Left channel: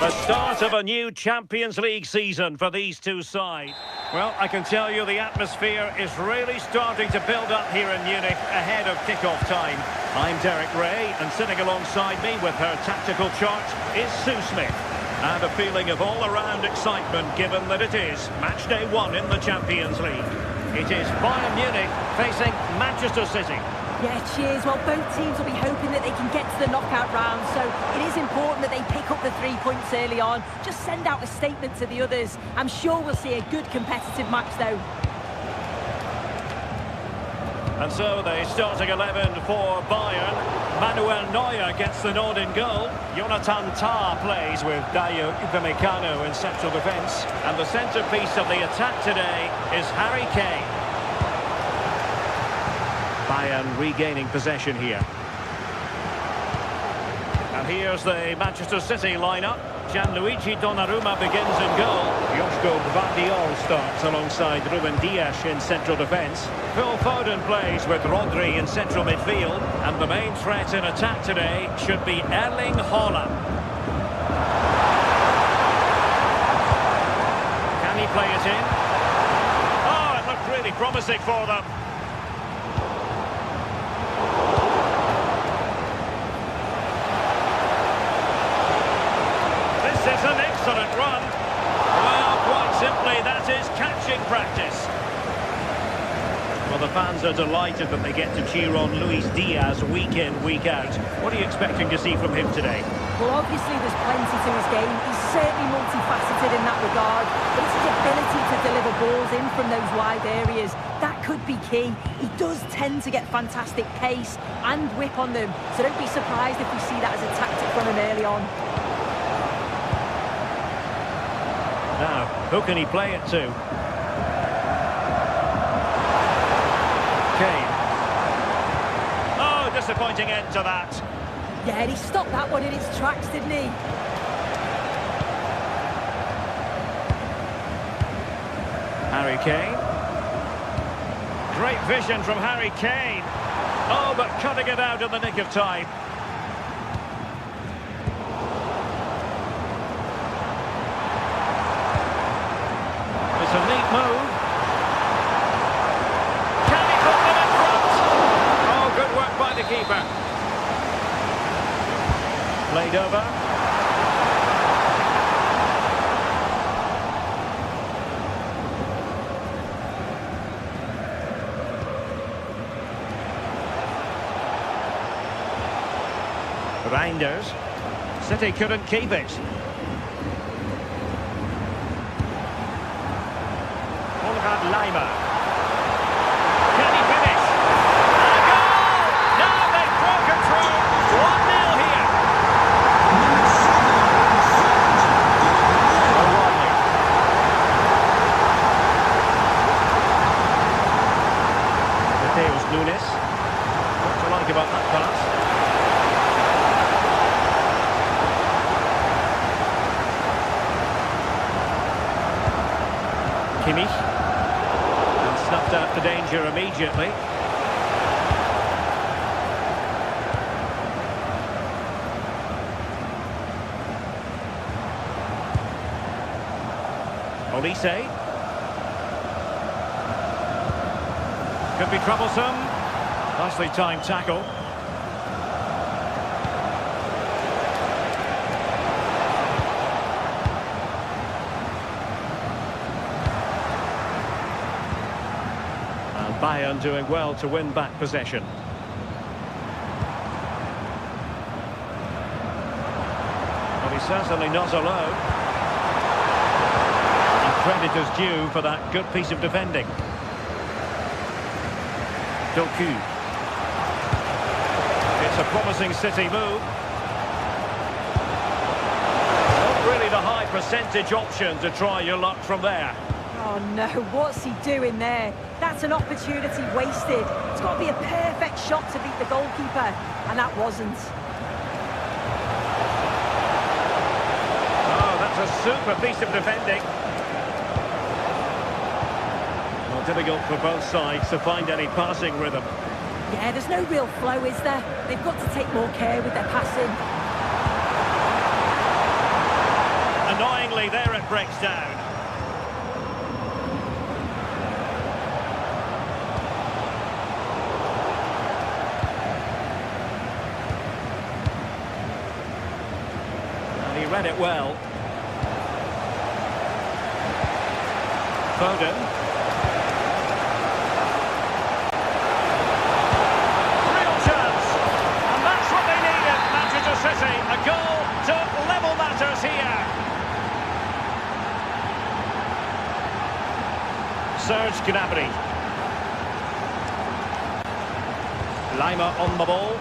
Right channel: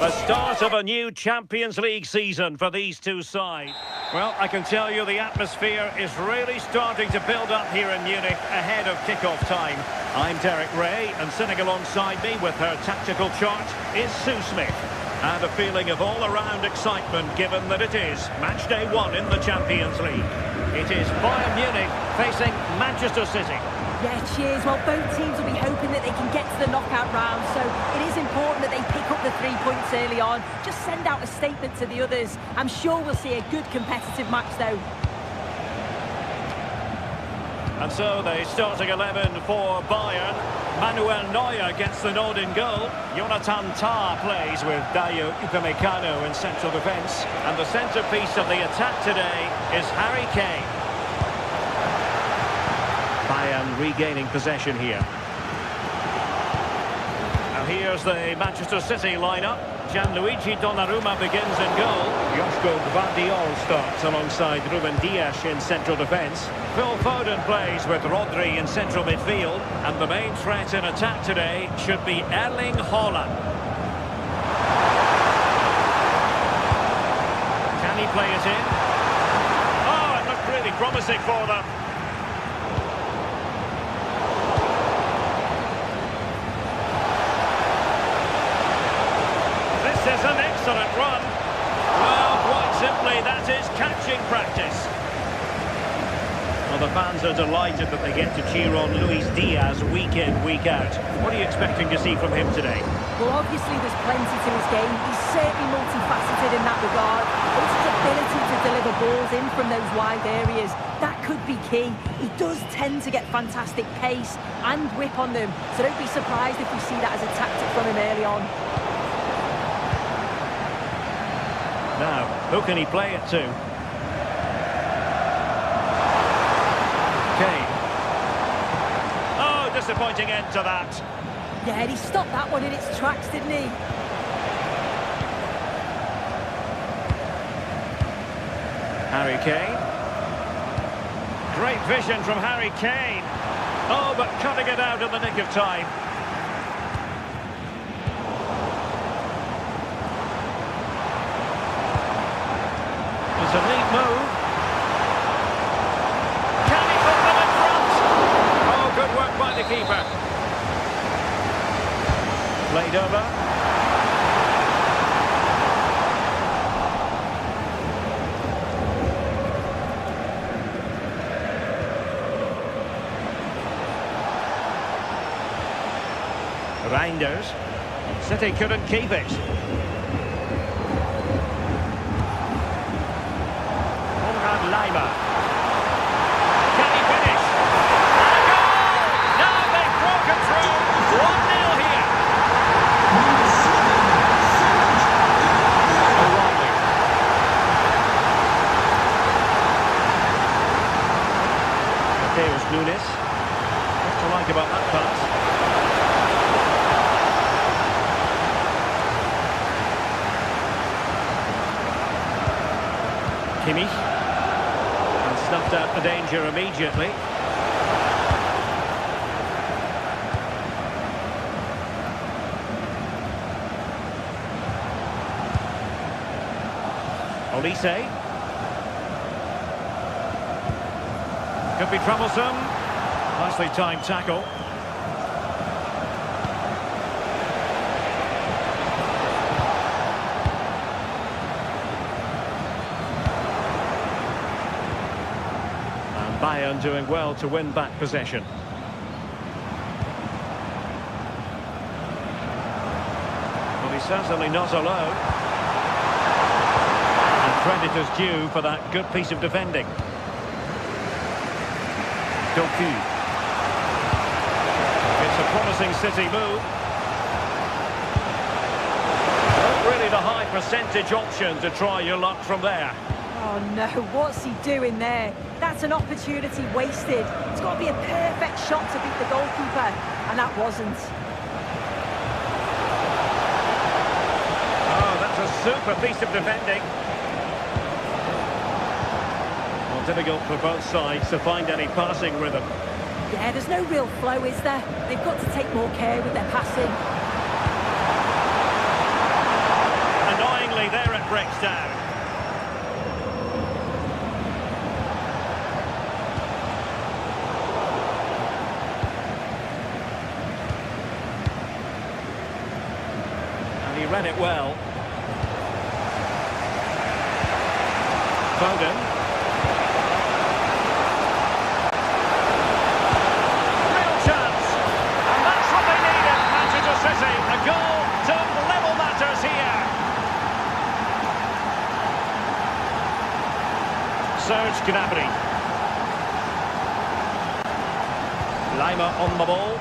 The start of a new Champions League season for these two sides. Well, I can tell you the atmosphere is really starting to build up here in Munich ahead of kickoff time. I'm Derek Ray, and sitting alongside me with her tactical chart is Sue Smith. And a feeling of all-around excitement given that it is match day 1 in the Champions League. It is Bayern Munich facing Manchester City. Yeah, cheers. Well, both teams will be hoping that they can get to the knockout round, so it is important that they pick up the 3 points early on. Just send out a statement to the others. I'm sure we'll see a good competitive match, though. And so the starting 11 for Bayern. Manuel Neuer gets the nod in goal. Jonathan Tah plays with Dayo Upamecano in central defence. And the centrepiece of the attack today is Harry Kane. Bayern regaining possession here. And here's the Manchester City lineup. Gianluigi Donnarumma begins in goal. Joško Gvardiol starts alongside Ruben Dias in central defence. Phil Foden plays with Rodri in central midfield. And the main threat in attack today should be Erling Haaland. Can he play it in? Oh, it looked really promising for them. This is an excellent run. Well, quite simply, that is catching practice. Well, the fans are delighted that they get to cheer on Luis Diaz week in, week out. What are you expecting to see from him today? Well, obviously there's plenty to his game. He's certainly multifaceted in that regard, but it's his ability to deliver balls in from those wide areas. That could be key. He does tend to get fantastic pace and whip on them, so don't be surprised if we see that as a tactic from him early on. Now, who can he play it to? Kane. Oh, disappointing end to that. Yeah, and he stopped that one in its tracks, didn't he? Harry Kane. Great vision from Harry Kane. Oh, but cutting it out in the nick of time. It's a neat move. Can he put them in front? Oh, good work by the keeper. Played over. Reinders. City couldn't keep it. Leimer. Can he finish? And a goal! Now they've broken through. 1-0 here. O'Reilly. Mateus Nunes. What to like about that pass? Kimmich. Snuffed out the danger immediately. Olise. Could be troublesome. Nicely timed tackle. Bayern doing well to win back possession. Well, he's certainly not alone. And credit is due for that good piece of defending. Doku. It's a promising City move. Not really the high percentage option to try your luck from there. Oh no, what's he doing there? That's an opportunity wasted. It's got to be a perfect shot to beat the goalkeeper, and that wasn't. Oh, that's a super piece of defending. Well, difficult for both sides to find any passing rhythm. Yeah, there's no real flow, is there? They've got to take more care with their passing. suddenly there it breaks down. And he read it well. Foden. Real chance. And that's what they needed, Manchester City. A goal to level matters here. Serge Gnabry. Lima on the ball.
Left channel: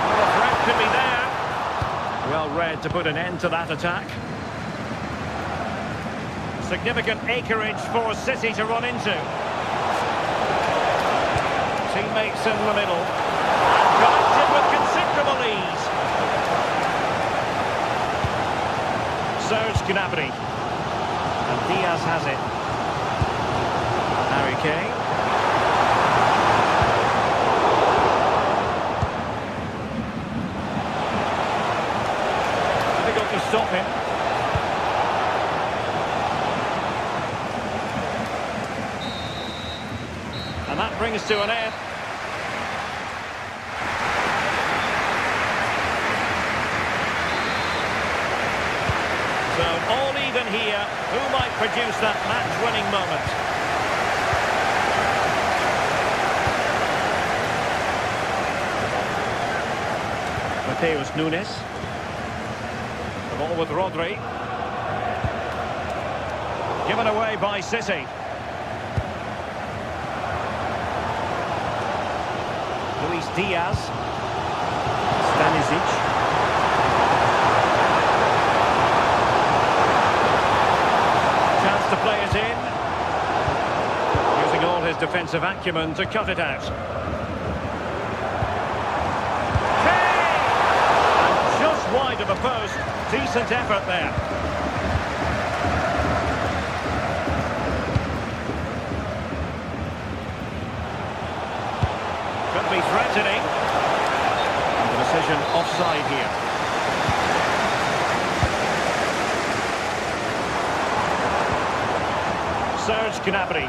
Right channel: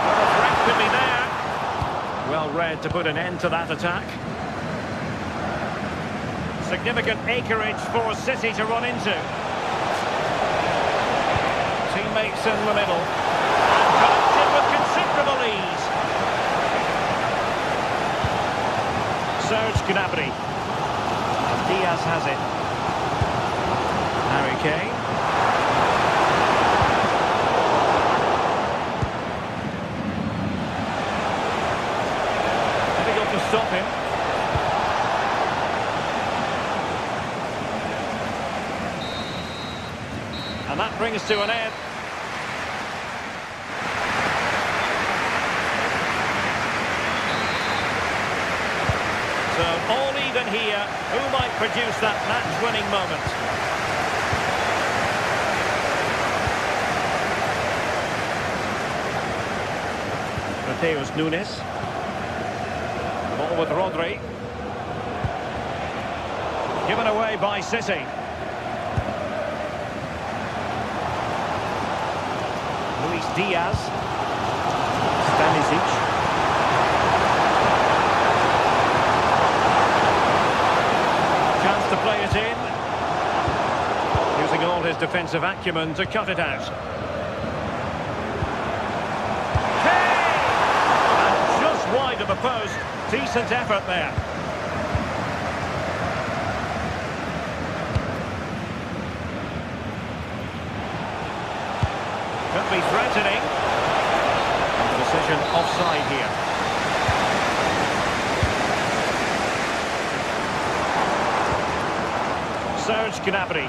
Well, the threat could be there. Well read to put an end to that attack. Significant acreage for City to run into. Teammates in the middle. And connected with considerable ease. Serge Gnabry. And Diaz has it. Harry Kane. Difficult to stop him. And that brings to an end. So all even here. Who might produce that match-winning moment? Mateus Nunes. The ball with Rodri. Given away by City. Luis Diaz. Stanisic. Chance to play it in. Using all his defensive acumen to cut it out. Kane! And just wide of the post. Decent effort there. Could be threatening. And the decision offside here. Serge Gnabry.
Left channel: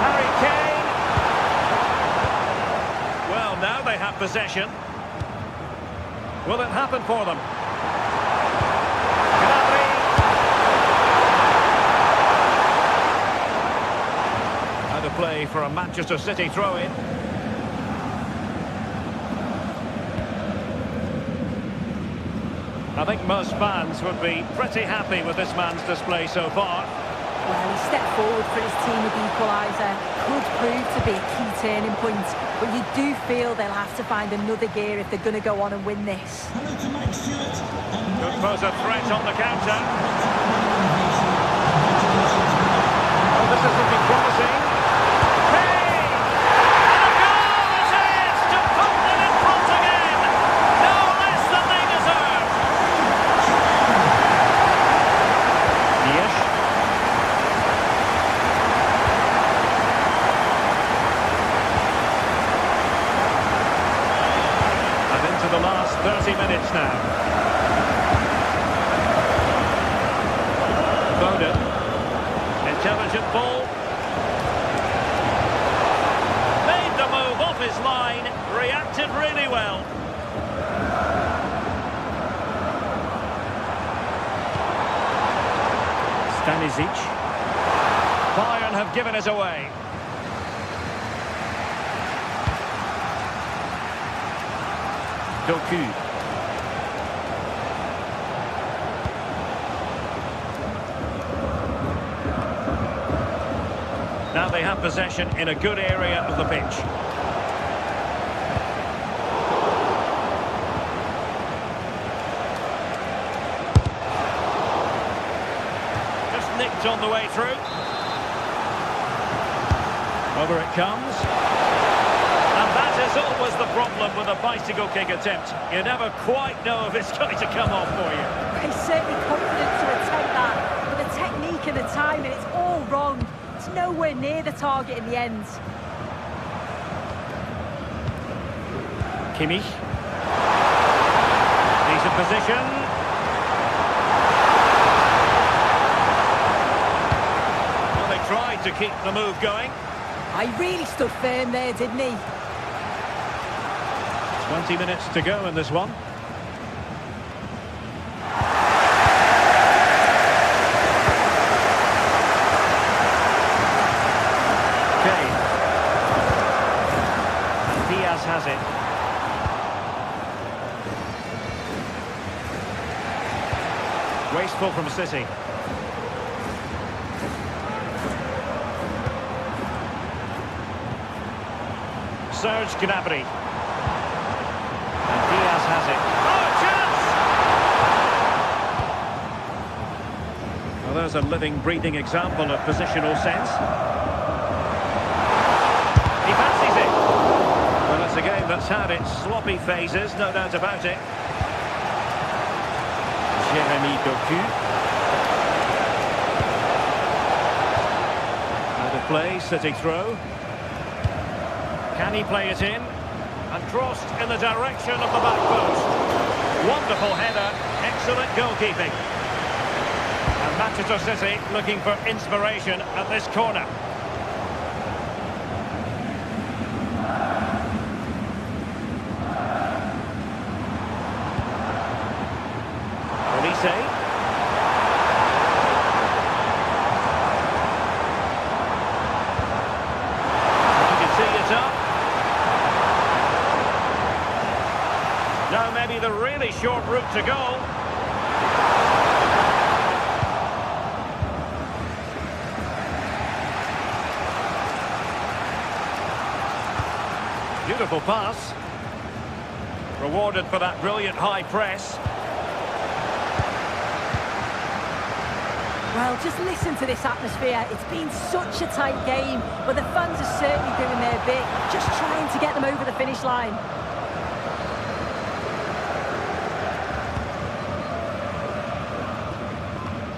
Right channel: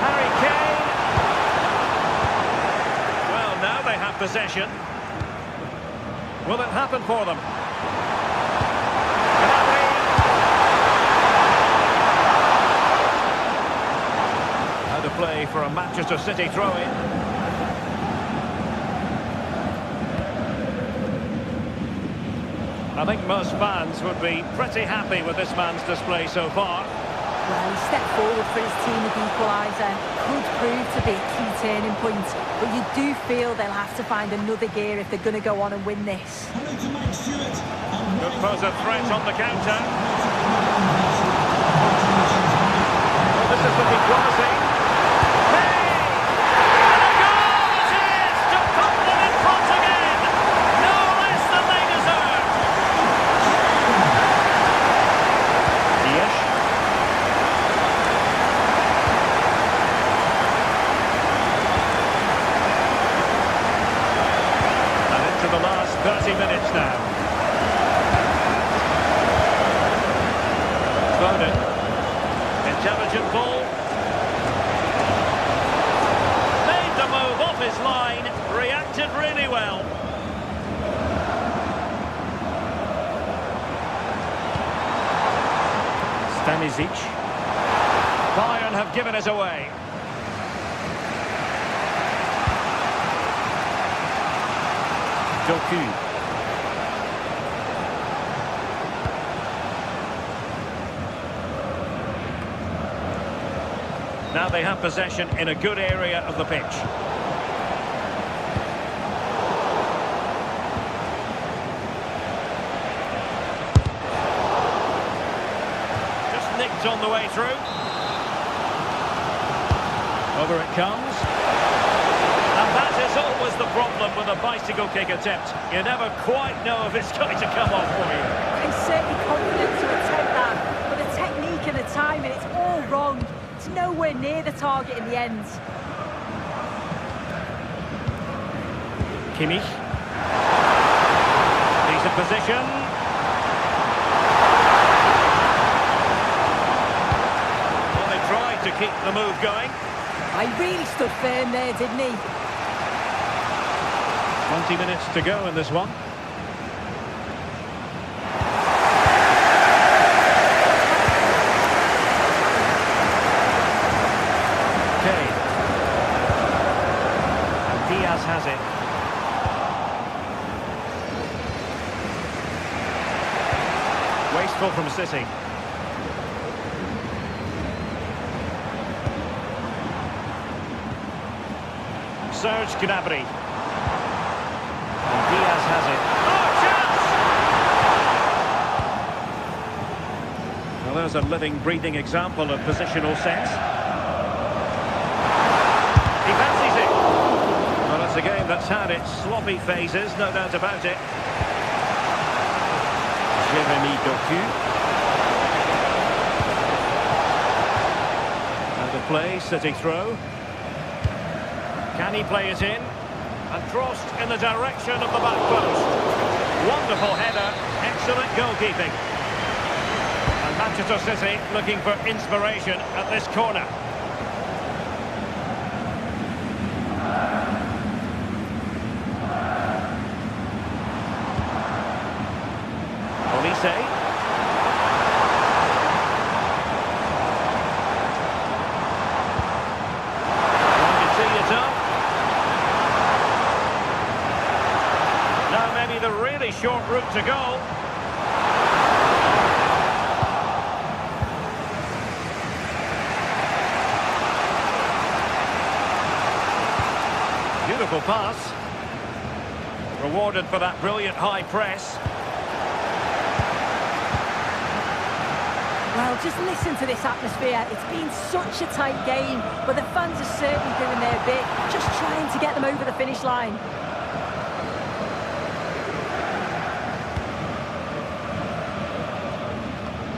Harry Kane. Well, now they have possession. Will it happen for them? Gnabry. How to play for a Manchester City throw-in. I think most fans would be pretty happy with this man's display so far. Well, he stepped forward for his team with the equaliser. Could prove to be a key turning point. But you do feel they'll have to find another gear if they're going to go on and win this. Could pose a threat on the counter. Oh, this is looking promising. The last 30 minutes now. Foden. Intelligent ball. Made the move off his line. Reacted really well. Stanisic. Bayern have given it away. Doku. Now they have possession in a good area of the pitch. Just nicked on the way through. Over it comes. And that is always the problem with a bicycle kick attempt. You never quite know if it's going to come off for you. He's certainly confident to attempt that, but the technique and the timing, it's all wrong. It's nowhere near the target in the end. Kimmich. Decent position. Well, they tried to keep the move going. I really stood firm there, didn't he? 20 minutes to go in this one. Kane. And Diaz has it. Wasteful from City. Serge Gnabry. And Diaz has it. Oh, chance! Well, there's a living, breathing example of positional sense. He fancies it. Well, it's a game that's had its sloppy phases, no doubt about it. Jeremy Doku. Out of play, City throw. Can he play it in? And crossed in the direction of the back post. Wonderful header, excellent goalkeeping. And Manchester City looking for inspiration at this corner. Olise. Trying to tee it up. Now maybe the really short route to goal. Beautiful pass. Rewarded for that brilliant high press. Well, just listen to this atmosphere. It's been such a tight game, but the fans are certainly doing their bit, just trying to get them over the finish line.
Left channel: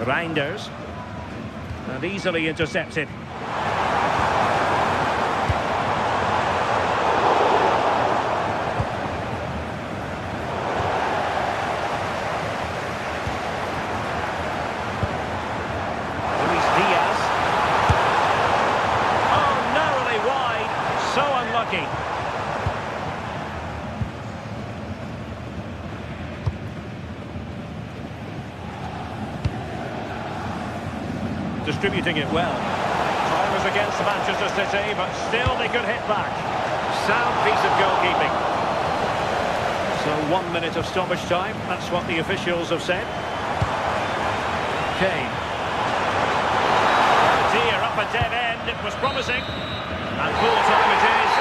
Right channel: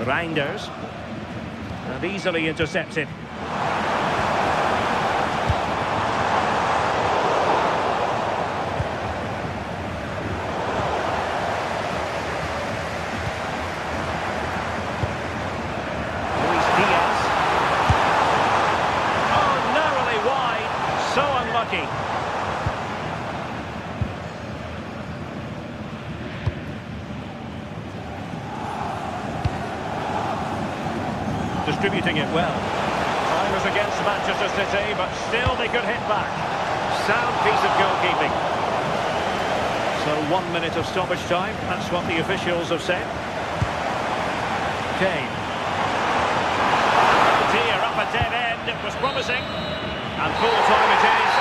Reinders. And easily intercepted. Diaz. Oh, narrowly wide. So unlucky. Distributing it well. Time is against Manchester City, but still they could hit back. Sound piece of goalkeeping. So 1 minute of stoppage time. That's what the officials have said. Kane. Here up a dead end, it was promising, and full time it is.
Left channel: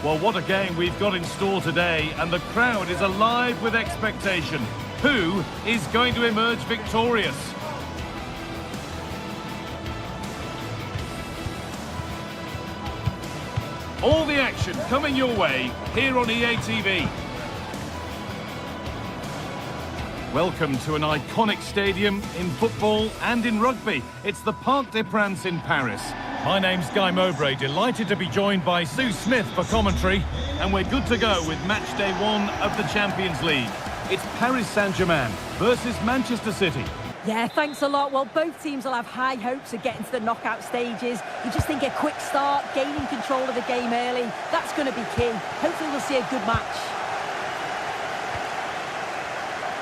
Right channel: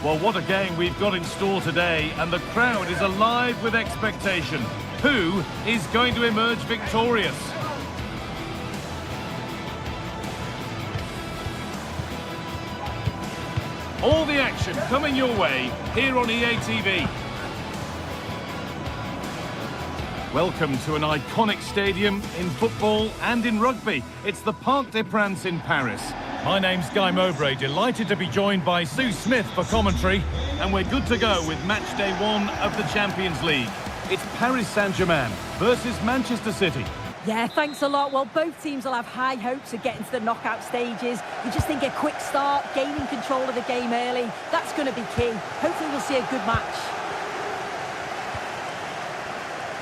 Well, what a game we've got in store today, and the crowd is alive with expectation. Who is going to emerge victorious? All the action coming your way here on EA TV. Welcome to an iconic stadium in football and in rugby. It's the Parc des Princes in Paris. My name's Guy Mowbray, delighted to be joined by Sue Smith for commentary, and we're good to go with match day 1 of the Champions League. It's Paris Saint-Germain versus Manchester City. Yeah, thanks a lot. Well, both teams will have high hopes of getting to the knockout stages. You just think a quick start, gaining control of the game early, that's going to be key. Hopefully we'll see a good match.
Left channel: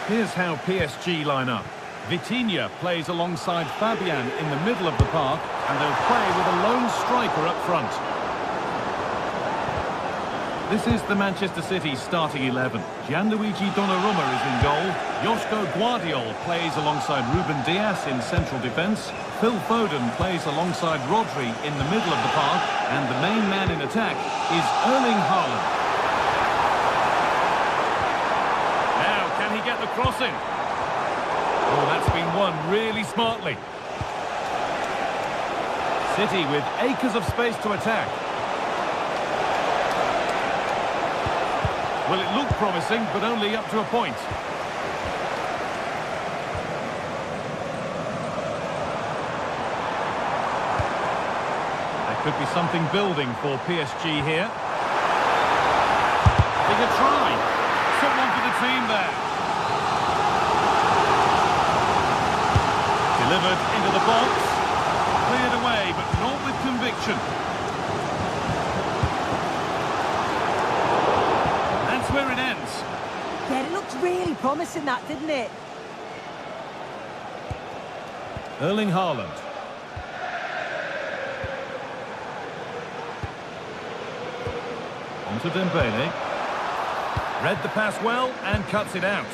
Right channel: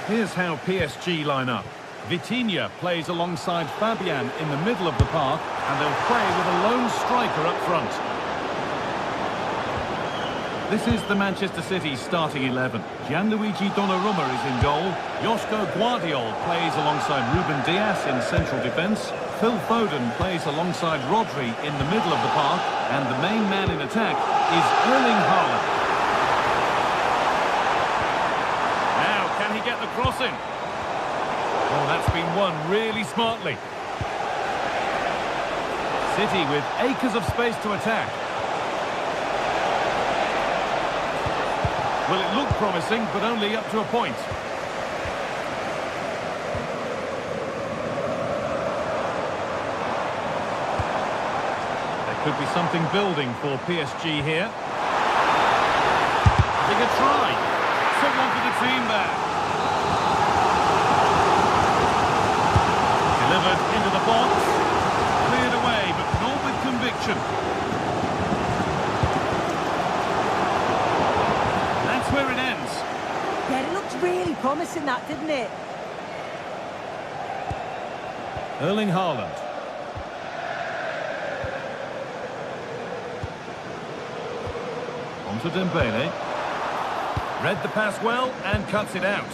Here's how PSG line up. Vitinha plays alongside Fabian in the middle of the park, and they'll play with a lone striker up front. This is the Manchester City starting 11. Gianluigi Donnarumma is in goal. Joško Guardiol plays alongside Ruben Dias in central defence. Phil Foden plays alongside Rodri in the middle of the park. And the main man in attack is Erling Haaland. Now, can he get the crossing? Oh, that's been won really smartly. City with acres of space to attack. Well, it looked promising, but only up to a point. There could be something building for PSG here. Having a try. Someone for the team there. Delivered into the box. Cleared away, but not with conviction. That's where it ends. Yeah, it looked really promising, that, didn't it? Erling Haaland. On to Dembele. Read the pass well and cuts it out.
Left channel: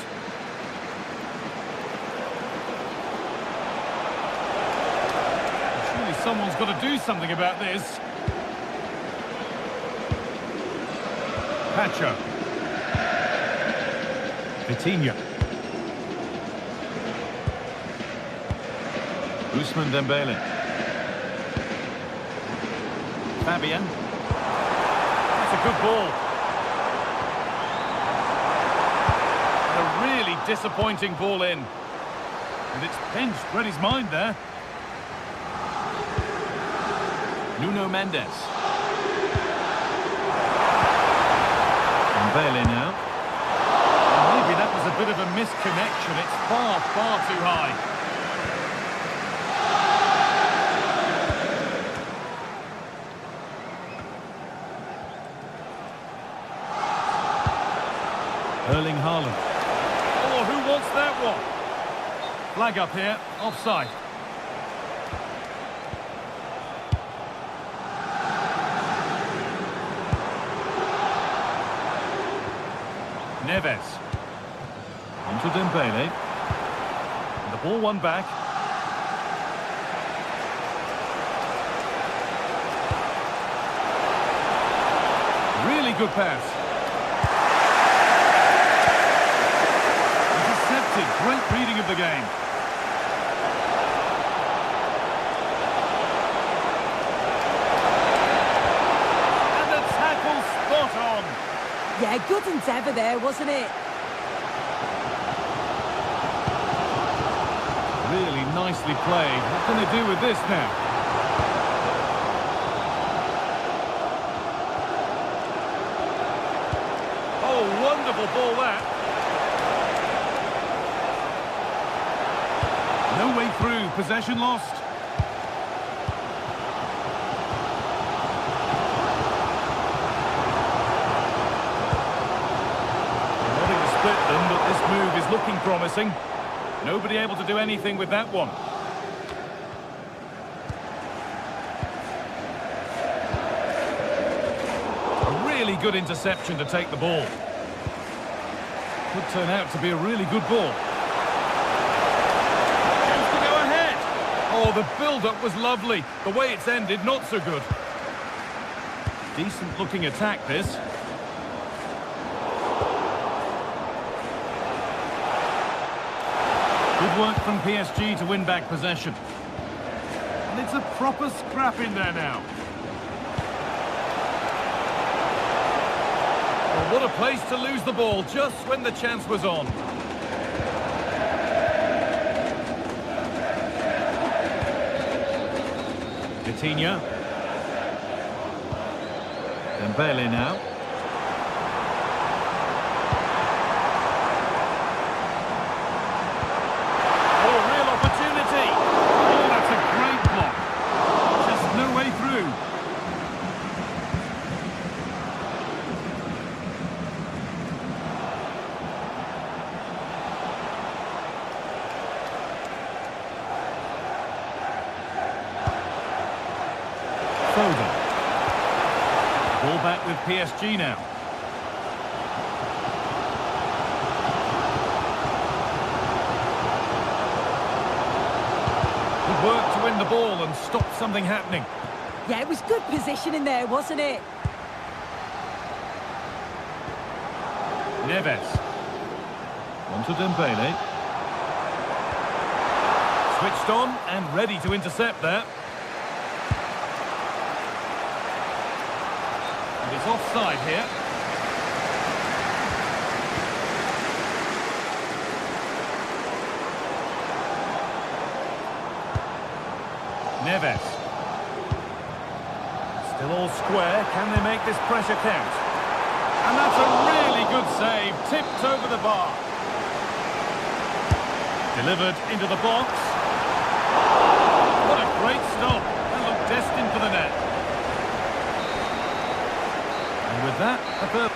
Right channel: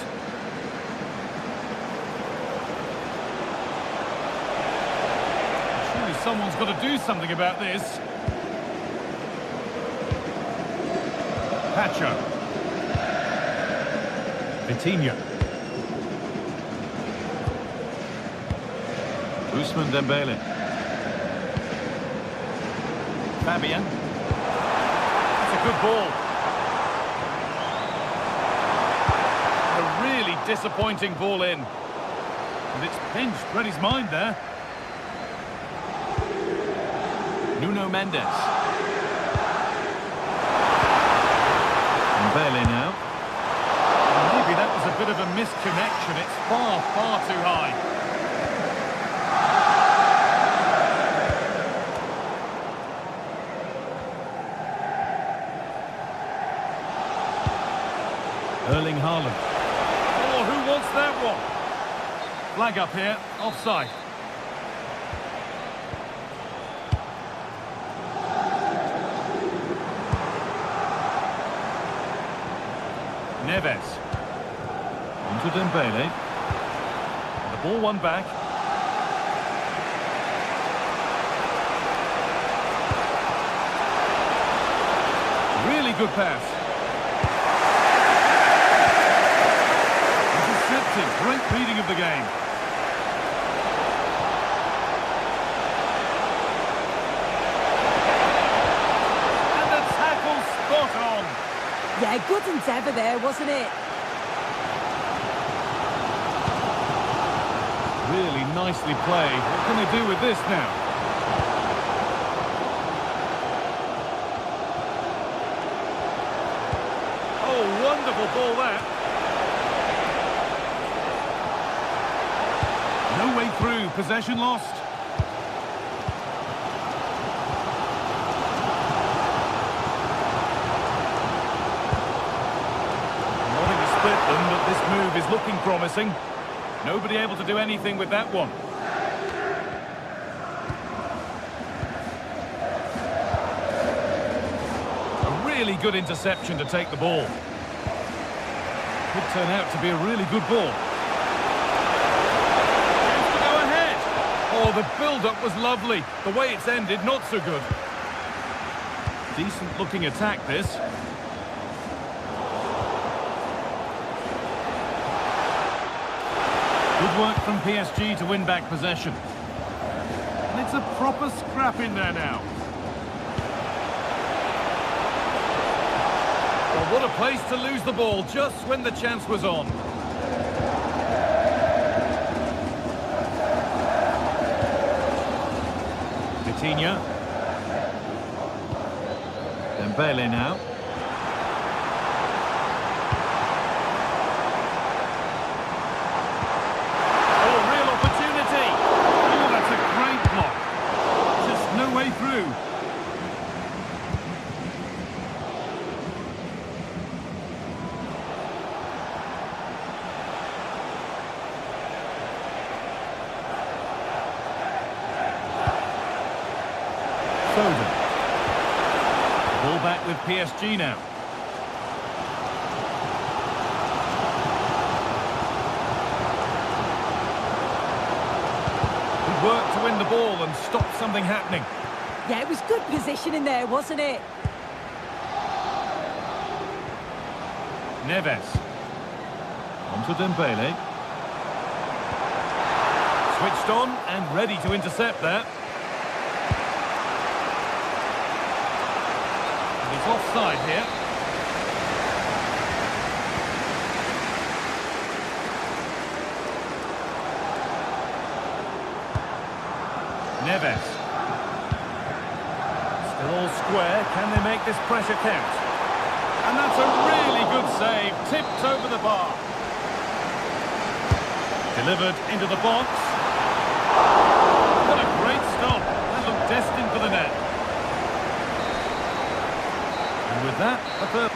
Surely someone's got to do something about this. Pacho. Vitinha. Ousmane Dembele. Fabian. That's a good ball. A really disappointing ball in. And it's pinched Reddy's mind there. Nuno Mendes. Dembele now. Maybe that was a bit of a misconnection. It's far, far too high. Erling Haaland. Oh, who wants that one? Flag up here, offside. Neves. On to Dembele. And the ball won back. Really good pass. Intercepted. Great reading of the game. And the tackle spot on. Yeah, good endeavour there, wasn't it? Really nicely played. What can they do with this now? Oh, wonderful ball that. No way through. Possession lost. Wanting to split them, but this move is looking promising. Nobody able to do anything with that one. A really good interception to take the ball. Could turn out to be a really good ball. Chance to go ahead. Oh, the build-up was lovely. The way it's ended, not so good. Decent looking attack, this. Good work from PSG to win back possession. And it's a proper scrap in there now. Well, what a place to lose the ball just when the chance was on. Vitinha. Dembele now. Oh, real opportunity. through. Foden. Ball back with PSG now. Good work to win the ball and stop something happening. Yeah, it was good positioning there, wasn't it? Neves. On to Dembele. Switched on and ready to intercept there. And he's offside here. Neves. Still all square. Can they make this pressure count? And that's a really good save. Tipped over the bar. Delivered into the box. What a great stop. That looked destined for the net. And with that, a third.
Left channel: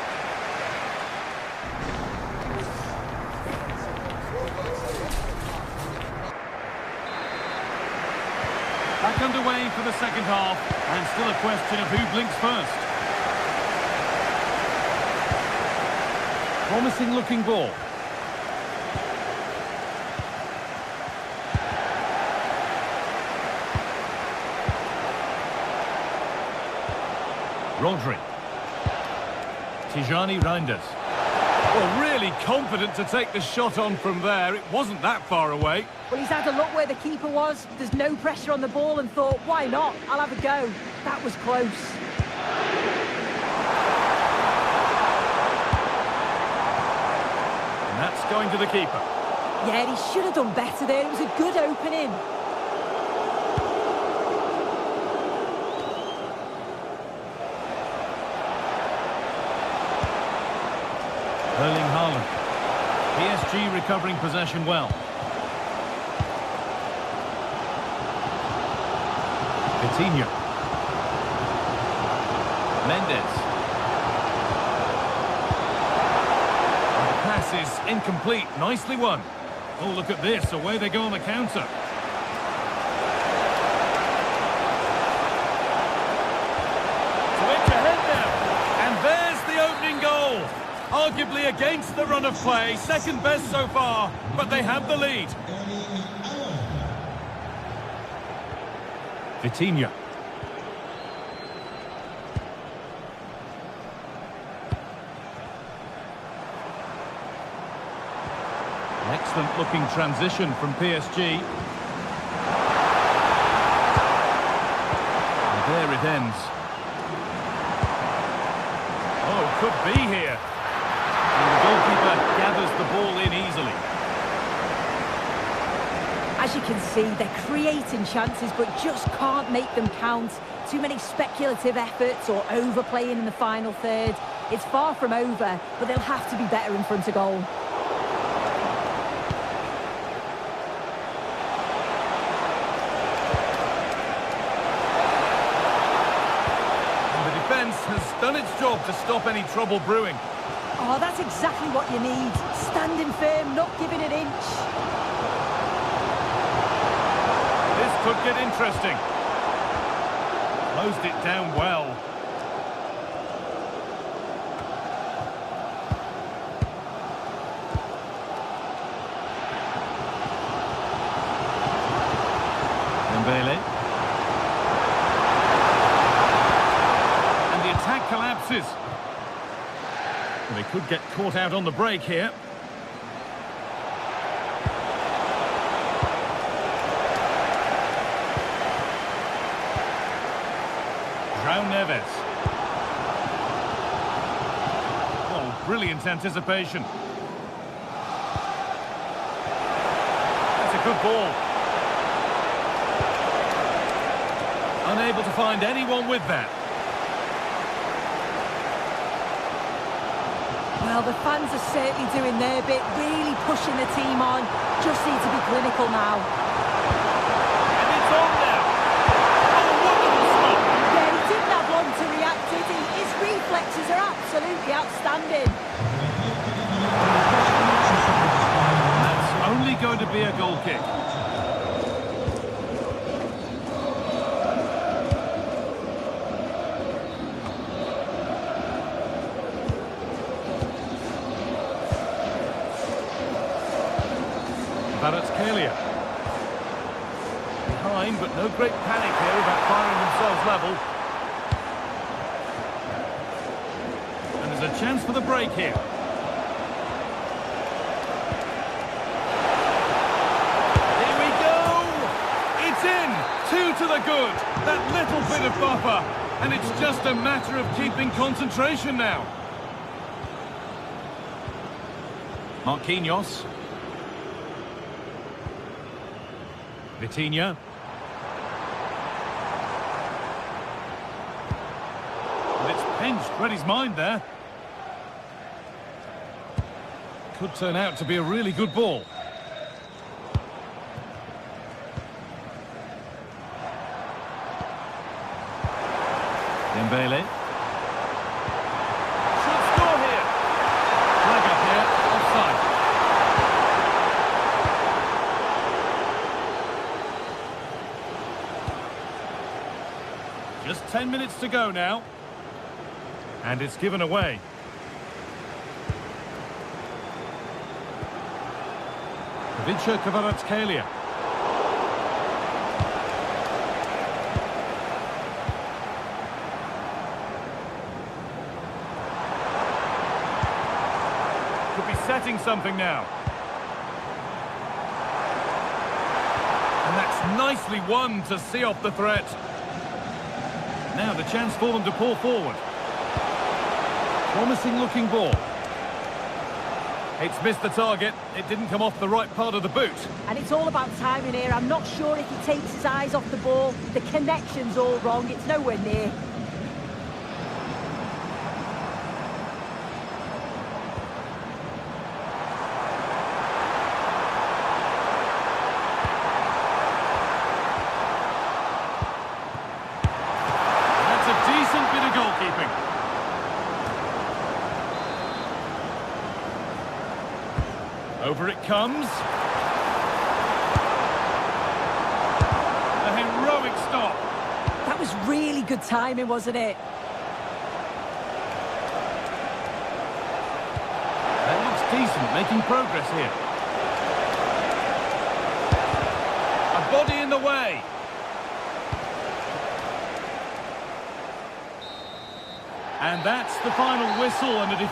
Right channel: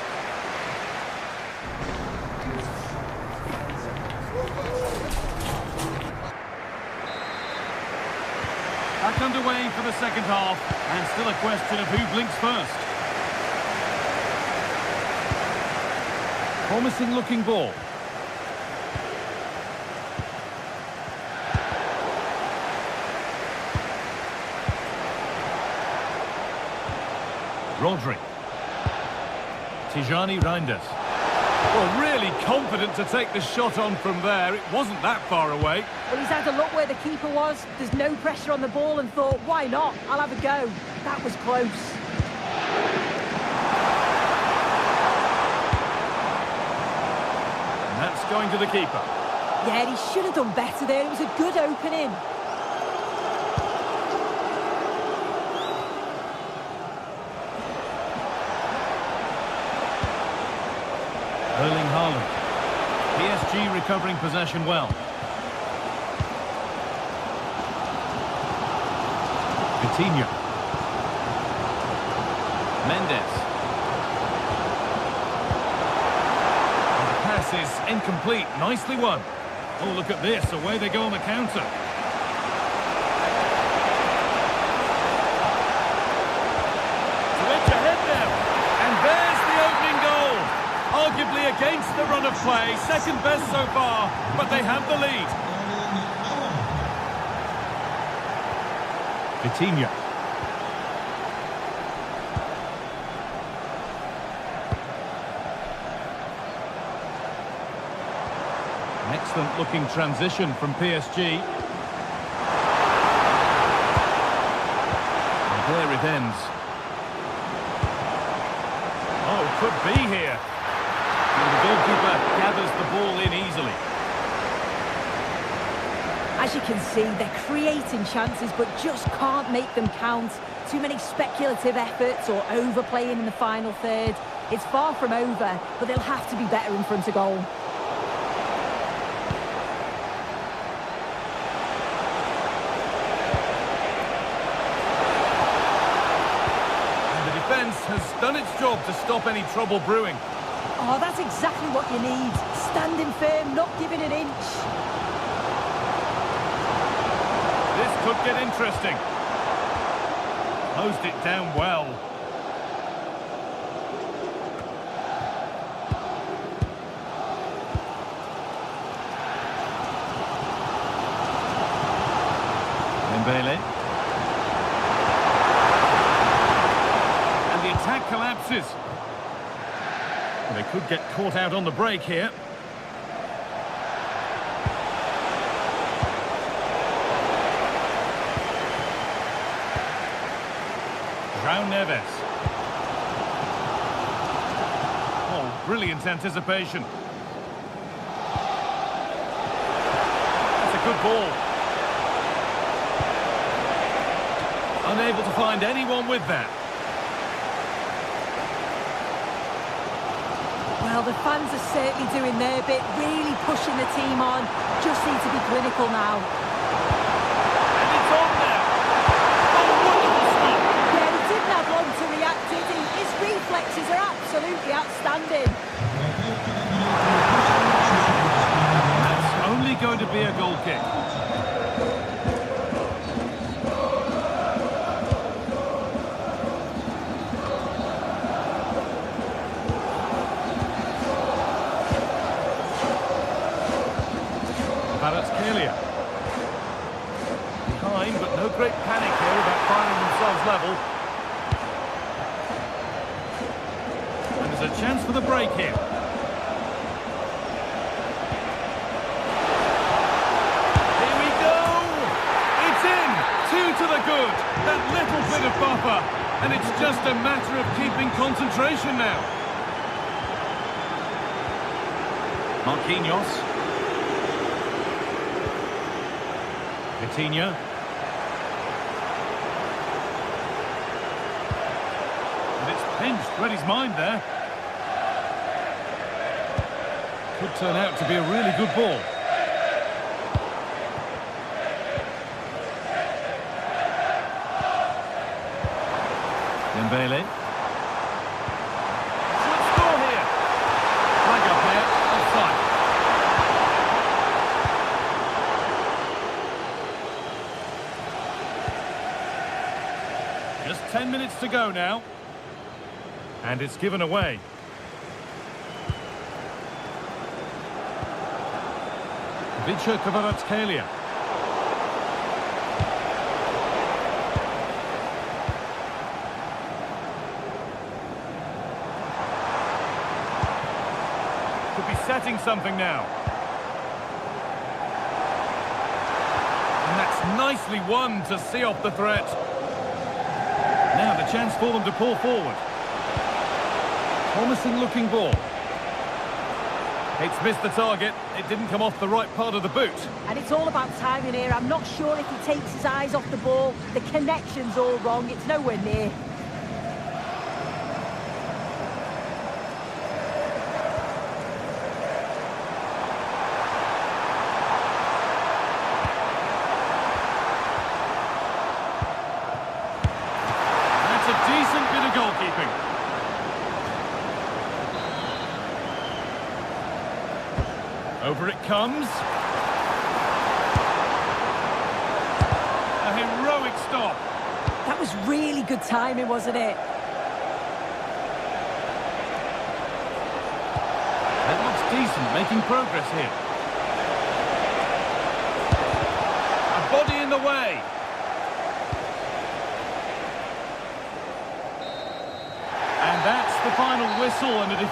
Back underway for the second half, and still a question of who blinks first. Promising looking ball. Rodri. Tijani Reinders. Well, really confident to take the shot on from there. It wasn't that far away. Well, he's had a look where the keeper was. There's no pressure on the ball and thought, why not? I'll have a go. That was close. And that's going to the keeper. Yeah, he should have done better there. It was a good opening. Erling Haaland. PSG recovering possession well. Coutinho. Mendes. And the pass is incomplete. Nicely won. Oh, look at this. Away they go on the counter. To edge ahead now. And there's the opening goal. Arguably against the run of play. Second best so far, but they have the lead. Coutinho. An excellent looking transition from PSG. And there it ends. Oh, could be here. And the goalkeeper gathers the ball in easily. As you can see, they're creating chances but just can't make them count. Too many speculative efforts or overplaying in the final third. It's far from over, but they'll have to be better in front of goal. And the defence has done its job to stop any trouble brewing. Oh, that's exactly what you need. Standing firm, not giving an inch. This could get interesting. Closed it down well. Dembele. And the attack collapses. Well, they could get caught out on the break here. João Neves. Oh, brilliant anticipation. That's a good ball. Unable to find anyone with that. Well, the fans are certainly doing their bit, really pushing the team on. Just need to be clinical now. And it's on now. Oh, wonderful stop. to react, did he? His reflexes are absolutely outstanding. That's only going to be a goal kick. Kvaratskhelia. Behind, but no great panic here about finding themselves level. And there's a chance for the break here. Here we go! It's in! 2 to the good! That little bit of buffer. And it's just a matter of keeping concentration now. Marquinhos. Vitinha. And it's pinched, read his mind there. Could turn out to be a really good ball. Dembele. Should score here. Flag up here, offside. Just 10 minutes to go now. And it's given away. Kvaratskhelia. Could be setting something now. And that's nicely won to see off the threat. Now the chance for them to pull forward. Promising looking ball. It's missed the target. It didn't come off the right part of the boot. And it's all about timing here. I'm not sure if he takes his eyes off the ball. The connection's all wrong. It's nowhere near. A decent bit of goalkeeping. Over it comes. A heroic stop. That was really good timing, wasn't it? That looks decent, making progress here. A body in the way. And that's the final whistle, and it...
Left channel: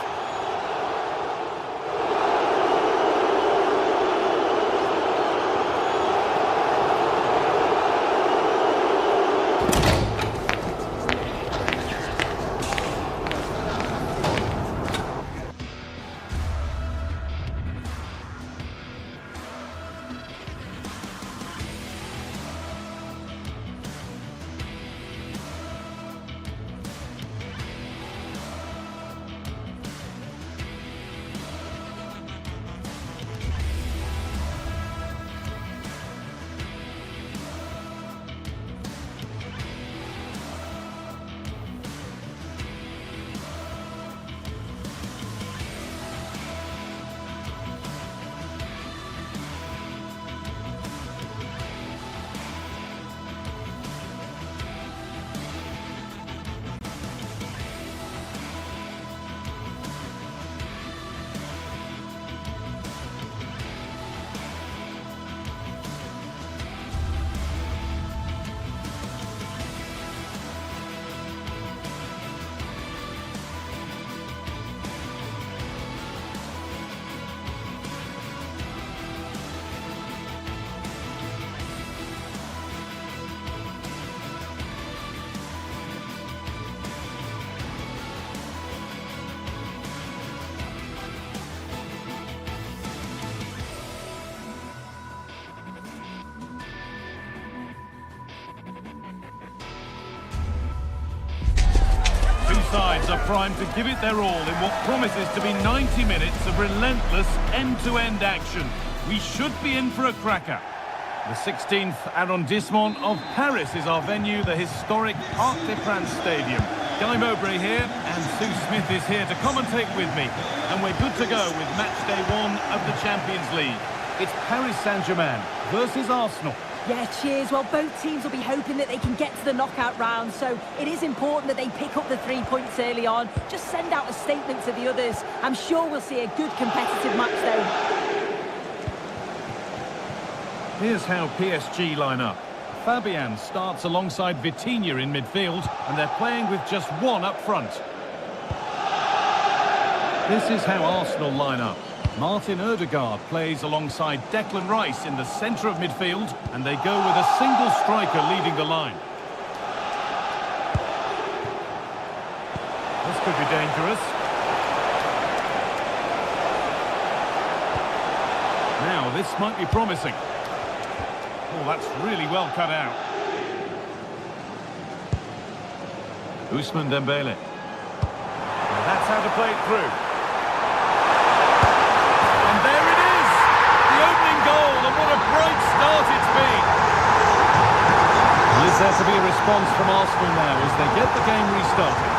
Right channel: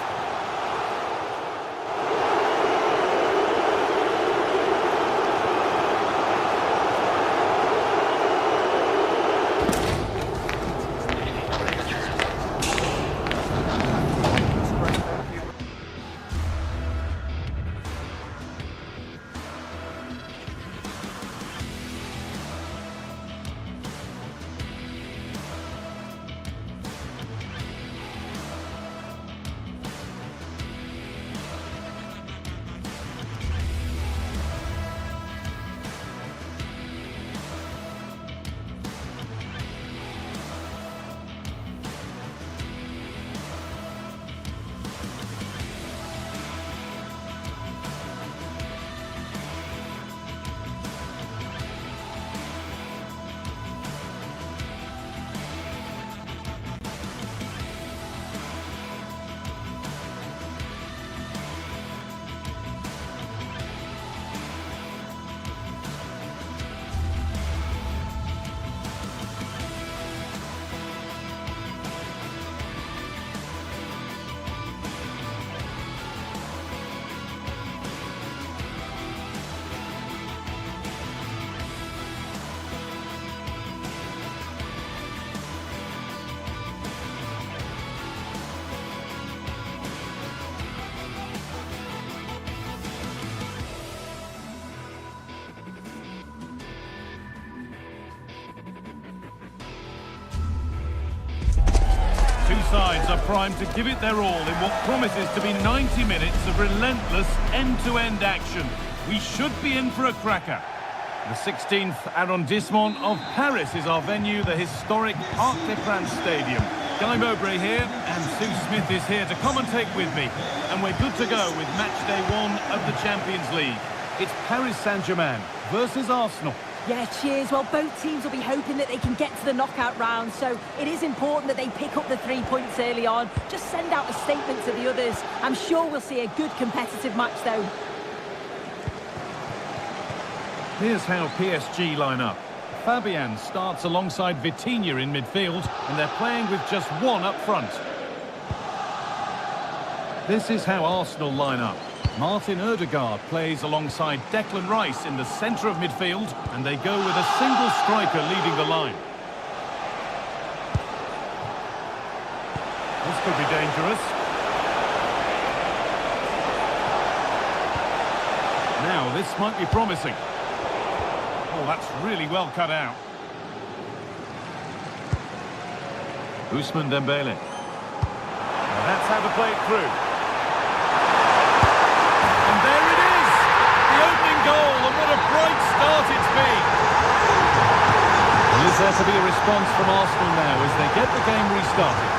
sides are primed to give it their all in what promises to be 90 minutes of relentless end-to-end action. We should be in for a cracker. The 16th arrondissement of Paris is our venue, the historic Parc des Princes Stadium. Guy Mowbray here, and Sue Smith is here to commentate with me. And we're good to go with match day 1 of the Champions League. It's Paris Saint-Germain versus Arsenal. Yeah, cheers. Well, both teams will be hoping that they can get to the knockout round, so it is important that they pick up the 3 points early on. Just send out a statement to the others. I'm sure we'll see a good competitive match, though. Here's how PSG line up. Fabian starts alongside Vitinha in midfield, and they're playing with just one up front. This is how Arsenal line up. Martin Ødegaard plays alongside Declan Rice in the centre of midfield, and they go with a single striker leading the line. This could be dangerous. Now, this might be promising. Oh, that's really well cut out. Ousmane Dembele. Well, that's how to play it through. And there it is! The opening goal, and what a bright start it's been! Well, is there to be a response from Arsenal now as they get the game restarted?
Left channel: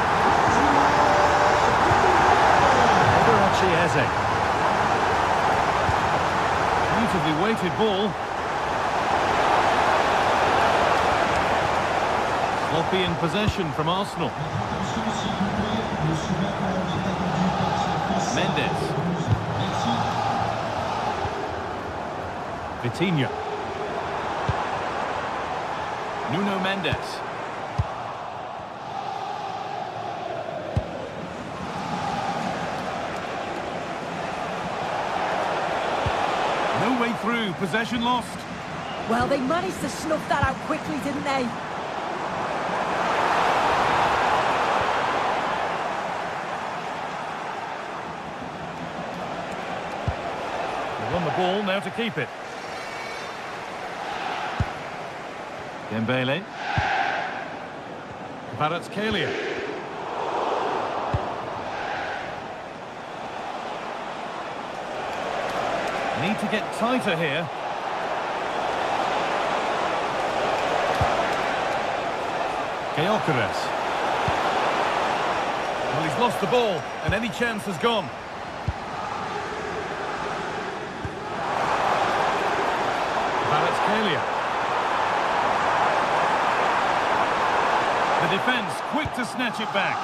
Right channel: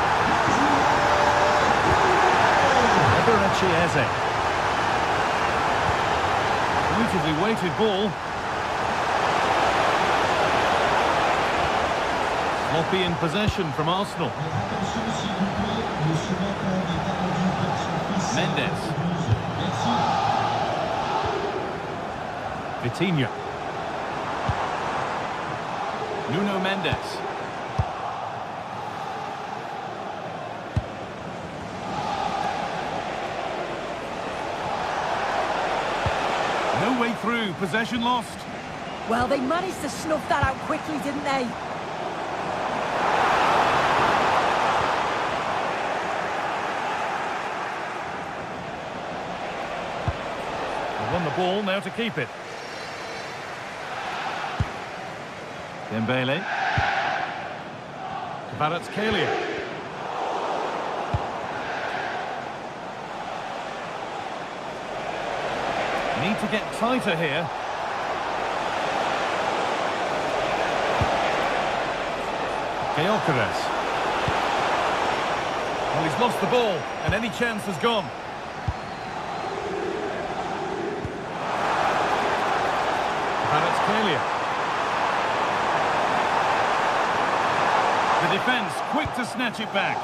Eberechi Eze. Beautifully weighted ball. Sloppy in possession from Arsenal. Mendes. Vitinha. Nuno Mendes. No way through, possession lost. Well, they managed to snuff that out quickly, didn't they? Won the ball, now to keep it. Dembele. Kvaratskhelia. Need to get tighter here. Gyökeres. Well, he's lost the ball, and any chance has gone. Kvaratskhelia. The defence quick to snatch it back.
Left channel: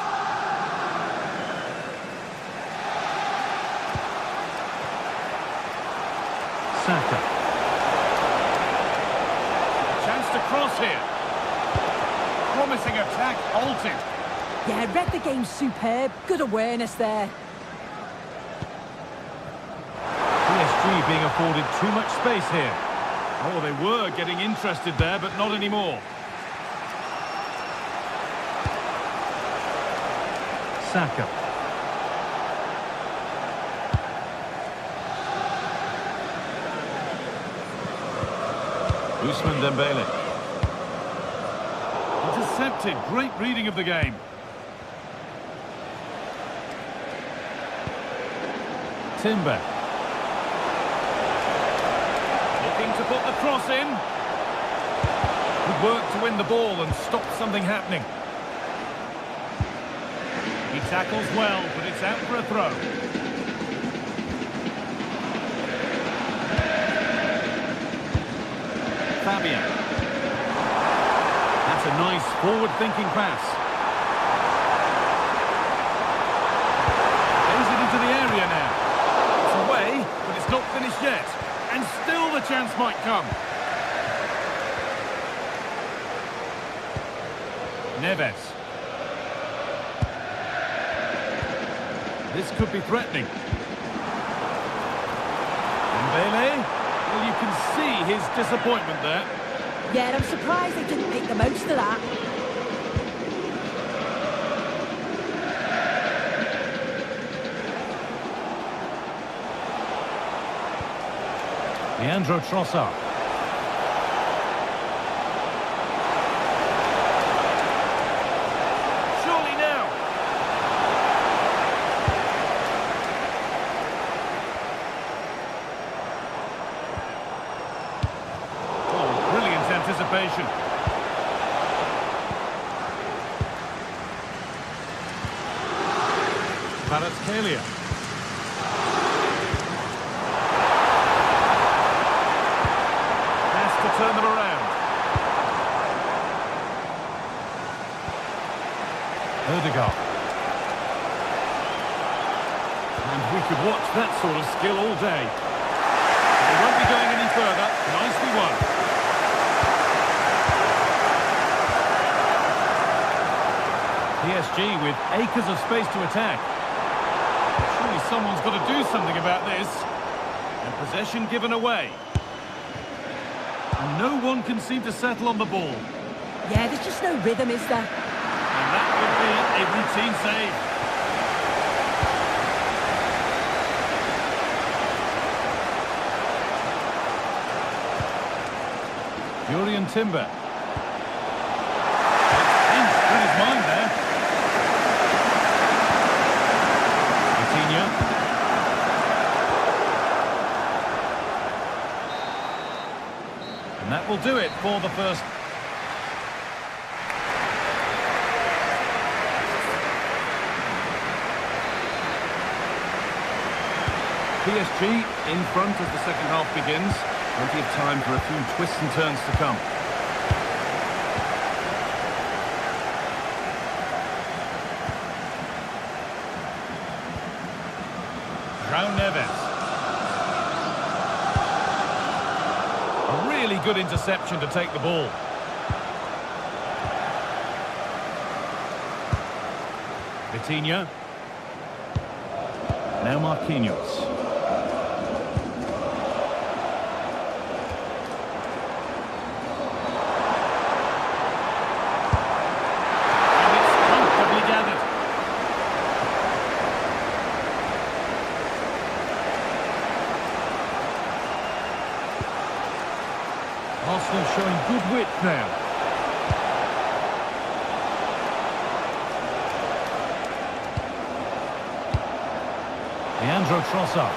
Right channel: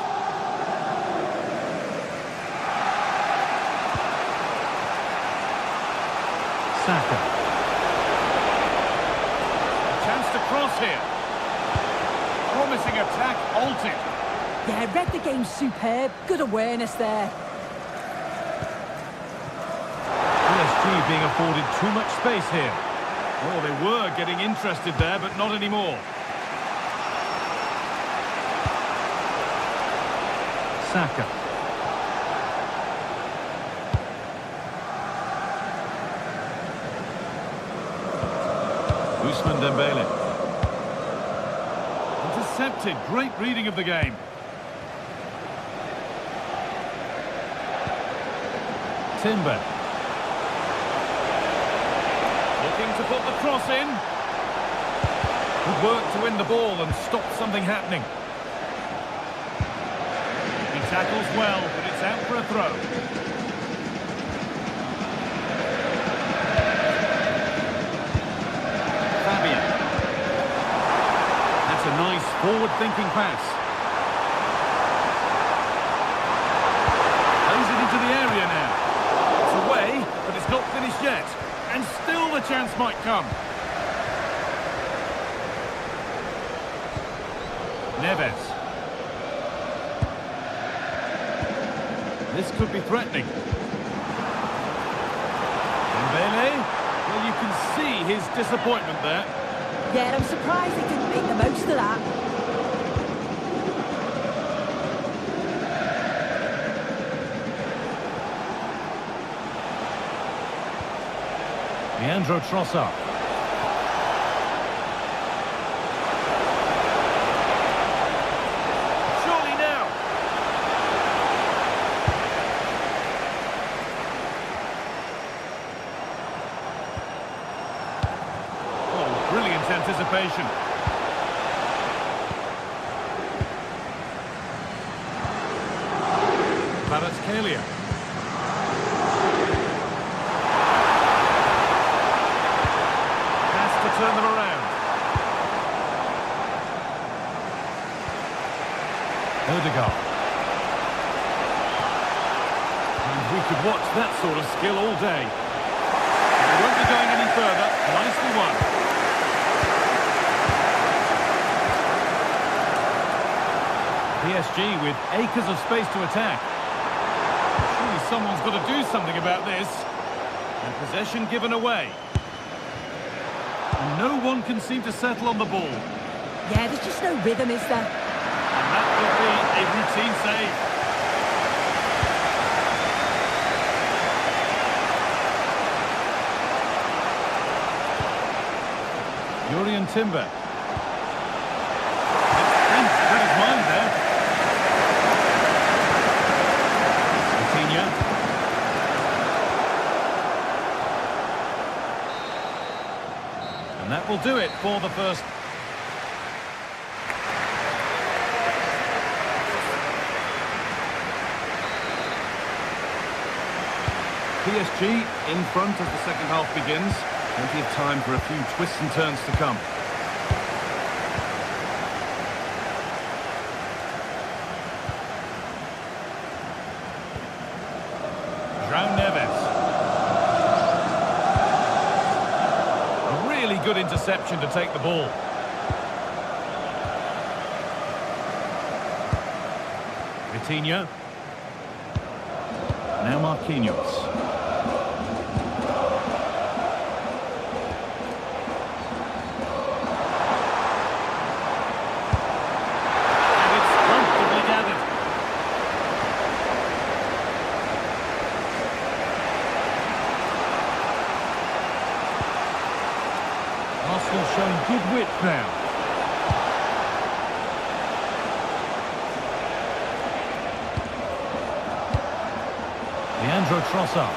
Saka. A chance to cross here. Promising attack halted. Yeah, read the game superb. Good awareness there. PSG being afforded too much space here. Oh, they were getting interested there, but not anymore. Saka. Ousmane Dembele. Intercepted. Great reading of the game. Timber. Looking to put the cross in. Good work to win the ball and stop something happening. He tackles well, but it's out for a throw. Fabian. That's a nice forward-thinking pass. Plays it into the area now. It's away, but it's not finished yet. And still the chance might come. Neves. This could be threatening. Dembele. Well, you can see his disappointment there. Yeah, I'm surprised they didn't make the most of that. Leandro Trossard. Surely now. Oh, brilliant anticipation. Kvaratskhelia. Has to turn them around. Odegaard. And we could watch that sort of skill all day. But they won't be going any further. Nicely won. PSG with acres of space to attack. Surely someone's got to do something about this. And possession given away. And no one can seem to settle on the ball. Yeah, there's just no rhythm, is there? And that would be a routine save. Jurriën Timber. It's pinched with his mind there. Coutinho. And that will do it for the first. PSG in front as the second half begins. Plenty of time for a few twists and turns to come. João Neves. A really good interception to take the ball. Vitinha. Now Marquinhos. Arsenal showing good width now. Leandro Trossard.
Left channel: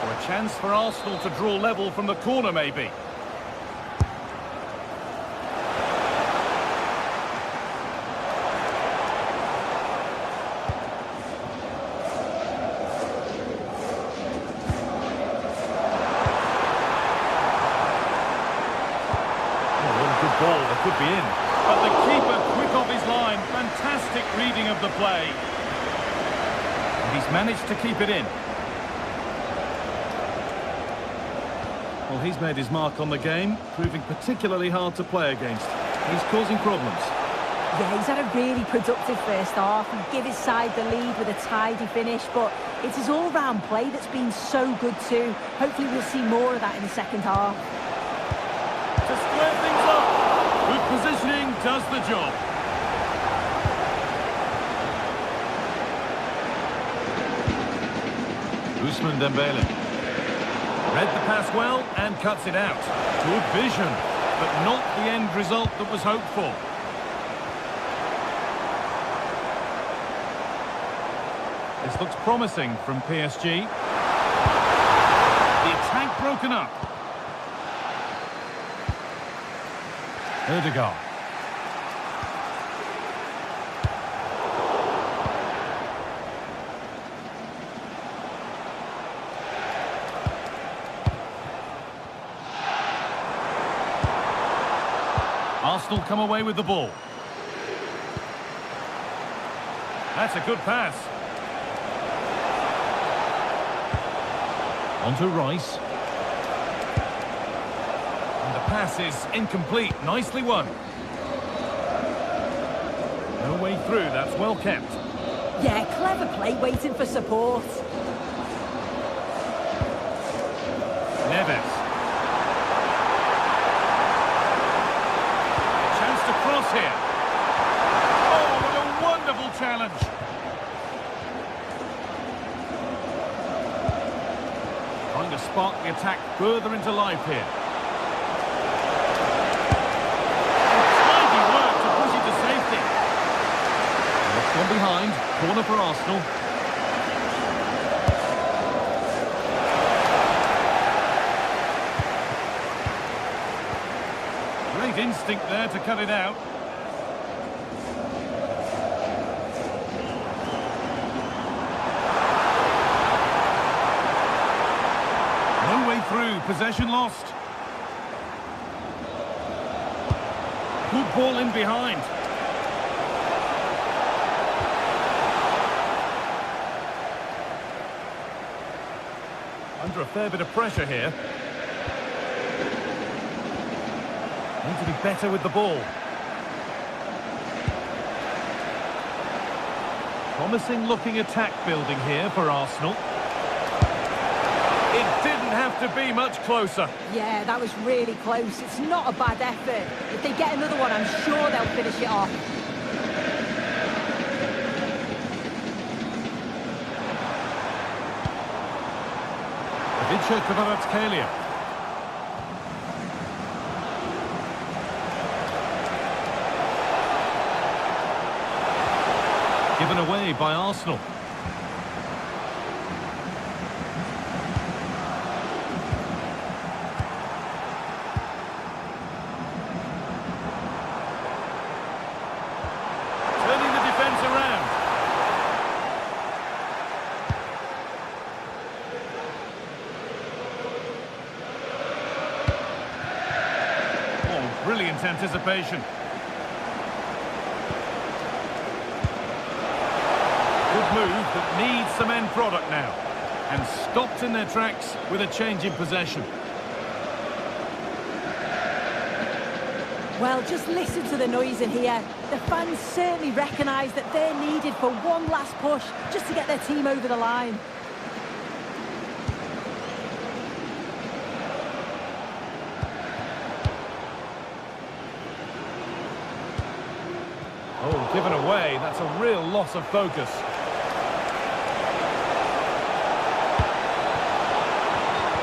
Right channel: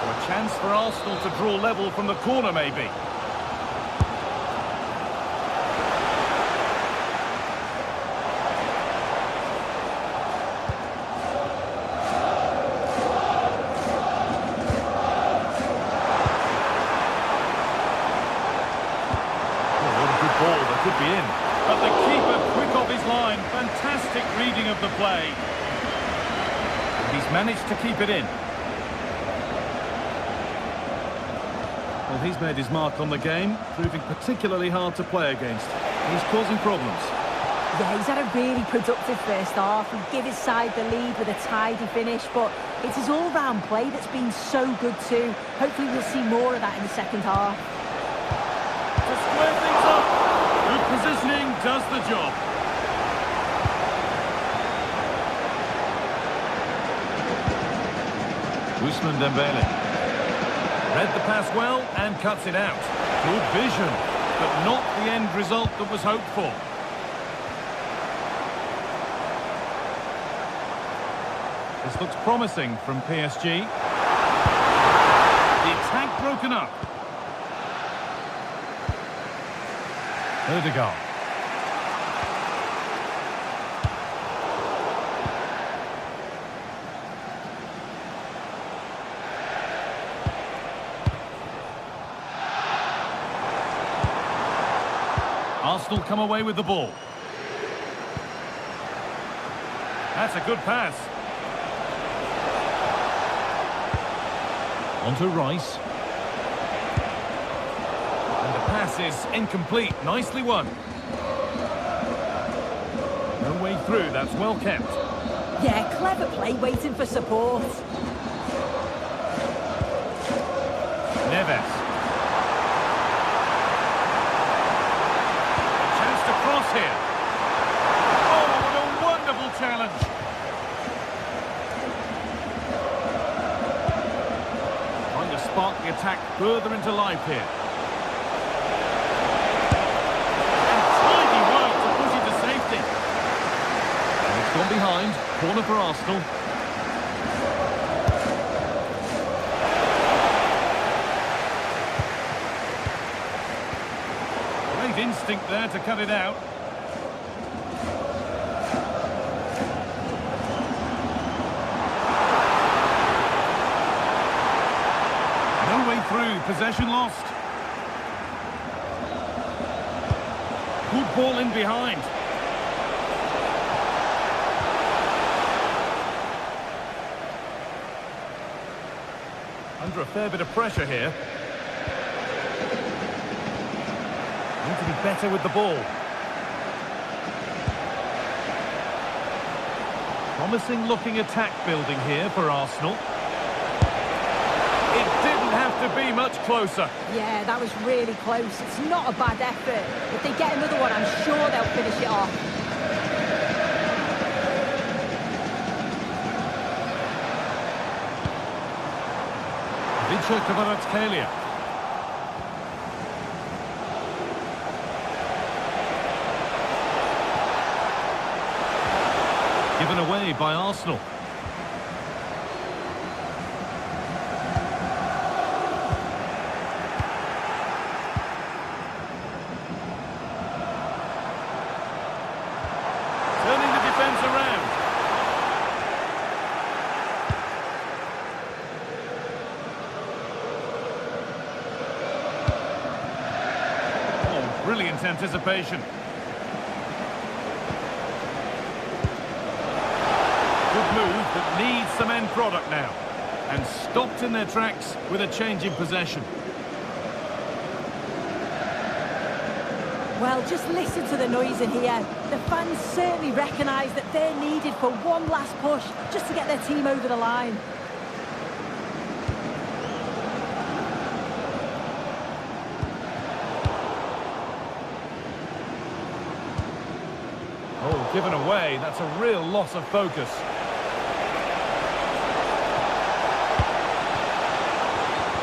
So a chance for Arsenal to draw level from the corner, maybe. Ball that could be in, but the keeper quick off his line. Fantastic reading of the play, and he's managed to keep it in. Well, he's made his mark on the game, proving particularly hard to play against. He's causing problems. Yeah, he's had a really productive first half and give his side the lead with a tidy finish, but it's his all-round play that's been so good too. Hopefully we'll see more of that in the second half. To square things up. Good positioning does the job. Ousmane Dembele. Read the pass well and cuts it out. Good vision, but not the end result that was hoped for. This looks promising from PSG. The attack broken up. Odegaard. Arsenal come away with the ball. That's a good pass. On to Rice. And the pass is incomplete. Nicely won. No way through. That's well kept. Yeah, clever play, waiting for support. Neves. A chance to cross here. Oh, what a wonderful challenge. Trying to spark the attack further into life here. Safety. And it's gone behind. Corner for Arsenal. Great instinct there to cut it out. way through, possession lost. Good ball in behind. Under a fair bit of pressure here. Need to be better with the ball. Promising looking attack building here for Arsenal. It didn't have to be much closer. Yeah, that was really close. It's not a bad effort. If they get another one, I'm sure they'll finish it off. Vince Kvaratskhelia. Given away by Arsenal. Turning the defence around. Oh, brilliant anticipation. Good move that needs some end product now. And stopped in their tracks with a change in possession. Well, just listen to the noise in here. The fans certainly recognise that they're needed for one last push just to get their team over the line. Oh, given away. That's a real loss of focus.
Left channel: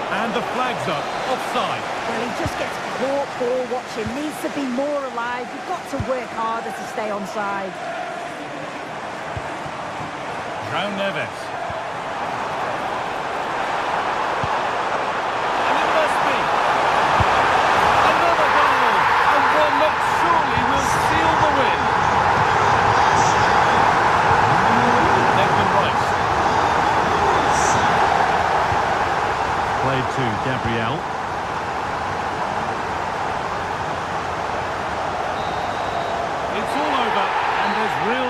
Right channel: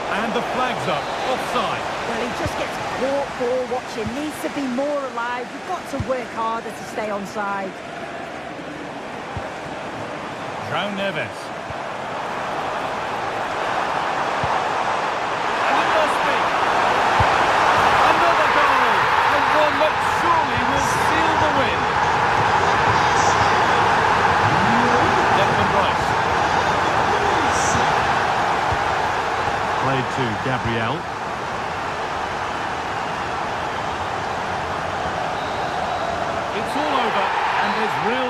And the flag's up. Offside. Well, he just gets caught ball watching. Needs to be more alive. You've got to work harder to stay onside. João Neves. And it must be. Another goal. And one that surely will seal the win. Declan Rice. Played to Gabriel. It's all over, and there's real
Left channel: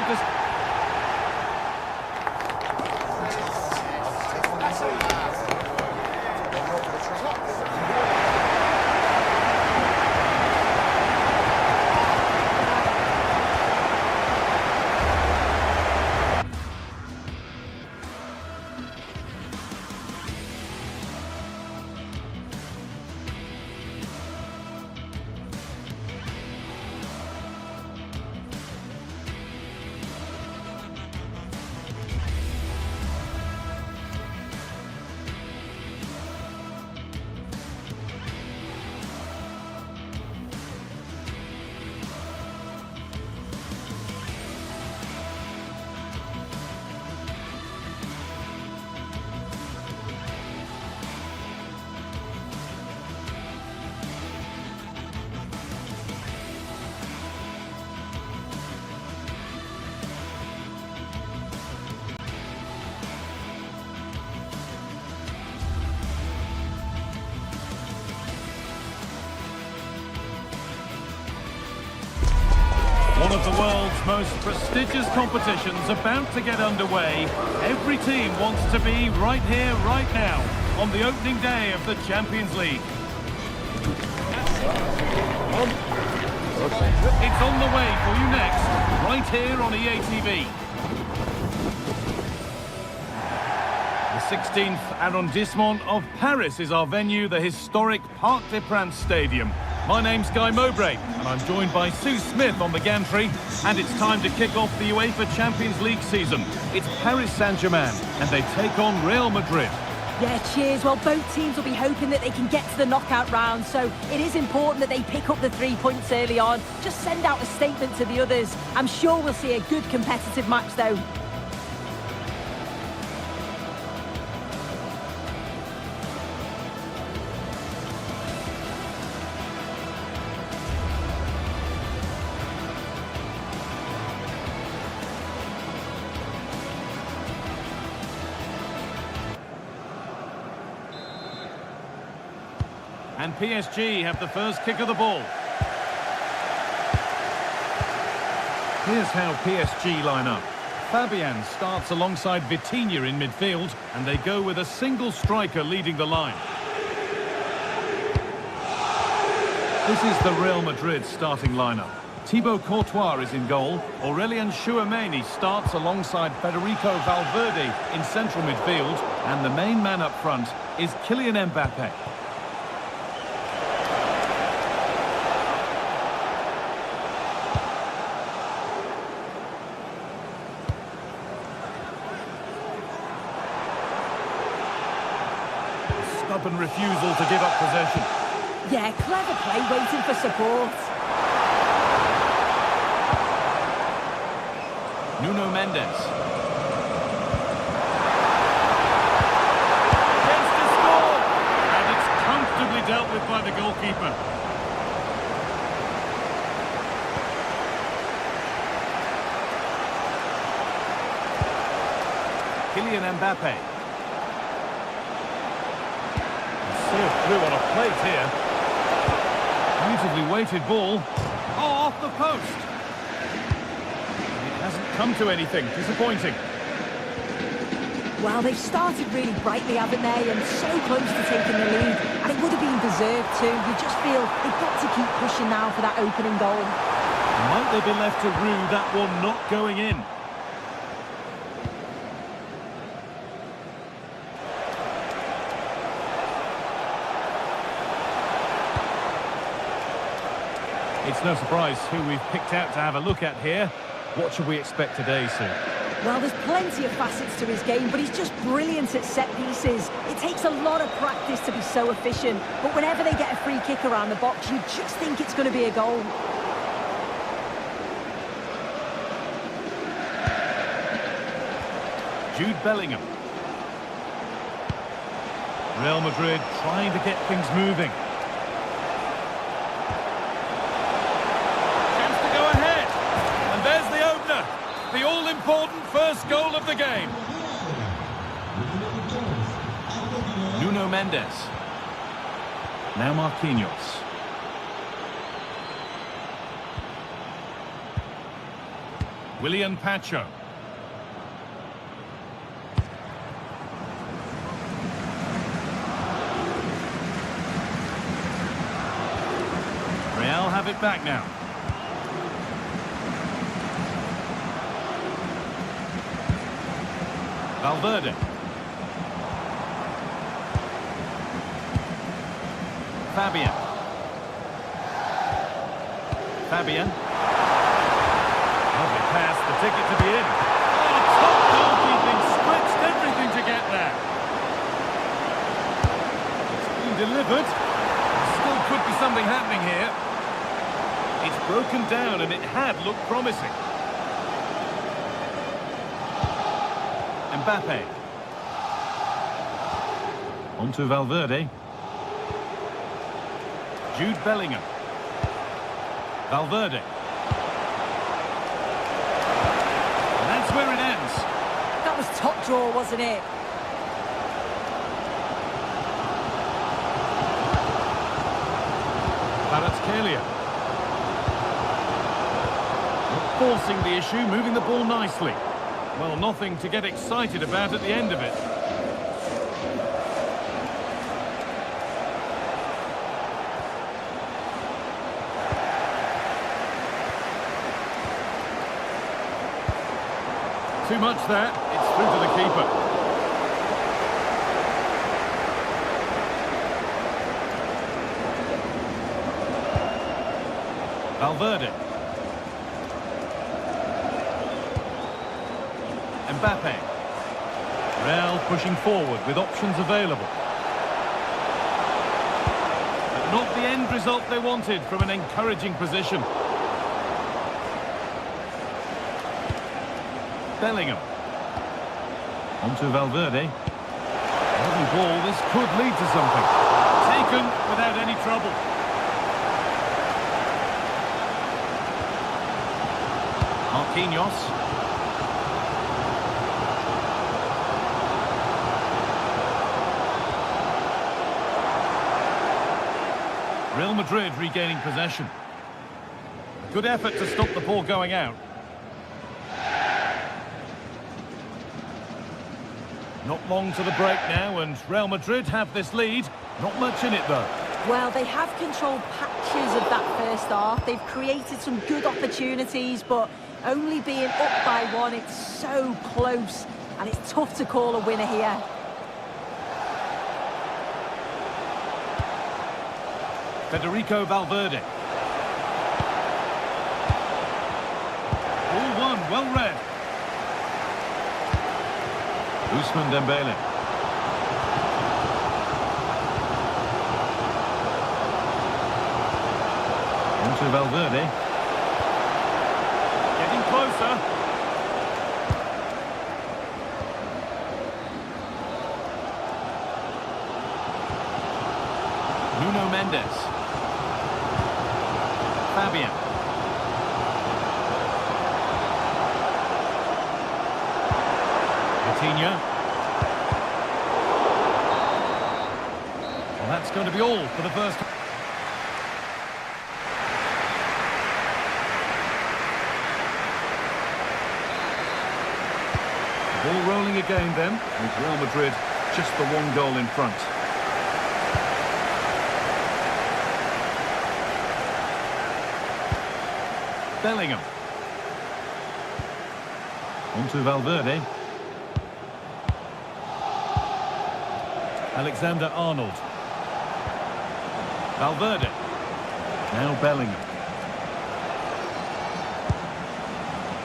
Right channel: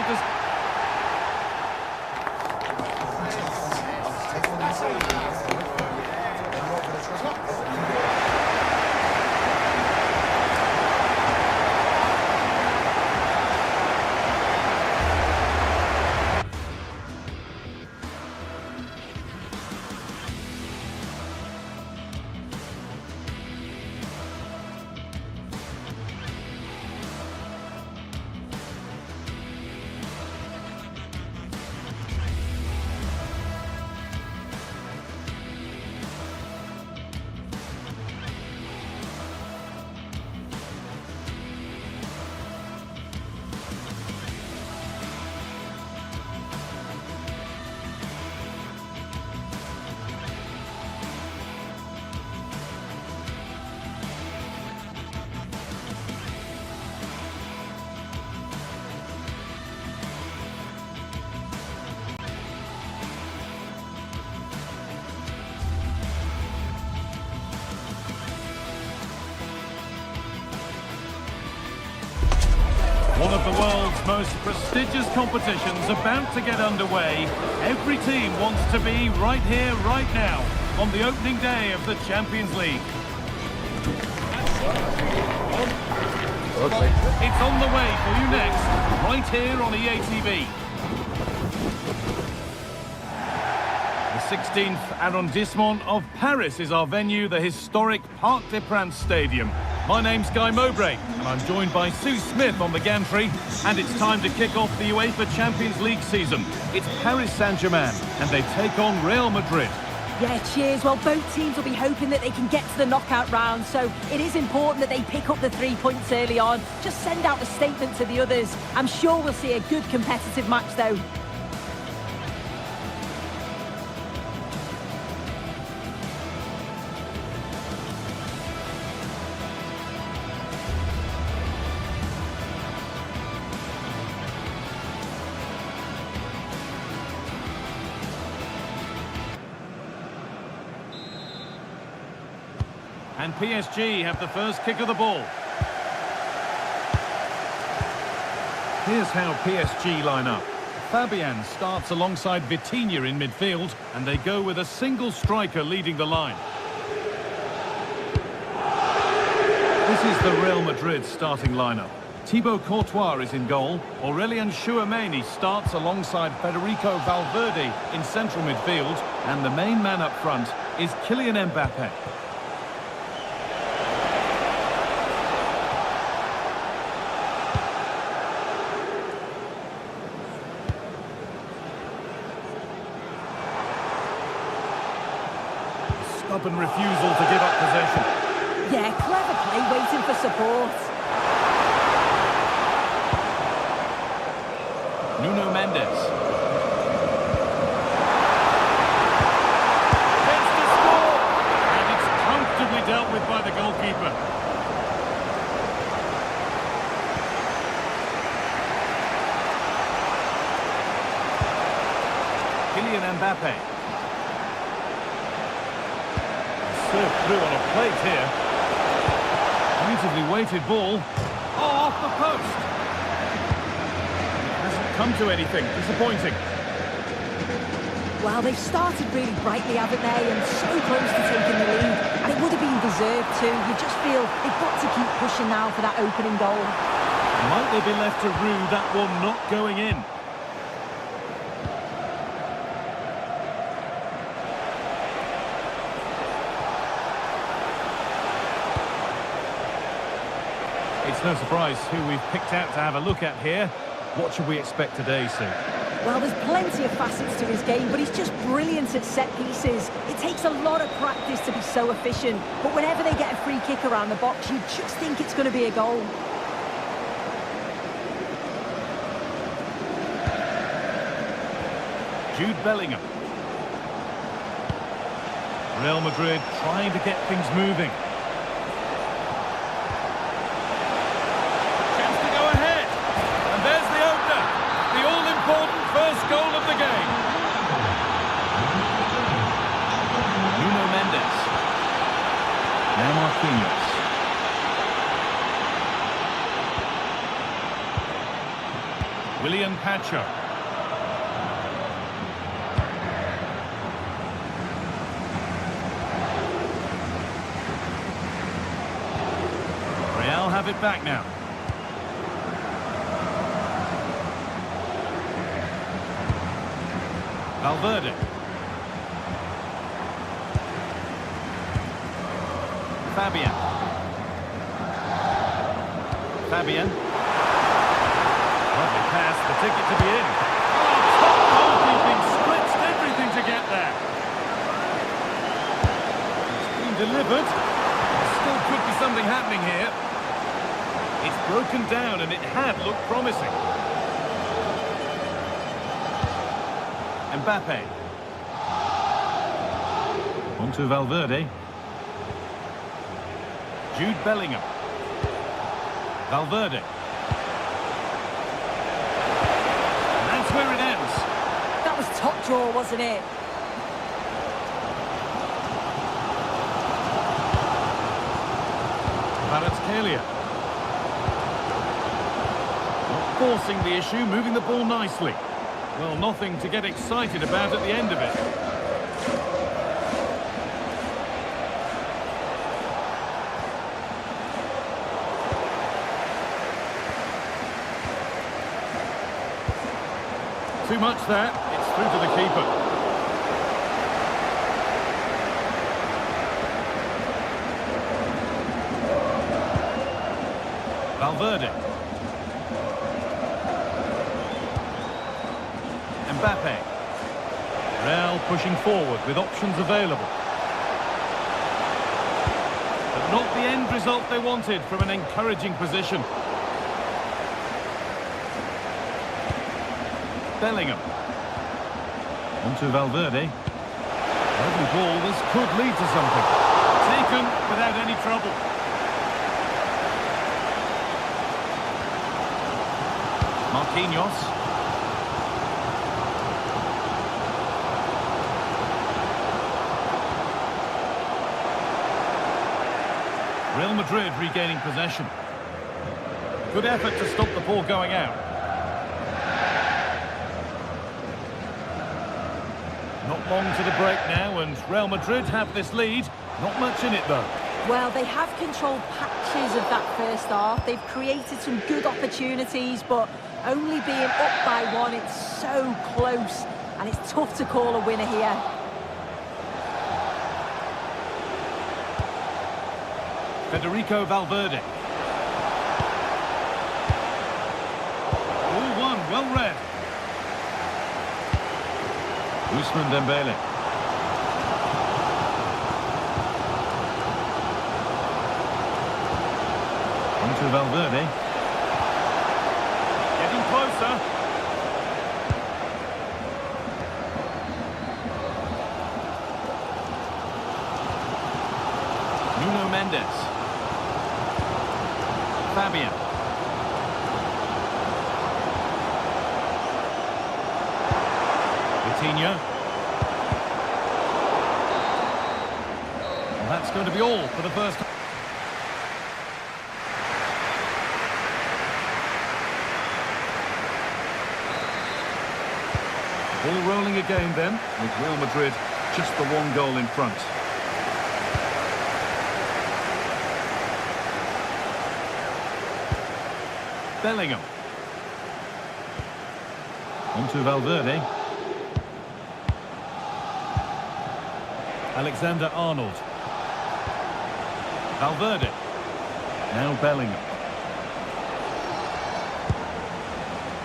One of the world's most prestigious competitions about to get underway. Every team wants to be right here, right now, on the opening day of the Champions League. It's on the way for you next, right here on EA TV. The 16th arrondissement of Paris is our venue, the historic Parc des Princes Stadium. My name's Guy Mowbray, and I'm joined by Sue Smith on the gantry, and it's time to kick off the UEFA Champions League season. It's Paris Saint-Germain, and they take on Real Madrid. Yeah, cheers. Well, both teams will be hoping that they can get to the knockout round, so it is important that they pick up the 3 points early on. Just send out a statement to the others. I'm sure we'll see a good competitive match, though. And PSG have the first kick of the ball. Here's how PSG line up. Fabian starts alongside Vitinha in midfield, and they go with a single striker leading the line. This is the Real Madrid starting lineup. Thibaut Courtois is in goal. Aurelien Tchouameni starts alongside Federico Valverde in central midfield, and the main man up front is Kylian Mbappe. Stubborn refusal to give up possession. Yeah, clever play, waiting for support. Nuno Mendes. Chance to score! And it's comfortably dealt with by the goalkeeper. Kylian Mbappe. Served through on a plate here. Beautifully weighted ball. Oh, off the post. It hasn't come to anything. Disappointing. Well, they've started really brightly, haven't they? And so close to taking the lead. And it would have been deserved too. You just feel they've got to keep pushing now for that opening goal. Might they be left to rue that one not going in? It's no surprise who we've picked out to have a look at here. What should we expect today, Sue? Well, there's plenty of facets to his game, but he's just brilliant at set pieces. It takes a lot of practice to be so efficient, but whenever they get a free kick around the box, you just think it's going to be a goal. Jude Bellingham. Real Madrid trying to get things moving. There's the opener, the all-important first goal of the game. Nuno Mendes. Now Marquinhos. Willian Pacho. Real have it back now. Valverde. Fabian. Lovely pass, the ticket to be in. Oh, top goalkeeping, stretched everything to get there. It's been delivered. There still could be something happening here. It's broken down and it had looked promising. Mbappe. On to Valverde. Jude Bellingham. Valverde. And that's where it ends. That was top draw, wasn't it? Kvaratskhelia. Not forcing the issue, moving the ball nicely. Well, nothing to get excited about at the end of it. Too much there. It's through to the keeper. Valverde. Mbappe. Real pushing forward with options available. But not the end result they wanted from an encouraging position. Bellingham. On to Valverde. Lovely ball, this could lead to something. Taken without any trouble. Marquinhos. Real Madrid regaining possession. Good effort to stop the ball going out. Not long to the break now, and Real Madrid have this lead. Not much in it, though. Well, they have controlled patches of that first half. They've created some good opportunities, but only being up by one, it's so close, and it's tough to call a winner here. Federico Valverde. All one, well read. Ousmane Dembele. On to Valverde. Getting closer. Nuno Mendes. Fabian. Vitinha. Well, that's going to be all for the first. Ball rolling again then, with Real Madrid just the one goal in front. Bellingham. On to Valverde. Alexander-Arnold. Valverde. Now Bellingham.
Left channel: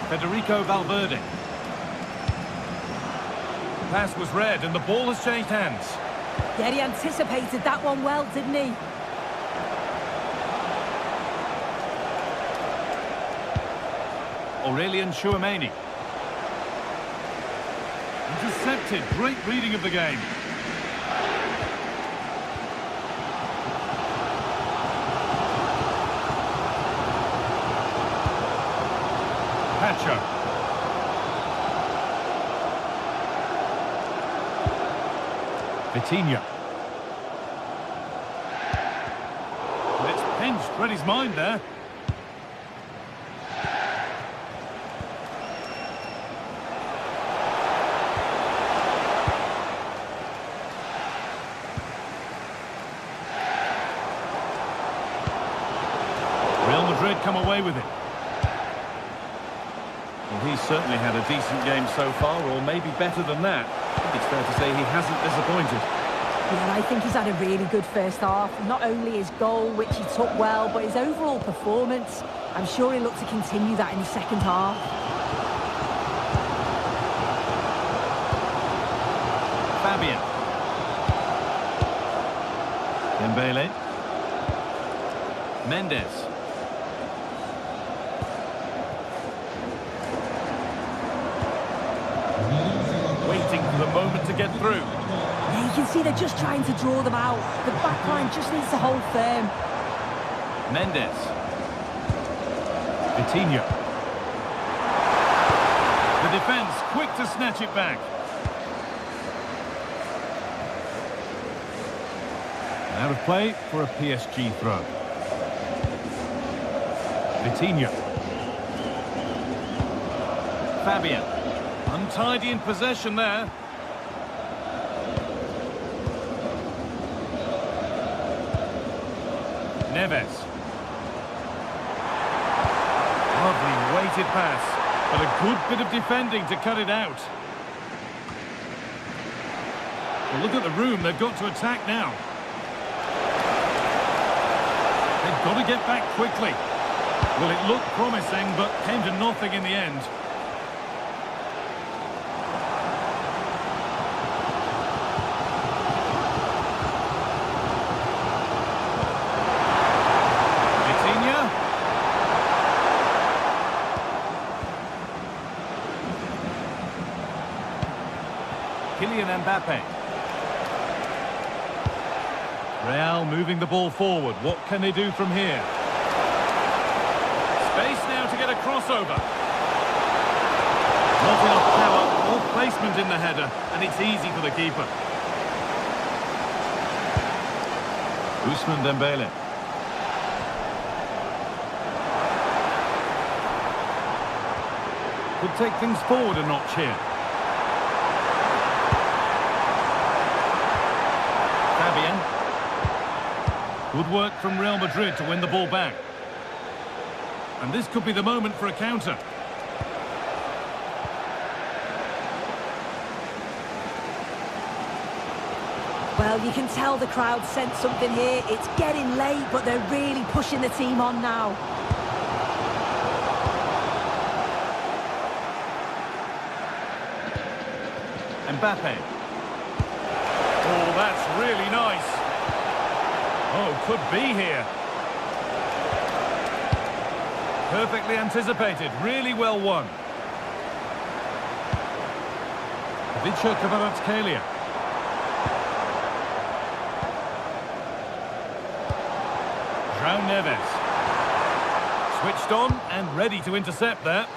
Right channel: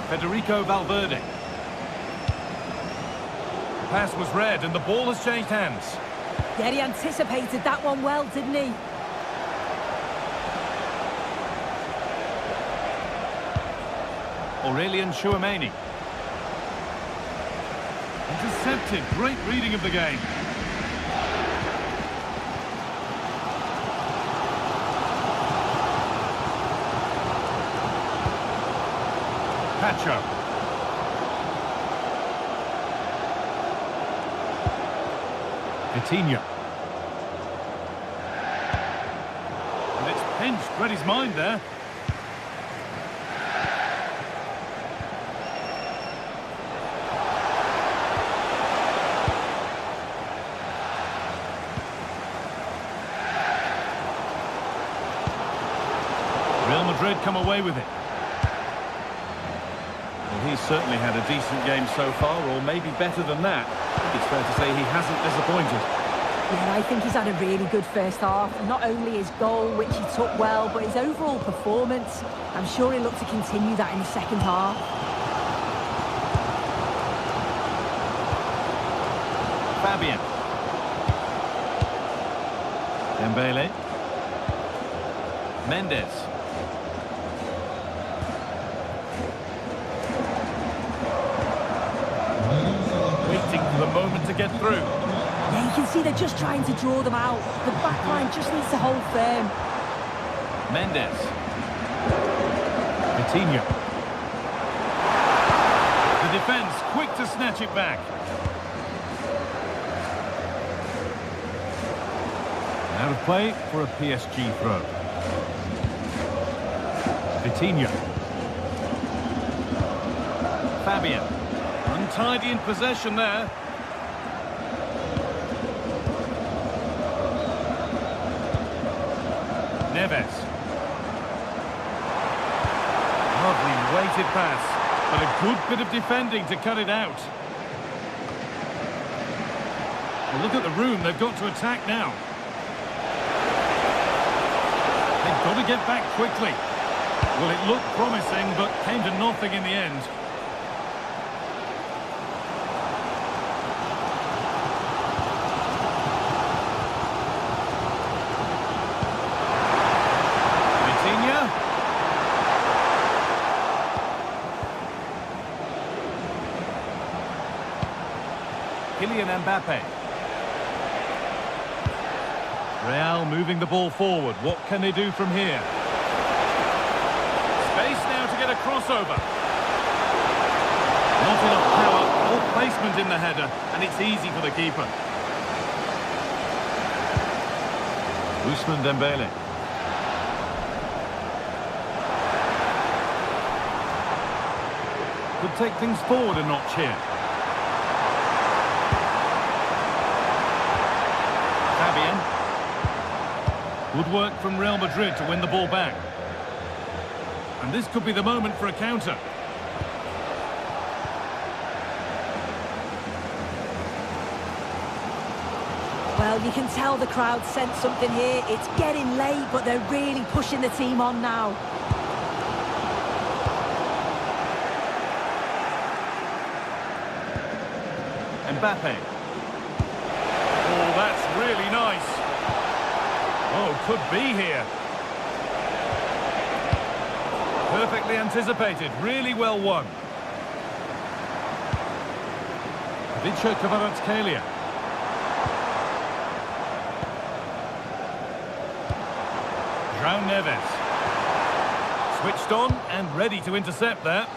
Federico Valverde. The pass was read and the ball has changed hands. Yeah, he anticipated that one well, didn't he? Aurelian Tchouameni. Intercepted. Great reading of the game. Pacho. Vitinha. And it's pinched. Read his mind there. Real Madrid come away with it. Well, he's certainly had a decent game so far, or maybe better than that. I think it's fair to say he hasn't disappointed. Yeah, I think he's had a really good first half. Not only his goal, which he took well, but his overall performance. I'm sure he'll look to continue that in the second half. Fabian. Dembele. Mendes. Waiting for the moment to get through. Yeah, you can see they're just trying to draw them out. The back line just needs to hold firm. Mendes. Vitinha. The defence quick to snatch it back. Out of play for a PSG throw. Vitinha. Fabian. Untidy in possession there. Neves. Lovely weighted pass, but a good bit of defending to cut it out. Well, look at the room they've got to attack now. They've got to get back quickly. Well, it looked promising, but came to nothing in the end. Vitinha. Kylian Mbappe. Real moving the ball forward. What can they do from here? Space now to get a crossover. Not enough power or placement in the header, and it's easy for the keeper. Ousmane Dembele. Could take things forward a notch here. Fabian. Good work from Real Madrid to win the ball back. And this could be the moment for a counter. Well, you can tell the crowd sensed something here. It's getting late, but they're really pushing the team on now. Mbappe. Oh, that's really nice. Oh, could be here. Perfectly anticipated, really well won. Kvaratskhelia. João Neves. Switched on and ready to intercept that.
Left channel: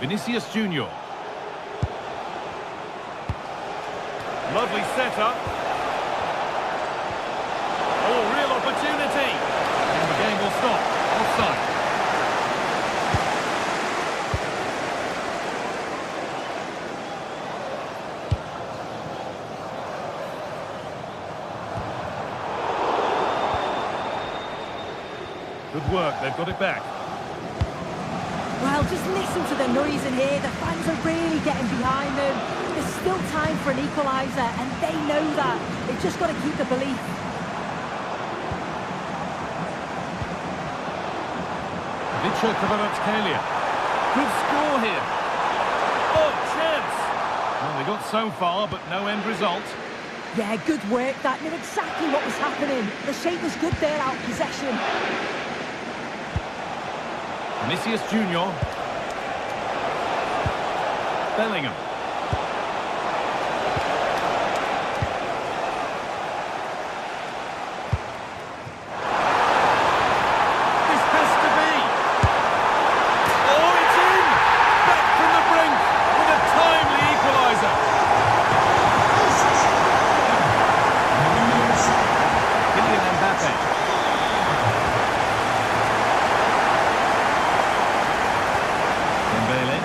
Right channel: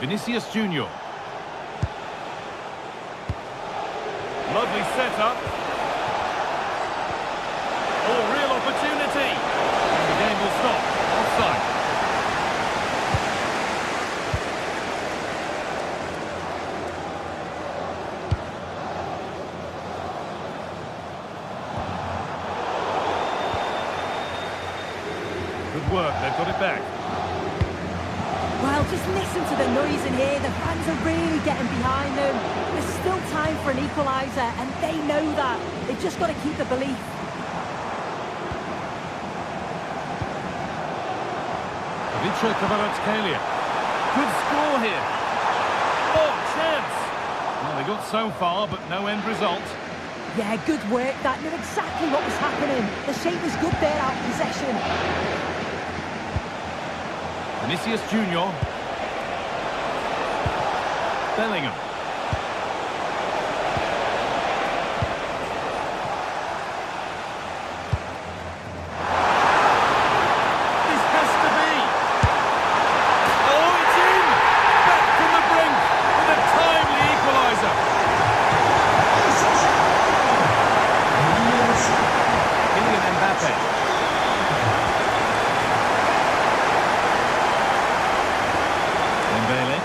Vinicius Junior. Lovely setup. Oh, real opportunity. And the game will stop. Offside. Good work, they've got it back. Well, just listen to the noise in here. The fans are really getting behind them. There's still time for an equaliser, and they know that. They've just got to keep the belief. Kvaratskhelia. Good score here. Oh, chance! Well, they got so far, but no end result. Yeah, good work. That knew exactly what was happening. The shape was good there, out of possession. Vinicius Junior. Bellingham. This has to be. Oh, it's in! Back from the brink with a timely equaliser. Kylian Mbappe. Dembele.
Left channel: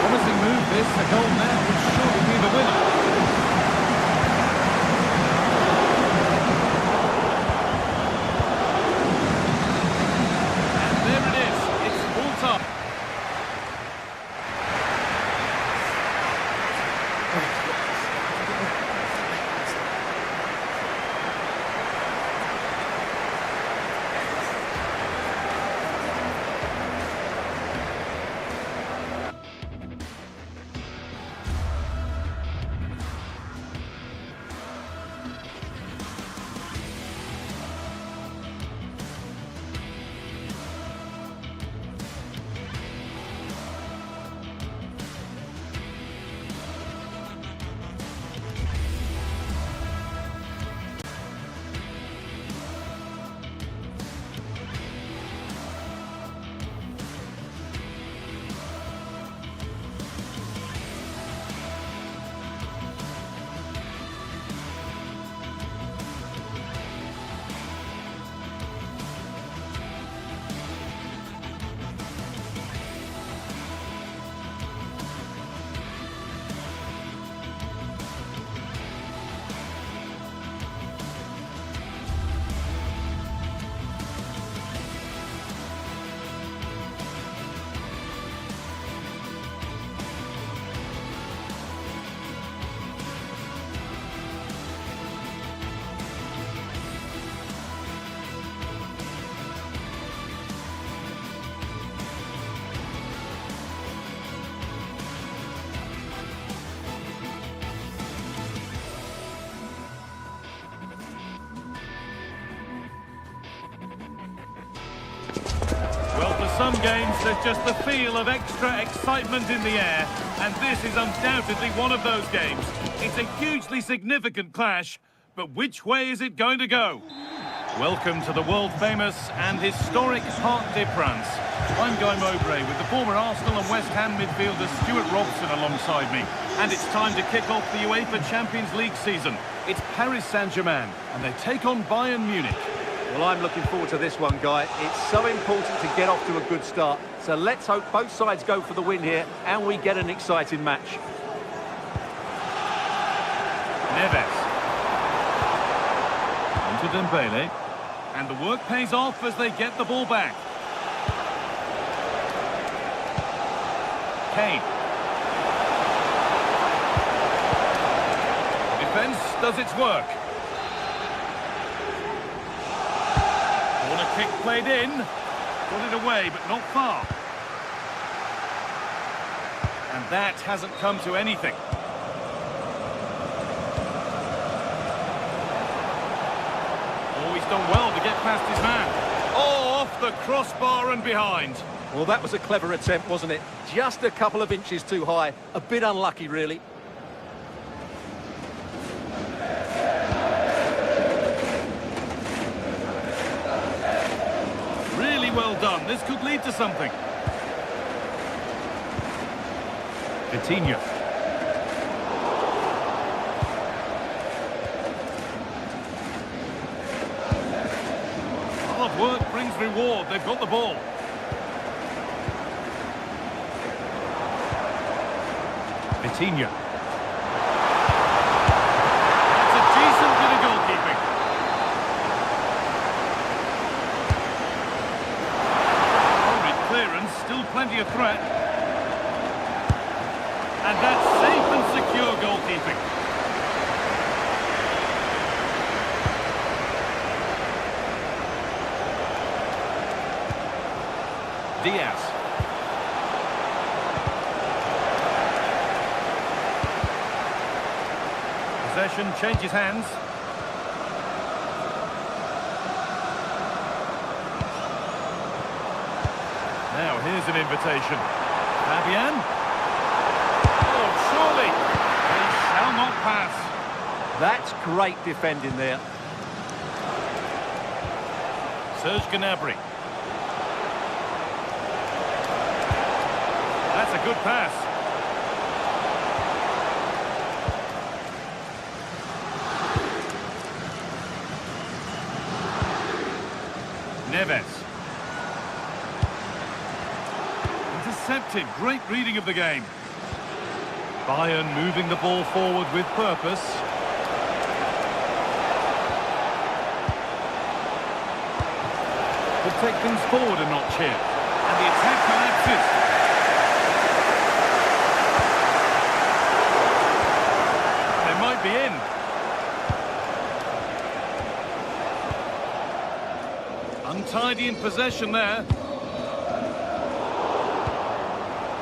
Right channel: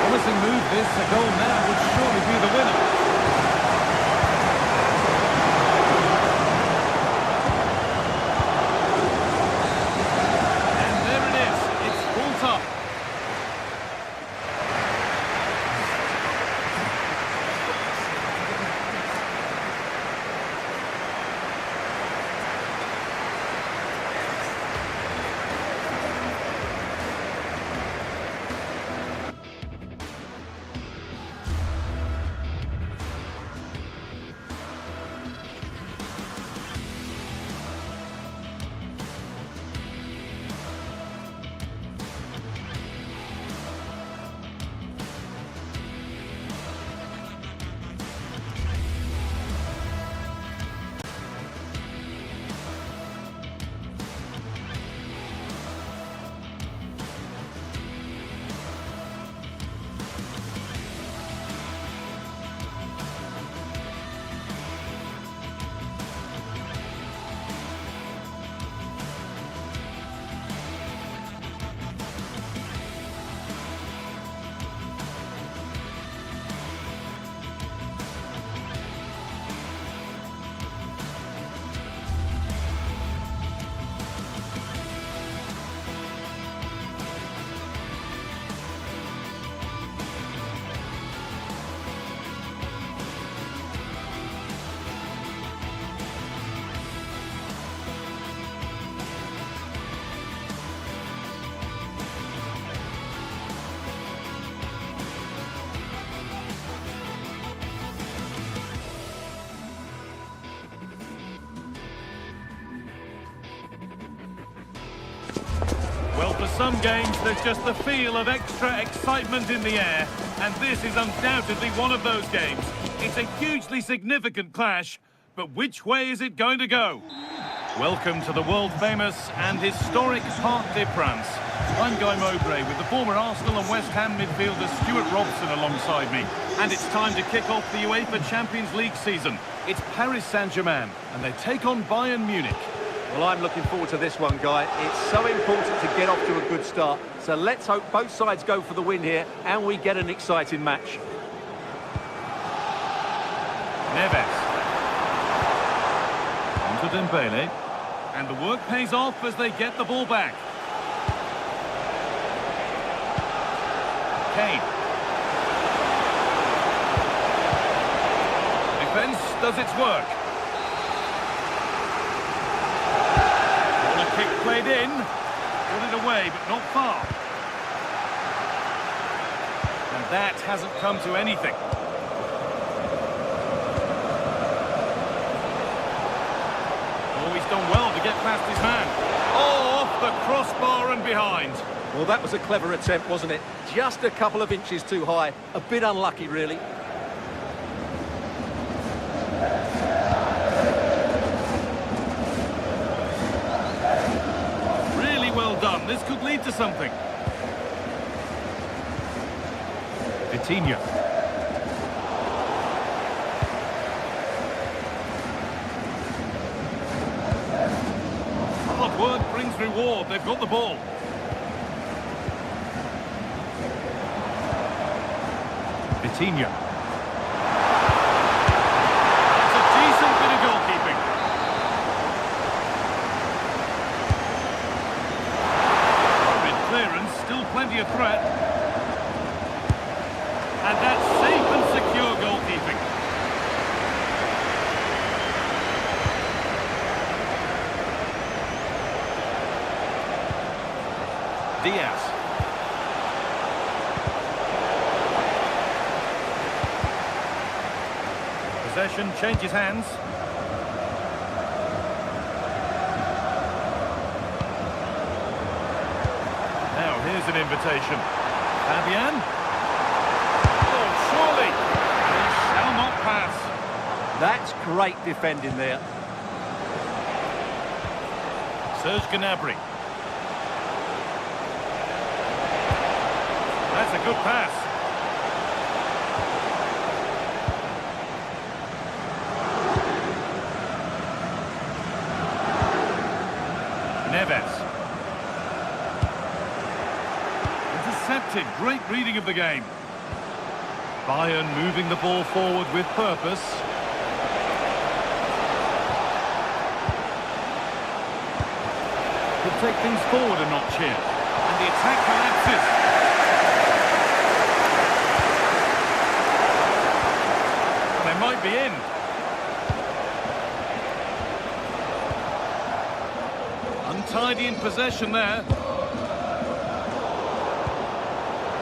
Promising move this, a goal now would surely be the winner. And there it is, it's full time. Well, for some games, there's just the feel of extra excitement in the air, and this is undoubtedly one of those games. It's a hugely significant clash, but which way is it going to go? Welcome to the world-famous and historic Parc des Princes. I'm Guy Mowbray with the former Arsenal and West Ham midfielder Stuart Robson alongside me. And it's time to kick off the UEFA Champions League season. It's Paris Saint-Germain, and they take on Bayern Munich. Well, I'm looking forward to this one, Guy. It's so important to get off to a good start. So let's hope both sides go for the win here and we get an exciting match. Neves. On to Dembele. And the work pays off as they get the ball back. Kane. The defence does its work. Corner kick played in. Got it away, but not far. And that hasn't come to anything. Oh, he's done well to get past his man. Oh, off the crossbar and behind. Well, that was a clever attempt, wasn't it? Just a couple of inches too high. A bit unlucky, really. Really well done. This could lead to something. Vitinha. Hard work brings reward. They've got the ball. Vitinha. That's a decent bit of goalkeeping. Horrid clearance, still plenty of threat. And that's safe and secure goalkeeping. Diaz. Possession changes hands. Now here's an invitation. Fabian. Oh, surely. They shall not pass. That's great defending there. Serge Gnabry. That's a good pass. Neves. Intercepted. Great reading of the game. Bayern moving the ball forward with purpose. Could take things forward a notch here. And the attack collapses. They might be in. Untidy in possession there.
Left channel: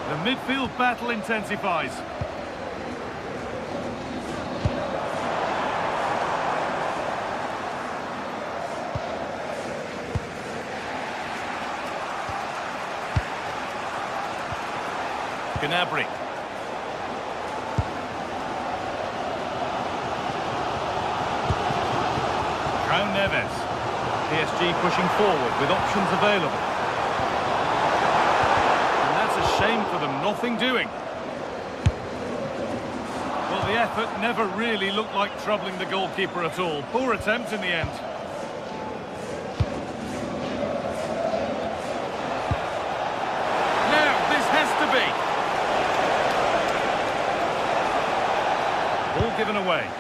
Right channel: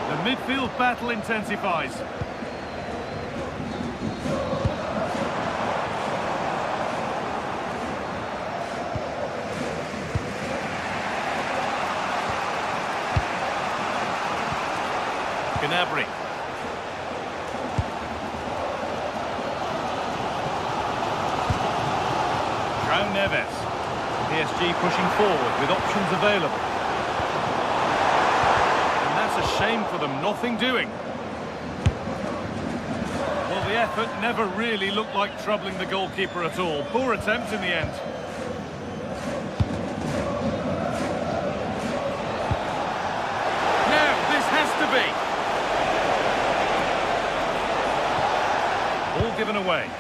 The midfield battle intensifies. Gnabry. João Neves. PSG pushing forward with options available. And that's a shame for them, nothing doing. Well, the effort never really looked like troubling the goalkeeper at all. Poor attempt in the end. Now, this has to be. Ball given away.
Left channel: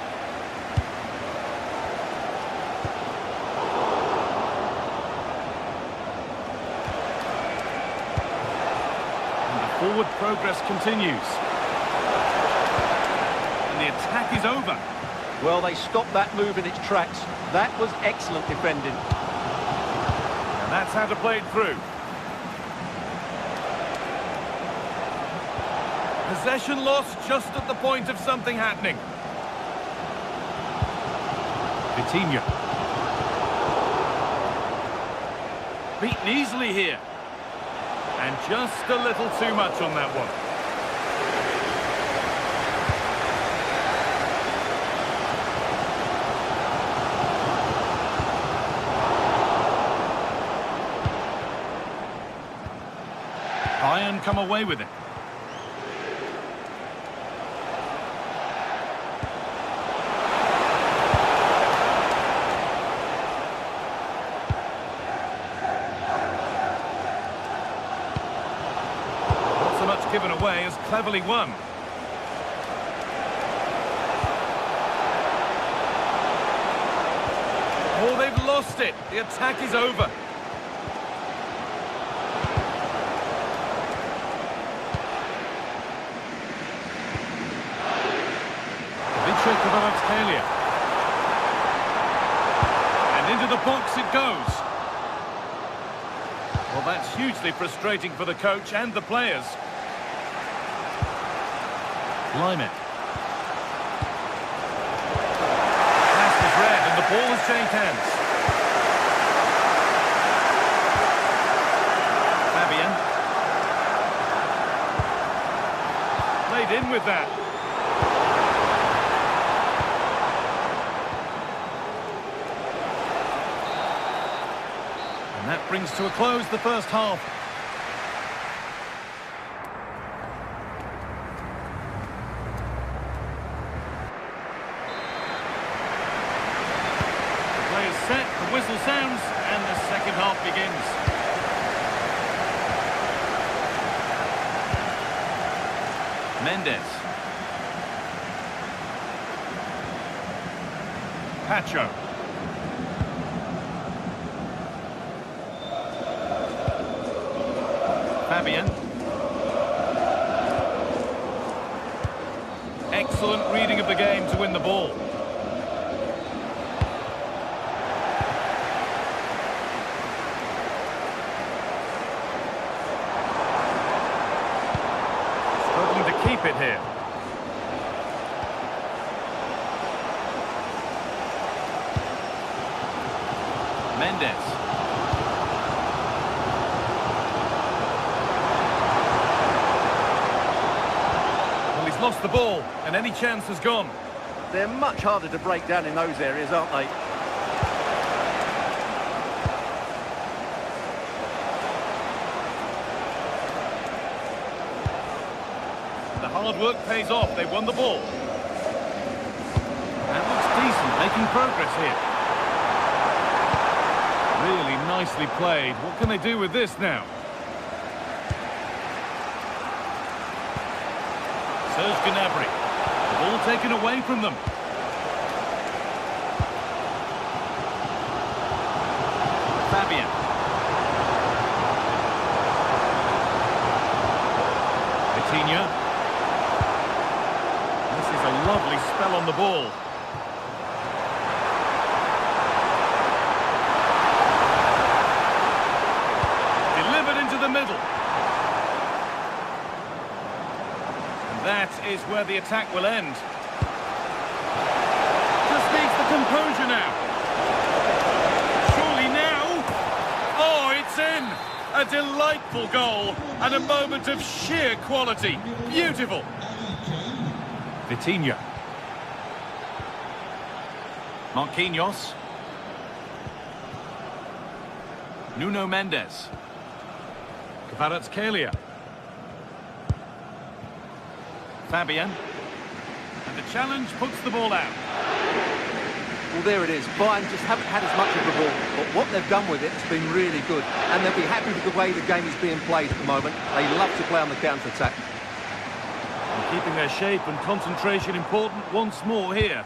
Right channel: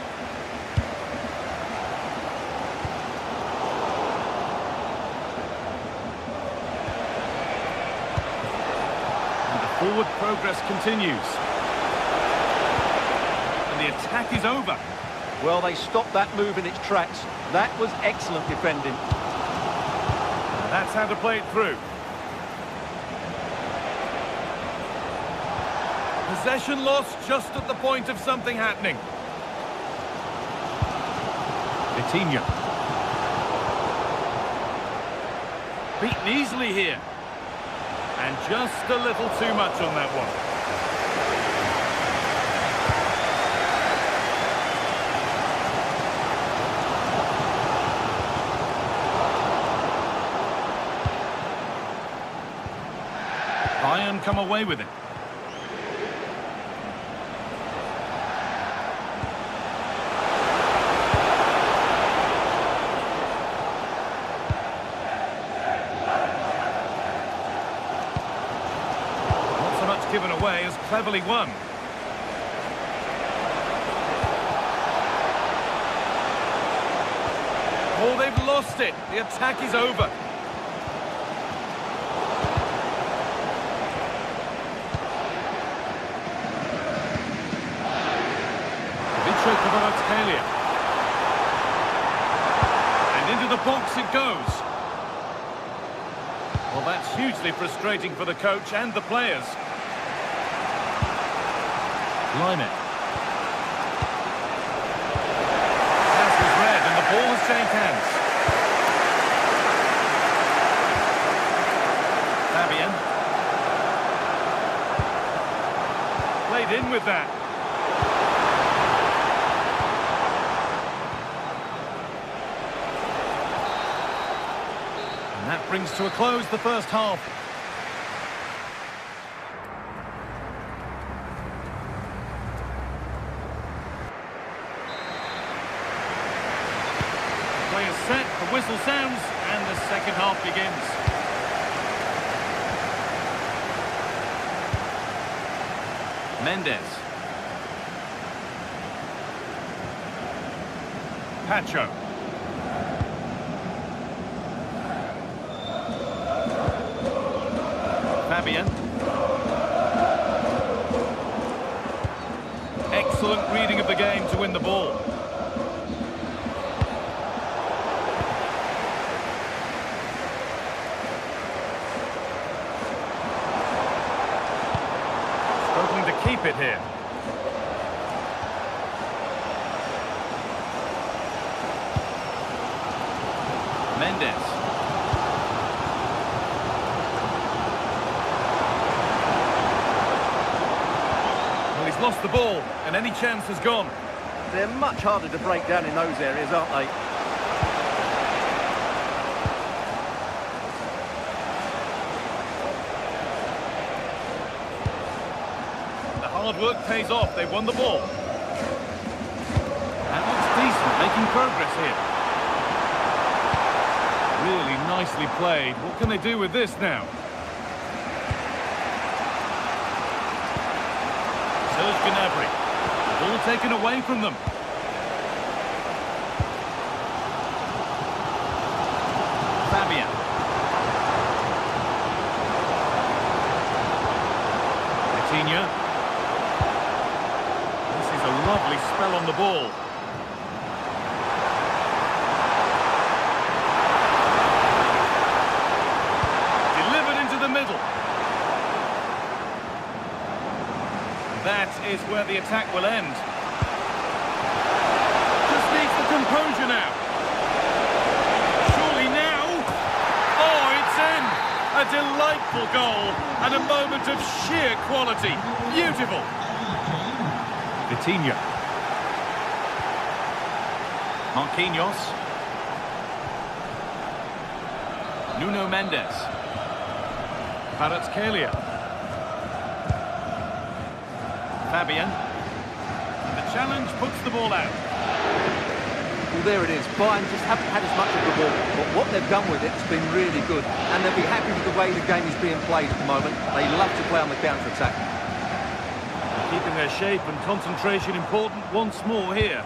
Forward progress continues. And the attack is over. Well, they stopped that move in its tracks. That was excellent defending. Now that's how to play it through. Possession lost just at the point of something happening. Vitinha. Beaten easily here. And just a little too much on that one. Bayern come away with it. given away as cleverly won. Oh, they've lost it. The attack is over. And into the box it goes. Well, that's hugely frustrating for the coach and the players. Limit. Pass was read and the ball has changed hands. Fabian. Played in with that. And that brings to a close the first half. The play is set, the whistle sounds, and the second half begins. Mendes. Pacho. Fabian. Excellent reading of the game to win the ball. Struggling to keep it here. Mendes. Well, he's lost the ball, and any chance has gone. They're much harder to break down in those areas, aren't they? The hard work pays off. They won the ball. That looks decent, making progress here. Really nicely played. What can they do with this now? Serge Gnabry. The ball taken away from them. Fabian. Coutinho. This is a lovely spell on the ball. Delivered into the middle. And that is where the attack will end. Just needs the composure now. Surely now. Oh, it's in. A delightful goal and a moment of sheer quality. Beautiful. Vitinha. Marquinhos. Nuno Mendes. Kvaratskhelia. Fabian. And the challenge puts the ball out. Well, there it is. Bayern just haven't had as much of the ball, but what they've done with it has been really good, and they'll be happy with the way the game is being played at the moment. They love to play on the counter-attack. And keeping their shape and concentration important once more here.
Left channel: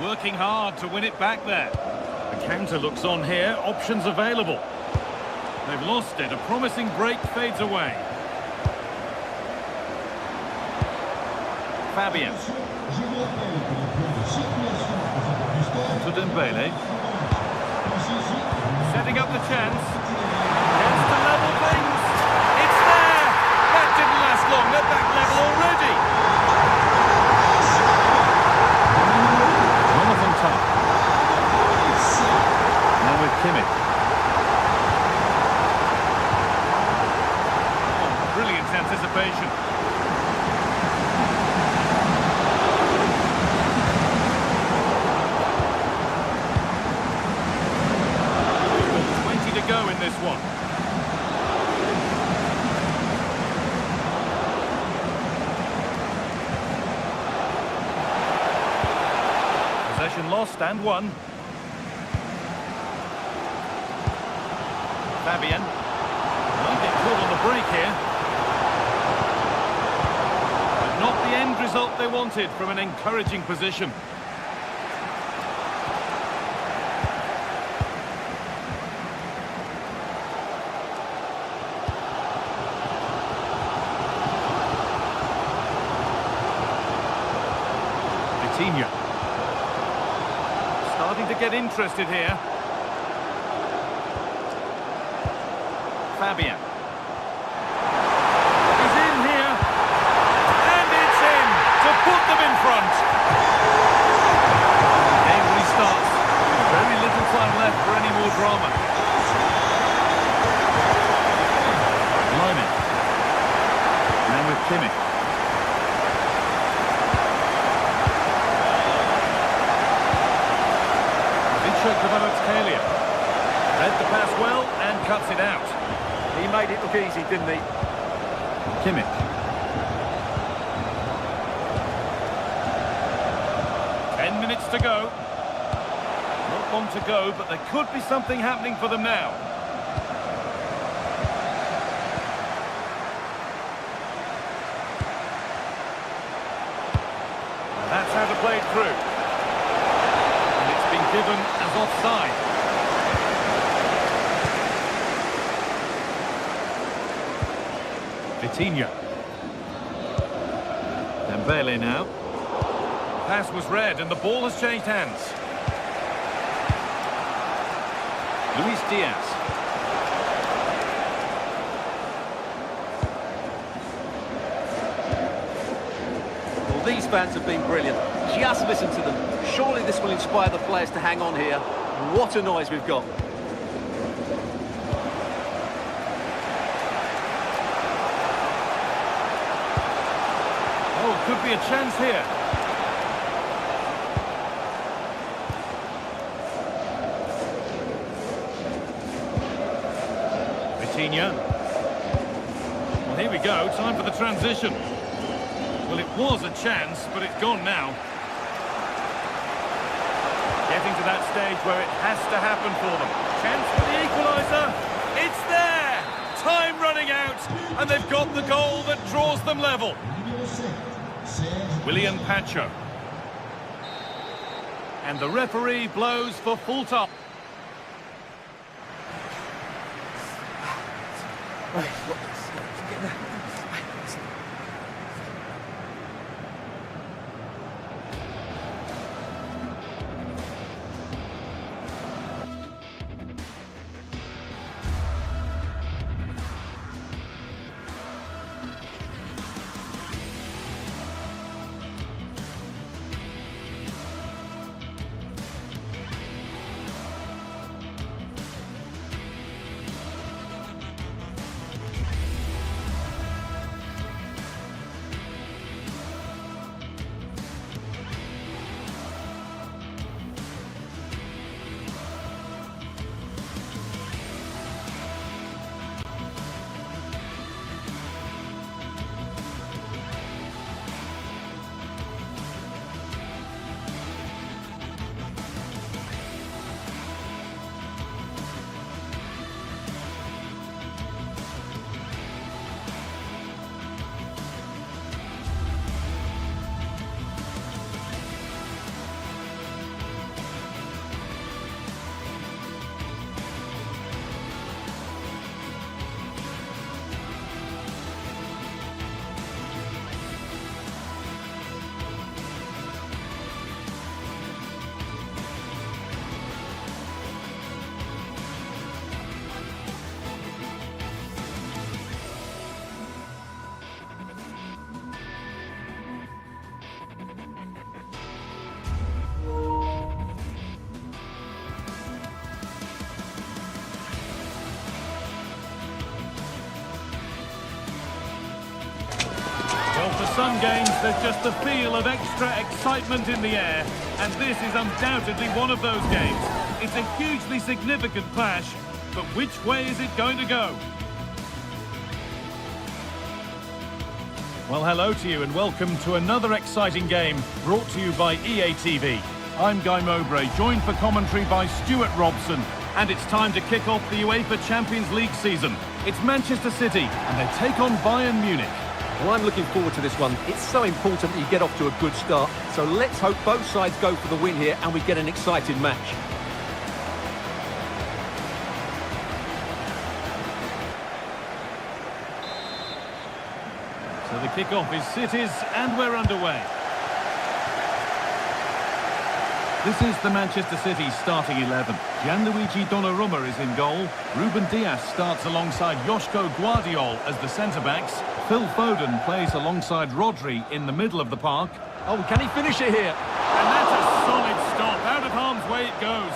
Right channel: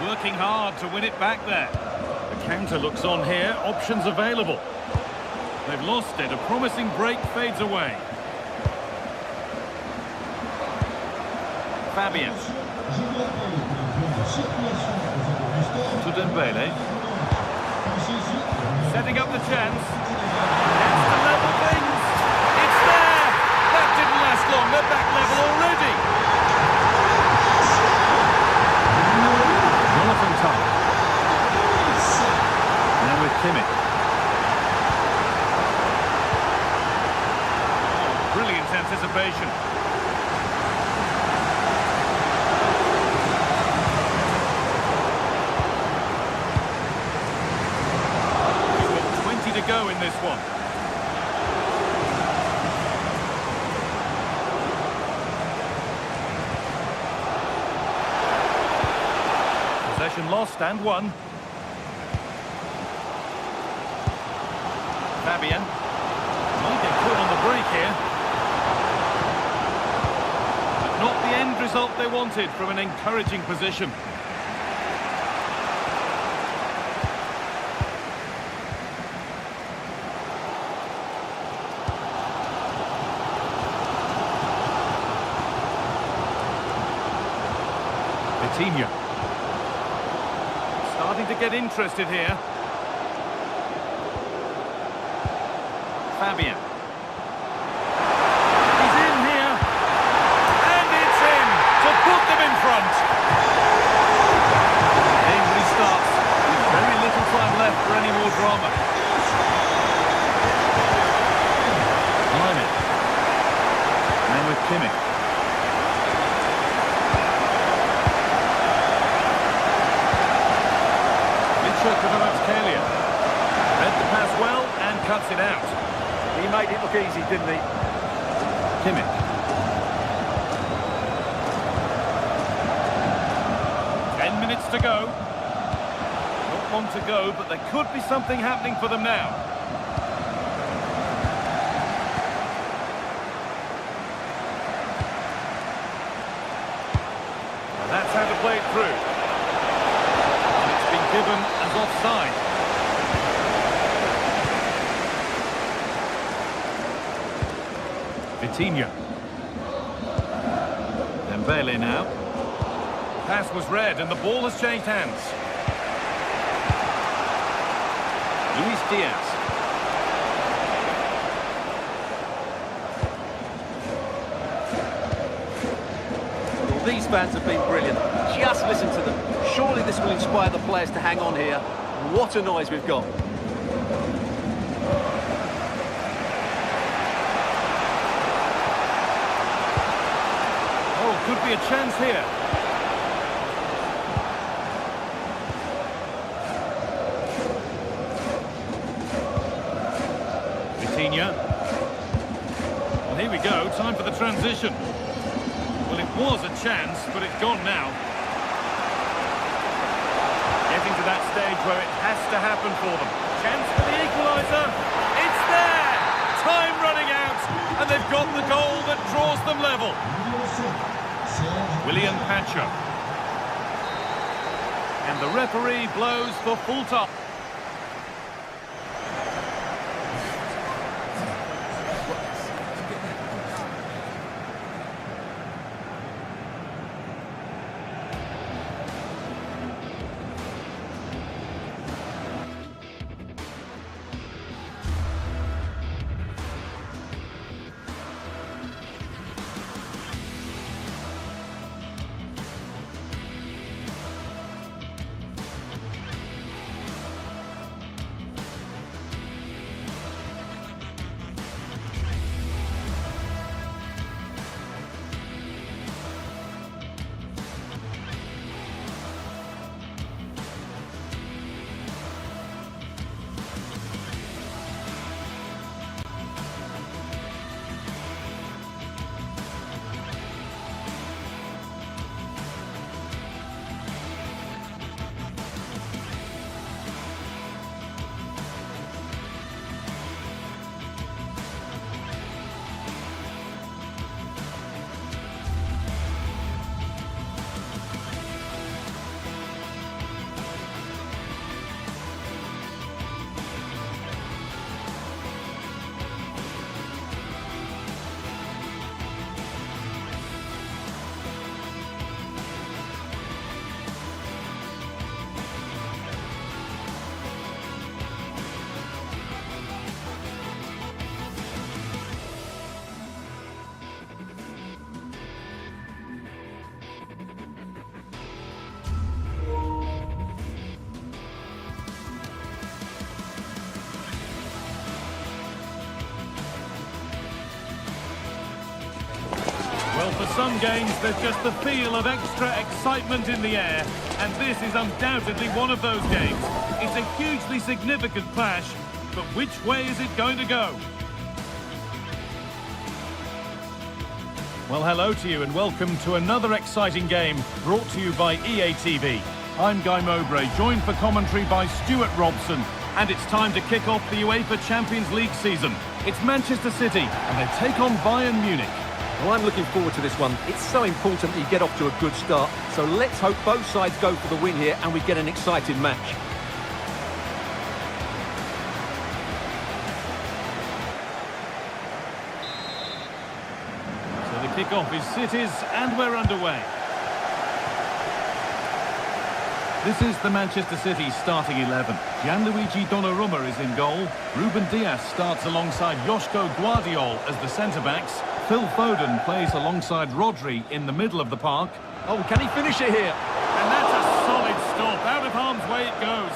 Working hard to win it back there. The counter looks on here, options available. They've lost it, a promising break fades away. Fabian. To Dembele. Setting up the chance. Chance to level things. It's there! That didn't last long, they're back level already. Jonathan Tah. Now with Kimmich. Oh, brilliant anticipation. To go in this one. Possession lost and won. Fabian might get caught on the break here. Not the end result they wanted from an encouraging position. Vitinha. Starting to get interested here. Fabian. He's in here. And it's in to put them in front. The game restarts with very little time left for any more drama. Line. Man with Kimmich. Kvaratskhelia. Read the pass well and cuts it out. He made it look easy, didn't he? Kimmich. Ten minutes to go. Not long to go, but there could be something happening for them now. Now that's how to play it through. Been given as offside. Vitinha. Dembele now. Pass was read and the ball has changed hands. Luis Diaz. Well, these fans have been brilliant. Just listen to them. Surely this will inspire the players to hang on here. What a noise we've got. Oh, could be a chance here. Vitinha. Well, here we go. Time for the transition. Well, it was a chance, but it's gone now. Getting to that stage where it has to happen for them. Chance for the equaliser. It's there! Time running out, and they've got the goal that draws them level. William Pacho. And the referee blows for full time. Well, for some games, there's just the feel of extra excitement in the air, and this is undoubtedly one of those games. It's a hugely significant clash, but which way is it going to go? Well, hello to you and welcome to another exciting game brought to you by EA TV. I'm Guy Mowbray, joined for commentary by Stuart Robson, and it's time to kick off the UEFA Champions League season. It's Manchester City, and they take on Bayern Munich. Well, I'm looking forward to this one. It's so important that you get off to a good start. So let's hope both sides go for the win here and we get an exciting match. So the kickoff is City's and we're underway. This is the Manchester City starting 11. Gianluigi Donnarumma is in goal. Ruben Dias starts alongside Joško Guardiol as the centre-backs. Phil Foden plays alongside Rodri in the middle of the park. Oh, can he finish it here? And that's a solid stop. Out of harm's way it goes.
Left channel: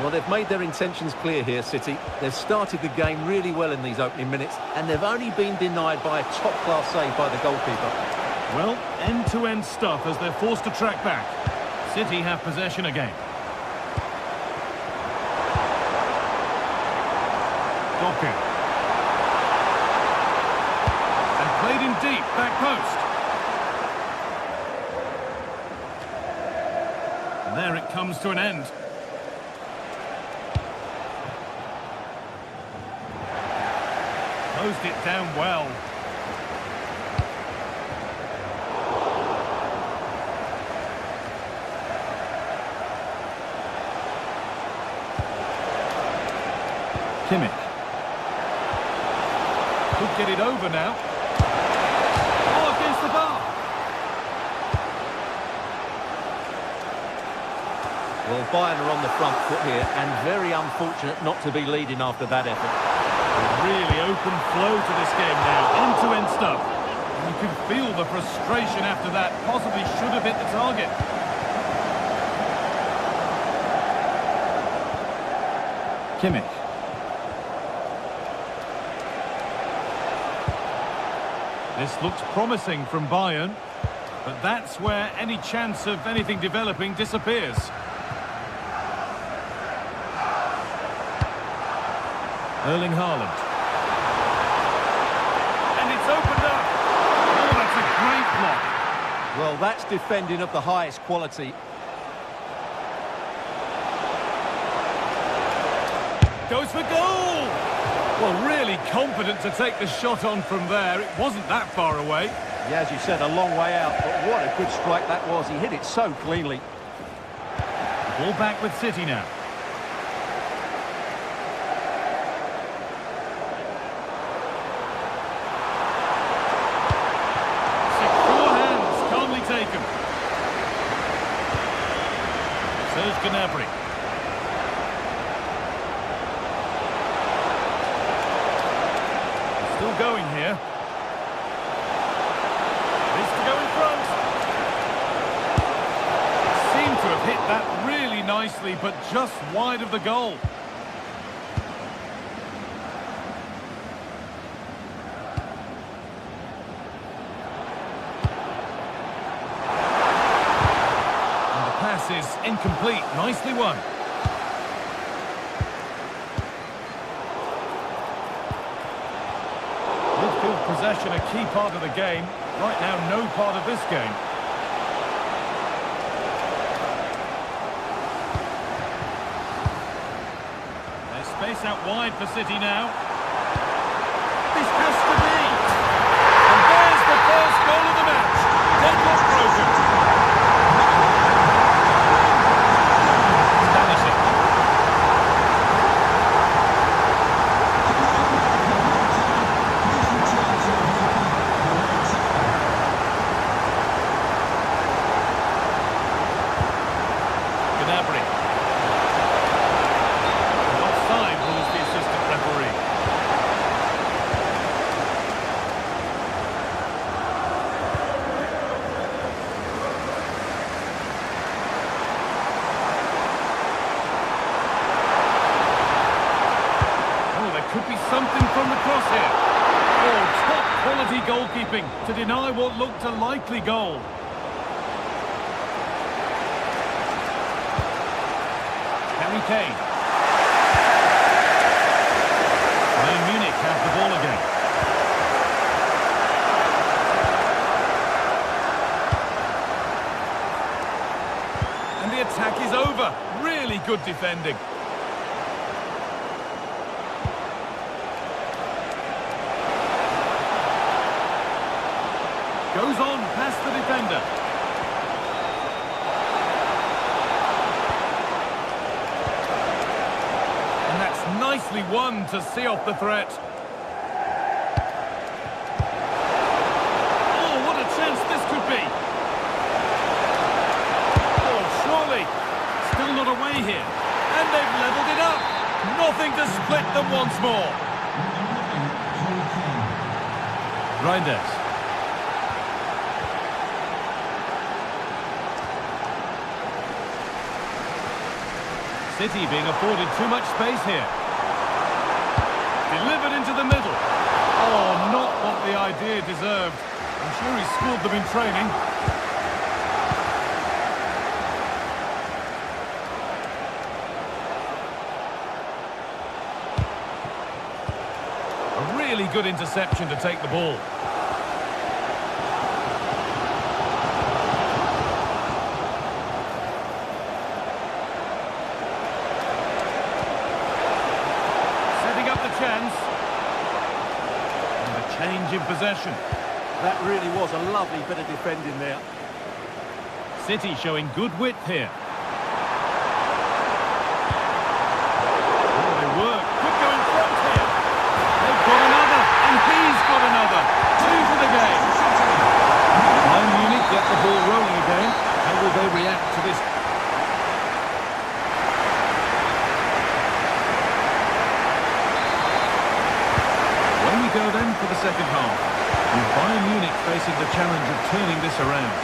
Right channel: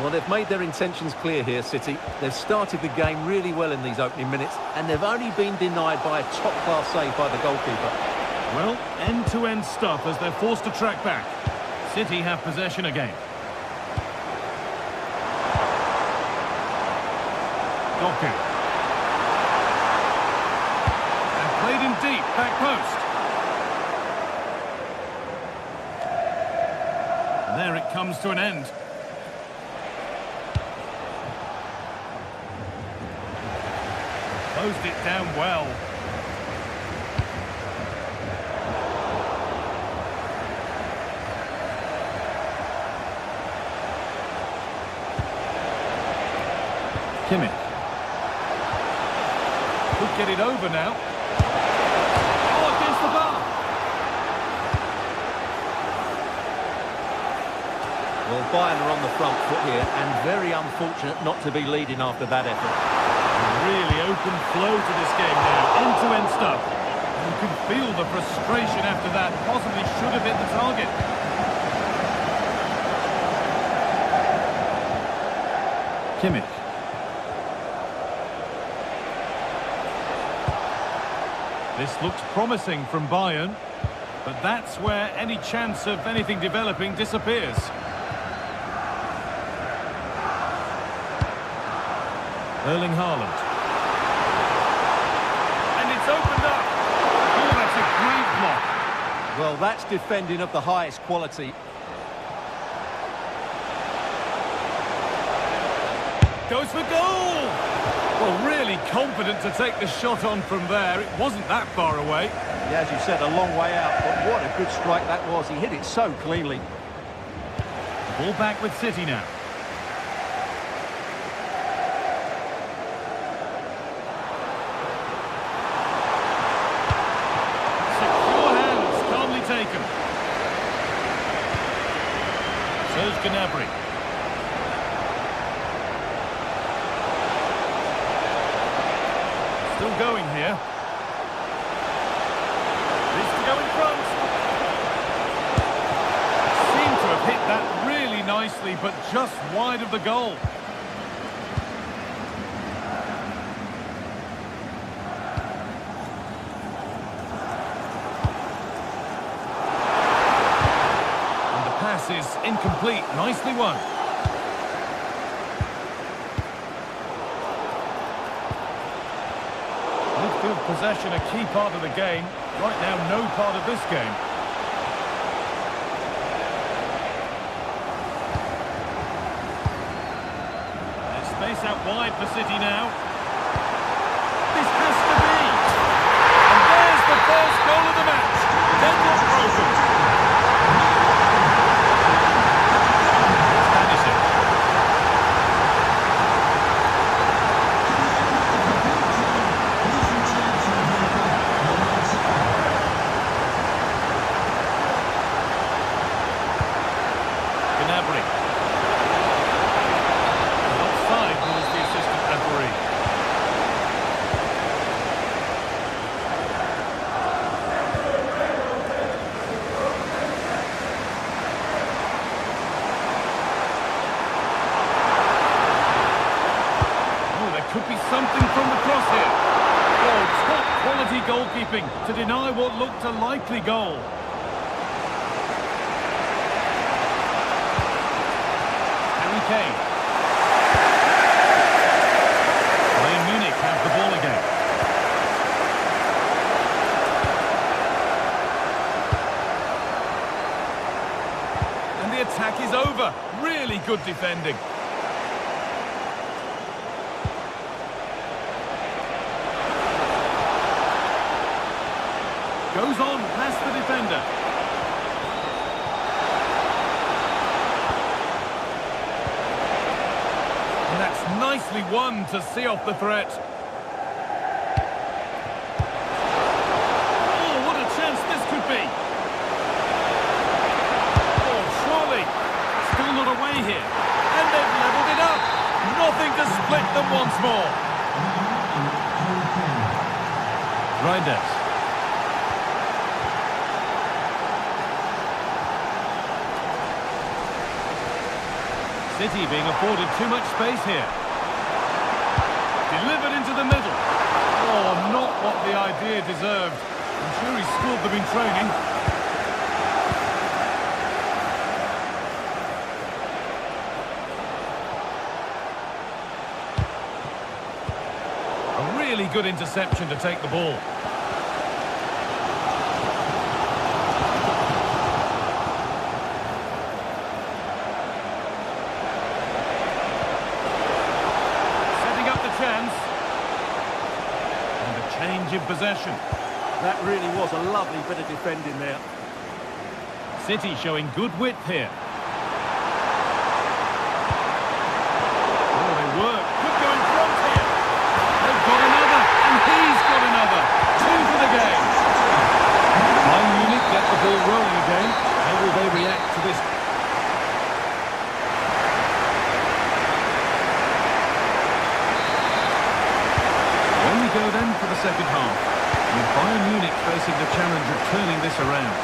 Well, they've made their intentions clear here, City. They've started the game really well in these opening minutes, and they've only been denied by a top-class save by the goalkeeper. Well, end-to-end stuff as they're forced to track back. City have possession again. Doku. And played in deep, back post. And there it comes to an end. Closed it down well. Kimmich. Could get it over now. Oh, against the bar. Well, Bayern are on the front foot here, and very unfortunate not to be leading after that effort. A really open flow to this game now. End-to-end stuff. You can feel the frustration after that. Possibly should have hit the target. Kimmich. This looks promising from Bayern, but that's where any chance of anything developing disappears. Erling Haaland. And it's opened up. Oh, that's a great block. Well, that's defending of the highest quality. Goes for goal! Well, really confident to take the shot on from there. It wasn't that far away. Yeah, as you said, a long way out, but what a good strike that was. He hit it so cleanly. Ball back with City now. Secure hands, calmly taken. Serge Gnabry. Still going here. Needs to go in front. Seemed to have hit that really nicely, but just wide of the goal. And the pass is incomplete. Nicely won. Midfield possession a key part of the game. Right now, no part of this game. There's space out wide for City now. This has to be! And there's the first goal of the match. Deadlock broken. Stanisic. Gnabry. And offside rules the assistant referee. Oh, there could be something from the cross here. Oh, top quality goalkeeping to deny what looked a likely goal. Harry Kane. Bayern Munich have the ball again. And the attack is over. Really good defending. Goes on past the defender. And that's nicely won to see off the threat. Oh, what a chance this could be. Oh, surely. Still not away here. And they've levelled it up. Nothing to split them once more. Reinders. City being afforded too much space here. Delivered into the middle. Oh, not what the idea deserved. I'm sure he schooled them in training. A really good interception to take the ball. Setting up the chance. And a change in possession. That really was a lovely bit of defending there. City showing good width here. Oh, they work. Could go in front here. They've got another, and he's got another. 2 for the game. Bayern Munich get the ball rolling again. How will they react to this? Away we go then for the second half, with Bayern Munich facing the challenge of turning this around.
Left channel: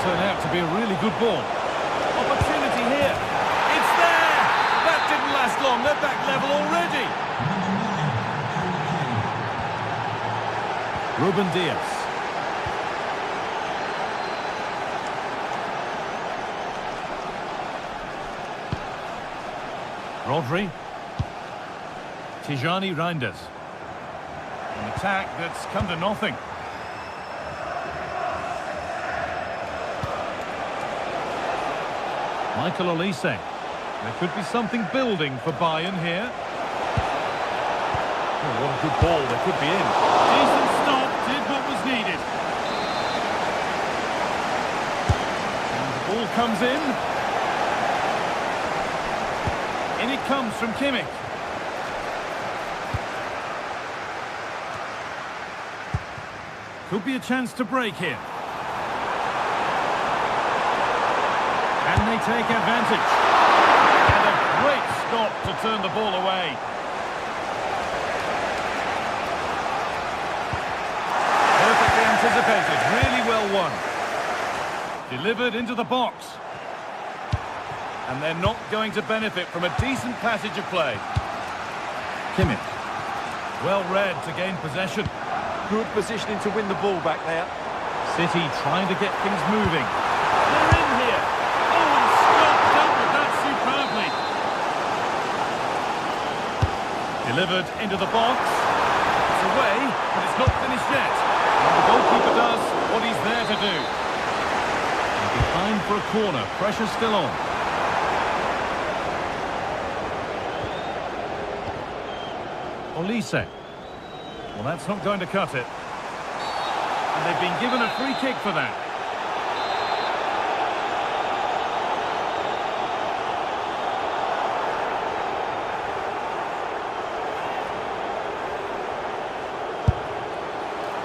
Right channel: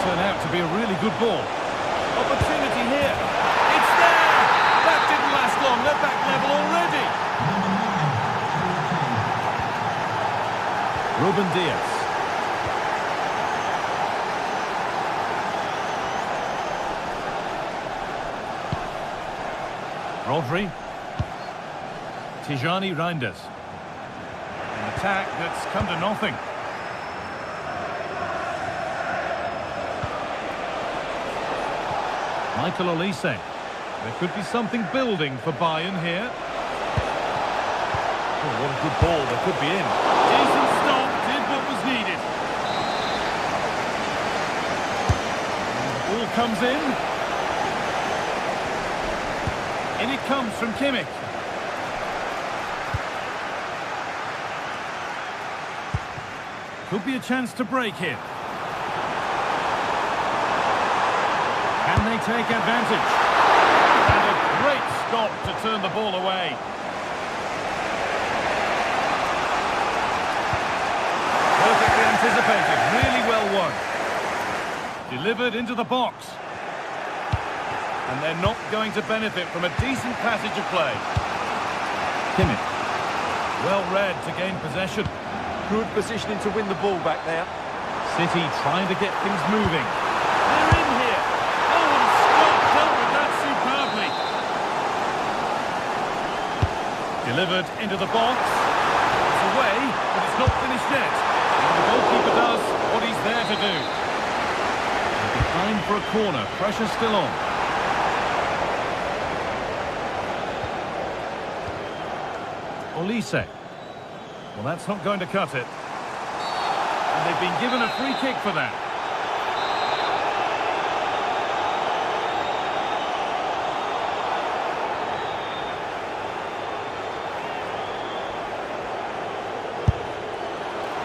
Turn out to be a really good ball. Opportunity here. It's there! That didn't last long. They're back level already. Ruben Diaz. Rodri. Tijani Reinders. An attack that's come to nothing. Michael Olise. There could be something building for Bayern here. Oh, what a good ball. They could be in. Decent stop. Did what was needed. And the ball comes in. In it comes from Kimmich. Could be a chance to break here. Can they take advantage? And a great stop to turn the ball away. Perfectly anticipated, really well won. Delivered into the box. And they're not going to benefit from a decent passage of play. Kimmich. Well read to gain possession. Good positioning to win the ball back there. City trying to get things moving. They're in here. Oh, and Scott dealt with that superbly. Delivered into the box. It's away, but it's not finished yet. And the goalkeeper does what he's there to do. And behind for a corner. Pressure still on. Olise. Well, that's not going to cut it. And they've been given a free kick for that.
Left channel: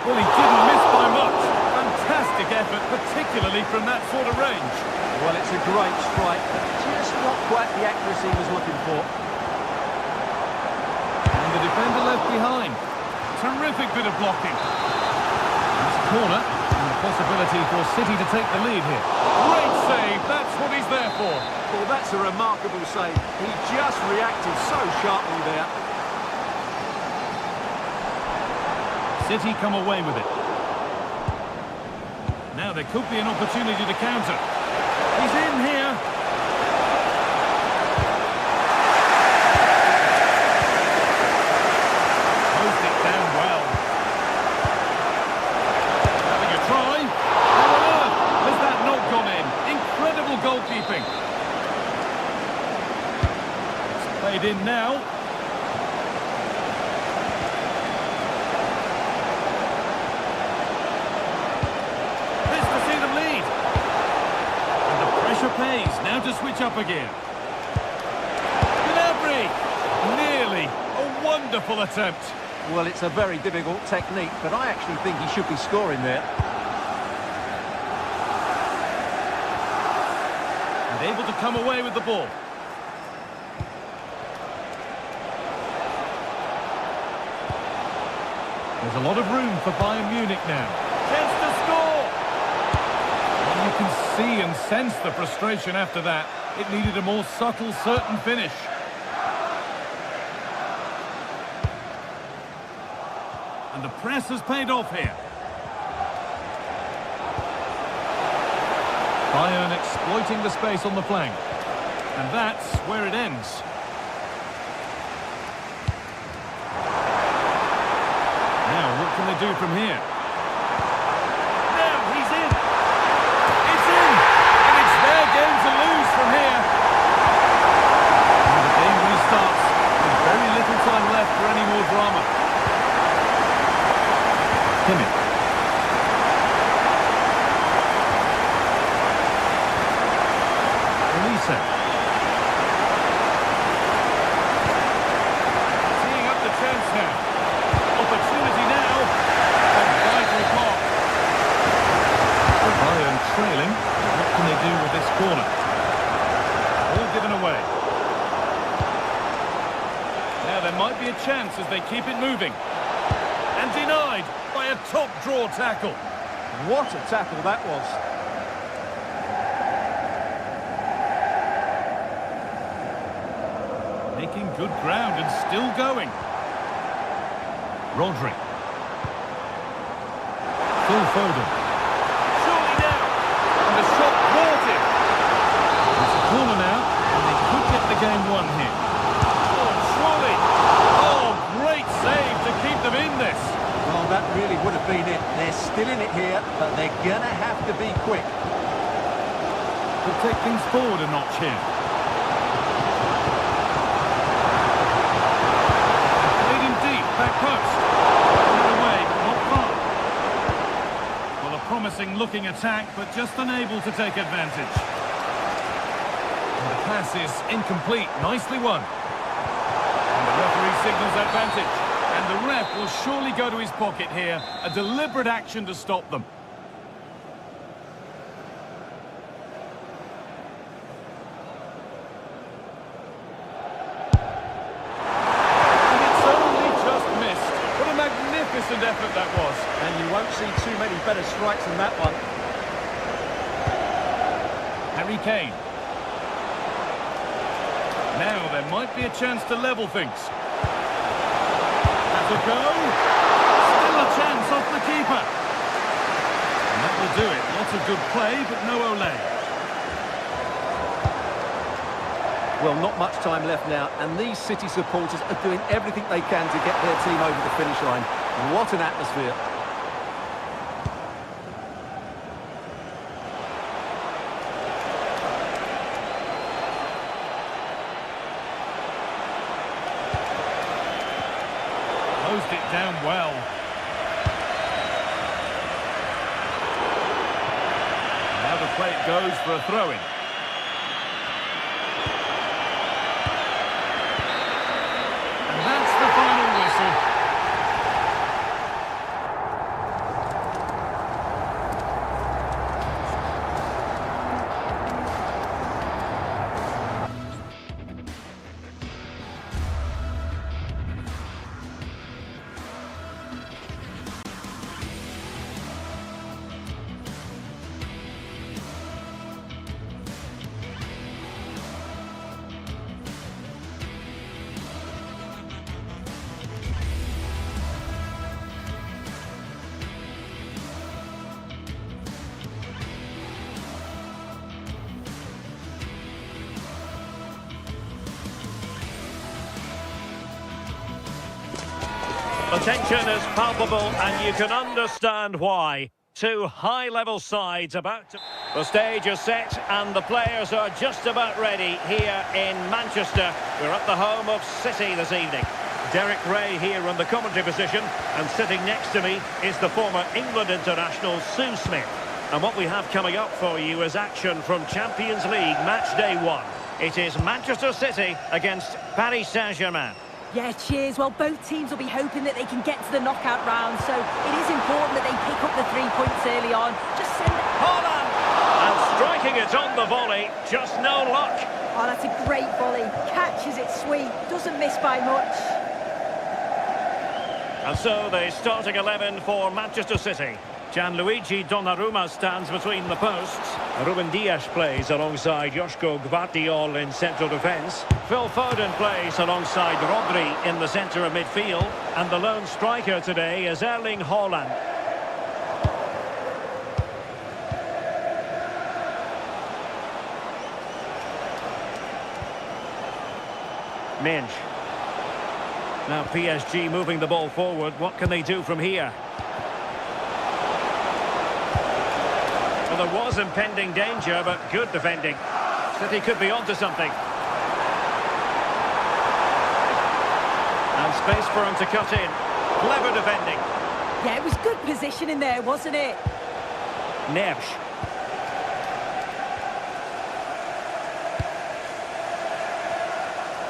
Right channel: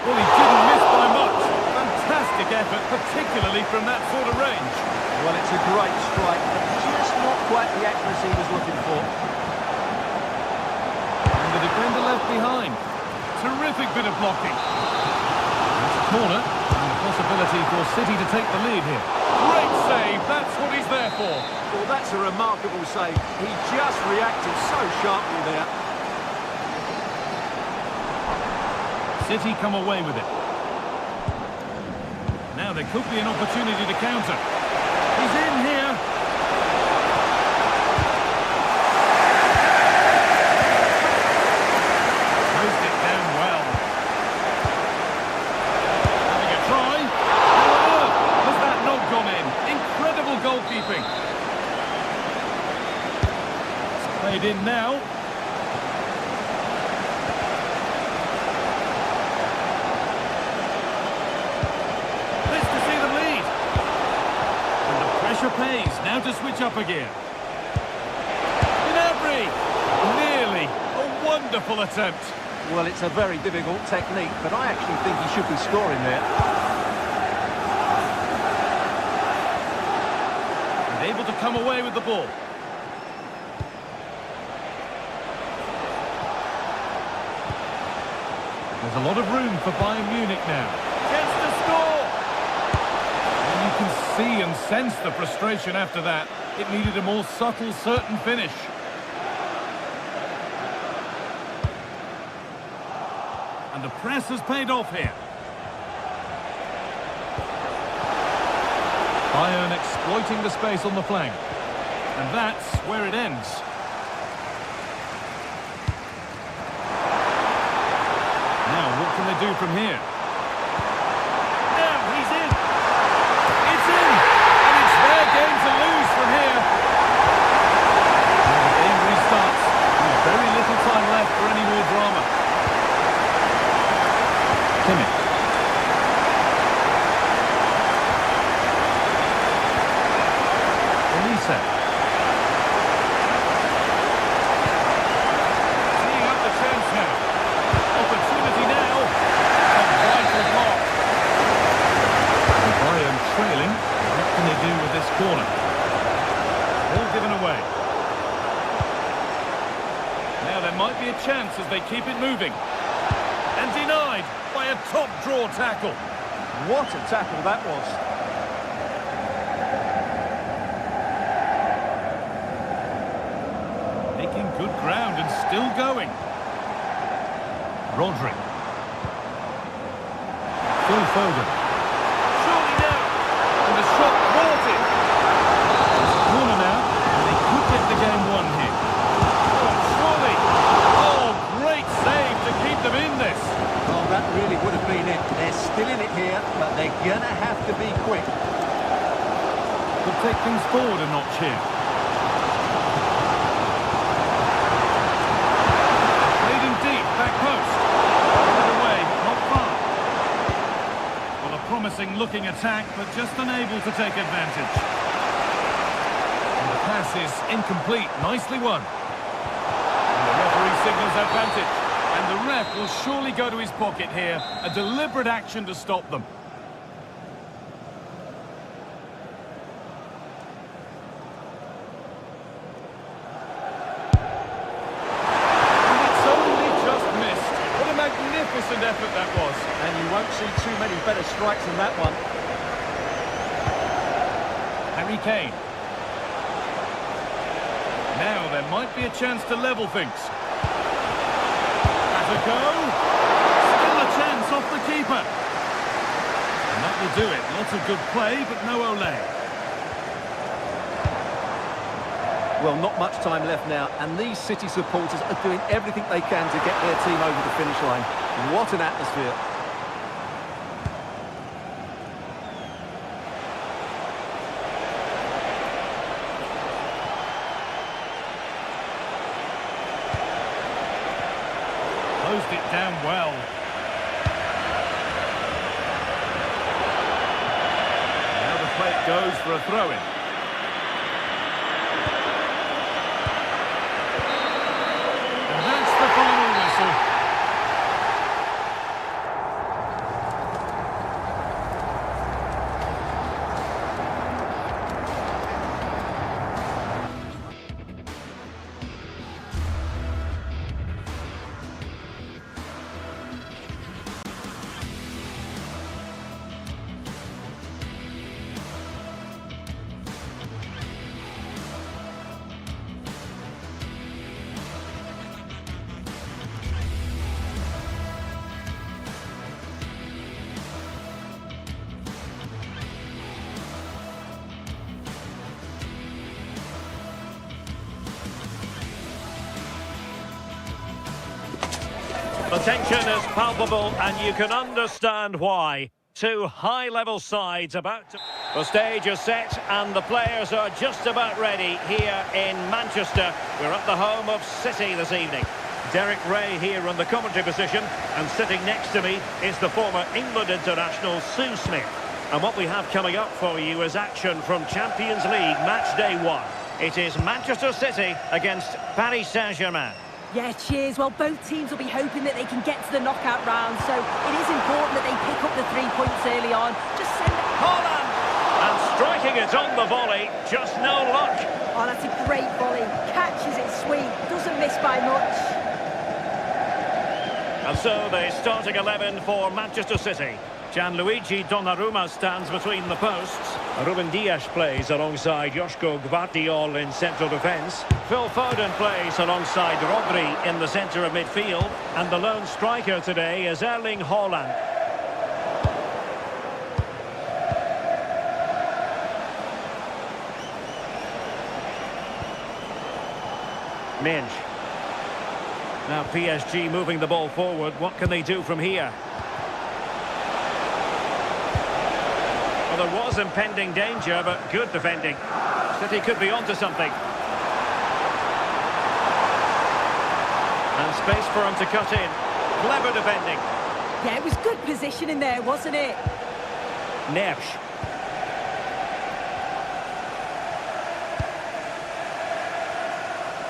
Well, he didn't miss by much. Fantastic effort, particularly from that sort of range. Well, it's a great strike, but just not quite the accuracy he was looking for. And the defender left behind. Terrific bit of blocking. That's a corner, and the possibility for City to take the lead here. Great save, that's what he's there for. Well, that's a remarkable save. He just reacted so sharply there. City come away with it. Now there could be an opportunity to counter. He's in here. Closed it down well. Having a try. How on earth has that not gone in? Incredible goalkeeping. It's played in now. This to see them lead. And the pressure pays. Now to switch up again. Nearly. A wonderful attempt. Well, it's a very difficult technique, but I actually think he should be scoring there. And able to come away with the ball. There's a lot of room for Bayern Munich now. Chance to score! And you can see and sense the frustration after that. It needed a more subtle, certain finish. And the press has paid off here. Bayern exploiting the space on the flank. And that's where it ends. Now, what can they do from here? Now, he's in! It's in! And it's their game to lose from here. And the game restarts with very little time left for any more drama. Kimmich. Elisa. Teeing up the chance now. Opportunity now. A vital block. The Bayern trailing. What can they do with this corner? All given away. Now there might be a chance as they keep it moving. And denied by a top draw tackle. What a tackle that was. Making good ground and still going. Rodri. Phil Foden. Surely now. And the shot thwarted. It's a corner now, and they could get the game won here. Oh, surely. Oh, great save to keep them in this. Well, that really would have been it. They're still in it here, but they're going to have to be quick. Will take things forward a notch here. And played him deep, back post. Put it away, but not far. Well, a promising looking attack, but just unable to take advantage. And the pass is incomplete, nicely won. And the referee signals advantage. And the ref will surely go to his pocket here. A deliberate action to stop them. And it's only just missed. What a magnificent effort that was. And you won't see too many better strikes than that one. Harry Kane. Now there might be a chance to level things. To go. Still a chance off the keeper. And that will do it. Lots of good play, but no Olé. Well, not much time left now, and these City supporters are doing everything they can to get their team over the finish line. What an atmosphere. Closed it down well. Now the play it goes for a throw-in. And that's the final whistle. The tension is palpable, and you can understand why. Two high-level sides about to... The stage is set and the players are just about ready here in Manchester. We're at the home of City this evening. Derek Ray here in the commentary position, and sitting next to me is the former England international Sue Smith. And what we have coming up for you is action from Champions League match day 1. It is Manchester City against Paris Saint-Germain. Yeah, cheers. Well, both teams will be hoping that they can get to the knockout round, so it is important that they pick up the 3 points early on. Just send it. Haaland! And striking it on the volley, just no luck. Oh, that's a great volley. Catches it sweet, doesn't miss by much. And so the starting 11 for Manchester City. Gianluigi Donnarumma stands between the posts. Ruben Dias plays alongside Joško Gvardiol in central defence. Phil Foden plays alongside Rodri in the centre of midfield. And the lone striker today is Erling Haaland. Minge. Now PSG moving the ball forward. What can they do from here? Well, there was impending danger, but good defending. City could be onto something. And space for him to cut in. Clever defending. Yeah, it was good positioning there, wasn't it? Neves.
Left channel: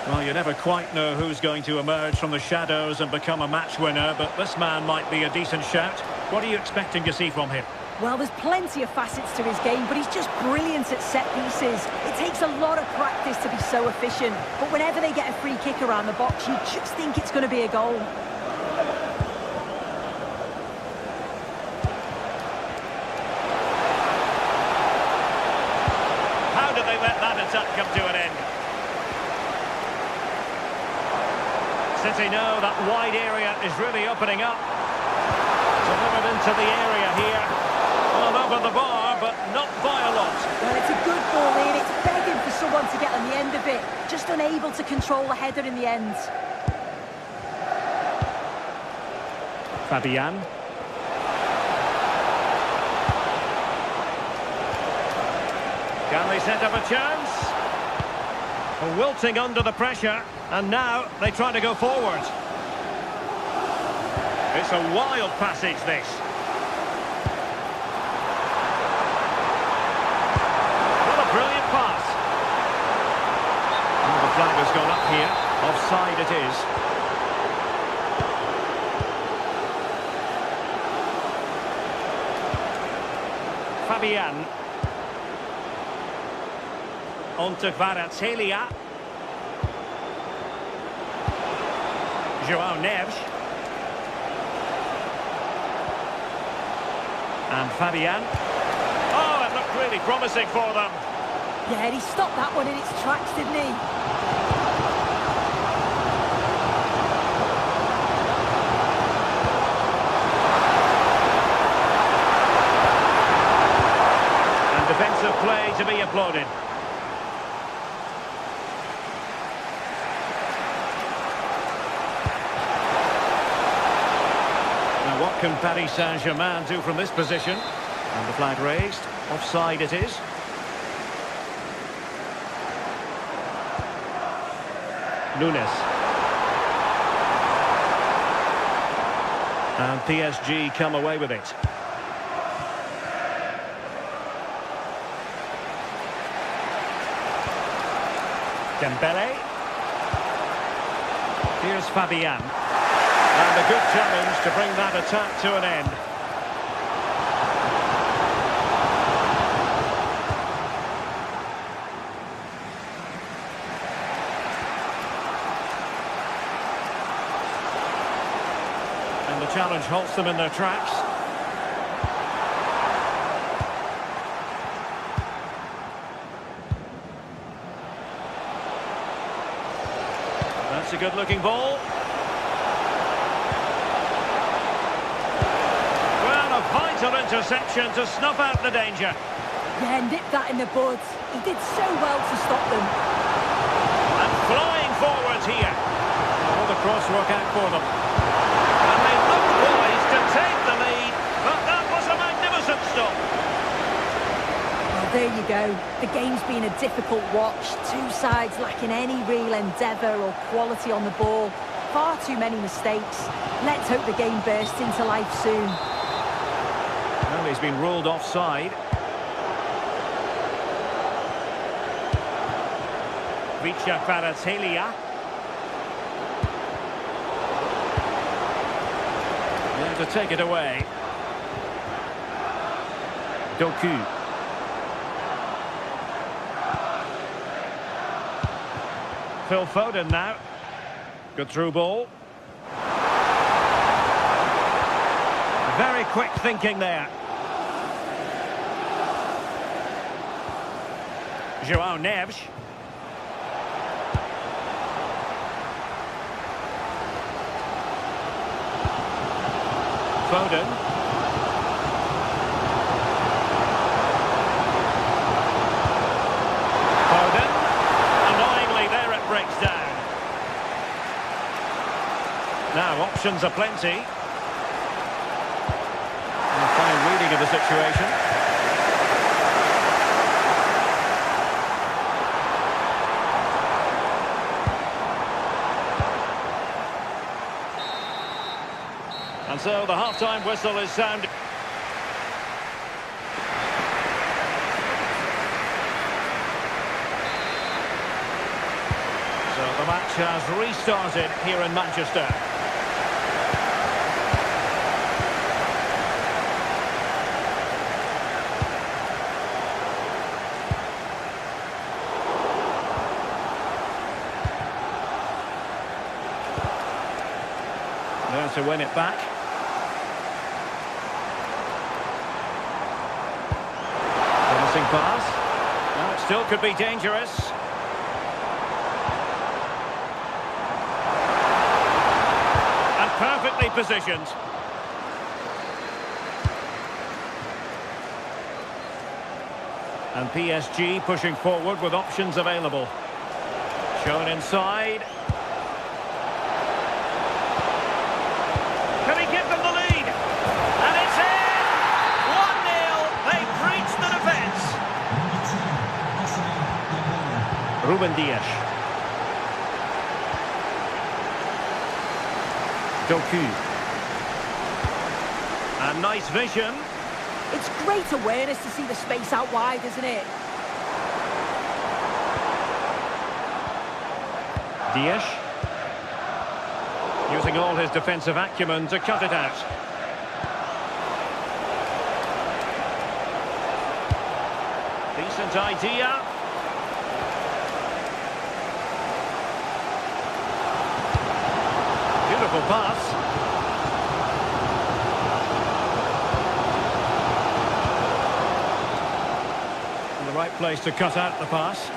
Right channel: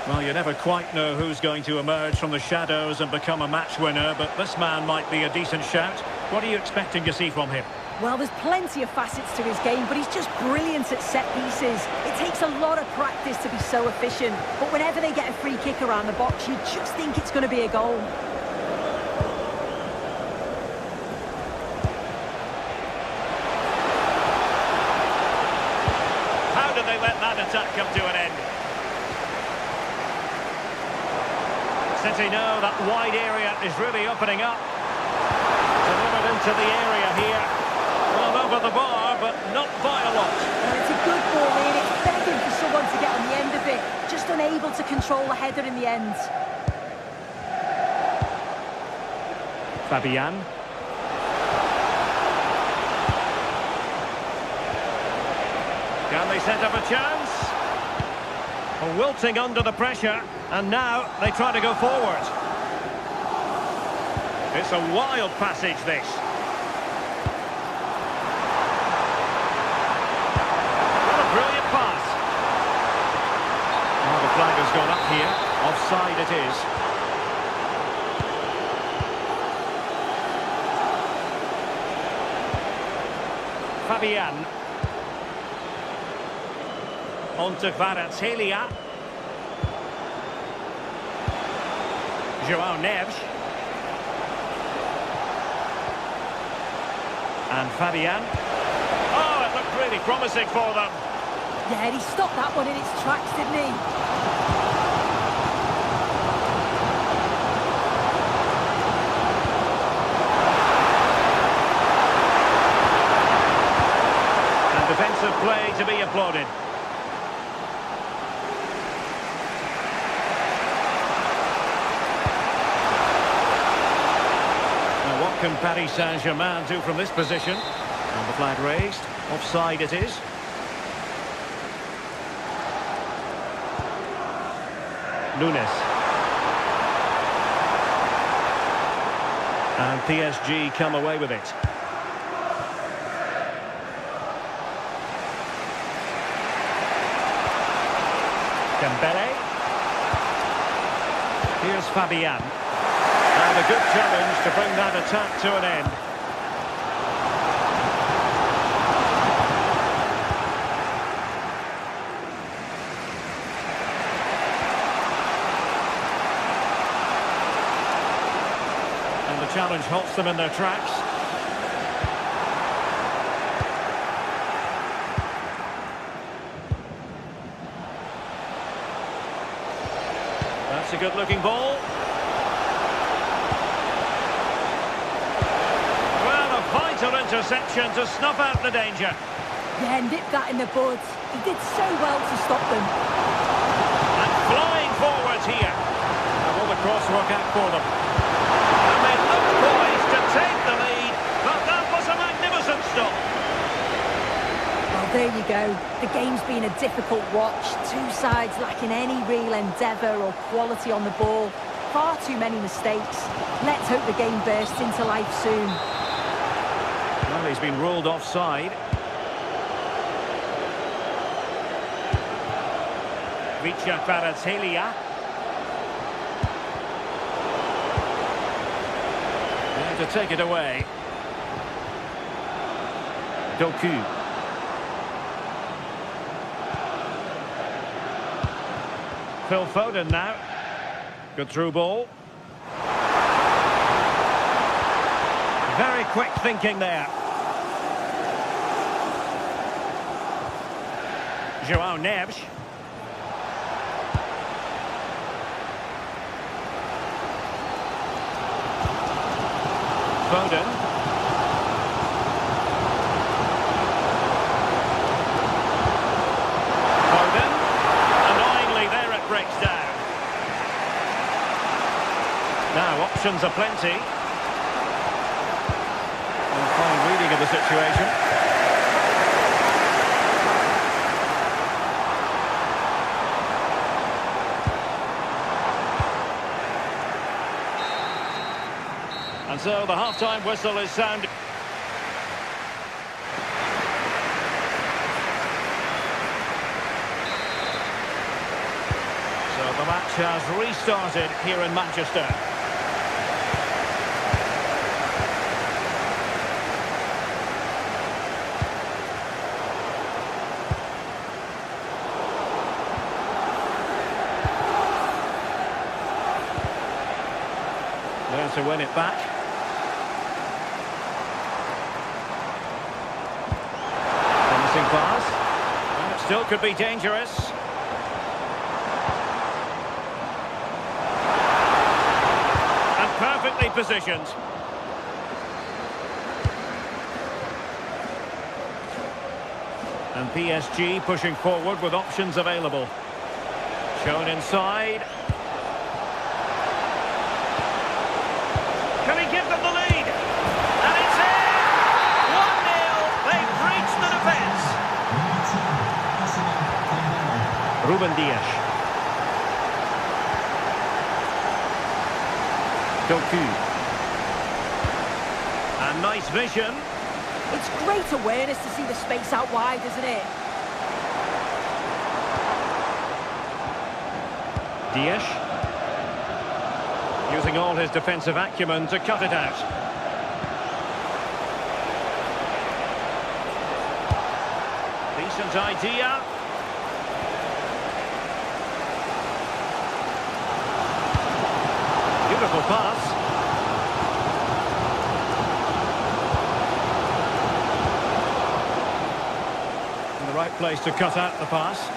Well, you never quite know who's going to emerge from the shadows and become a match winner, but this man might be a decent shout. What are you expecting to see from him? Well, there's plenty of facets to his game, but he's just brilliant at set pieces. It takes a lot of practice to be so efficient, but whenever they get a free kick around the box, you just think it's going to be a goal. How did they let that attack come to an end? City know that wide area is really opening up. Delivered into the area here. Well, over the bar, but not by a lot. Well, it's a good ball in. It's begging for someone to get on the end of it. Just unable to control the header in the end. Fabian. Can they set up a chance? Wilting under the pressure, and now they try to go forward. It's a wild passage, this. What a brilliant pass. Oh, the flag has gone up here. Offside it is. Fabian. On to Kvaratskhelia. João Neves. And Fabian. Oh, it looked really promising for them. Yeah, he stopped that one in its tracks, didn't he? And defensive play to be applauded. Now, what can Paris Saint-Germain do from this position? And the flag raised. Offside it is. Nunes. And PSG come away with it. Dembele. Here's Fabian. And a good challenge to bring that attack to an end. And the challenge halts them in their tracks. That's a good-looking ball. Well, a vital interception to snuff out the danger. Yeah, nipped that in the bud. He did so well to stop them. And flying forwards here. Now, will the cross work out for them? And they looked poised to take the lead, but that was a magnificent stop. Well, Well, there you go. The game's been a difficult watch. Two sides lacking any real endeavour or quality on the ball. Far too many mistakes. Let's hope the game bursts into life soon. Well, he's been ruled offside. Vicha Kvaratskhelia. There to take it away. Doku. Phil Foden now. Good through ball. Very quick thinking there. João Neves. Foden. Foden. Annoyingly, there it breaks down. Now, options are plenty. A fine reading of the situation. And so the half-time whistle is sounded. So the match has restarted here in Manchester. There to win it back. Promising pass. And it still could be dangerous. And perfectly positioned. And PSG pushing forward with options available. Shown inside. Can he give them the lead? And it's in! 1-0. They've breached the defence. Ruben Dias. Doku. And nice vision. It's great awareness to see the space out wide, isn't it? Dias. Using all his defensive acumen to cut it out. Decent idea. Beautiful pass. In the right place to cut out the pass.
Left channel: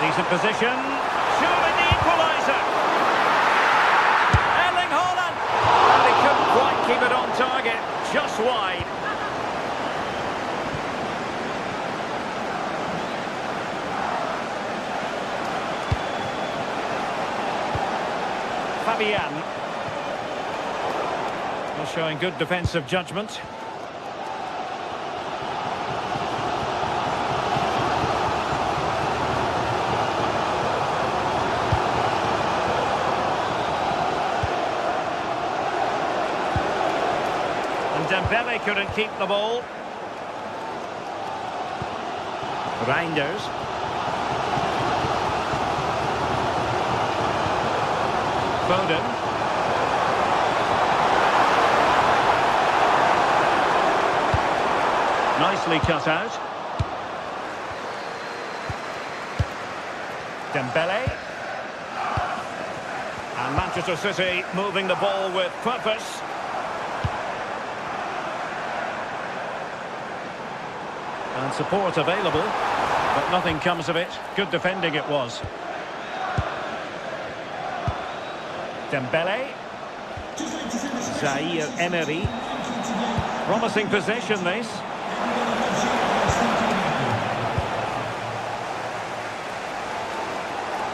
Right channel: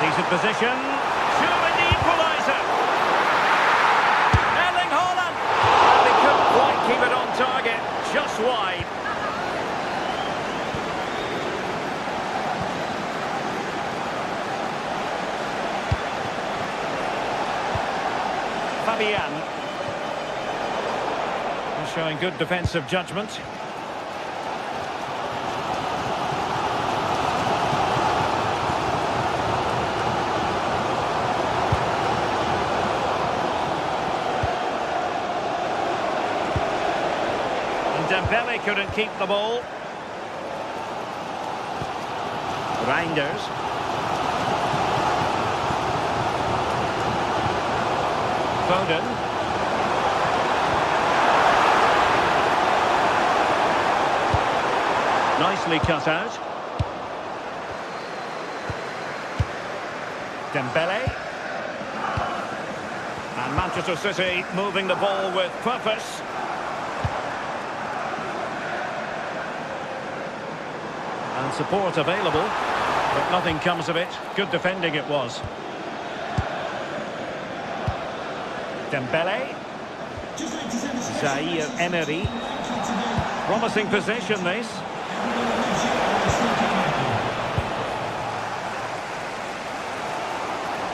Decent position. Surely the equaliser. Erling Haaland. Well, he couldn't quite keep it on target. Just wide. Fabian. Well, showing good defensive judgment. Dembele couldn't keep the ball. Reinders. Foden. Nicely cut out. Dembele. And Manchester City moving the ball with purpose. And support available, but nothing comes of it. Good defending it was. Dembele. Zaire Emery. Promising possession, this.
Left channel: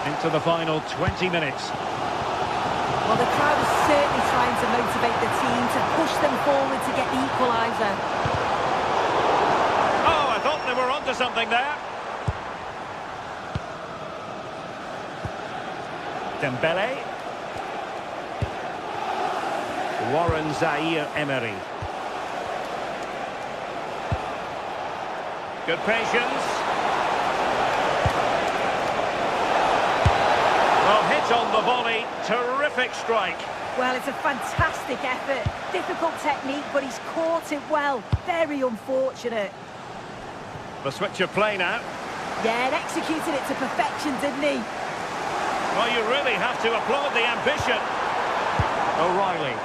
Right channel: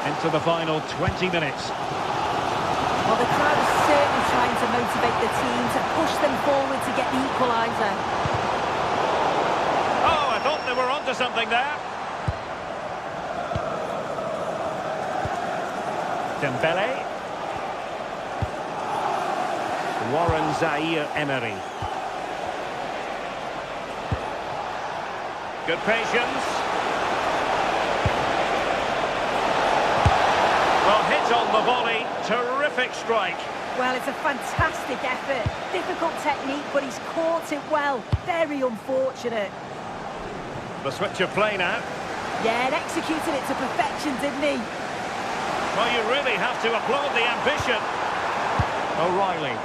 Into the final 20 minutes. Well, the crowd is certainly trying to motivate the team to push them forward to get the equaliser. Oh, I thought they were onto something there. Dembele. Warren Zaire-Emery. Good patience. Well, hit on the volley. Terrific strike. Well, it's a fantastic effort. Difficult technique, but he's caught it well. Very unfortunate. The switch of play now. Yeah, and executed it to perfection, didn't he? Well, you really have to applaud the ambition. O'Reilly.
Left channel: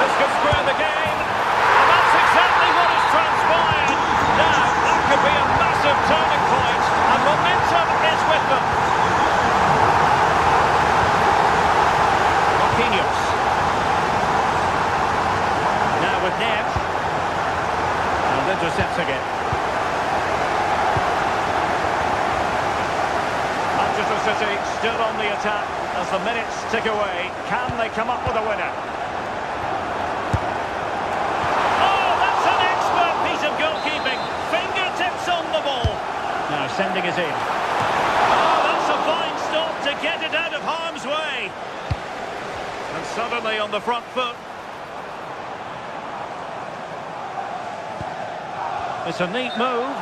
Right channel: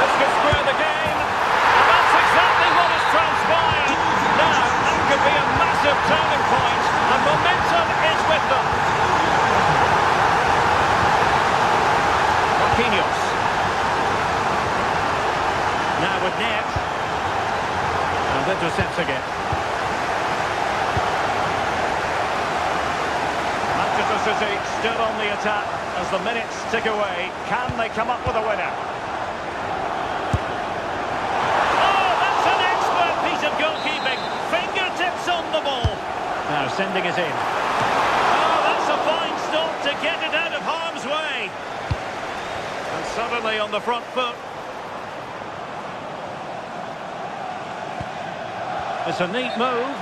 This could square the game. And that's exactly what has transpired. Now, that could be a massive turning point. And momentum is with them. Marquinhos. Now with Neves. And intercepting it. Manchester City still on the attack as the minutes tick away. Can they come up with a winner? Oh, that's an expert piece of goalkeeping. Fingertips on the ball. Now sending it in. Oh, that's a fine stop to get it out of harm's way. And suddenly on the front foot. It's a neat move.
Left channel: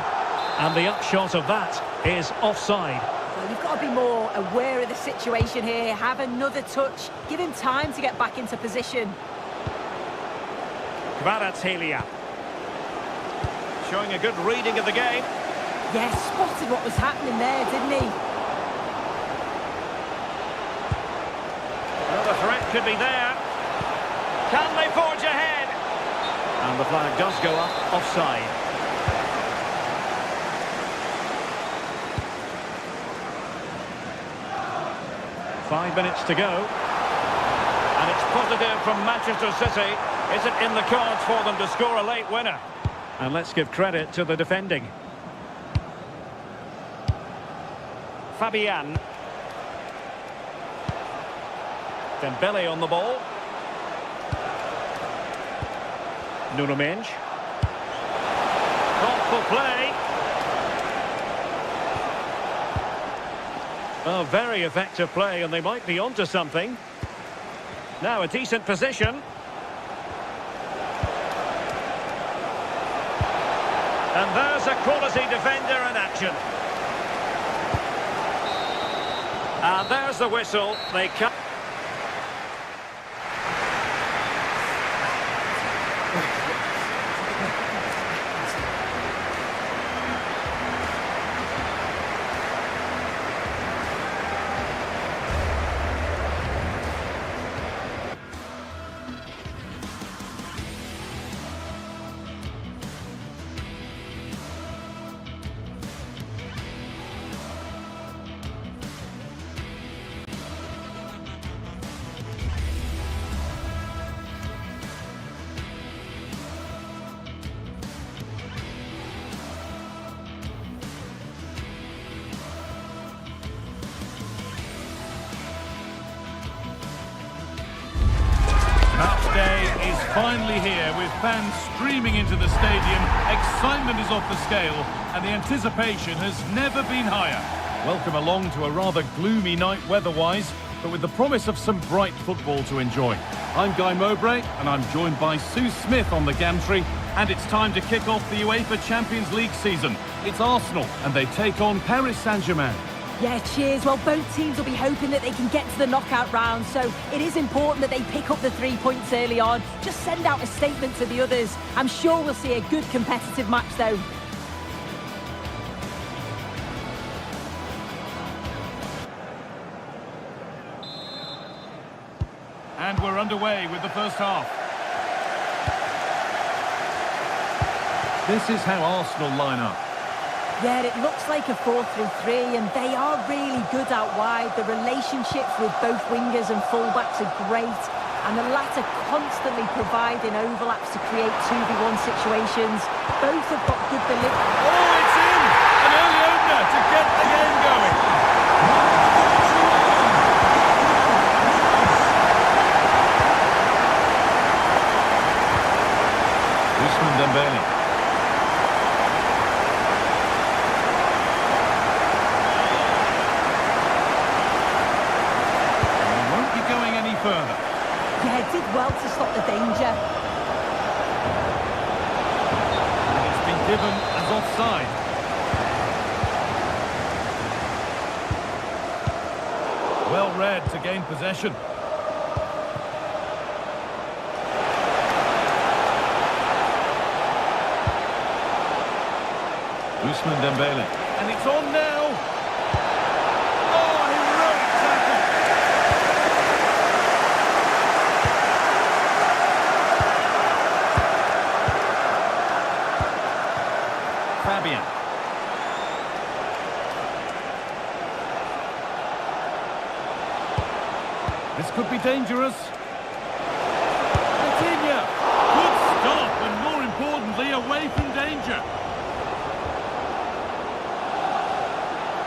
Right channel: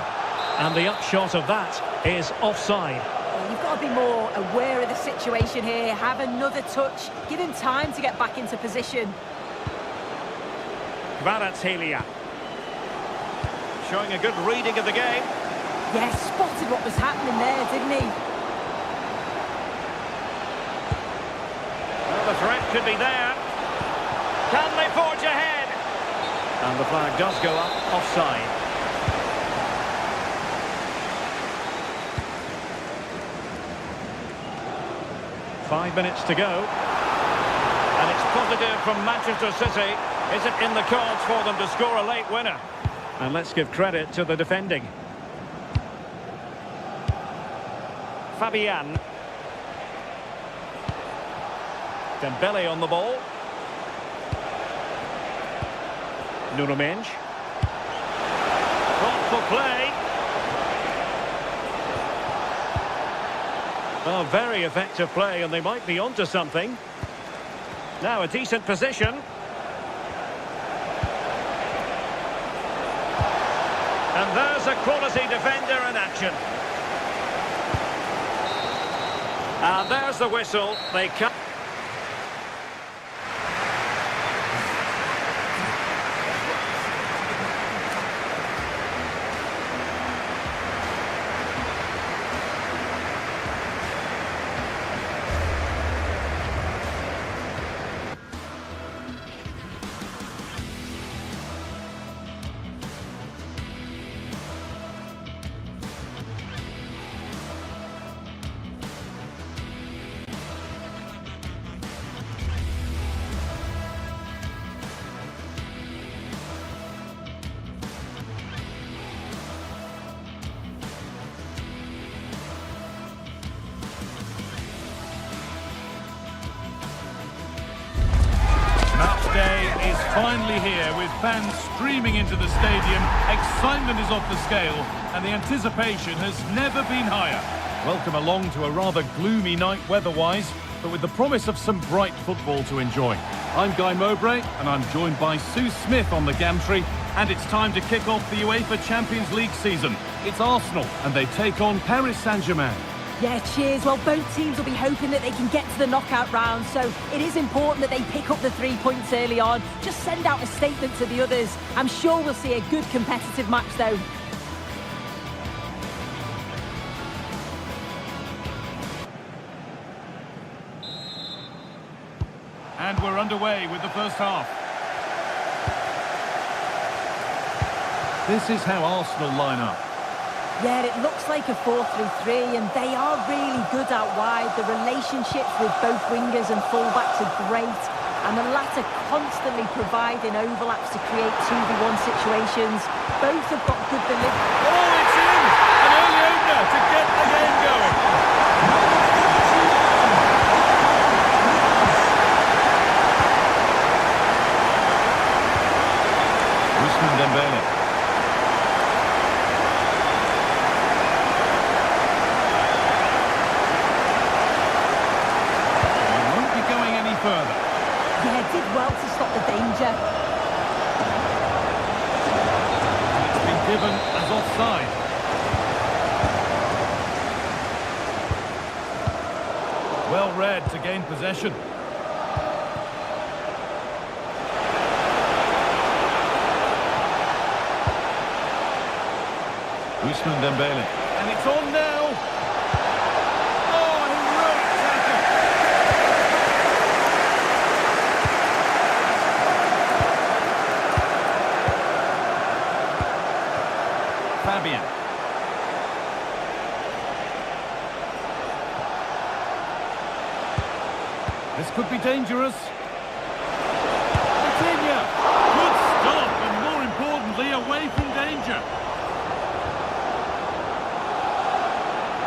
And the upshot of that is offside. Well, you've got to be more aware of the situation here. Have another touch. Give him time to get back into position. Kvaratskhelia. Showing a good reading of the game. Yes, spotted what was happening there, didn't he? Well, the threat could be there. Can they forge ahead? And the flag does go up offside. Five minutes to go. And it's positive from Manchester City. Is it in the cards for them to score a late winner? And let's give credit to the defending. Fabian. Dembele on the ball. Nuno Mendes. Thoughtful play. Well, very effective play, and they might be onto something. Now a decent position. And there's a quality defender in action. And there's the whistle. They come. Day is finally here with fans streaming into the stadium. Excitement is off the scale and the anticipation has never been higher. Welcome along to a rather gloomy night weather-wise, but with the promise of some bright football to enjoy. I'm Guy Mowbray and I'm joined by Sue Smith on the gantry, and it's time to kick off the UEFA Champions League season. It's Arsenal and they take on Paris Saint-Germain. Yeah, cheers. Well, both teams will be hoping that they can get to the knockout round, so it is important that they pick up the 3 points early on. Just send out a statement to the others. I'm sure we'll see a good competitive match, though. And we're underway with the first half. This is how Arsenal line up. Yeah, it looks like a 4-3-3, and they are really good out wide. The relationships with both wingers and fullbacks are great, and the latter constantly providing overlaps to create 2v1 situations. Both have got good delivery. Oh, it's in! An Dembele. And he won't be going any further. Yeah, did well to stop the danger. And it's been given as offside. Well read to gain possession. Ousmane Dembele. And it's on now. Oh, heroic tackle. Fabian. This could be dangerous. Coutinho. Good stop, and more importantly, away from danger.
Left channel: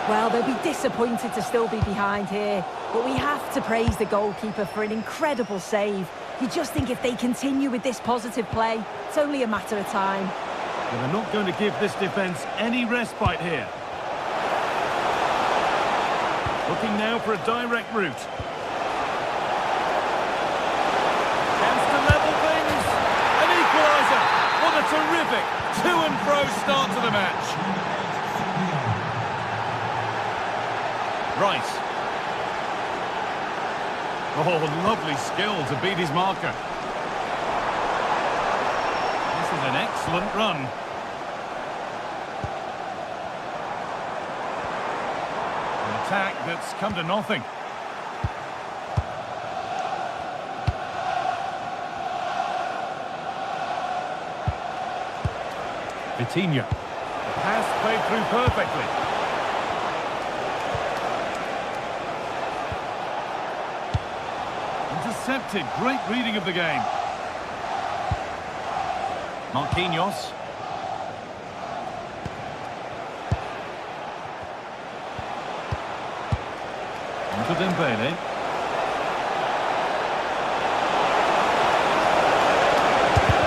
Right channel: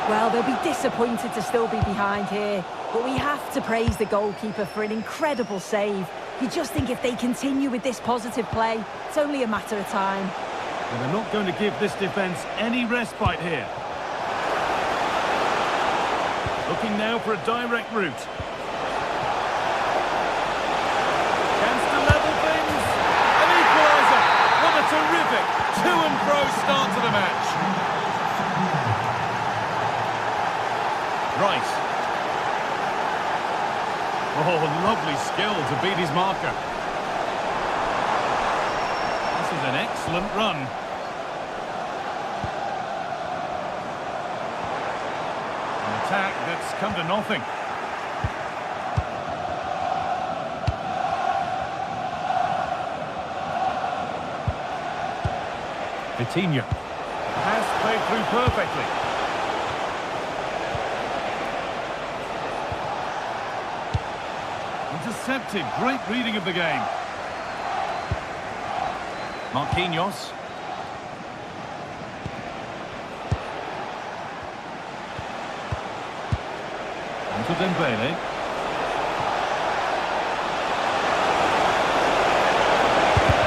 Well, they'll be disappointed to still be behind here, but we have to praise the goalkeeper for an incredible save. You just think if they continue with this positive play, it's only a matter of time. And they're not going to give this defence any respite here. Looking now for a direct route. Chance to level things. An equaliser. What a terrific to-and-fro start to the match. Rice. Oh, lovely skill to beat his marker. This is an excellent run. An attack that's come to nothing. Vitinha. The pass played through perfectly. Intercepted. Great reading of the game. Marquinhos. Onto Dembele.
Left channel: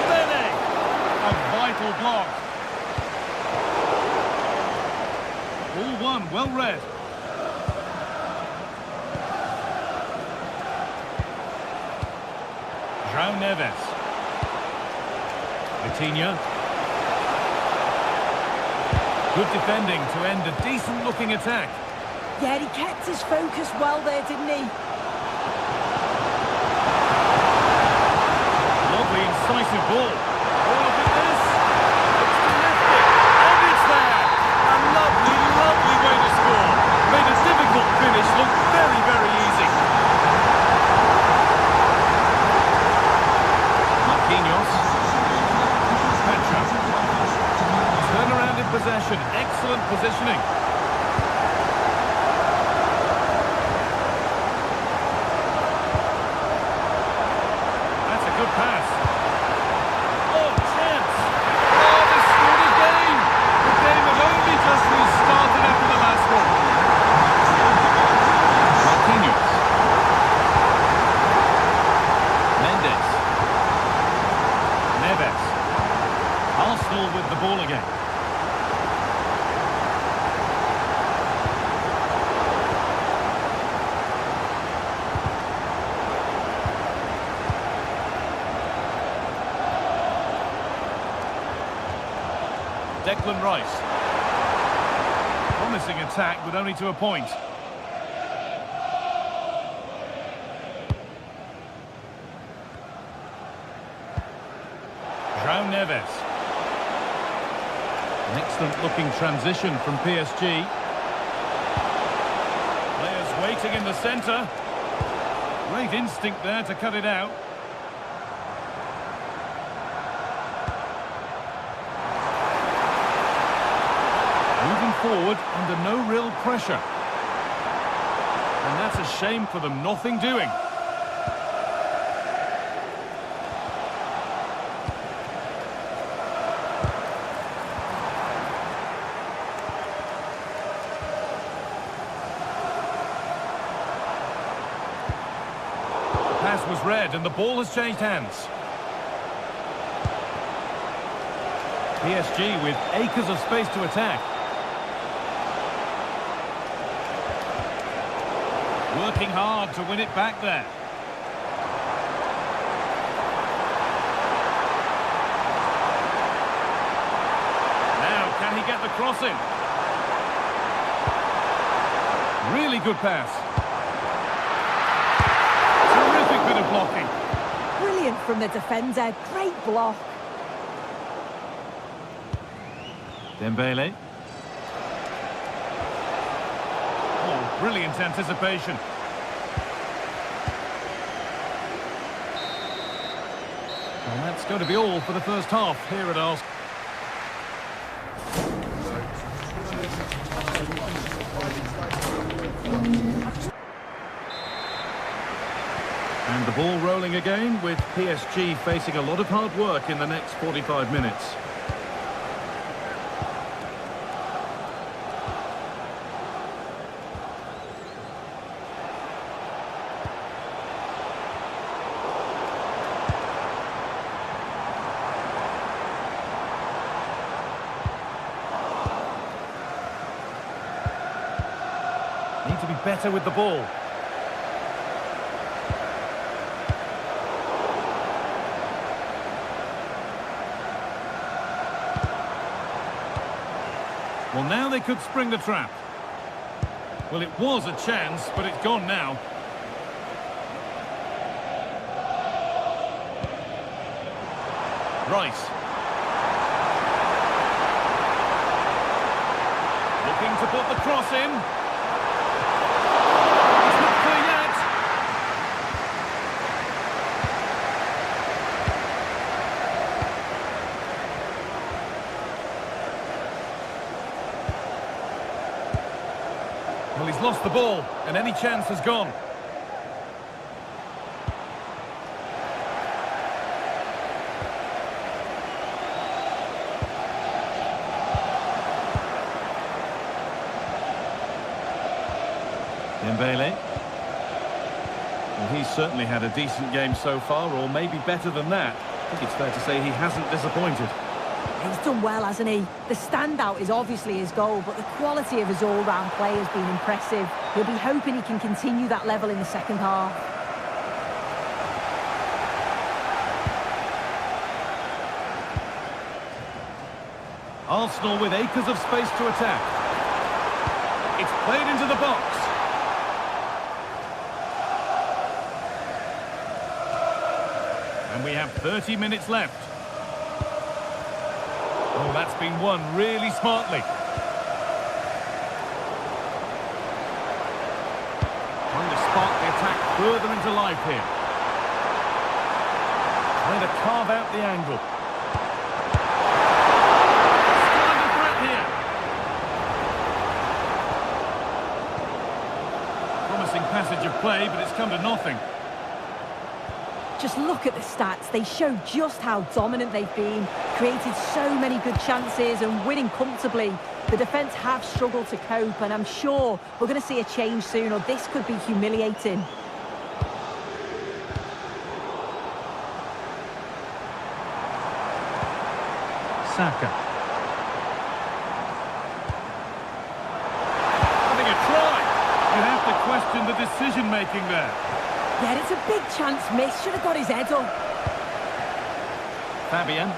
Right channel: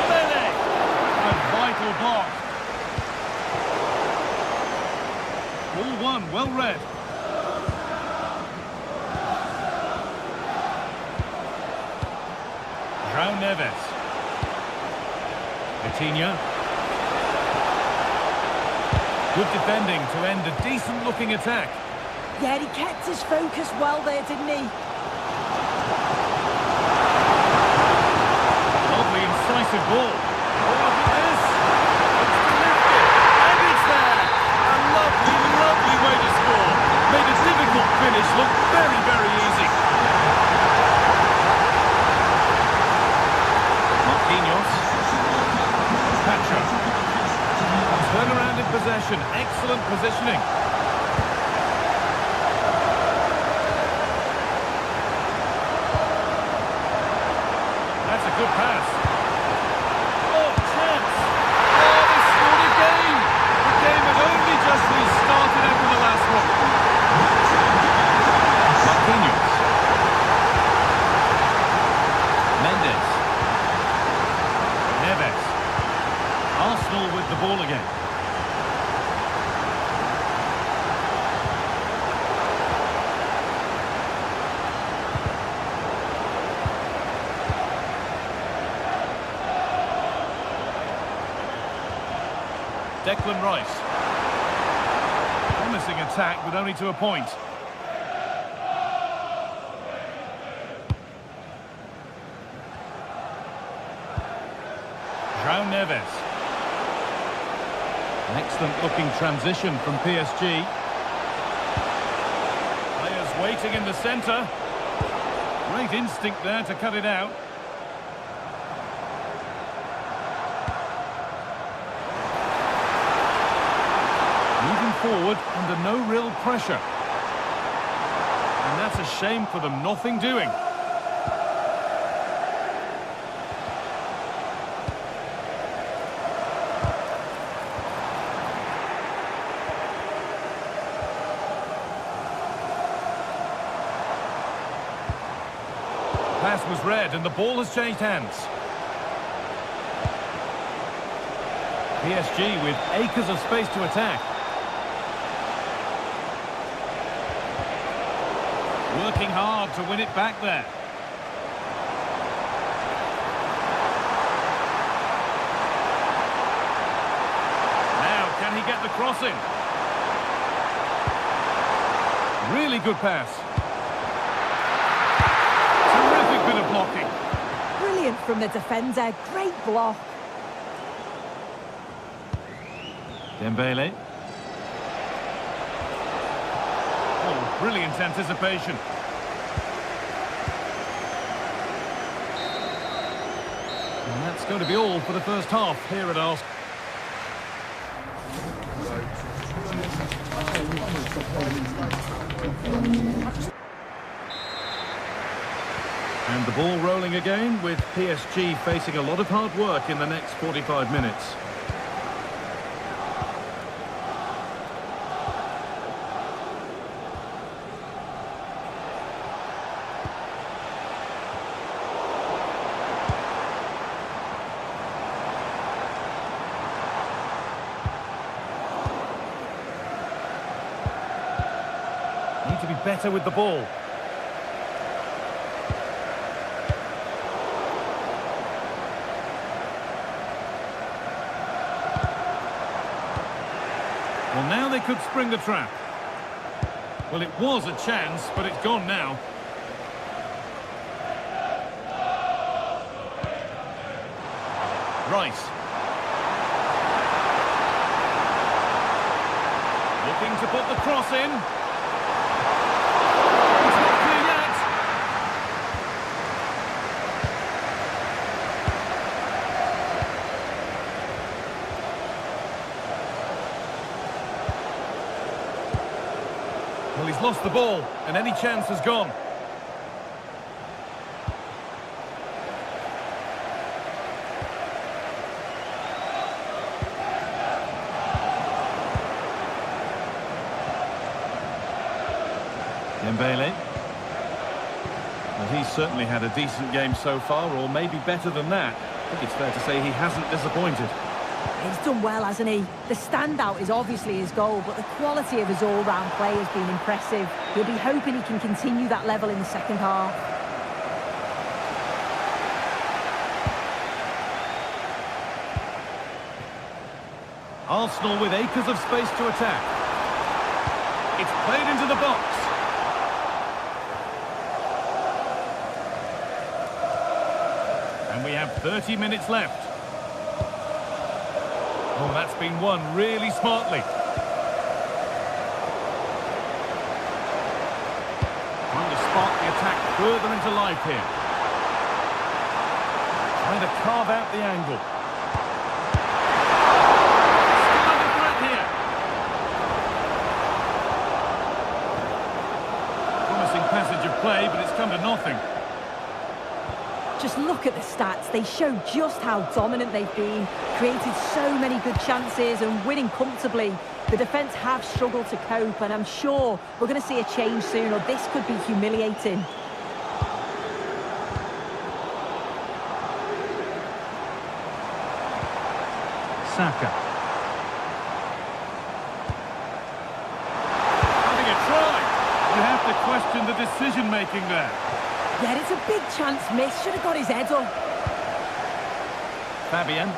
Dembele! A vital block. Ball one, well read. João Neves. Vitinha. Good defending to end a decent-looking attack. Yeah, he kept his focus well there, didn't he? Lovely, incisive ball. Oh, look at this. Looks to lift it. And it's there. A lovely, lovely way to score. Made a difficult finish look very, very easy. Marquinhos. Pacha. Turn around in possession. Excellent positioning. That's a good pass. Oh, chance. Oh, they scored again. The game had only just restarted after the last one. Marquinhos. Mendes. Neves. Arsenal with the ball again. Declan Rice. Promising attack, but only to a point. João Neves. An excellent-looking transition from PSG. Players waiting in the centre. Great instinct there to cut it out. Moving forward under no real pressure. And that's a shame for them, nothing doing. The pass was read and the ball has changed hands. PSG with acres of space to attack. Working hard to win it back there. Now, can he get the cross in? Really good pass. Terrific bit of blocking. Brilliant from the defender. Great block. Dembele. Oh, brilliant anticipation. Well, that's going to be all for the first half here at Arsenal. And the ball rolling again, with PSG facing a lot of hard work in the next 45 minutes. Need to be better with the ball. Well, now they could spring the trap. Well, it was a chance, but it's gone now. Rice. Looking to put the cross in. It's not clear yet. Well, he's lost the ball, and any chance has gone. Dembele. Well, he's certainly had a decent game so far, or maybe better than that. I think it's fair to say he hasn't disappointed. He's done well, hasn't he? The standout is obviously his goal, but the quality of his all-round play has been impressive. He'll be hoping he can continue that level in the second half. Arsenal with acres of space to attack. It's played into the box. And we have 30 minutes left. Oh, that's been won really smartly. Trying to spark the attack further into life here. Trying to carve out the angle. Still under threat here. Promising passage of play, but it's come to nothing. Just look at the stats. They show just how dominant they've been, created so many good chances and winning comfortably. The defence have struggled to cope, and I'm sure we're going to see a change soon, or this could be humiliating. Saka. Having a try. You have to question the decision-making there. Yeah, it's a big chance miss. Should have got his head up. Fabian.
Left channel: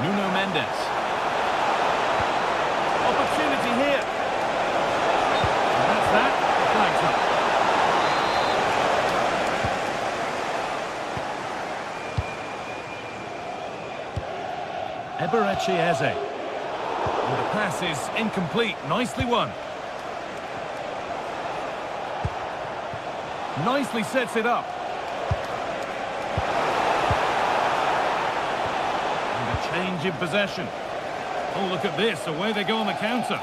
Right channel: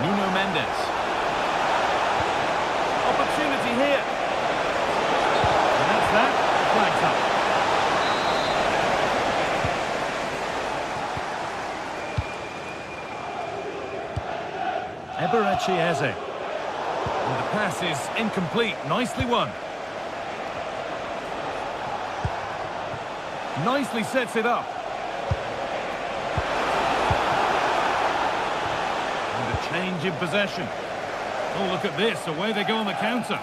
Nuno Mendes. Opportunity here. And that's that. The flag's up. Eberechi Eze. And the pass is incomplete. Nicely won. Nicely sets it up. And a change in possession. Oh, look at this. Away they go on the counter.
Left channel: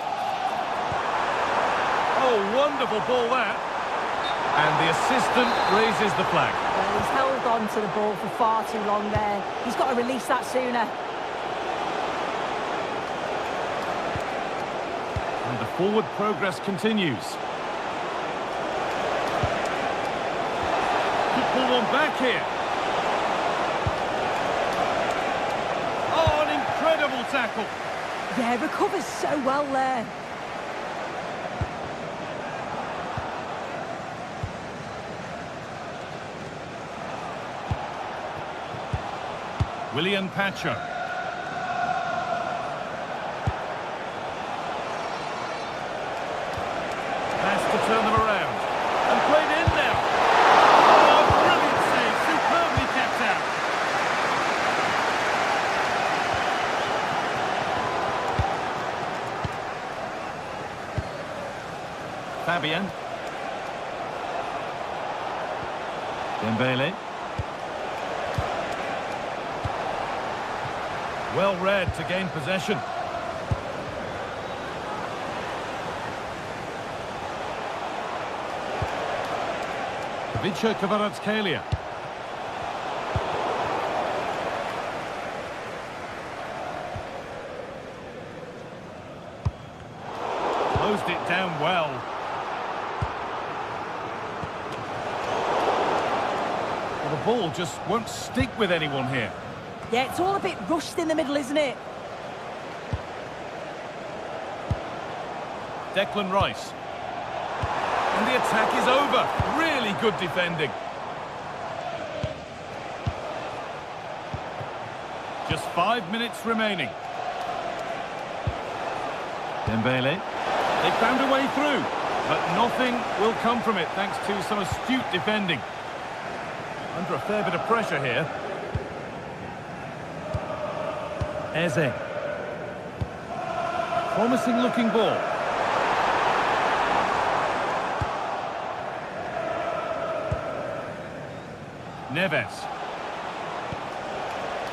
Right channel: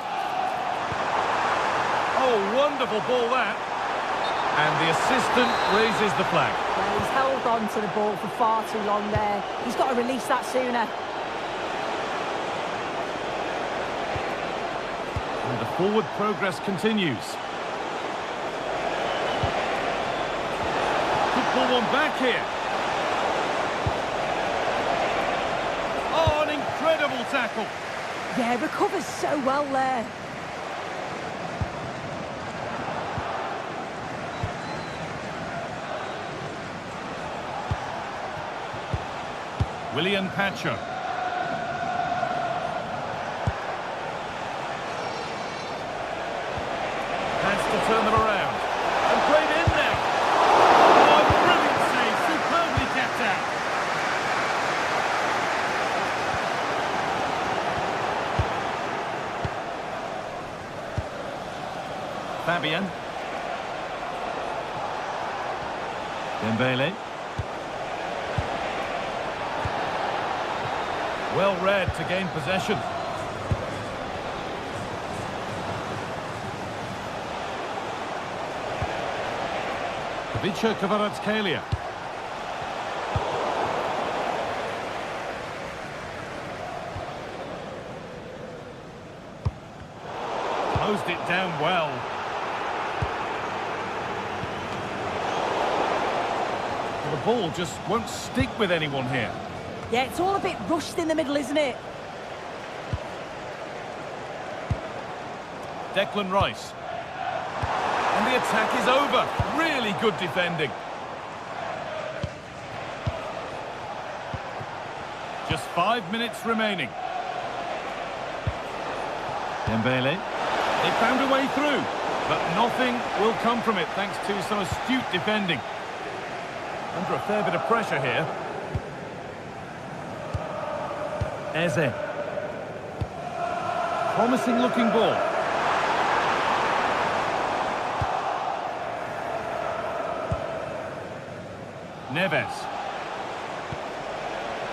Oh, wonderful ball that. And the assistant raises the flag. Well, he's held on to the ball for far too long there. He's got to release that sooner. And the forward progress continues. Could pull one back here. incredible tackle. Yeah, recovers so well there. William Pacho. Has to turn them around. And played in now. Oh, brilliant save. Superbly kept out. Fabian. Dembele. Well read to gain possession. Vicha Kvaratskhelia. Closed it down well. Well, the ball just won't stick with anyone here. Yeah, it's all a bit rushed in the middle, isn't it? Declan Rice. And the attack is over. Really good defending. Just 5 minutes remaining. Dembele. They found a way through, but nothing will come from it thanks to some astute defending. Under a fair bit of pressure here. Eze. Promising looking ball. Neves.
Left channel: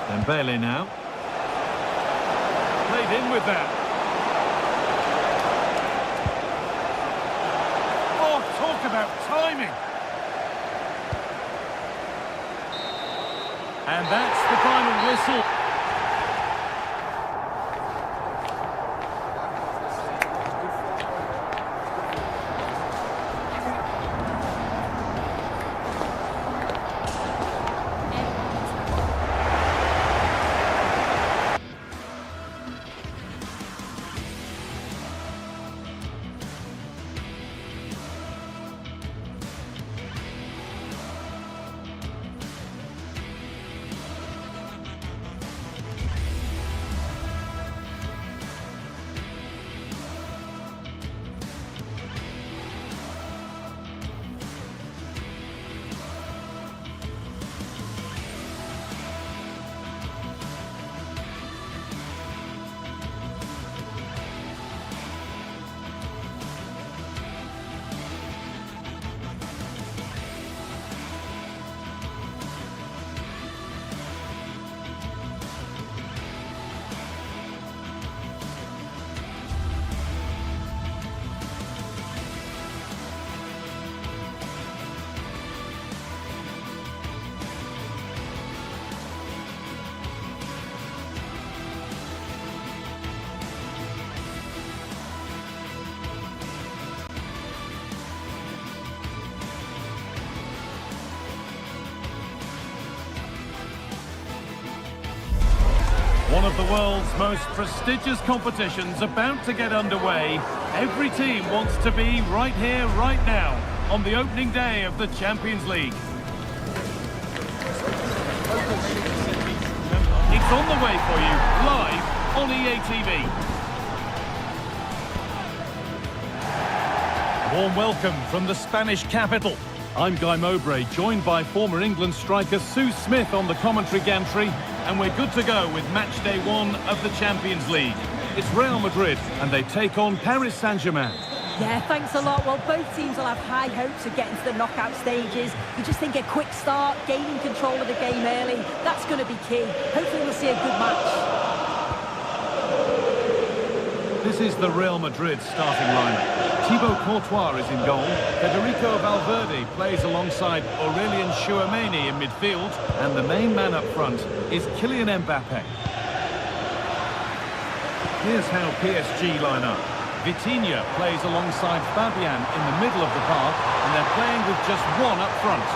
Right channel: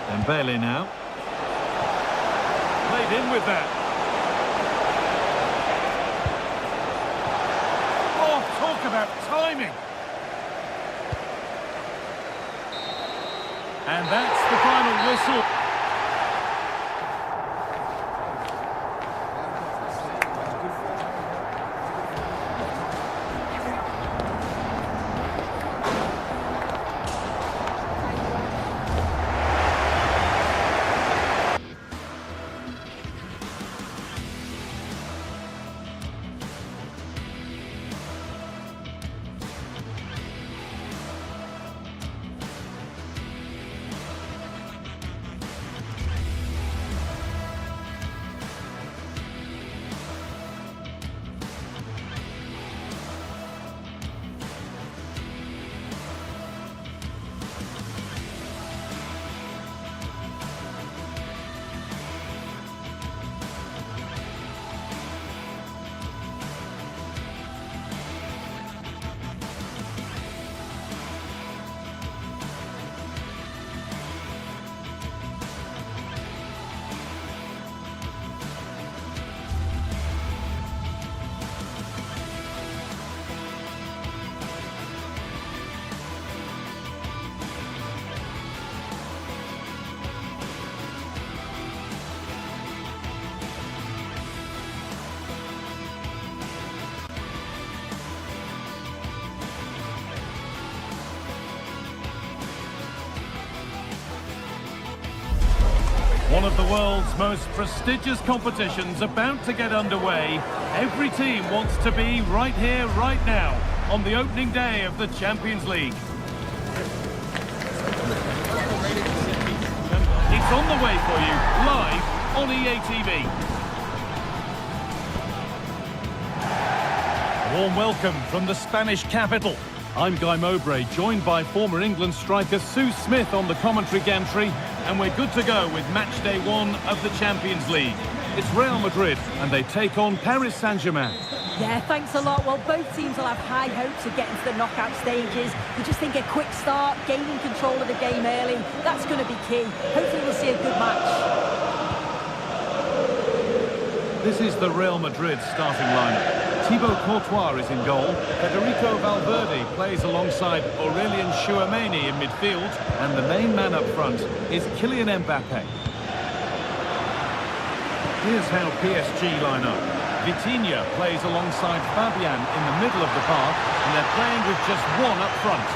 Dembele now. Played in with that. Oh, talk about timing. And that's the final whistle. One of the world's most prestigious competitions about to get underway. Every team wants to be right here, right now, on the opening day of the Champions League. It's on the way for you, live on EA TV. A warm welcome from the Spanish capital. I'm Guy Mowbray, joined by former England striker Sue Smith on the commentary gantry, and we're good to go with match day 1 of the Champions League. It's Real Madrid, and they take on Paris Saint-Germain. Yeah, thanks a lot. Well, both teams will have high hopes of getting to the knockout stages. You just think a quick start, gaining control of the game early, that's going to be key. Hopefully we'll see a good match. This is the Real Madrid starting lineup. Thibaut Courtois is in goal. Federico Valverde plays alongside Aurelien Chouameni in midfield. And the main man up front is Kylian Mbappe. Here's how PSG line up. Vitinha plays alongside Fabian in the middle of the park, and they're playing with just one up front.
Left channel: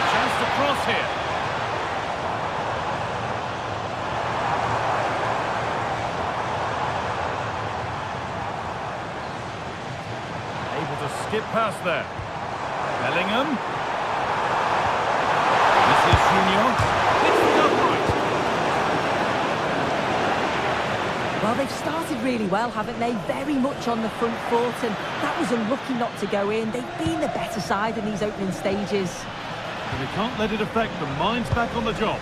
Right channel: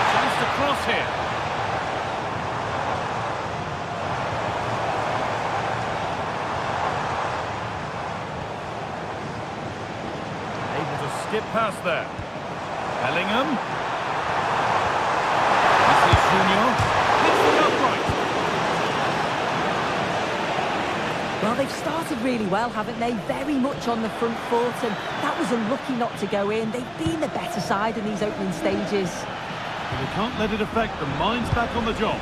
A chance to cross here. Just skip past there. Bellingham. This is Junior. Hits the upright. Well, they've started really well, haven't they? Very much on the front foot, and that was unlucky not to go in. They've been the better side in these opening stages. But they can't let it affect them. Mind's back on the job.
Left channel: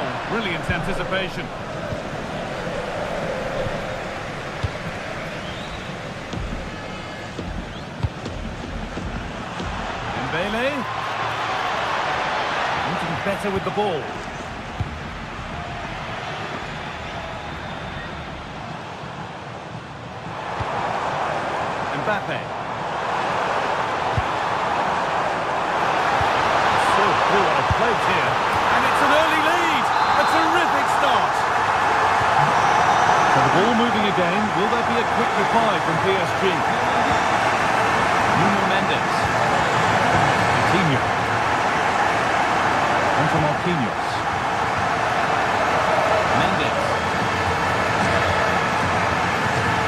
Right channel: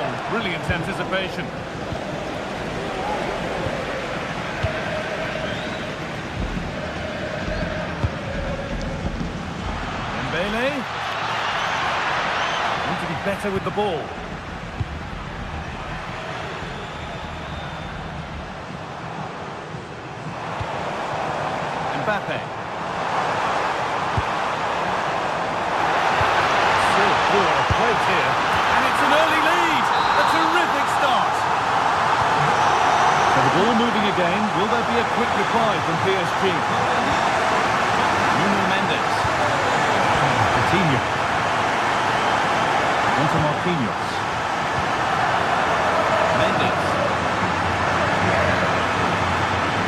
Oh, brilliant anticipation. Dembele. Want to be better with the ball. Mbappe. Still through on a plate here. And it's an early lead. A terrific start. So the ball moving again. Will there be a quick reply from PSG? Nuno Mendes. Coutinho. On to Marquinhos. Mendes.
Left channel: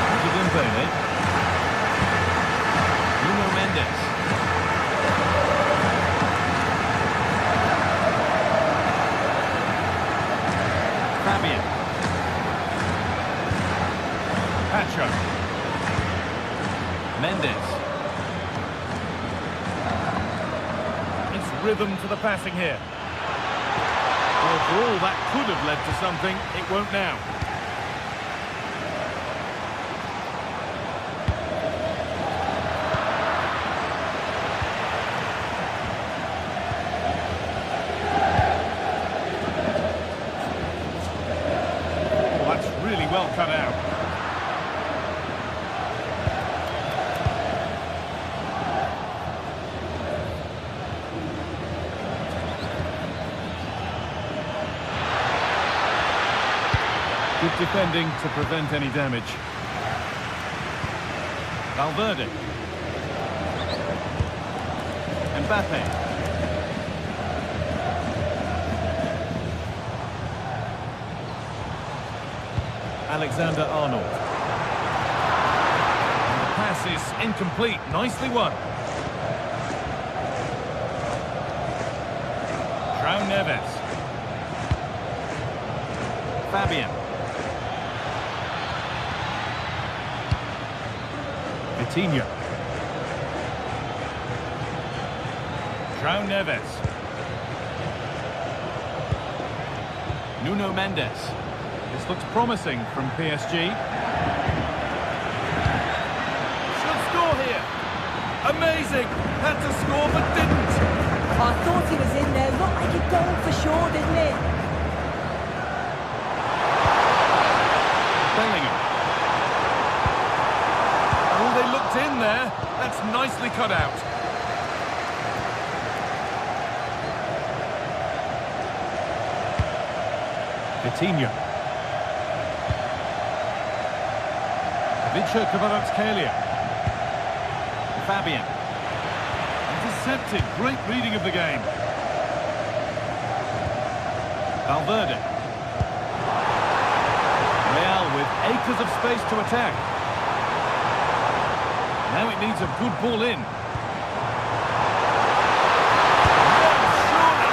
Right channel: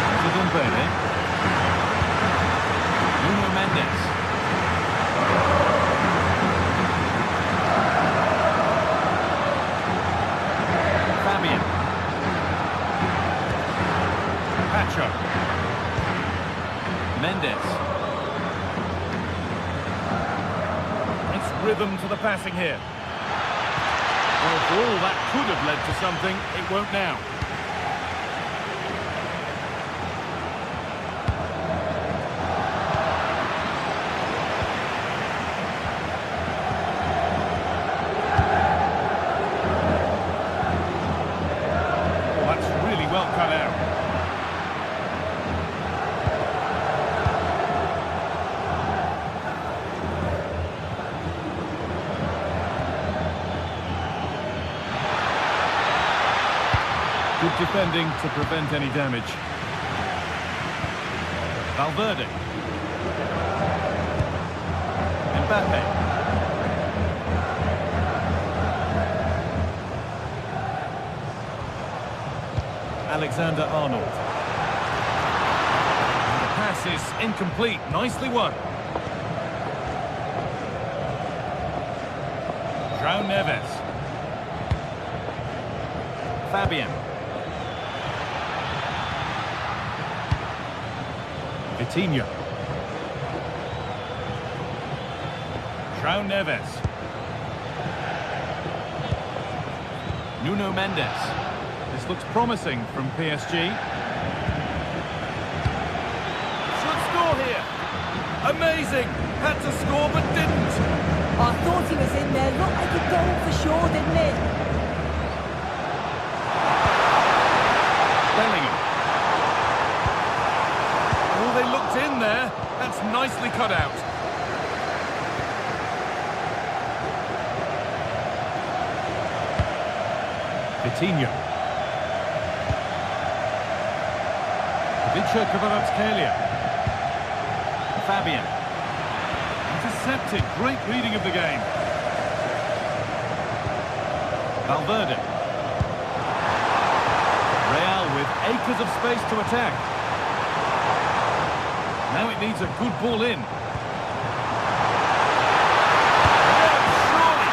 On to Dembele. Nuno Mendes. Fabian. Pacho. Mendes. Nice rhythm to the passing here. Well, for all that could have led to something, it won't now. Really well cut out. Good defending to prevent any damage. Valverde. Mbappe. Alexander-Arnold. And the pass is incomplete. Nicely won. João Neves. Fabian. Vitinha. João Neves. Nuno Mendes. This looks promising from PSG. Should score here. Amazing. Had to score but didn't. I thought he was in there. Looked like a goal for sure, didn't it? Bellingham. Oh, they looked in there. That's nicely cut out. Vitinha. Vicha Kvaratskhelia. Fabian. Intercepted. Great reading of the game. Valverde. Real with acres of space to attack. Now it needs a good ball in. Yes, surely.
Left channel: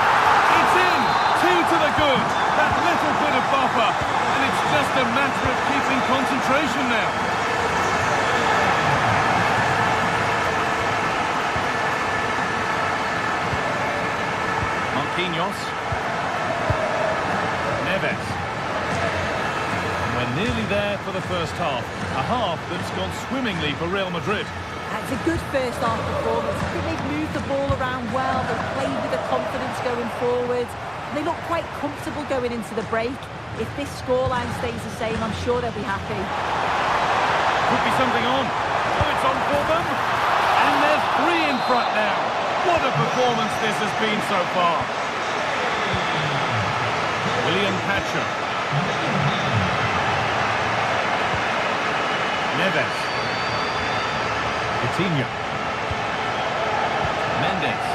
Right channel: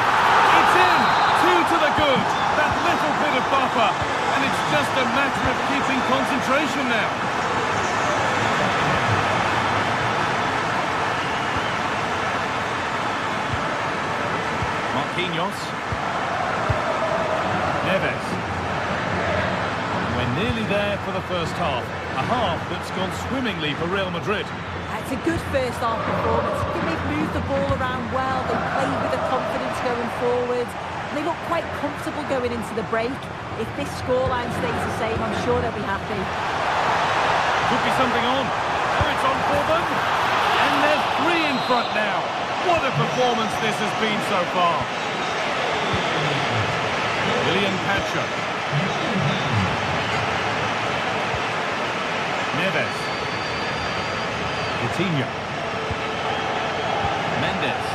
It's in. 2 to the good. That little bit of buffer. And it's just a matter of keeping concentration now. Marquinhos. Neves. We're nearly there for the first half. A half that's gone swimmingly for Real Madrid. It's a good first half performance. I think they've moved the ball around well. They've played with the confidence going forward. They look quite comfortable going into the break. If this scoreline stays the same, I'm sure they'll be happy. Could be something on. Oh, it's on for them. And they're 3 in front now. What a performance this has been so far. William Pacho. Neves. Vitinha. Mendes.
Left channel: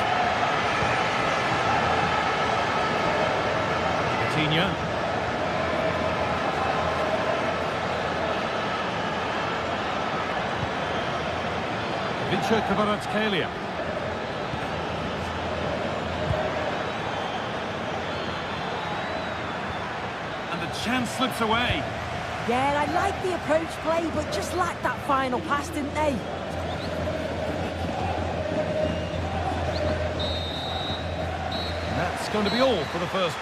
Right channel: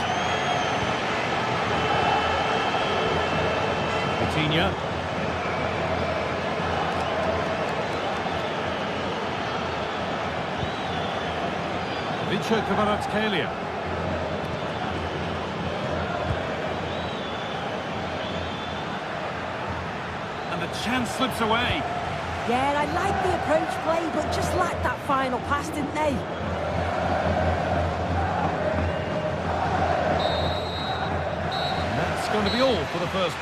Vitinha. Kvaratskhelia. And the chance slips away. Yeah, I like the approach play, but just lacked that final pass, didn't they? And that's going to be all for the first.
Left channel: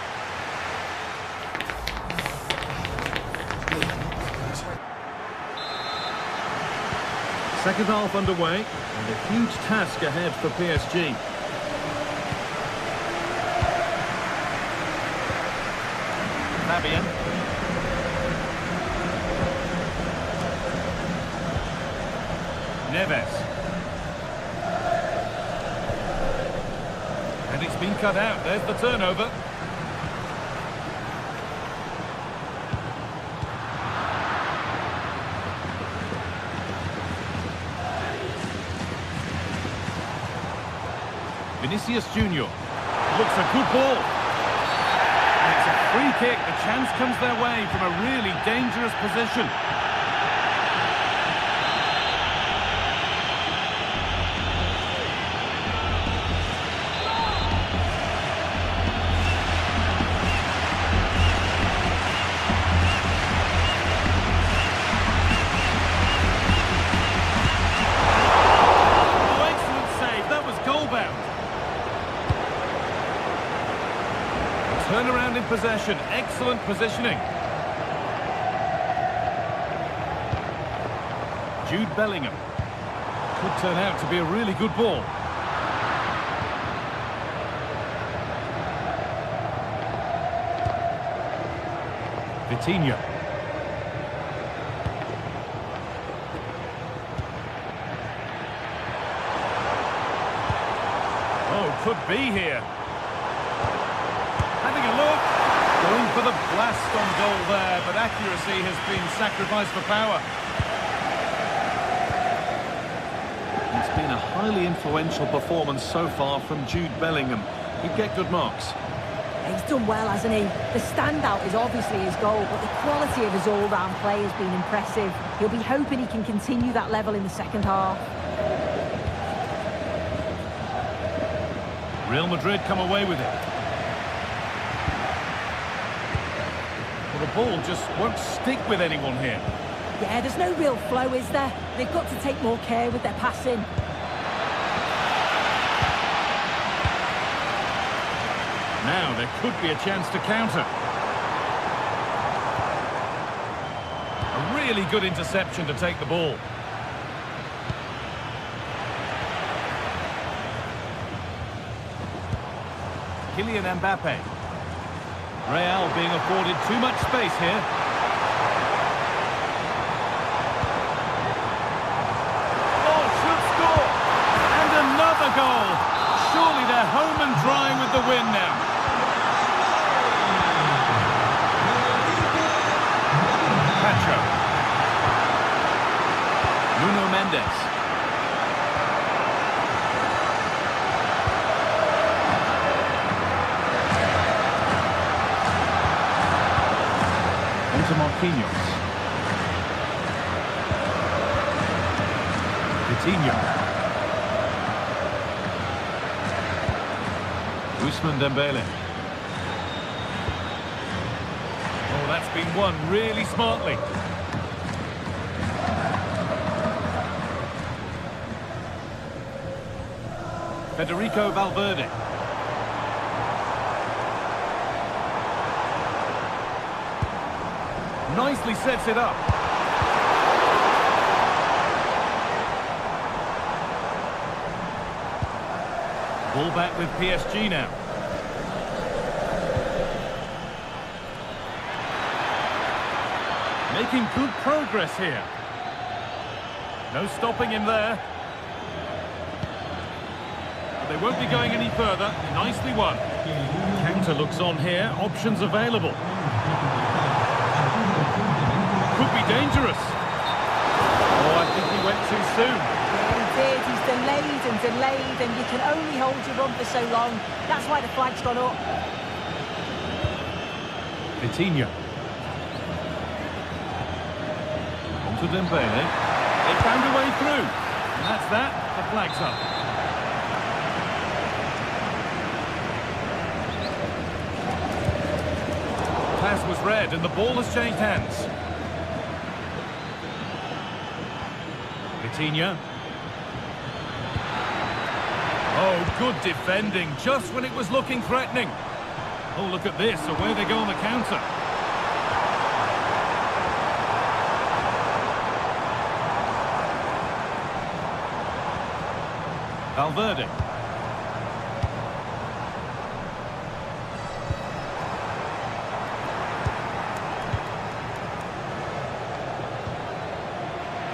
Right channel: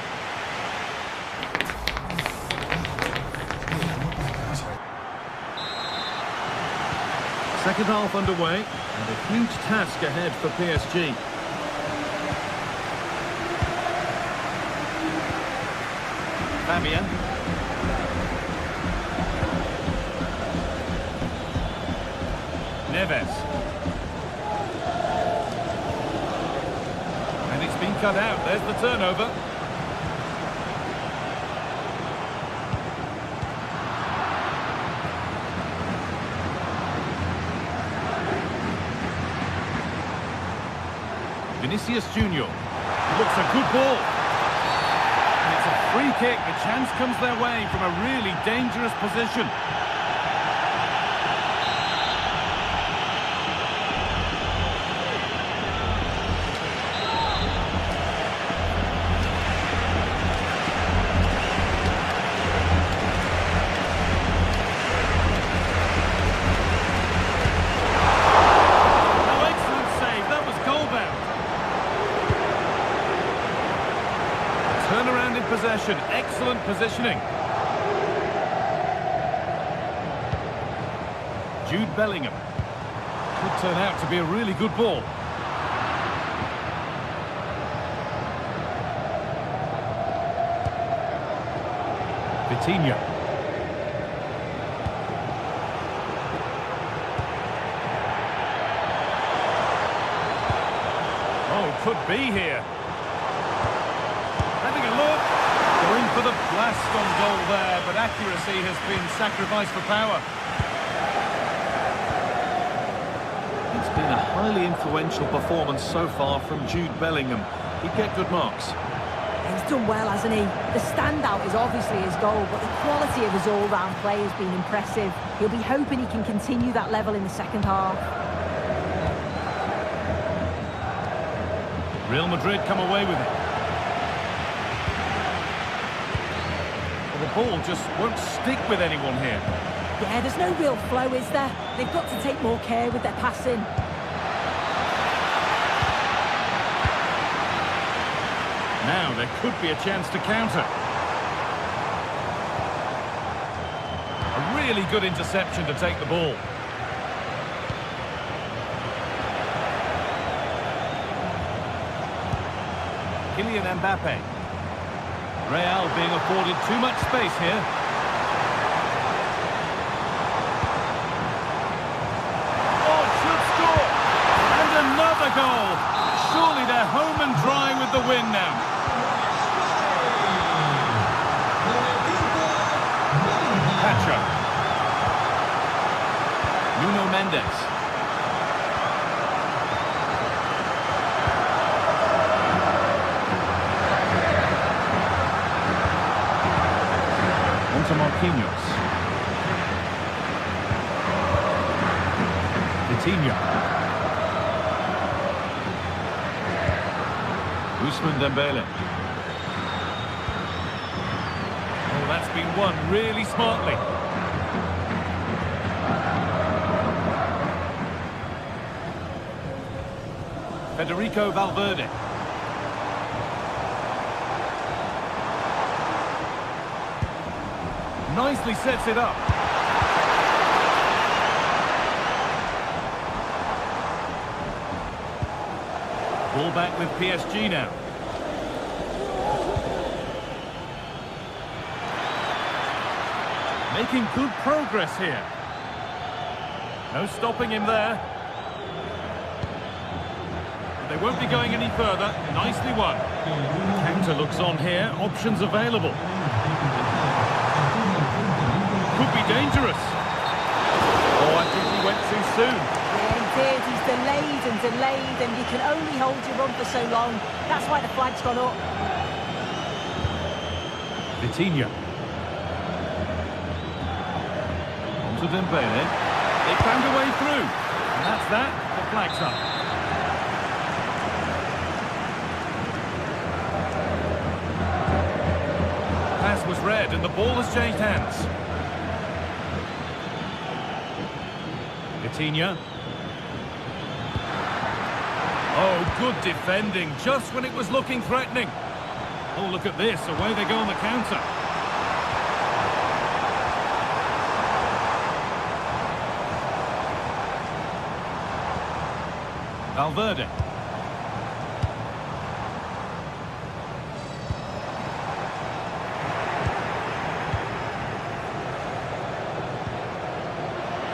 Second half underway, and a huge task ahead for PSG. Fabian. Neves. And it's been cut out. There's the turnover. Vinicius Junior. Looks a good ball. And it's a free kick. The chance comes their way from a really dangerous position. Turnaround in possession, excellent positioning. Jude Bellingham. Could turn out to be a really good ball. Vitinha. Oh, could be here. Having a look, going for the blast on goal there, but accuracy has been sacrificed for power. It's been a highly influential performance so far from Jude Bellingham. He'd get good marks. He's done well, hasn't he? The standout is obviously his goal, but the quality of his all-round play has been impressive. He'll be hoping he can continue that level in the second half. Real Madrid come away with it. The ball just won't stick with anyone here. Yeah, there's no real flow, is there? They've got to take more care with their passing. Now there could be a chance to counter. A really good interception to take the ball. Kylian Mbappe. Real being afforded too much space here. Oh, should score! And another goal! Surely they're home and dry with the win now. Pacho. Nuno Mendes. To Marquinhos. Vitinha. Ousmane Dembele. Oh, that's been won really smartly. Federico Valverde. Nicely sets it up. Ball back with PSG now. Making good progress here. No stopping him there. But they won't be going any further. Nicely won. Counter looks on here. Options available. Could be dangerous. Oh, I think he went too soon. Yeah, he did. He's delayed, and you can only hold your run for so long. That's why the flag's gone up. Vitinha. On to Dembele. They found a way through. And that's that. The flag's up. Pass was read and the ball has changed hands. Vitinha. Oh, good defending, just when it was looking threatening. Oh, look at this, away they go on the counter. Valverde.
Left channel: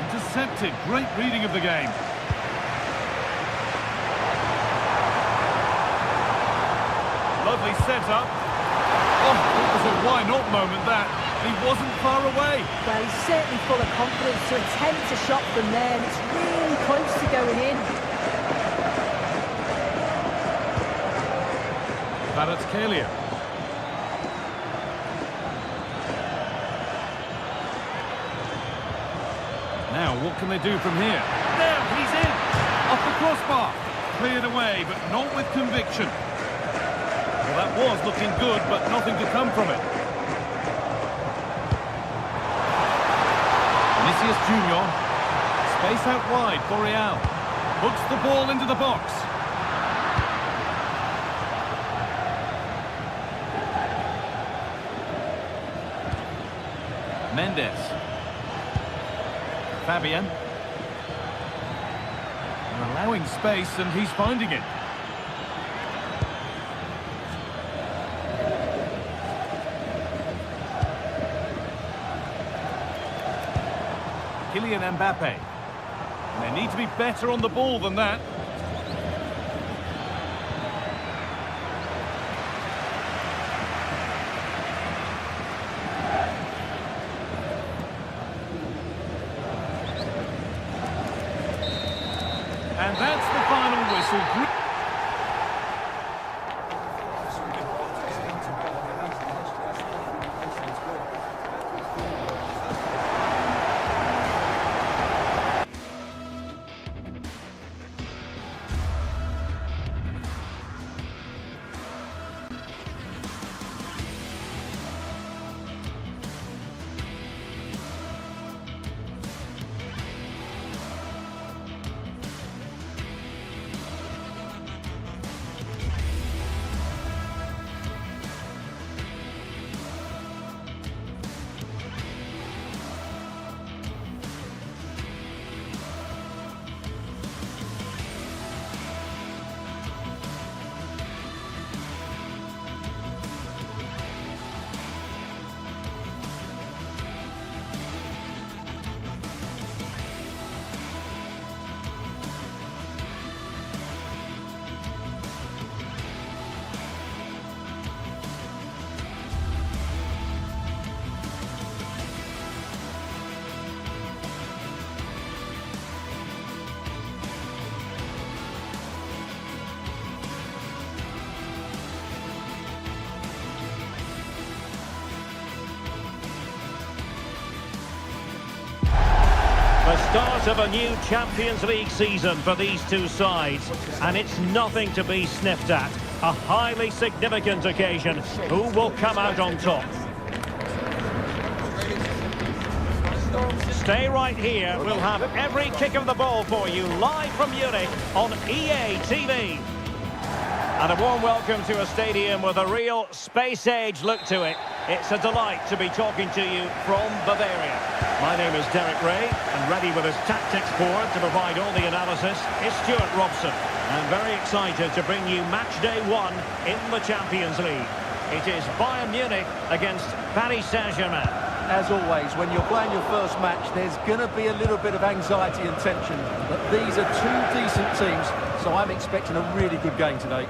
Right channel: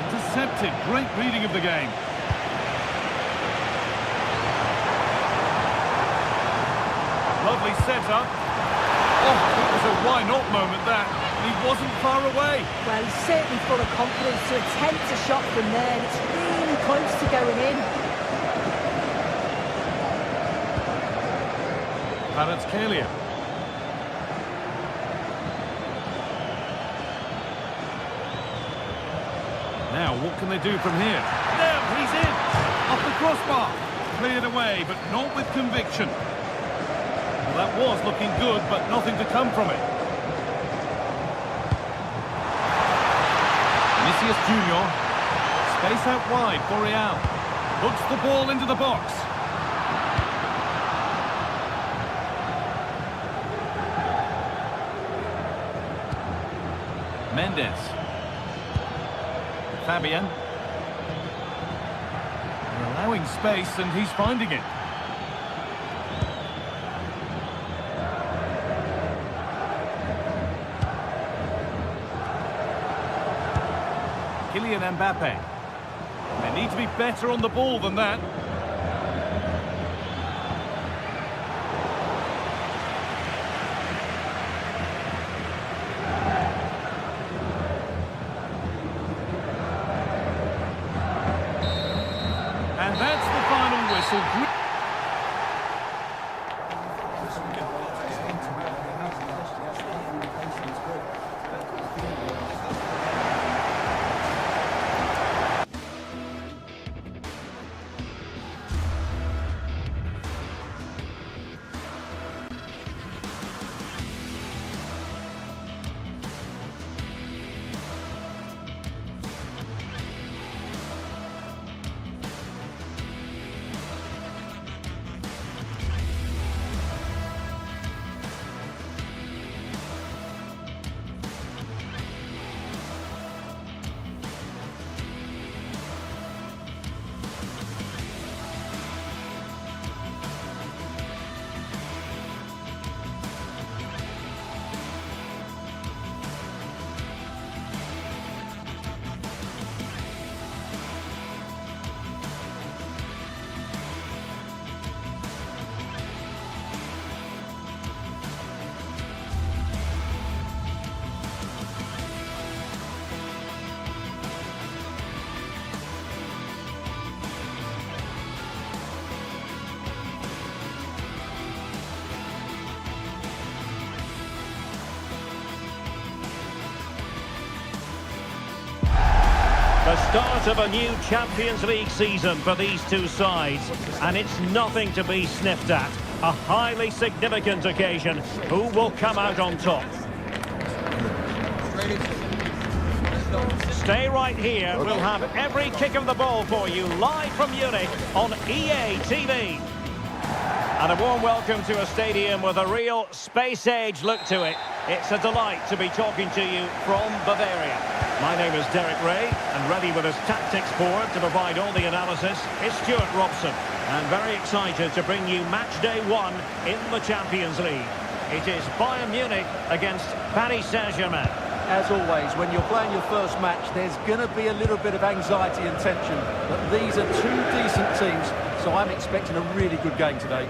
Intercepted, great reading of the game. Lovely setup. Oh, it was a why not moment that. He wasn't far away. Well, he's certainly full of confidence to attempt a shot from there, and it's really close to going in. Kvaratskhelia. Now, what can they do from here? Now, he's in! Off the crossbar. Cleared away, but not with conviction. Well, that was looking good, but nothing to come from it. Vinicius Junior. Space out wide for Real. Puts the ball into the box. Mendes. Fabian. They're allowing space and he's finding it. Kylian Mbappe. And they need to be better on the ball than that. And that's the final whistle. The start of a new Champions League season for these two sides, and it's nothing to be sniffed at. A highly significant occasion. Who will come out on top? Stay right here. We'll have every kick of the ball for you live from Munich on EA TV. And a warm welcome to a stadium with a real space-age look to it. It's a delight to be talking to you from Bavaria. My name is Derek Ray, and ready with his tactics board to provide all the analysis is Stuart Robson. And very excited to bring you match day one in the Champions League. It is Bayern Munich against Paris Saint-Germain. As always, when you're playing your first match, there's going to be a little bit of anxiety and tension. But these are two decent teams, so I'm expecting a really good game today.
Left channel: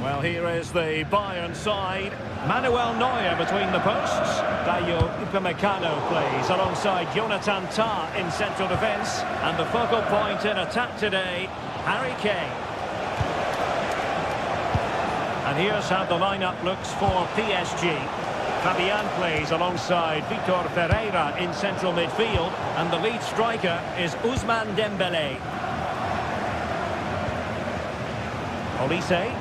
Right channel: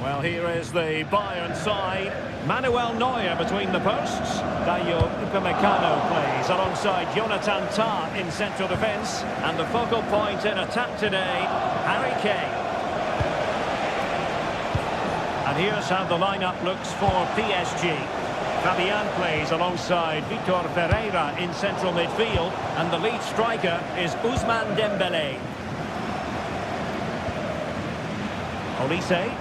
Well, here is the Bayern side. Manuel Neuer between the posts. Dayo Upamecano plays alongside Jonathan Tah in central defence. And the focal point in attack today, Harry Kane. And here's how the lineup looks for PSG. Fabian plays alongside Vitor Ferreira in central midfield, and the lead striker is Ousmane Dembélé. Olise.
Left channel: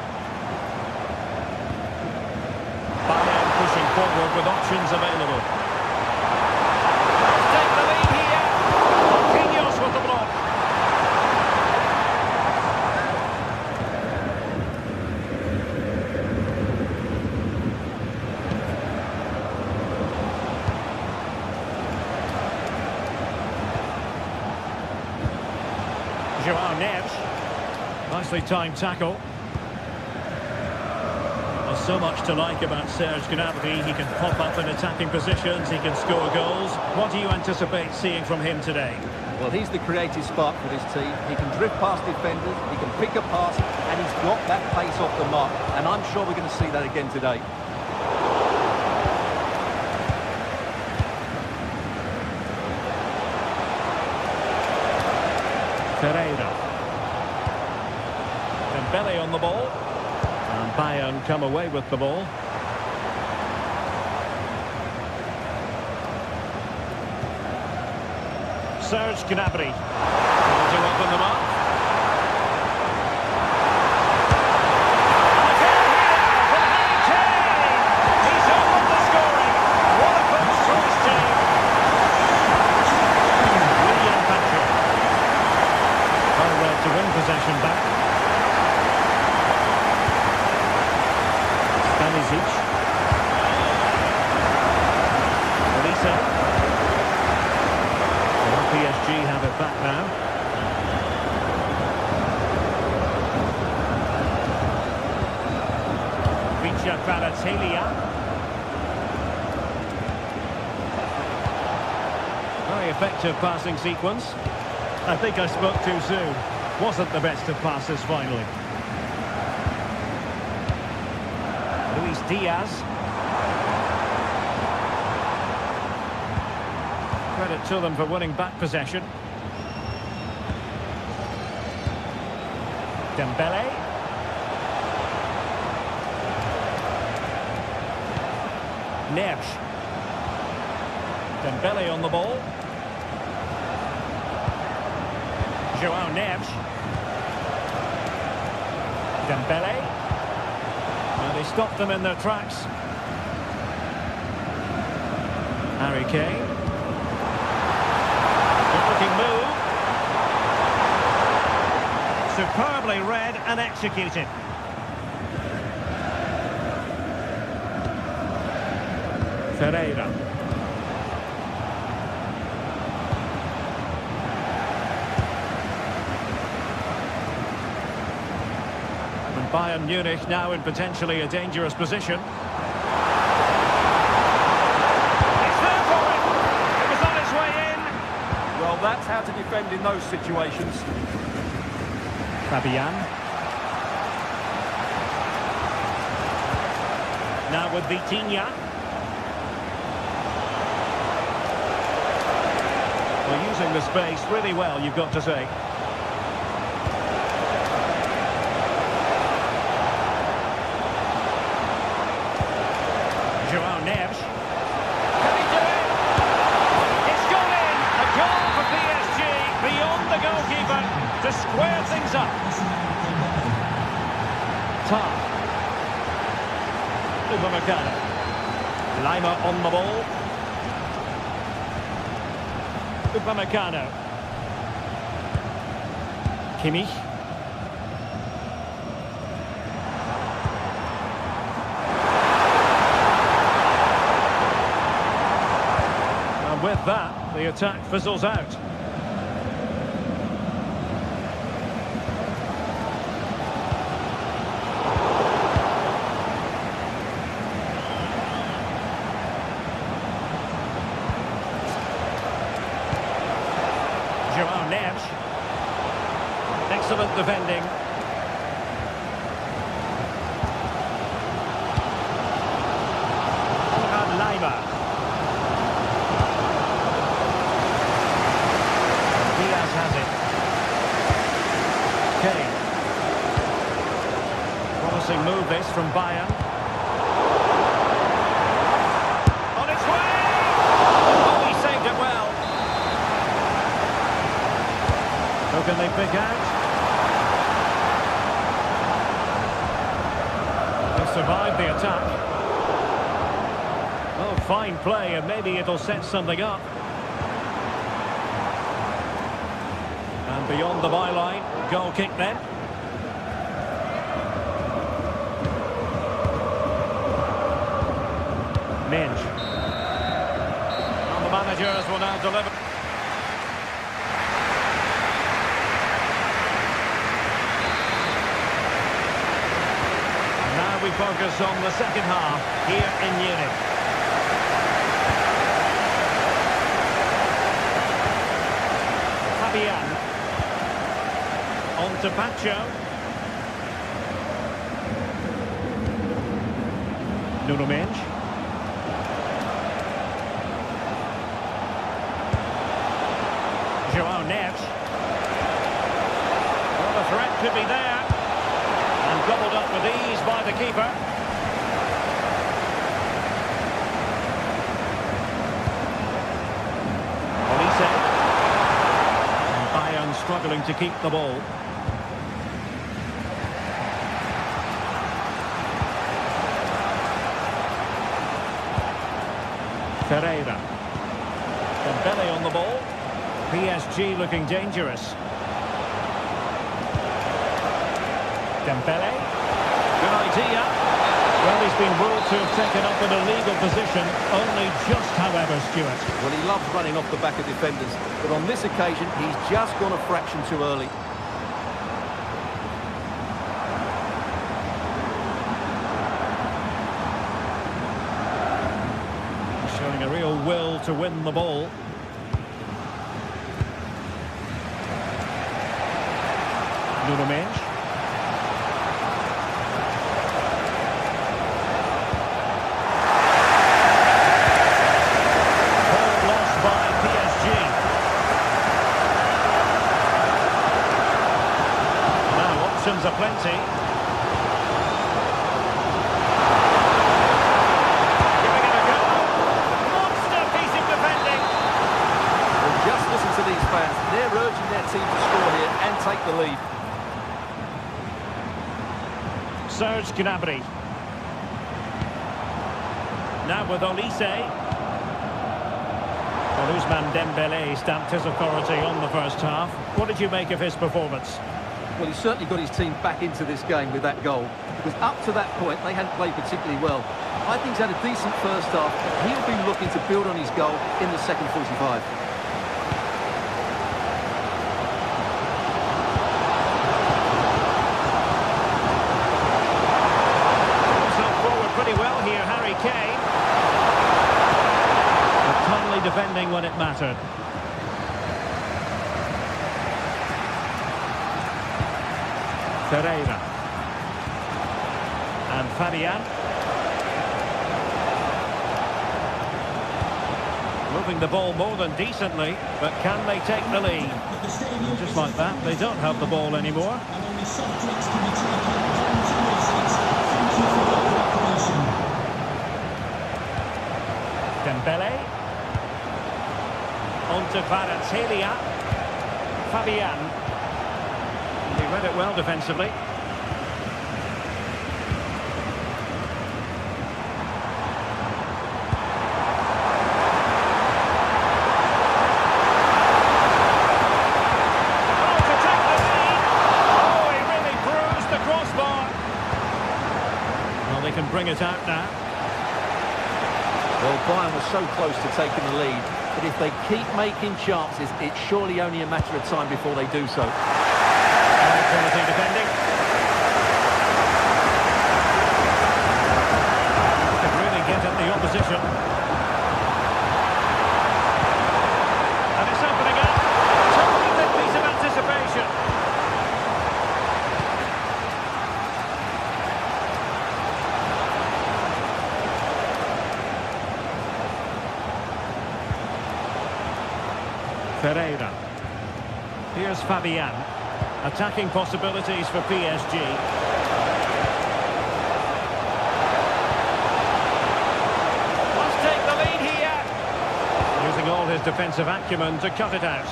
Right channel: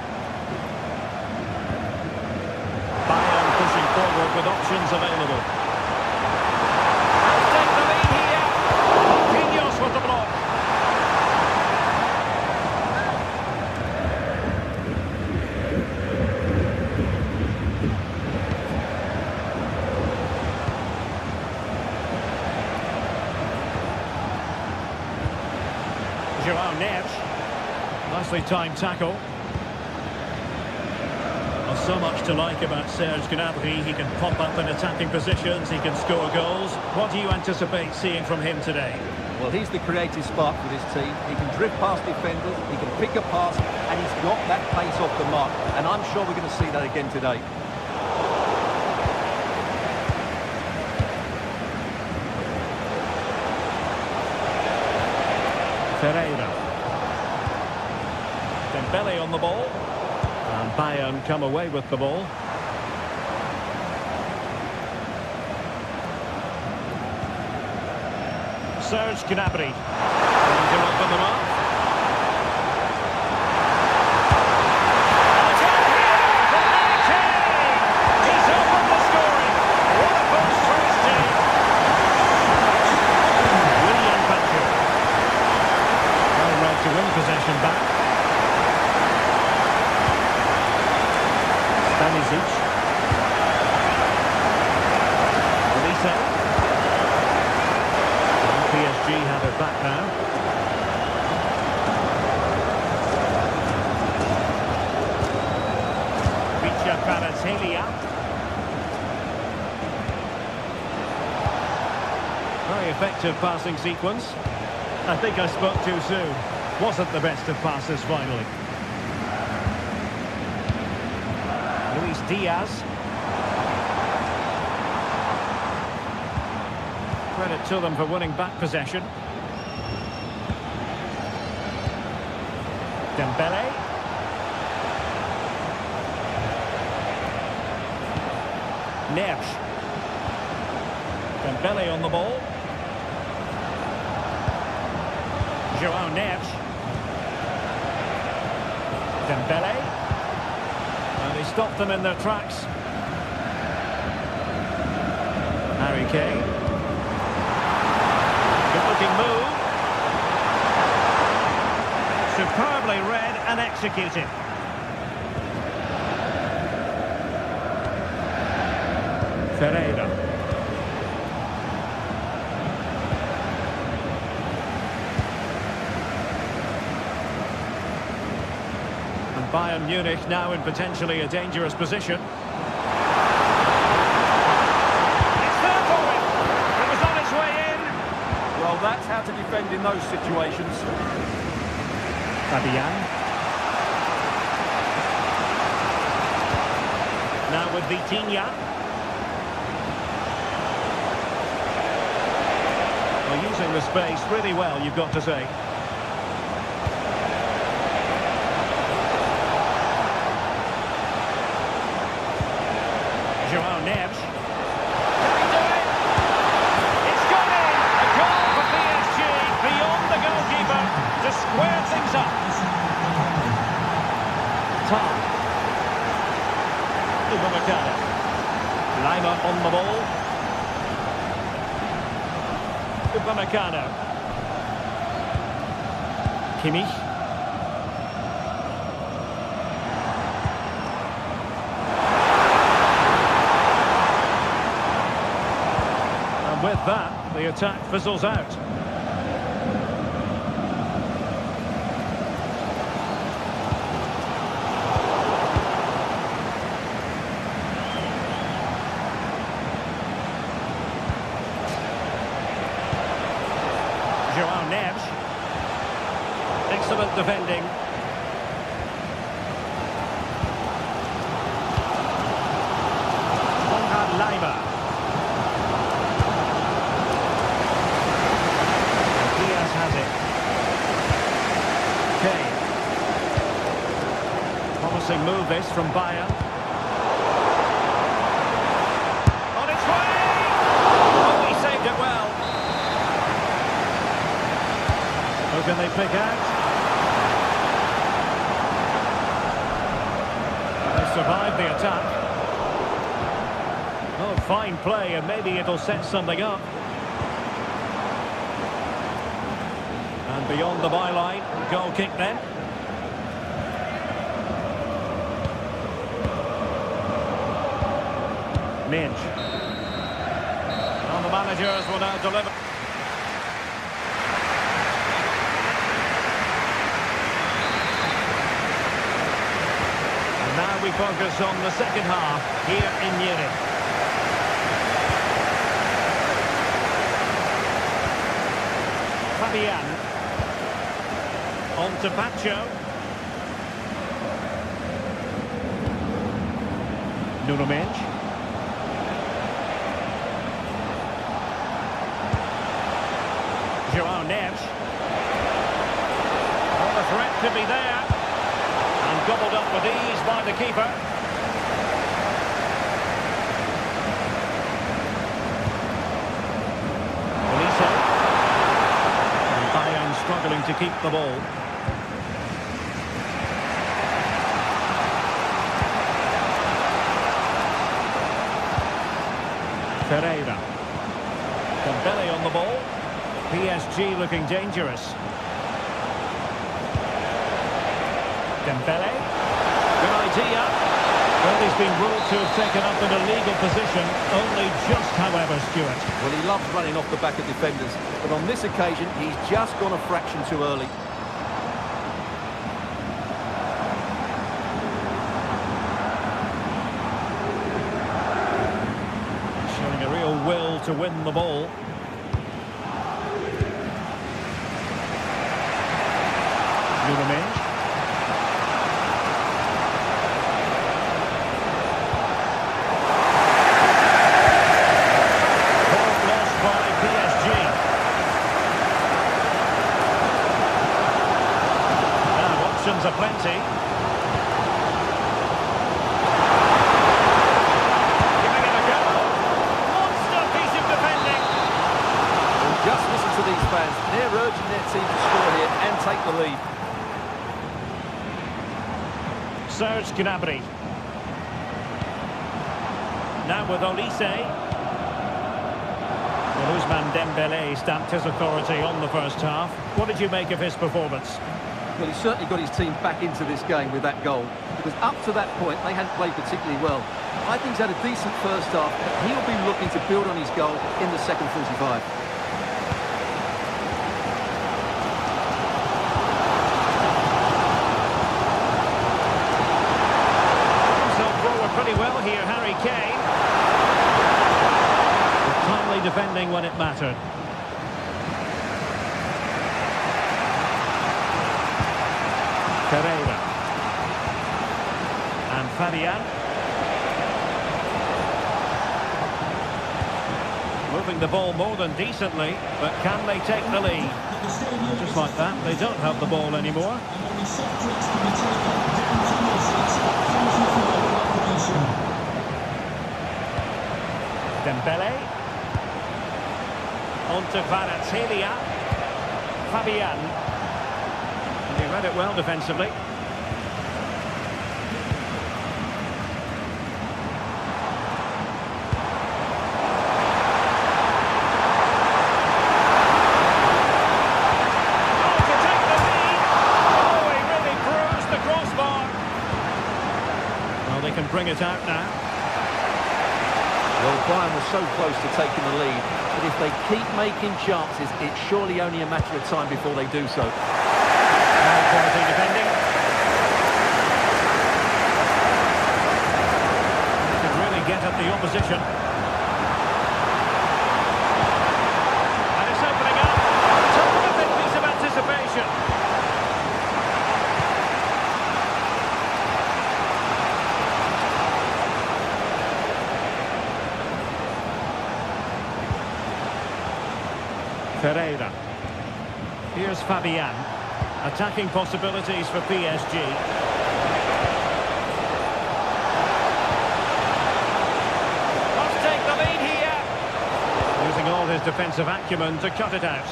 Bayern pushing forward with options available. They'll take the lead here. Marquinhos with the block. João Neves. Nicely timed tackle. Well, so much to like about Serge Gnabry. He can pop up in attacking positions, he can score goals. What do you anticipate seeing from him today? Well, he's the creative spark for this team. He can drift past defenders, he can pick a pass, and he's got that pace off the mark. And I'm sure we're going to see that again today. Ferreira. Dembélé on the ball. And Bayern come away with the ball. Serge Gnabry trying to open them up. And again here from Harry Kane. He's opened the scoring. What a boost for his team. William Pacho. Well read to win possession back. Stanisic. Olise. Well, PSG have it back now. Vicha Kvaratskhelia. Very effective passing sequence. I think I spoke too soon. Wasn't the best of passes finally. Luis Diaz. Credit to them for winning back possession. Dembélé. Neves. Dembélé on the ball. João Neves. Dembélé. And he stopped them in their tracks. Harry Kane. Good-looking move. Superbly read and executed. Ferreira. And Bayern Munich now in potentially a dangerous position. It's there for him. It was on its way in. Well, that's how to defend in those situations. Fabian. Now with Vitinha. Well, using the space really well, you've got to say. João Neves. Can he do it? It's gone in! A goal for PSG beyond the goalkeeper to square things up. Tom. Upamecano. Lima on the ball. Upamecano. Kimmich. And with that, the attack fizzles out. João Neves. Excellent defending. Konrad Lima. And Diaz has it. Kane. Promising move this from Bayern. Who can they pick out? They survived the attack. Oh, fine play, and maybe it'll set something up. And beyond the byline, goal kick then. Minch. And the managers will now deliver. And now we focus on the second half here in Munich. Fabian. On to Pacho. Nuno Mendes. João Neves. Well, the threat could be there. And gobbled up with ease by the keeper. Olise. And Bayern struggling to keep the ball. Pereira. Dembele on the ball. PSG looking dangerous. Dembele. Good idea. Well, he's been ruled to have taken up in a legal position. Only just, however, Stuart. Well, he loves running off the back of defenders. But on this occasion, he's just gone a fraction too early. Showing a real will to win the ball. Nuno Mendes. Ball lost by PSG. Now options are plenty. Giving it a go. Monster piece of defending. Well, just listen to these fans. They're urging their team to score here and take the lead. Serge Gnabry. Now with Olise. Well, Ousmane Dembele stamped his authority on the first half. What did you make of his performance? Well, he's certainly got his team back into this game with that goal. Because up to that point, they hadn't played particularly well. I think he's had a decent first half, but he'll be looking to build on his goal in the second 45. Pretty well here, Harry Kane. But timely defending when it mattered. Pereira. And Fabian. Moving the ball more than decently, but can they take the lead? Just like that, they don't have the ball anymore. And only soft drinks can be taken down to your seats. Thank you for your cooperation. Dembele. On to Kvaratskhelia. Fabian. And he read it well defensively. They can bring it out now. Well, Bayern was so close to taking the lead, but if they keep making chances, it's surely only a matter of time before they do so. High quality defending. They could really get at the opposition. And it's opening up. Terrific piece of anticipation. Pereira. Here's Fabian. Attacking possibilities for PSG. Must take the lead here. Using all his defensive acumen to cut it out.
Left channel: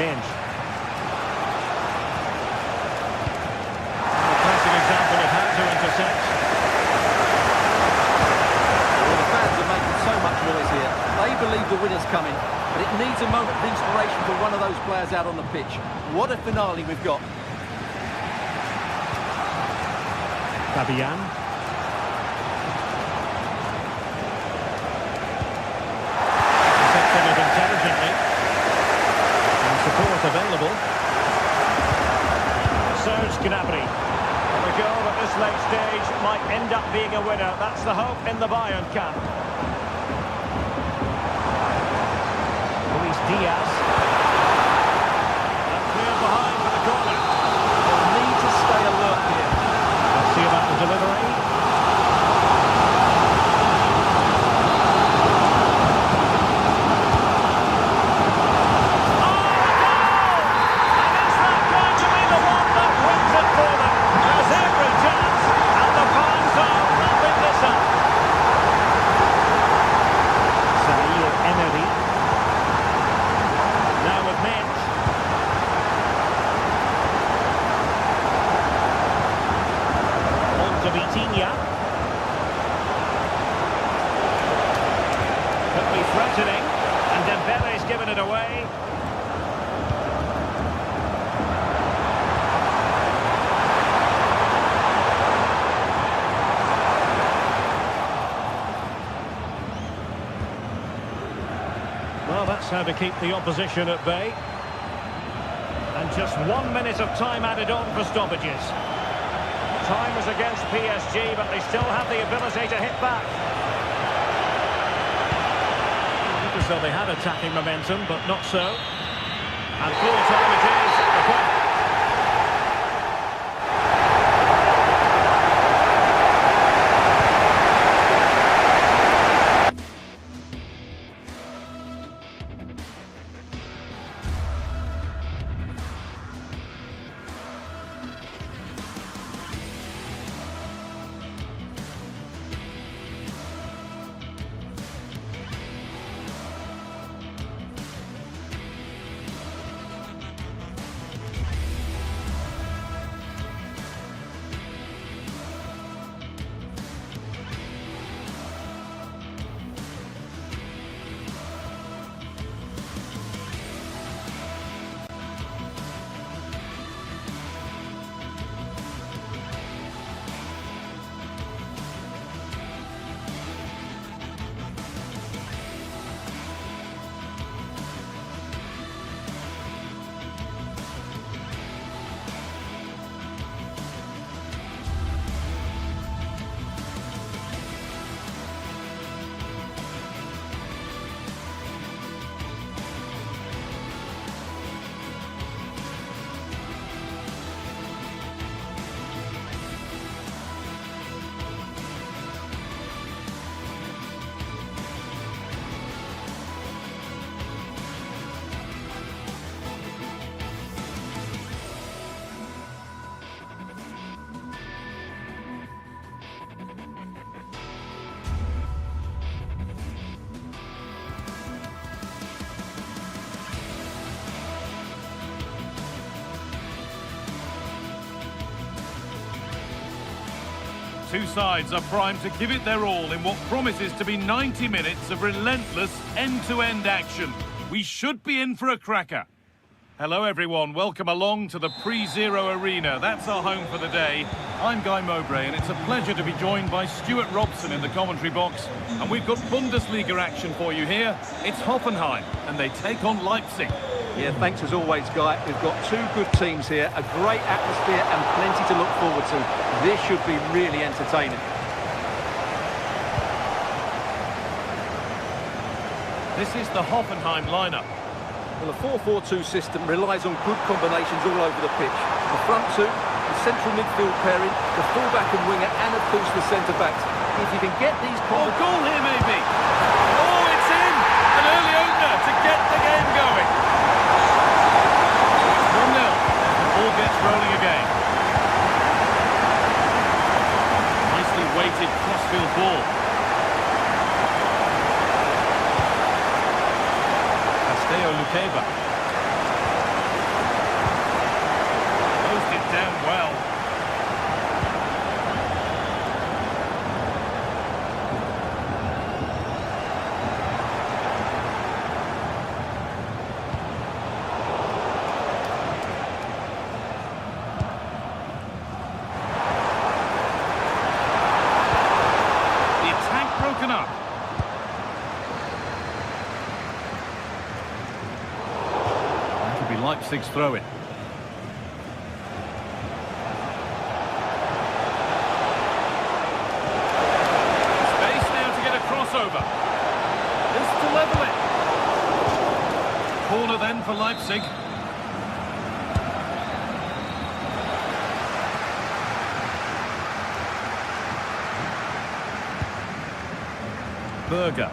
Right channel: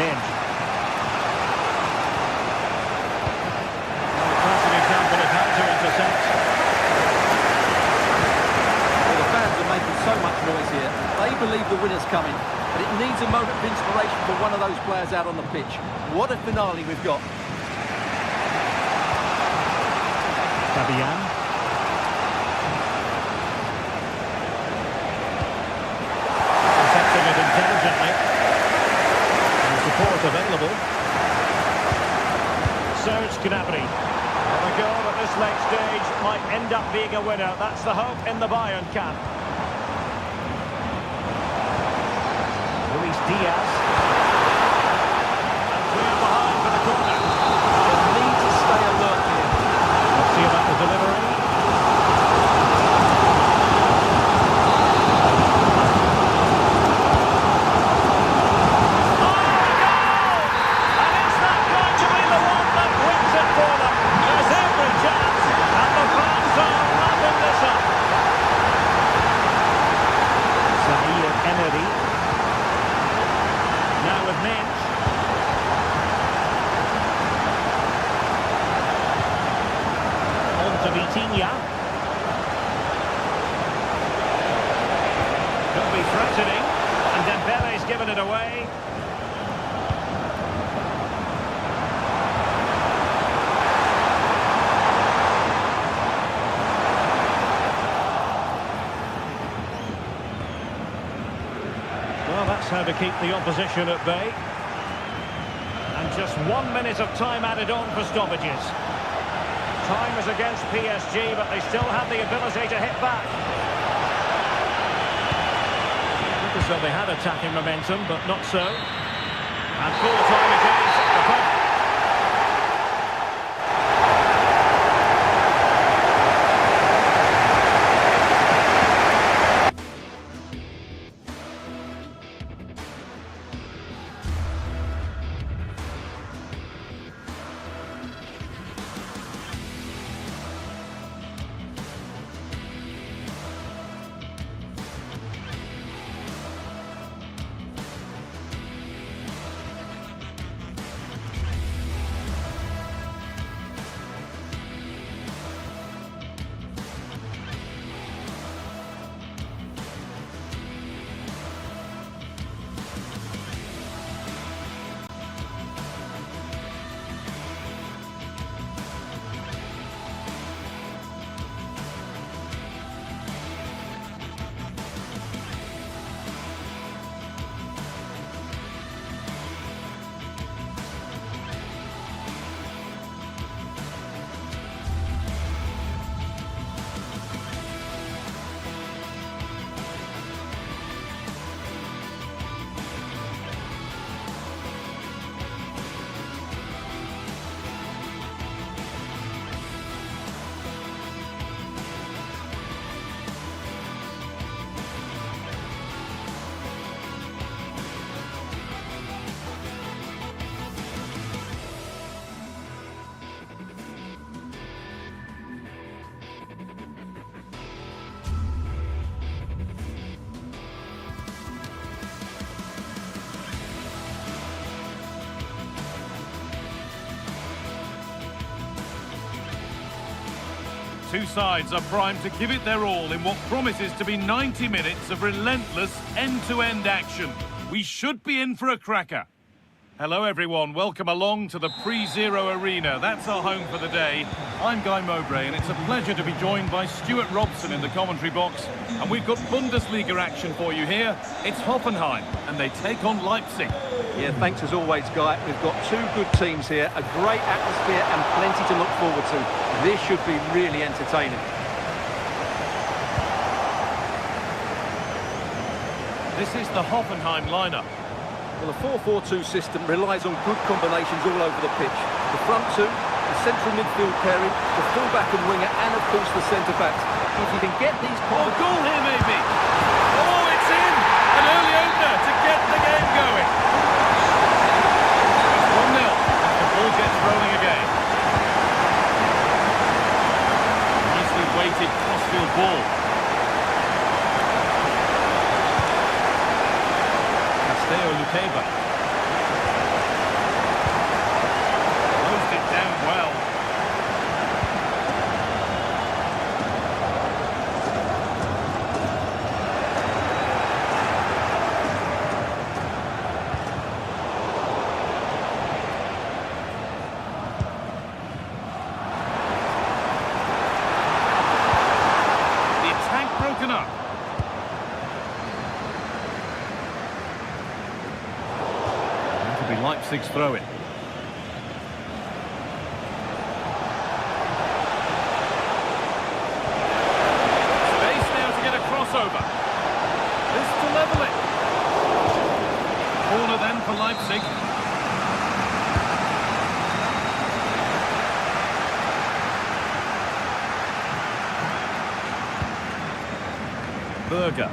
Minge. A classic example of how to intercept. Well, the fans are making so much noise here. They believe the winner's coming, but it needs a moment of inspiration for one of those players out on the pitch. What a finale we've got. Fabian. Intercepting it intelligently. And support available. Serge Gnabry. Well, a goal at this late stage might end up being a winner. That's the hope in the Bayern camp. Luis Diaz. And cleared behind for the corner. They'll need to stay alert here. Let's see about the delivery. Oh, a goal! And is that going to be the one that wins it for them? There's every chance, and the fans are wrapping this up. Zaire Emery. Now with Minge. To Vitinha. Could be threatening, and Dembele's given it away. Well, that's how to keep the opposition at bay. And just 1 minute of time added on for stoppages. Time is against PSG, but they still have the ability to hit back. Look as though they had attacking momentum, but not so. And full time it is. Two sides are primed to give it their all in what promises to be 90 minutes of relentless end-to-end action. We should be in for a cracker. Hello everyone, welcome along to the Pre-Zero Arena. That's our home for the day. I'm Guy Mowbray and it's a pleasure to be joined by Stuart Robson in the commentary box. And we've got Bundesliga action for you here. It's Hoffenheim and they take on Leipzig. Yeah, thanks as always, Guy. We've got two good teams here, a great atmosphere and plenty to look forward to. This should be really entertaining. This is the Hoffenheim lineup. Well, the 4-4-2 system relies on good combinations all over the pitch. The front two, the central midfield pairing, the fullback and winger, and of course the centre-backs. If you can get these... Oh, goal here maybe! Oh, it's in! An early opener to get the game going. It's 1-0 as the ball gets rolling again. Nicely weighted crossfield ball. Luqueba. broken up. That'll be Leipzig's throw-in. Space now to get a crossover. This to level it. Corner then for Leipzig. Berger.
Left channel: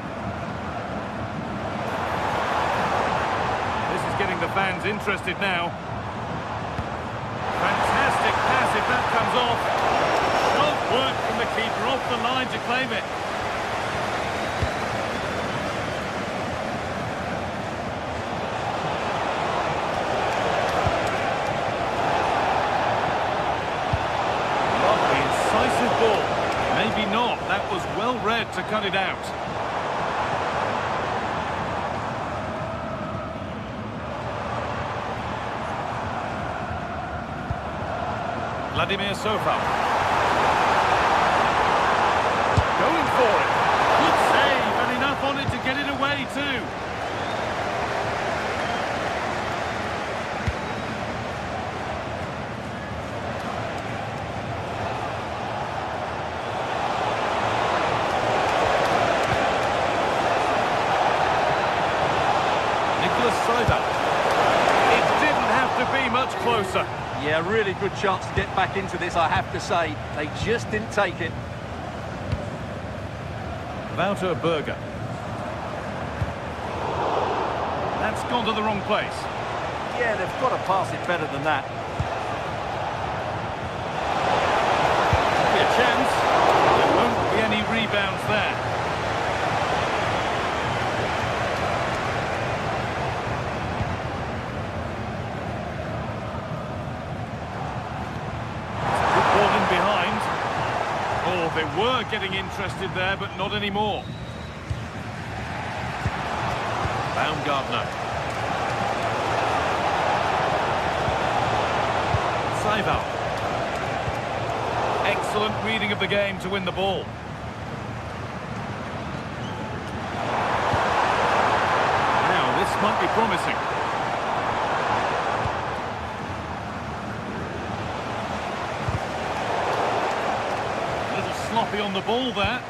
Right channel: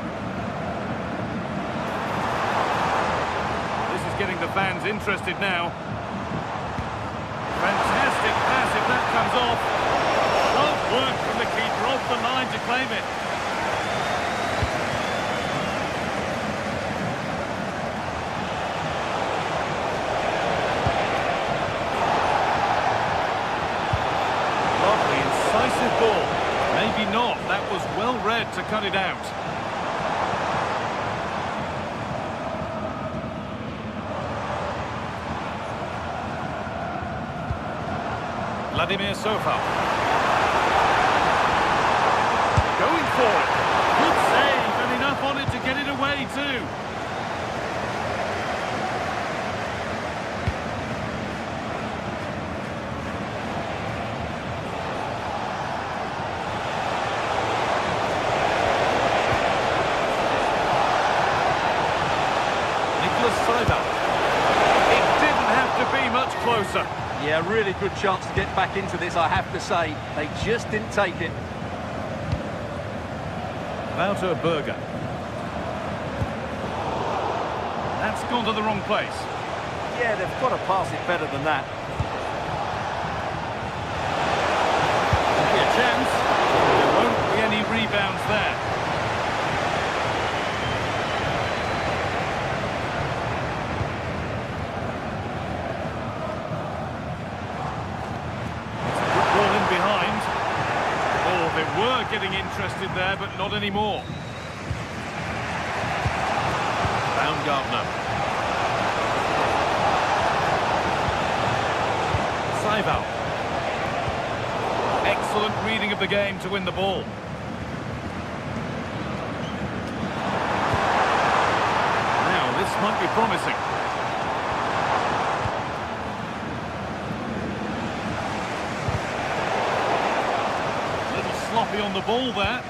This is getting the fans interested now. Fantastic pass if that comes off. Sharp work from the keeper off the line to claim it. Lovely, incisive ball. Maybe not. That was well read to cut it out. Vladimir Sofal. Going for it. Good save, and enough on it to get it away too. It didn't have to be much closer. Yeah, really good chance to get back into this, I have to say. They just didn't take it. Wouter Berger. That's gone to the wrong place. Yeah, they've got to pass it better than that. Could be a chance. There won't be any rebounds there. Behind. Oh, they were getting interested there, but not anymore. Baumgartner. Seival. Excellent reading of the game to win the ball. Now, this might be promising. Sloppy on the ball there.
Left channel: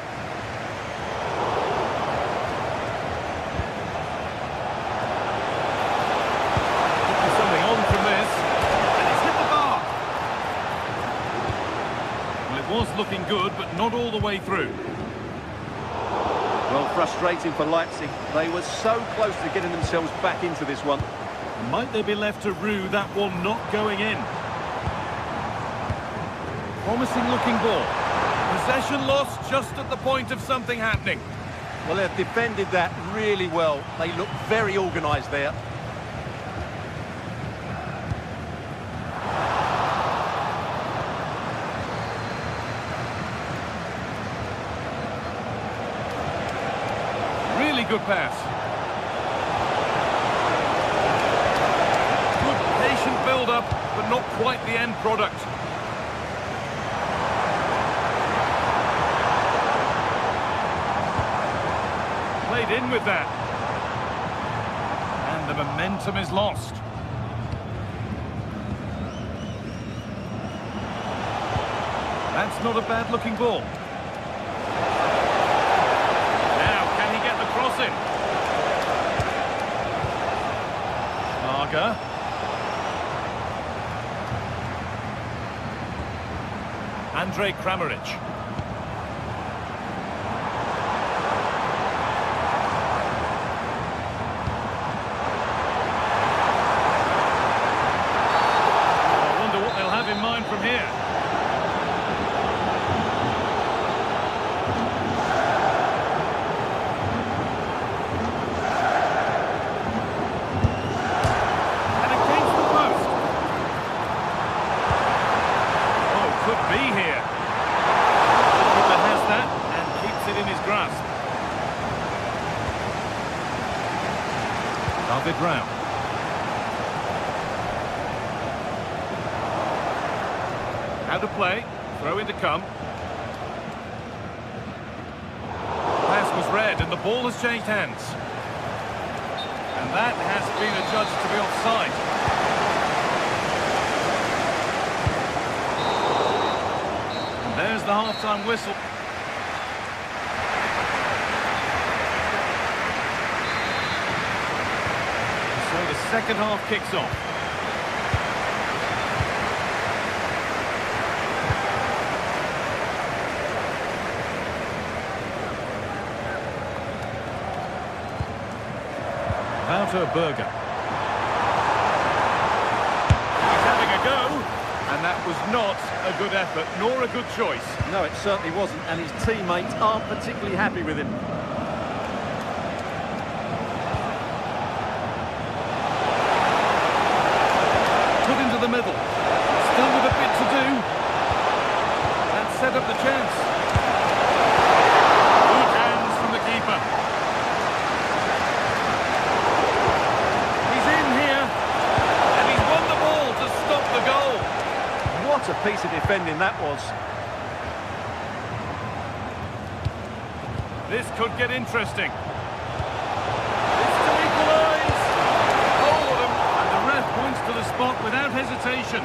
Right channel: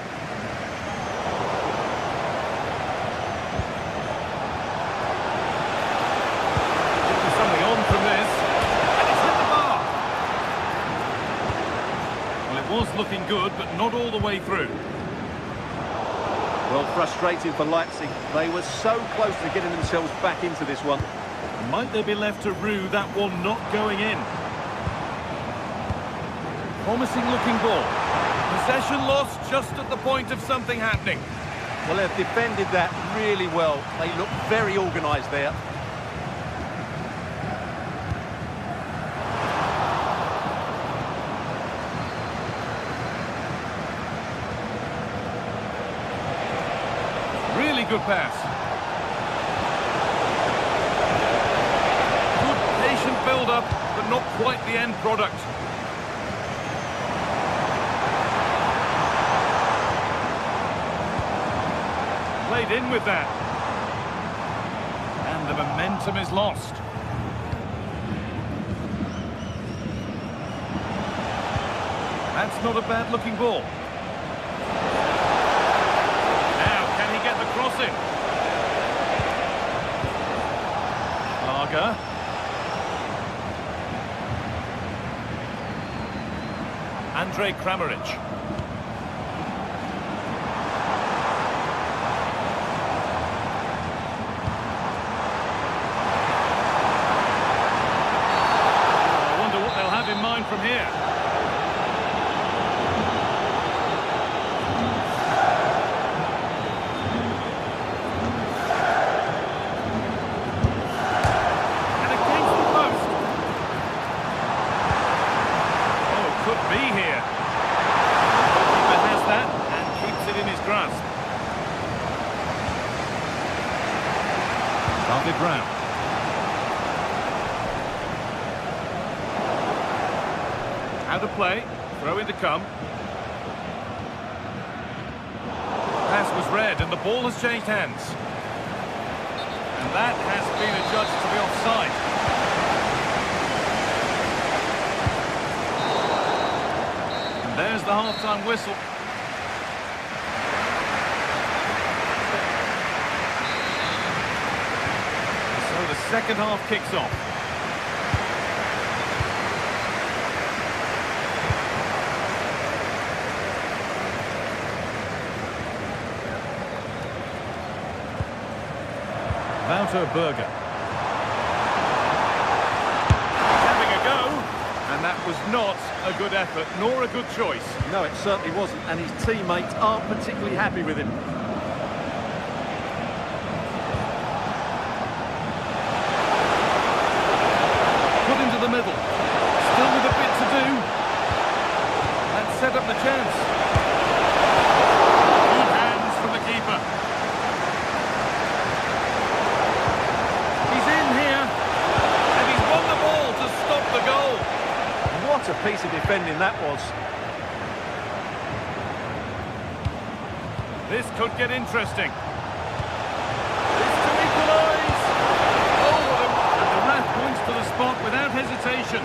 Could be something on from this. And it's hit the bar. Well, it was looking good, but not all the way through. Well, frustrating for Leipzig. They were so close to getting themselves back into this one. Might they be left to rue that one not going in? Promising looking ball. Possession lost just at the point of something happening. Well, they've defended that really well. They look very organised there. Really good pass. Good patient build-up, but not quite the end product. Played in with that. And the momentum is lost. That's not a bad looking ball. Now, can he get the cross in? Schlager. Andrej Kramaric. In mind from here. And against the post. Oh, could be here. The goalkeeper has that and keeps it in his grasp. David Brown. How to play, throw in to come. pass was read and the ball has changed hands. And that has been adjudged to be offside. And there's the half-time whistle. So the second half kicks off. Wouter Berger. He's having a go, and that was not a good effort, nor a good choice. No, it certainly wasn't, and his teammates aren't particularly happy with him. Put into the middle. Still with a bit to do. And set up the chance. Good hands from the keeper. He's in here. And he's won the ball to stop the goal. What a piece of defending that was. This could get interesting. This to equalise. Oh, and the ref points to the spot without hesitation.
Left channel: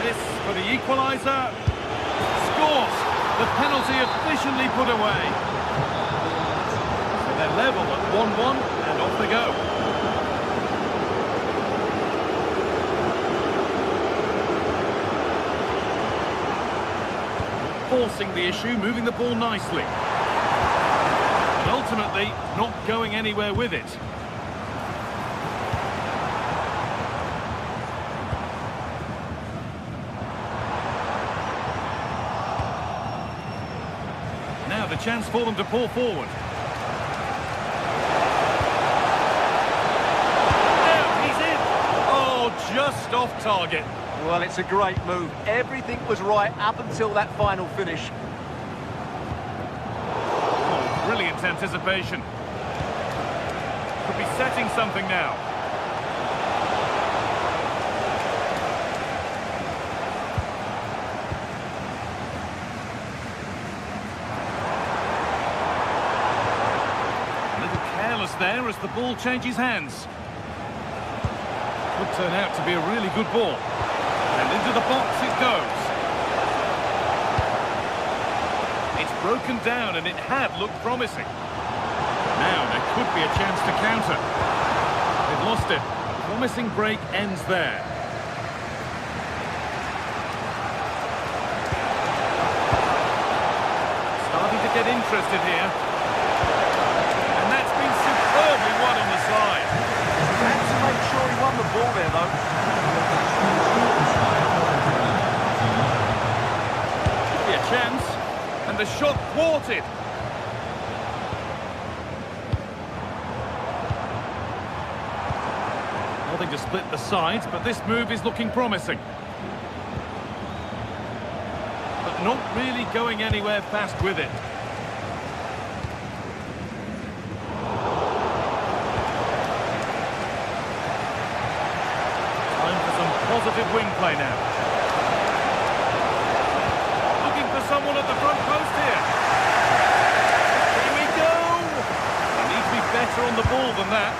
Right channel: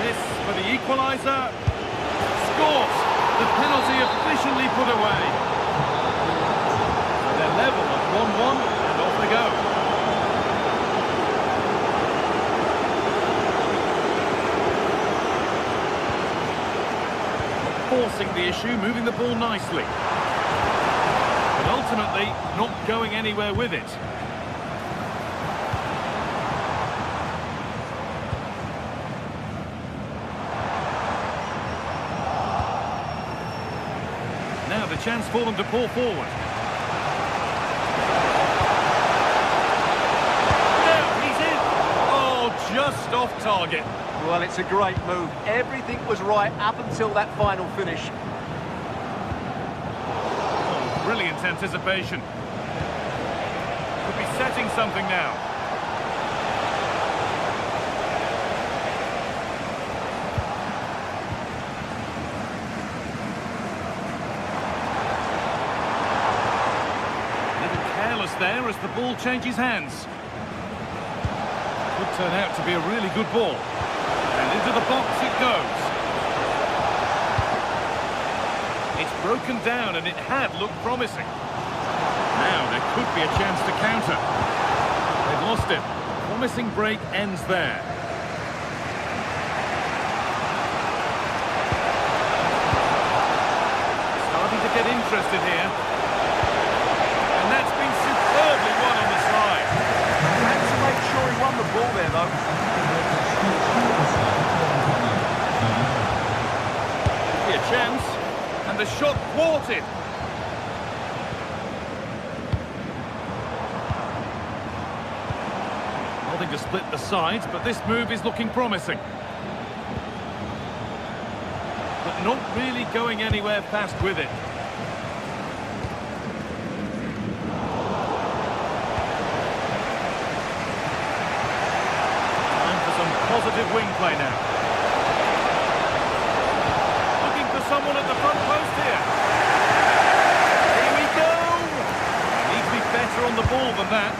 This for the equaliser. Scores. The penalty efficiently put away. So they're level at 1-1 and off they go. Forcing the issue, moving the ball nicely. But ultimately, not going anywhere with it. Now the chance for them to pull forward. Now he's in! Oh, just off target. Well, it's a great move. Everything was right up until that final finish. Oh, brilliant anticipation. Could be setting something now. A little careless there as the ball changes hands. Could turn out to be a really good ball. And into the box it goes. It's broken down and it had looked promising. Now there could be a chance to counter. They've lost it. A promising break ends there. Starting to get interested here. And that's been superbly won on the side. Had to make sure he won the ball there, though. A chance, and the shot thwarted. Nothing to split the sides, but this move is looking promising. But not really going anywhere fast with it. Time for some positive wing play now. Someone at the front post here. Here we go. They need to be better on the ball than that.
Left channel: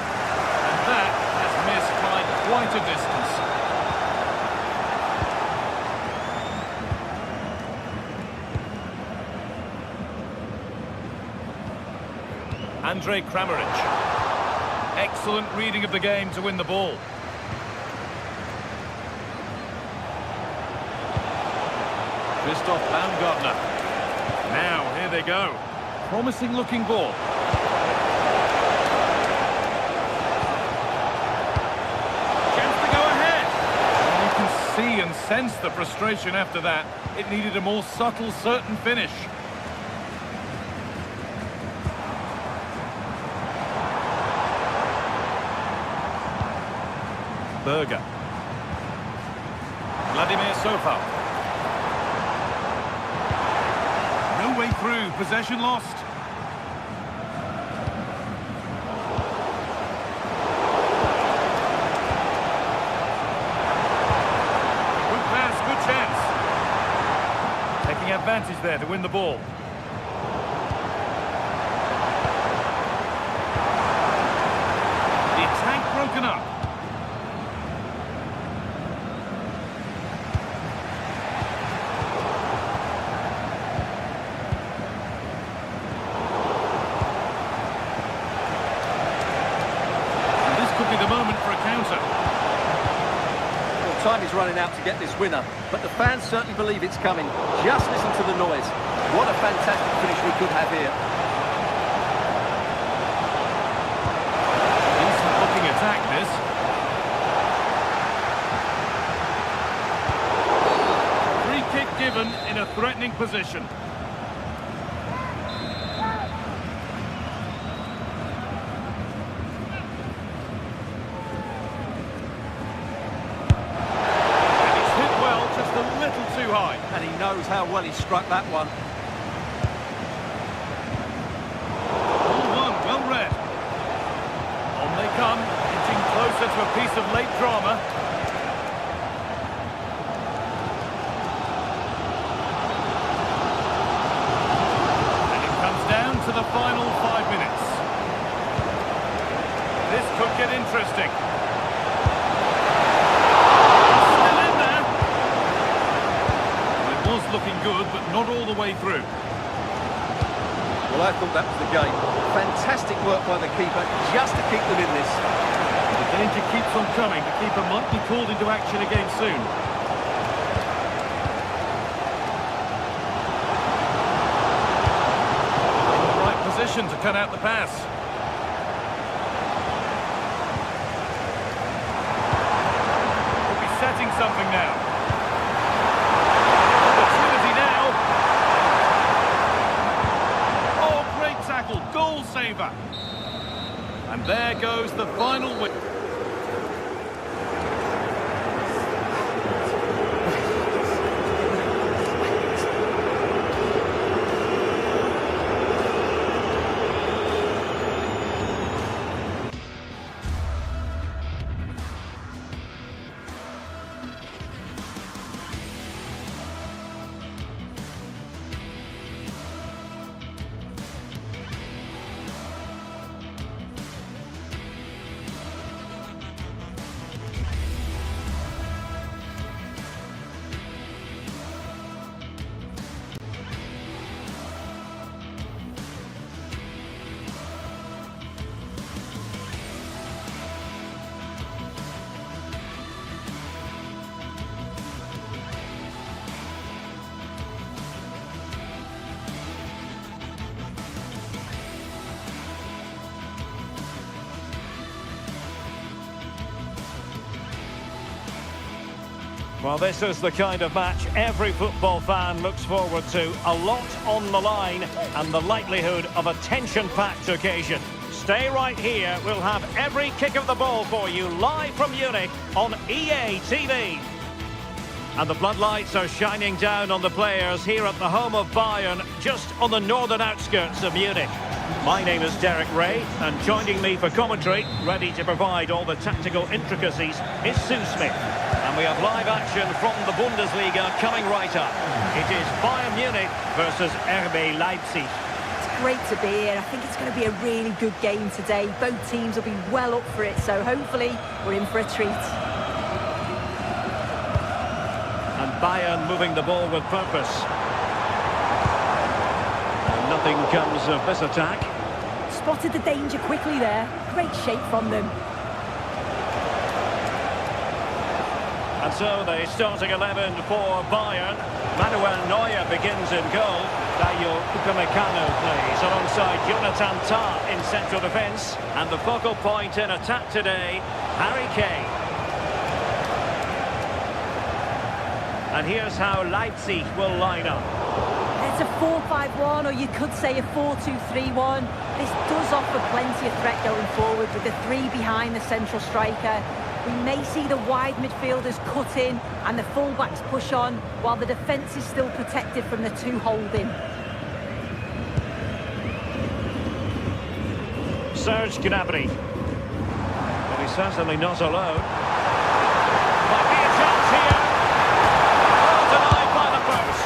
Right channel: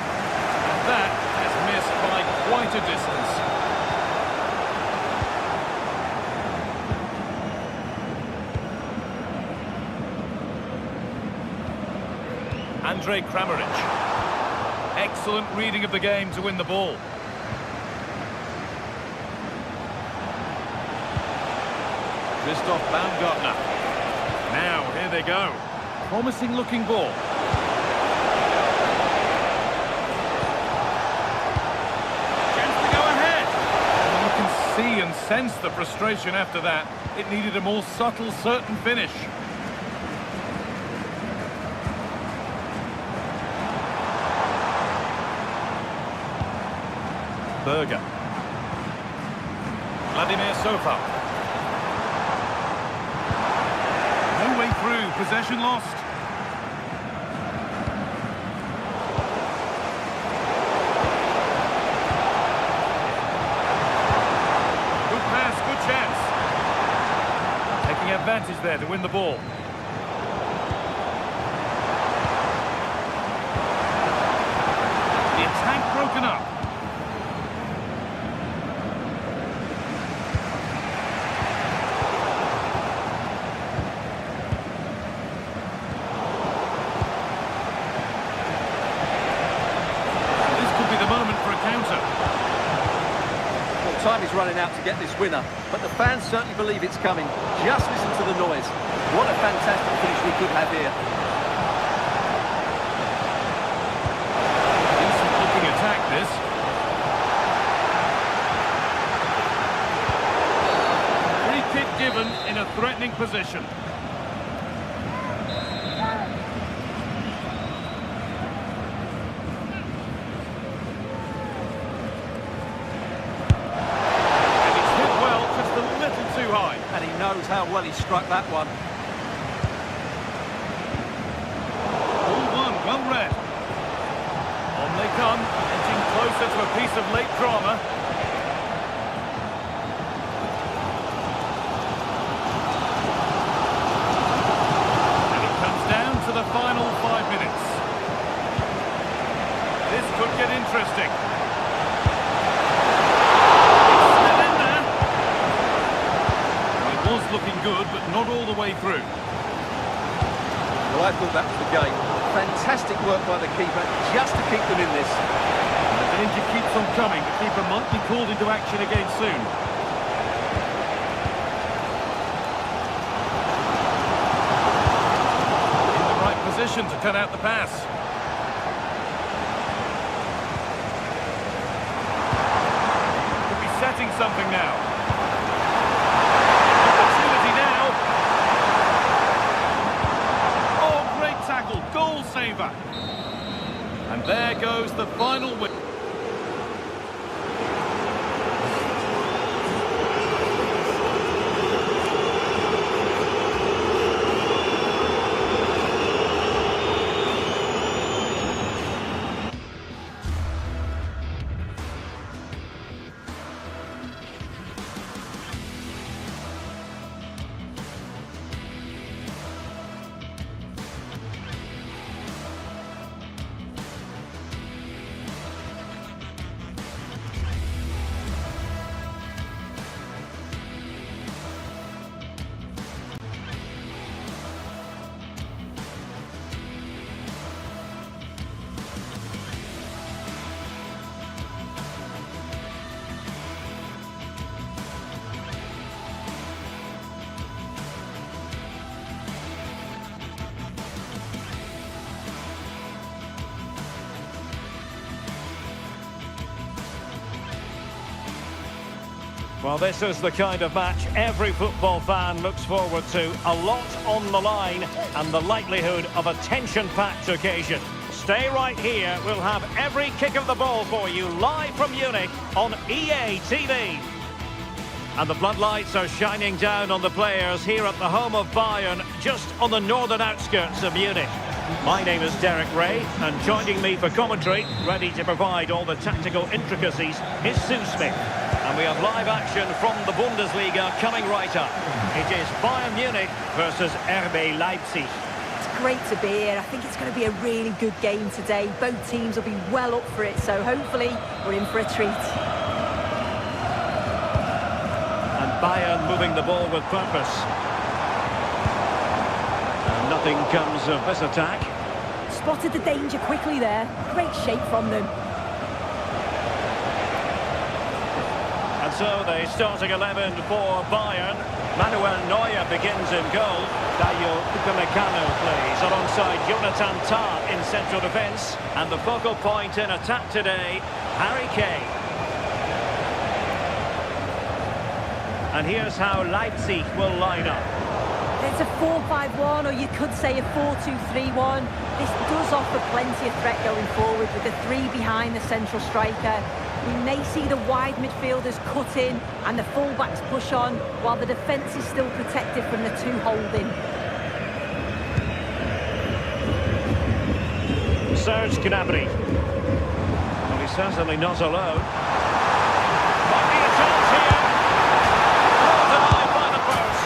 And that has missed by quite a distance. Andrej Kramaric. Excellent reading of the game to win the ball. Christoph Baumgartner. Now, here they go. Promising looking ball. Chance to go ahead. And you can see and sense the frustration after that. It needed a more subtle, certain finish. Berger. Vladimir Sofal. No way through, possession lost. Good pass, good chance. Taking advantage there to win the ball. broken up. And this could be the moment for a counter. Well, time is running out to get this winner, but the fans certainly believe it's coming. Just listen to the noise. What a fantastic finish we could have here. Decent looking attack, this. Free kick given in a threatening position. And it's hit well, just a little too high. And he knows how well he struck that one. Well read. On they come, inching closer to a piece of late drama. And it comes down to the final 5 minutes. This could get interesting. It's still in there. Well, it was looking good, but not all the way through. Well, I thought that was the game. Fantastic work by the keeper just to keep them in this. The danger keeps on coming. The keeper might be called into action again soon. In the right position to cut out the pass. Could be setting something now. Opportunity now. Oh, great tackle. Goal saver. And there goes the final win. Well, this is the kind of match every football fan looks forward to. A lot on the line and the likelihood of a tension-packed occasion. Stay right here. We'll have every kick of the ball for you live from Munich on EA TV. And the floodlights are shining down on the players here at the home of Bayern, just on the northern outskirts of Munich. My name is Derek Ray, and joining me for commentary, ready to provide all the tactical intricacies, is Sue Smith. And we have live action from the Bundesliga coming right up. It is Bayern Munich versus RB Leipzig. It's great to be here. I think it's going to be a really good game today. Both teams will be well up for it, so hopefully we're in for a treat. And Bayern moving the ball with purpose. And nothing comes of this attack. Spotted the danger quickly there. Great shape from them. And so the starting 11 for Bayern. Manuel Neuer begins in goal. Dayo Upamecano plays alongside Jonathan Tah in central defence. And the focal point in attack today, Harry Kane. And here's how Leipzig will line up. It's a 4-5-1, or you could say a 4-2-3-1. This does offer plenty of threat going forward with the three behind the central striker. We may see the wide midfielders cut in and the fullbacks push on, while the defence is still protected from the two holding. Serge Gnabry. Well, he's certainly not alone. Might be a chance here. Oh, denied by the post.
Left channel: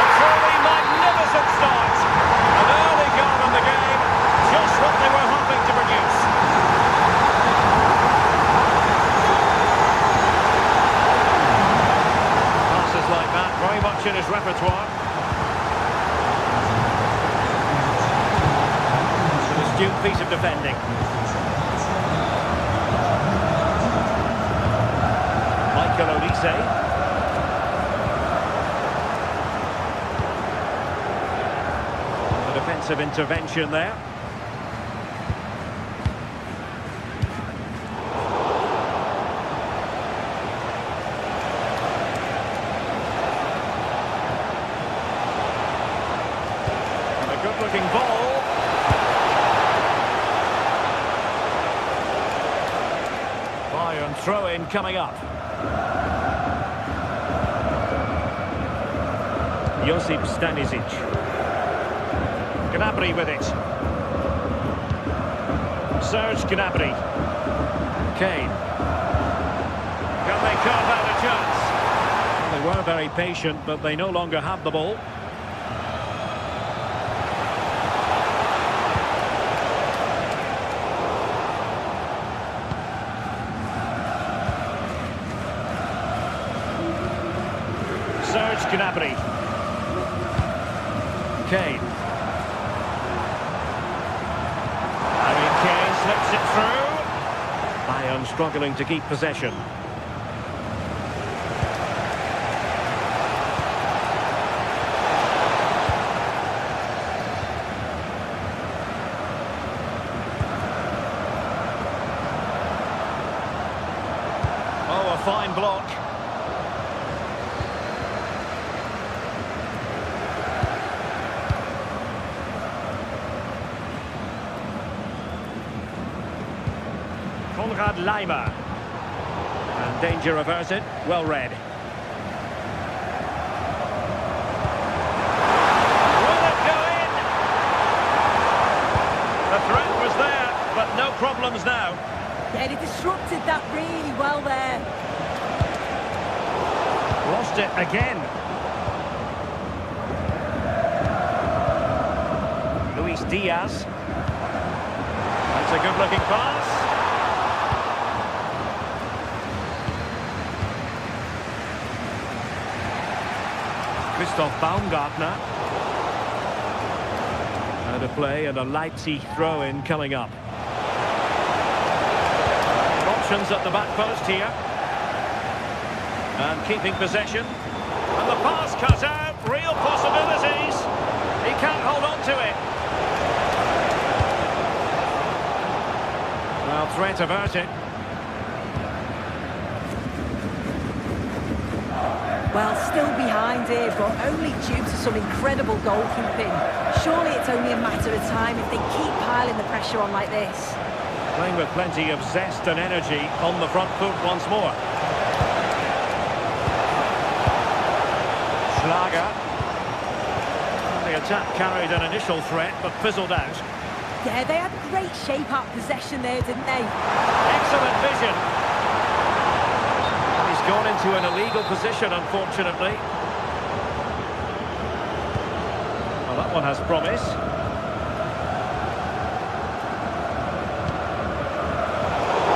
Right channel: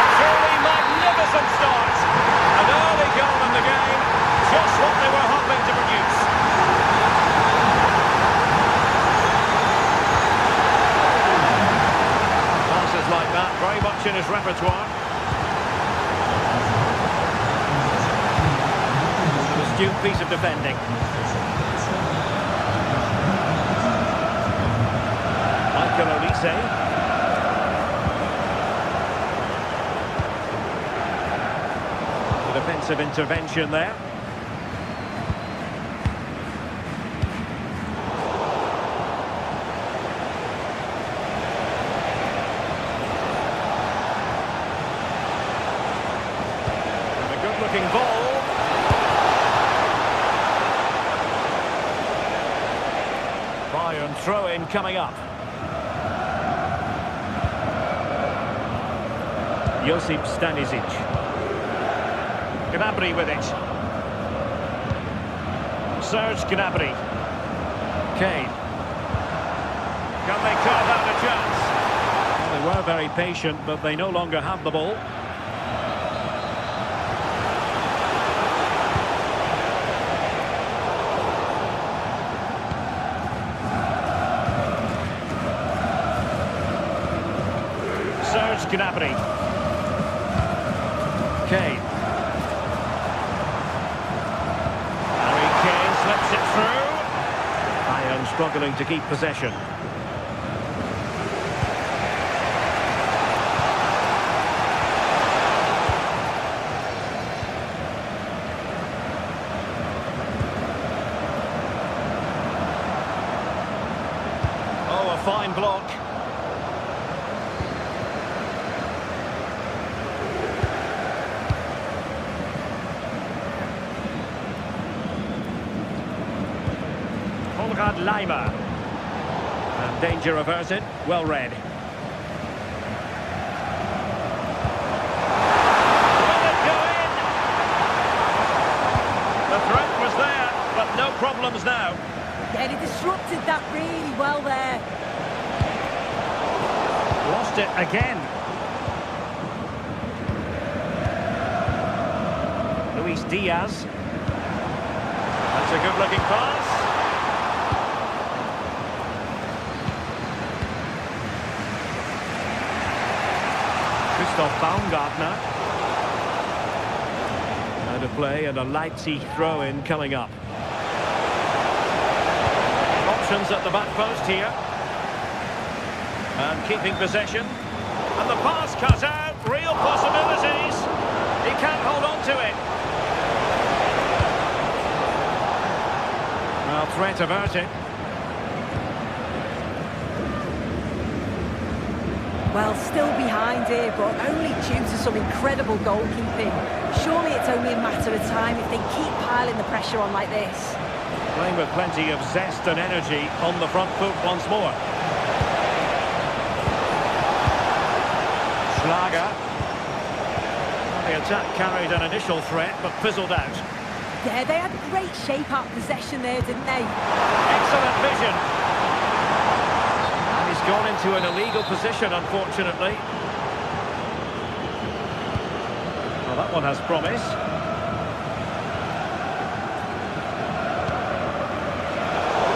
A truly magnificent start. An early goal in the game. Just what they were hoping to produce. Very much in his repertoire. An astute piece of defending. Michael Olise. The defensive intervention there. And a good-looking ball. Bayern throw-in coming up. Josip Stanisic. Gnabry with it. Serge Gnabry. Kane. Can they carve out a chance? Well, they were very patient, but they no longer have the ball. Serge Gnabry. Kane. Kane slips it through. Bayern struggling to keep possession. Oh, a fine block. Konrad Laimer. And danger averted. Well read. Will it go in? The threat was there, but no problems now. Yeah, he disrupted that really well there. Lost it again. Luis Diaz. That's a good-looking pass. Christoph Baumgartner. Out of play and a Leipzig throw-in coming up. Options at the back post here. And keeping possession. And the pass cut out. Real possibilities. He can't hold on to it. Well, threat averted. Well, still behind here, but only due to some incredible goalkeeping. Surely it's only a matter of time if they keep piling the pressure on like this. Playing with plenty of zest and energy on the front foot once more. Schlager. Well, the attack carried an initial threat, but fizzled out. Yeah, they had great shape out possession there, didn't they? Excellent vision. And he's gone into an illegal position, unfortunately. Well, that one has promise.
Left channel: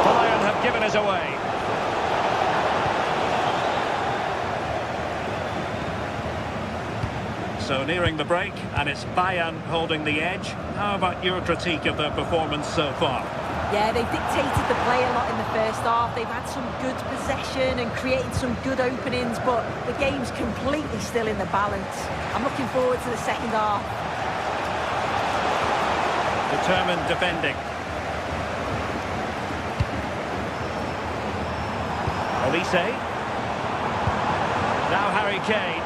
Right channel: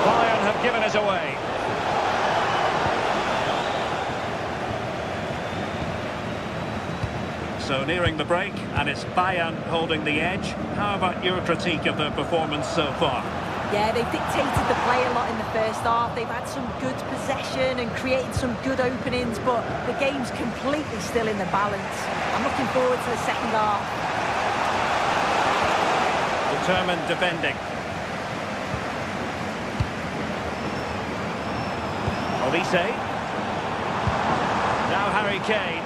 Bayern have given us away. So nearing the break, and it's Bayern holding the edge. How about your critique of their performance so far? Yeah, they've dictated the play a lot in the first half. They've had some good possession and created some good openings, but the game's completely still in the balance. I'm looking forward to the second half. Determined defending. Olise. Now Harry Kane.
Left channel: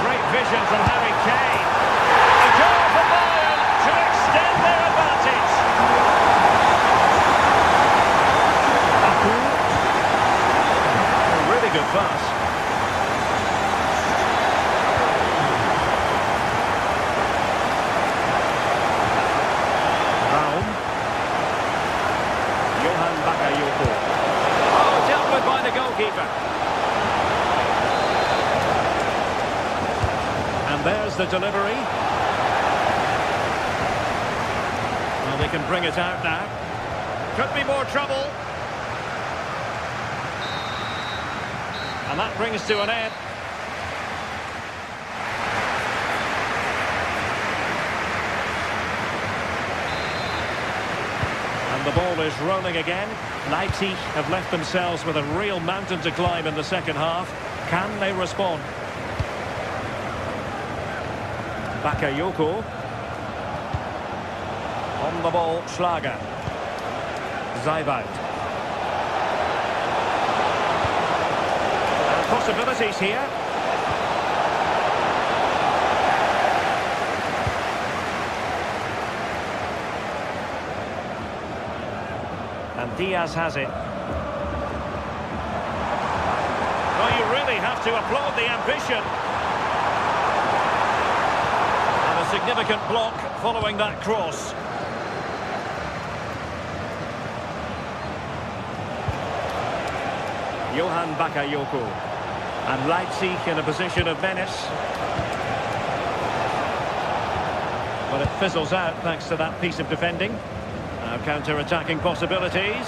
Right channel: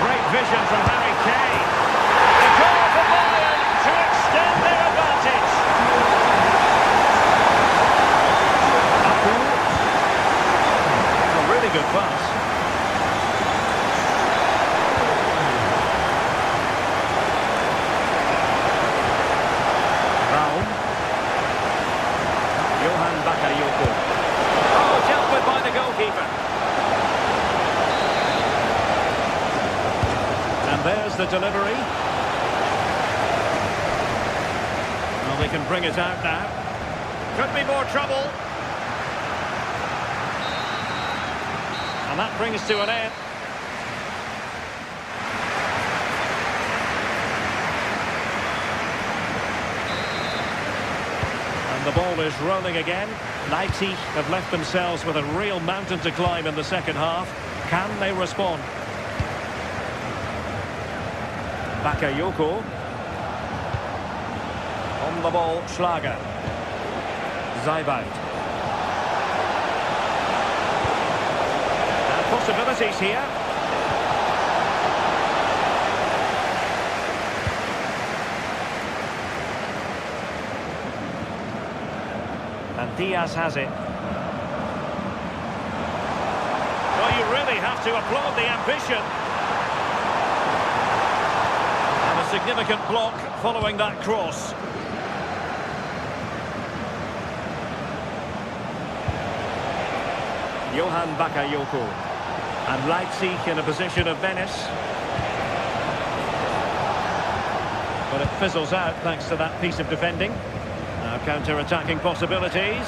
Great vision from Harry Kane. A goal for Bayern to extend their advantage. A really good pass. Raum. Johan Bakayoko. Oh, dealt with by the goalkeeper. And there's the delivery. Well, they can bring it out now. Could be more trouble. And that brings to an end. And the ball is rolling again. Leipzig have left themselves with a real mountain to climb in the second half. Can they respond? Bakayoko. On the ball, Schlager. Zeibout. And possibilities here. And Diaz has it. Well, you really have to applaud the ambition. And a significant block following that cross. Johan Bakayoko. And Leipzig in a position of menace. But it fizzles out thanks to that piece of defending. Now counter-attacking possibilities.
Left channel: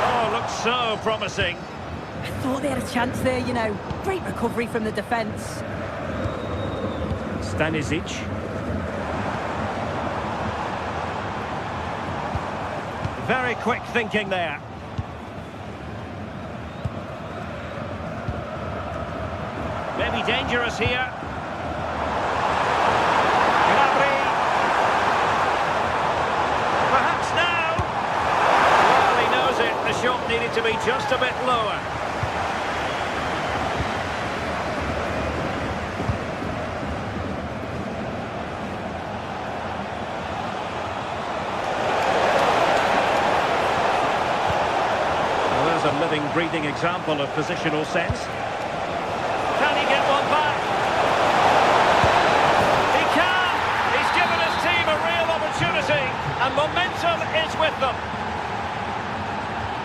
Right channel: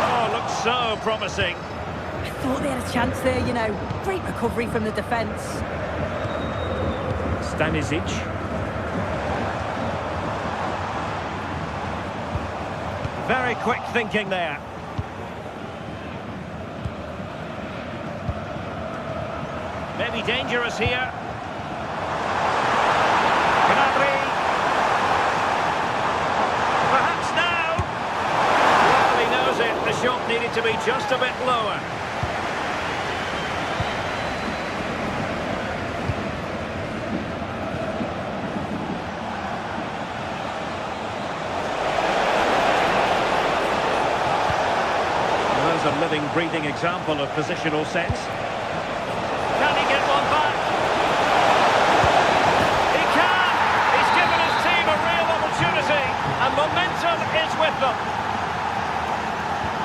Oh, looks so promising. I thought they had a chance there, you know. Great recovery from the defence. Stanisic. Very quick thinking there. Maybe dangerous here. Gnabry. Perhaps now. Well, he knows it. The shot needed to be just a bit lower. Well, there's a living, breathing example of positional sense. Can he get one back? And momentum is with them.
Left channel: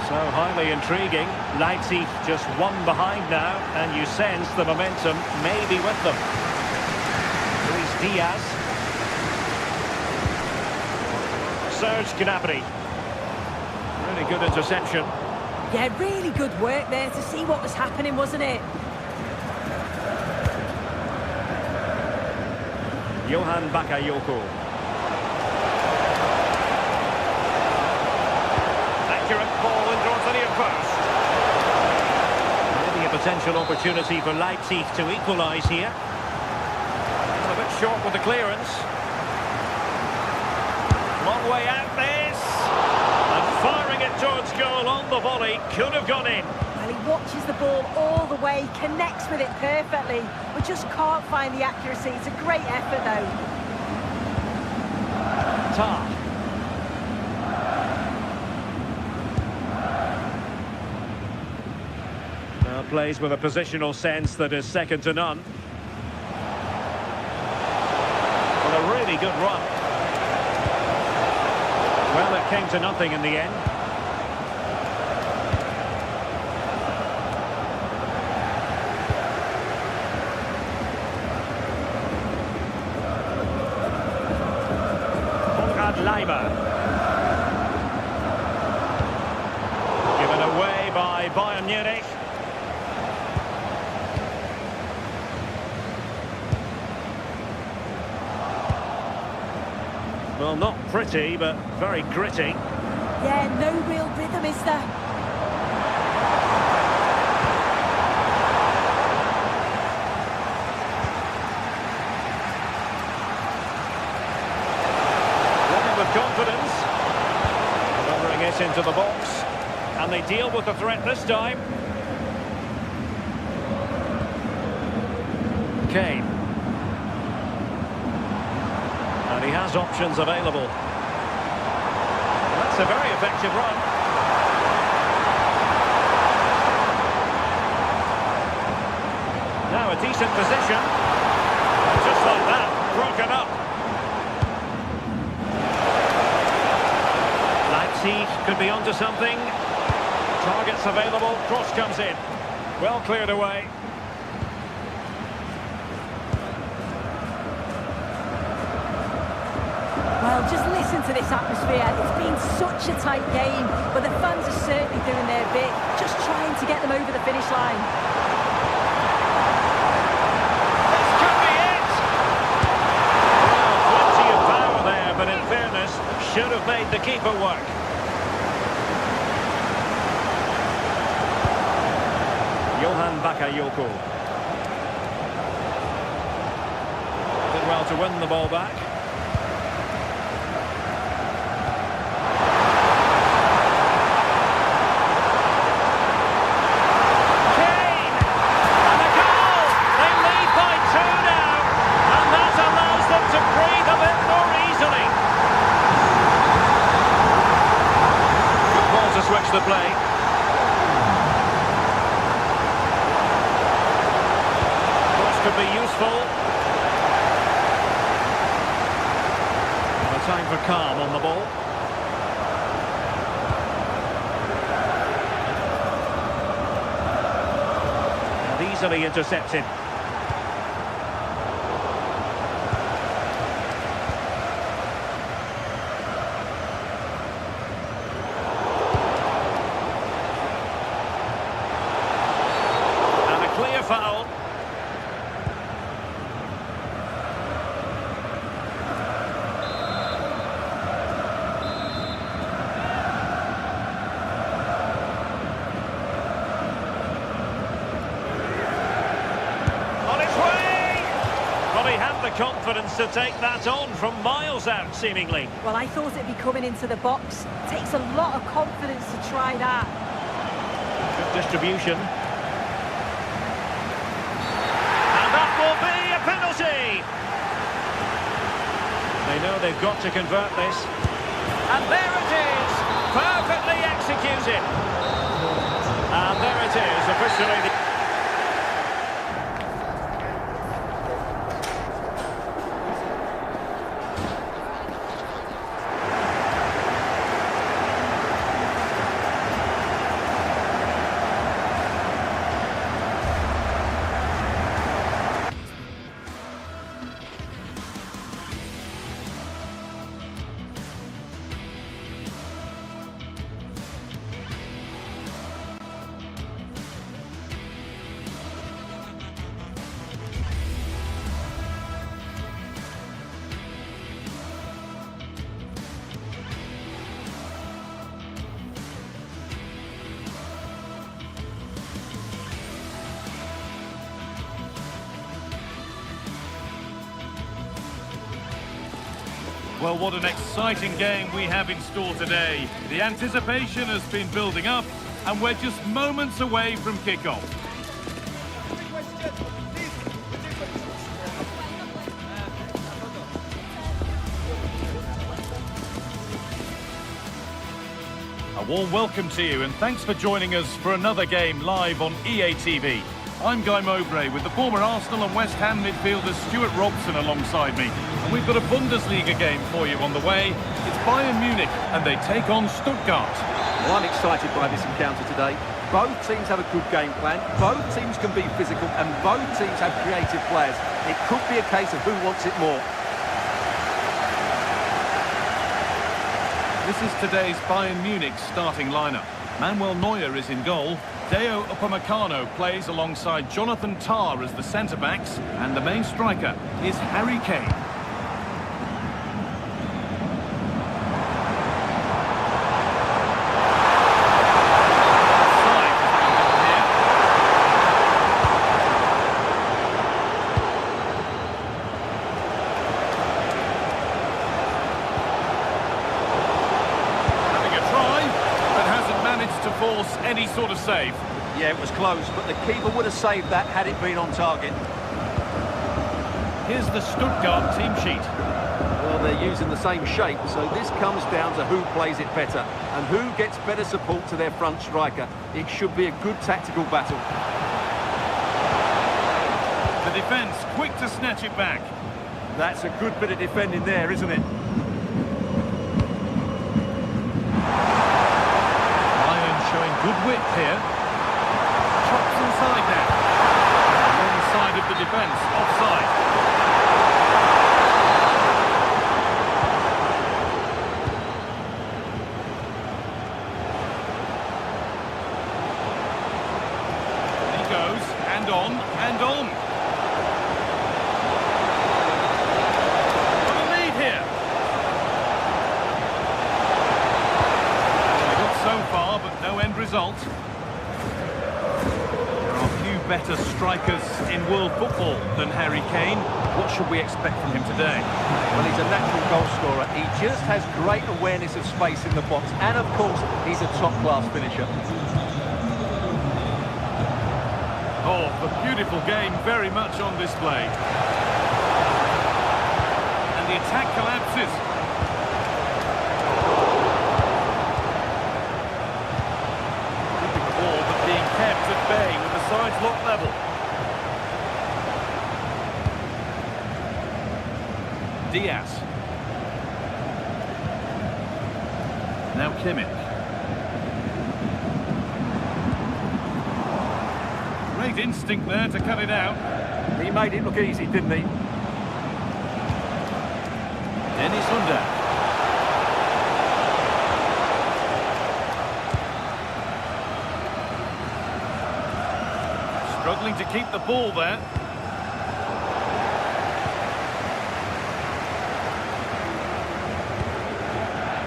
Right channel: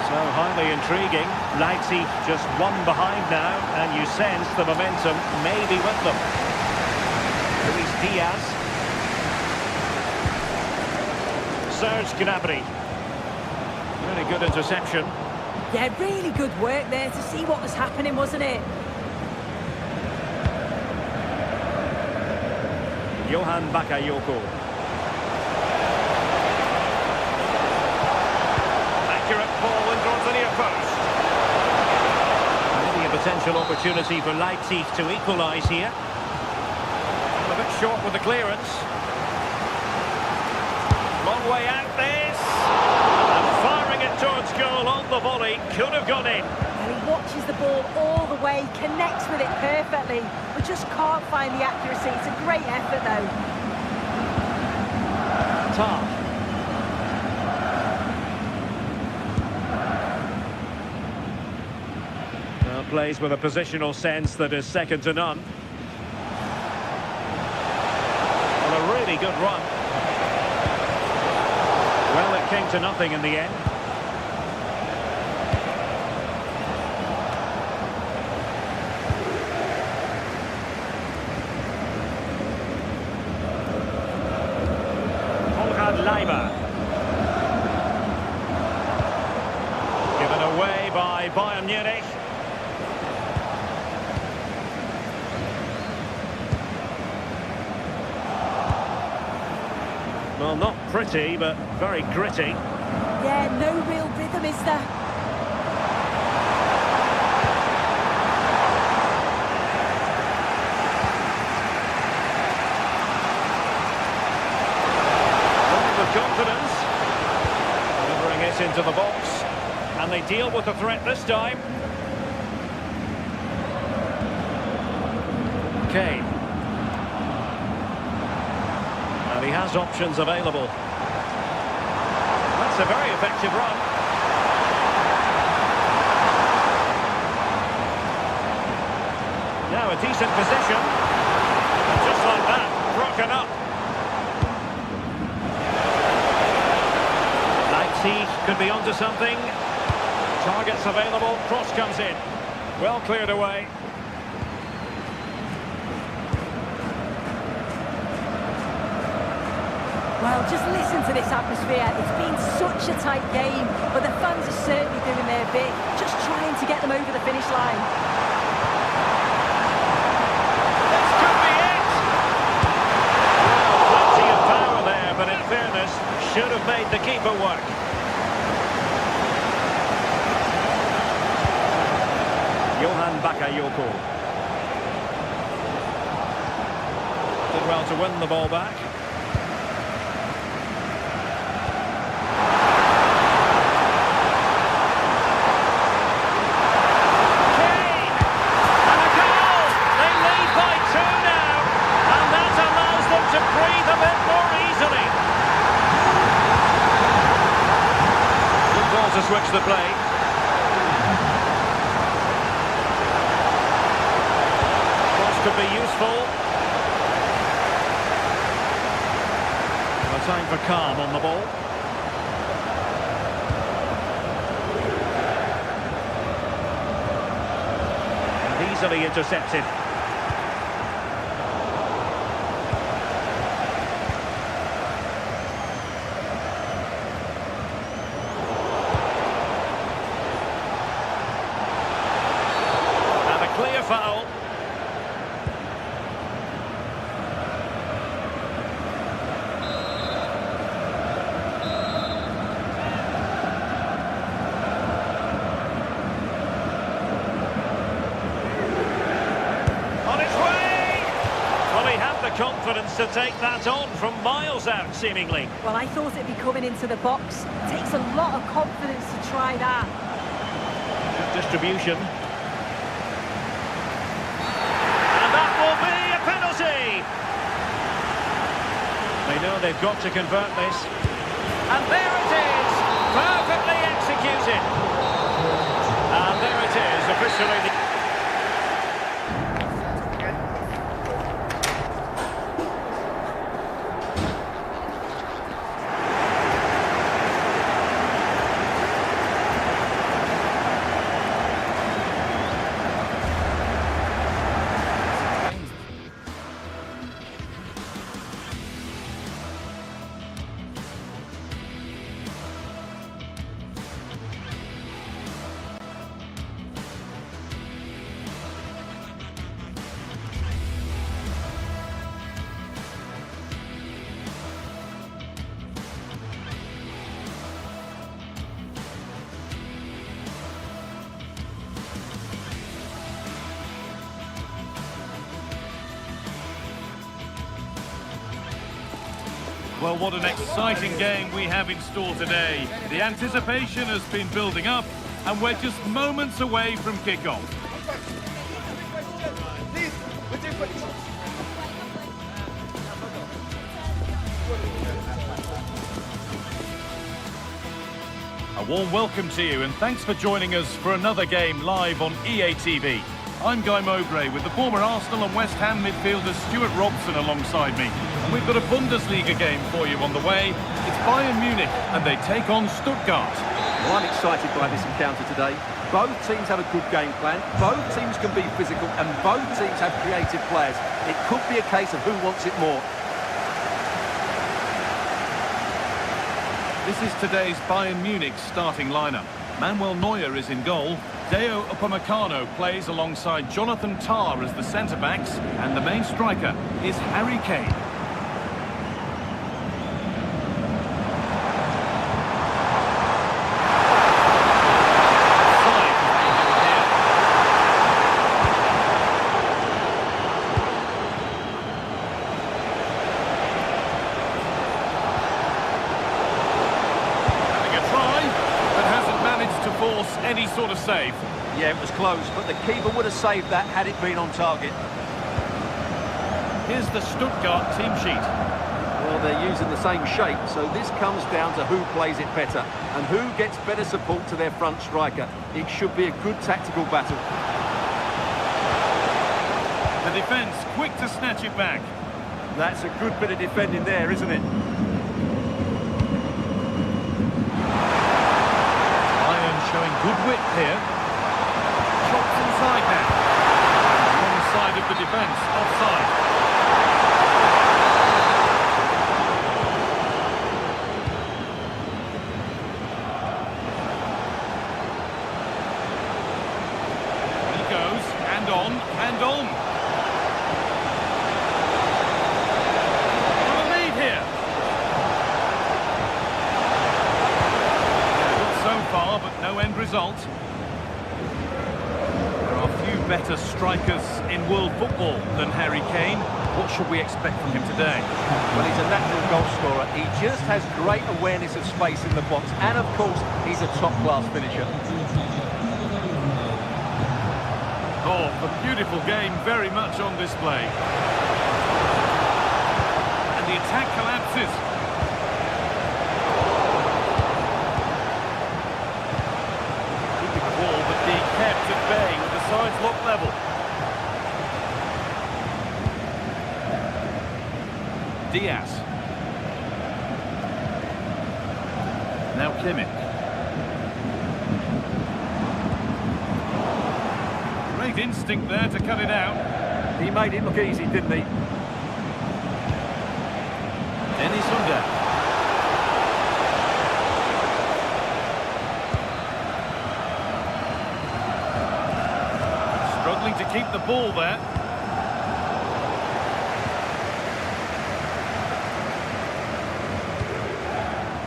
So highly intriguing. Leipzig just one behind now, and you sense the momentum may be with them. Luis Diaz. Serge Gnabry. Really good interception. Yeah, really good work there to see what was happening, wasn't it? Johan Bakayoko. Accurate ball and draws the near post. Maybe a potential opportunity for Leipzig to equalise here. Well, a bit short with the clearance. Long way out this. And firing it towards goal on the volley. Could have gone in. Well, he watches the ball all the way, connects with it perfectly, but just can't find the accuracy. It's a great effort, though. Tar. Now plays with a positional sense that is second to none. Well, a really good run. Well, it came to nothing in the end. Leiber. Given away by Bayern Munich. Well, not pretty, but very gritty. Yeah, no real rhythm, is there? With confidence, delivering it into the box, and they deal with the threat this time. Kane, and he has options available. And that's a very effective run. Now a decent position, and just like that, broken up. Leipzig could be onto something. Targets available, cross comes in. Well cleared away. Well, just listen to this atmosphere. It's been such a tight game, but the fans are certainly doing their bit, just trying to get them over the finish line. This could be it! Well, plenty of power should have made the keeper work. Johan Bakayoko. Did well to win the ball back. Kane! And a goal! They lead by 2 now. And that allows them to breathe a bit more easily. Good ball to switch the play. Could be useful. Time for calm on the ball. And easily intercepted. And a clear foul. The confidence to take that on from miles out, seemingly. Well, I thought it'd be coming into the box. It takes a lot of confidence to try that. Good distribution. And that will be a penalty. They know they've got to convert this. And there it is, perfectly executed. And there it is, officially the... Well, what an exciting game we have in store today. The anticipation has been building up, and we're just moments away from kickoff. A warm welcome to you, and thanks for joining us for another game live on EA TV. I'm Guy Mowbray with the former Arsenal and West Ham midfielder Stuart Robson alongside me. And we've got a Bundesliga game for you on the way. It's Bayern Munich and they take on Stuttgart. Well, I'm excited by this encounter today. Both teams have a good game plan, both teams can be physical and both teams have creative players. It could be a case of who wants it more. This is today's Bayern Munich starting lineup. Manuel Neuer is in goal. Deo Upamecano plays alongside Jonathan Tah as the centre-backs, and the main striker is Harry Kane. To force any sort of save. Yeah, it was close, but the keeper would have saved that had it been on target. Here's the Stuttgart team sheet. Well, they're using the same shape, so this comes down to who plays it better and who gets better support to their front striker. It should be a good tactical battle. The defence quick to snatch it back. That's a good bit of defending there, isn't it? Showing good width here. Chops inside now. And the wrong side of the defence, offside. He goes, and on, and on. Got a lead here. result. There are few better strikers in world football than Harry Kane. What should we expect from him today? Well, he's a natural goal scorer. He just has great awareness of space in the box. And, of course, he's a top-class finisher. Oh, the beautiful game very much on display. And the attack collapses. Keeping the ball, but being kept at bay with the sides locked level. Diaz. Now Kimmich. Great instinct there to cut it out. He made it look easy, didn't he? Dennis Under. Struggling to keep the ball there.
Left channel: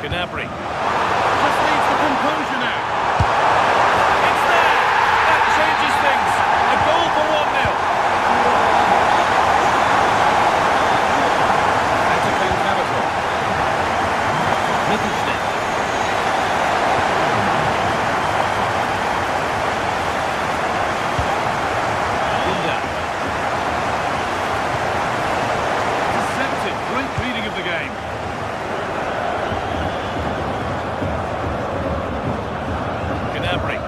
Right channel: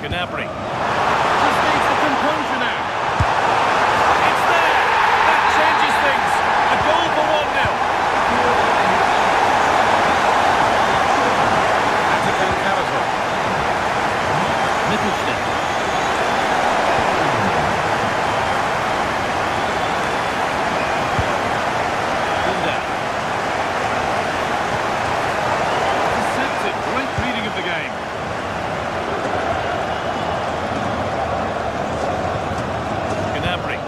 Gnabry. Just needs the composure now. It's there! That changes things. A goal for 1-0. Atakan Karazor. Mittelstädt. Binder. Deceptive. Great reading of the game. Gnabry.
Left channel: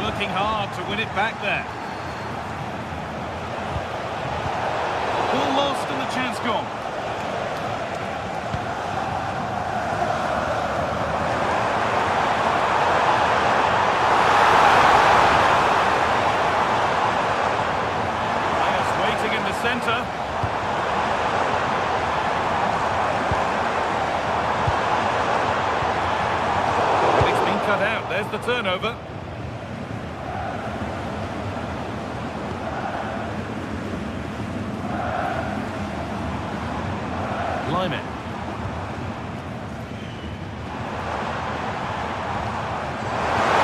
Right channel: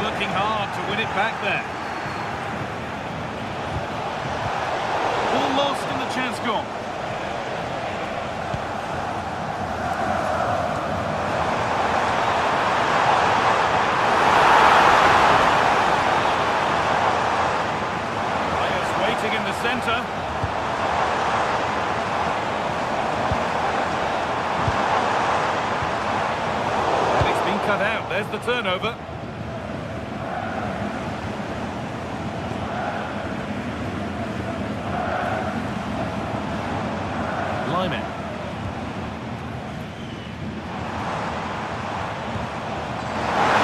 Working hard to win it back there. Ball lost and the chance gone. Ayers waiting in the centre. Cut out, there's the turnover. Lyman.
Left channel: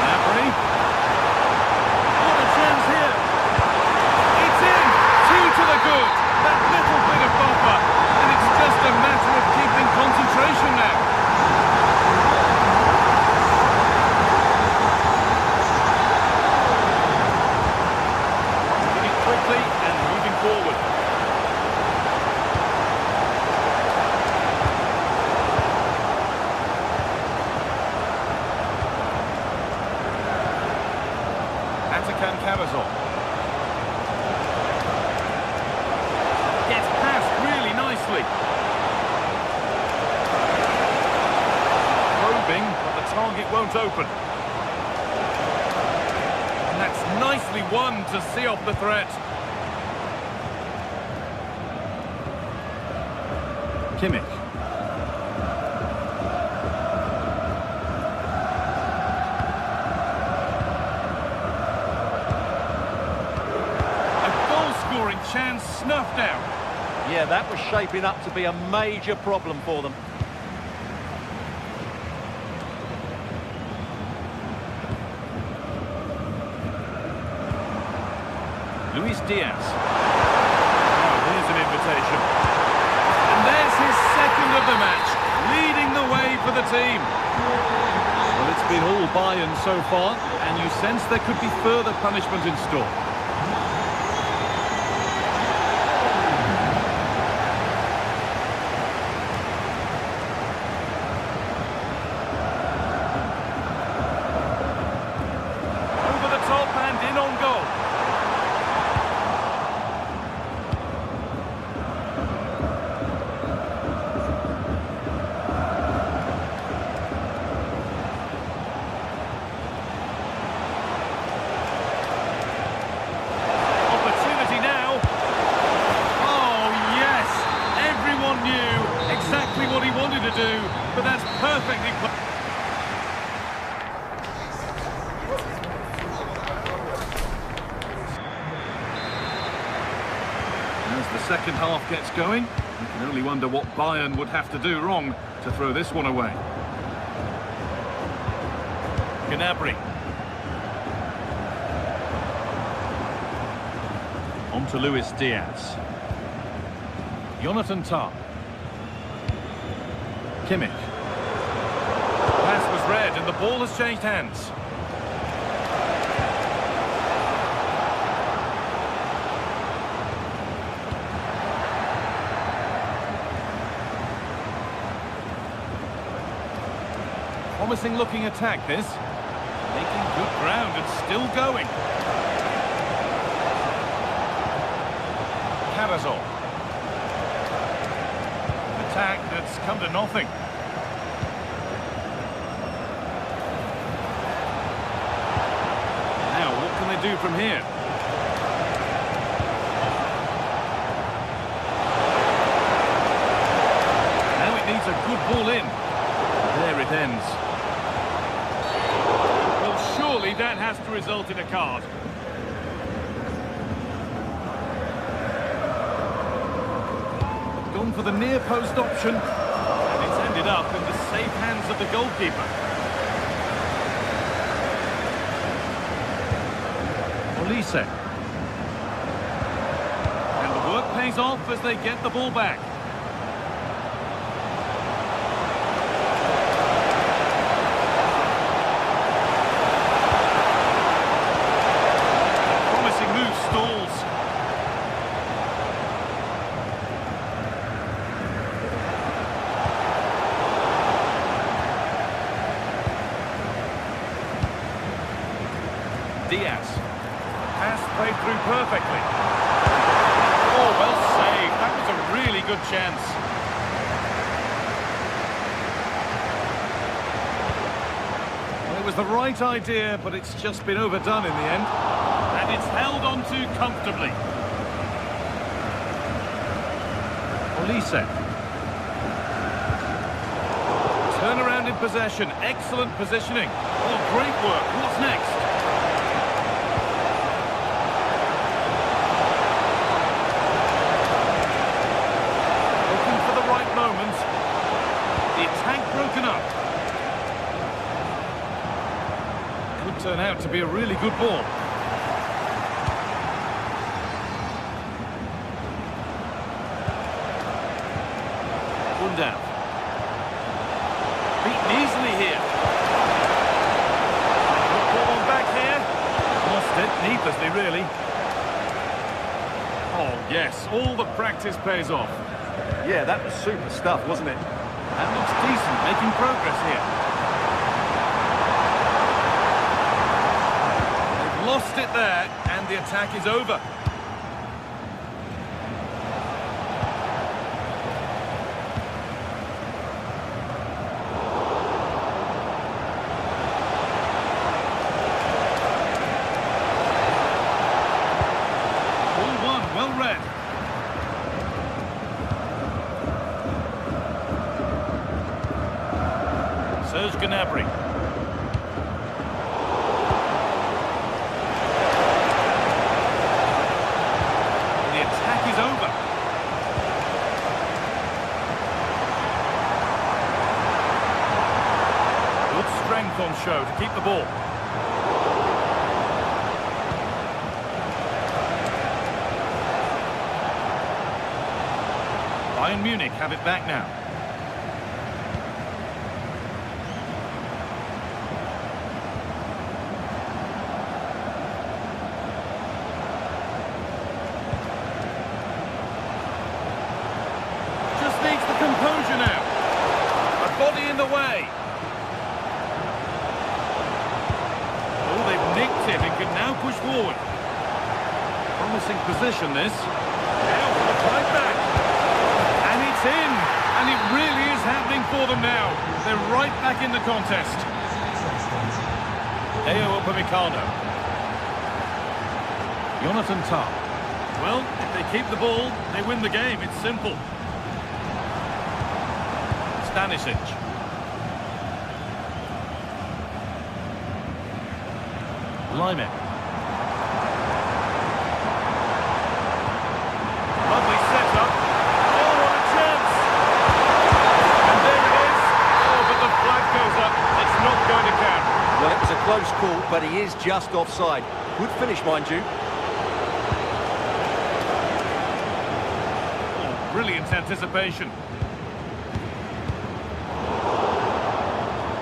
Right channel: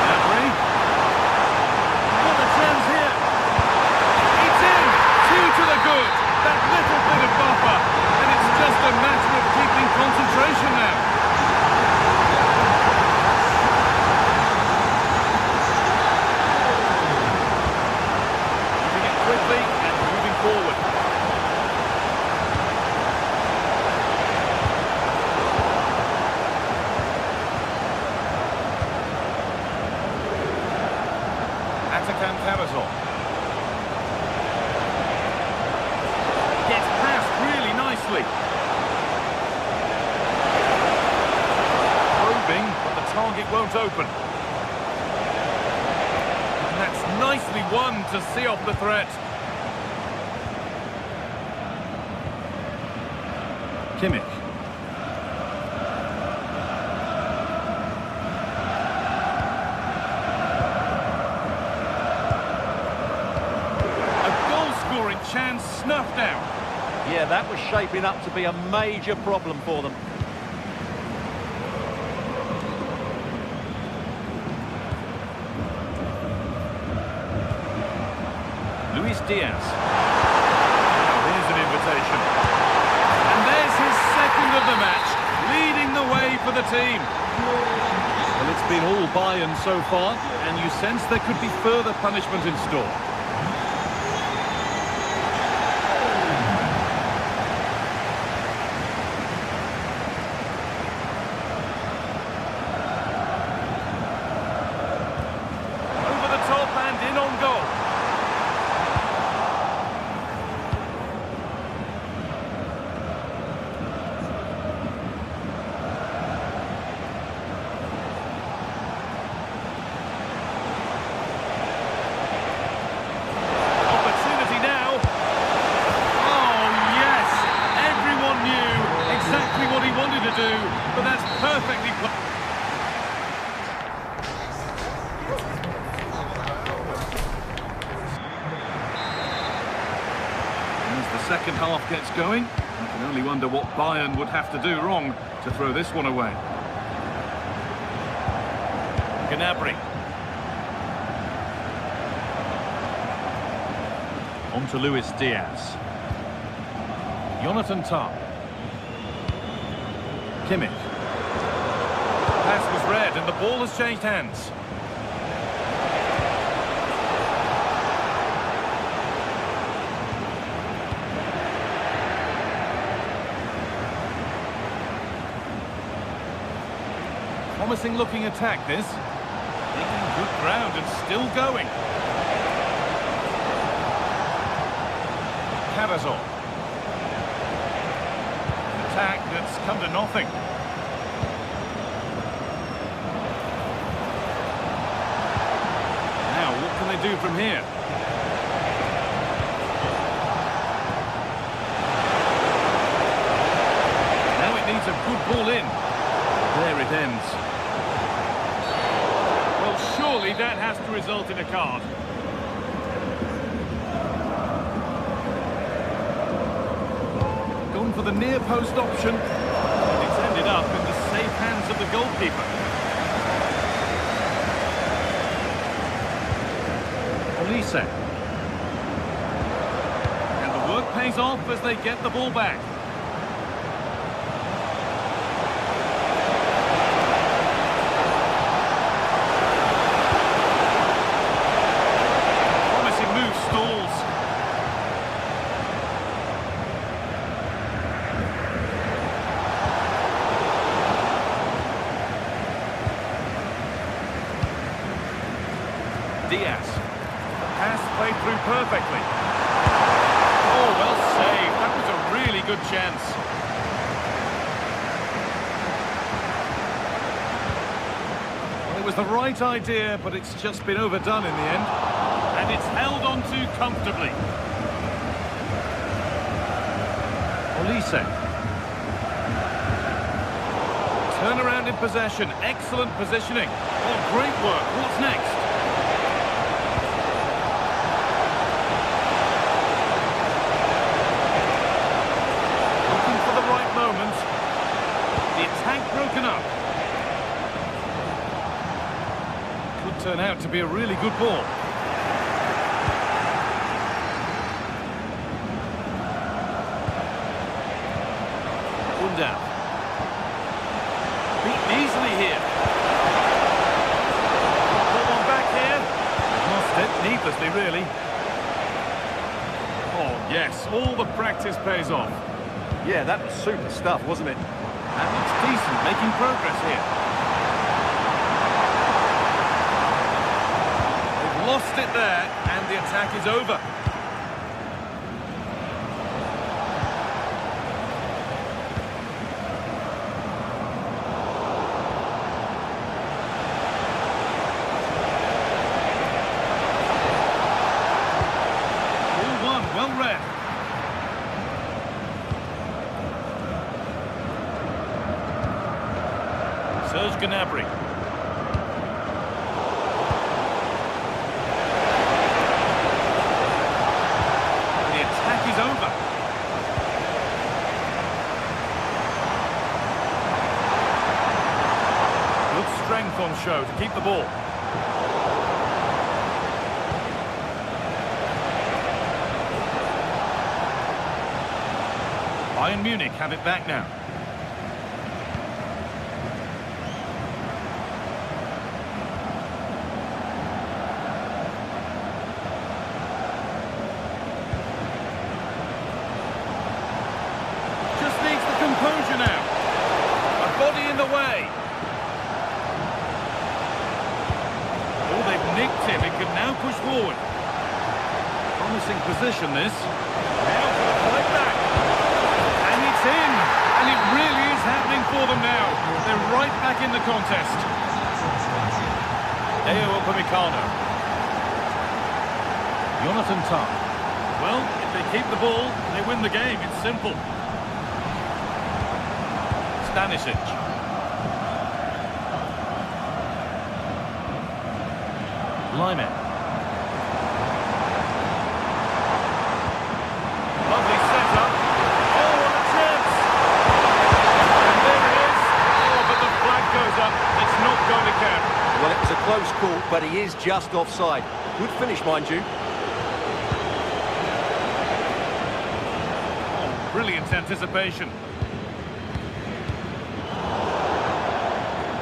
Gnabry. What a chance here. It's in. 2 to the good. That little bit of buffer. And it's just a matter of keeping concentration now. Quickly and moving forward. Atakan Karazor. Gets past really nicely. Probing, but the target won't open. And that's nicely won to see off the threat. Kimmich. A goal-scoring chance snuffed out. Yeah, that was shaping up to be a major problem for them. Luis Diaz. Now here's an invitation. And there's his second of the match, leading the way for the team. Well, it's been all Bayern so far, and you sense there could be further punishment in store. Over the top and in on goal. Knew exactly what he wanted to do, but that's perfectly played. As the second half gets going, You can only wonder what Bayern would have to do wrong to throw this one away. Gnabry. On to Luis Diaz. Jonathan Tah. Kimmich. Pass was read and the ball has changed hands. Promising looking attack this. Making good ground and still going. Carazor. An attack that's come to nothing. Now, what can they do from here? Now it needs a good ball in. There it ends. Well, surely that has to result in a card. Gone for the near post option, and it's ended up in the safe hands of the goalkeeper. Olise. And the work pays off as they get the ball back. Promising move stalls. Diaz. Pass played through perfectly. Oh, well saved. That was a really good chance. Well, it was the right idea, but it's just been overdone in the end. And it's held on to comfortably. Olise. Turnaround in possession. Excellent positioning. Oh, great work. What's next? Right moment. The attack broken up. Could turn out to be a really good ball. Buildup. Beaten easily here. Good ball on back here. Lost it needlessly, really. Oh yes, all the practice pays off. Yeah, that was super stuff, wasn't it? That looks decent, making progress here. They've lost it there, and the attack is over. Ball one, well read. Serge Gnabry. The attack is over. Good strength on show to keep the ball. Bayern Munich have it back now. Needs the composure now. A body in the way. Oh, they've nicked him. It can now push forward. Promising position, this. Now for the fight back. And it's in. And it really is happening for them now. They're right back in the contest. Deo Upamecano. Jonathan Tah. Well, if they keep the ball, they win the game. It's simple. Stanisic. Lyman. Lovely setup. Oh, what a close call, but he is just offside. Good finish, mind you. Oh, brilliant anticipation.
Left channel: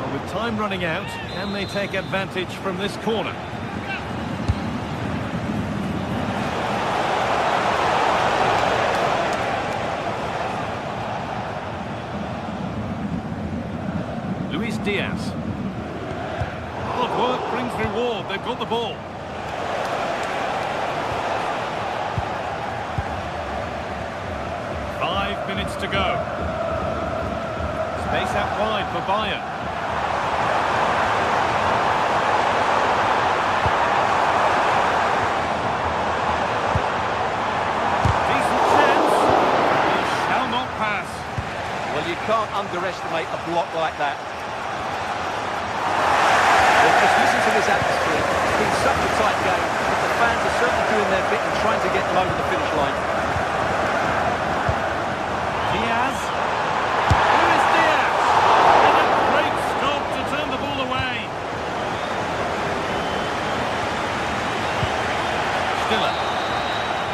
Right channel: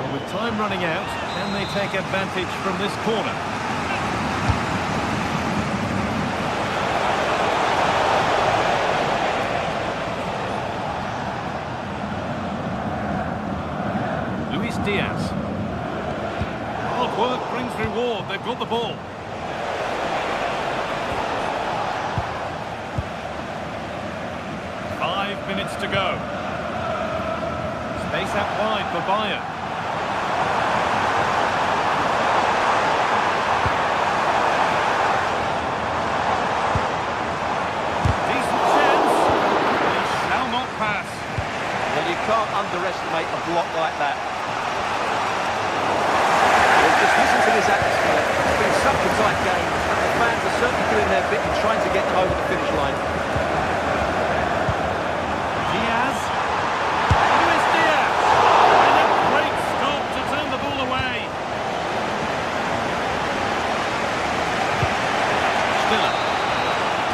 Well, with time running out, can they take advantage from this corner? Diaz. Hard work brings reward. They've got the ball. Five minutes to go. Space out wide for Bayern. Decent chance. He shall not pass. Well, you can't underestimate a block like that. Just listen to this atmosphere. It's been such a tight game, but the fans are certainly doing their bit in trying to get them over the finish line. Diaz. Luis Diaz. And a great stop to turn the ball away. Stiller.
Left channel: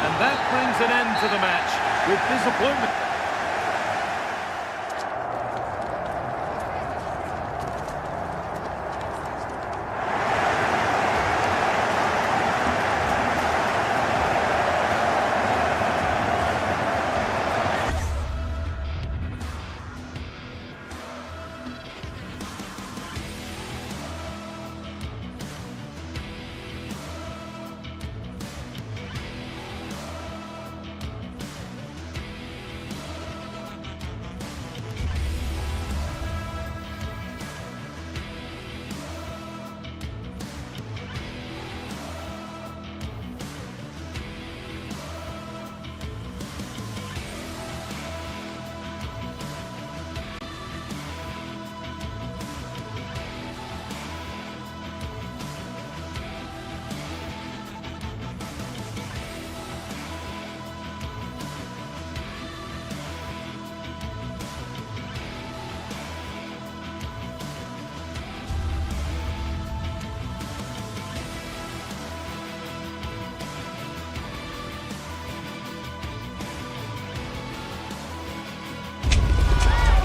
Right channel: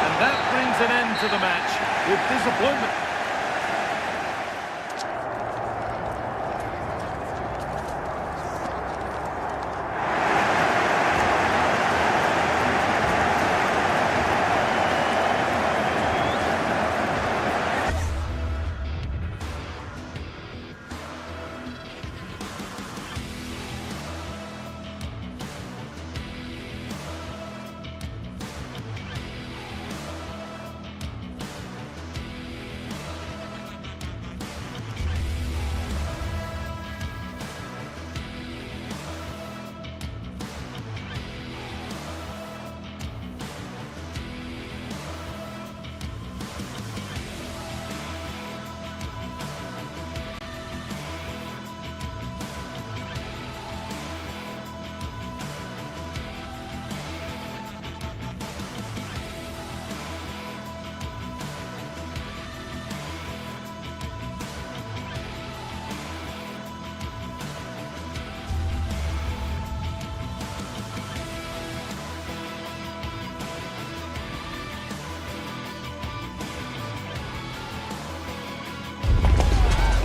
And that brings an end to the match with disappointment.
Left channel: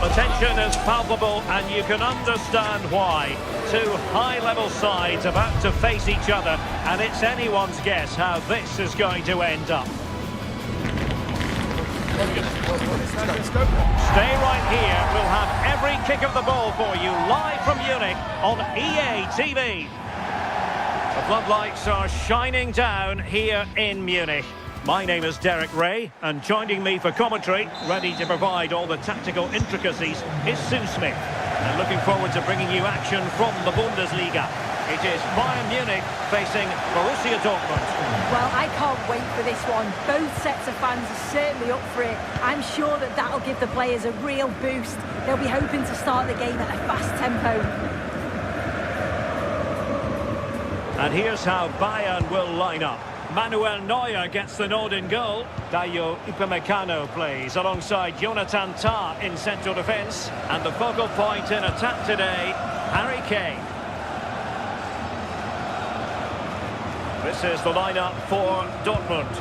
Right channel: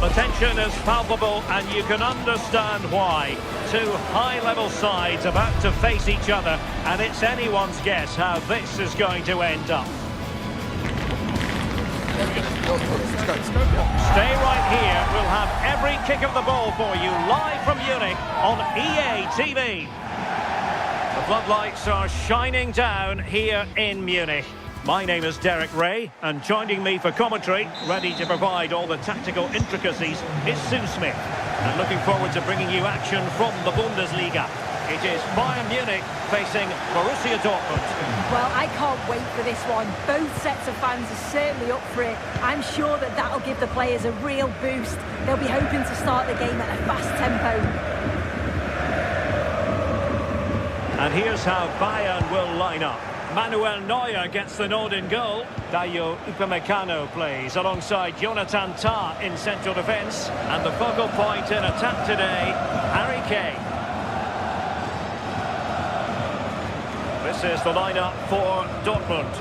The tension is palpable and you can understand why. Two high-level sides about to face each other, and it's anyone's guess how this is going to end up. Stay right here. We'll have every kick of the ball for you live from Munich on EA TV. The floodlights are shining down here in Munich. My name is Derek Ray, and joining me for commentary, ready to provide all the tactical intricacies, is Sue Smith. And looking forward to bringing you action from the Bundesliga. It is Bayern Munich facing Borussia Dortmund. Well, I can't wait for this one. Both sets of fans are certainly up for it. I'm sure that that'll give the players a real boost. They'll be hoping to start the game at a fast tempo. And here's how Bayern will line up. Manuel Neuer gets the nod in goal. Dayo Upamecano plays alongside Jonathan Tah in central defence. And the focal point in attack today, Harry Kane. This is the lineup for Dortmund.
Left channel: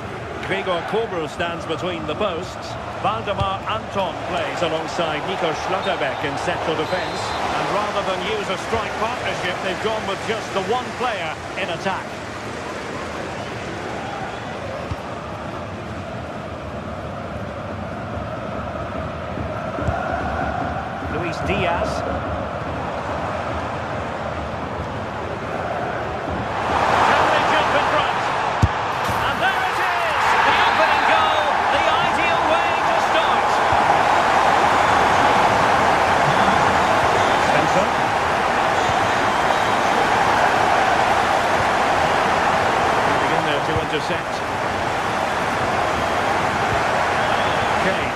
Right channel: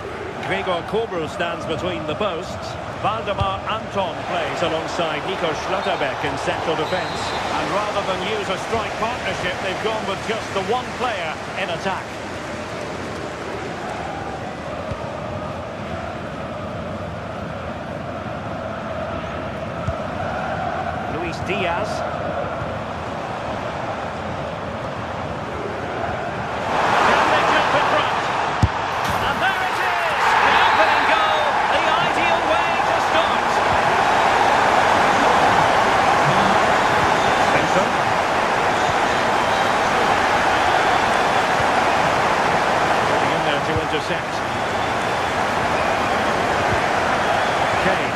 Gregor Kobel stands between the posts. Waldemar Anton plays alongside Nico Schlotterbeck in central defence. And rather than use a strike partnership, they've gone with just the one player in attack. Luis Diaz. Can they jump in front? And there it is! The opening goal, the ideal way to start. Svensson. Getting in there to intercept. Kane.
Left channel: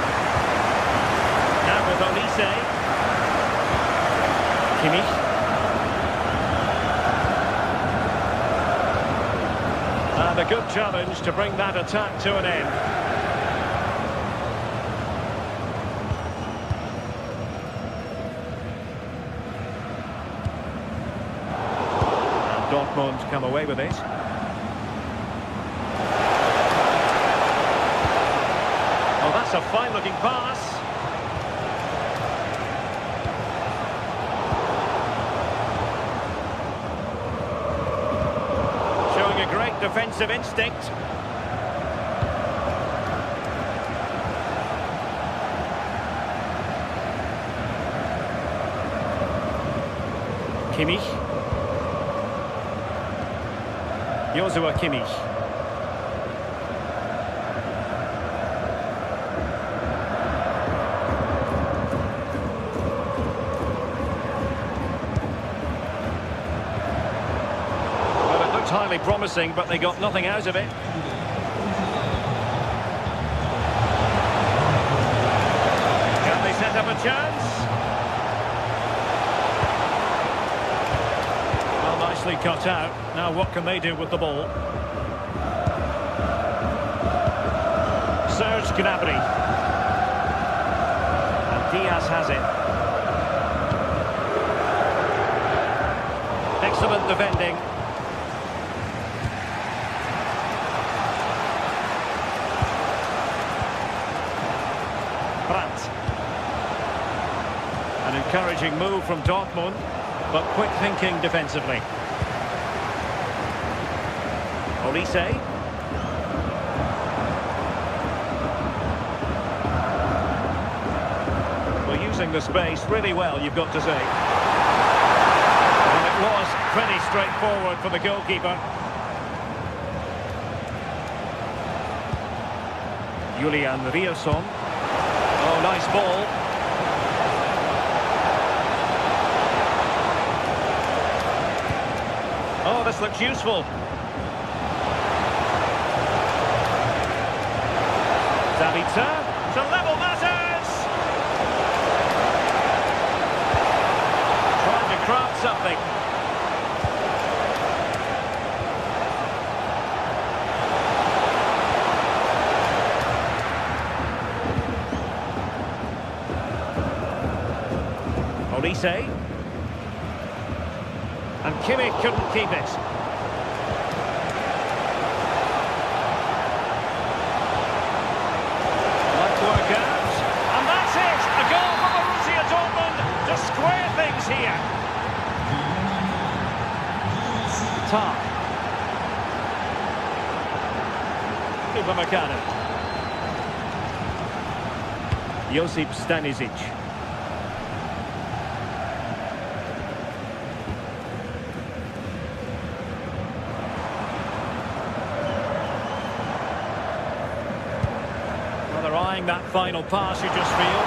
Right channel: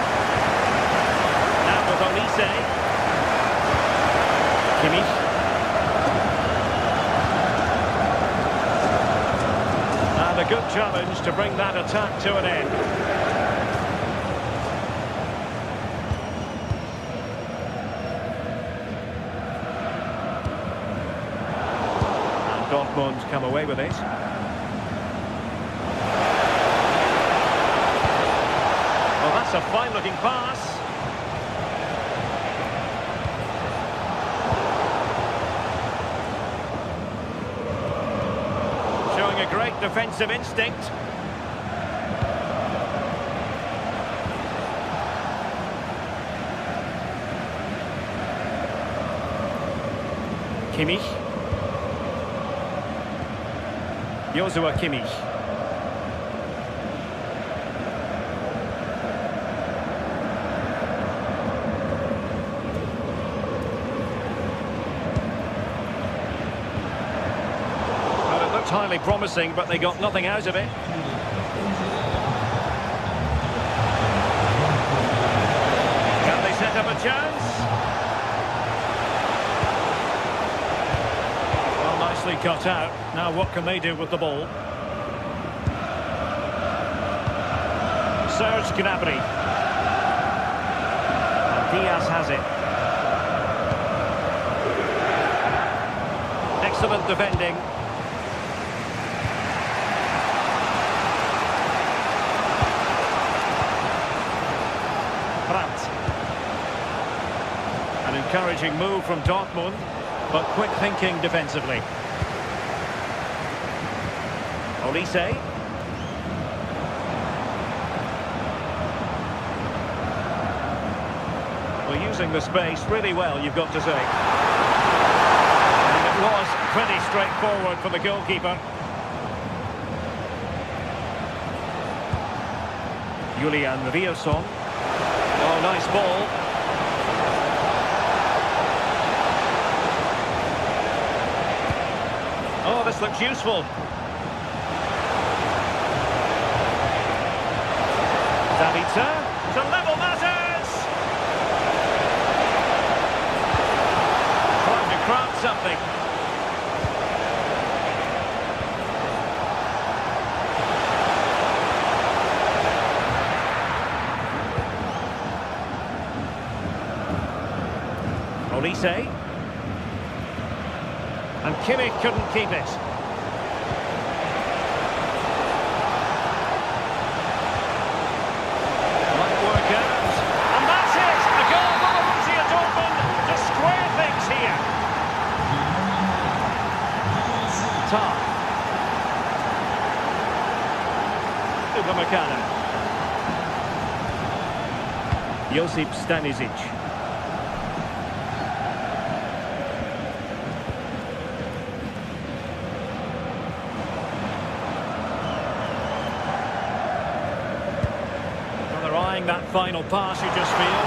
Now with Olise. Kimmich. And a good challenge to bring that attack to an end. And Dortmund come away with it. Oh, that's a fine-looking pass. Showing a great defensive instinct. Kimmich. Joshua Kimmich. Well, it looked highly promising, but they got nothing out of it. Can they set up a chance? Well, nicely cut out. Now what can they do with the ball? Serge Gnabry. And Diaz has it. Excellent defending. Brandt. An encouraging move from Dortmund, but quick thinking defensively. Olise. Well, using the space really well, you've got to say. And it was pretty straightforward for the goalkeeper. Julian Riosson. Oh, nice ball. Oh, this looks useful. Sabitzer to level matters. Trying to craft something. Olise. And Kimmich couldn't keep it. Might work out. And that's it! A goal for Borussia Dortmund to square things here. Tar. Upamecano. Josip Stanisic. They're eyeing that final pass, you just feel.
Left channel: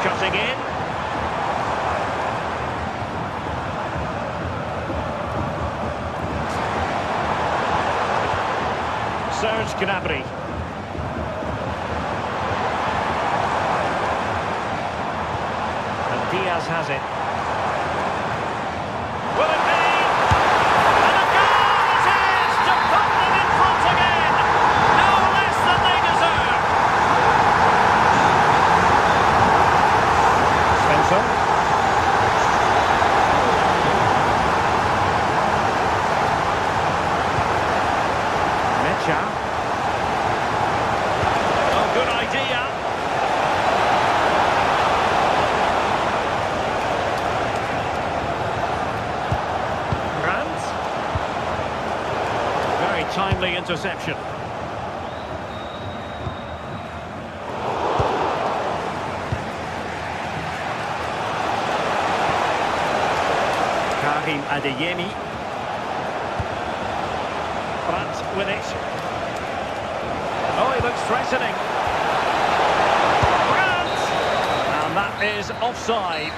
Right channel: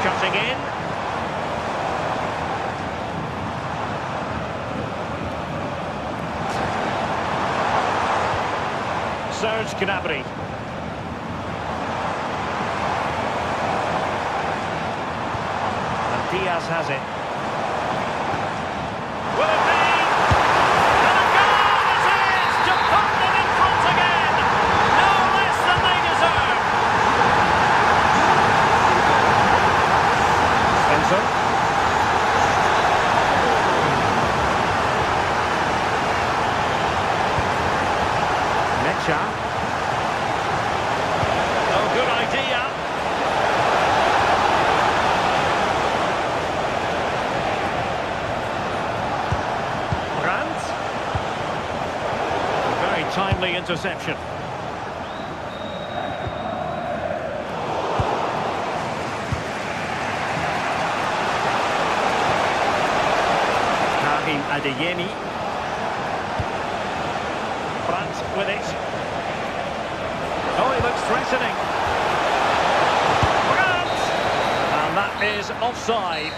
Cutting in. Serge Gnabry. And Diaz has it. Will it be? And a goal it is to put them in front again. No less than they deserve. Svensson. Mecha. Oh, good idea. Brandt. Very timely interception. Karim Adeyemi. Brandt with it. Oh, he looks threatening. Brandt! And that is offside.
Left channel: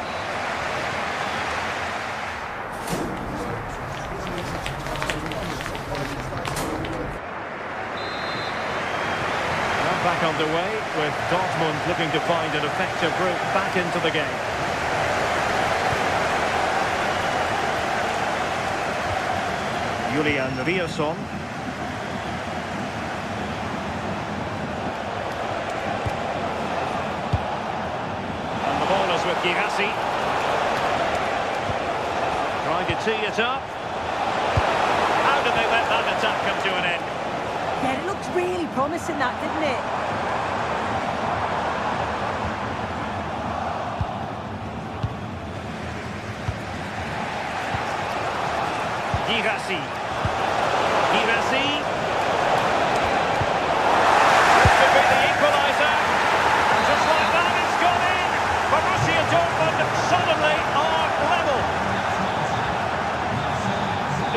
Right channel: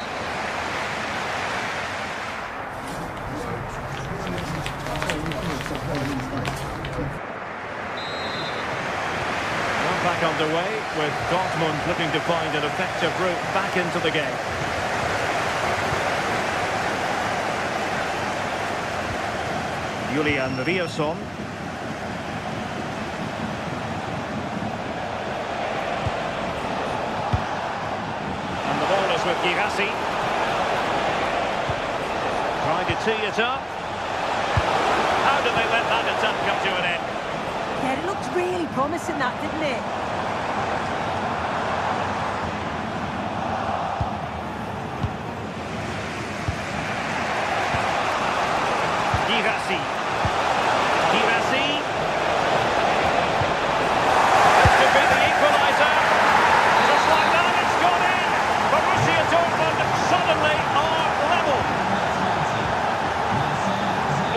Well, back underway with Dortmund looking to find an effective route back into the game. Julian Riosson. And the ball is with Girassi. Trying to tee it up. How did they let that attack come to an end? Yeah, it looked really promising, that, didn't it? Girassi. This could be the equaliser. Just like that, it's gone in. Borussia Dortmund suddenly are level.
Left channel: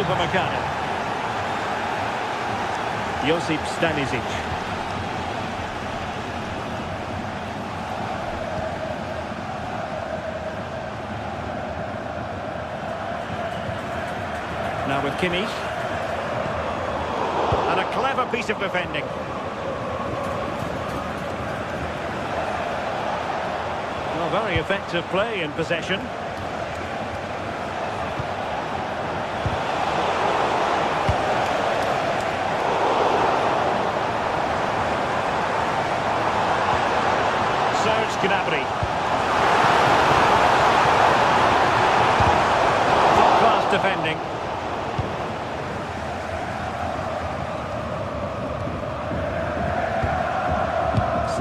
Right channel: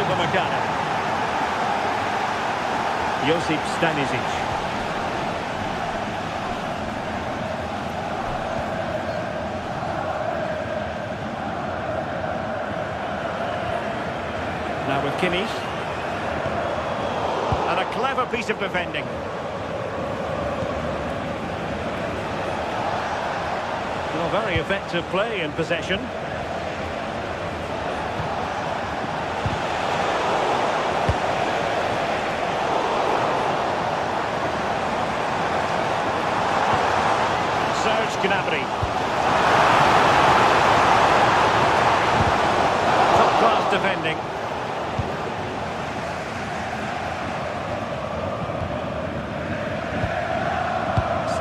Upamecano. Josip Stanisic. Now with Kimmich. And a clever piece of defending. Well, very effective play in possession. Serge Gnabry. Top-class defending.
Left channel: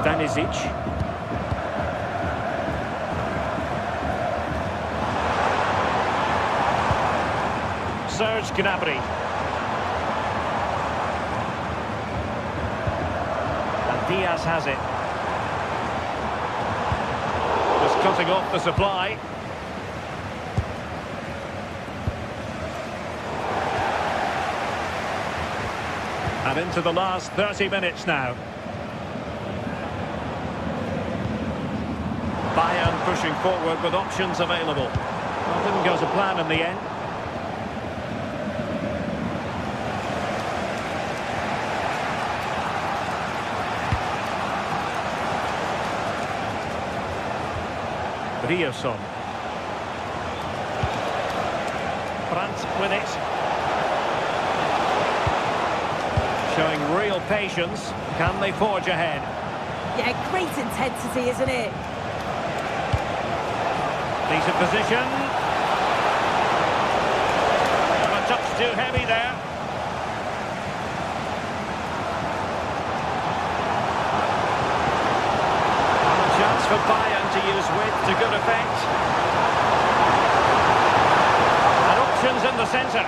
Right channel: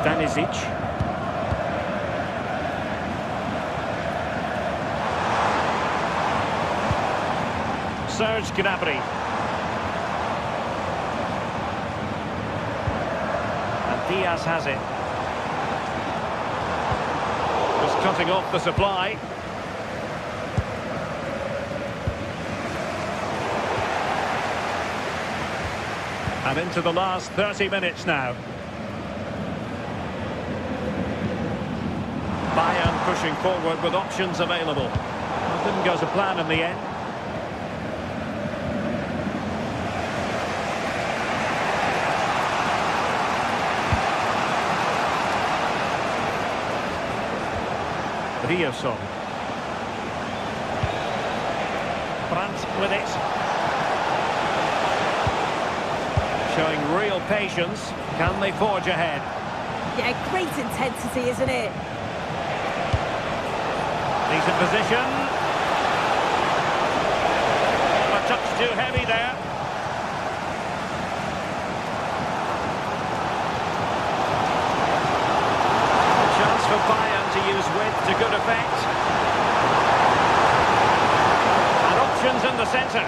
Stanisic. Serge Gnabry. And Diaz has it. Just cutting off the supply. And into the last 30 minutes now. Bayern pushing forward with options available. Well, didn't go to plan in the end. Riosson. Brandt with it. Showing real patience. Can they forge ahead? Yeah, great intensity, isn't it? Decent position. A touch too heavy there. A chance for Bayern to use width to good effect. And options in the centre.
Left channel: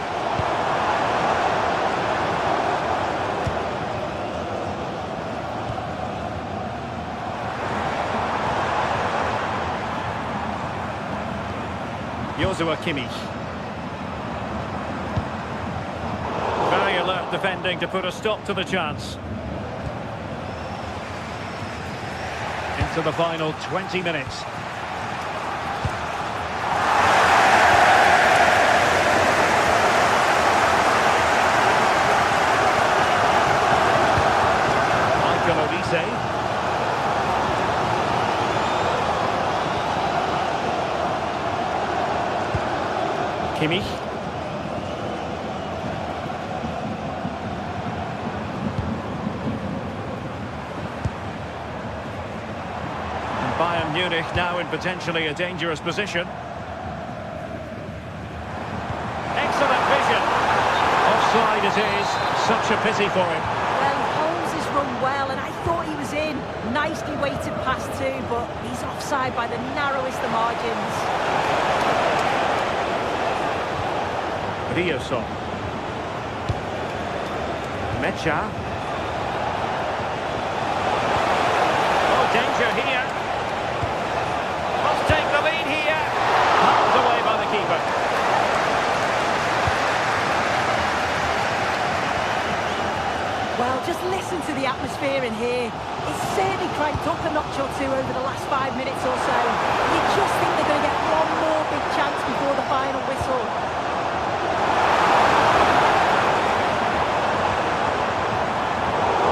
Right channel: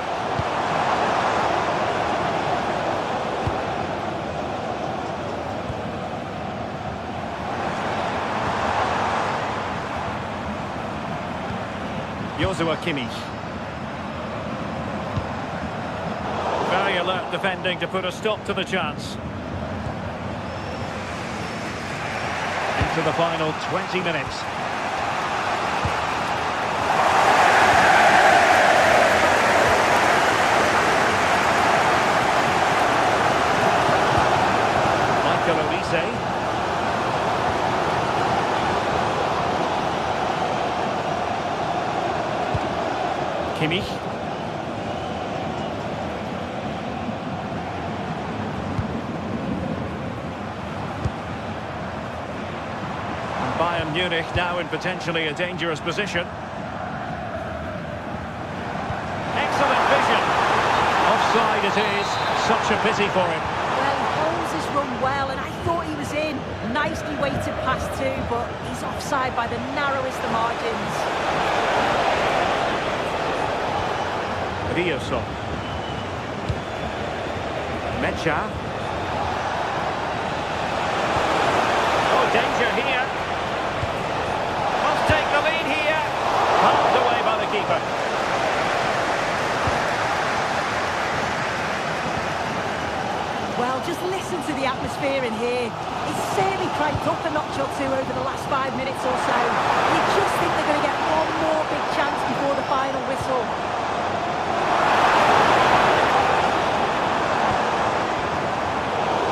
Joshua Kimmich. Very alert defending to put a stop to the chance. Into the final 20 minutes. Michael Olise. Kimmich. And Bayern Munich now in potentially a dangerous position. Excellent vision. Offside it is. Such a pity for him. Well, he holds his run well, and I thought he was in. Nicely weighted pass too, but he's offside by the narrowest of margins. Riosson. Mecha. Oh, danger here. Must take the lead here. Palmed away by the keeper. Well, just listen to the atmosphere in here. It's certainly cranked up a notch or two over the last 5 minutes or so. You just think they're going to get one more big chance before the final whistle.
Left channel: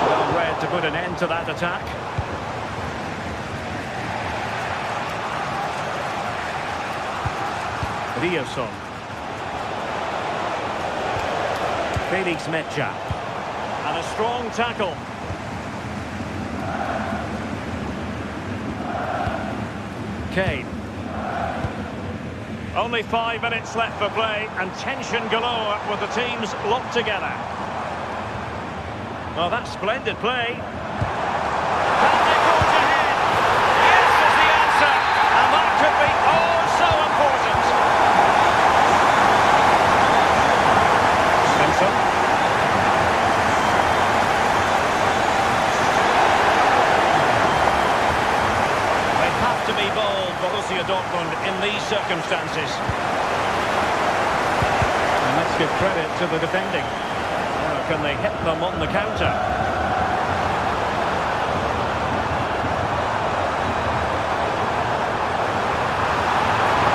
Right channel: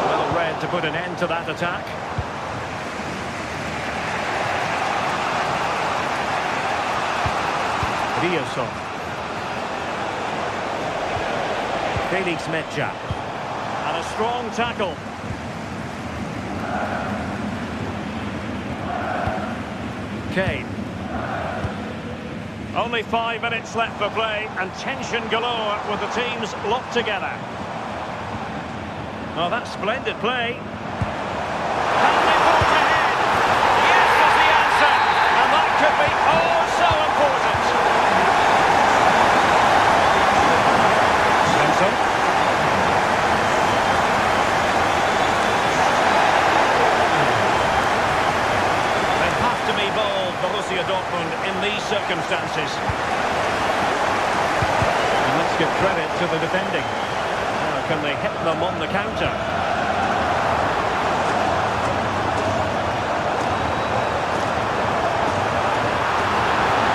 Well read to put an end to that attack. Riosson. Felix Mecha. And a strong tackle. Kane. Only 5 minutes left for play and tension galore with the teams locked together. Oh, that's splendid play. Can they forge ahead? Yes is the answer. And that could be oh so important. Benson. They have to be bold, Borussia Dortmund, in these circumstances. And let's give credit to the defending. Now, can they hit them on the counter?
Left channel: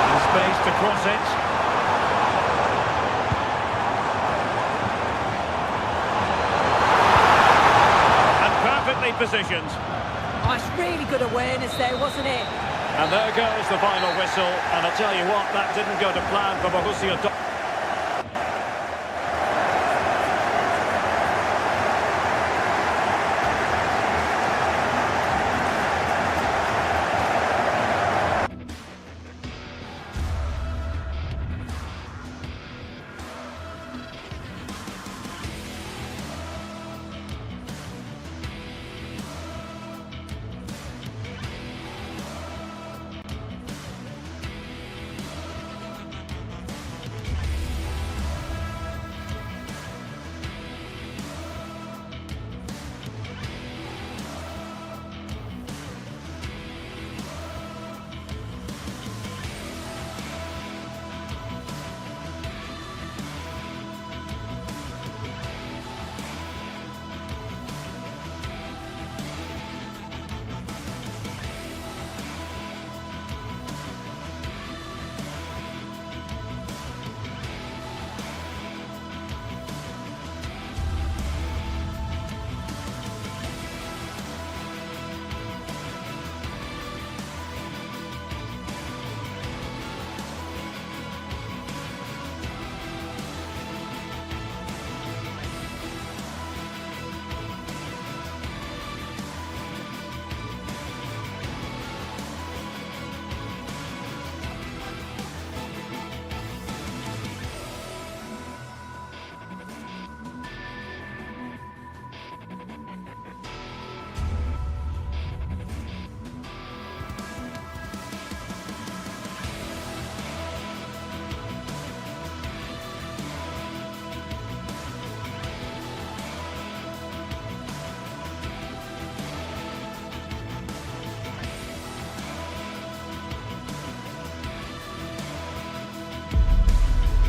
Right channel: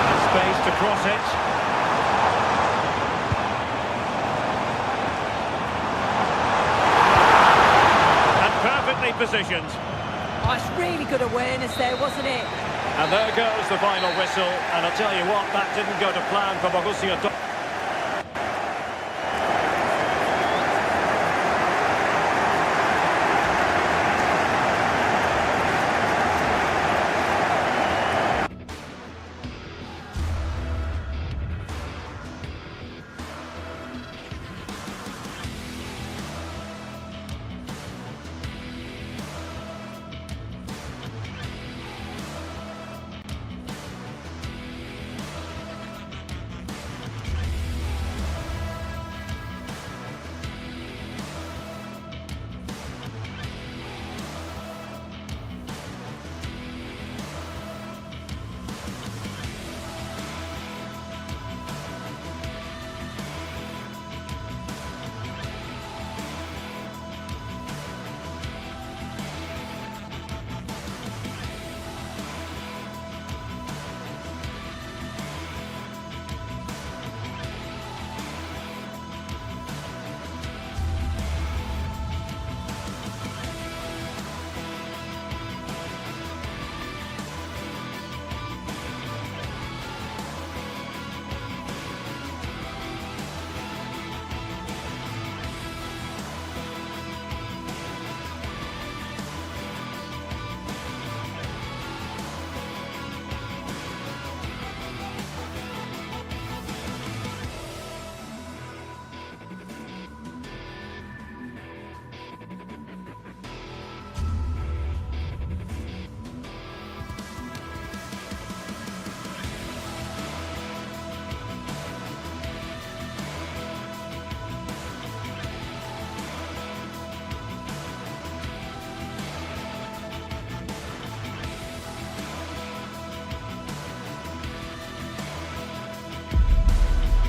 And space to cross it. And perfectly positioned. Oh, it's really good awareness there, wasn't it? And there goes the final whistle. And I'll tell you what, that didn't go to plan for Borussia Dortmund.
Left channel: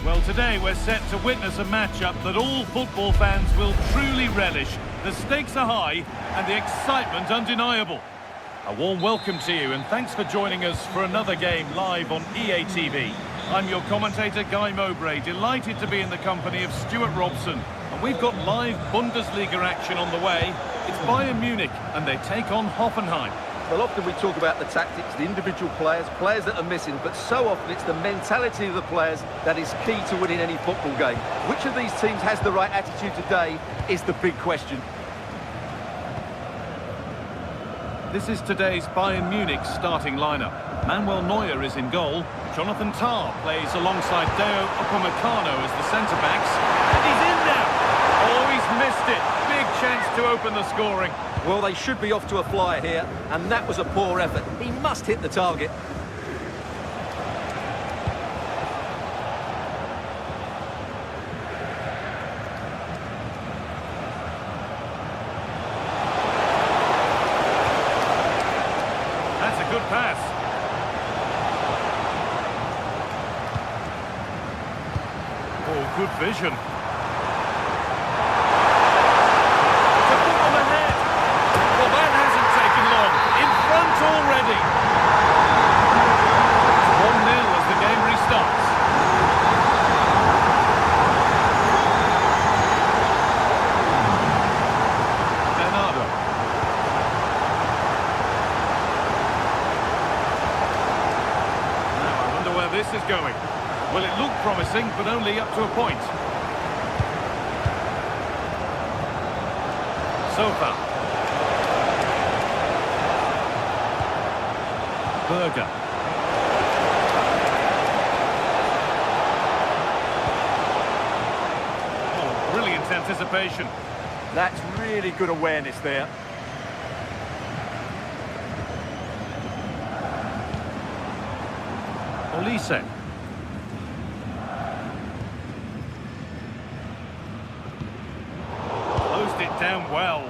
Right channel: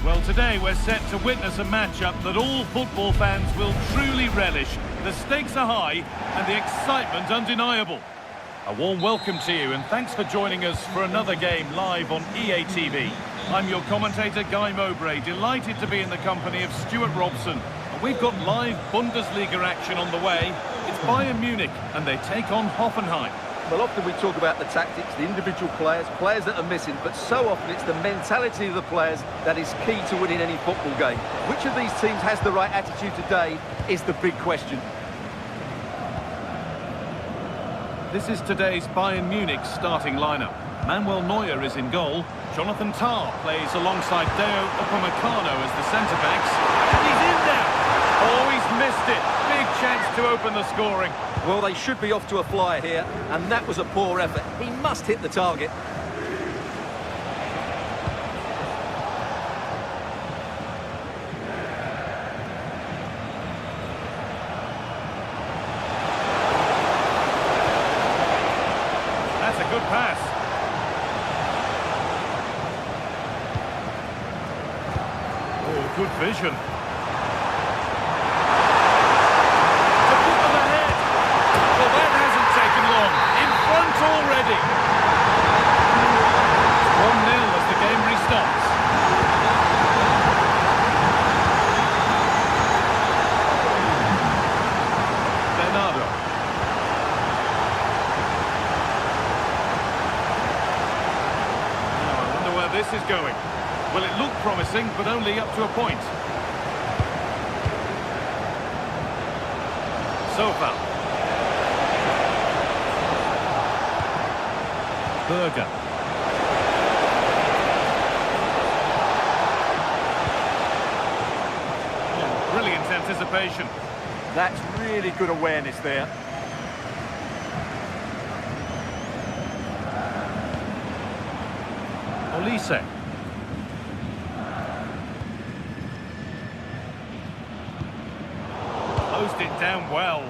Well, today we're set to witness a matchup that all football fans will truly relish. The stakes are high and the excitement undeniable. A warm welcome to you and thanks for joining us for another game live on EA TV. I'm your commentator, Guy Mowbray, delighted to be in the company of Stuart Robson. And we've got live Bundesliga action on the way. It's Bayern Munich and they take on Hoffenheim. Well, often we talk about the tactics, the individual players that are missing, but so often it's the mentality of the players that is key to winning any football game. Which of these teams has the right attitude today is the big question. This is today's Bayern Munich starting lineup. Manuel Neuer is in goal. Jonathan Tah plays alongside Deo Upamecano as the centre-backs. And he's in now! Oh, he's missed it. Big chance to open the scoring. Well, they should be off to a flyer here, and that was a poor effort. He must hit the target. That's a good pass. Oh, good vision. To put them ahead. Well, that hasn't taken long. In front already. It's 1-0 as the game restarts. Bernardo. Now, I wonder where this is going. Well, it looked promising, but only up to a point. So far. Berger. brilliant anticipation. That's really good awareness there. Olise. Closed it down well.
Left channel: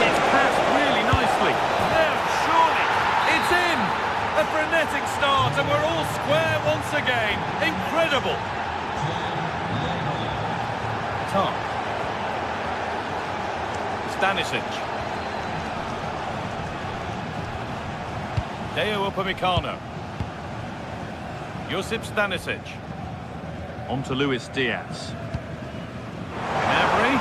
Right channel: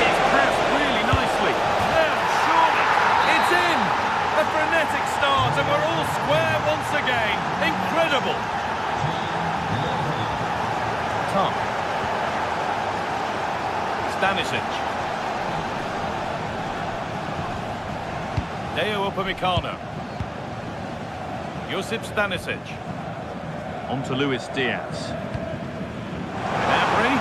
Gets past really nicely. Now, surely, it's in! A frenetic start, and we're all square once again. Incredible! Tom. Stanisic. Deo Upamecano. Josip Stanisic. On to Luis Diaz. Gnabry.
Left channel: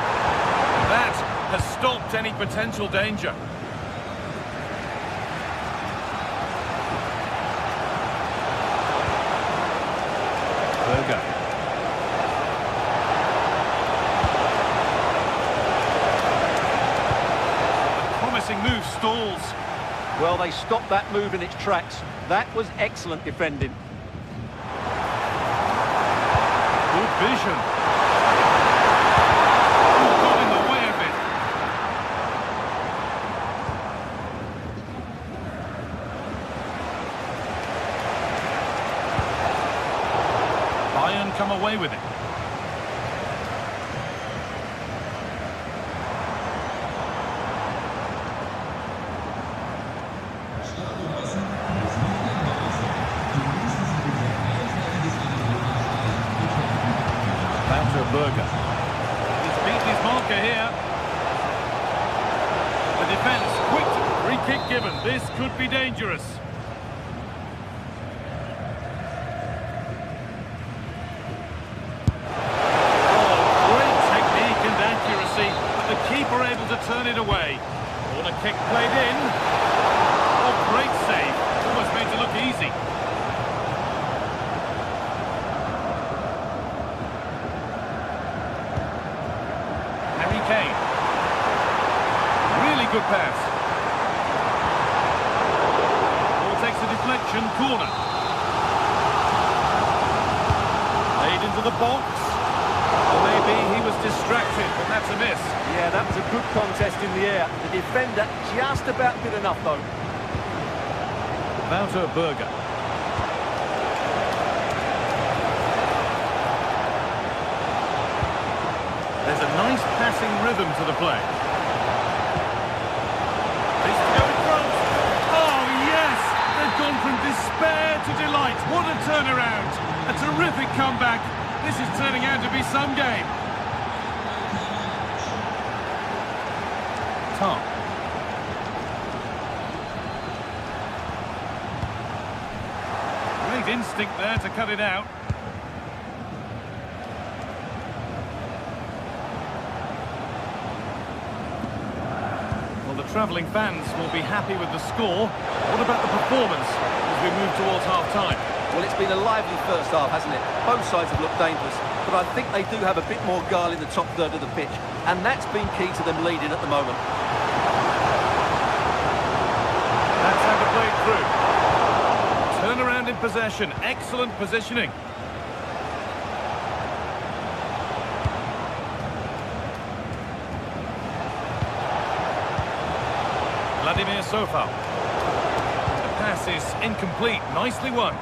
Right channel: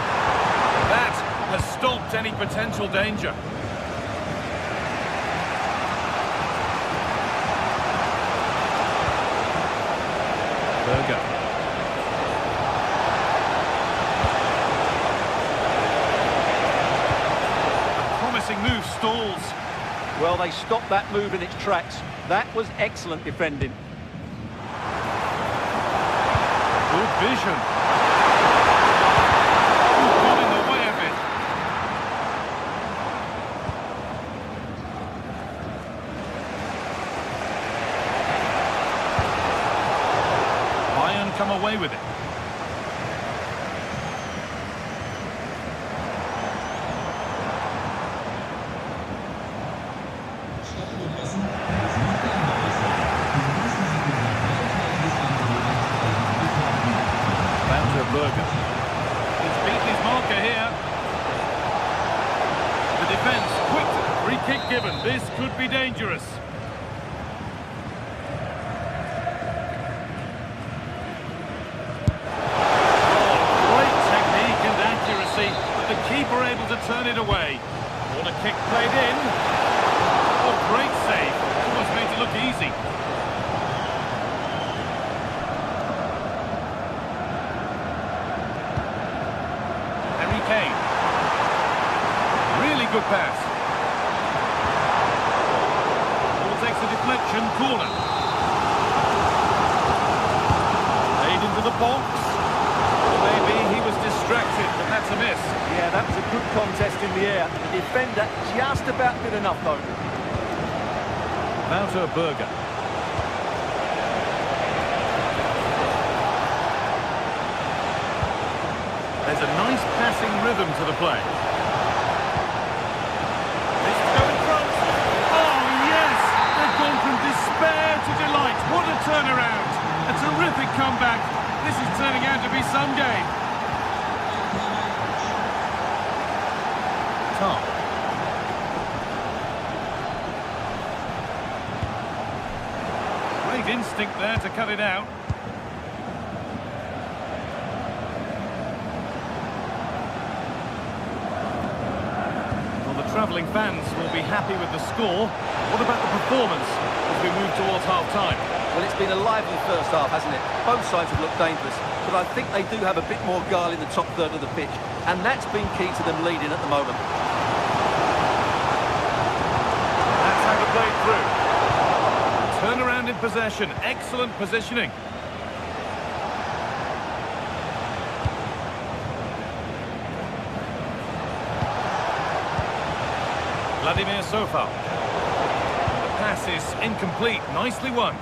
That has stopped any potential danger. Berger. A promising move stalls. Well, they stopped that move in its tracks. That was excellent defending. Good vision. Ooh, got in the way of it. Bayern come away with it. Berger. He's beaten his marker here. The defence, quick, free kick given. This could be dangerous. Oh, great technique and accuracy, but the keeper able to turn it away. Corner kick played in. Oh, great save. Almost made it look easy. Kane. Really good pass. Ball takes a deflection, corner. Laid into the box. Or maybe he was distracted, but that's a miss. Yeah, that was a good contest in the air. The defender just about did enough, though. Wouter Berger. There's a nice passing rhythm to the play. This to go in front. Oh, yes! They've gone from despair to delight. What a turnaround. A terrific comeback. This is turning out to be some game. Tom. Great instinct there to cut it out. The travelling fans will be happy with the score. What about the performance as we move towards half-time? Well, it's been a lively first half, hasn't it? Both sides have looked dangerous, but I think they do have a bit more guile in the top third of the pitch, and that's been key to them leading at the moment. That's how to play it through. Turnaround in possession, excellent positioning. Vladimir Sofal. The pass is incomplete. Nicely won.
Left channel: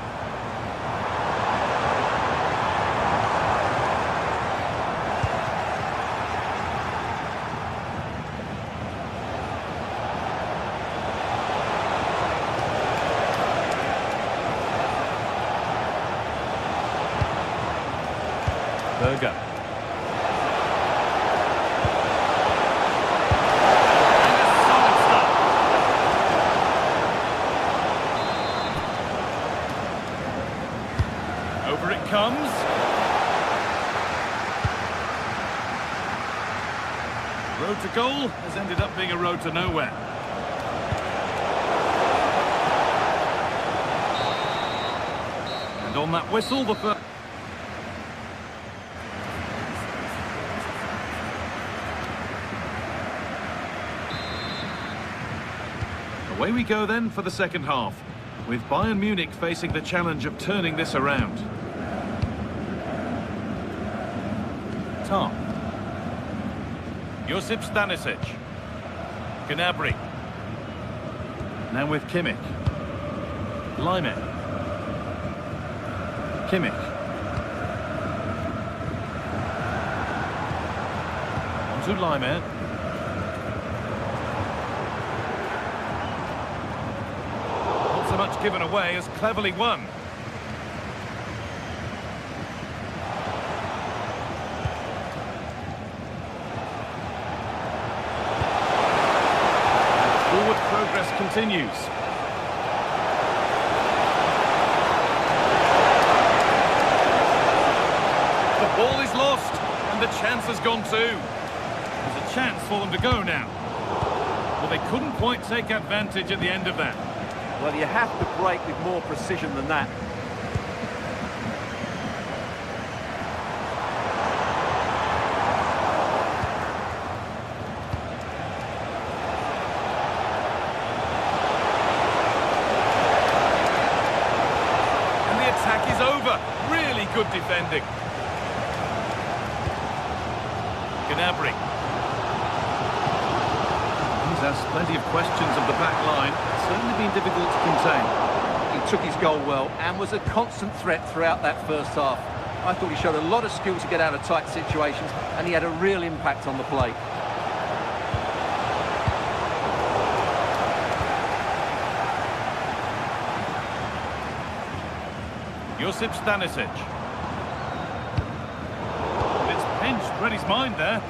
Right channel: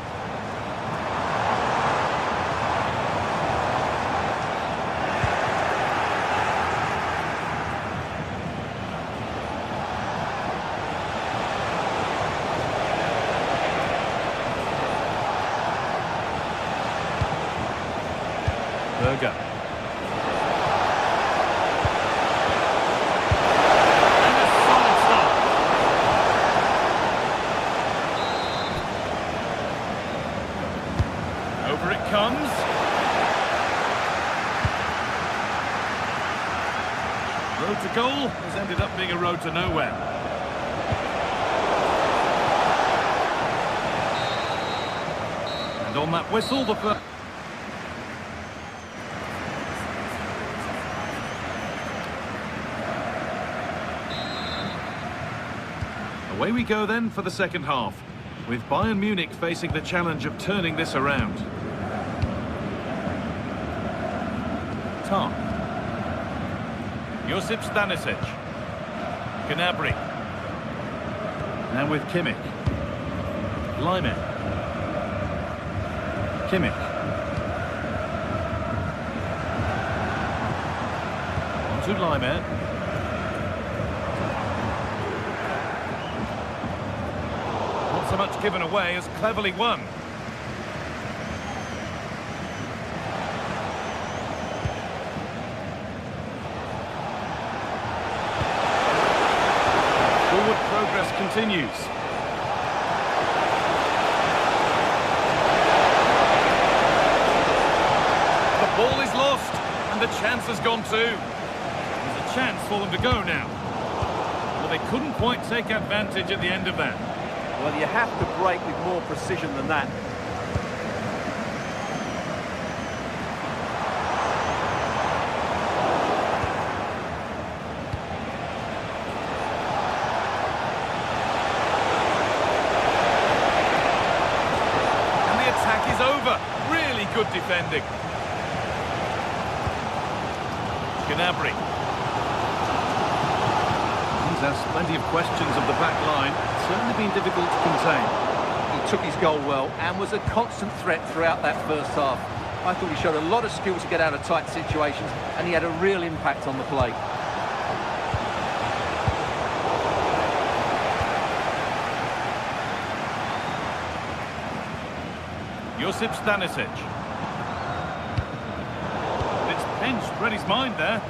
Berger. Over it comes. Road to goal has ended up being a road to nowhere. And on that whistle, the first... Away we go then for the second half, with Bayern Munich facing the challenge of turning this around. Tar. Josip Stanisic. Gnabry. Now with Kimmich. Lyman. Kimmich. On to Lyman. Not so much given away as cleverly won. Forward progress continues. The ball is lost, and the chance has gone too. There's a chance for them to go now. Well, they couldn't quite take advantage at the end of that. Well, you have to break with more precision than that. And the attack is over. Really good defending. Gnabry. He's asked plenty of questions of the back line. It's certainly been difficult to contain. He took his goal well and was a constant threat throughout that first half. I thought he showed a lot of skill to get out of tight situations, and he had a real impact on the play. Josip Stanisic. And it's pinched, read his mind there.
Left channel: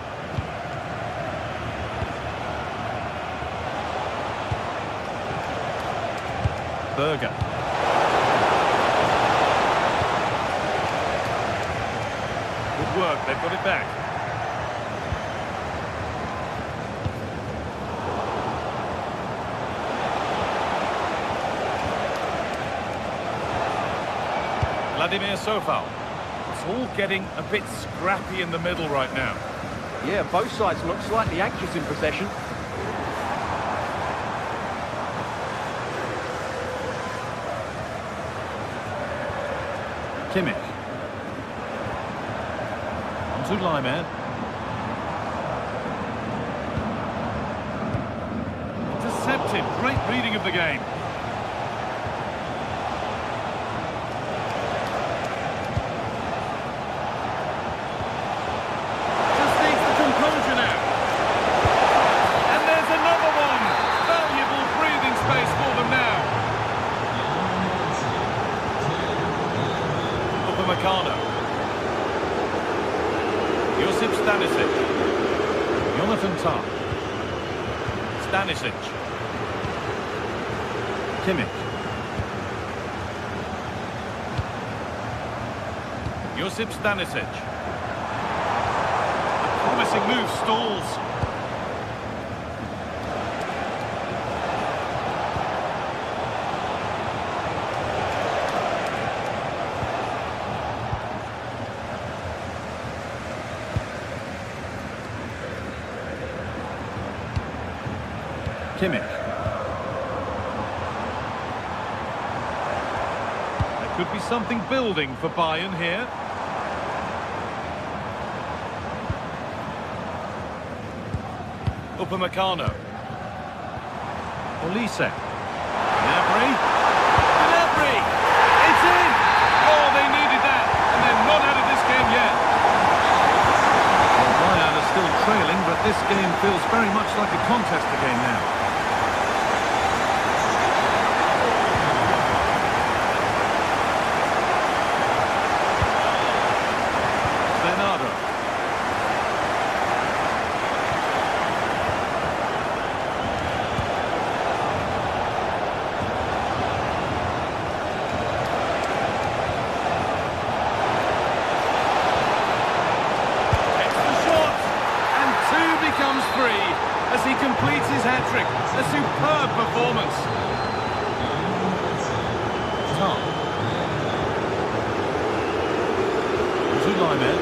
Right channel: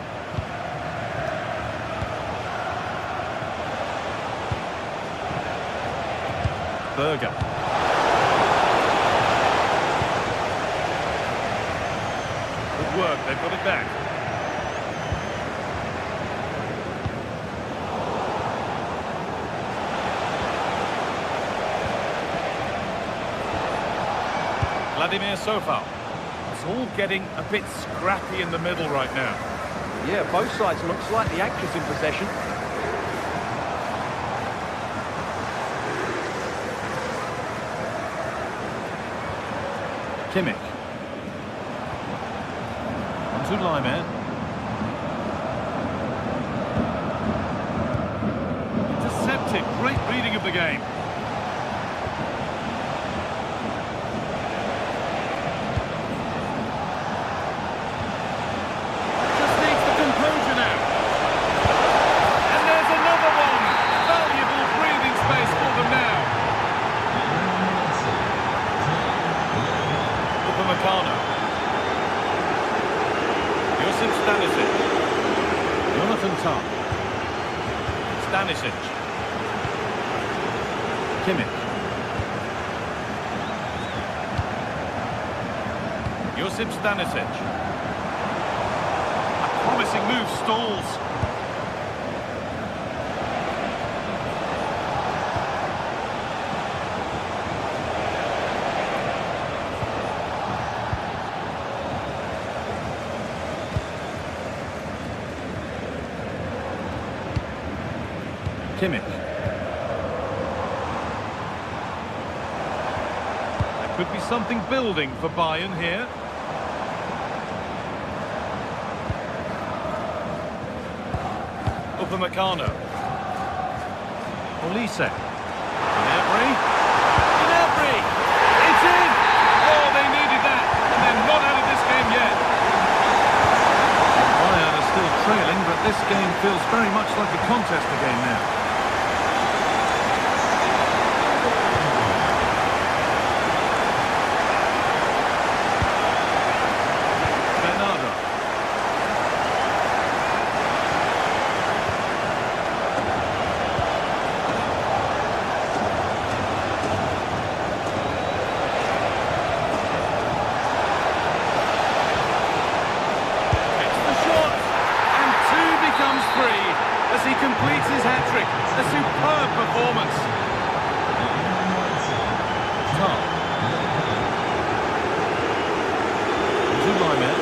Berger. Good work, they've got it back. Vladimir Sofal. It's all getting a bit scrappy in the middle right now. Yeah, both sides look slightly anxious in possession. Kimmich. On to Lyman. Intercepted. Great reading of the game. Just needs the composure now. And there's another one. Valuable breathing space for them now. Upamecano. Josip Stanisic. Jonathan Tah. Stanisic. Kimmich. Josip Stanisic. A promising move stalls. Kimmich. There could be something building for Bayern here. Upamecano. Olise. Gnabry. Gnabry! It's in! Oh, they needed that, and they're not out of this game yet. Bayern are still trailing, but this game feels very much like a contest again now. Bernardo. Becomes three as he completes his hat-trick. A superb performance. Tah. Lyman.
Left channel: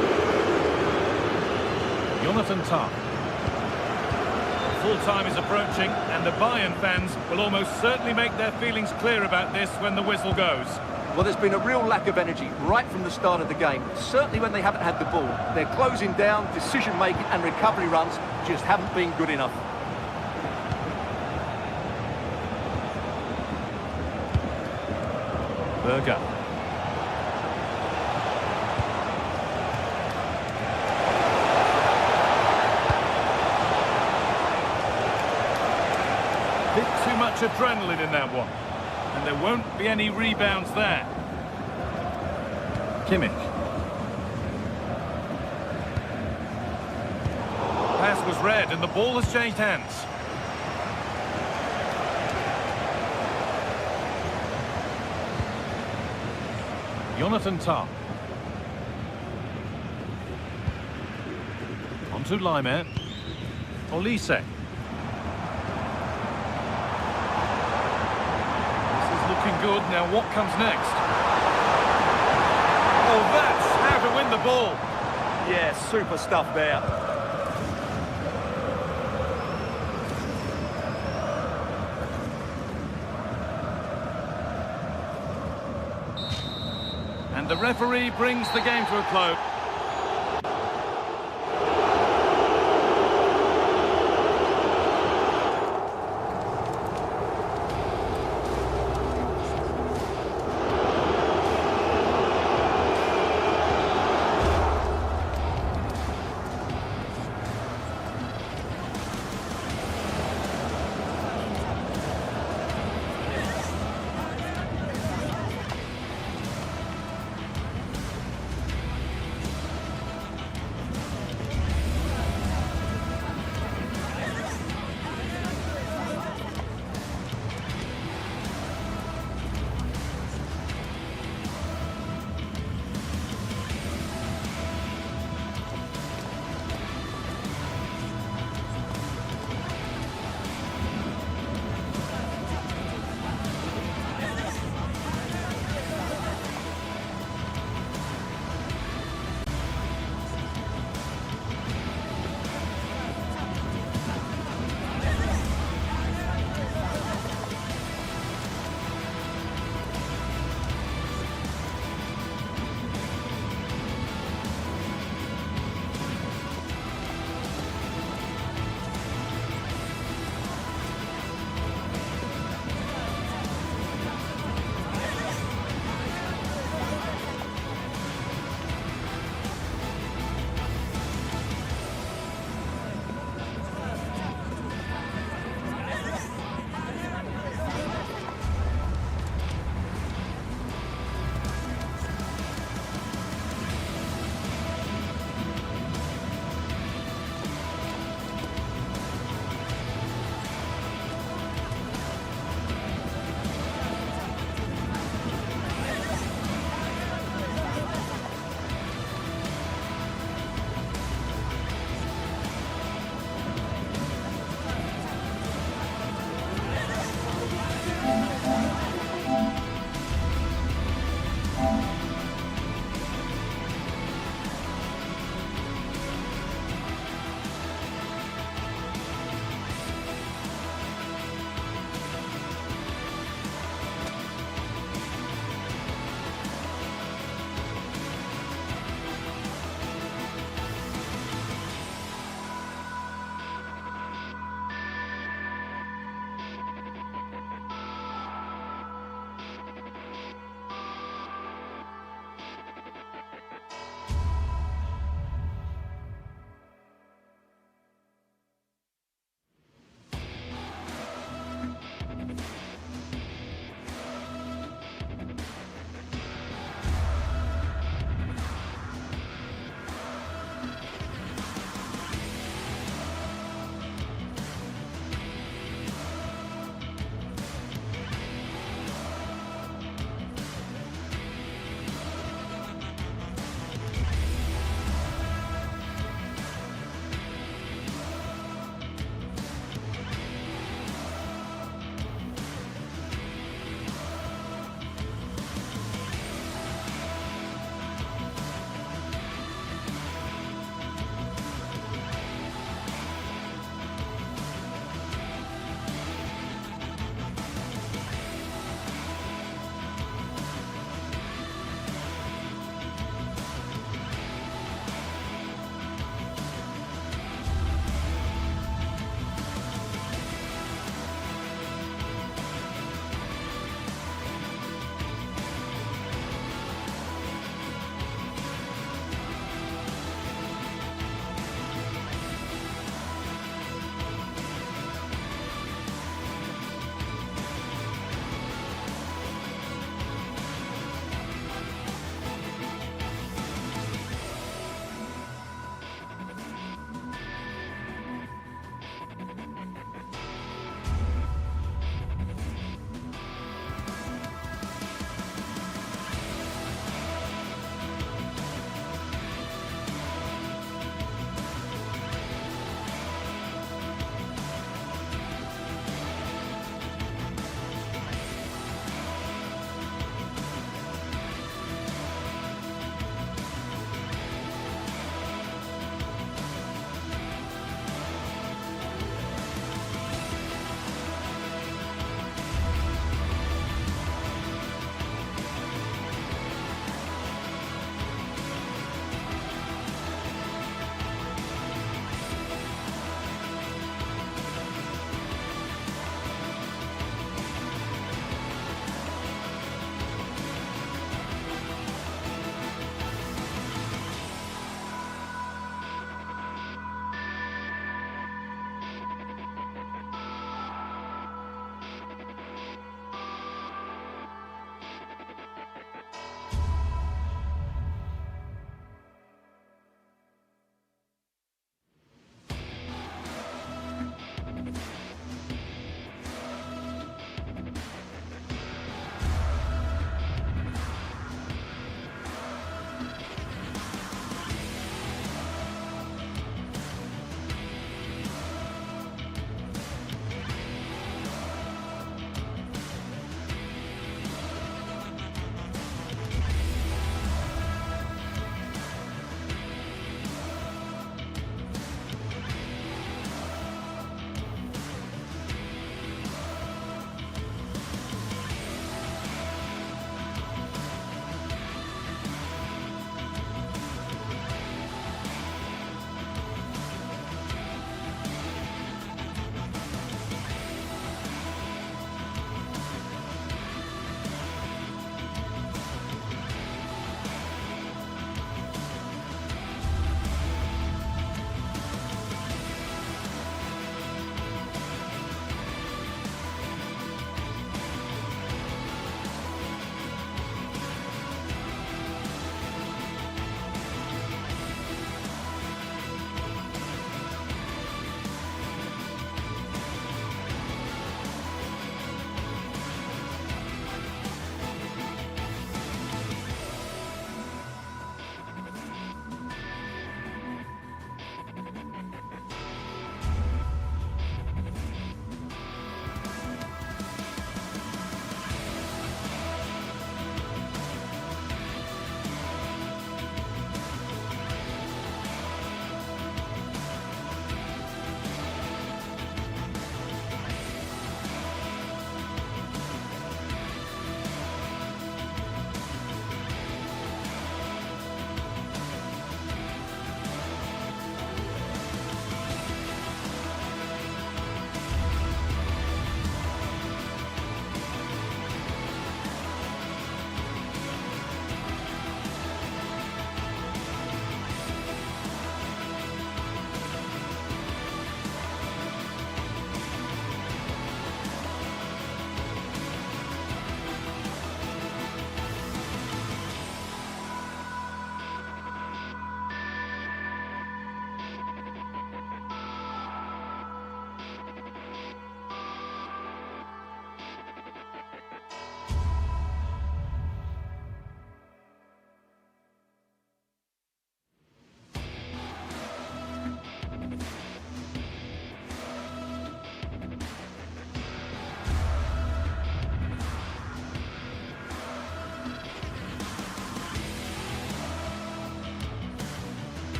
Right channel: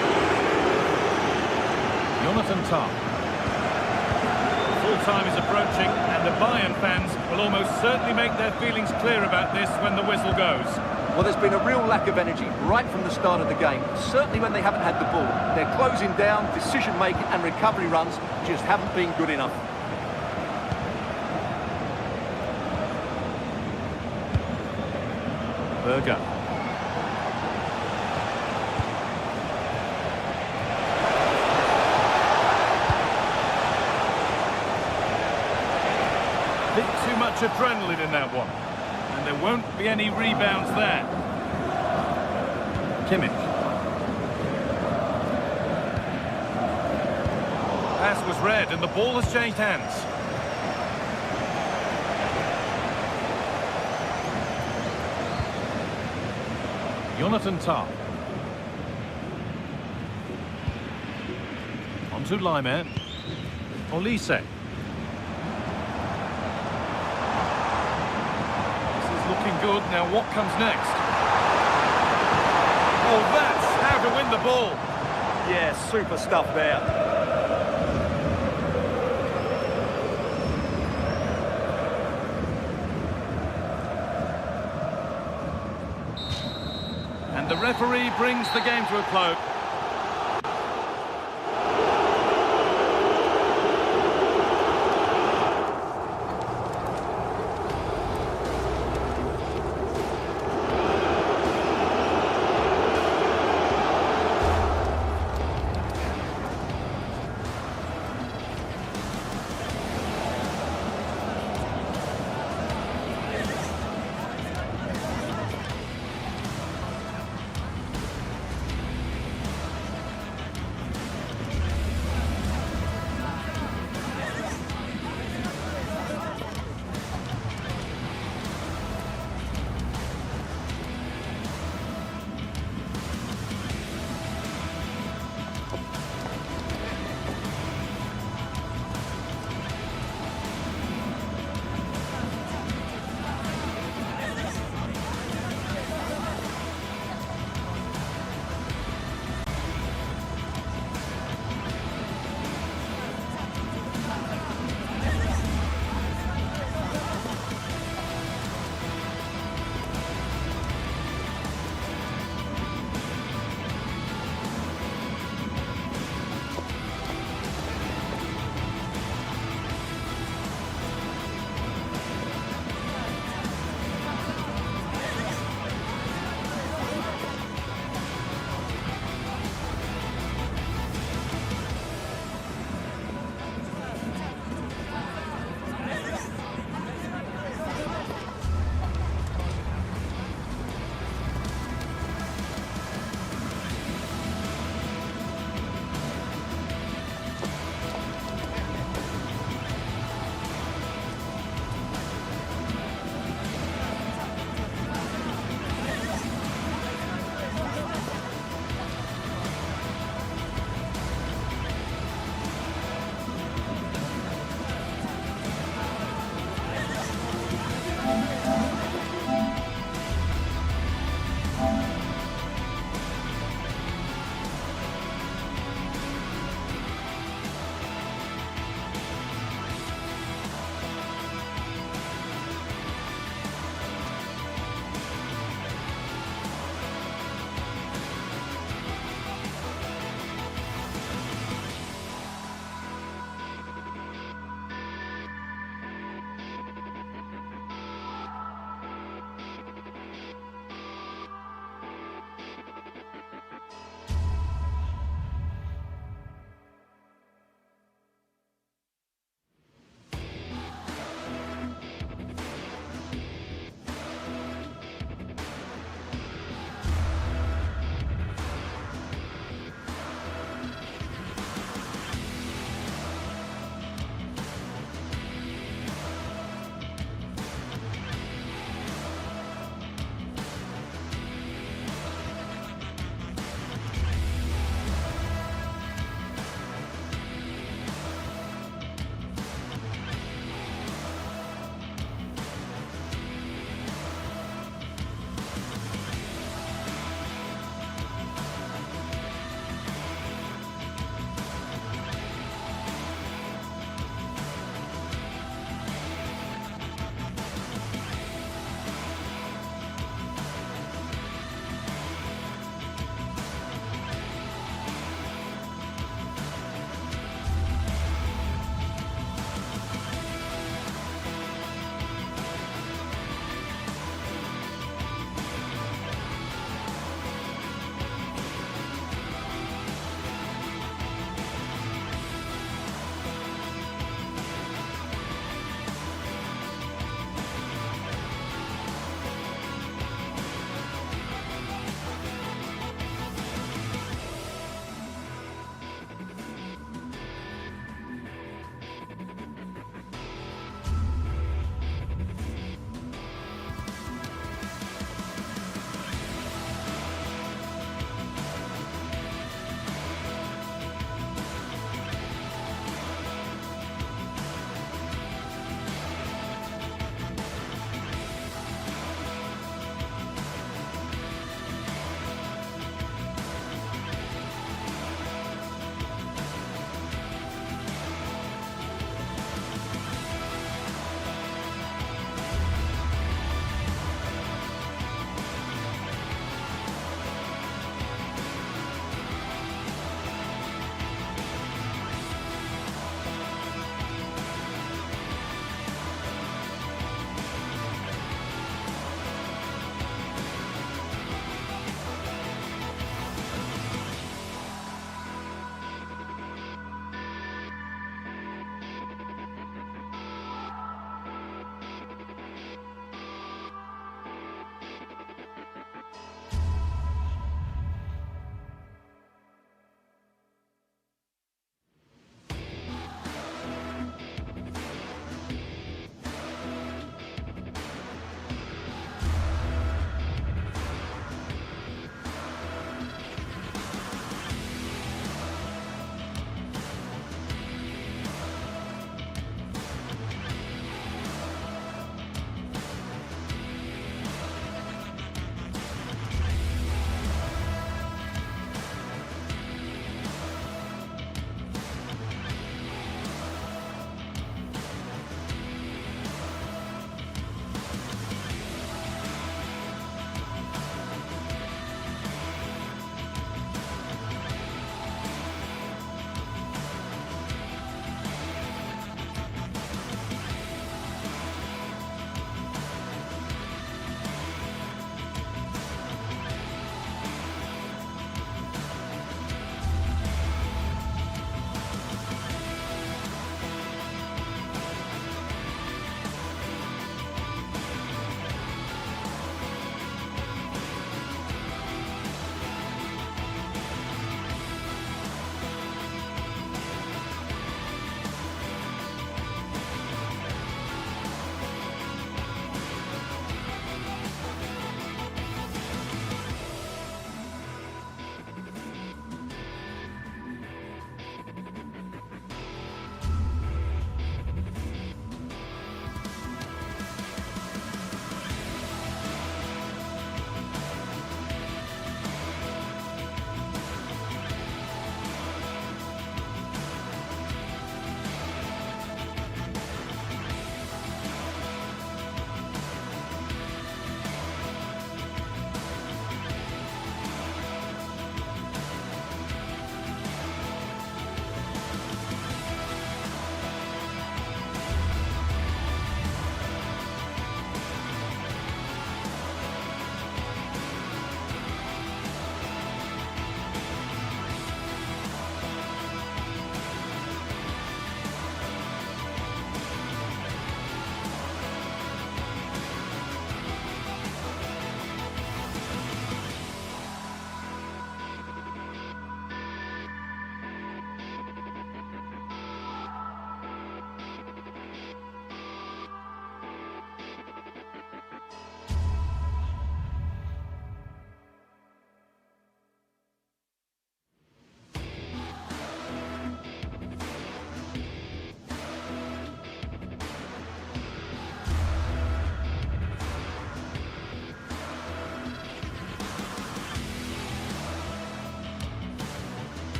Jonathan Tah. Full-time is approaching, and the Bayern fans will almost certainly make their feelings clear about this when the whistle goes. Well, there's been a real lack of energy right from the start of the game, certainly when they haven't had the ball. They're closing down, decision-making and recovery runs just haven't been good enough. Berger. Bit too much adrenaline in that one. And there won't be any rebounds there. Kimmich. Pass was read and the ball has changed hands. Jonathan Tah. On to Laimer. Olise. Looking good. Now what comes next? Oh, that's how to win the ball. Yeah, super stuff there. And the referee brings the game to a close.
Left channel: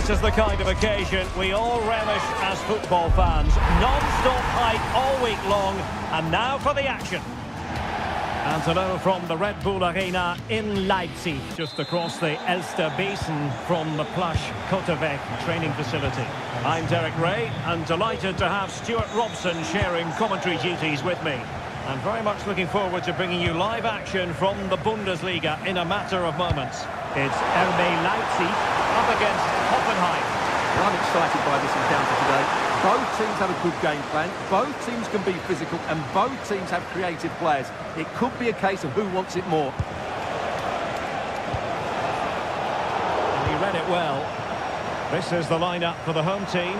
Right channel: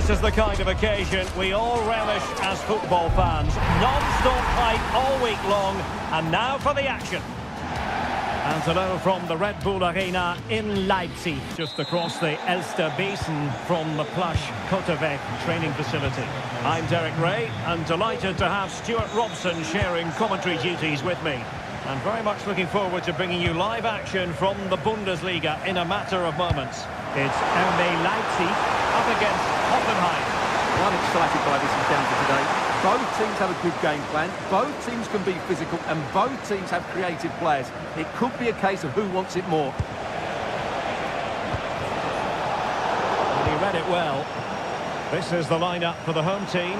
This is the kind of occasion we all relish as football fans. Non-stop hype all week long, and now for the action. And hello from the Red Bull Arena in Leipzig, just across the Elster Basin from the plush Kotterweg training facility. I'm Derek Ray, and delighted to have Stuart Robson sharing commentary duties with me. I'm very much looking forward to bringing you live action from the Bundesliga in a matter of moments. It's RB Leipzig up against Hoffenheim. Well, I'm excited by this encounter today. Both teams have a good game plan, both teams can be physical, and both teams have creative players. It could be a case of who wants it more. And he read it well. This is the lineup for the home team.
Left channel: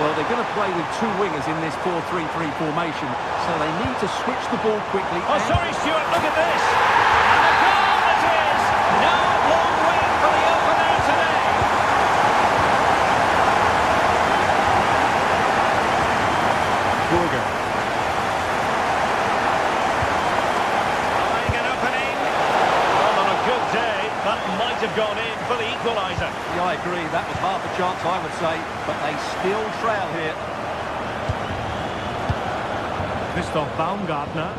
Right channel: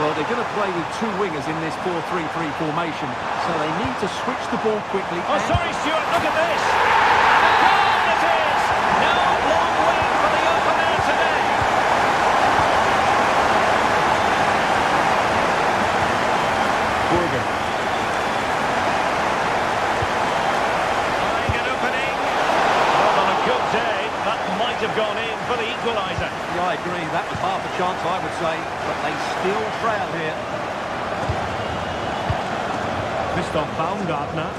Well, they're going to play with two wingers in this 4-3-3 formation, so they need to switch the ball quickly. Oh, sorry, Stuart, look at this! And a goal it is! No long wait for the opener today. Burger. Eyeing an opening. Well, on a good day, that might have gone in for the equaliser. Yeah, I agree. That was half a chance, I would say, but they still trail here. Christoph Baumgartner.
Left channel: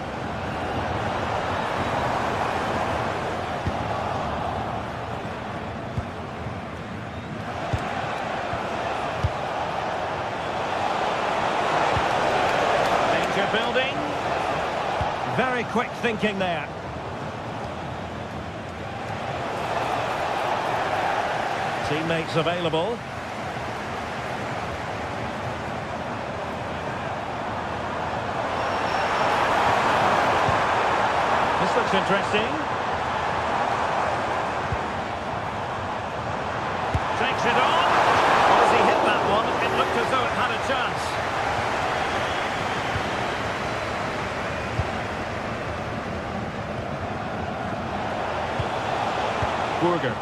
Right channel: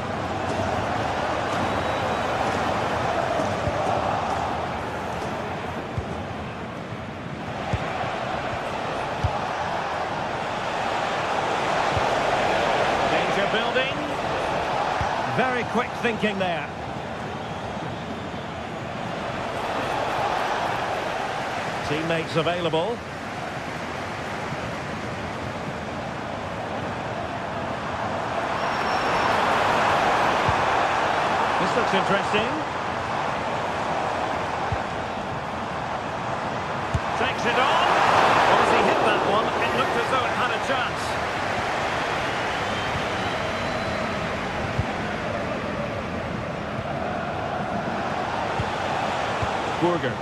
Danger building. Very quick thinking there. Teammates available. This looks interesting. Takes it on. Well, as he hit that one, it looked as though it had a chance. Burger.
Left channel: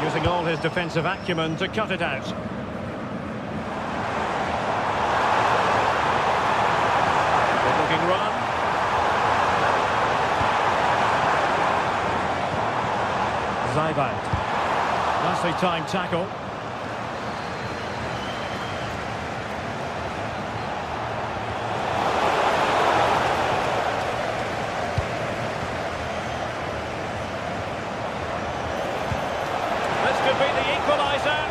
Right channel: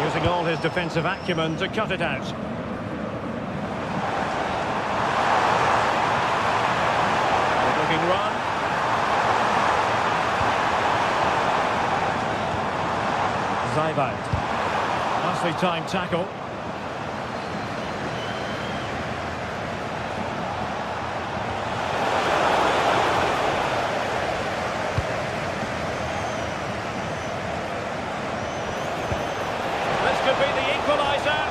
Using all his defensive acumen to cut it out. Good-looking run. Zybalt. Nicely timed tackle. This could be the equaliser.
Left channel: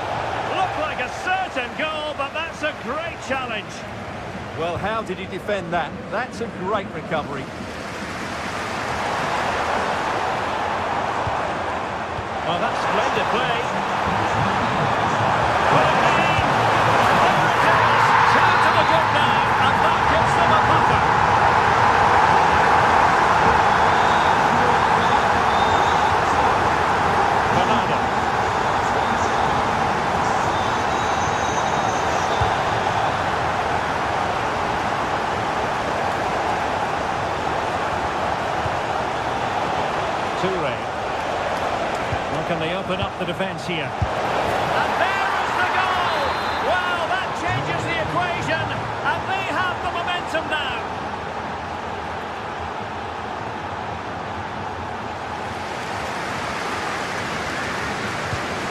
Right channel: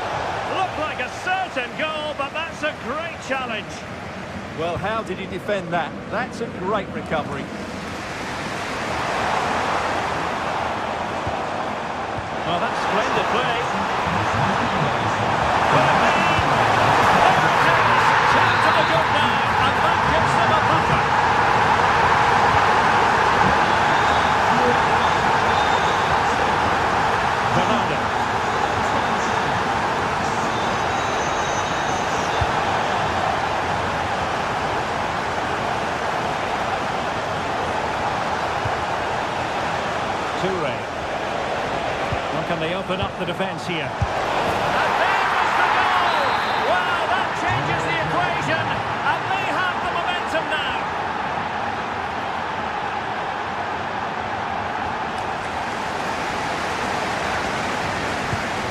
Looked like a certain goal, but that's a great challenge. Well, how did he defend that? That's a great recovery. Well, that's splendid play. Will it be? There it is. Two to the good now, and that gives them a buffer. Bernardo. Toure. Well, can they open up the defence here? And there is the goal! Wow, that changes the equation, and they have the momentum now.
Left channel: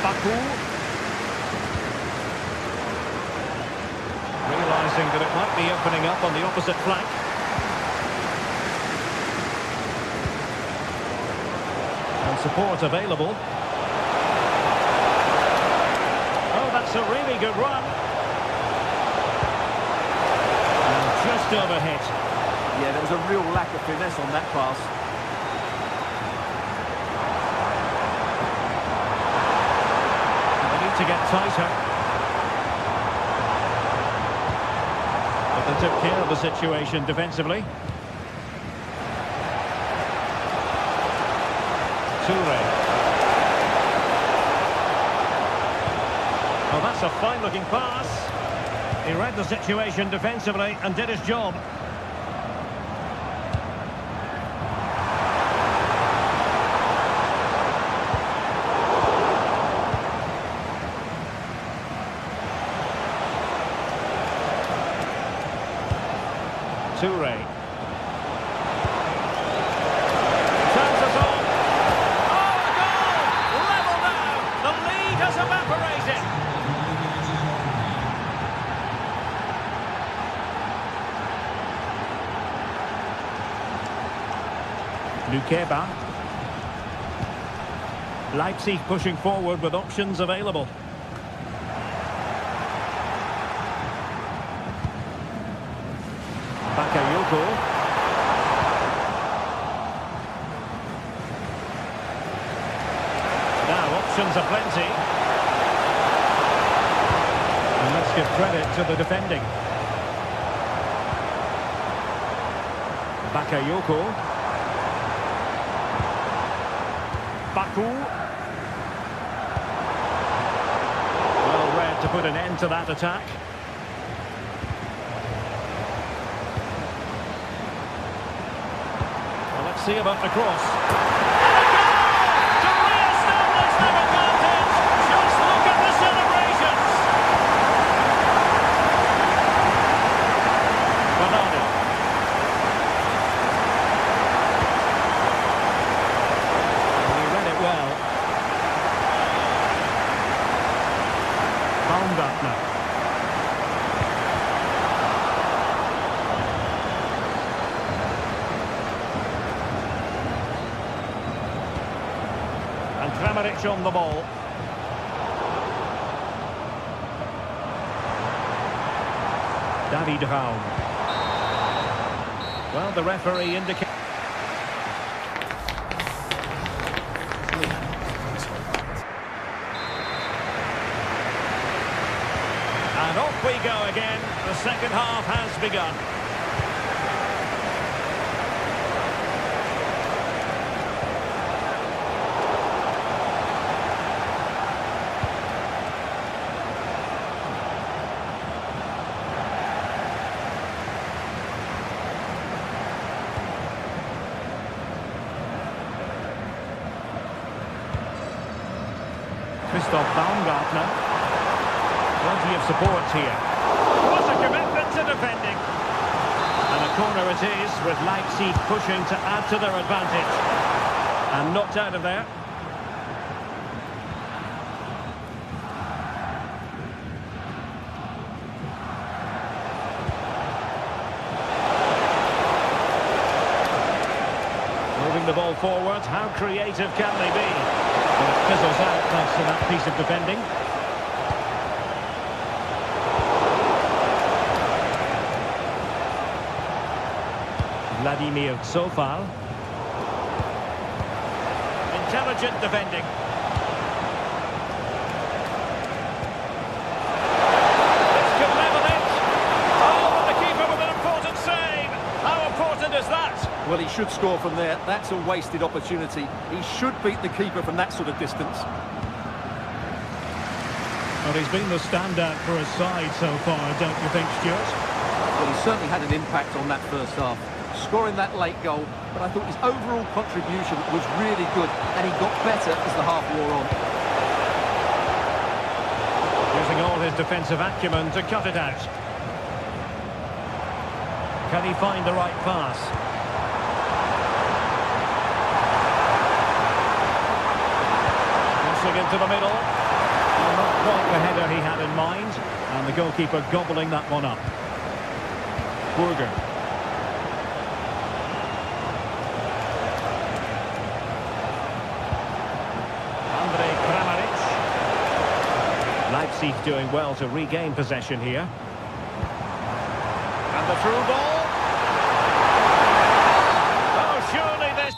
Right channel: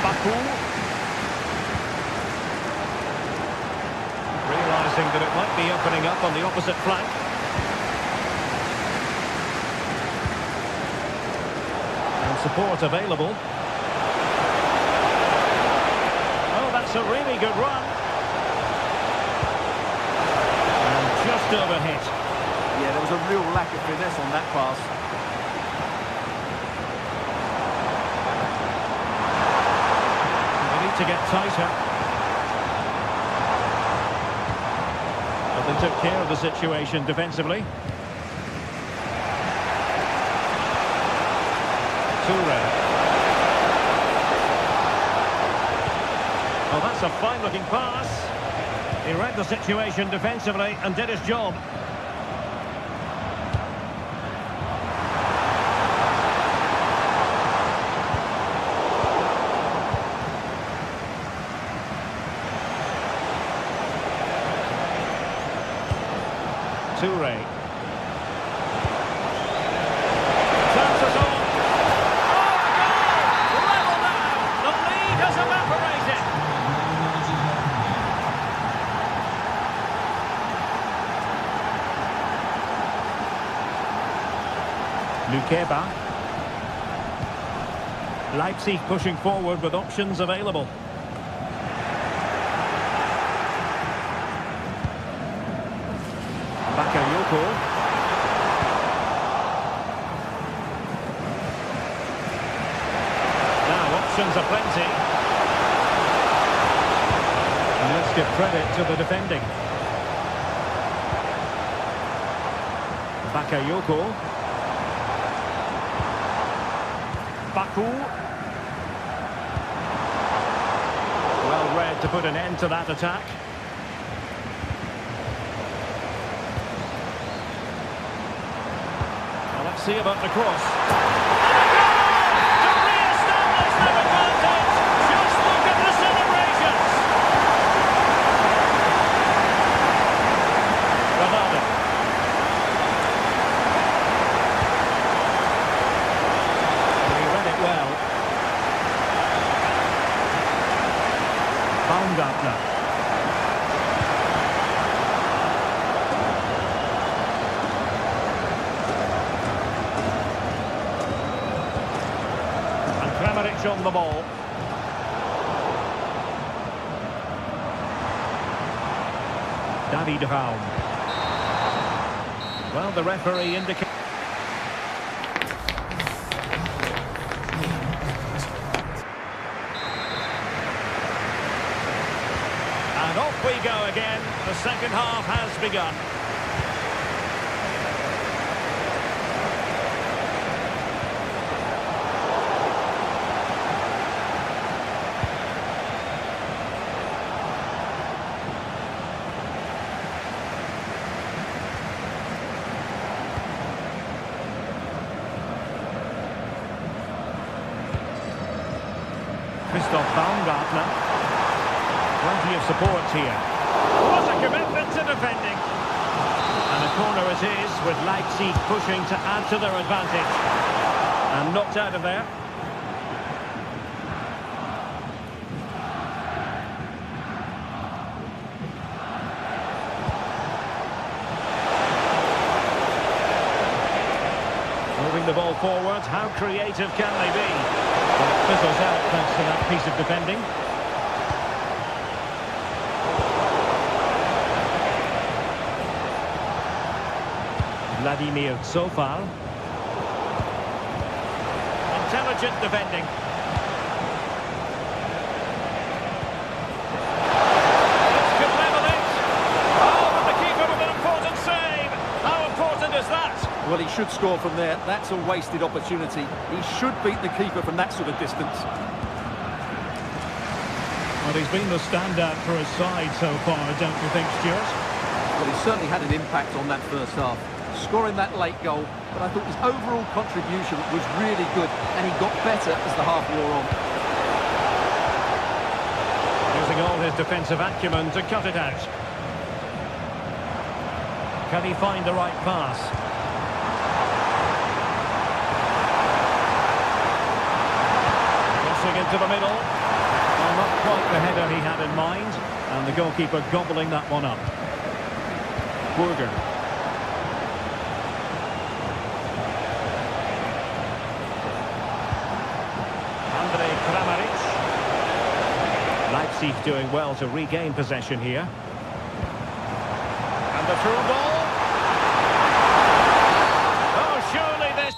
Baku. Realising that it might be opening up on the opposite flank. And support available. Oh, that's a really good run. And just overhit. Yeah, there was a real lack of finesse on that pass. They need to get tighter. But they took care of the situation defensively. Toure. Oh, that's a fine-looking pass. He read the situation defensively and did his job. Toure. Chances on. Oh, a goal! Lukeba. Leipzig pushing forward with options available. Bakayoko. Now options are plenty. And let's give credit to the defending. Bakayoko. Baku. Well read to put an end to that attack. Well, let's see about the cross. And a goal to re-establish their advantage. Just look at the celebrations. Ronaldo. He read it well. Baumgartner. And Kramaric on the ball. David Raum. Well, the referee indicates. And off we go again. The second half has begun. Christoph Baumgartner. Plenty of support here. What a commitment to defending. And a corner it is, with Leipzig pushing to add to their advantage. And knocked out of there. Moving the ball forward, how creative can they be? Well, it fizzles out thanks to that piece of defending. Vladimir Zofal. Intelligent defending. This could level it. Oh, but the keeper with an important save. How important is that? Well, he should score from there. That's a wasted opportunity. He should beat the keeper from that sort of distance. Well, he's been the standout for his side so far, don't you think, Stuart? Well, he certainly had an impact on that first half. Scoring that late goal, but I thought his overall contribution was really good, and he got better as the half wore on. Using all his defensive acumen to cut it out. Can he find the right pass? Crossing into the middle. Well, not quite the header he had in mind, and the goalkeeper gobbling that one up. Burger. Kramaric. Leipzig doing well to regain possession here. And the through ball. Oh, surely this...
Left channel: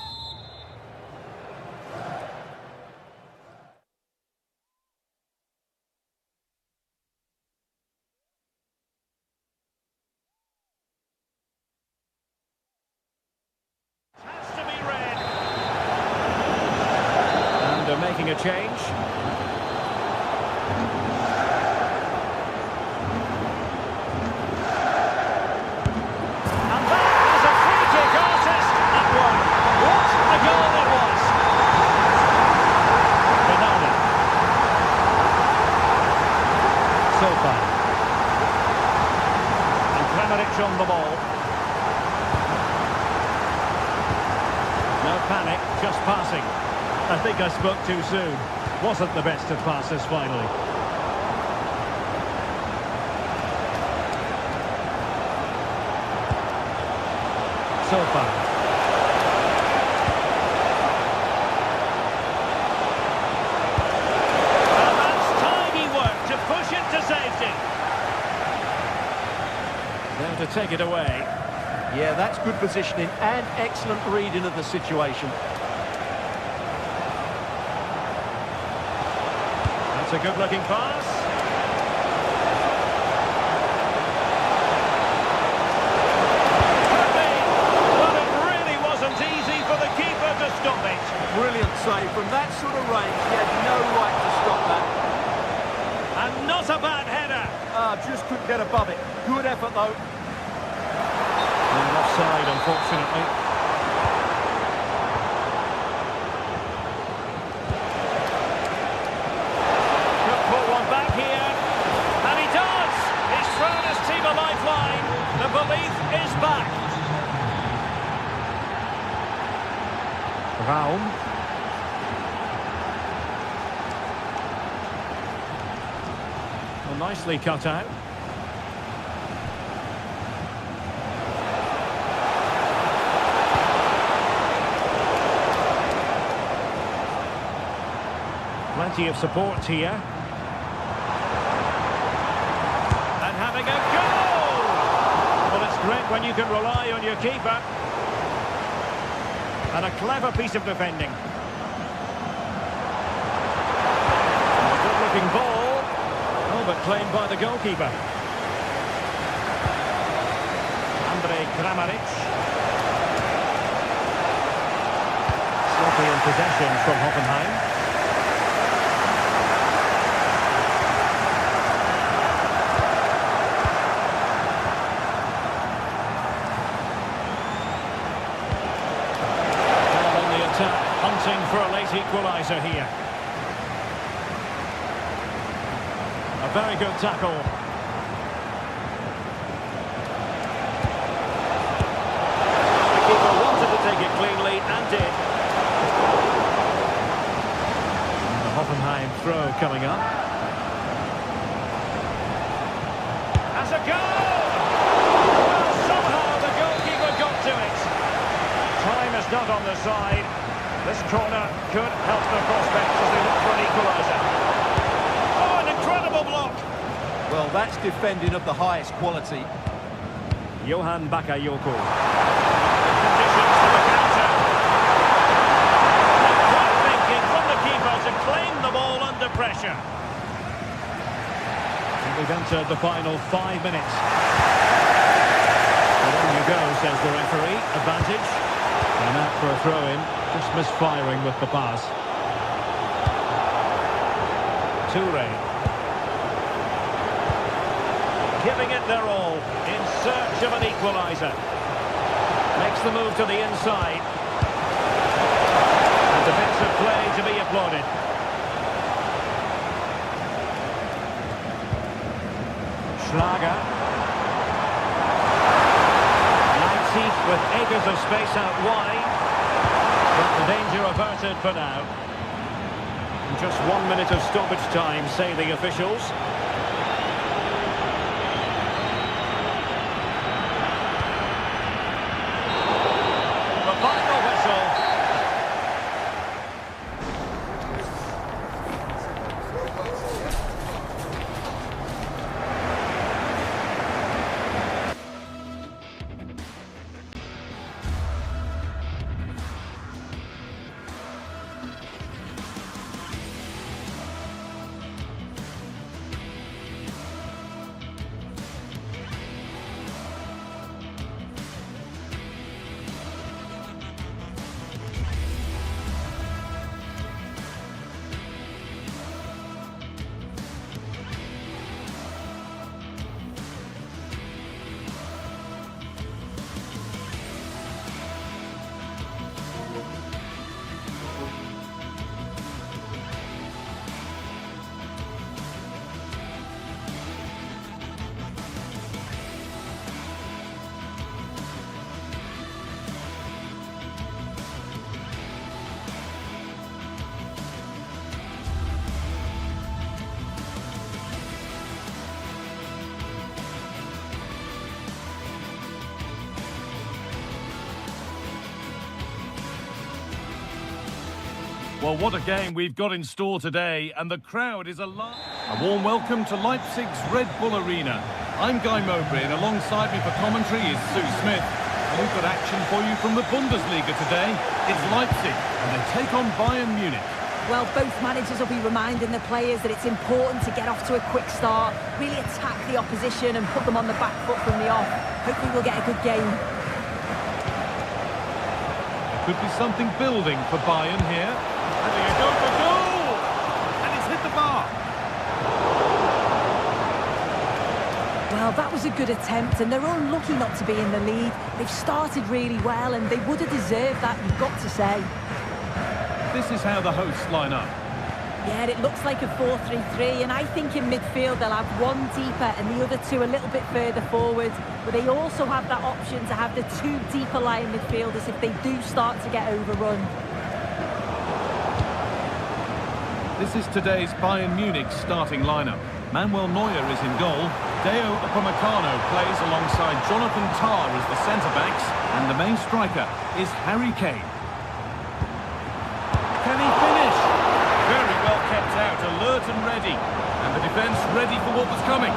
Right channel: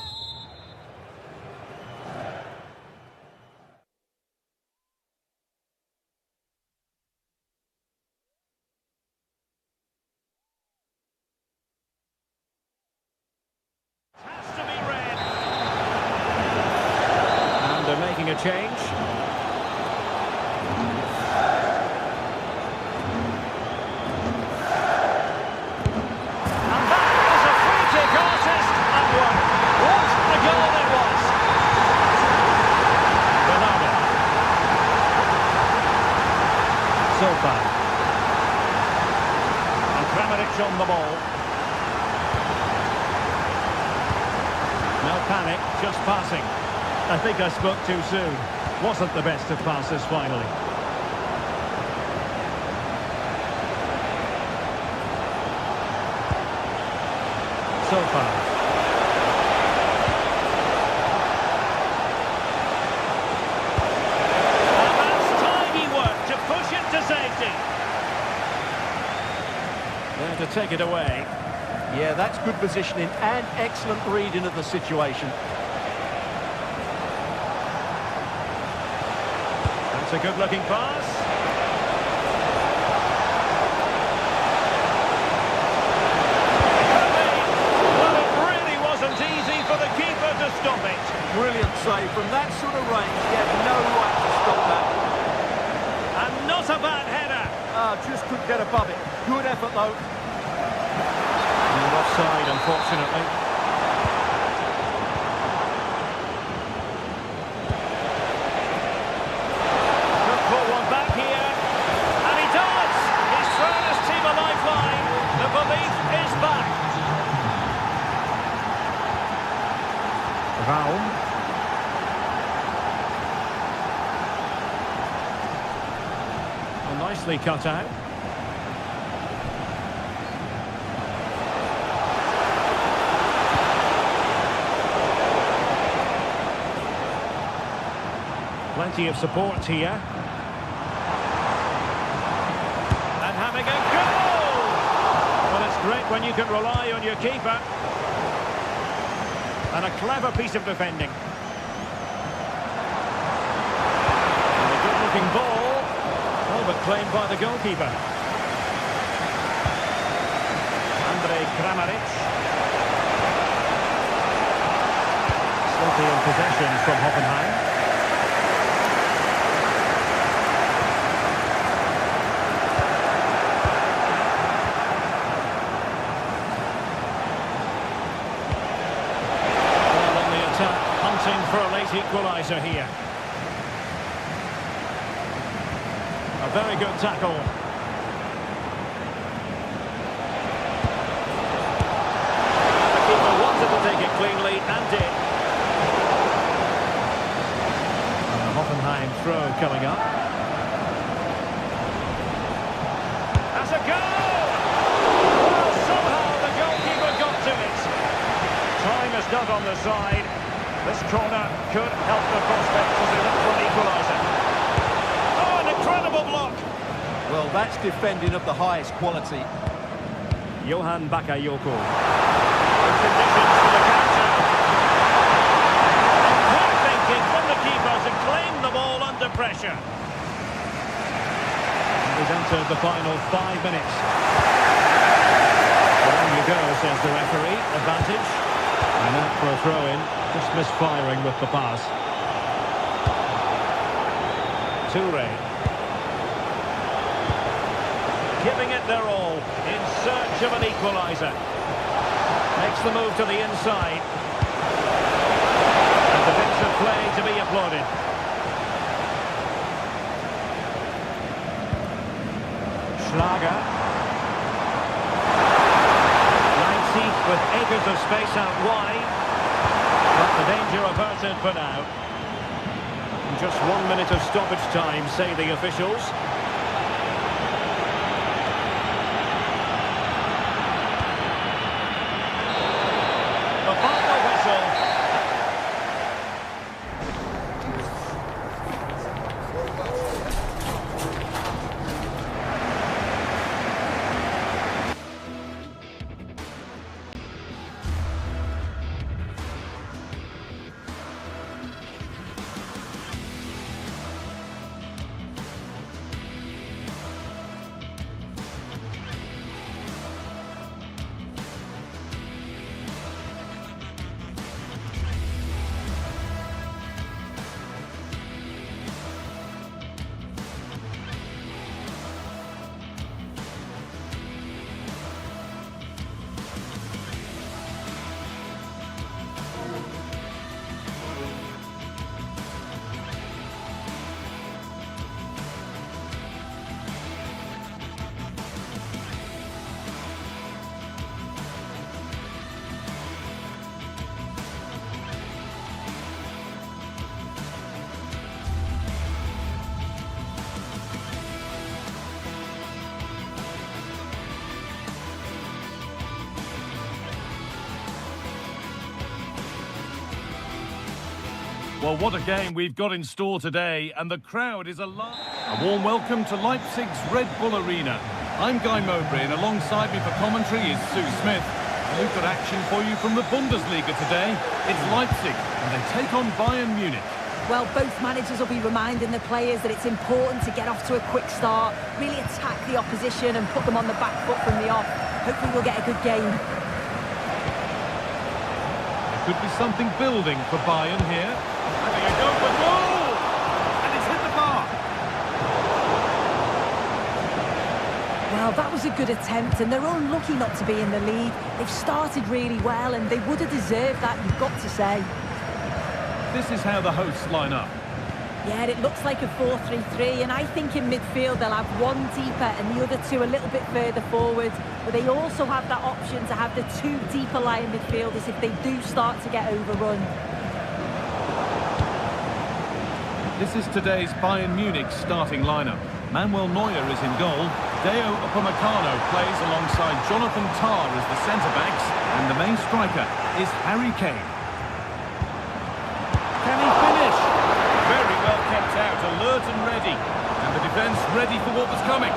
has to be read. And they're making a change. Zofal. And Kramaric on the ball. No panic, just passing. I think I spoke too soon. Wasn't the best of passes finally. Zofal. to take it away. Yeah, that's good positioning and excellent reading of the situation. That's a good-looking pass. Could be. Well, it really wasn't easy for the keeper to stop it. Brilliant save. From that sort of range, he had no right to stop that. And not a bad header. Just couldn't get above it. Good effort, though. And offside, unfortunately. Could put one back here. And he does! He's thrown his team a lifeline. The belief is back. Raum. Well, nicely cut out. Plenty of support here. And having a goal! Well, it's great when you can rely on your keeper. And a clever piece of defending. And a good-looking ball. Oh, but claimed by the goalkeeper. Andrej Kramaric. Sloppy in possession from Hoffenheim. Hunting for a late equaliser here. A very good tackle. The keeper wanted to take it cleanly and did. And the Hoffenheim throw coming up. As a goal! Well, somehow the goalkeeper got to it. Time is not on the side. This corner could help the prospects as they look for an equaliser. Oh, an incredible block! Well, that's defending of the highest quality. Johan Bakayoko. Good conditions for the counter. And quick thinking from the keeper to claim the ball under pressure. And we've entered the final 5 minutes. Well, on you go, says the referee. Advantage. And out for a throw-in. Just misfiring with the pass. Toure. Giving it their all in search of an equaliser. Makes the move to the inside. And defensive play to be applauded. Schlager. Leipzig with acres of space out wide. But the danger averted for now. Just 1 minute of stoppage time, say the officials. The final whistle. Well, what a game we've got in store today, and the crowd is alive. A warm welcome to Leipzig's Red Bull Arena. I'm Guy Mowbray, and alongside me for commentary is Sue Smith. And we've got action for you from the Bundesliga today. It's Leipzig, and they take on Bayern Munich. Well, both managers will be reminding the players that it's important to get off to a quick start, really attack the opposition and put them on the back foot from the off. Hopefully we'll get a good game. There could be something building for Bayern here. Having a go for goal! And it's hit the bar. Well, that was a good attempt, and they're unlucky not to be in the lead. They've started really well, and they would have deserved that, you've got to say. This is how the hosts line up. Yeah, it looks like a 4-3-3, and I think in midfield they'll have one deeper and the other two a little bit further forward. But they also have that option to have the two deeper lying midfielders if they do start to get overrun. This is today's Bayern Munich starting lineup. Manuel Neuer is in goal. Deo Upamecano plays alongside Jonathan Tah as the centre-backs, and the main striker is Harry Kane. Can he finish? Very well kept out, alert and ready. And the defence ready for what was coming.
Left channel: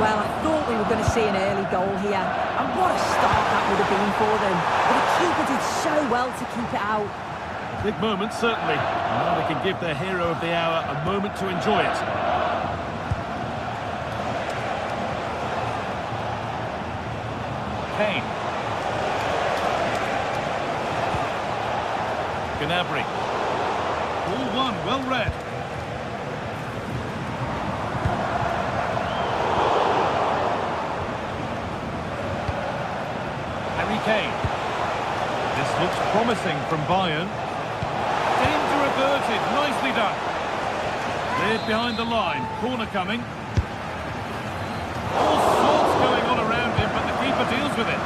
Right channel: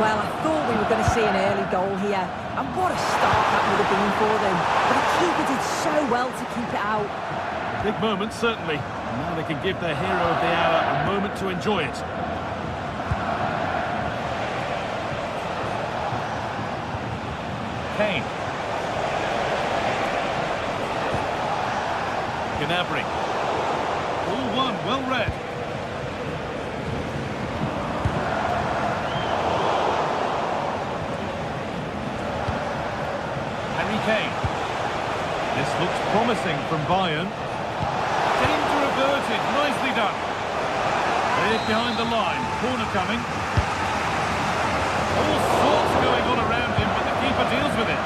Well, I thought we were going to see an early goal here, and what a start that would have been for them. But the keeper did so well to keep it out. A big moment, certainly. And now they can give their hero of the hour a moment to enjoy it. Kane. Gnabry. Ball one, well read. Harry Kane. This looks promising from Bayern. Danger averted, nicely done. Cleared behind the line, corner coming. All sorts going on around him, but the keeper deals with it.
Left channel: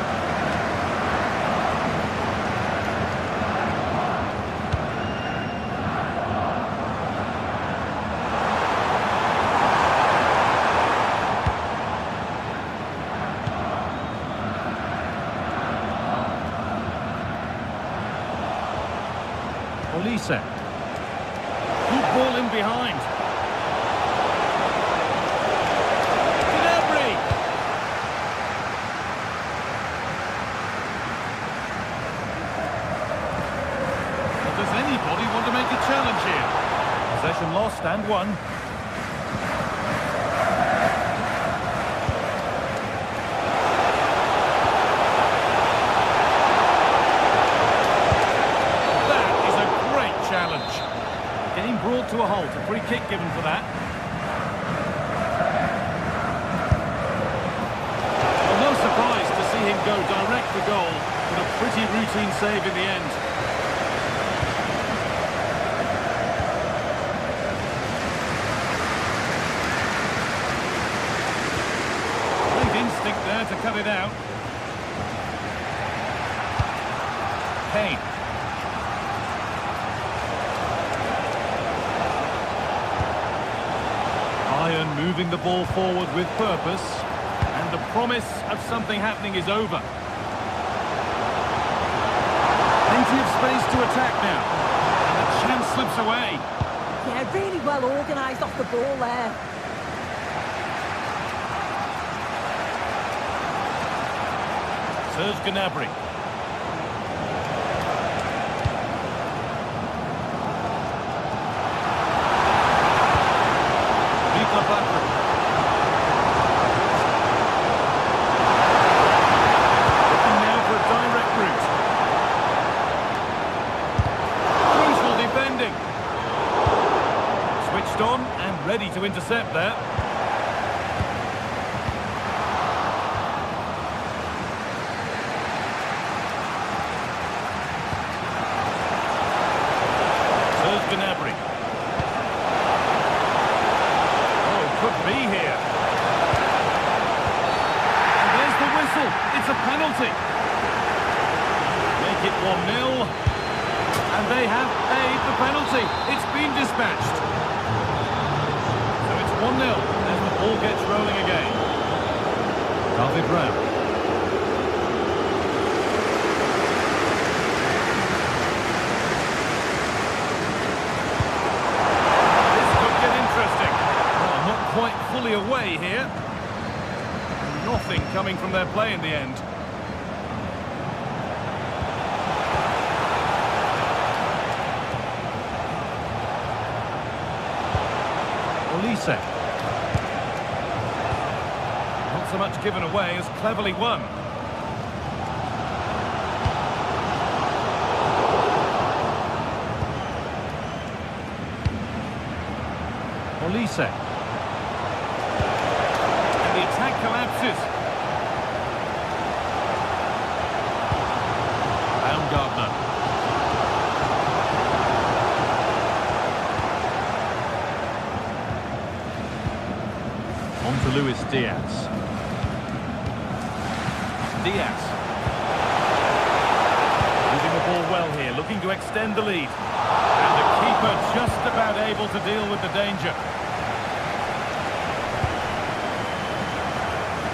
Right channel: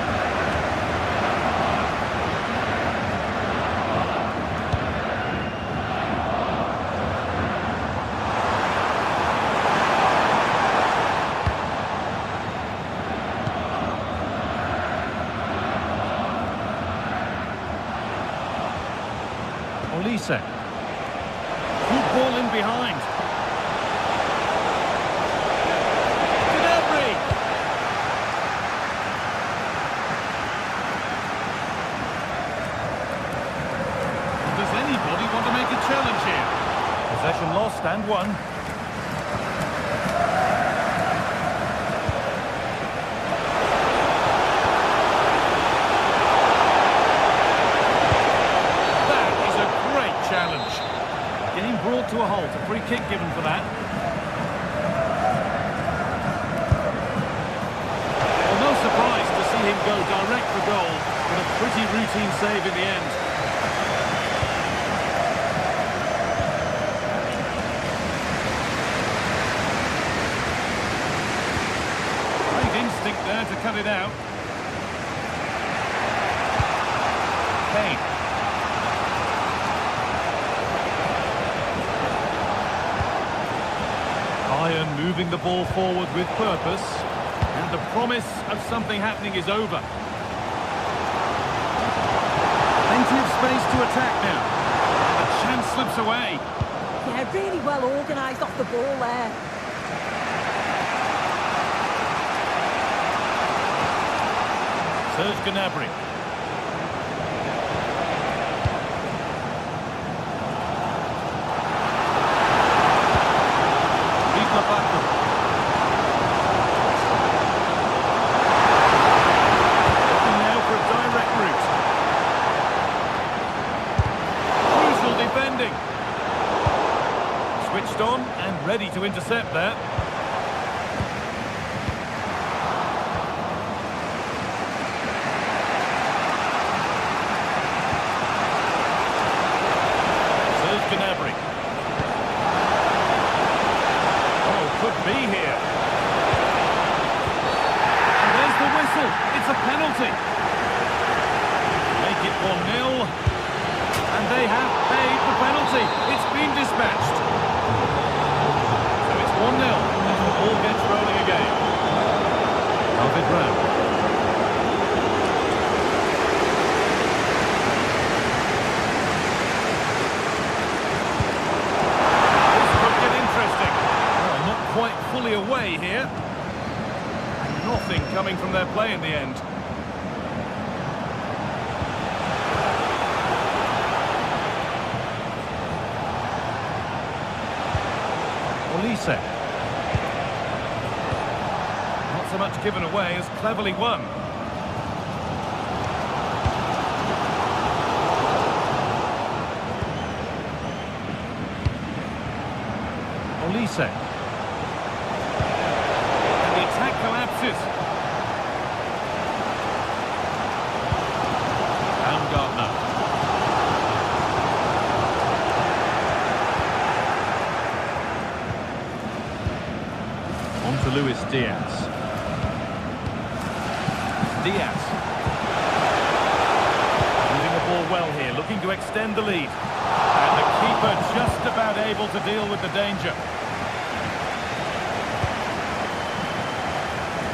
Olise. Good ball in behind. Gnabry. Well, does anybody want to make a challenge here? Possession lost and won. Challenge. Game brought to a halt. A free kick given for that. Well, no surprise to see him go direct for goal, but a pretty routine save in the end. Great instinct there to cut it out. Kane. Bayern moving the ball forward with purpose, and the promise of something happening is over. Plenty of space to attack now, and the chance slips away. Yeah, really well organised off the ball there. Serge Gnabry. Looking now for a direct route. Crucial defending. Switched on and ready to intercept there. Serge Gnabry. Could be here. And there's the whistle. It's a penalty. Make it 1-0. And they have paid the penalty. It's been dispatched. So it's 1-0 as the ball gets rolling again. David Raum. This could get interesting. Well, not quite fully away here. nothing coming from their play in the end. Olise. Not so much given away as cleverly won. Olise. And the attack collapses. Baumgartner. On to Luis Diaz. Diaz. Moving the ball well here, looking to extend the lead. And the keeper just about able to deal with the danger.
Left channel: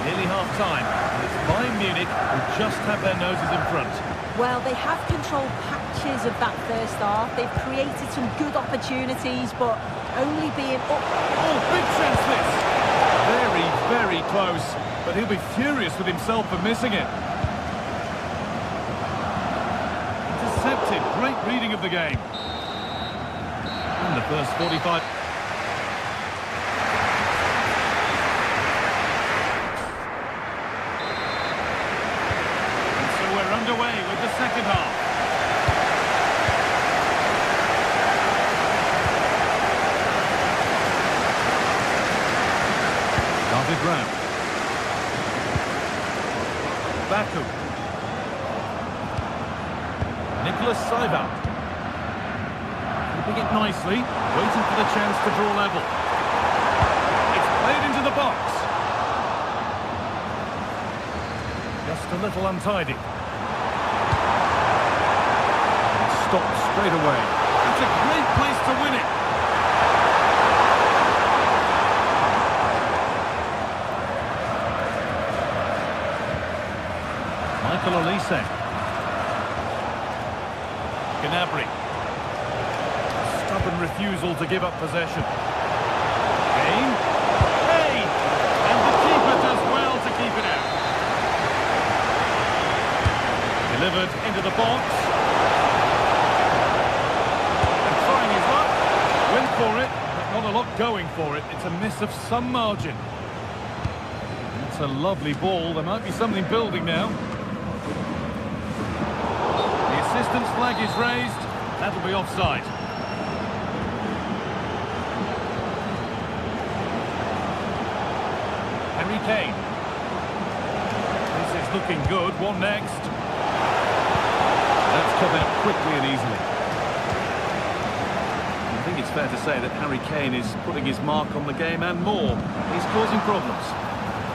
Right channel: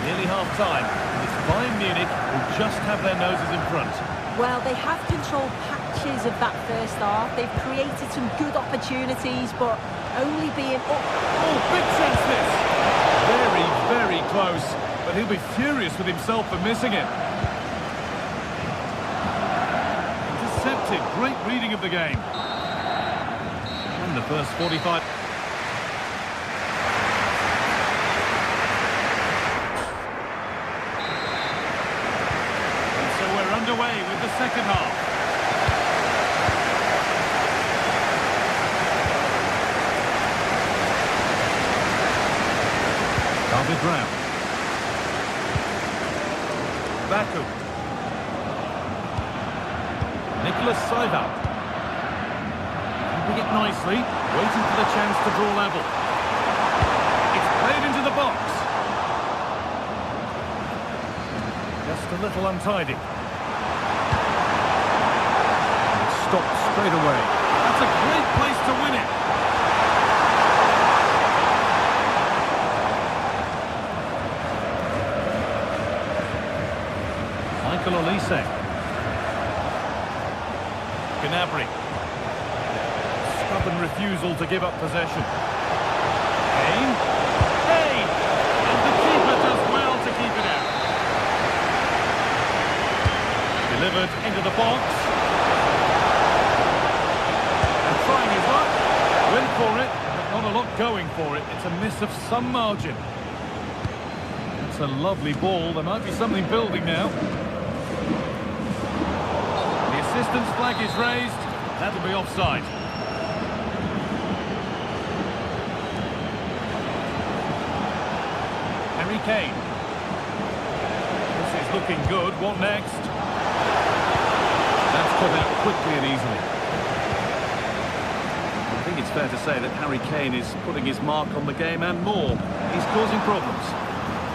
Nearly half-time, and it's Bayern Munich who just have their noses in front. Well, they have controlled patches of that first half. They've created some good opportunities, but only being up. Oh, big chance this! Very, very close, but he'll be furious with himself for missing it. Intercepted, great reading of the game. And the first 45... And so we're underway with the second half. David Raum. Baku. Nicholas Seival. Keeping it nicely, waiting for the chance to draw level. It's played into the box. Just a little untidy. And stopped straight away. That's a great place to win it. Michael Olise. Gnabry. Stubborn refusal to give up possession. Kane. Hey! And the keeper does well to keep it out. Delivered into the box. And trying his luck. Went for it, but not a lot going for it. It's a miss of some margin. That's a lovely ball. There might be something building now. The assistant's flag is raised. That'll be offside. Harry Kane. This is looking good. What next? That's come out quickly and easily. I think it's fair to say that Harry Kane is putting his mark on the game and more. He's causing problems.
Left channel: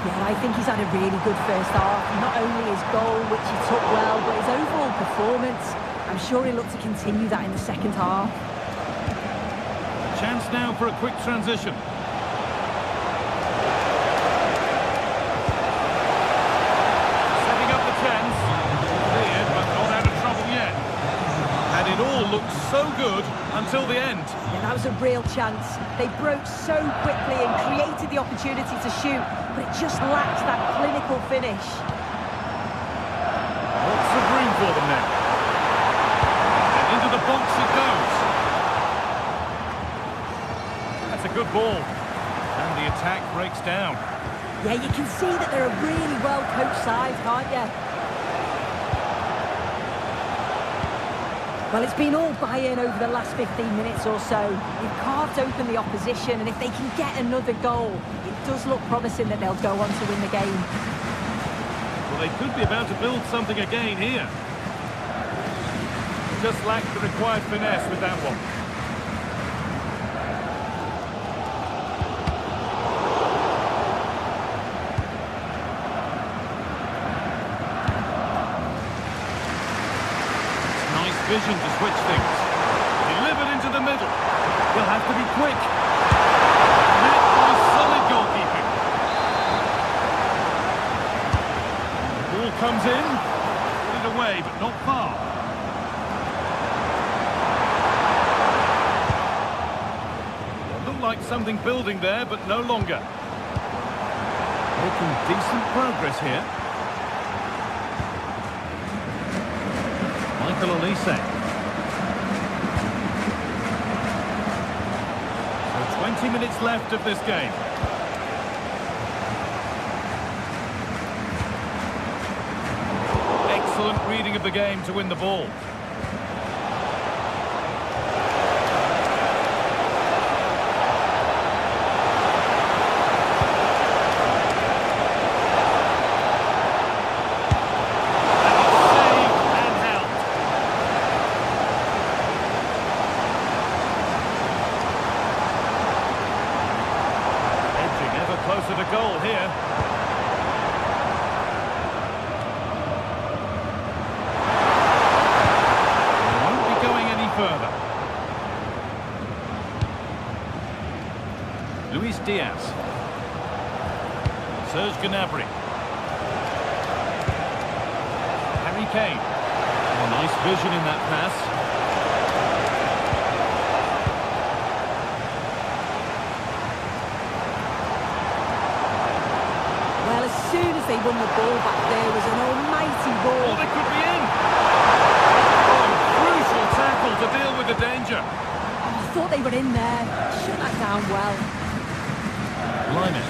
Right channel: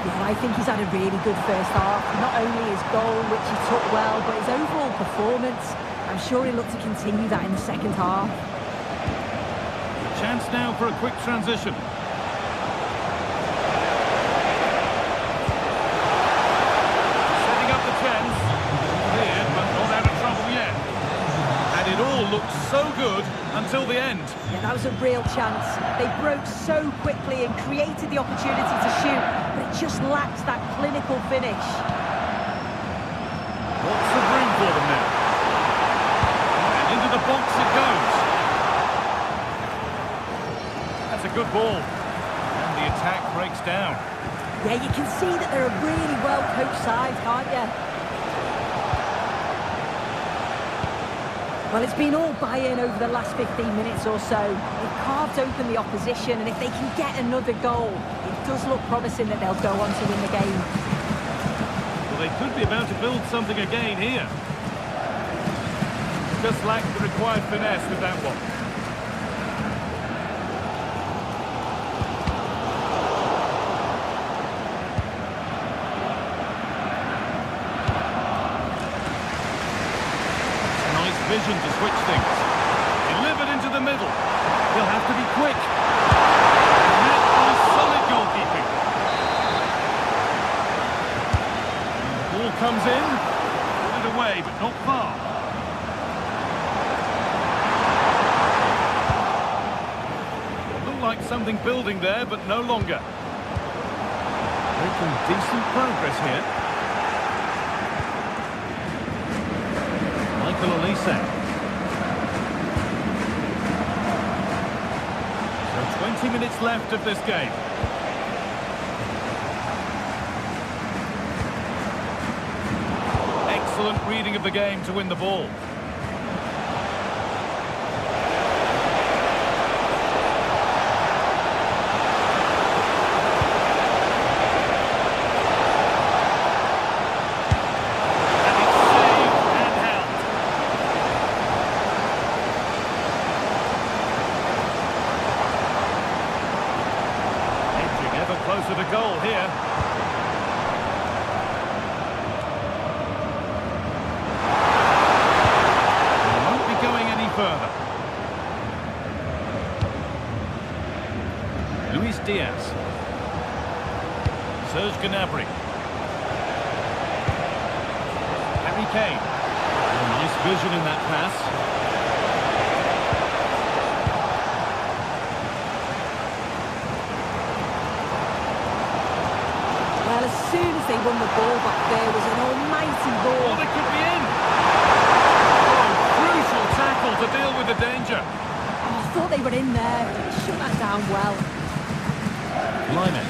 Yeah, I think he's had a really good first half. Not only his goal, which he took well, but his overall performance. I'm sure he'll look to continue that in the second half. A chance now for a quick transition. Setting up the chance. Cleared, but not out of trouble yet. And it all looked so good until the end. Yeah, that was a real chance. They broke so quickly and created the opportunity to shoot, but it just lacked that clinical finish. Lots of room for them now. And into the box it goes. That's a good ball. And the attack breaks down. Yeah, you can see that they're a really well-coached side, can't you? Well, it's been all Bayern over the last 15 minutes or so. They've carved open the opposition, and if they can get another goal, it does look promising that they'll go on to win the game. Well, they could be about to build something again here. Just lacked the required finesse with that one. Nice vision to switch things. Delivered into the middle. He'll have to be quick. Met by solid goalkeeping. And the ball comes in. Put it away, but not far. Well, looked like something building there, but no longer. Making decent progress here. Michael Olise. So 20 minutes left of this game. Excellent reading of the game to win the ball. Ever closer to goal here. He won't be going any further. Luis Diaz. Serge Gnabry. Harry Kane. Oh, nice vision in that pass. Well, as soon as they won the ball back, there was an almighty ball. Oh, they could be in! Oh, crucial tackle to deal with the danger. Oh, I thought they were in there. Shut that down well. Lyman.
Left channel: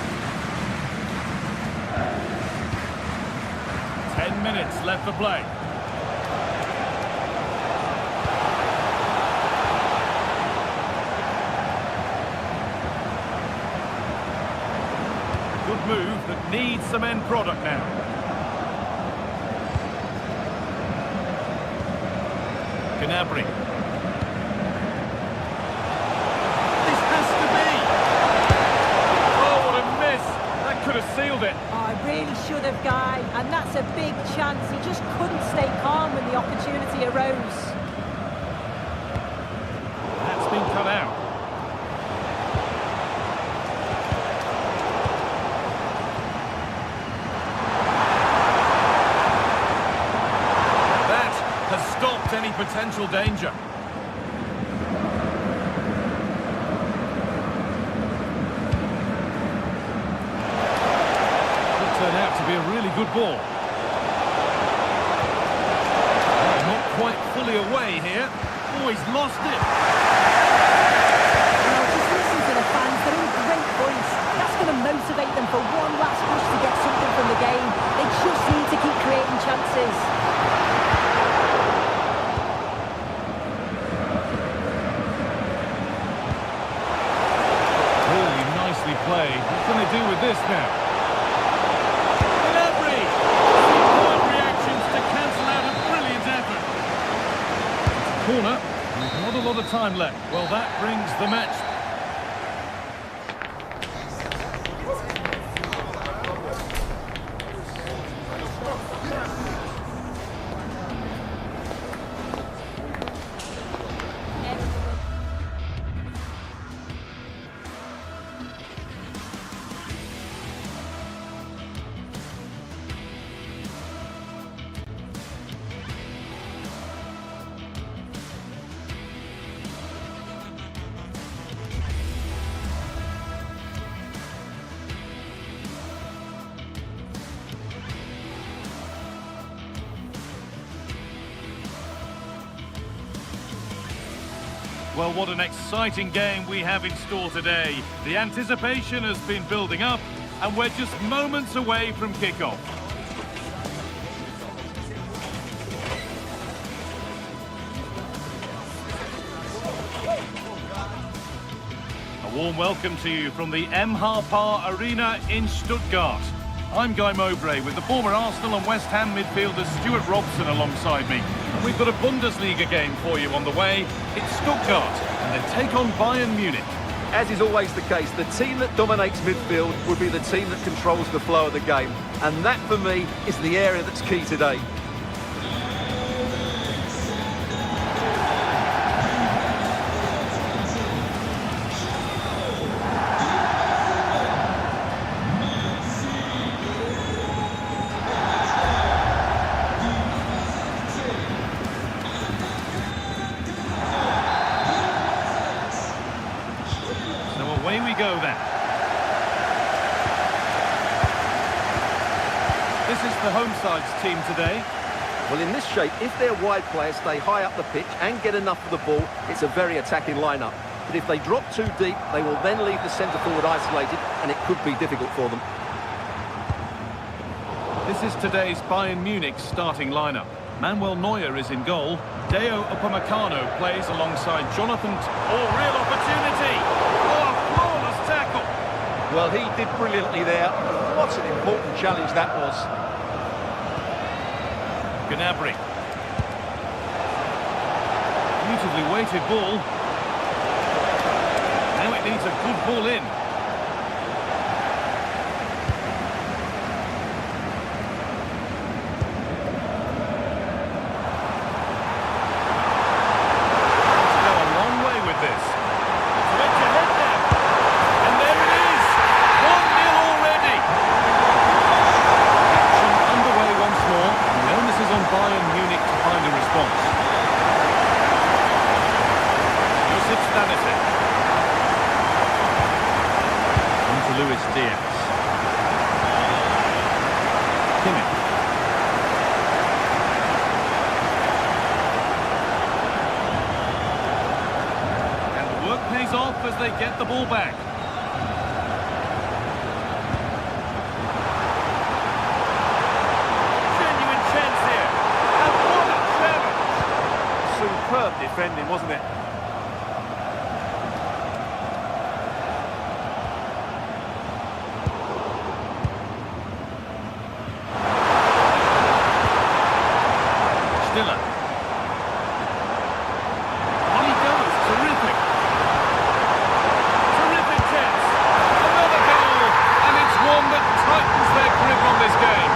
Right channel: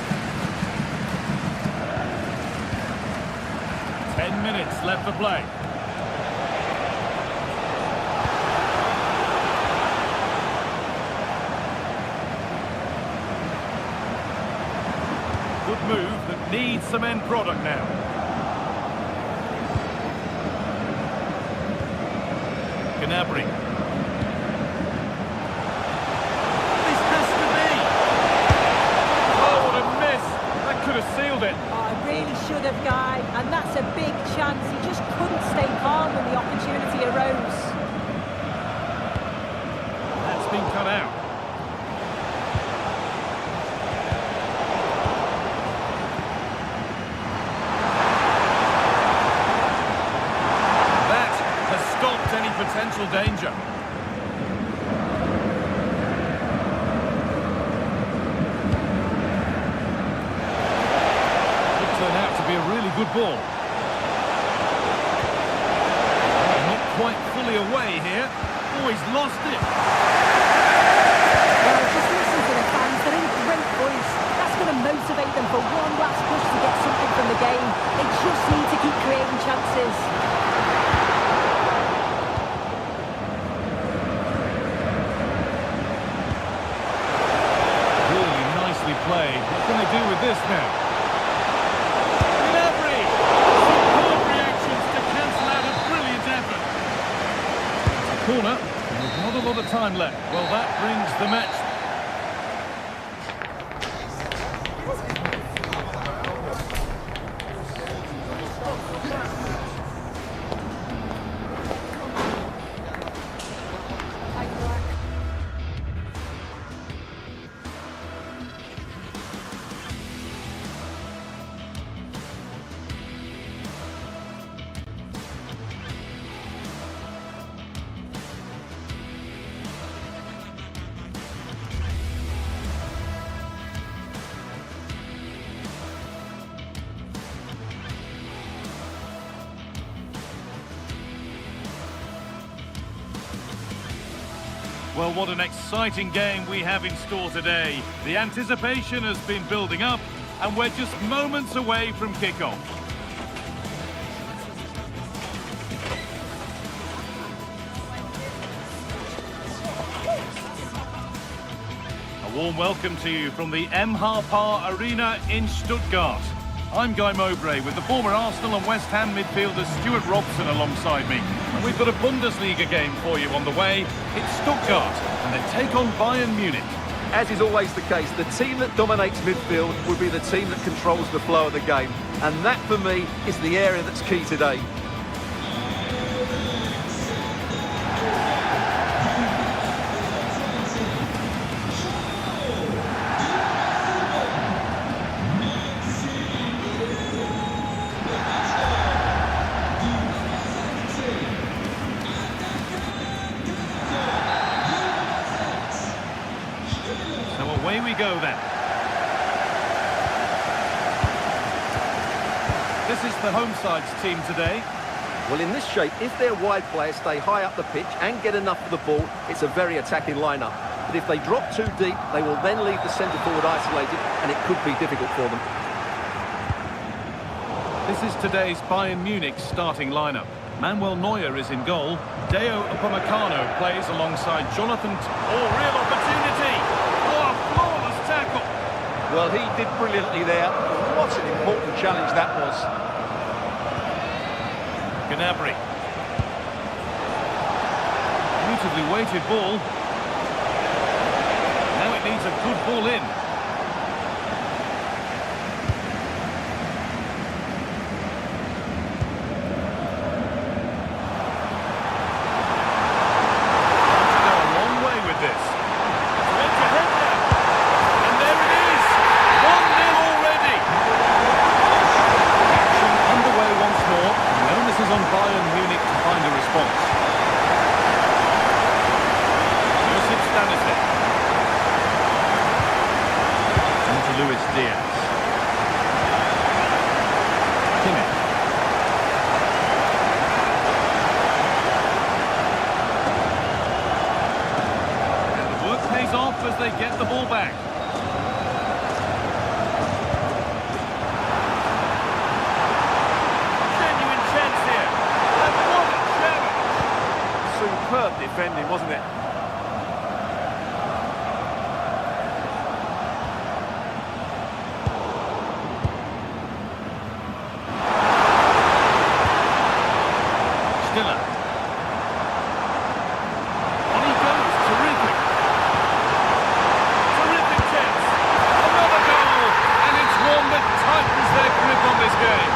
10 minutes left for play. Good move that needs some end product now. Gnabry. This has to be! Oh, what a miss! That could have sealed it. Oh, I really should have, Guy. And that's a big chance. He just couldn't stay calm when the opportunity arose. That's been cut out. Has stopped any potential danger. Could turn out to be a really good ball. Not quite fully away here. Oh, he's lost it. Well, just listen to the fans. They're in great voice. That's going to motivate them for one last push to get something from the game. They just need to keep creating chances. Play. What can they do with this now? Gnabry! Superb reactions to cancel out a brilliant effort. It's a corner, and there's not a lot of time left. Well, that brings the match. Well, what an exciting game we have in store today. The anticipation has been building up, and we're just moments away from kickoff. A warm welcome to you from the Par Arena in Stuttgart. I'm Guy Mowbray with the former Arsenal and West Ham midfielder Stuart Robson alongside me. And we've got a Bundesliga game for you on the way. It's Stuttgart, and they take on Bayern Munich. As is always the case, the team that dominates midfield will be the team that controls the flow of the game. And that, for me, is the area that's key today. So away we go then. This is the home side's team today. Well, in this shape, if their wide players stay high up the pitch and get enough of the ball, it's a very attacking lineup. But if they drop too deep, they will then leave the centre forward isolated, and it could be difficult for them. This is today's Bayern Munich starting lineup. Manuel Neuer is in goal. Deo Upamecano plays alongside Jonathan. Oh, real opportunity! Oh, a flawless tackle! Well, he did brilliantly there. What an important challenge that was. Gnabry. Beautifully weighted ball. Now it needs a good ball in. To go a long way with this. It's edge ahead now. And there it is. 1-0 already. Action underway once more. And the onus is on Bayern Munich to find a response. Josip Stanisic. To Luis Diaz. Kimmich. And the work pays off as they get the ball back. Genuine chance here. And what a challenge! Superb defending, wasn't it? Stiller. On he goes, terrific. Terrific chance. Another goal, and it's one that tightens their grip on this game.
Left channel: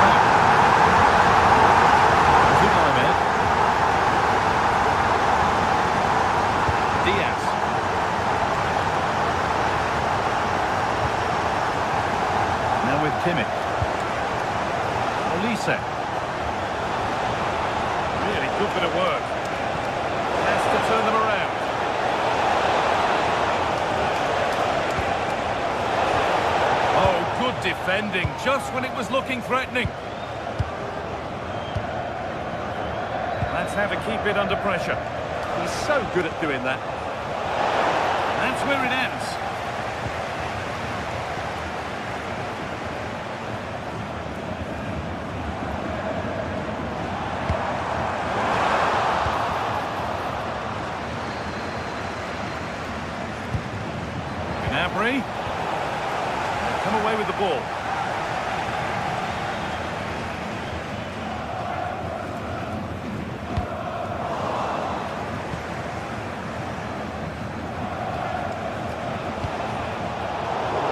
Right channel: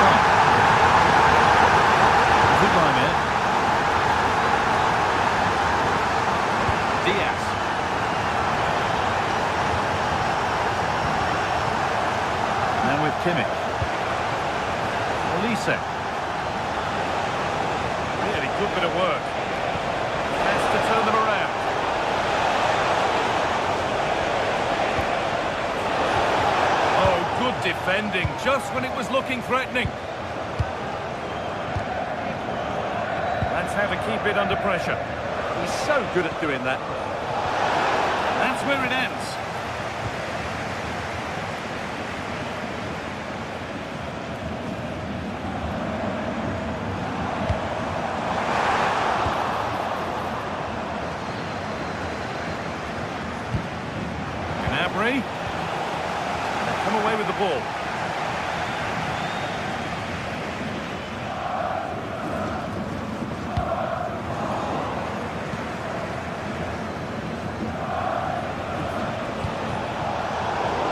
Time. Good line there. Diaz. Now with Kimmich. Olise. Really good bit of work. Has to turn them around. Oh, good defending, just when it was looking threatening. That's how to keep it under pressure. He's so good at doing that. That's where it ends. Gnabry. They've come away with the ball.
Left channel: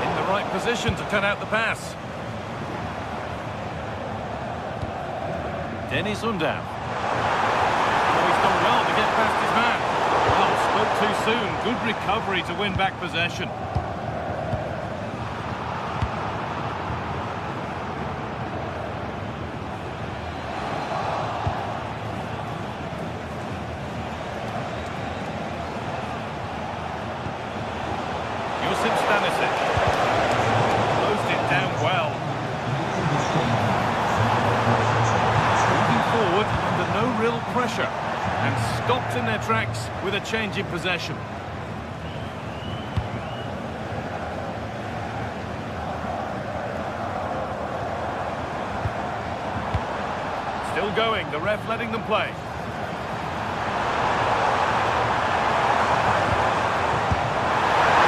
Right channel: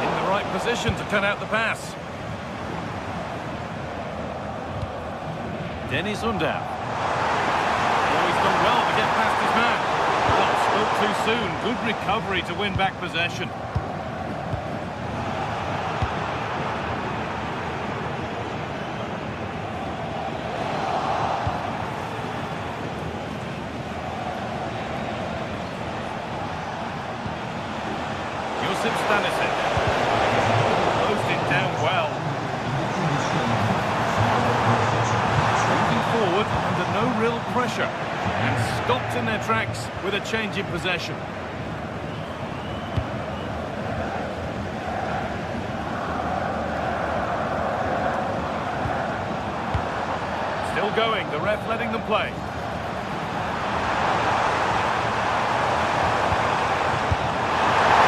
In the right position to cut out the pass. Dennis Undav. Oh, he's done well to get past his man. Well, spoke too soon. Good recovery to win back possession. Josip Stanisic. Closed it down well. Moving forward under no real pressure. And stopped in their tracks with a change in possession. Still going, the ref letting them play.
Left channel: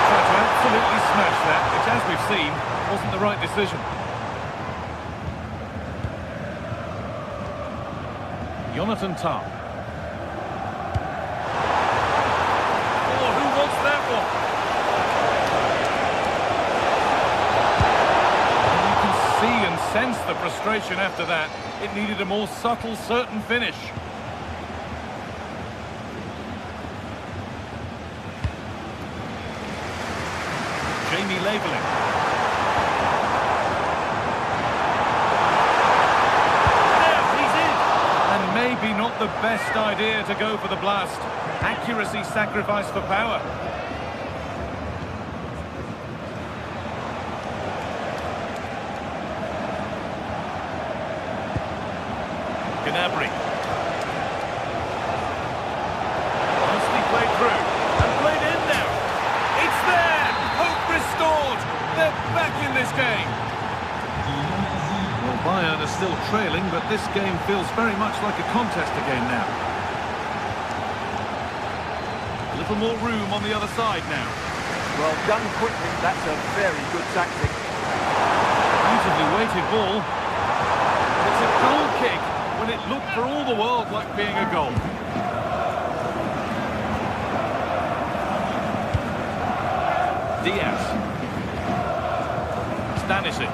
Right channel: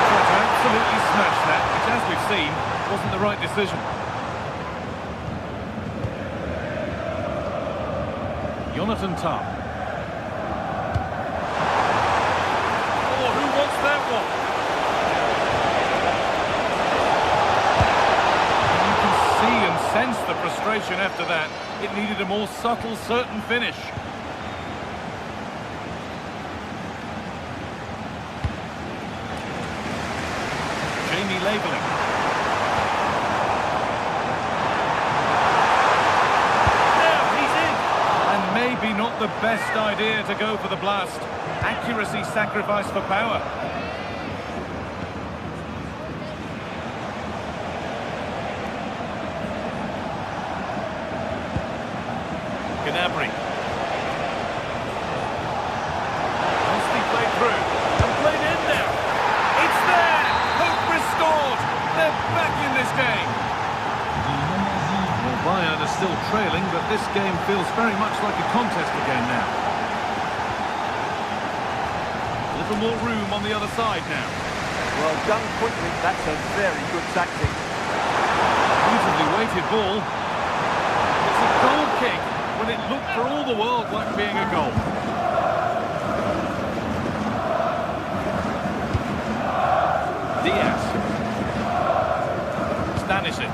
Tried to absolutely smash that, which, as we've seen, wasn't the right decision. Jonathan Tah. That one. And you can see and sense the frustration after that. It needed a more subtle, certain finish. Jamie Labeling. Now he's in. And maybe not the best idea to go for the blast. Accuracy sacrificed for power. Gnabry. Nicely played through. And played in now. It's there! Hope restored! They're back in this game. Well, Bayern are still trailing, but this game feels very much like a contest again now. A little more room on the other side now. Well, done quickly, that's a very good tactic. Beautifully weighted ball. It's a goal kick when it looked for all the world like being a goal. Diaz. Stanisic.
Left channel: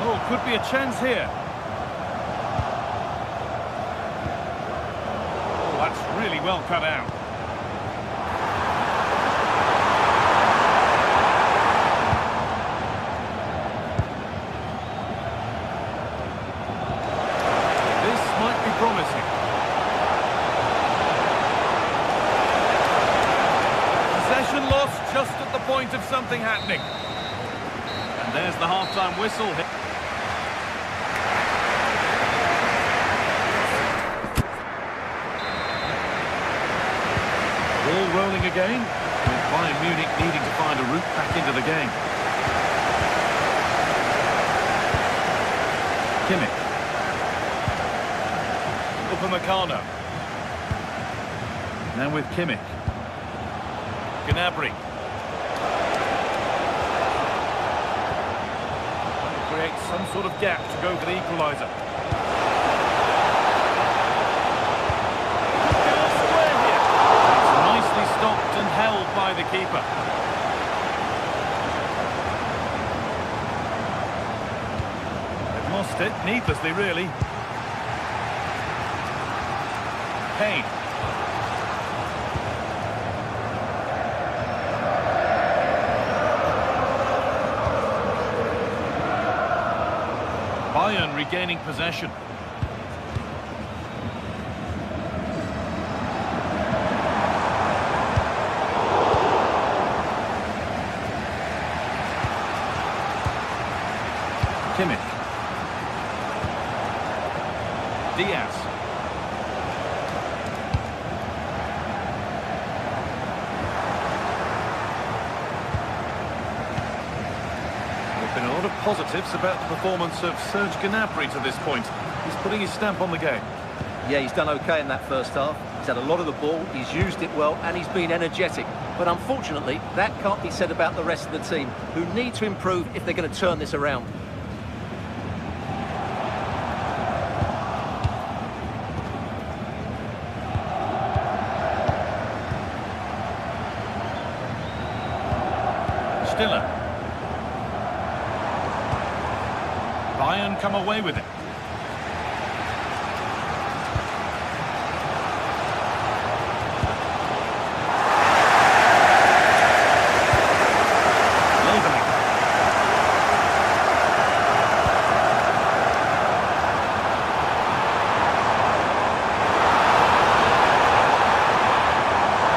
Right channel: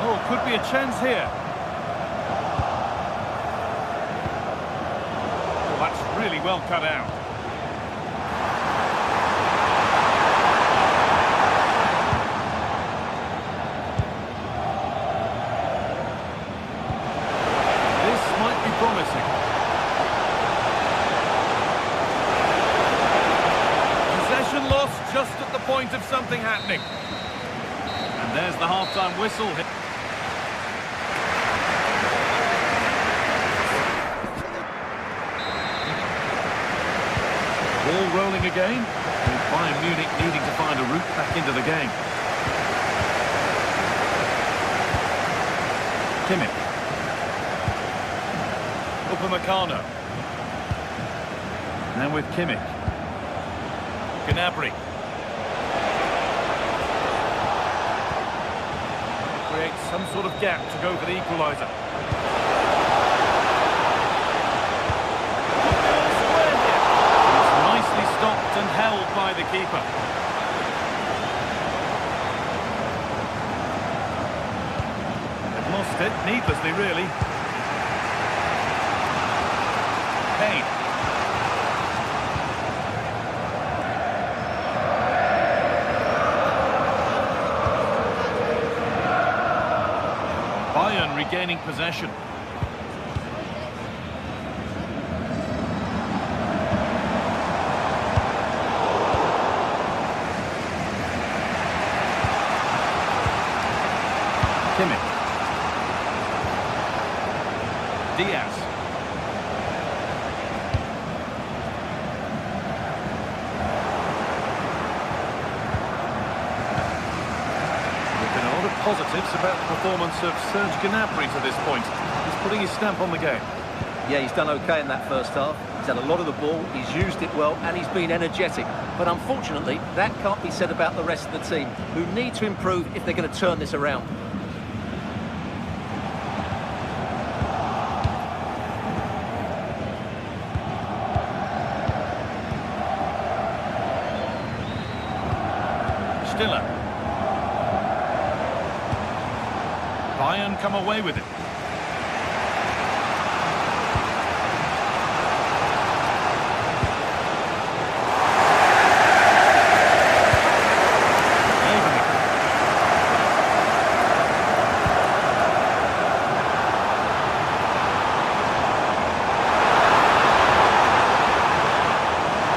Oh, could be a chance here. Oh, that's really well cut out. This might be promising. Possession lost just at the point of something happening. And there's the half-time whistle. Ball rolling again, with Bayern Munich needing to find a route back into the game. Kimmich. Upamecano. Now with Kimmich. Gnabry. Trying to create some sort of gap to go for the equaliser. Could be all square here. It's nicely stopped and held by the keeper. They've lost it, needlessly really. Kane. Bayern regaining possession. Kimmich. Diaz. There have been a lot of positives about the performance of Serge Gnabry to this point. He's putting his stamp on the game. Yeah, he's done okay in that first half. He's had a lot of the ball, he's used it well, and he's been energetic. But unfortunately, that can't be said about the rest of the team, who need to improve if they're going to turn this around. Stiller. Bayern come away with it. Leipzig.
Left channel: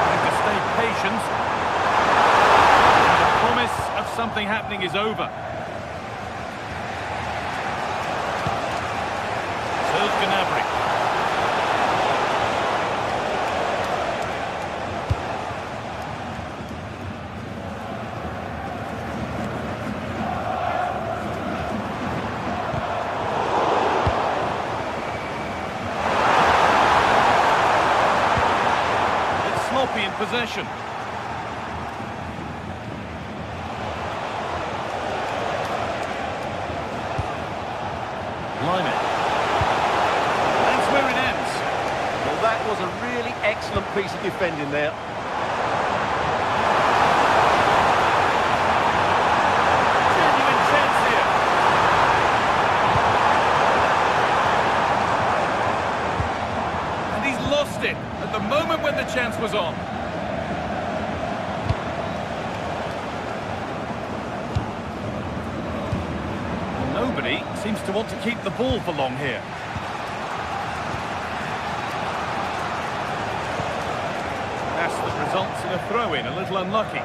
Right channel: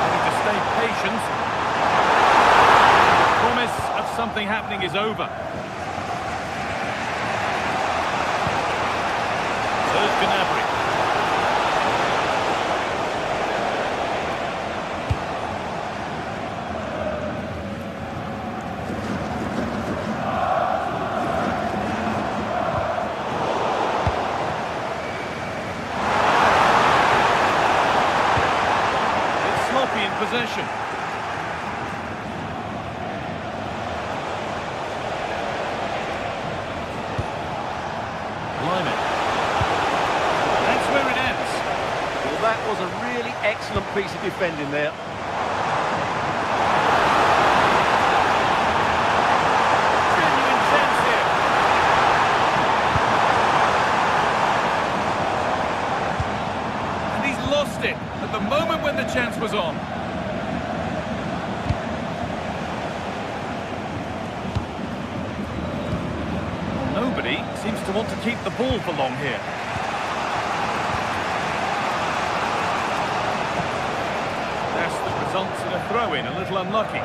Having to stay patient. And the promise of something happening is over. Serge Gnabry. It's sloppy in possession. Limit. Where it ends. Well, that was a really excellent piece of defending there. Genuine chance here. And he's lost it at the moment when the chance was on. Well, nobody seems to want to keep the ball for long here. That results in a throw-in, a little unlucky.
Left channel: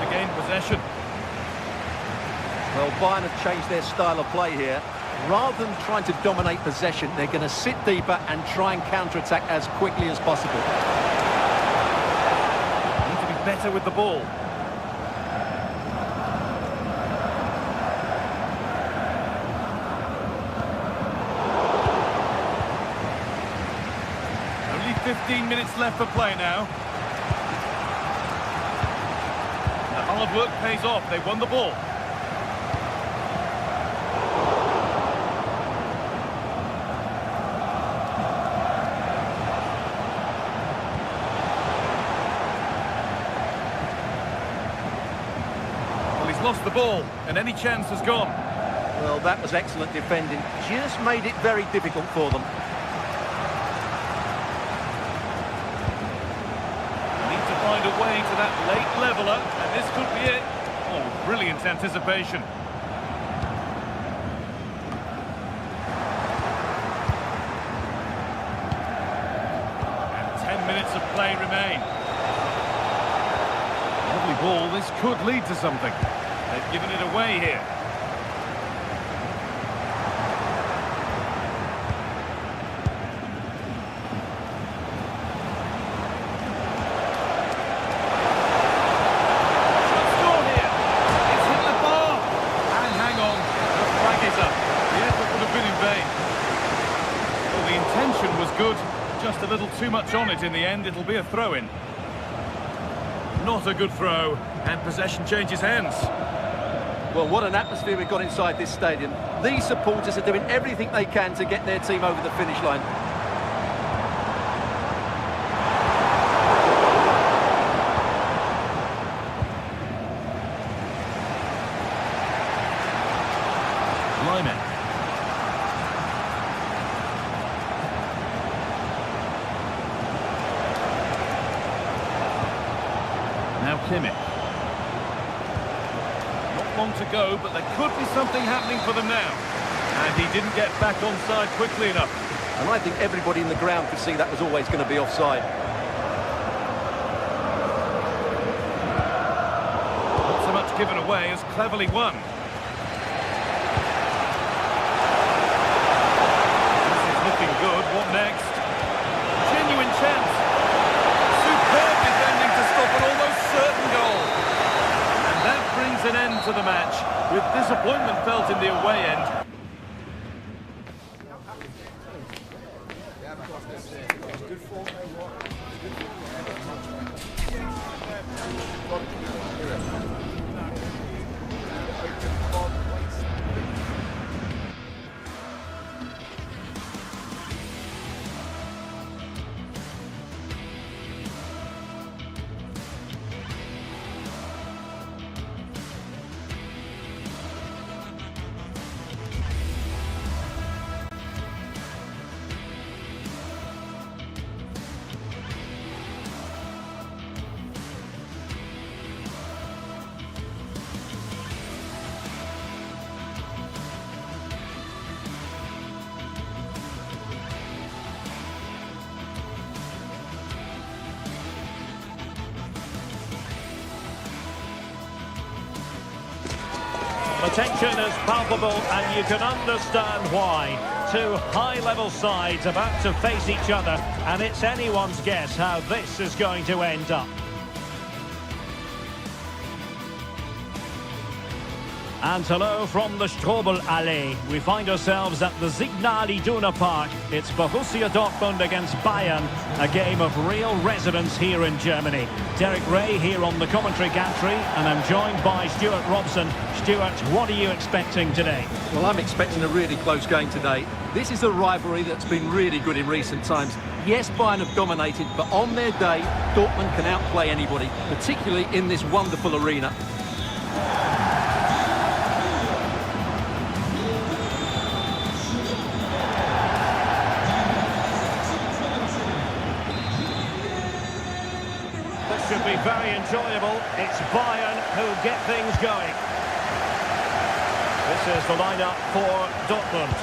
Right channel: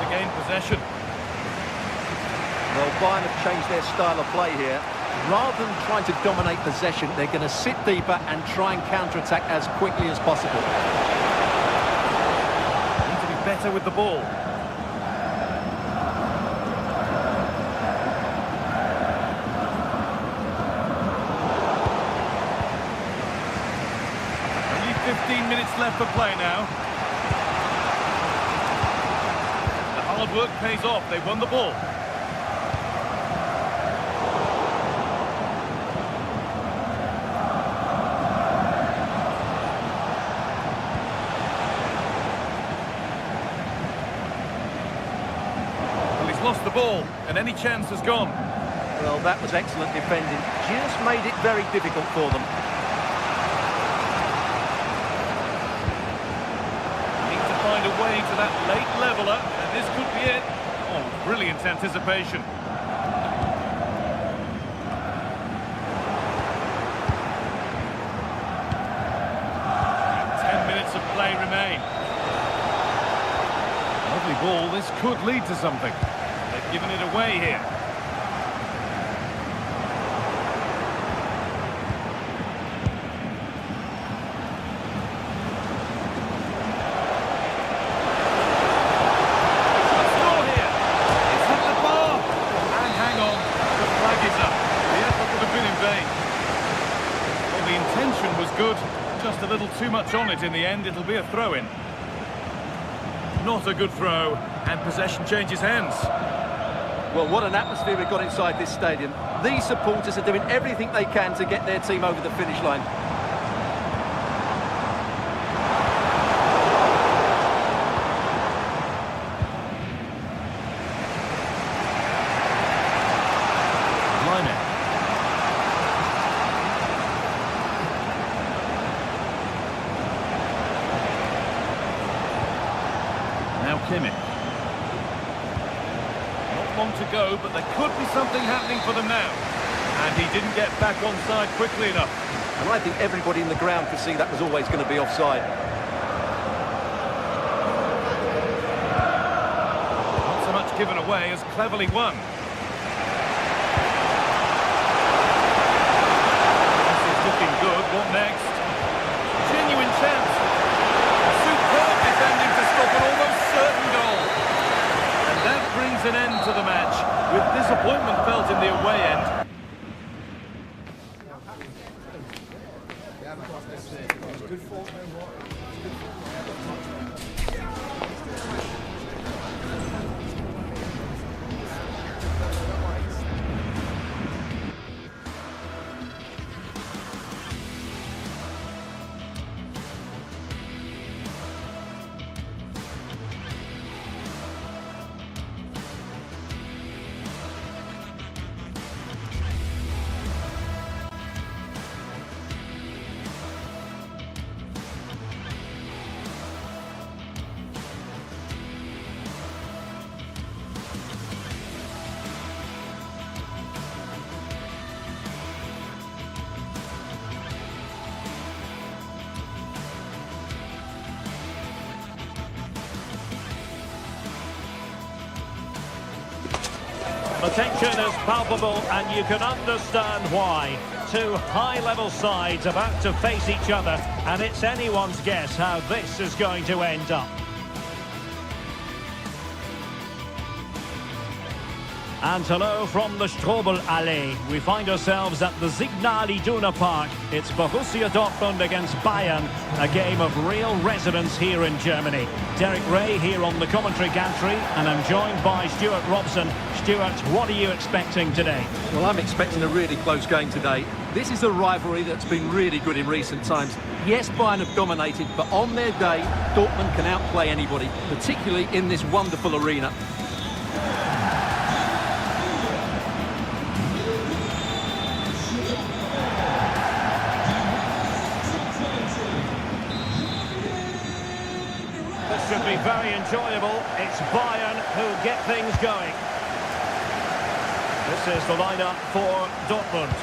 to gain possession. Well, Bayern have changed their style of play here. Rather than trying to dominate possession, they're going to sit deeper and try and counter-attack as quickly as possible. Need to be better with the ball. Only 15 minutes left for play now. The hard work pays off. They won the ball. Lost the ball, and any chance has gone. Well, that was excellent defending. Just made it very difficult for them. Need to find a way to that late leveller, and this could be it. Oh, brilliant anticipation. And 10 minutes of play remain. Lovely ball, this could lead to something. They've given it away here. Shot score here. It's hit the bar. And hang on, the flag is up. The effort would have been in vain. Well, the intention was good. Just a little too much on it in the end. It'll be a throw-in. Not a good throw, and possession changes hands. Well, what an atmosphere we've got inside this stadium. These supporters are doing everything they can to get their team over the finish line. Line. Now Kimmich. Not long to go, but there could be something happening for them now. And he didn't get back on side quickly enough. And I think everybody in the ground could see that was always going to be offside. Not so much given away as cleverly won. This is looking good. What next? Genuine chance. Superb defending to stop an almost certain goal. And that brings an end to the match, with disappointment felt in the away end. The tension is palpable, and you can understand why. Two high-level sides about to face each other, and it's anyone's guess how this is going to end up. And hello from the Strobel-Allee. We find ourselves at the Signal Iduna Park. It's Borussia Dortmund against Bayern, a game of real resonance here in Germany. Derek Ray here on the commentary gantry, and I'm joined by Stuart Robson. Stuart, what are you expecting today? Well, I'm expecting a really close game today. This is a rivalry that's been really good in recent times. Yes, Bayern have dominated, but on their day, Dortmund can outplay anybody, particularly in this wonderful arena. This should be very enjoyable. It's Bayern who get things going. This is the lineup for Dortmund.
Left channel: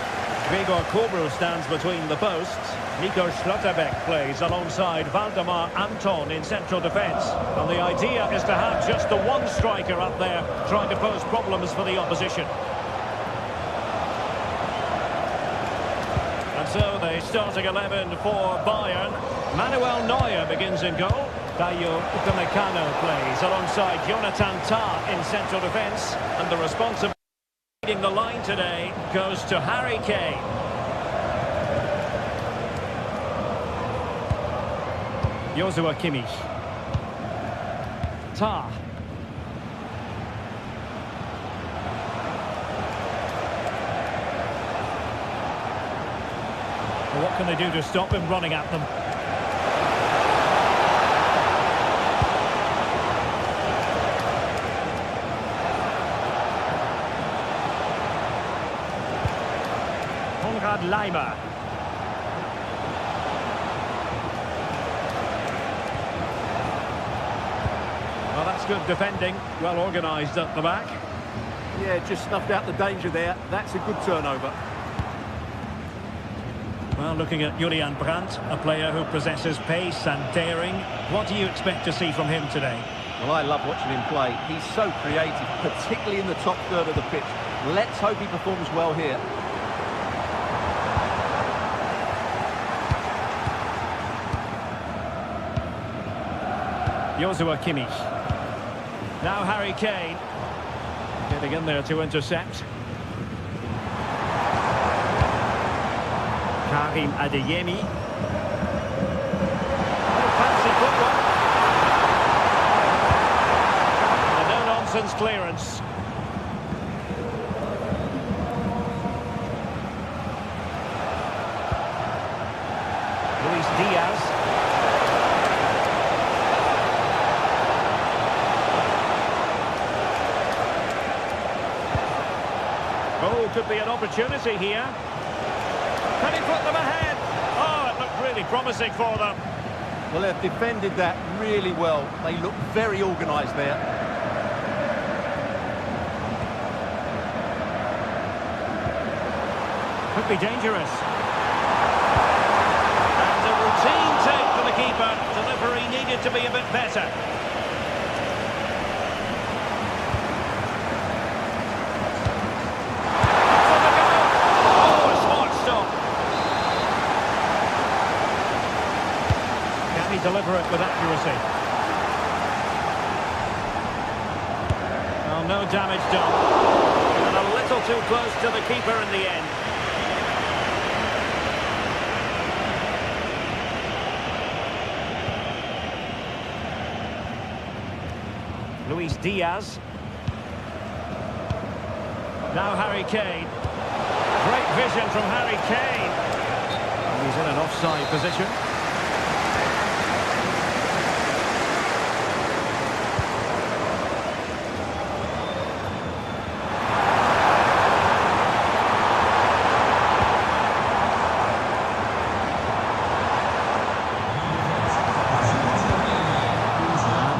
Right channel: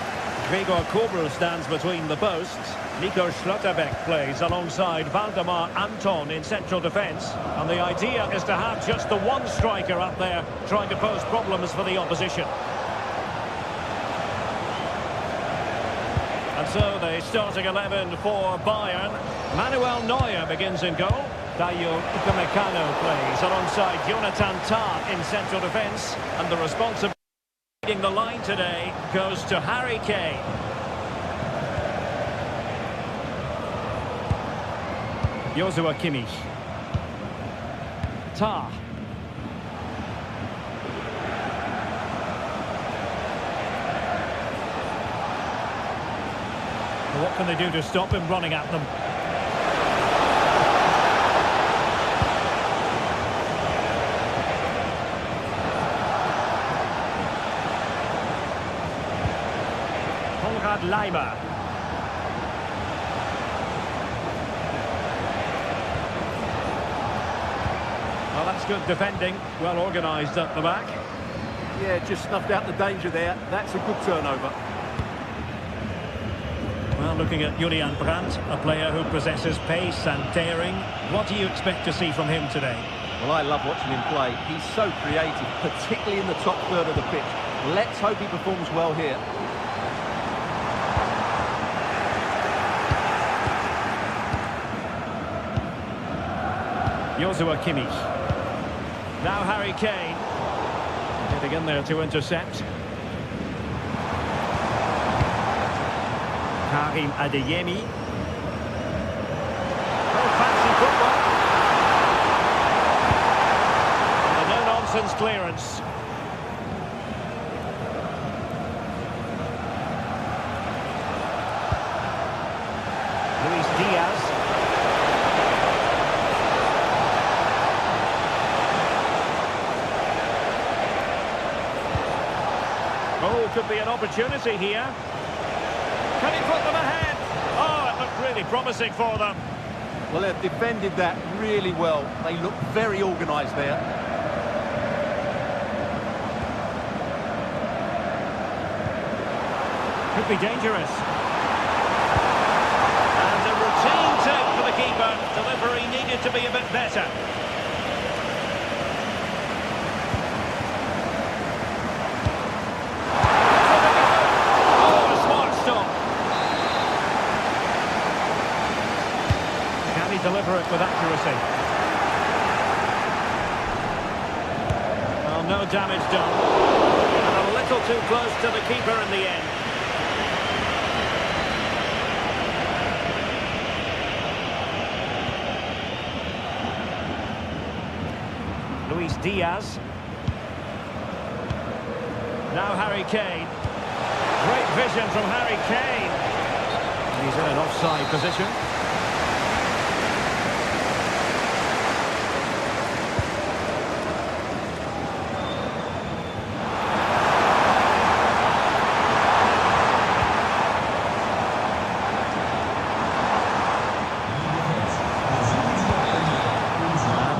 Gregor Kobel stands between the posts. Nico Schlotterbeck plays alongside Valdemar Anton in central defence. And the idea is to have just the one striker up there trying to pose problems for the opposition. And so the starting 11 for Bayern. Manuel Neuer begins in goal. Dayo Upamecano plays alongside Jonathan Tah in central defence. And the responsibility leading the line today goes to Harry Kane. Joshua Kimmich. Tah. Well, what can they do to stop him running at them? Konrad Laimer. Well, that's good defending, well organised at the back. Yeah, just snuffed out the danger there. That's a good turnover. Well, looking at Julian Brandt, a player who possesses pace and daring. What do you expect to see from him today? Well, I love watching him play. He's so creative, particularly in the top third of the pitch. Let's hope he performs well here. Joshua Kimmich. Now Harry Kane. Getting in there to intercept. Karim Adeyemi. Oh, fancy football. And a no-nonsense clearance. Luis Diaz. Oh, could be an opportunity here. Can he put them ahead? Oh, it looked really promising for them. Well, they've defended that really well. They look very organised there. Could be dangerous. And a routine take for the keeper. Delivery needed to be a bit better. Deliver it with accuracy. Well, no damage done. And a little too close to the keeper in the end. Luis Diaz. Now Harry Kane. Great vision from Harry Kane. And he's in an offside position.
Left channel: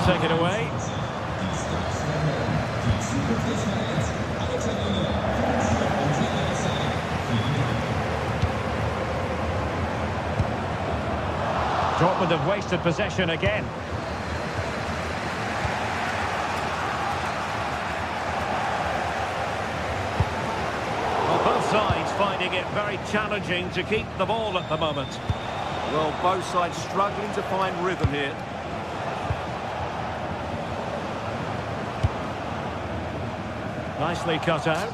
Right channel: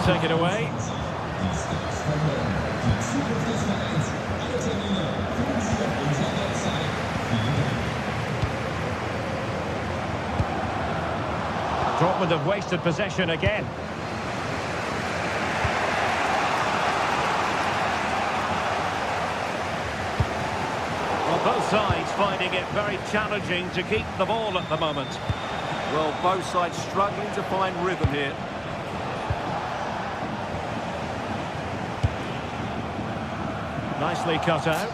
Take it away. Dortmund have wasted possession again. Well, both sides finding it very challenging to keep the ball at the moment. Well, both sides struggling to find rhythm here. Nicely cut out.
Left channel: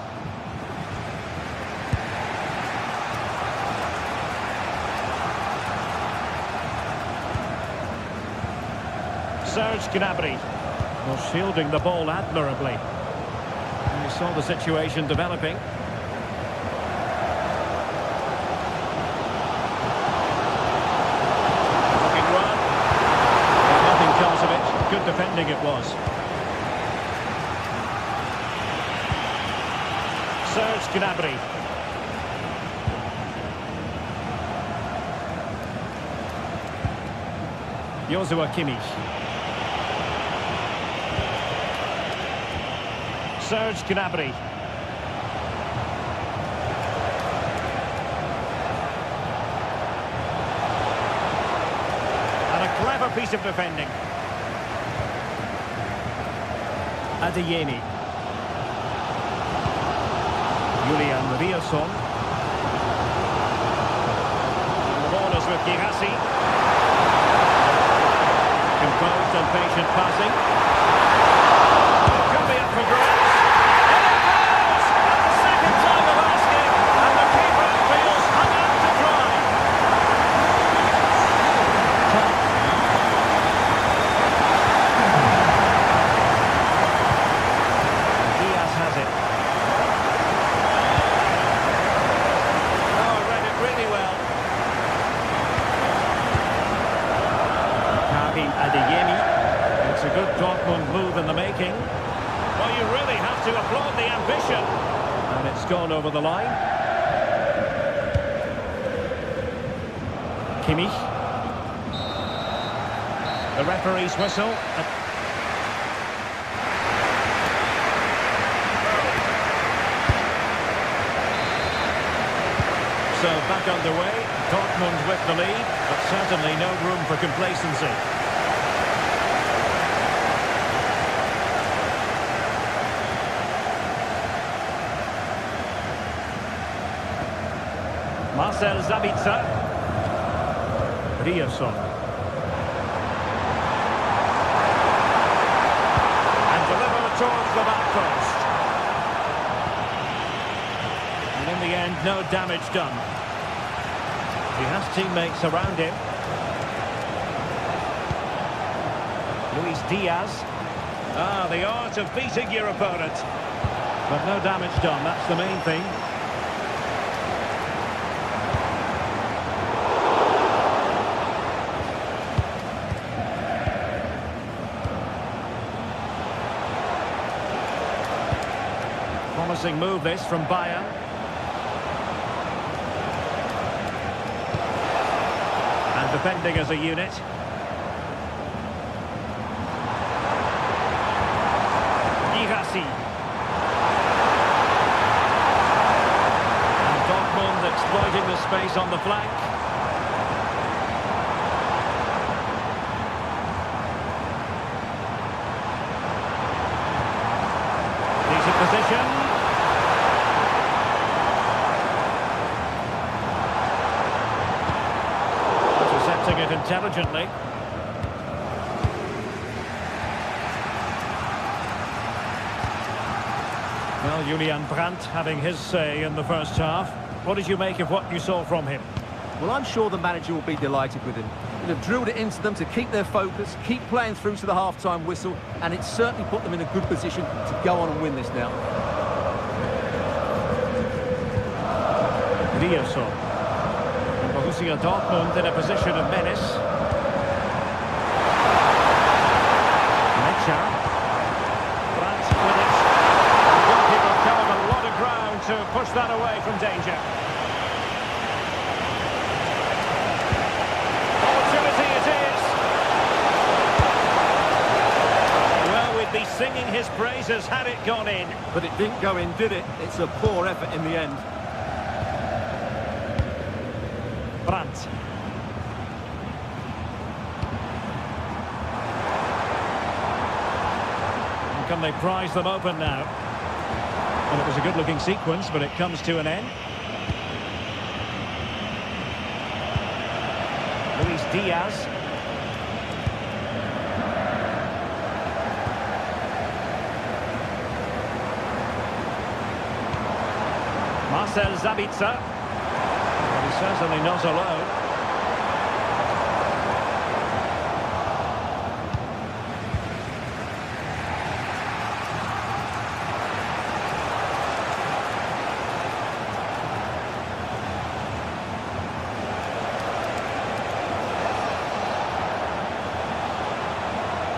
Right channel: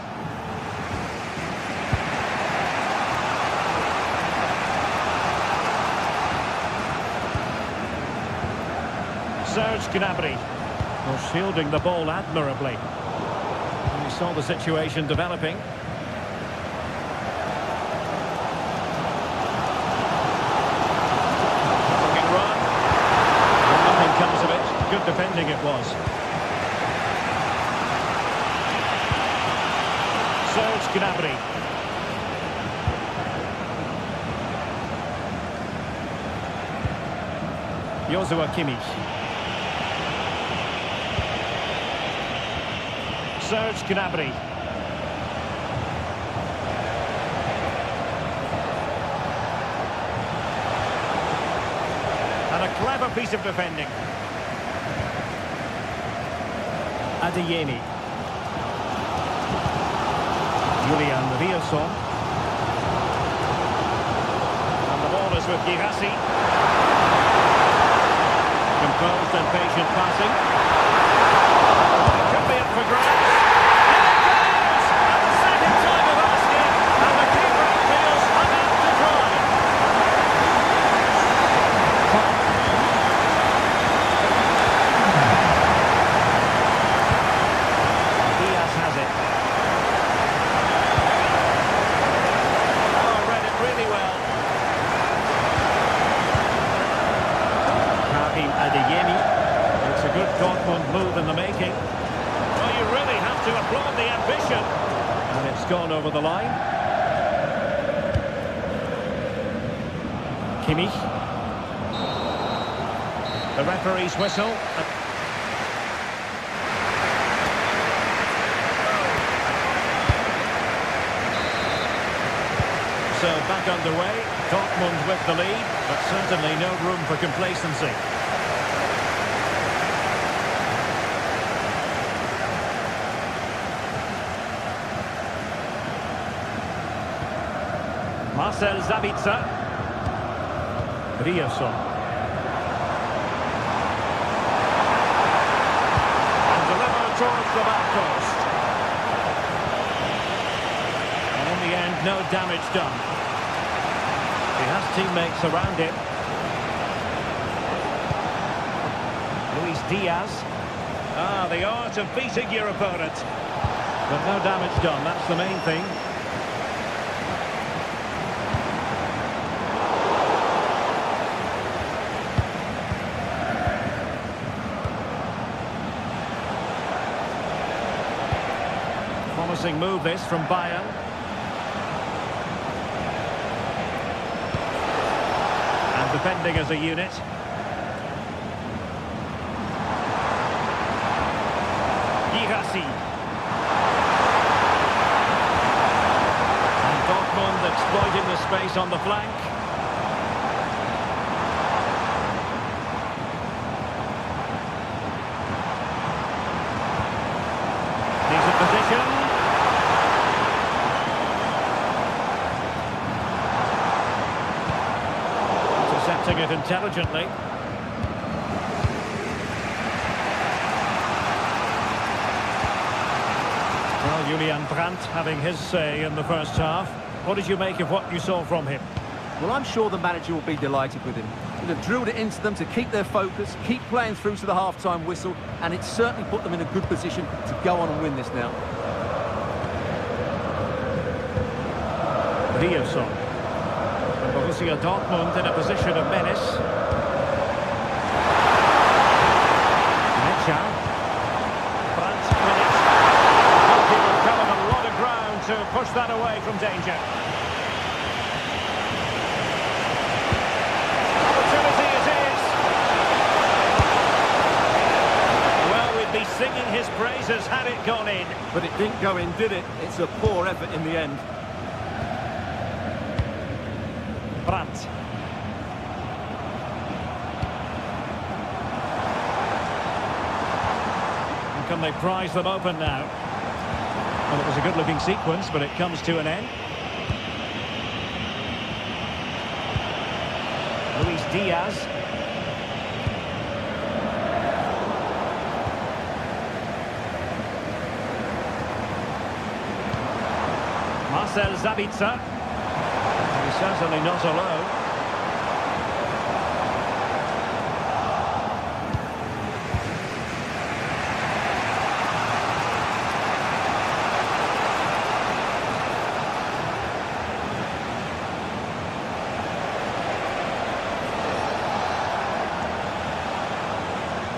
Serge Gnabry. Well, shielding the ball admirably. And you saw the situation developing. Looking run. But nothing comes of it. Good defending it was. Serge Gnabry. Joshua Kimmich. Serge Gnabry. And a clever piece of defending. Adeyemi. Julian Riasson. And the ball is with Girassi. Composed and patient passing. It could be up for grabs. And it goes! At the second time of asking. And the keeper feels hung up to dry. Diaz has it. Oh, I read it really well. Karim Adeyemi. It's a good Dortmund move in the making. Well, you really have to applaud the ambition. And it's gone over the line. Kimmich. The referee's whistle. So back underway. Dortmund with the lead, but certainly no room for complacency. Marcel Sabitzer. Riasson. And delivered towards the back post. And in the end, no damage done. He has teammates around him. Luis Diaz. Ah, the art of beating your opponent. But no damage done, that's the main thing. Promising move this from Bayern. And defending as a unit. Girassi. And Dortmund exploiting the space on the flank. Decent position. Intercepting it intelligently. Well, Julian Brandt having his say in the first half. What did you make of what you saw from him? Well, I'm sure the manager will be delighted with him. He'll have drilled it into them to keep their focus, keep playing through to the half-time whistle, and it's certainly put them in a good position to go on and win this now. Riasson. And Borussia Dortmund in a position of menace. Mecha. Brandt with it. The goalkeeper covered a lot of ground to push that away from danger. Opportunity it is. Well, we'd be singing his praises had it gone in. But it didn't go in, did it? It's a poor effort in the end. Brandt. And can they prize them open now? Well, it was a good-looking sequence, but it comes to an end. Luis Diaz. Marcel Sabitzer. But he's certainly not alone.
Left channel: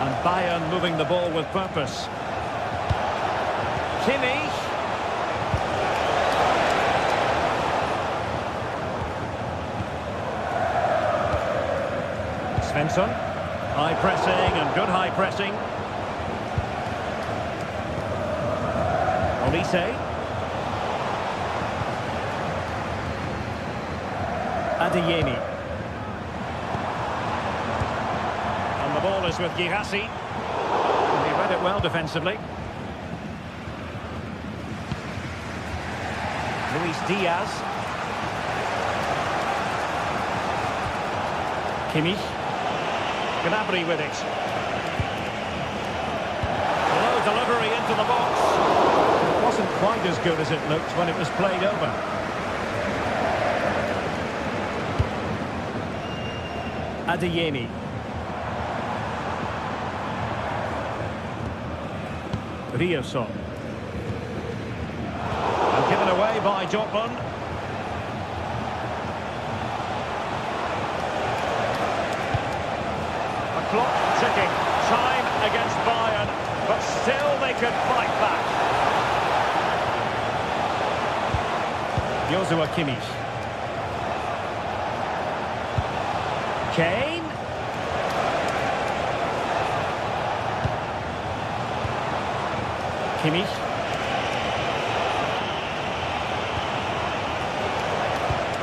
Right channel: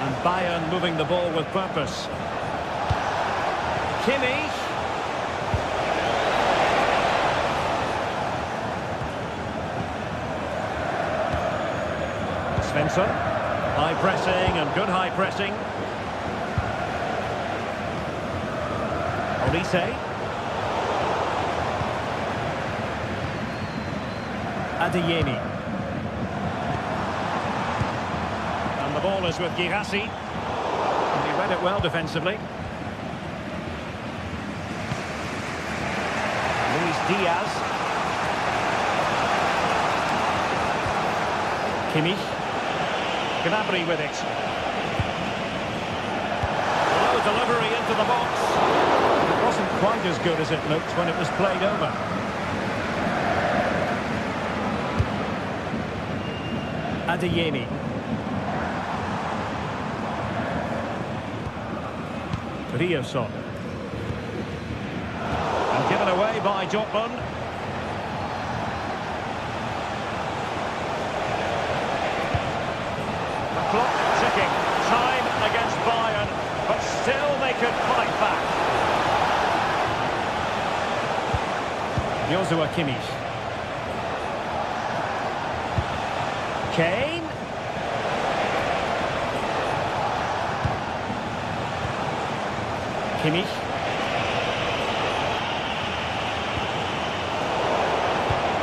And Bayern moving the ball with purpose. Kimmich. Svensson. High pressing and good high pressing. Olise. Adeyemi. ball is with Girassi. And he read it well defensively. Luis Diaz. Kimmich. Gnabry with it. Low delivery into the box. It wasn't quite as good as it looked when it was played over. Adeyemi. Rioson. And given away by Dortmund. The clock ticking. Time against Bayern, but still they could fight back. Joshua Kimmich. Kane. Kimmich.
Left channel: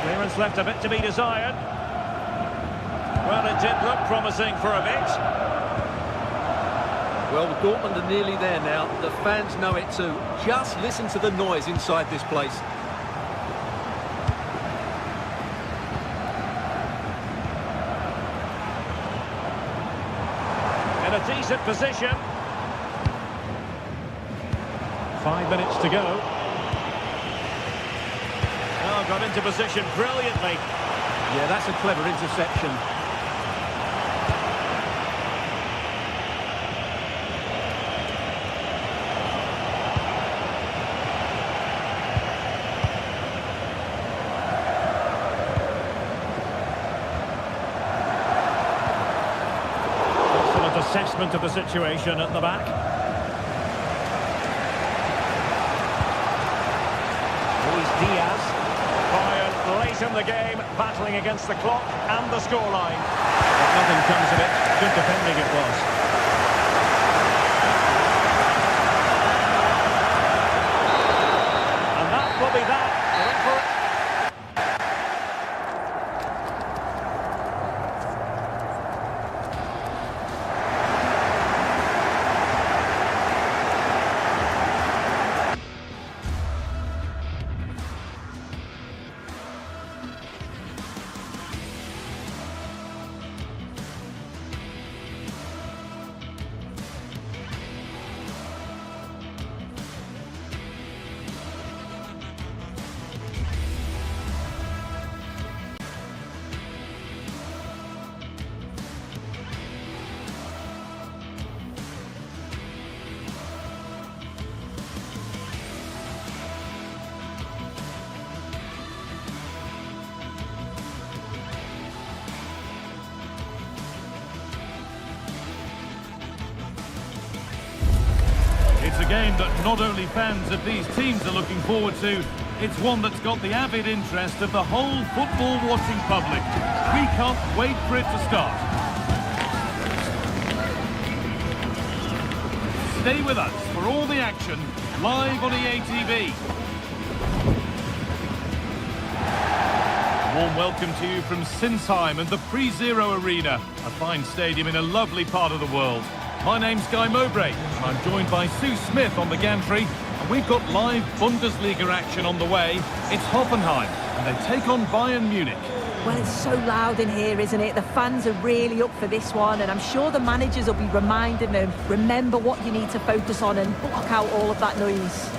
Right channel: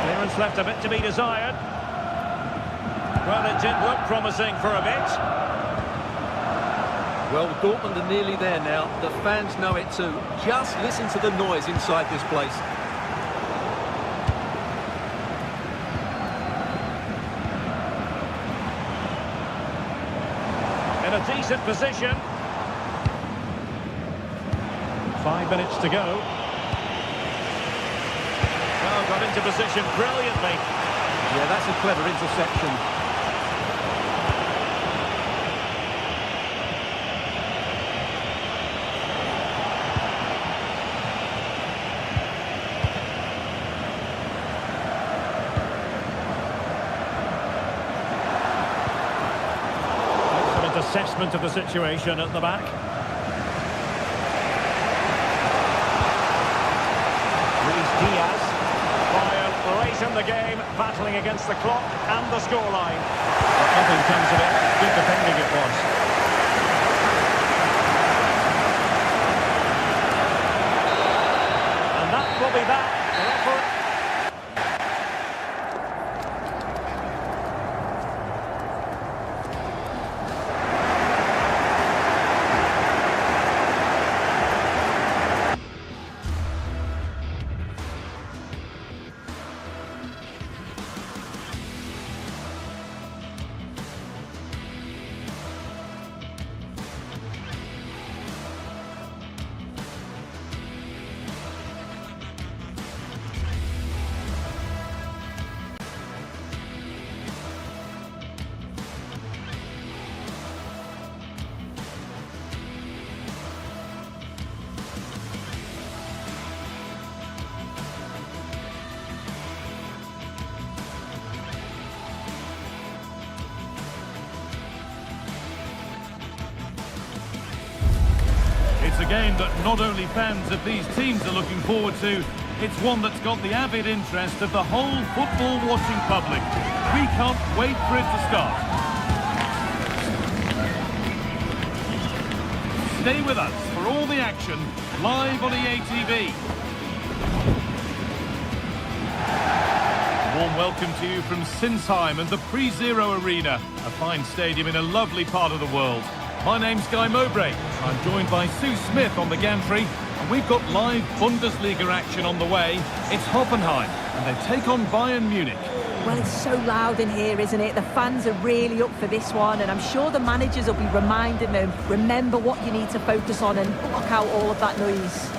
Clearance left a bit to be desired. Well, it did look promising for a bit. Well, Dortmund are nearly there now. The fans know it too. Just listen to the noise inside this place. In a decent position. 5 minutes to go. Oh, got into position brilliantly. Yeah, that's a clever interception. Excellent assessment of the situation at the back. Luis Diaz. Bayern late in the game, battling against the clock and the scoreline. But nothing comes of it. Good defending it was. And that will be that. The referee. It's a game that not only fans of these teams are looking forward to, it's one that's got the avid interest of the whole football-watching public. We can't wait for it to start. Stay with us for all the action, live on EA TV. A warm welcome to you from Sinsheim and the Pre-Zero Arena, a fine stadium in a lovely part of the world. My name's Guy Mowbray. I'm joined by Sue Smith on the gantry, and we've got live Bundesliga action on the way. It's Hoffenheim, and they take on Bayern Munich. Well, it's so loud in here, isn't it? The fans are really up for this one, and I'm sure the managers will be reminding them, remember what you need to focus on and block out all of that noise.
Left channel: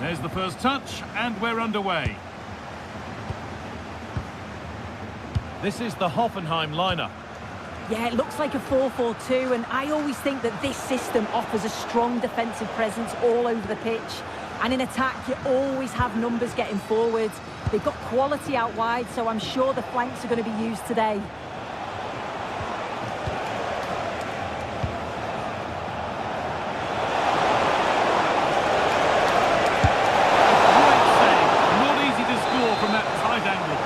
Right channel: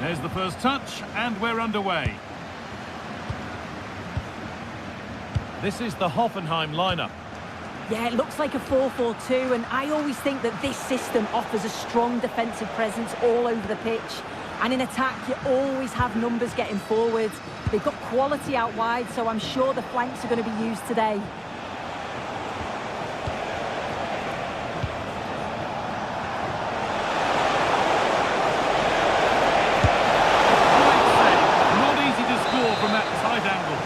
There's the first touch, and we're underway. This is the Hoffenheim lineup. Yeah, it looks like a 4-4-2, and I always think that this system offers a strong defensive presence all over the pitch. And in attack, you always have numbers getting forward. They've got quality out wide, so I'm sure the flanks are going to be used today. From that tight angle.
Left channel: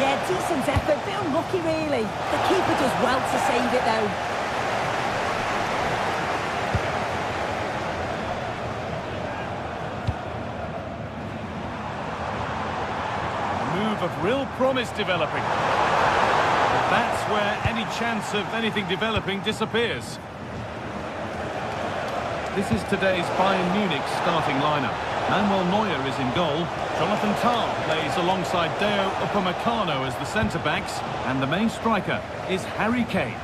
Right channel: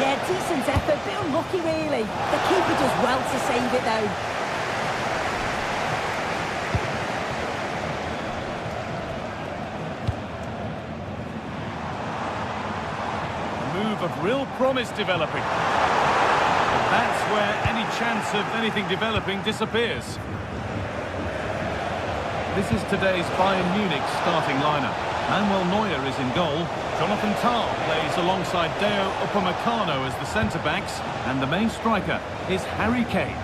Yeah, decent effort, bit unlucky really. The keeper does well to save it though. A move of real promise developing. But that's where any chance of anything developing disappears. This is today's Bayern Munich starting lineup. Manuel Neuer is in goal. Jonathan Tah plays alongside Deo Upamecano as the centre-backs. And the main striker is Harry Kane.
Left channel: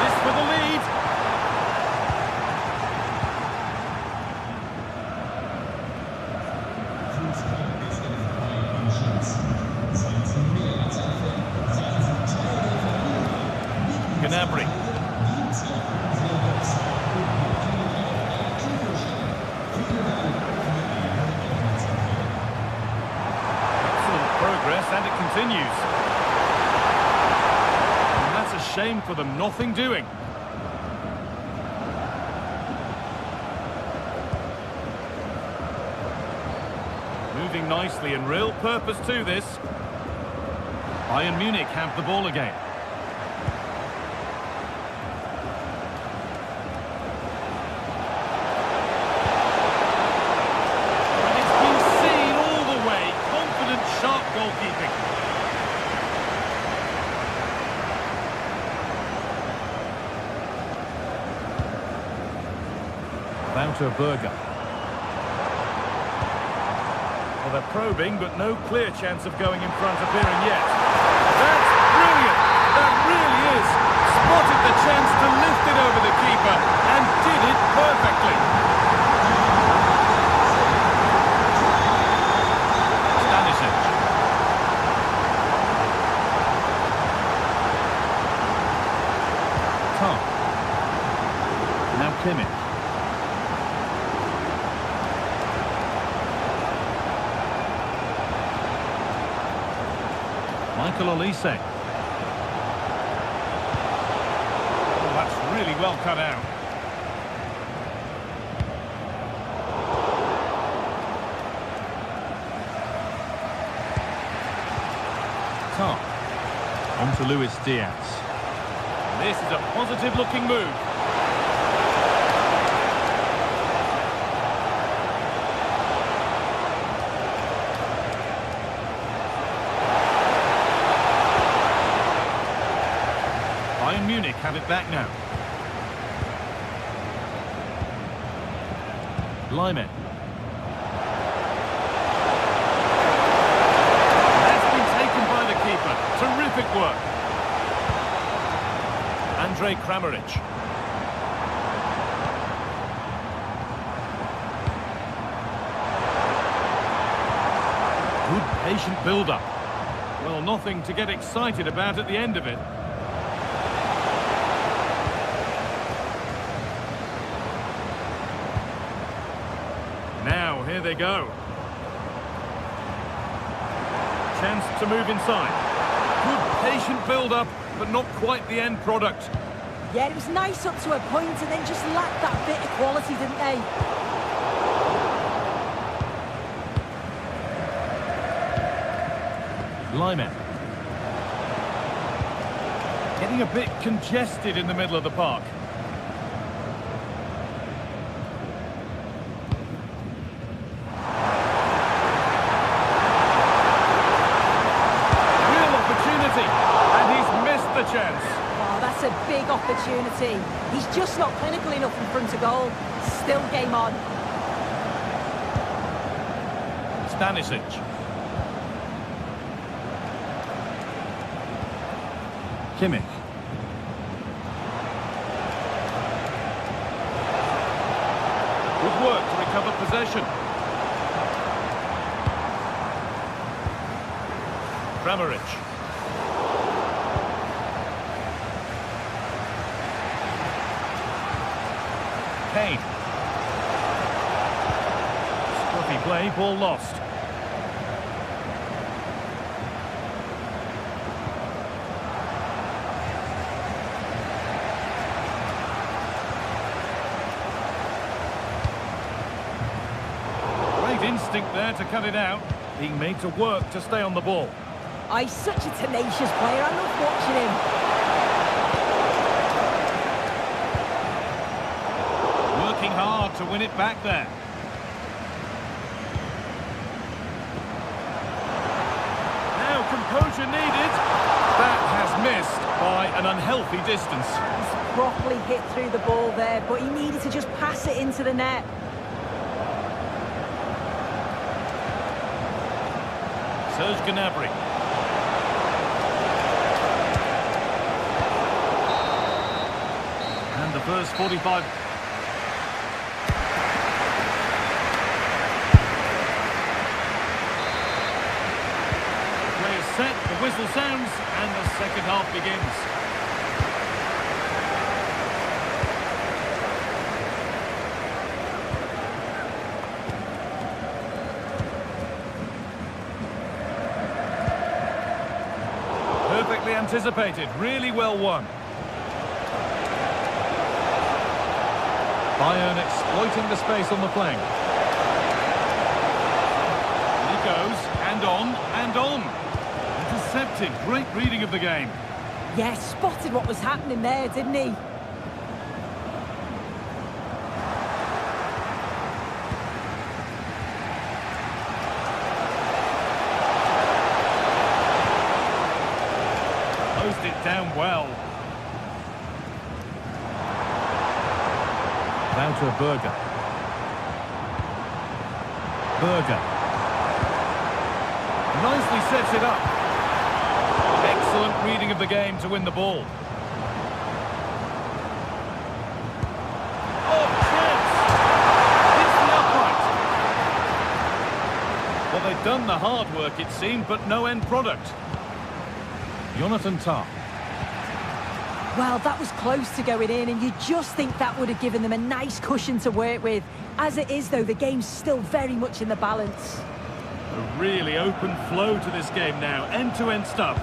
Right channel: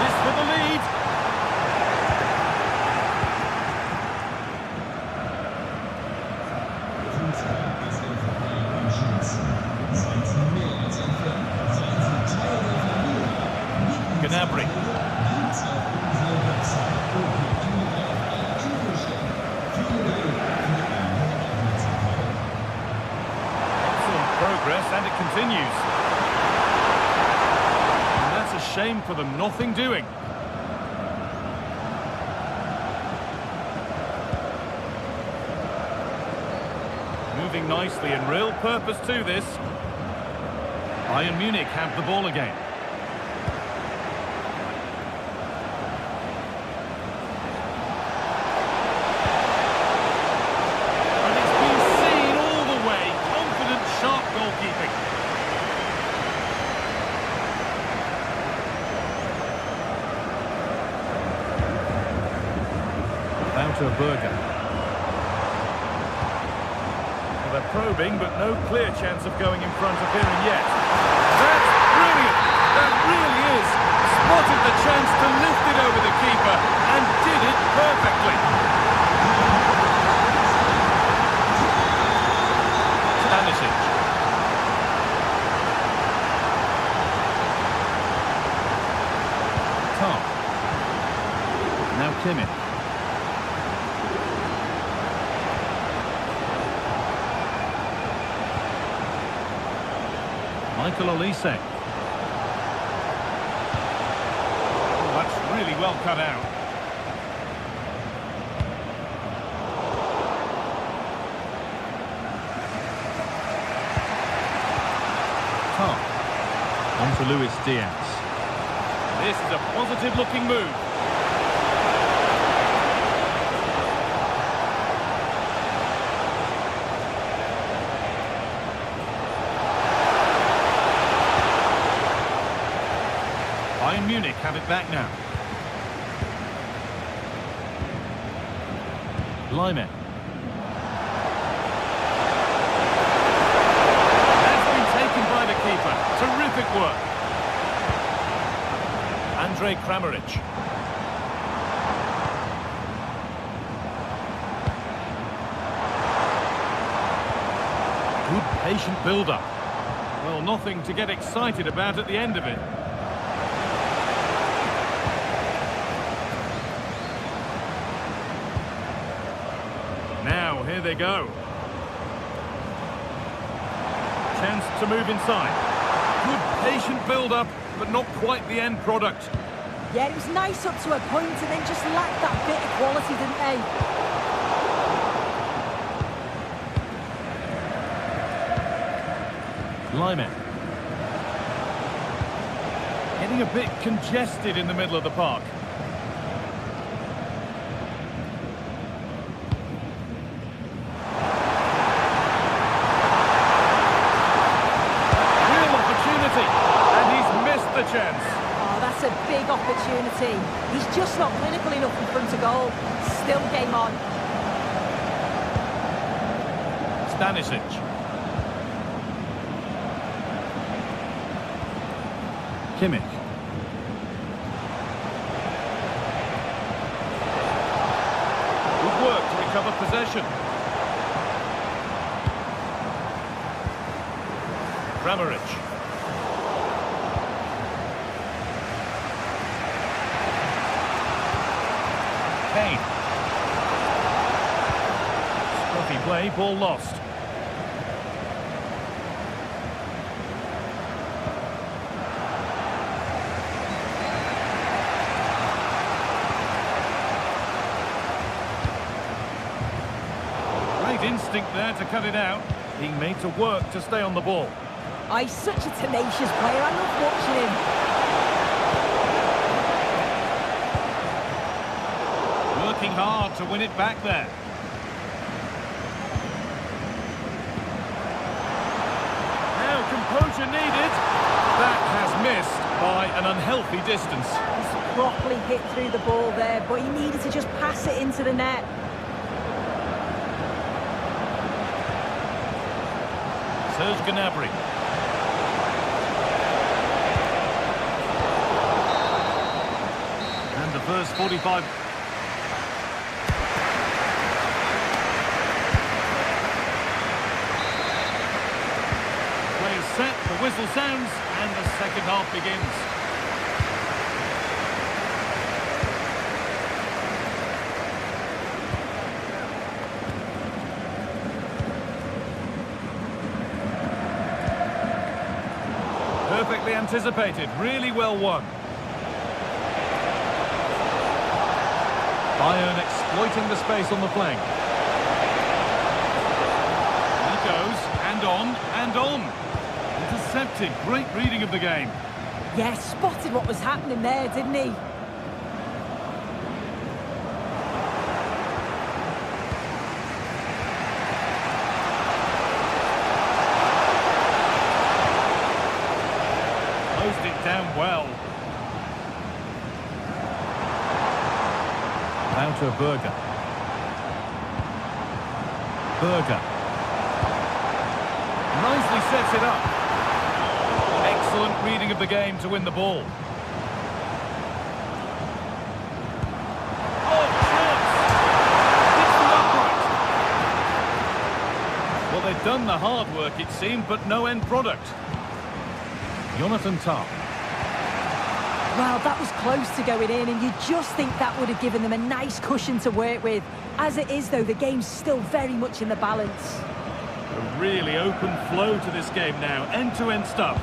This for the lead. Gnabry. Excellent progress, and it continues. And that's a shame for them, nothing doing. Moving nicely and real purpose to this. Bayern Munich have the ball again. Sharp goalkeeping. Wouter Berger. Well, they're probing, but no clear chance of going in front appearing yet. That's brilliant! That really is! Spotted the chance to lift it over the keeper and did it perfectly. Stanisic. Tah. Now Kimmich. Michael Olise. Oh, that's really well cut out. Tah. On to Luis Diaz. This is a positive-looking move. Bayern Munich have it back now. Lyman. That's been taken by the keeper. Terrific work. Andre Kramaric. Good patient build-up. Well, nothing to get excited about at the end of it. Now, here they go. Chance to move inside. Good patient build-up, but not quite the end product. Yeah, it was nice up to a point and then just lacked that bit of quality, didn't they? Lyman. Getting a bit congested in the middle of the park. Real opportunity, and he's missed the chance. Oh, that's a big opportunity. He's just not clinical enough in front of goal. Still game on. Stanisic. Kimmich. Good work to recover possession. Kramaric. Kane. Scruffy play, ball lost. Great instinct there to cut it out. Being made to work to stay on the ball. Oh, he's such a tenacious player. I love watching him. Working hard to win it back there. Now composure needed. That has missed by an unhealthy distance. He's properly hit through the ball there, but he needed to just pass it into the net. Serge Gnabry. And the first 45... Play is set, the whistle sounds, and the second half begins. Perfectly anticipated, really well won. Bayern exploiting the space on the flank. He goes, and on, and on. Intercepted, great reading of the game. Yeah, spotted what was happening there, didn't he? Closed it down well. Wouter Berger. Berger. Nicely sets it up. Excellent reading of the game to win the ball. Oh, chance! Hits the upright. Well, they've done the hard work, it seemed, but no end product. Jonathan Tah. Well, that was close to going in, and you just think that would have given them a nice cushion to work with. As it is, though, the game's still very much in the balance. A really open flow to this game now, end-to-end stuff.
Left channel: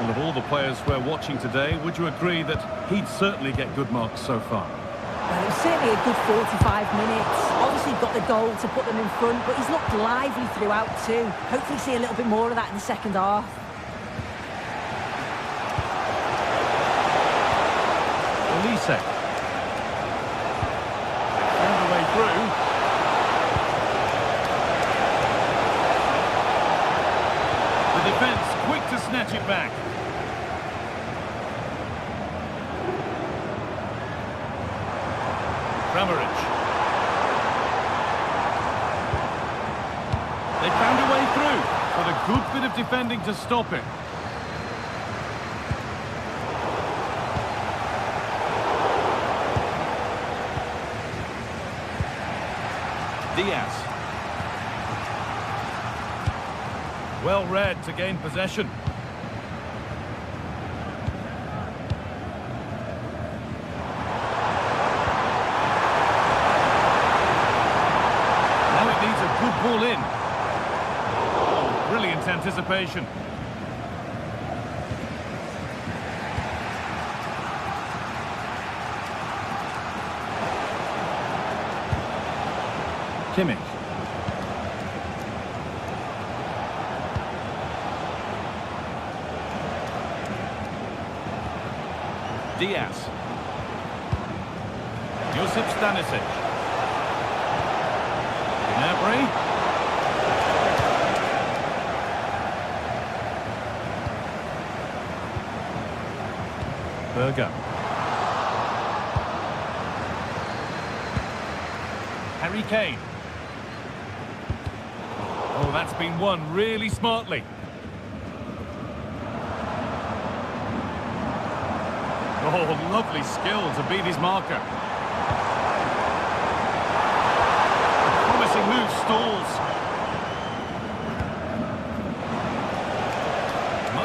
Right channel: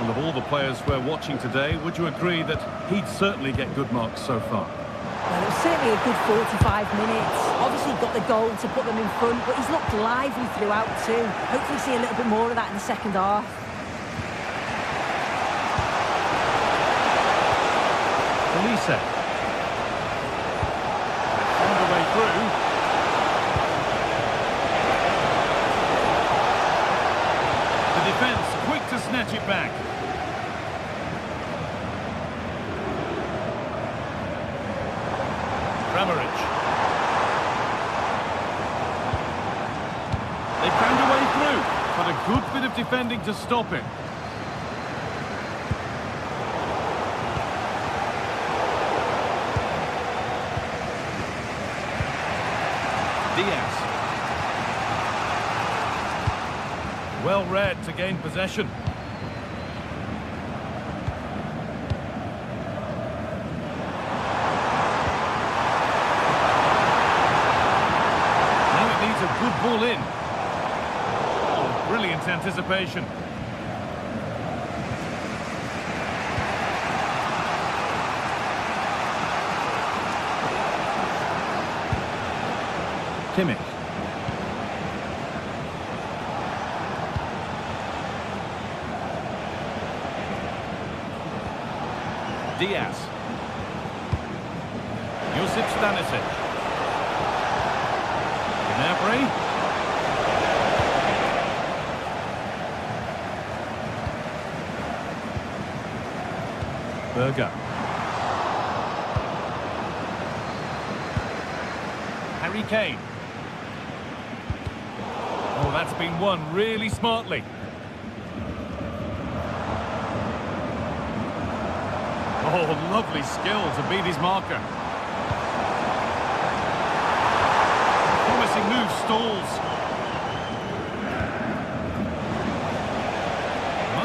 Well, of all the players we're watching today, would you agree that he'd certainly get good marks so far? Well, it was certainly a good 45 minutes. Obviously got the goal to put them in front, but he's looked lively throughout too. Hopefully see a little bit more of that in the second half. Elise. Found a way through. The defence quick to snatch it back. Kramaric. They found a way through, but a good bit of defending to stop it. Diaz. Well read to gain possession. Now it needs a good ball in. Oh, brilliant anticipation. Kimmich. Diaz. Josip Stanisic. Gnabry. Berger. Harry Kane. Oh, that's been won really smartly. Oh, lovely skill to beat his marker. Promising move stalls.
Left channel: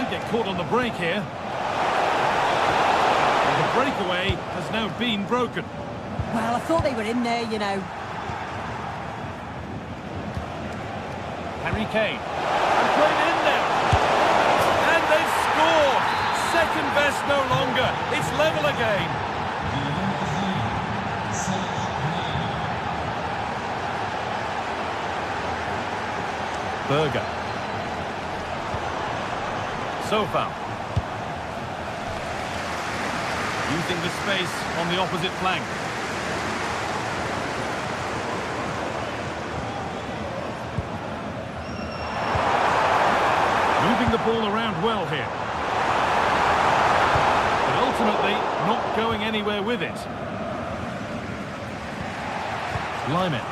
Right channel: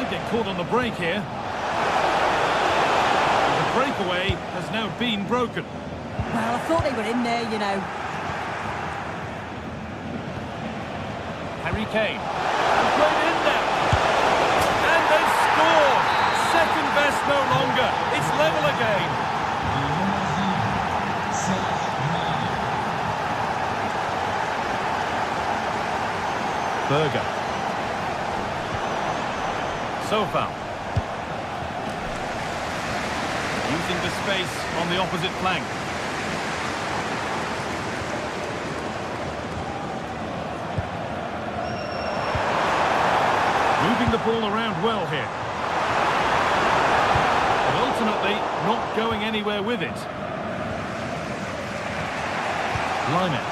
Might get caught on the break here. And the breakaway has now been broken. Well, I thought they were in there, you know. Harry Kane. And played in now. And they've scored. Second best no longer. It's level again. Berger. Sofal. Using the space on the opposite flank. Moving the ball around well here. But ultimately, not going anywhere with it. Lyman.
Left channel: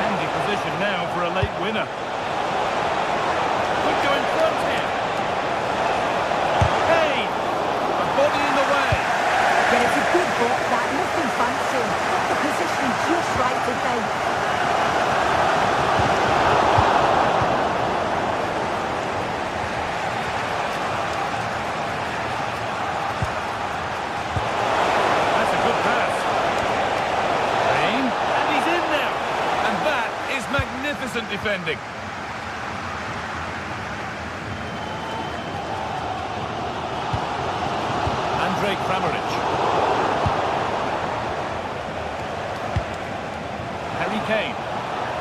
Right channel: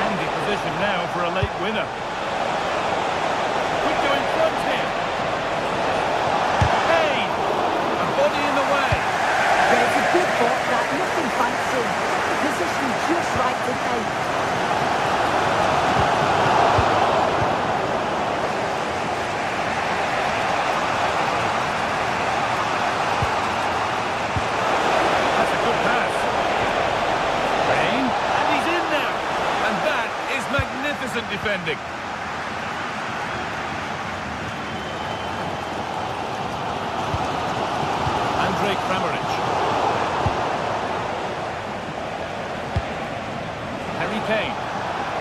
Handy position now for a late winner. Could go in front here. Kane! A body in the way. Yeah, it's a good block, that. Nothing fancy. Got the position just right, didn't they? That's a good pass. Kane, and he's in now. And that is magnificent defending. Andrej Kramaric. Harry Kane.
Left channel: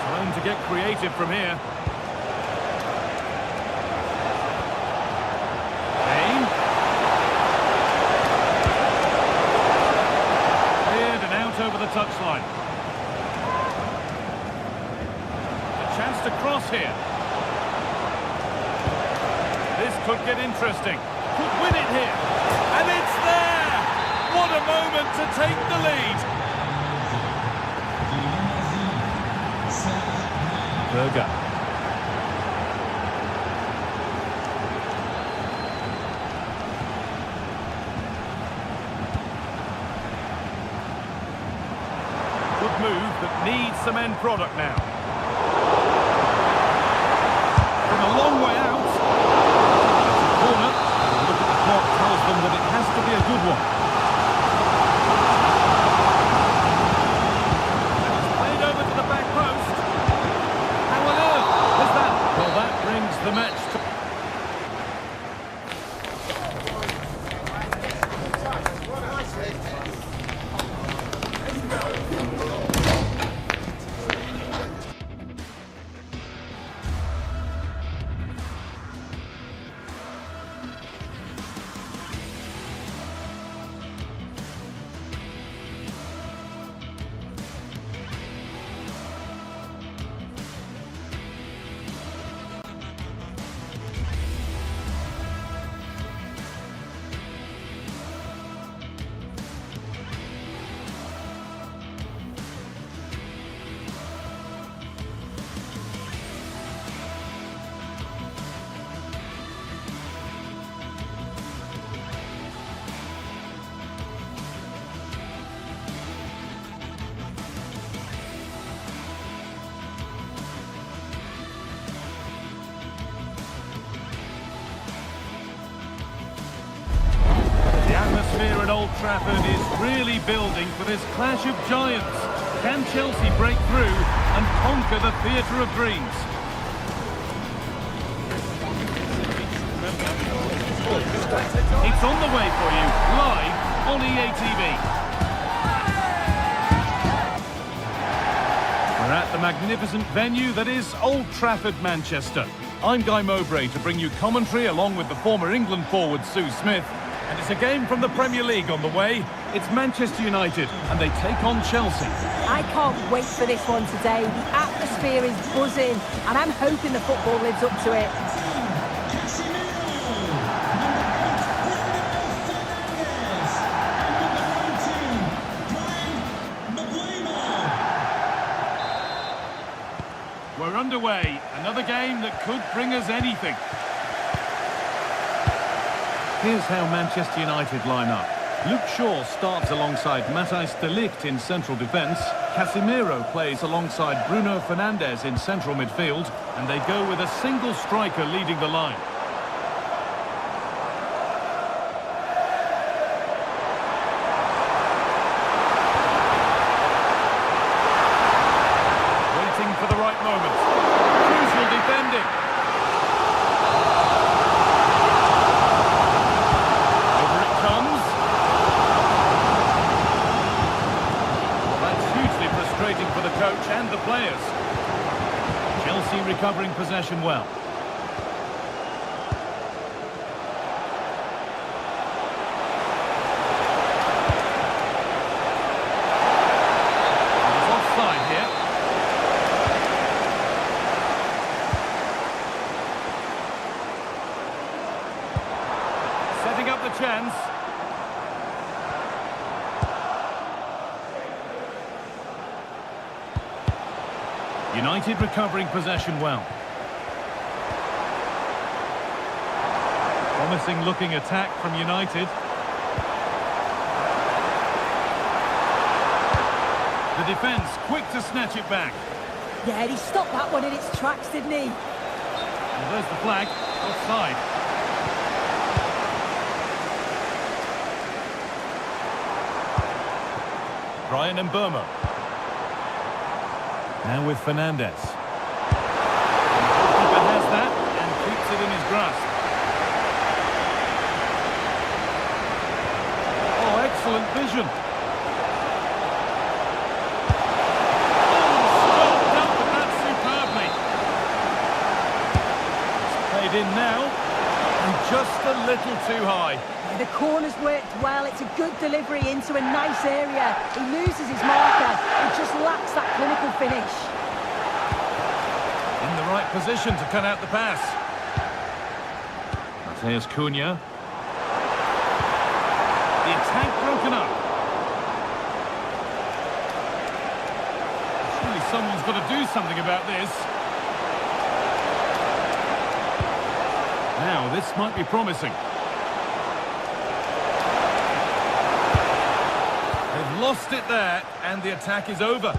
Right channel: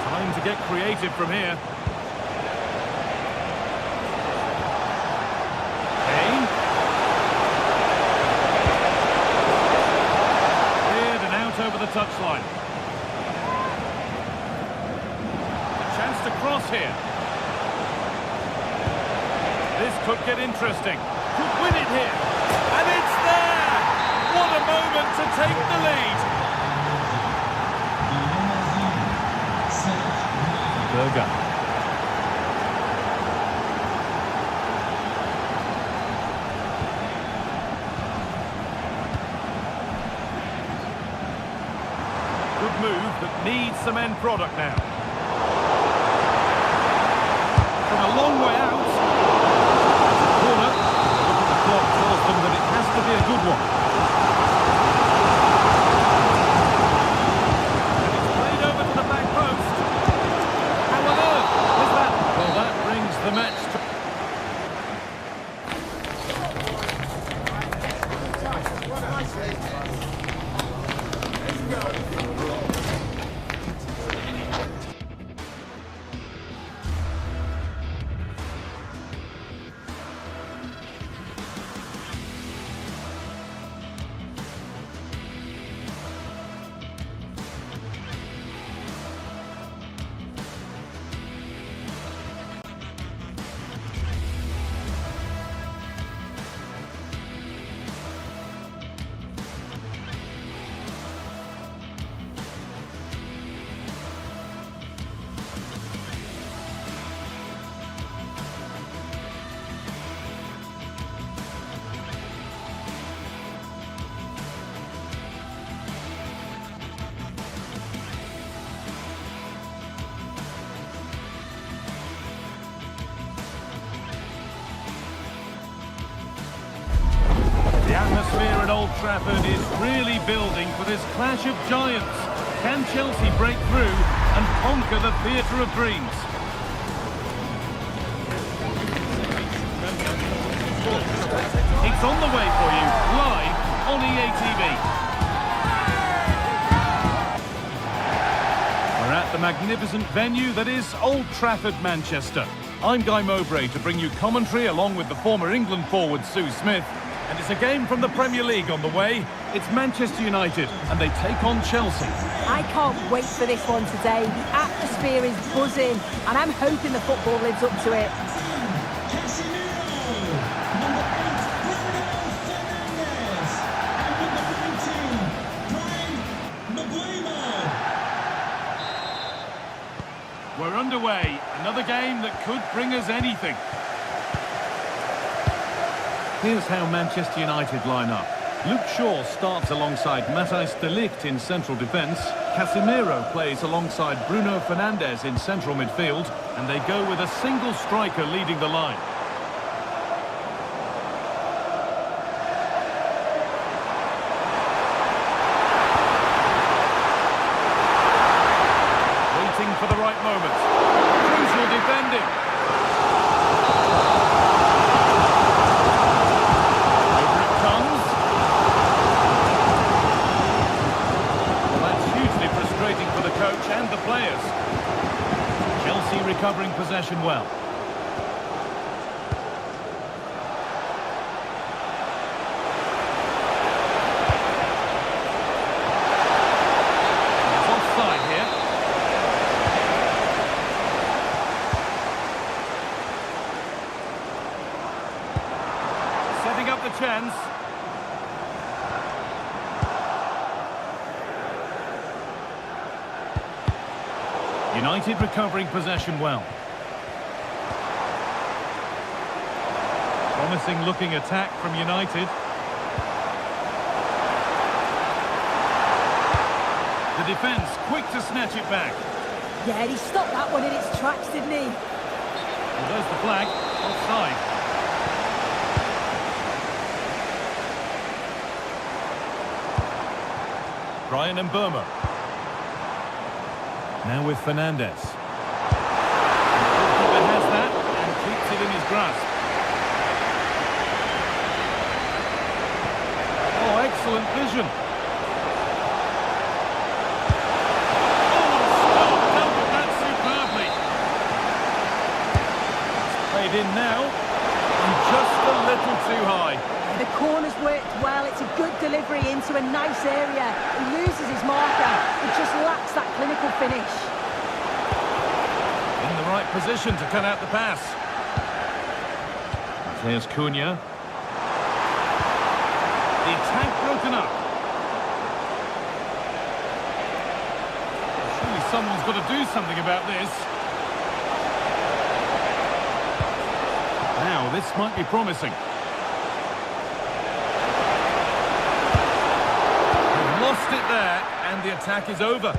Time to get creative from here. Kane. Cleared and out over the touchline. A chance to cross here. This could get interesting. Could win it here. And it's there! What a moment to take the lead! Berger. Good move, but needs some end product now. From a long way out. It's a corner. A look at the clock tells them that it has to be a good one. And it's played over to the back post. How on earth is that? Well, that brings the match to... The atmosphere at Old Trafford is really building for this clash of giants. Can Chelsea break through and conquer the theatre of dreams? It's on the way for you, live on EA TV. We're at the magnificent venue that is Old Trafford, Manchester. I'm Guy Mowbray to bring you commentary along with the former England forward Sue Smith. And it's a game from the Premier League on the way. It's Manchester United, and they take on Chelsea. I can't wait for this one today. The atmosphere is buzzing, and I'm hoping the football lives up to it. We're underway. Another game that could bring us anything. Here's how Manchester United line up. Luke Shaw starts alongside Matthijs de Ligt in central defence. Casemiro plays alongside Bruno Fernandes in central midfield. And they go with a single striker leading the line. Waiting for the right moment. Crucial defending. Over it comes. Well, that's hugely frustrating for the coach and the players. Chelsea recovering possession well. And it's offside here. Setting up the chance. United recovering possession well. Promising looking attack from United. The defence quick to snatch it back. Yeah, he stopped that one in its tracks, didn't he? Well, there's the flag. Offside. Brian Mbeumo. Now with Fernandes. And the goalkeeper has that and keeps it in his grasp. Oh, excellent vision. Oh, stop! Dealt with that superbly. It's played in now. And just a little too high. Yeah, the corner's worked well. It's a good delivery into a nice area. He loses his marker. It just lacks that clinical finish. In the right position to cut out the pass. Matheus Cunha. The attack broken up. Surely someone's got to do something about this. Now, this might be promising. They've lost it there, and the attack is over.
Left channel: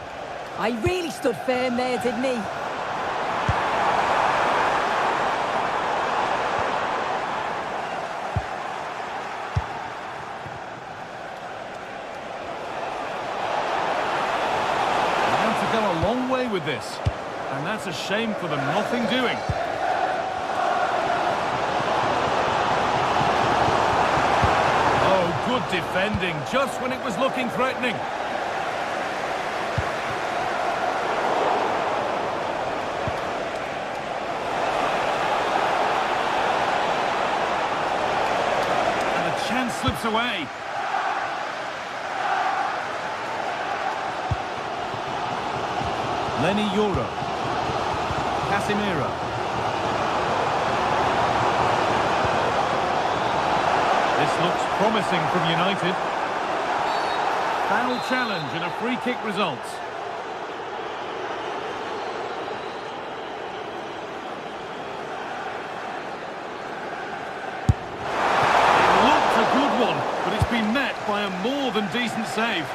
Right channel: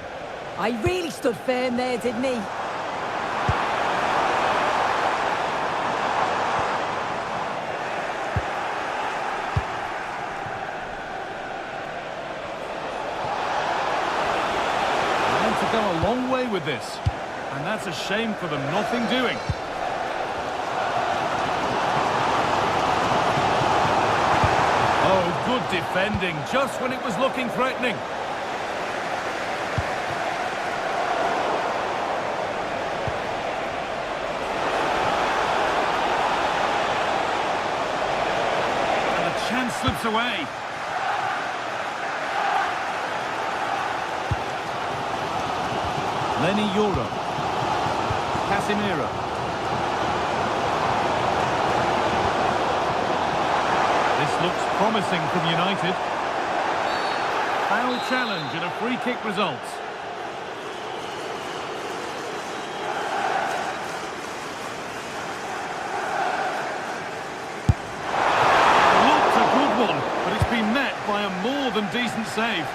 He really stood firm there, didn't he? And to go a long way with this. And that's a shame for them, nothing doing. Oh, good defending, just when it was looking threatening. And the chance slips away. Lenny Yoro. Casemiro. This looks promising from United. Foul challenge and a free kick results. It looked a good one, but it's been met by a more than decent save.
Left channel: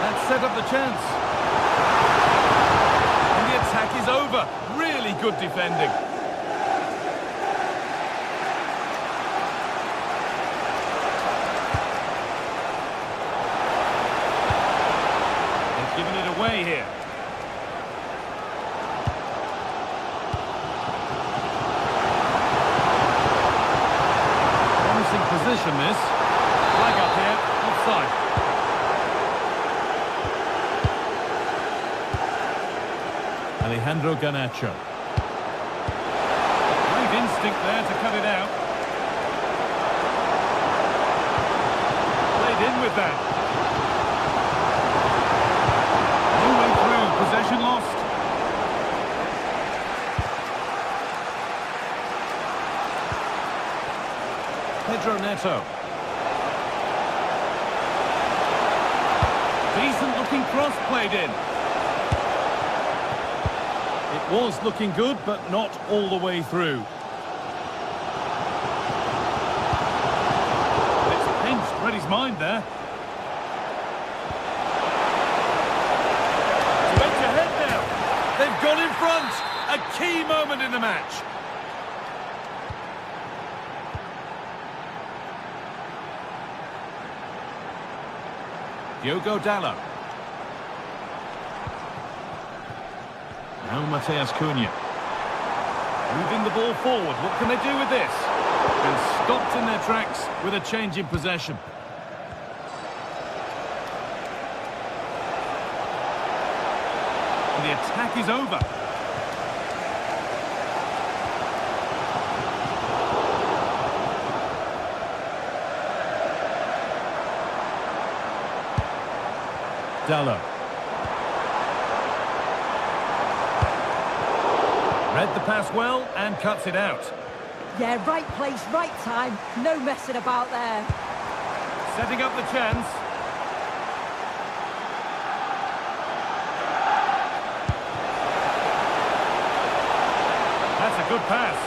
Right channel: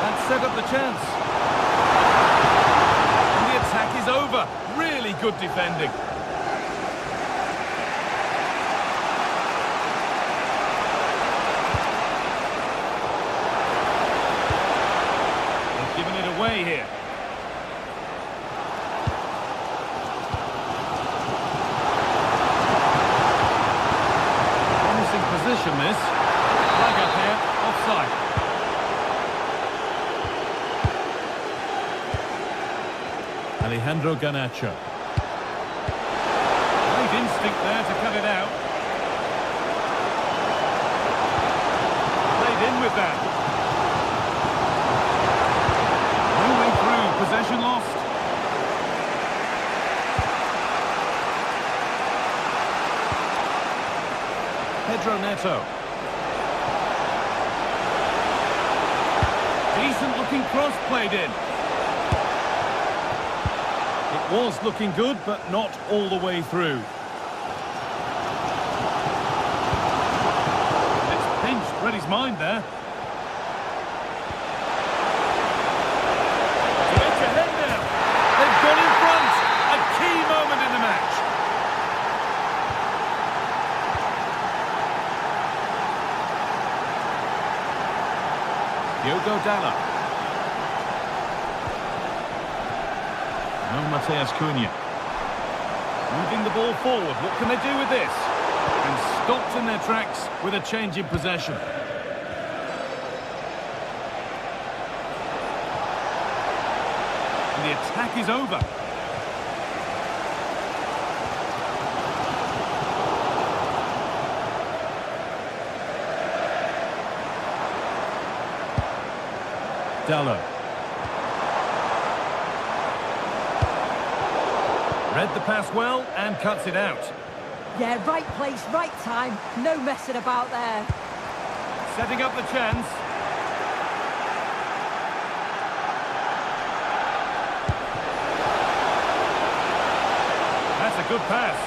That set up the chance. Attack is over. Really good defending. They've given it away here. Promising position this. Flag up here. Offside. Alejandro Garnacho. Great instinct there to cut it out. Played in with that. No way through. Possession lost. Pedro Neto. Decent looking cross played in. It was looking good, but not all the way through. And it's pinched Reddy's mind there. To edge ahead now. They've gone in front. A key moment in the match. Diogo Dalot. Now Matheus Cunha. Moving the ball forward. What can they do with this? And stopped in their tracks with a change in possession. And the attack is over. Dalot. Read the pass well and cuts it out. Yeah, right place, right time. No messing about there. Setting up the chance. That's a good pass.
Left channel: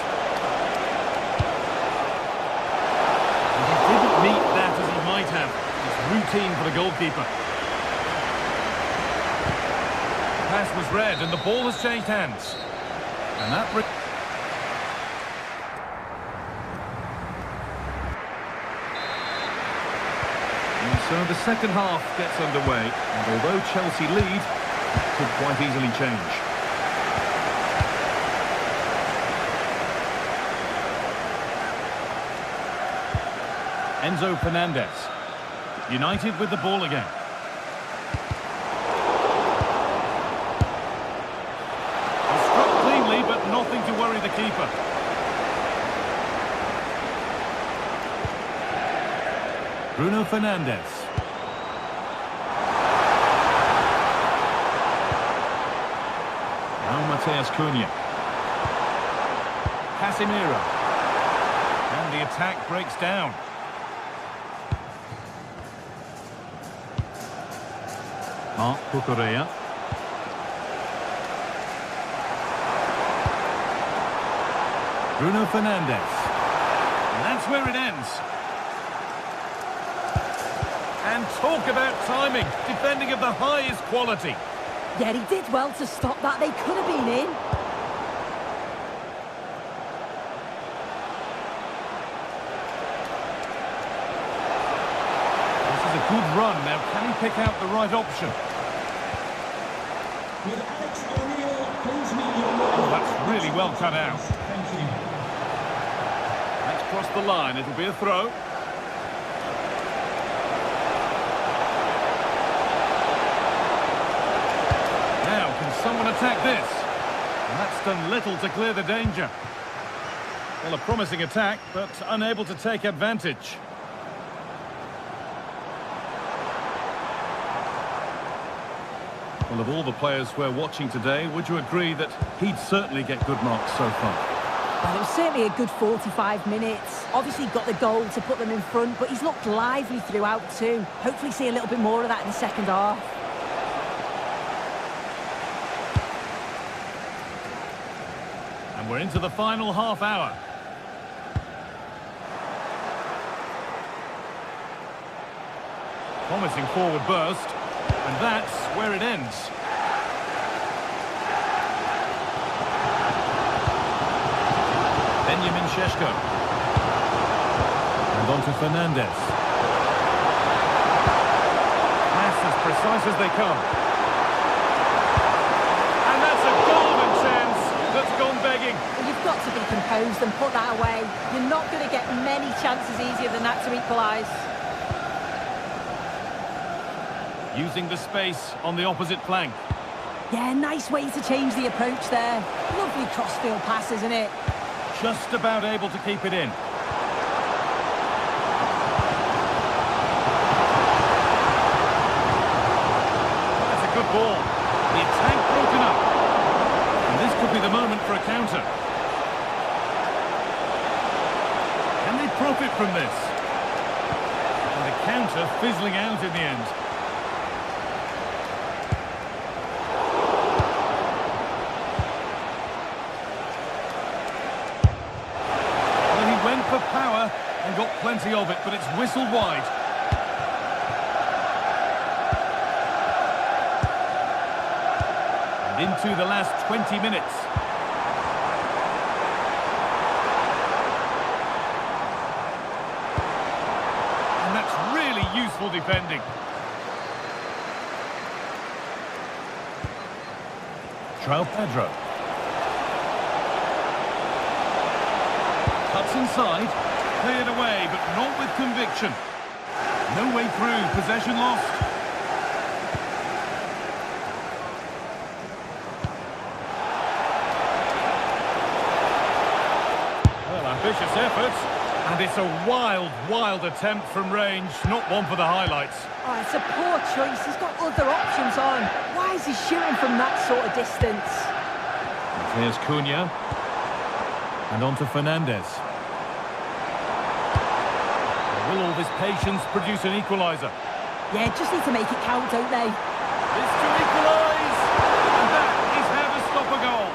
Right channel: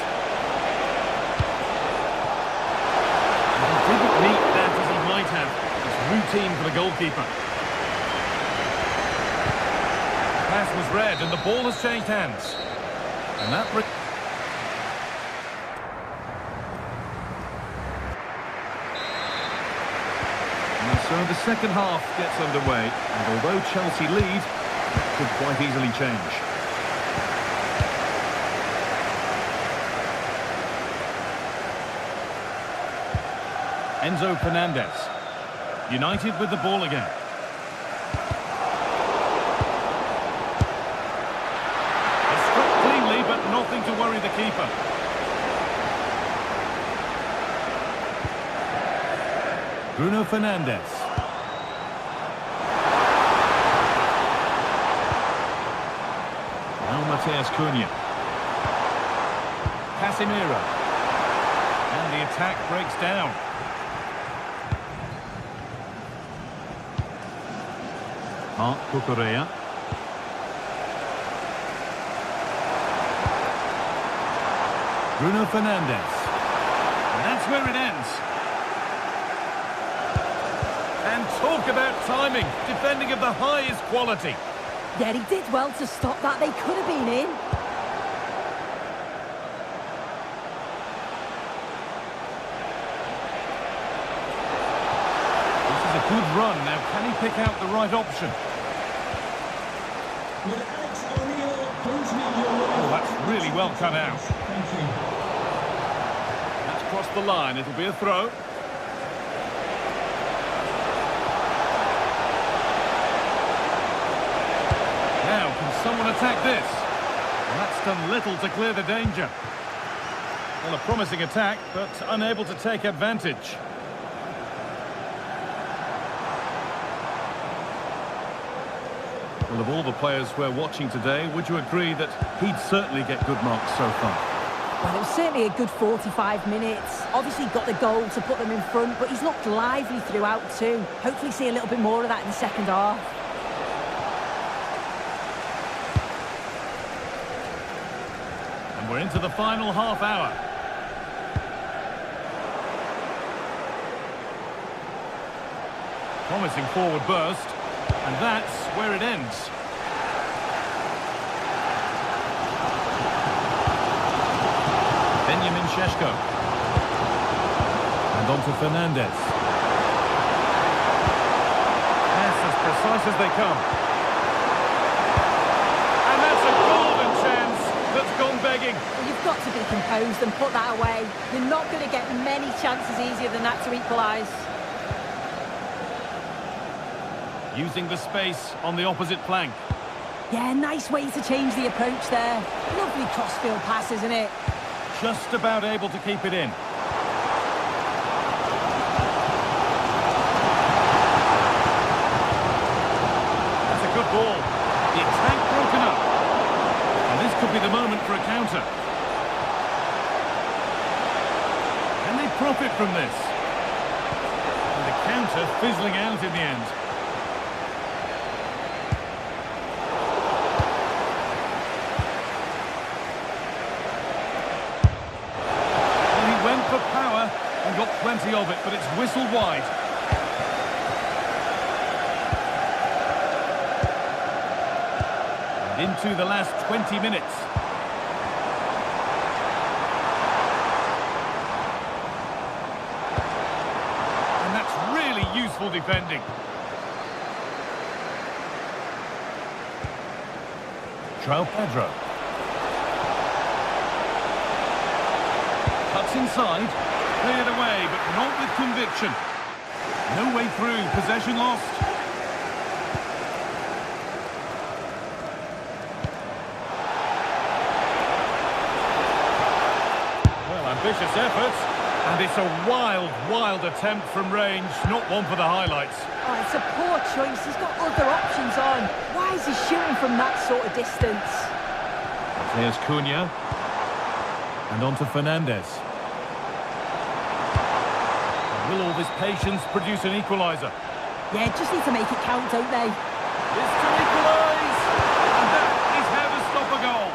And he didn't meet that as he might have. It's routine for the goalkeeper. The pass was read and the ball has changed hands. And that brings... And so the second half gets underway, and although Chelsea lead, that could quite easily change. Enzo Fernandez. United with the ball again. But nothing to worry the keeper. Bruno Fernandes. Now Matheus Cunha. Casemiro. And the attack breaks down. Marc Cucurella. Bruno Fernandes. And that's where it ends. And talk about timing. Defending of the highest quality. Yeah, he did well to stop that. They could have been in. This is a good run. Now, can he pick out the right option? With Alex O'Neill, please meet your wife. Oh, that's really well cut out. Thank you. That's crossed the line. It'll be a throw. Now, can someone attack this? And that's done little to clear the danger. Well, a promising attack, but unable to take advantage. Well, of all the players we're watching today, would you agree that he'd certainly get good marks so far? Well, it was certainly a good 45 minutes. Obviously got the goal to put them in front, but he's looked lively throughout too. Hopefully see a little bit more of that in the second half. And we're into the final half hour. Promising forward burst. And that's where it ends. Benjamin Šeško. And on to Fernandes. Pass as precise as they come. And that's a golden chance that's gone begging. Well, you've got to be composed and put that away. You're not going to get many chances easier than that to equalise. Using the space on the opposite flank. Yeah, nice way to change the approach there. Lovely crossfield pass, isn't it? Just about able to keep it in. That's a good ball. The attack broken up. And this could be the moment for a counter. Can they profit from this? And the counter fizzling out in the end. went for power and got plenty of it, but it's whistled wide. And into the last 20 minutes. And that's really useful defending. João Pedro. Cuts inside. Cleared away, but not with conviction. No way through. Possession lost. Well, ambitious effort. And it's a wild, wild attempt from range. Not one for the highlights. Oh, it's a poor choice. He's got other options on. Why is he shooting from that sort of distance? Here's Cunha. And on to Fernandes. Will all this patience produce an equaliser? Yeah, just need to make it count, don't they? This to equalise! And that is how to stop a goal.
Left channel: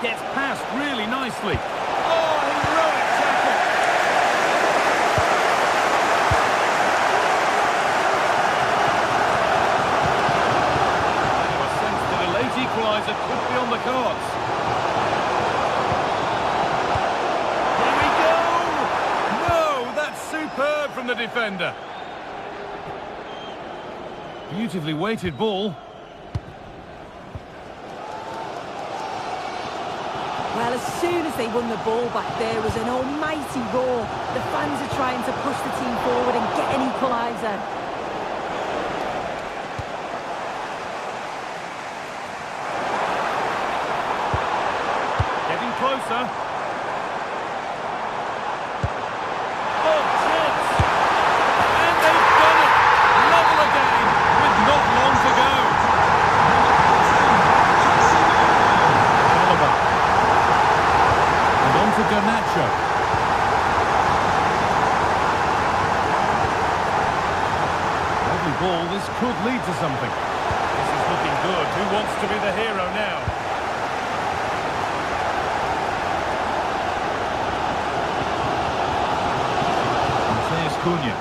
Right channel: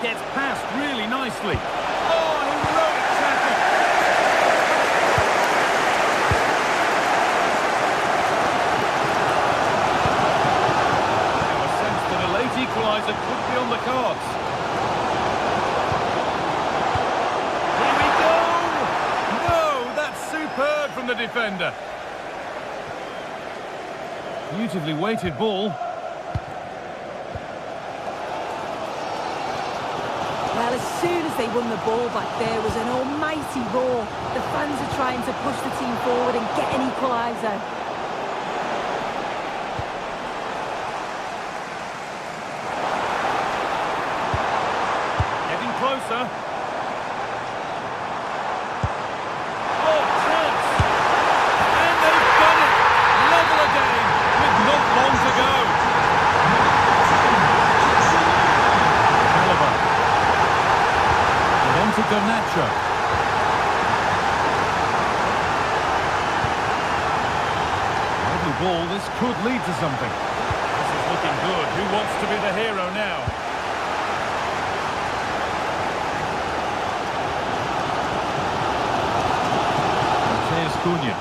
Gets past really nicely. Oh, heroic tackle! Now a sense that a late equaliser could be on the cards. Here we go! No, that's superb from the defender. Beautifully weighted ball. Well, as soon as they won the ball back, there was an almighty roar. The fans are trying to push the team forward and get an equaliser. Getting closer. Oh, chance! And they've done it! Level again, with not long to go. Chalobah. And on to Garnacho. Lovely ball, this could lead to something. This is looking good. Who wants to be the hero now? And here's Cunha.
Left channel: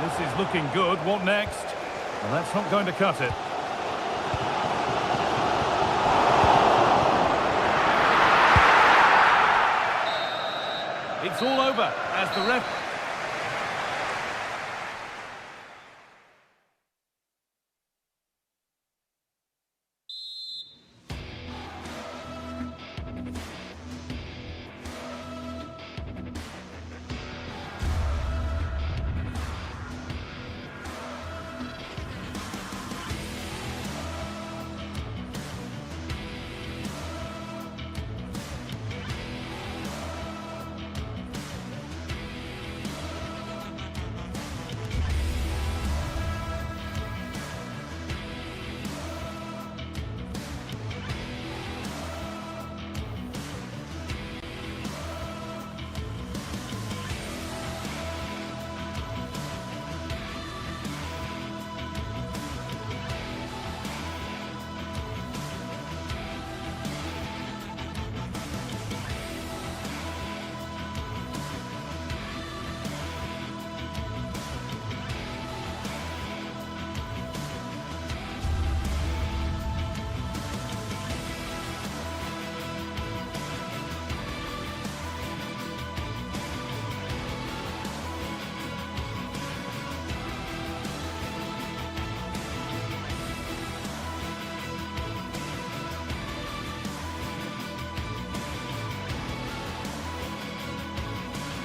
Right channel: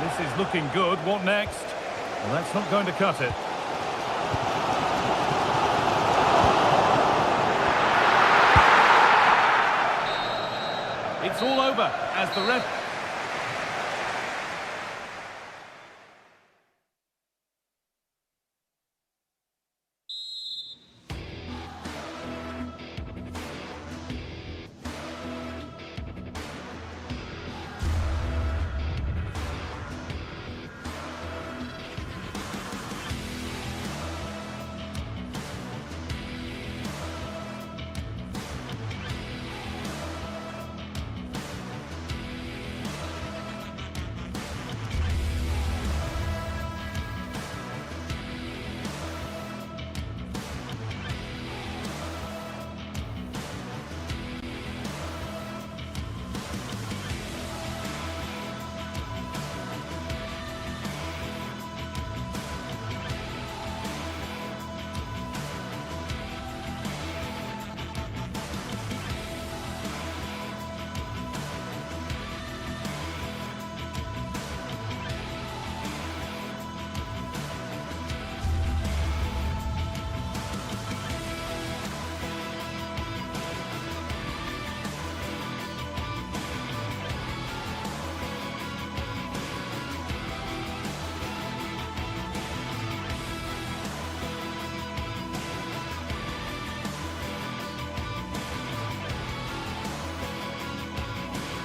This is looking good. What next? Well, that's not going to cut it. It's all over as the ref...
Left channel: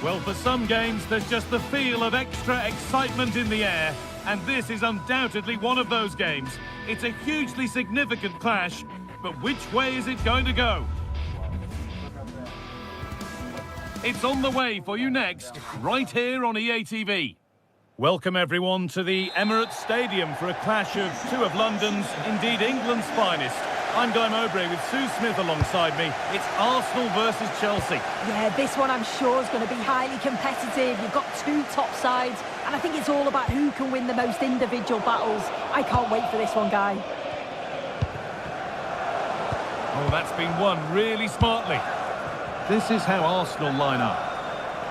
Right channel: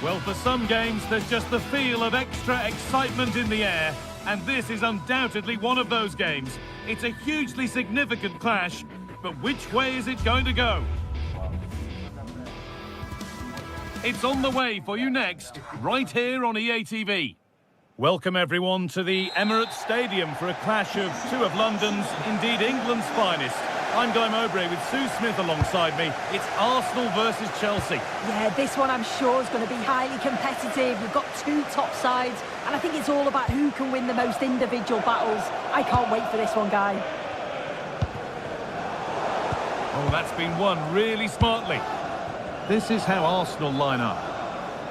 Well, for some games, there's just the feel of extra excitement in the air, and this is undoubtedly one of those games. It's a hugely significant clash, but which way is it going to go? It's on the way for you next, right here on EA TV. Welcome everyone to the Emirates Stadium for a clash of two of London's, indeed England's finest. I'm Guy Mowbray with Sue Smith alongside me. It's Arsenal versus Chelsea. Yeah, this one I'm sure is going to be highly competitive. You've got two top sides, and I think it's all about who can win the most individual battles. I can't wait for this one, Guy. Oh, that's been won really smartly. This is how Arsenal line up.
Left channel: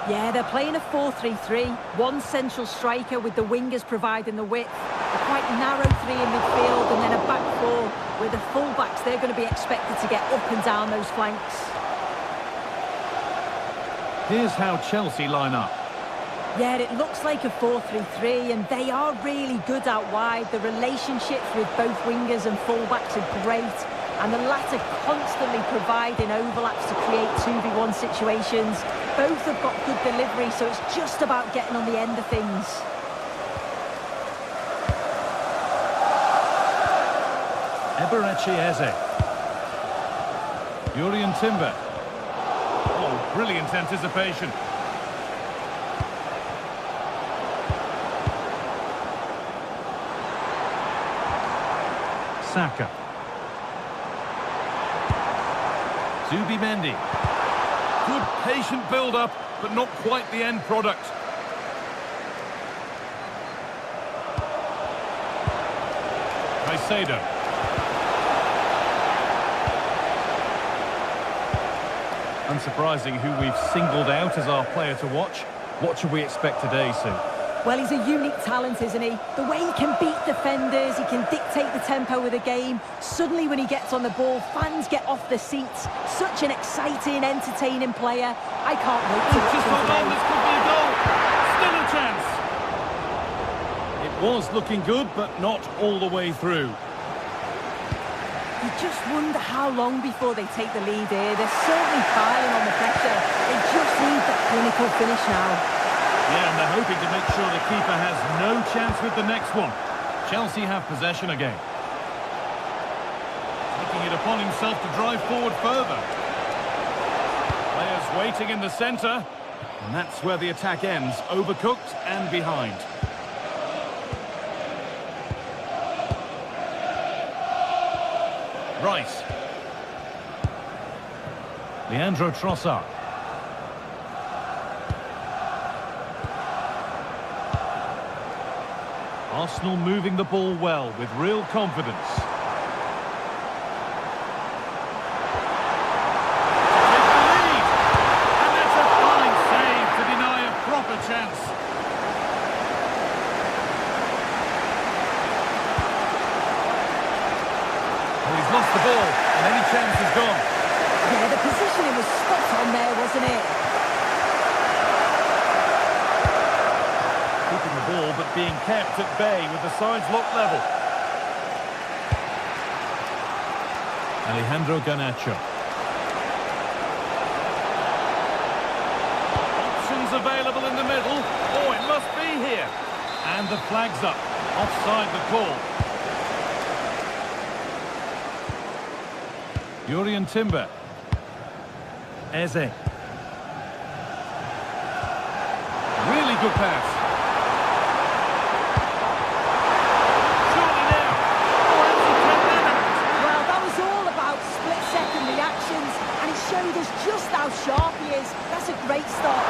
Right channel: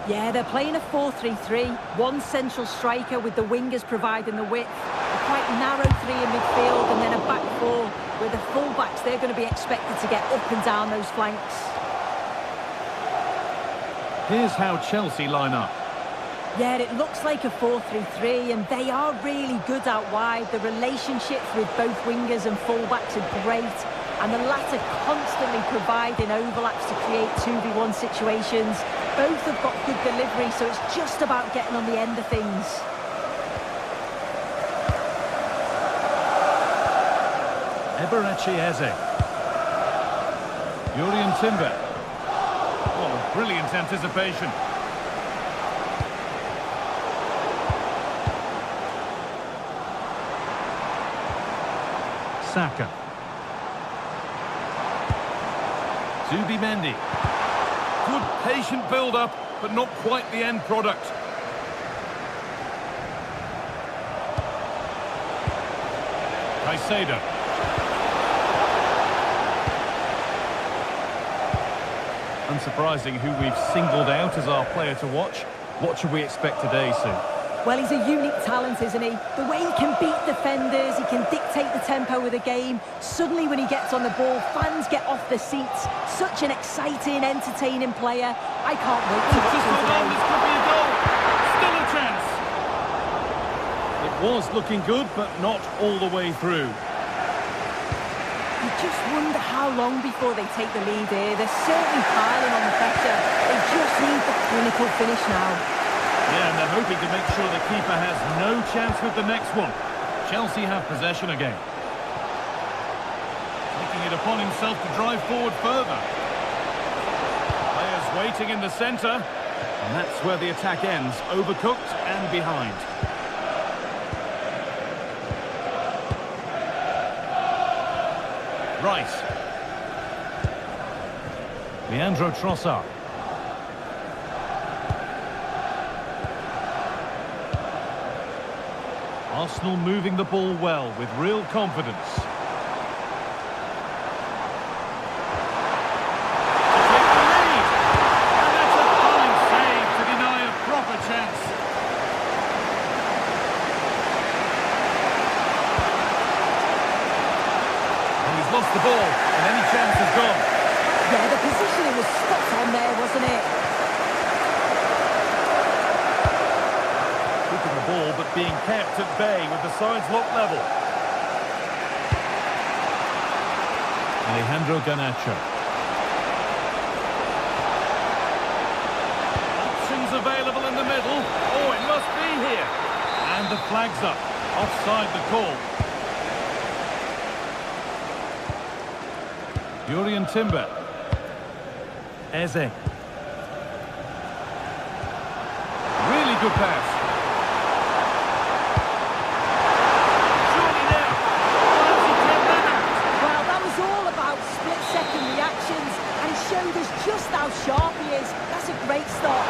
Yeah, they're playing a 4-3-3. One central striker with the wingers providing the width. A quite narrow three in midfield and then a back four with the full-backs. They're going to be expected to get up and down those flanks. Here's how Chelsea line up. Yeah, it looks like a 4-3-3 and they are really good out wide. The relationships with both wingers and full-backs are great. And the latter constantly providing overlaps to create 2v1 situations. Both have got good delivery, so it's just about getting on the end of things. Eberechi Eze. Jurrien Timber. Oh, brilliant anticipation. Saka. Zubimendi. Good patient build-up, but not quite the end product. Caicedo. Unsurprising who we've singled out as our player to watch. What should we expect today, Sue? Well, he's a unique talent, isn't he? The way he can beat defenders, he can dictate the tempo of the game. Suddenly, when he gets on the ball, fans get off their seats. Such an exciting, entertaining player. I can't wait to watch Just him hold on, today. this could be a goal. Still a chance. It was looking good, but not all the way through. You just wonder how long before they take the lead here. They're certainly piling on the pressure. They just need that clinical finish now. Yeah, and they're hoping to make sure the keeper has no chance with the next one. Chelsea have possession again. Taking it upon himself to drive forward further. Players waiting in the centre. And that's where the attack ends, overcooked and behind. Rice. Leandro Trossard. Arsenal moving the ball well with real confidence. To take the lead. And that's a fine save to deny a proper chance. Well, he's lost the ball and any chance is gone. Yeah, the positioning was spot on there, wasn't it? Keeping the ball, but being kept at bay with the sides locked level. Alejandro Garnacho. Options available in the middle. Oh, it must be here. And the flag's up. Offside the call. Jurrien Timber. Eze. Really good pass. Split-second reactions, and he showed us just how sharp he is. That's a great stop.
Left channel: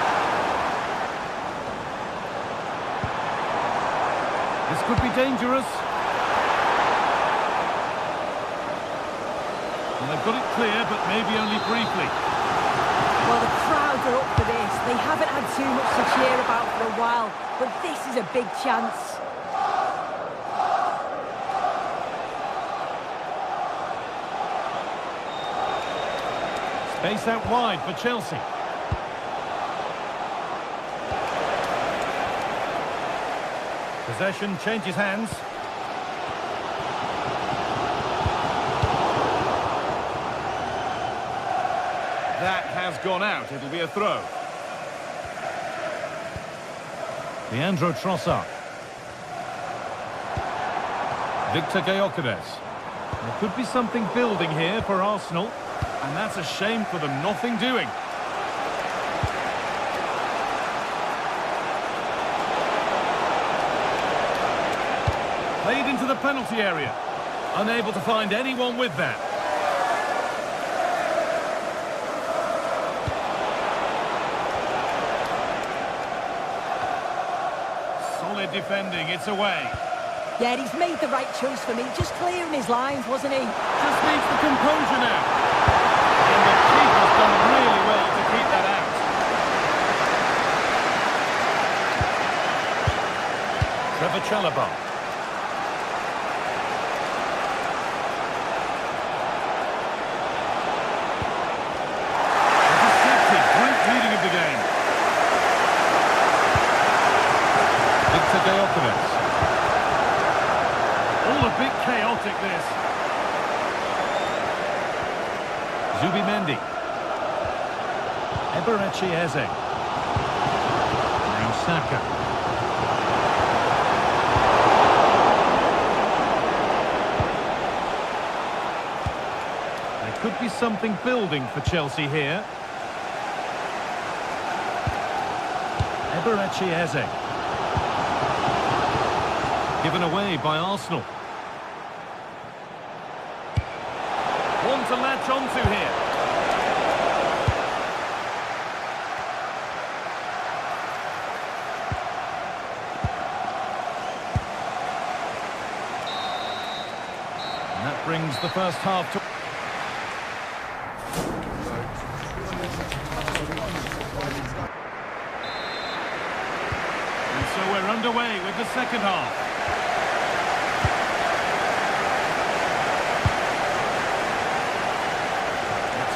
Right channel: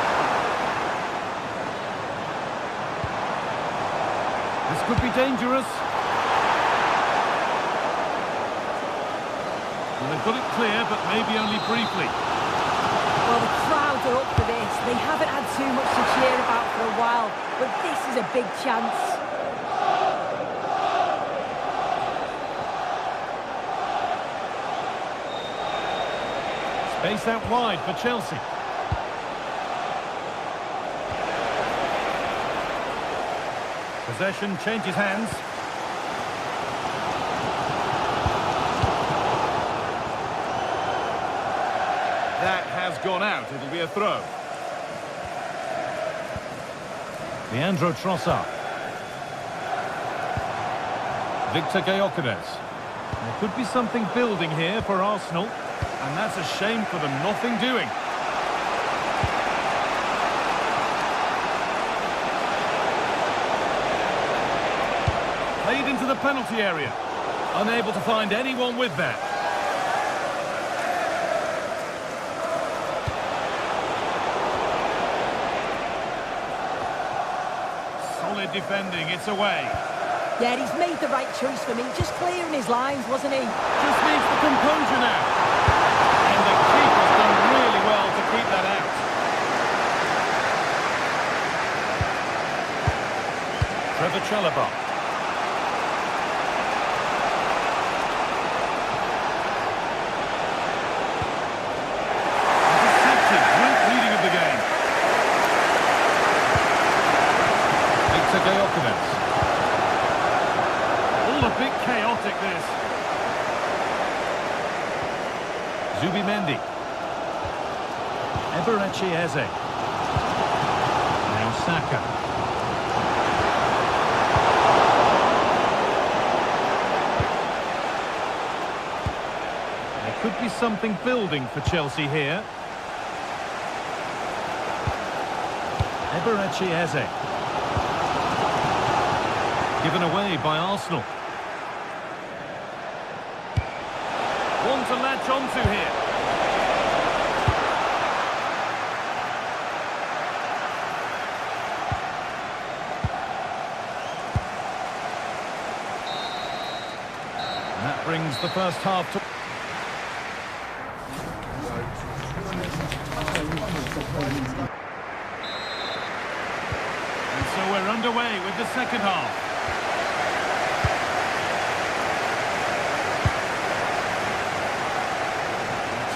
This could be dangerous. Well, they've got it clear, but maybe only briefly. Well, the crowds are up for this. They haven't had too much to cheer about for a while, but this is a big chance. Space out wide for Chelsea. Possession changes hands. That has gone out. It'll be a throw. Leandro Trossard. Victor Gyökeres. There could be something building here for Arsenal. And that's a shame for them, nothing doing. Played into the penalty area. Unable to find anyone with that. solid defending. It's away. Yeah, he's made the right choice for me. Just clearing his lines, wasn't he? Just needs the composure now. And the keeper's done really well to keep that out. Trevor Chalobah. Intercepted. Great reading of the game. Victor Gyökeres. All a bit chaotic, this. Zubimendi. Eberechi Eze. Now Saka. There could be something building for Chelsea here. Eberechi Eze. Given away by Arsenal. One to latch onto here. And that brings the first half to... And so we're underway with the second half.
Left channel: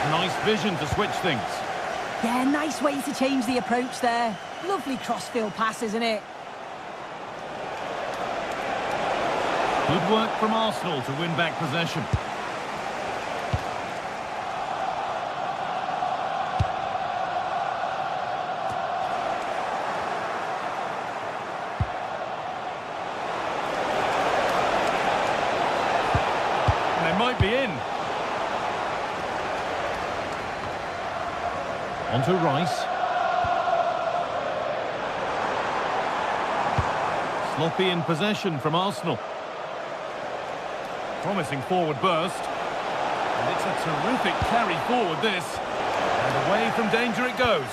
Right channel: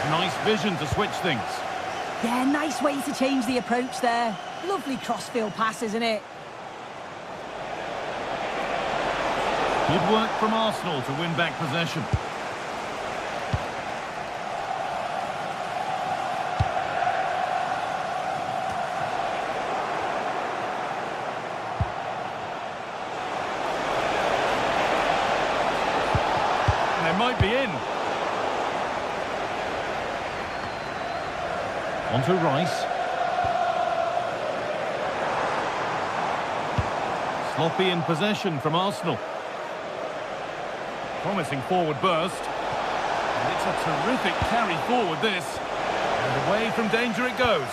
Nice vision to switch things. Yeah, nice way to change the approach there. Lovely cross-field pass, isn't it? Good work from Arsenal to win back possession. And they might be in. On to Rice. Sloppy in possession from Arsenal. Promising forward burst. And it's a terrific carry forward, this. And away from danger it goes.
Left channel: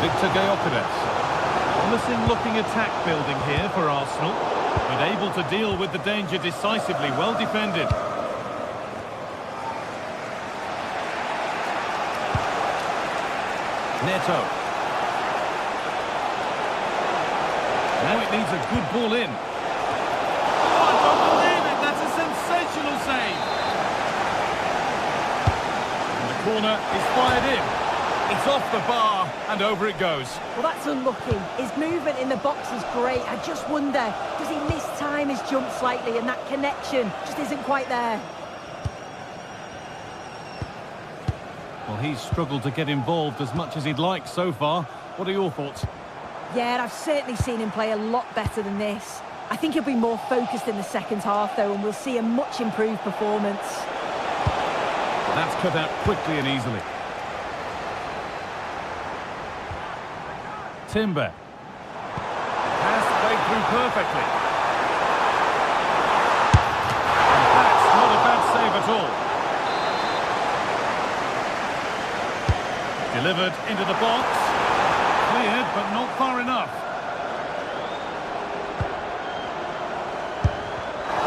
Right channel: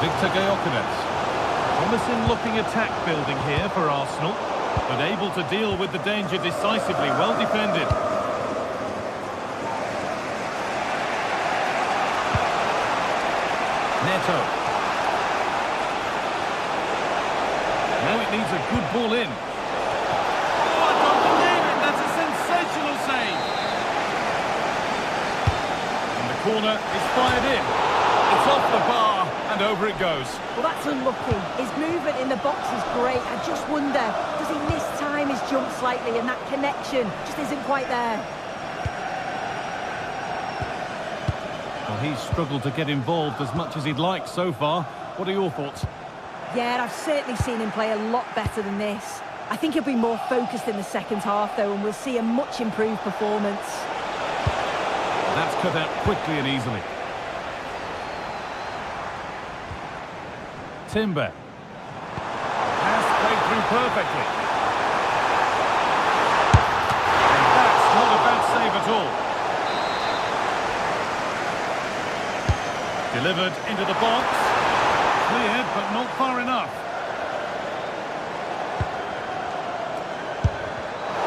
Victor Gyökeres. Promising looking attack building here for Arsenal. But able to deal with the danger decisively, well defended. Neto. Now it needs a good ball in. Oh, I don't believe it! That's a sensational save! And the corner is fired in. It's off the bar, and over it goes. Well, that's unlucky. His movement in the box is great. I just wonder, does he mistime his jump slightly, and that connection just isn't quite there? Well, he's struggled to get involved as much as he'd like so far. What are your thoughts? Yeah, I've certainly seen him play a lot better than this. I think he'll be more focused in the second half, though, and we'll see a much improved performance. That's cut out quickly and easily. Timber. Pass played through perfectly. And that's not a bad save at all. Delivered into the box. Cleared, but not far enough.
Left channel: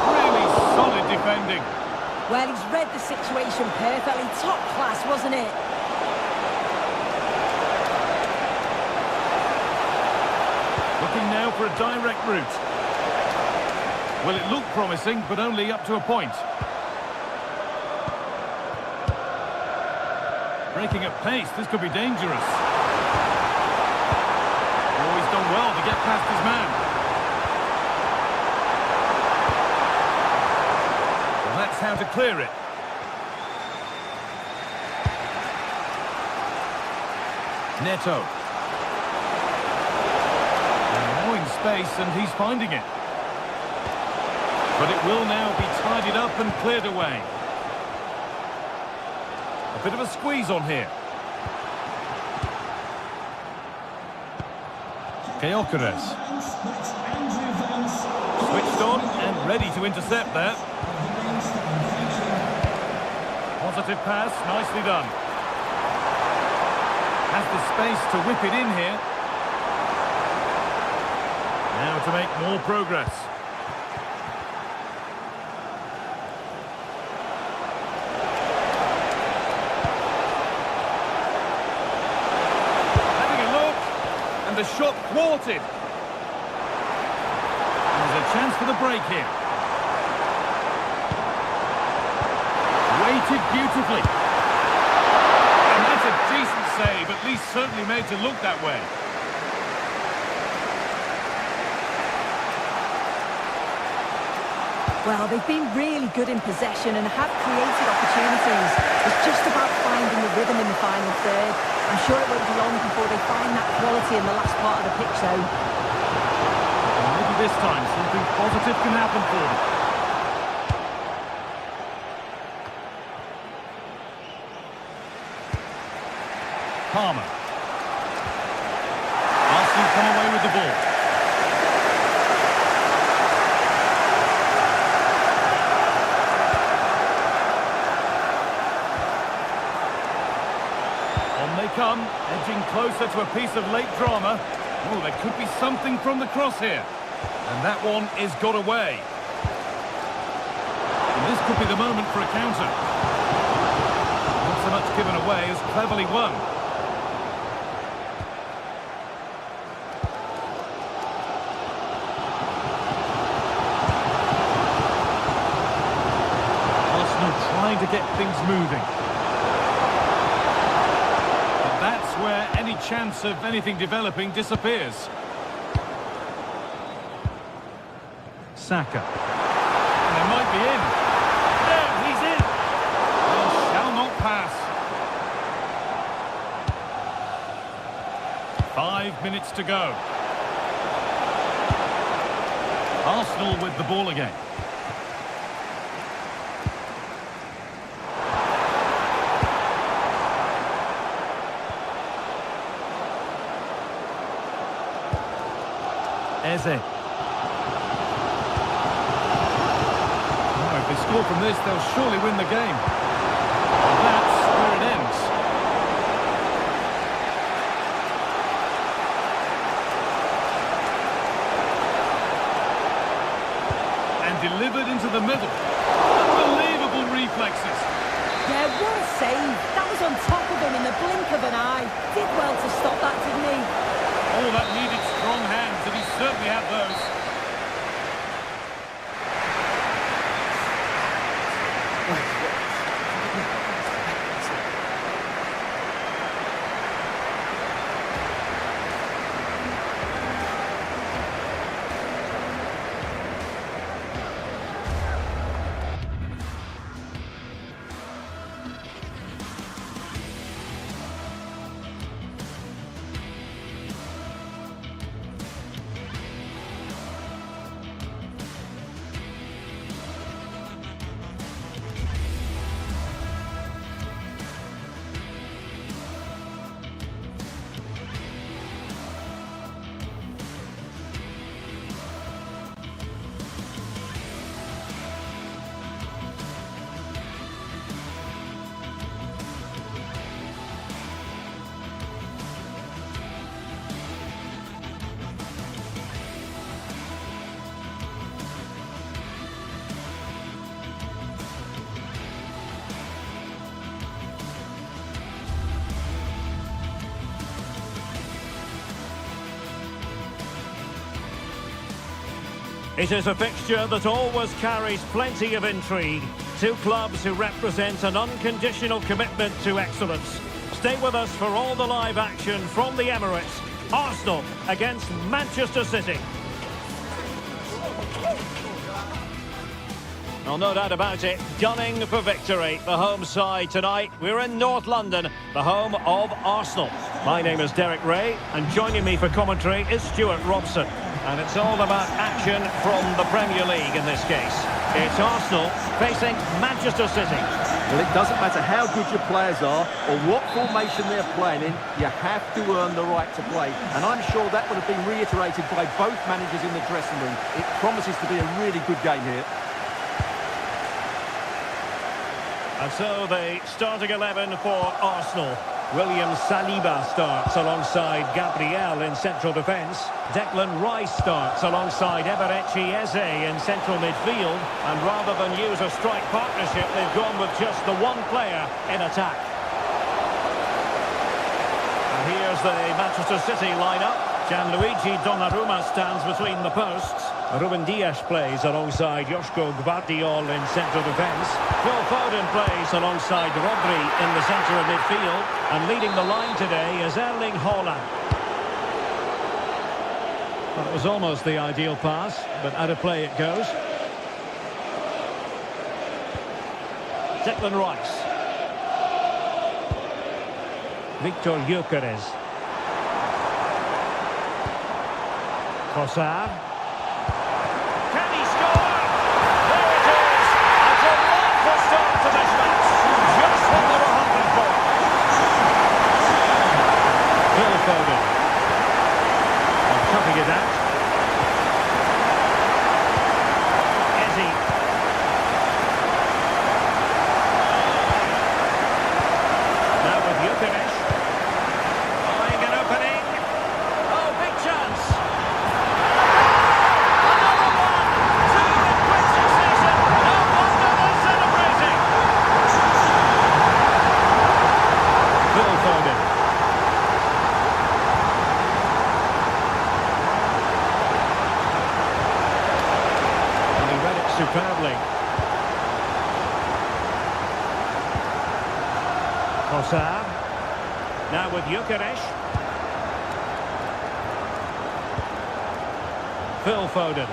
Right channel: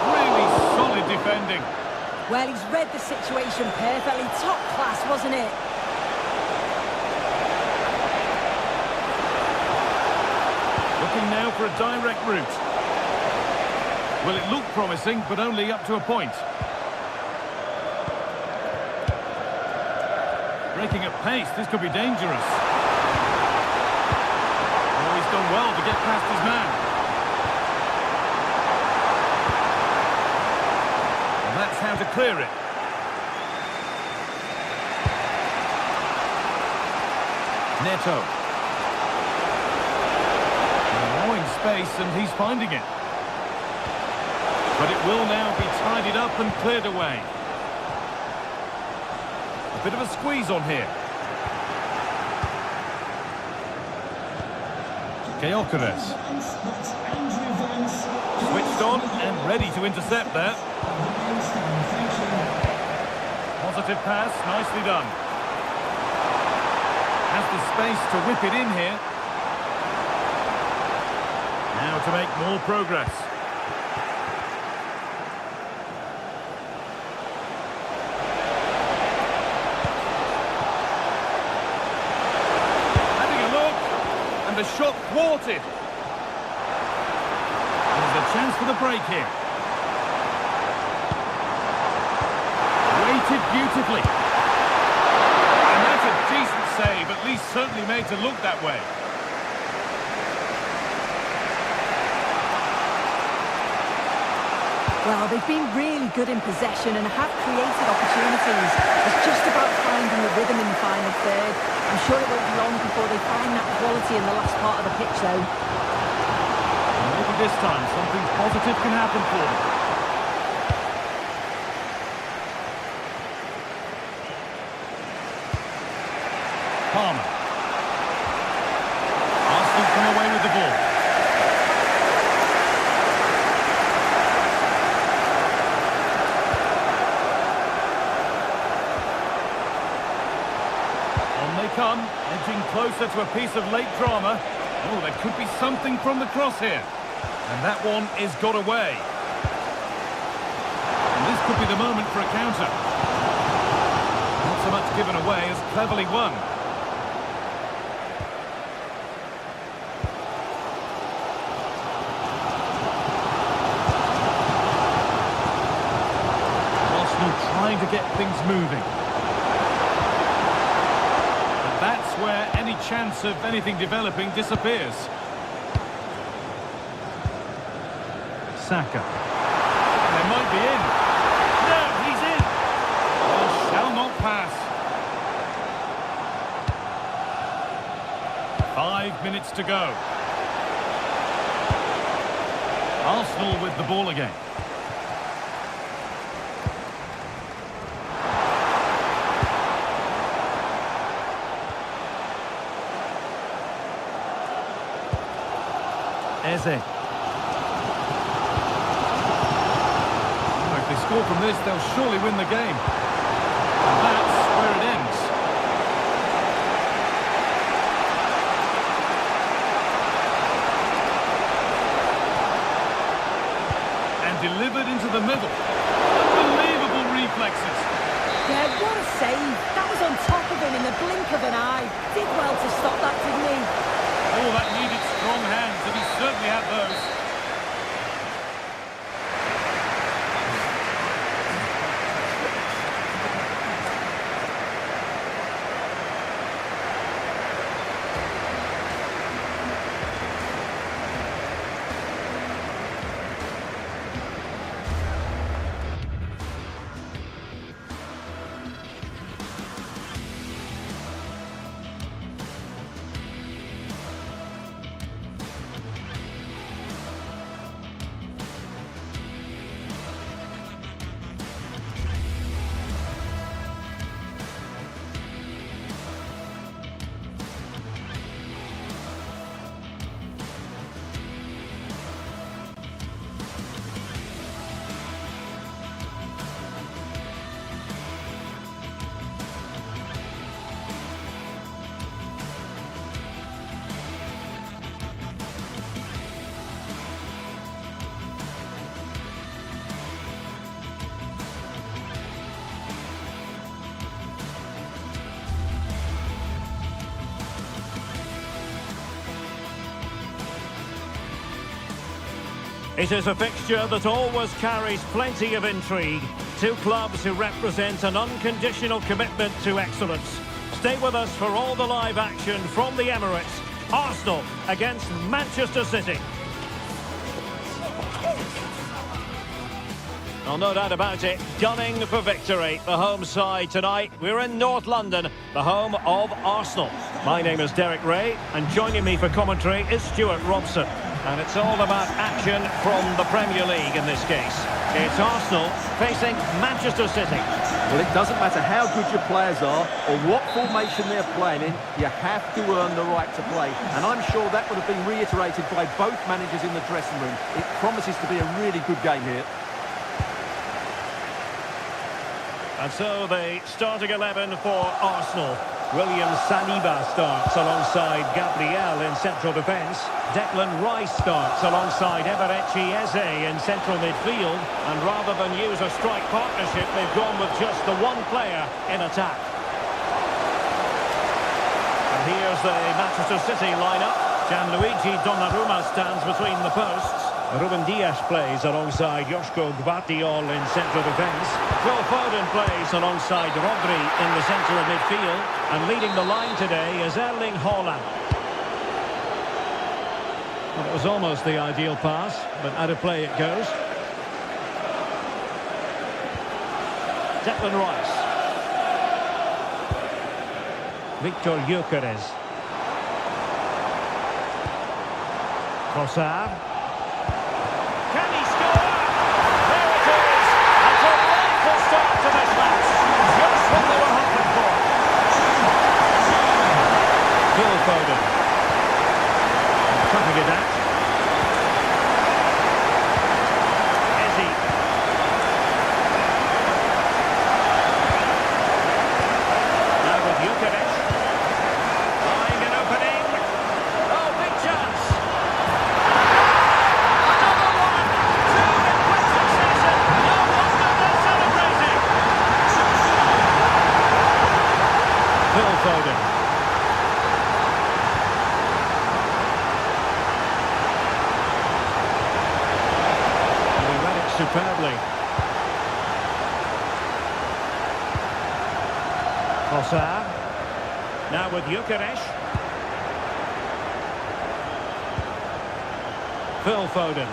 Really solid defending. Well, he's read the situation perfectly. Top class, wasn't it? Looking now for a direct route. Well, it looked promising, but only up to a point. Breaking at pace, this could be dangerous. Oh, he's done well to get past his man. Well, that's how to clear it. Neto. Allowing space, and he's finding it. But it will now be tidied up and cleared away. A bit of a squeeze on here. Gyökeres. Switched on and ready to intercept there. Positive pass, nicely done. Has the space to whip it in here. Now to make more progress. Having a look. And the shot thwarted. And there's a chance for the break here. Weighted beautifully. And that's a decent save, at least certainly made to look that way. Well, they've been really good in possession and have created opportunities. It's just about finding the rhythm in the final third. I'm sure it won't be long before they find that quality in the last part of the pitch, though. And maybe this time something positive can happen for them. Palmer. Arsenal come away with the ball. On they come, edging closer to a piece of late drama. Oh, there could be something from the cross here. And that one is got away. And this could be the moment for a counter. Not so much given away as cleverly won. Arsenal trying to get things moving. But that's where any chance of anything developing disappears. Saka. And they might be in. No, he's in. Well, shall not pass. 5 minutes to go. Arsenal with the ball again. Eze. Oh, if they score from this, they'll surely win the game. And that's where it ends. And delivered into the middle. Unbelievable reflexes. Yeah, what a save. That was on top of him in the blink of an eye. Did well to stop that, didn't he? Oh, that needed strong hands, and he certainly had those. It is a fixture that always carries plenty of intrigue. Two clubs who represent an unconditional commitment to excellence. Stay with us for all the live action from the Emirates. Arsenal against Manchester City. Well, no doubt about it, gunning for victory. The home side tonight. We're in North London, the home of Arsenal. My name is Derek Ray, and joining me for commentary is Stuart Robson. And it's all about action from the Premier League in this case. It's Arsenal facing Manchester City. Well, it doesn't matter how good your players are or what formation they're playing in, you have to earn the right to play. And I'm sure that would have been reiterated by both managers in the dressing room. It promises to be a really good game here. And so the starting 11 for Arsenal. William Saliba starts alongside Gabriel in central defence. Declan Rice starts alongside Eberechi Eze in central midfield. And rather than use a strike partnership, they've gone with just the one player in attack. And here's the Manchester City lineup. Gianluigi Donnarumma stands between the posts. Ruben Dias plays alongside Joško Gvardiol in central defence. Phil Foden plays alongside Rodri in the centre of midfield. And leading the line today is Erling Haaland. Well, it was almost the ideal pass, but out of play it goes. Declan Rice. Victor Gyökeres. Trossard. Can he score? There it is! A delightful start to this match. Just what they were hoping for. Phil Foden. And cutting it out. Eze. Now with Gyökeres. Buying an opening. Oh, big chance. Another one. Two in quick succession. No wonder they're celebrating. Phil Foden. And he read it superbly. Trossard. Now with Gyökeres. Phil Foden.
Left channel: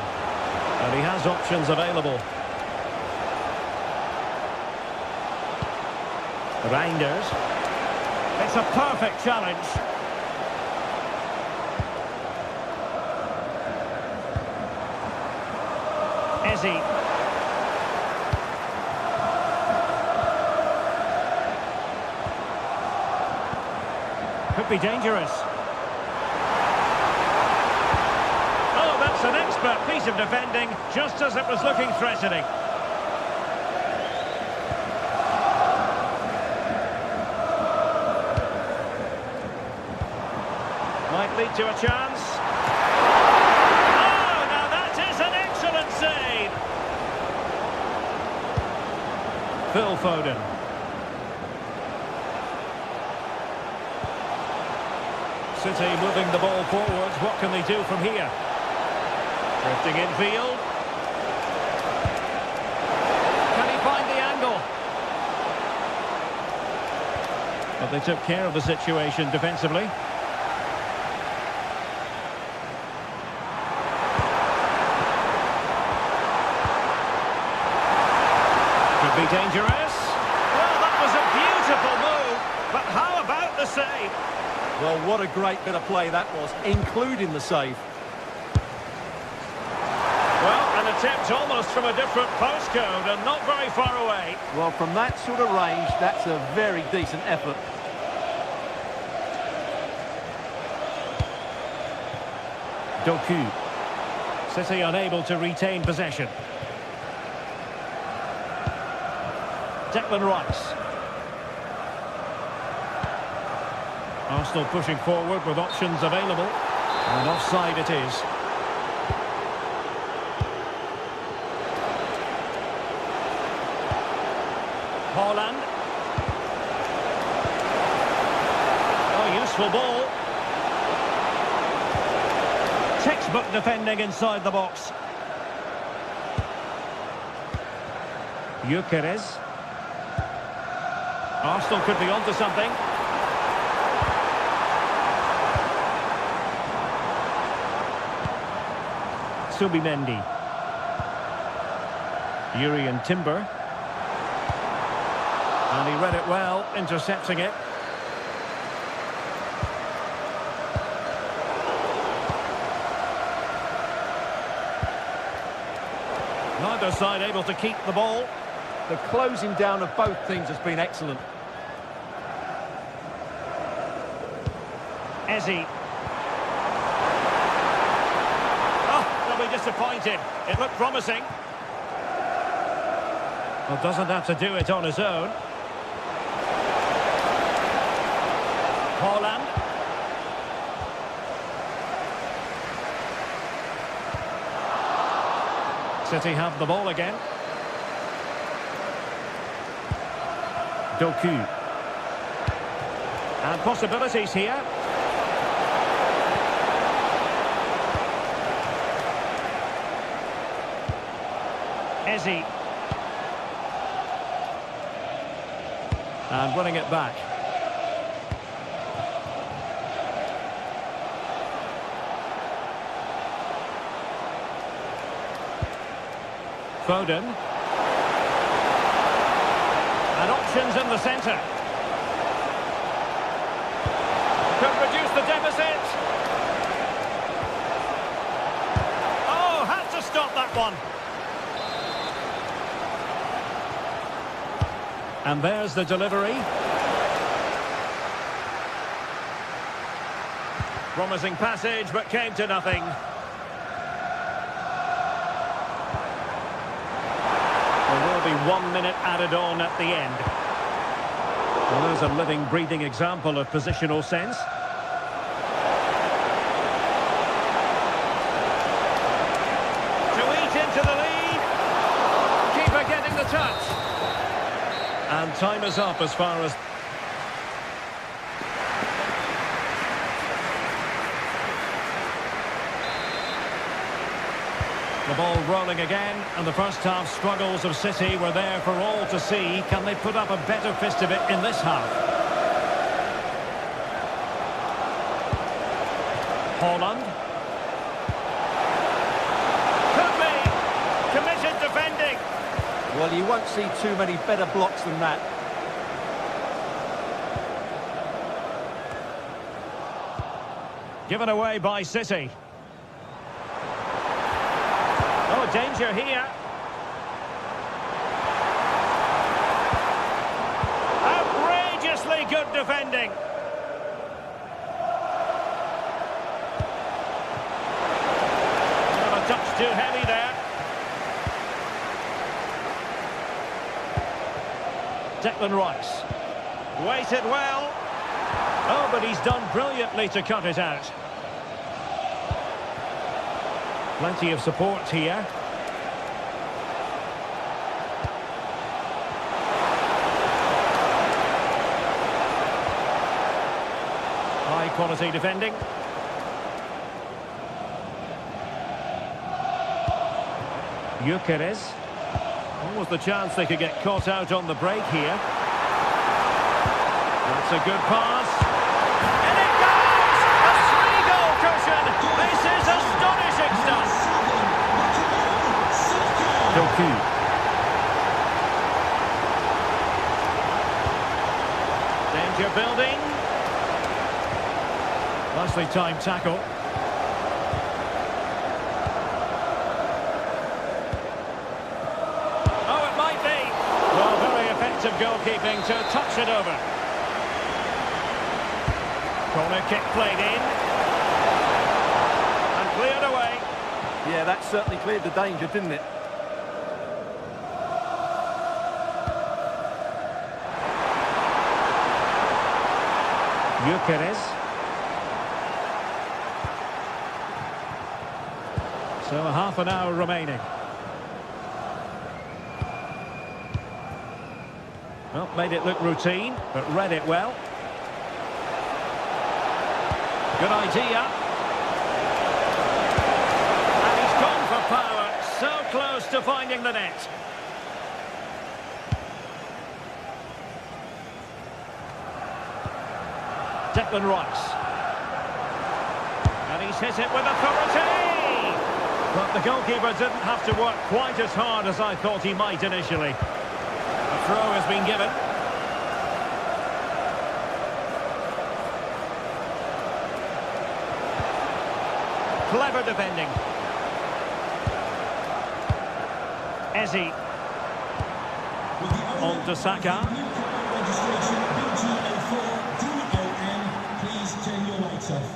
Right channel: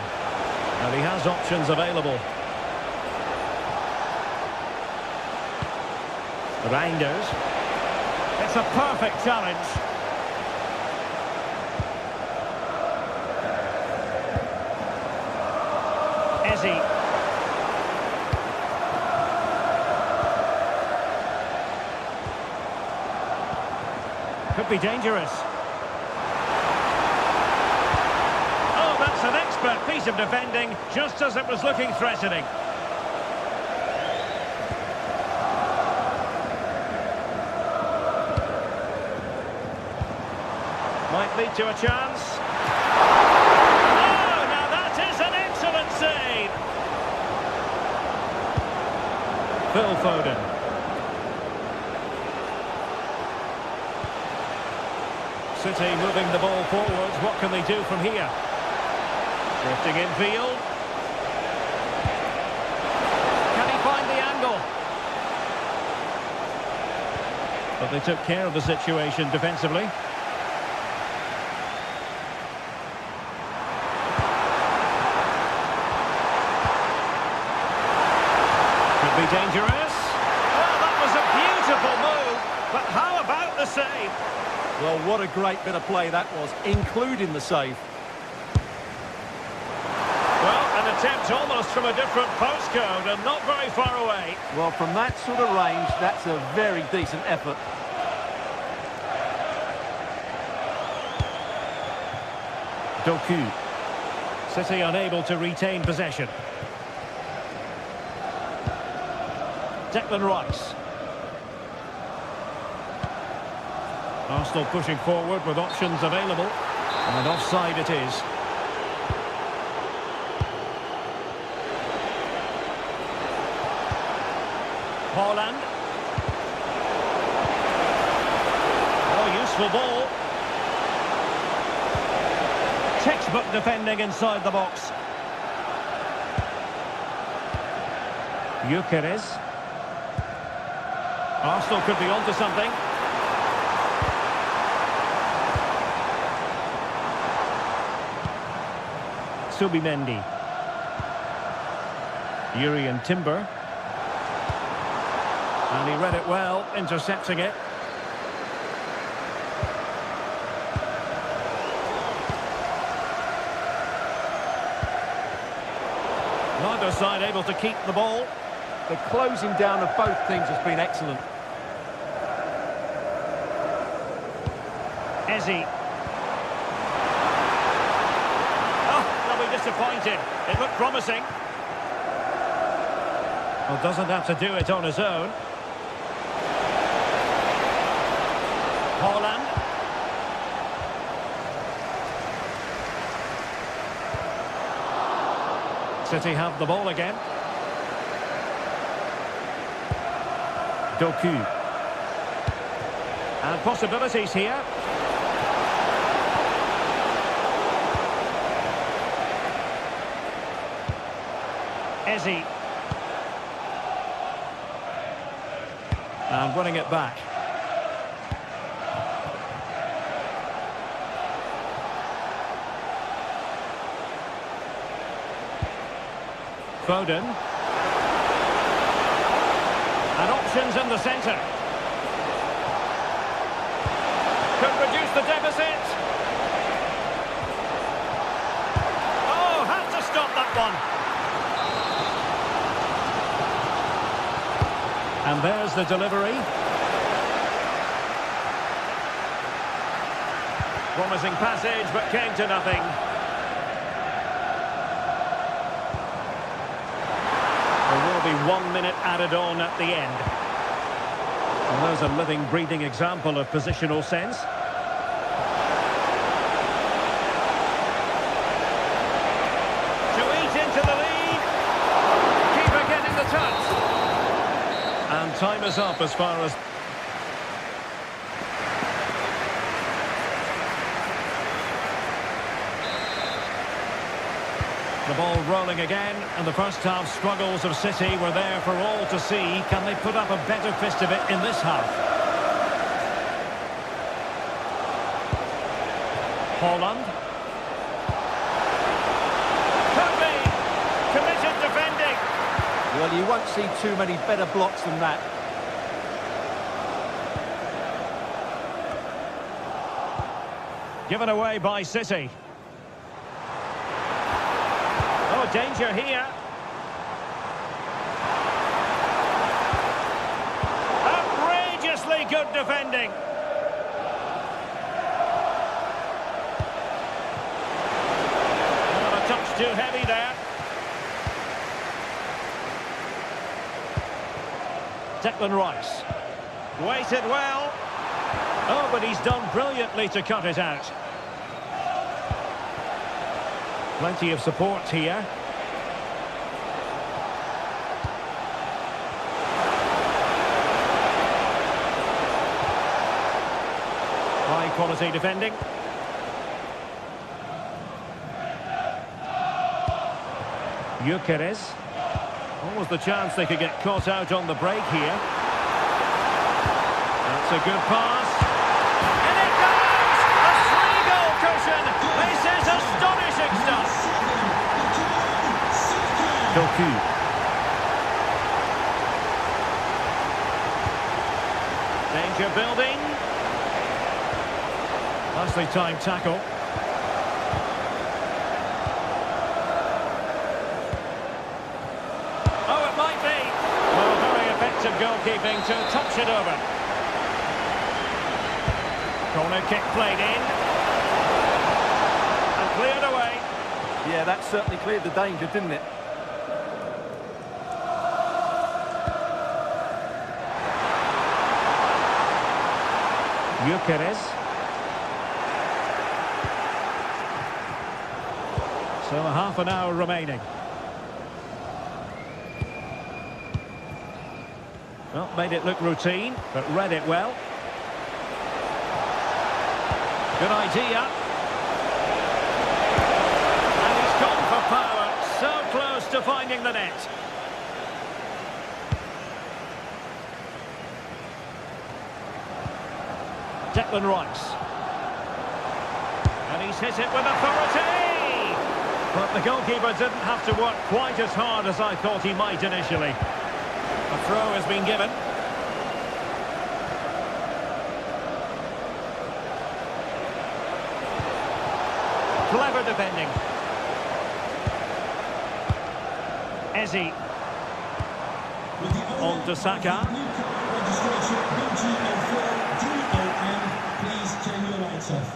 And he has options available. Reinders. It's a perfect challenge. Eze. Could be dangerous. Oh, that's an expert piece of defending, just as it was looking threatening. Might lead to a chance. Oh, now that is an excellent save. Phil Foden. City moving the ball forwards. What can they do from here? Drifting infield. Can he find the angle? But they took care of the situation defensively. Could be dangerous. Well, that was a beautiful move. But how about the save? Well, what a great bit of play that was, including the save. Well, an attempt almost from a different postcode and not very far away. Well, from that sort of range, that's a very decent effort. Doku. City unable to retain possession. Declan Rice. Arsenal pushing forward with options available. And offside it is. Haaland. Oh, useful ball. Textbook defending inside the box. Gyökeres. Arsenal could be onto something. Subimendi. Jurrien Timber. And he read it well, intercepting it. Neither side able to keep the ball. The closing down of both teams has been excellent. Eze. Oh, they'll be disappointed. It looked promising. Well, doesn't have to do it on his own. Holland. City have the ball again. Doku. And possibilities here. Eze. And winning it back. Foden. And options in the centre. Could reduce the deficit. Oh, had to stop that one. And there's the delivery. Promising passage, but came to nothing. There will be 1 minute added on at the end. Well, there's a living, breathing example of positional sense. To eat into the lead. Keeper getting the touch. And time is up as far as... The ball rolling again, and the first half struggles of City were there for all to see. Can they put up a better fist of it in this half? Holland. Could be! Committed defending. Well, you won't see too many better blocks than that. Given away by City. Oh, danger here. Outrageously good defending. Not a touch too heavy there. Declan Rice. Waited well. Oh, but he's done brilliantly to cut it out. Plenty of support here. High quality defending. Gyökeres. Almost the chance they could get caught out on the break here. That's a good pass. And it goes! A 3-goal cushion! This is astonishing stuff! Doku. Danger building. Nicely timed tackle. Oh, it might be! Well, very effective goalkeeping to touch it over. Corner kick played in. And cleared away. Yeah, that certainly cleared the danger, didn't it? Gyökeres. So a half an hour remaining. Well, made it look routine, but read it well. Good idea. And he's gone for power. So close to finding the net. Declan Rice. And he's hit it with authority. But the goalkeeper didn't have to work quite as hard as I thought he might initially. A throw has been given. Clever defending. Eze. On to Saka. Registration BG04DOM. Please turn your lights off.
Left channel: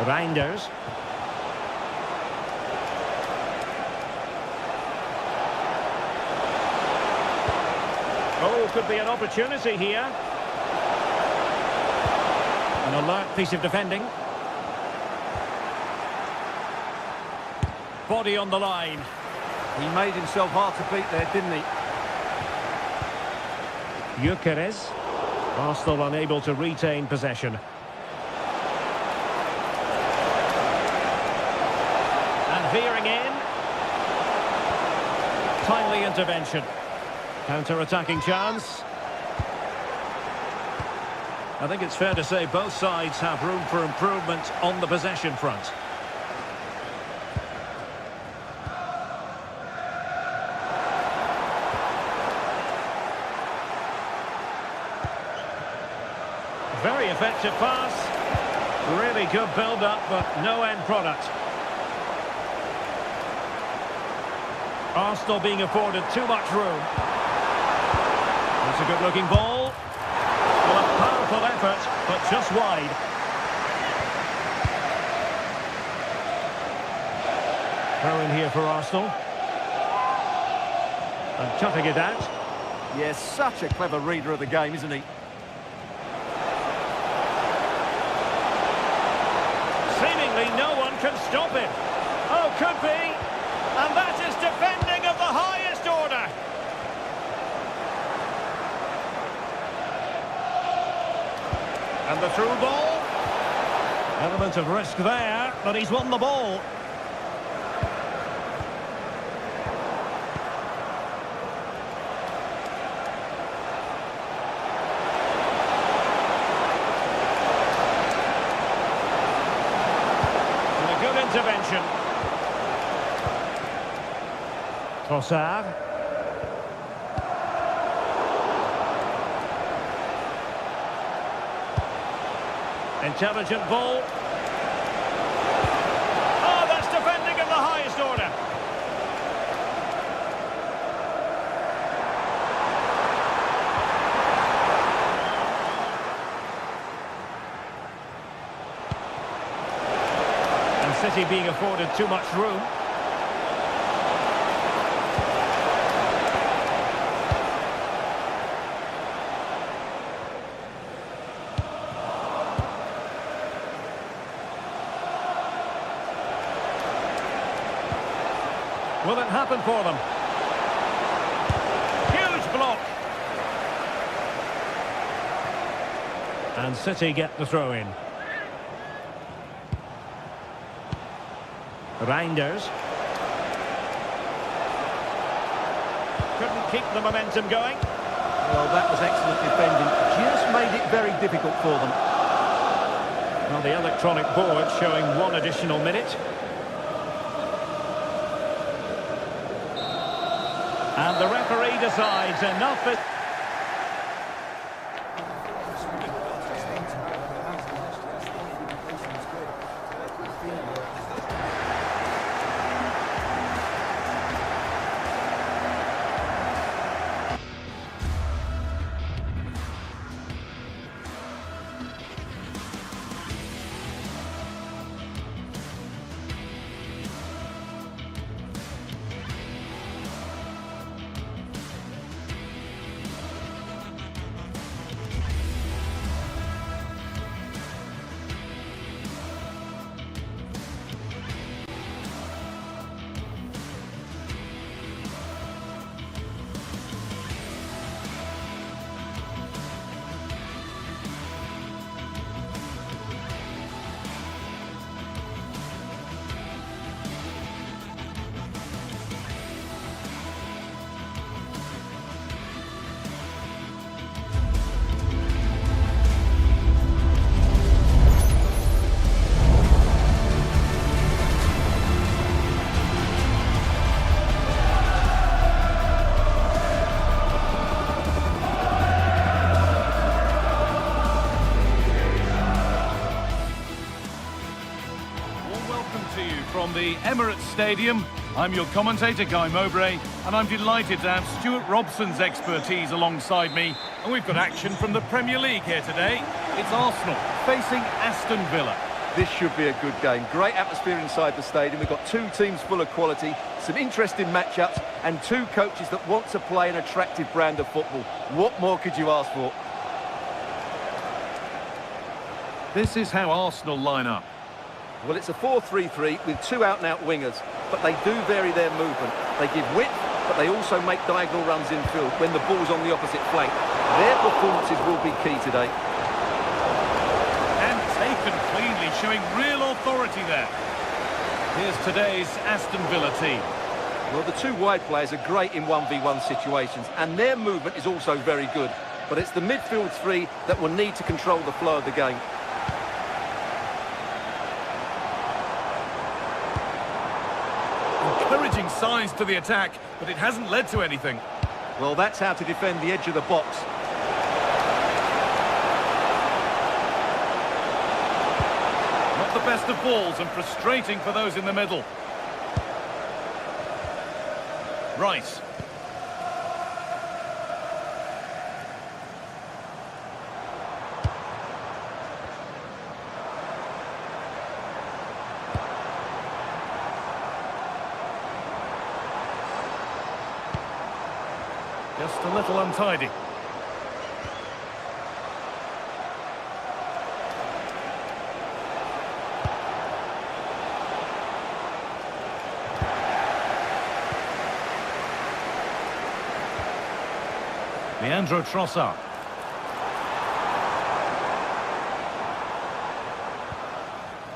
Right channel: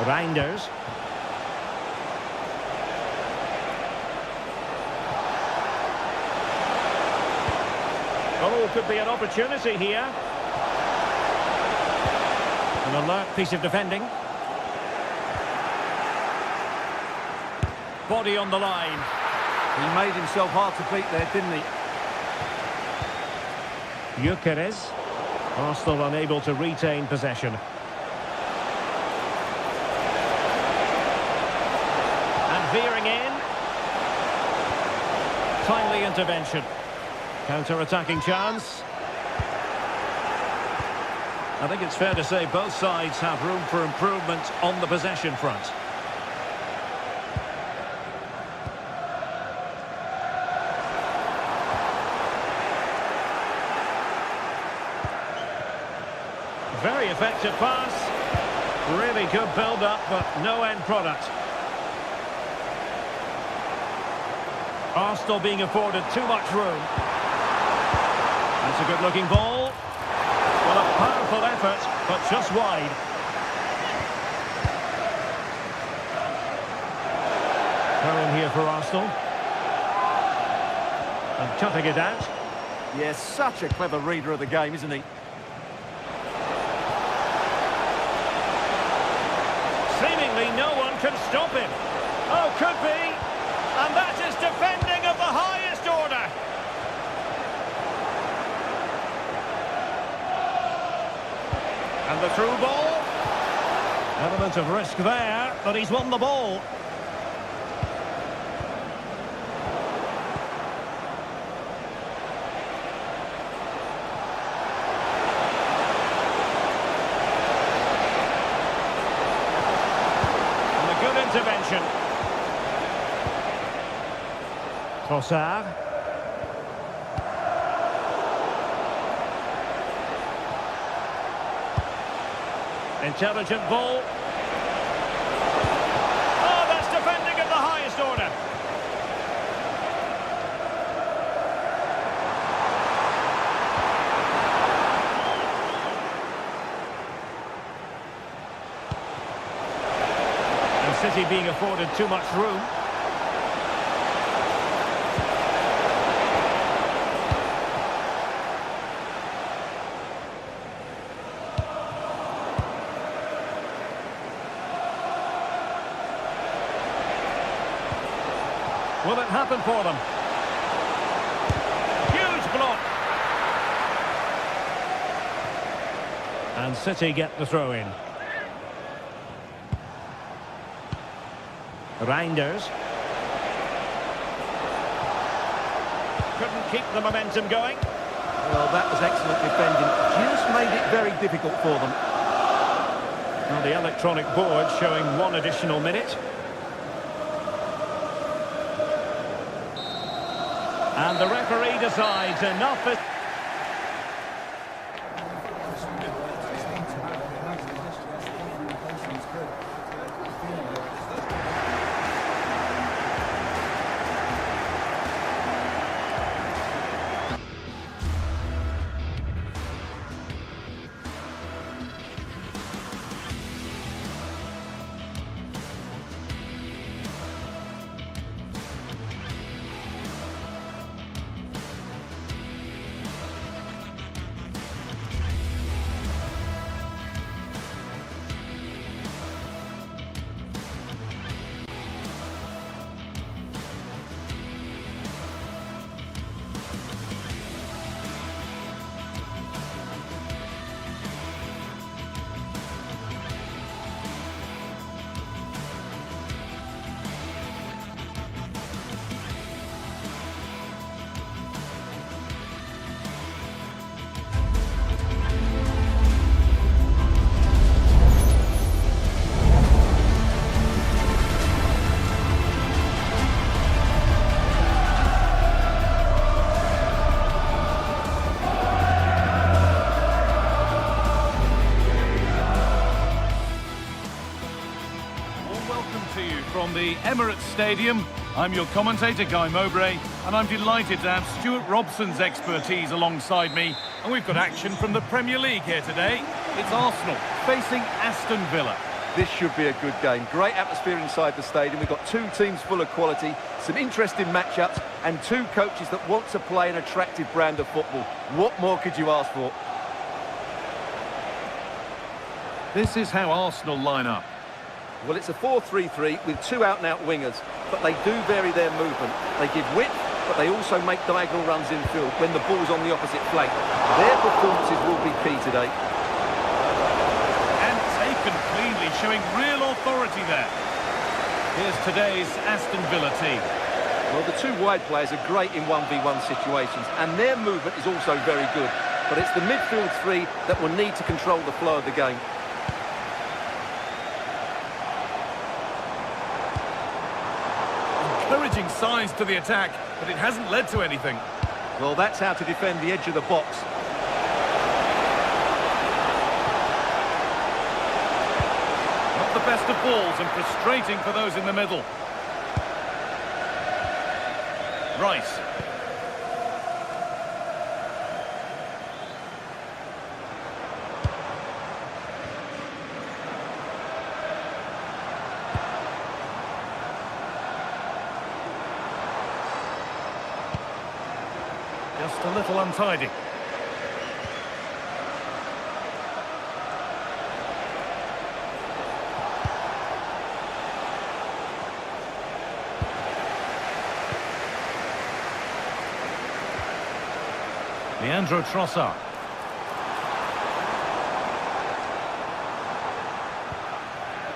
Reinders. Oh, could be an opportunity here. An alert piece of defending. Body on the line. He made himself hard to beat there, didn't he? Gyökeres. Arsenal unable to retain possession. And veering in. Timely intervention. Counter-attacking chance. I think it's fair to say both sides have room for improvement on the possession front. Very effective pass. Really good build-up, but no end product. Arsenal being afforded too much room. That's a good-looking ball. Well, a powerful effort, but just wide. Throw in here for Arsenal. And cutting it out. Yes, such a clever reader of the game, isn't he? Seemingly no one can stop him. Oh, could be. And that is defending of the highest order. And the through ball. Element of risk there, but he's won the ball. And a good intervention. Trossard. Intelligent ball. Oh, that's defending of the highest order. And City being afforded too much room. Will it happen for them? Huge block. And City get the throw in. Reinders. Couldn't keep the momentum going. Well, that was excellent defending. Just made it very difficult for them. Well, the electronic board showing 1 additional minute. And the referee decides enough is... From the Emirates Stadium, I'm your commentator, Guy Mowbray, and I'm delighted to have Stuart Robson's expertise alongside me. And we've got action from the Premier League here today. It's Arsenal facing Aston Villa. This should be a good game. Great atmosphere inside the stadium. We've got two teams full of quality, some interesting matchups, and two coaches that want to play an attractive brand of football. What more could you ask for? This is how Arsenal line up. Well, it's a 4-3-3 with two out-and-out wingers, but they do vary their movement. They give width, but they also make diagonal runs infield when the ball's on the opposite flank. Their performances will be key today. And taken cleanly, showing real authority there. Here's today's Aston Villa team. Well, the two wide players are great in 1v1 situations, and their movement is also very good. But it's the midfield three that will need to control the flow of the game. Encouraging signs to the attack, but it hasn't led to anything. Well, that's how to defend the edge of the box. Not the best of balls and frustrating for those in the middle. Rice. Just a little untidy. Leandro Trossard.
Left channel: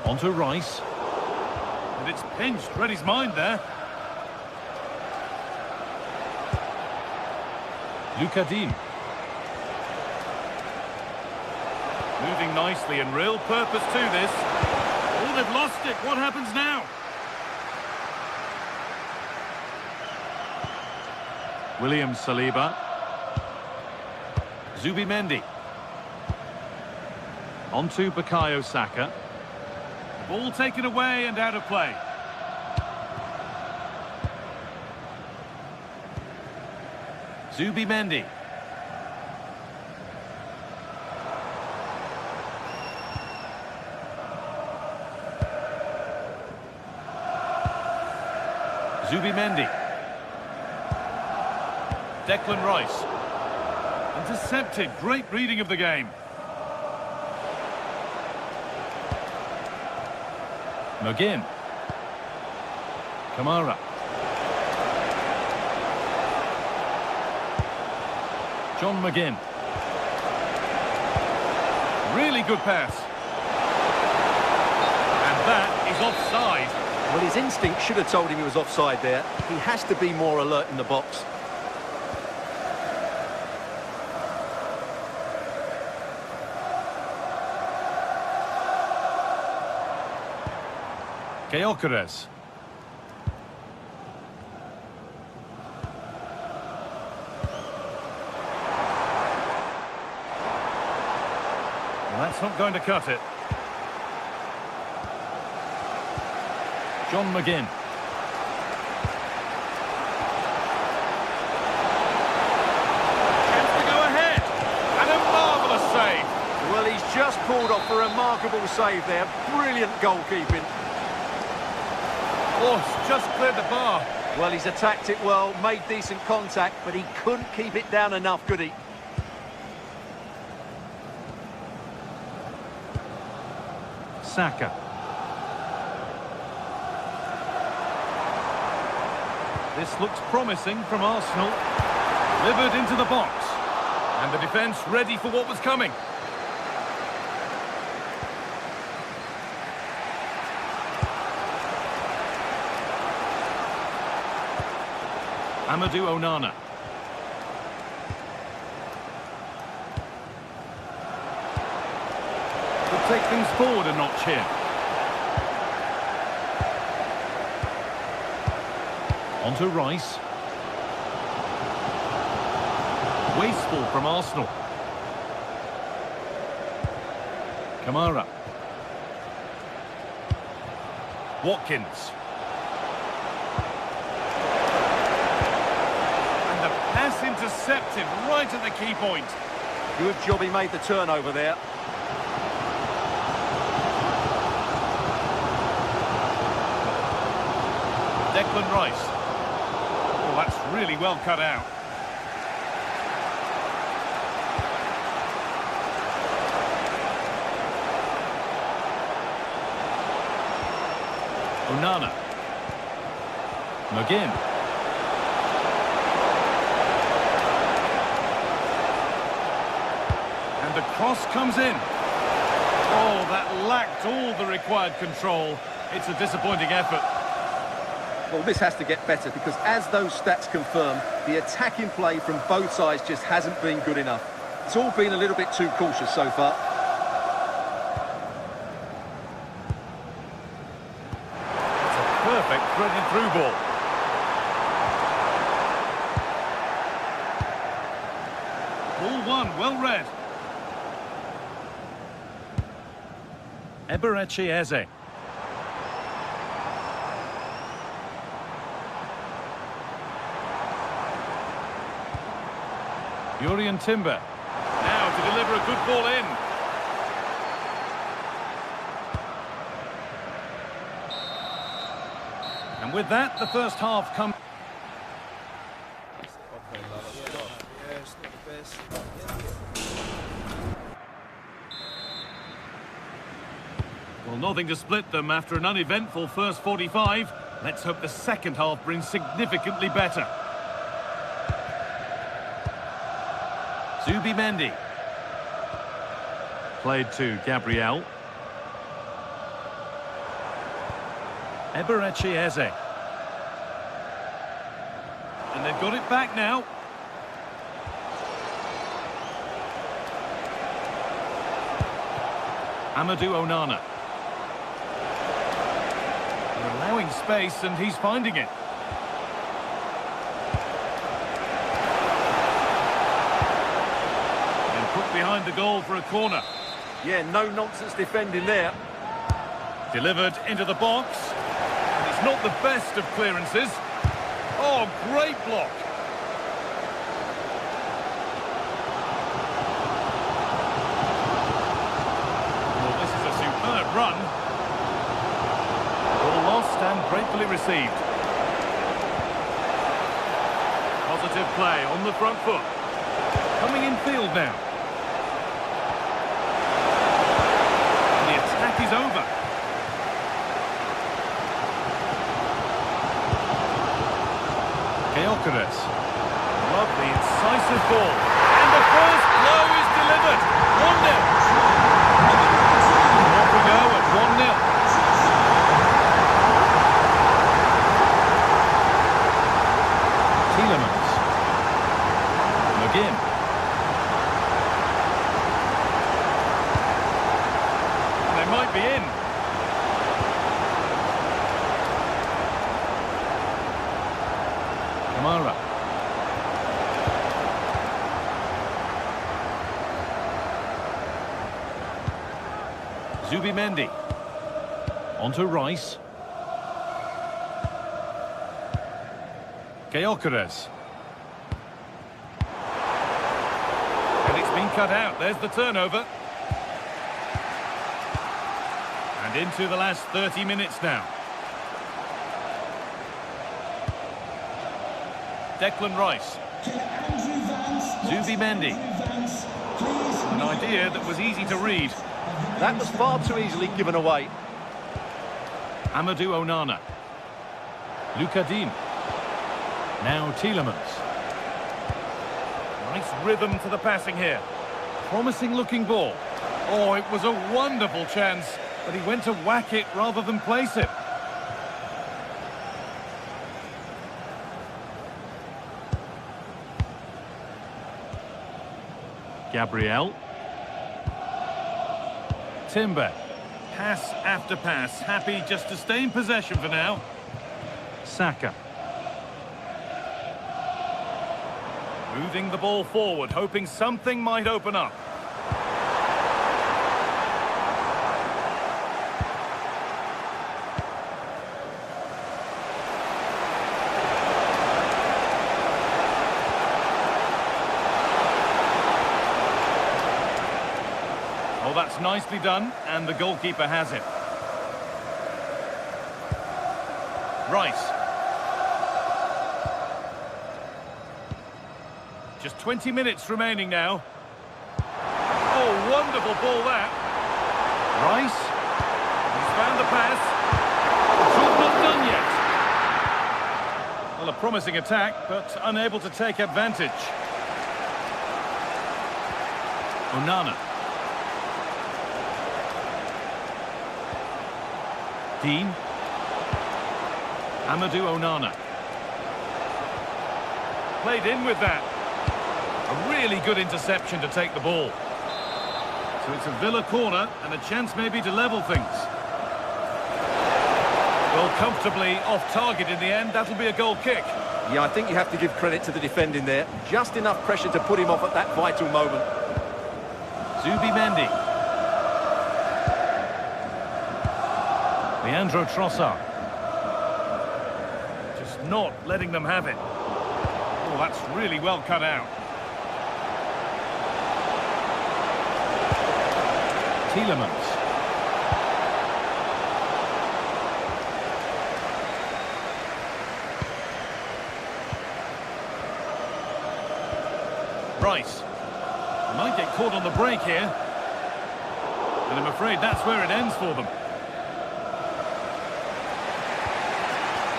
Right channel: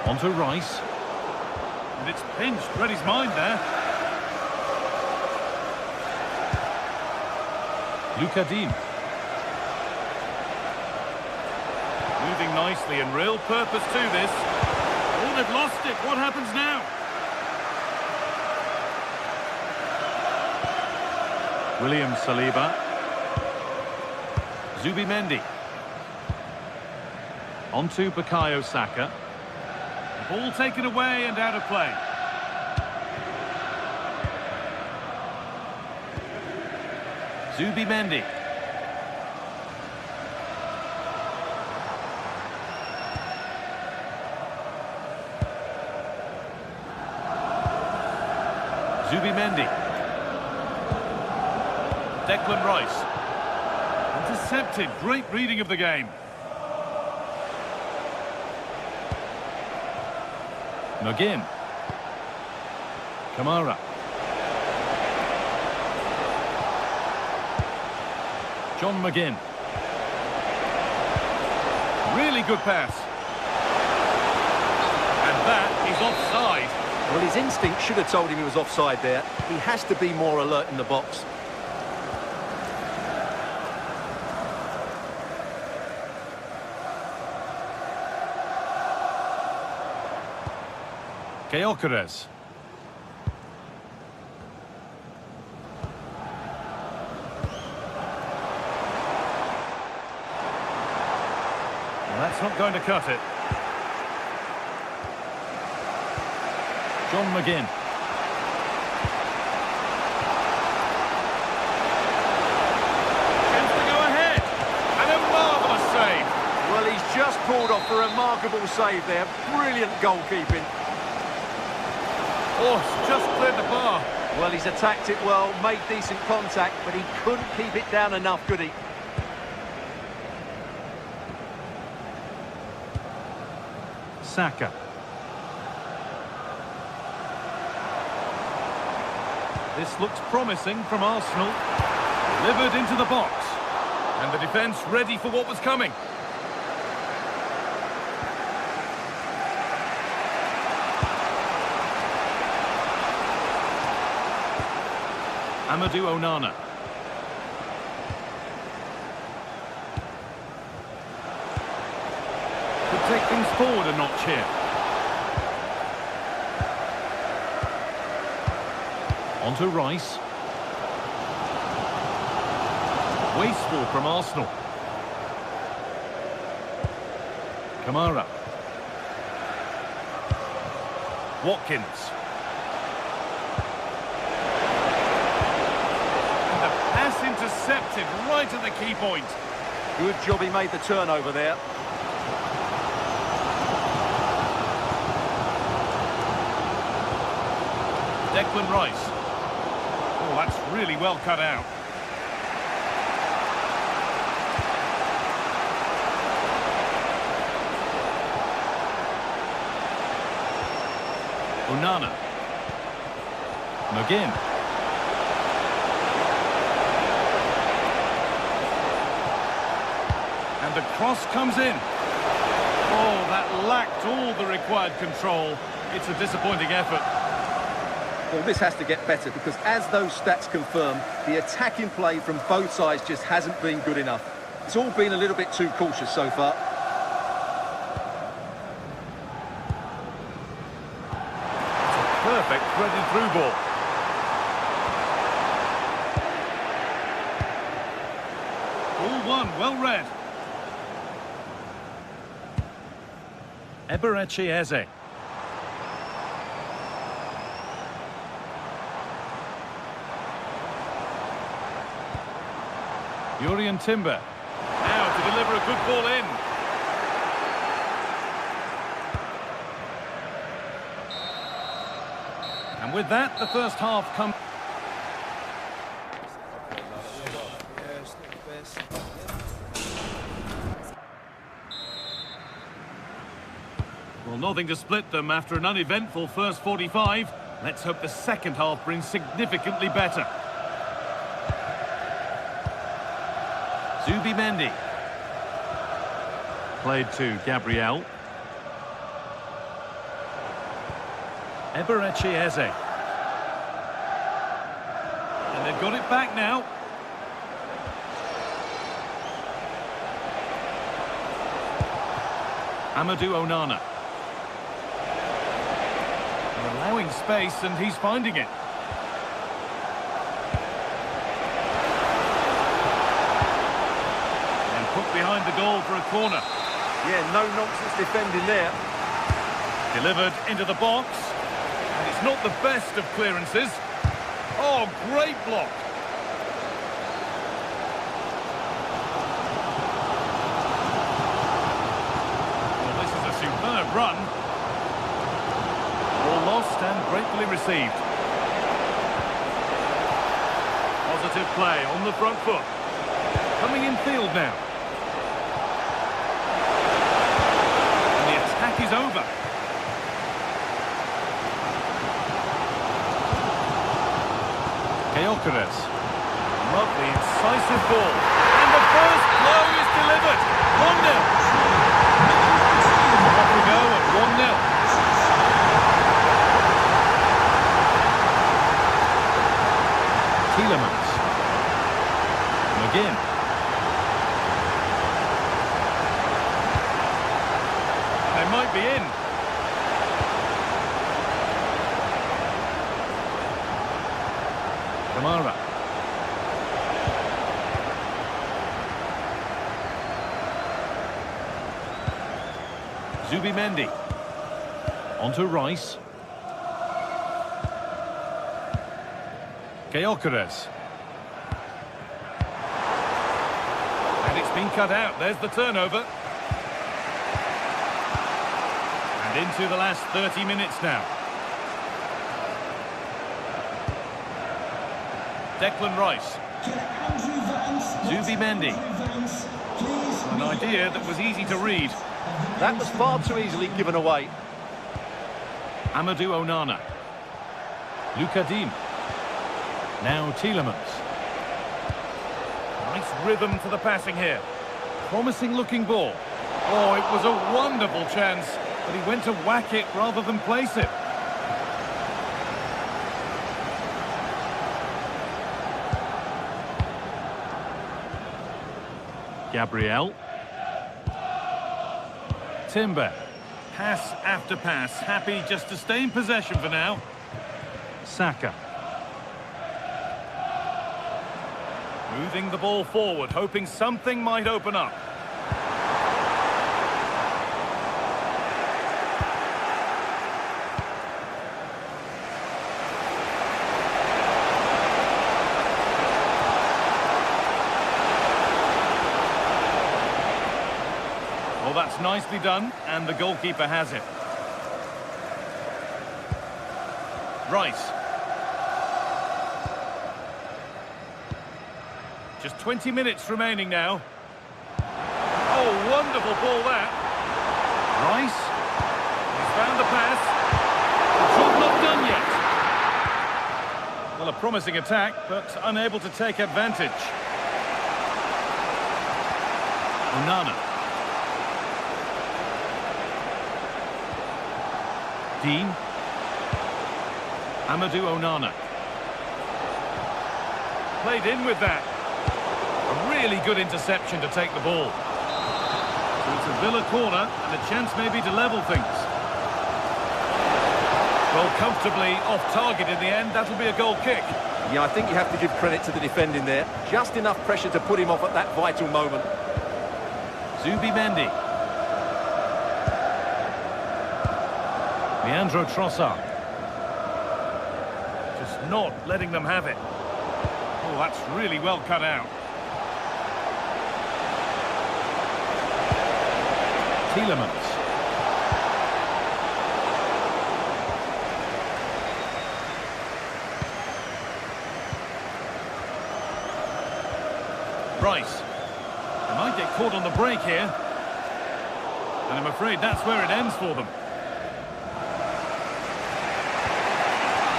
Onto Rice. And it's pinched. Read his mind there. Lucadine. Moving nicely and real purpose to this. Oh, they've lost it. What happens now? William Saliba. Zubimendi. Onto Bukayo Saka. The ball taken away and out of play. Zubimendi. Zubimendi. Declan Rice. Intercepted. Great reading of the game. McGinn. Kamara. John McGinn. Really good pass. And that is offside. Well, his instinct should have told him he was offside there. He has to be more alert in the box. Gyökeres. Well, that's not going to cut it. John McGinn. Chance to go ahead. And a marvellous save. Well, he's just pulled off a remarkable save there. Brilliant goalkeeping. Oh, it's just cleared the bar. Well, he's attacked it well, made decent contact, but he couldn't keep it down enough, could he? Saka. This looks promising from Arsenal. Delivered into the box. And the defence ready for what was coming. Amadou Onana. Could take things forward a notch here. Onto Rice. Wasteful from Arsenal. Kamara. Watkins. And the pass intercepted right at the key point. Good job he made the turnover there. Declan Rice. Oh, that's really well cut out. Onana. McGinn. And the cross comes in. Oh, that lacked all the required control. It's a disappointing effort. Well, this has to get better because, as those stats confirm, the attacking play from both sides just hasn't been good enough. It's all been a little bit too cautious so far. It's a perfect threaded through ball. Ball one, well read. Eberechi Eze. Jurriën Timber. Now to deliver a good ball in. And with that, the first half comes. Well, nothing to split them after an uneventful first 45. Let's hope the second half brings significantly better. Zubimendi. Played to Gabriel. Eberechi Eze. And they've got it back now. Amadou Onana. They're allowing space and he's finding it. And put behind the goal for a corner. Yeah, no nonsense defending there. Delivered into the box. And it's not the best of clearances. Oh, great block. Well, this is a superb run. Ball lost and gratefully received. Positive play on the front foot. Coming in field now. And the attack is over. Gyökeres. Lovely, incisive ball. And the first blow is delivered. 1-0. Off we go at 1-0. Tielemans. McGinn. They might be in. Kamara. Zubimendi. Onto Rice. Gyökeres. And it's been cut out. There's the turnover. And into the last 30 minutes now. Declan Rice. Zubimendi. An idea that was easy to read. That was far too easily given away. Amadou Onana. Lucadine. Now Tielemans. Nice rhythm to the passing here. Promising looking ball. Oh, it was a wonderful chance, but he went to whack it rather than place it. Gabriel. Timber. Pass after pass. Happy just to stay in possession for now. Saka. Moving the ball forward, hoping something might open up. Oh, that's nicely done, and the goalkeeper has it. Rice. Just 20 minutes remaining now. Oh, wonderful ball that. Rice. He's found the pass. not done yet. Well, a promising attack, but unable to take advantage. Onana. Dean. Amadou Onana. Played in with that. A really good interception to take the ball. So it's a Villa corner and a chance maybe to level things. Well, comfortably off target in the end. That'll be a goal kick. Yeah, I think you have to give credit to the defending there. Just enough pressure to put him off at that vital moment. Zubimendi. Leandro Trossard. Just not letting them have it. Oh, that's really well cut out. Tielemans. Rice. They might get caught on the break here. And I'm afraid that's where it ends for them.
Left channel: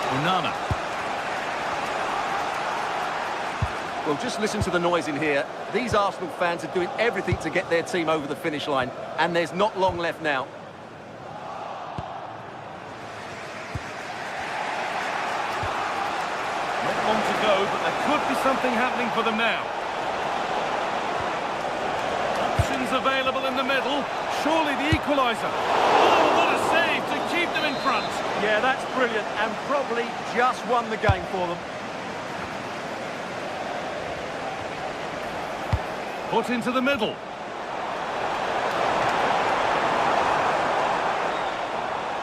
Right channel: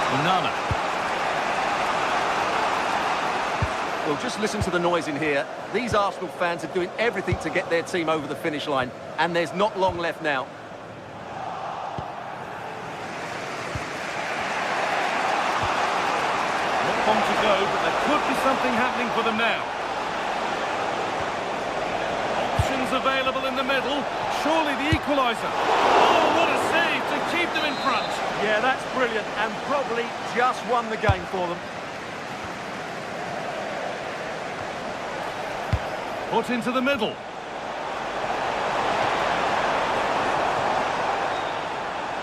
Onana. Well, just listen to the noise in here. These Arsenal fans are doing everything to get their team over the finish line, and there's not long left now. Not long to go, but there could be something happening for them now. Options available in the middle. Surely the equaliser. Oh, what a save to keep them in front. Yeah, that's brilliant, and probably just won the game for them. Put into the middle.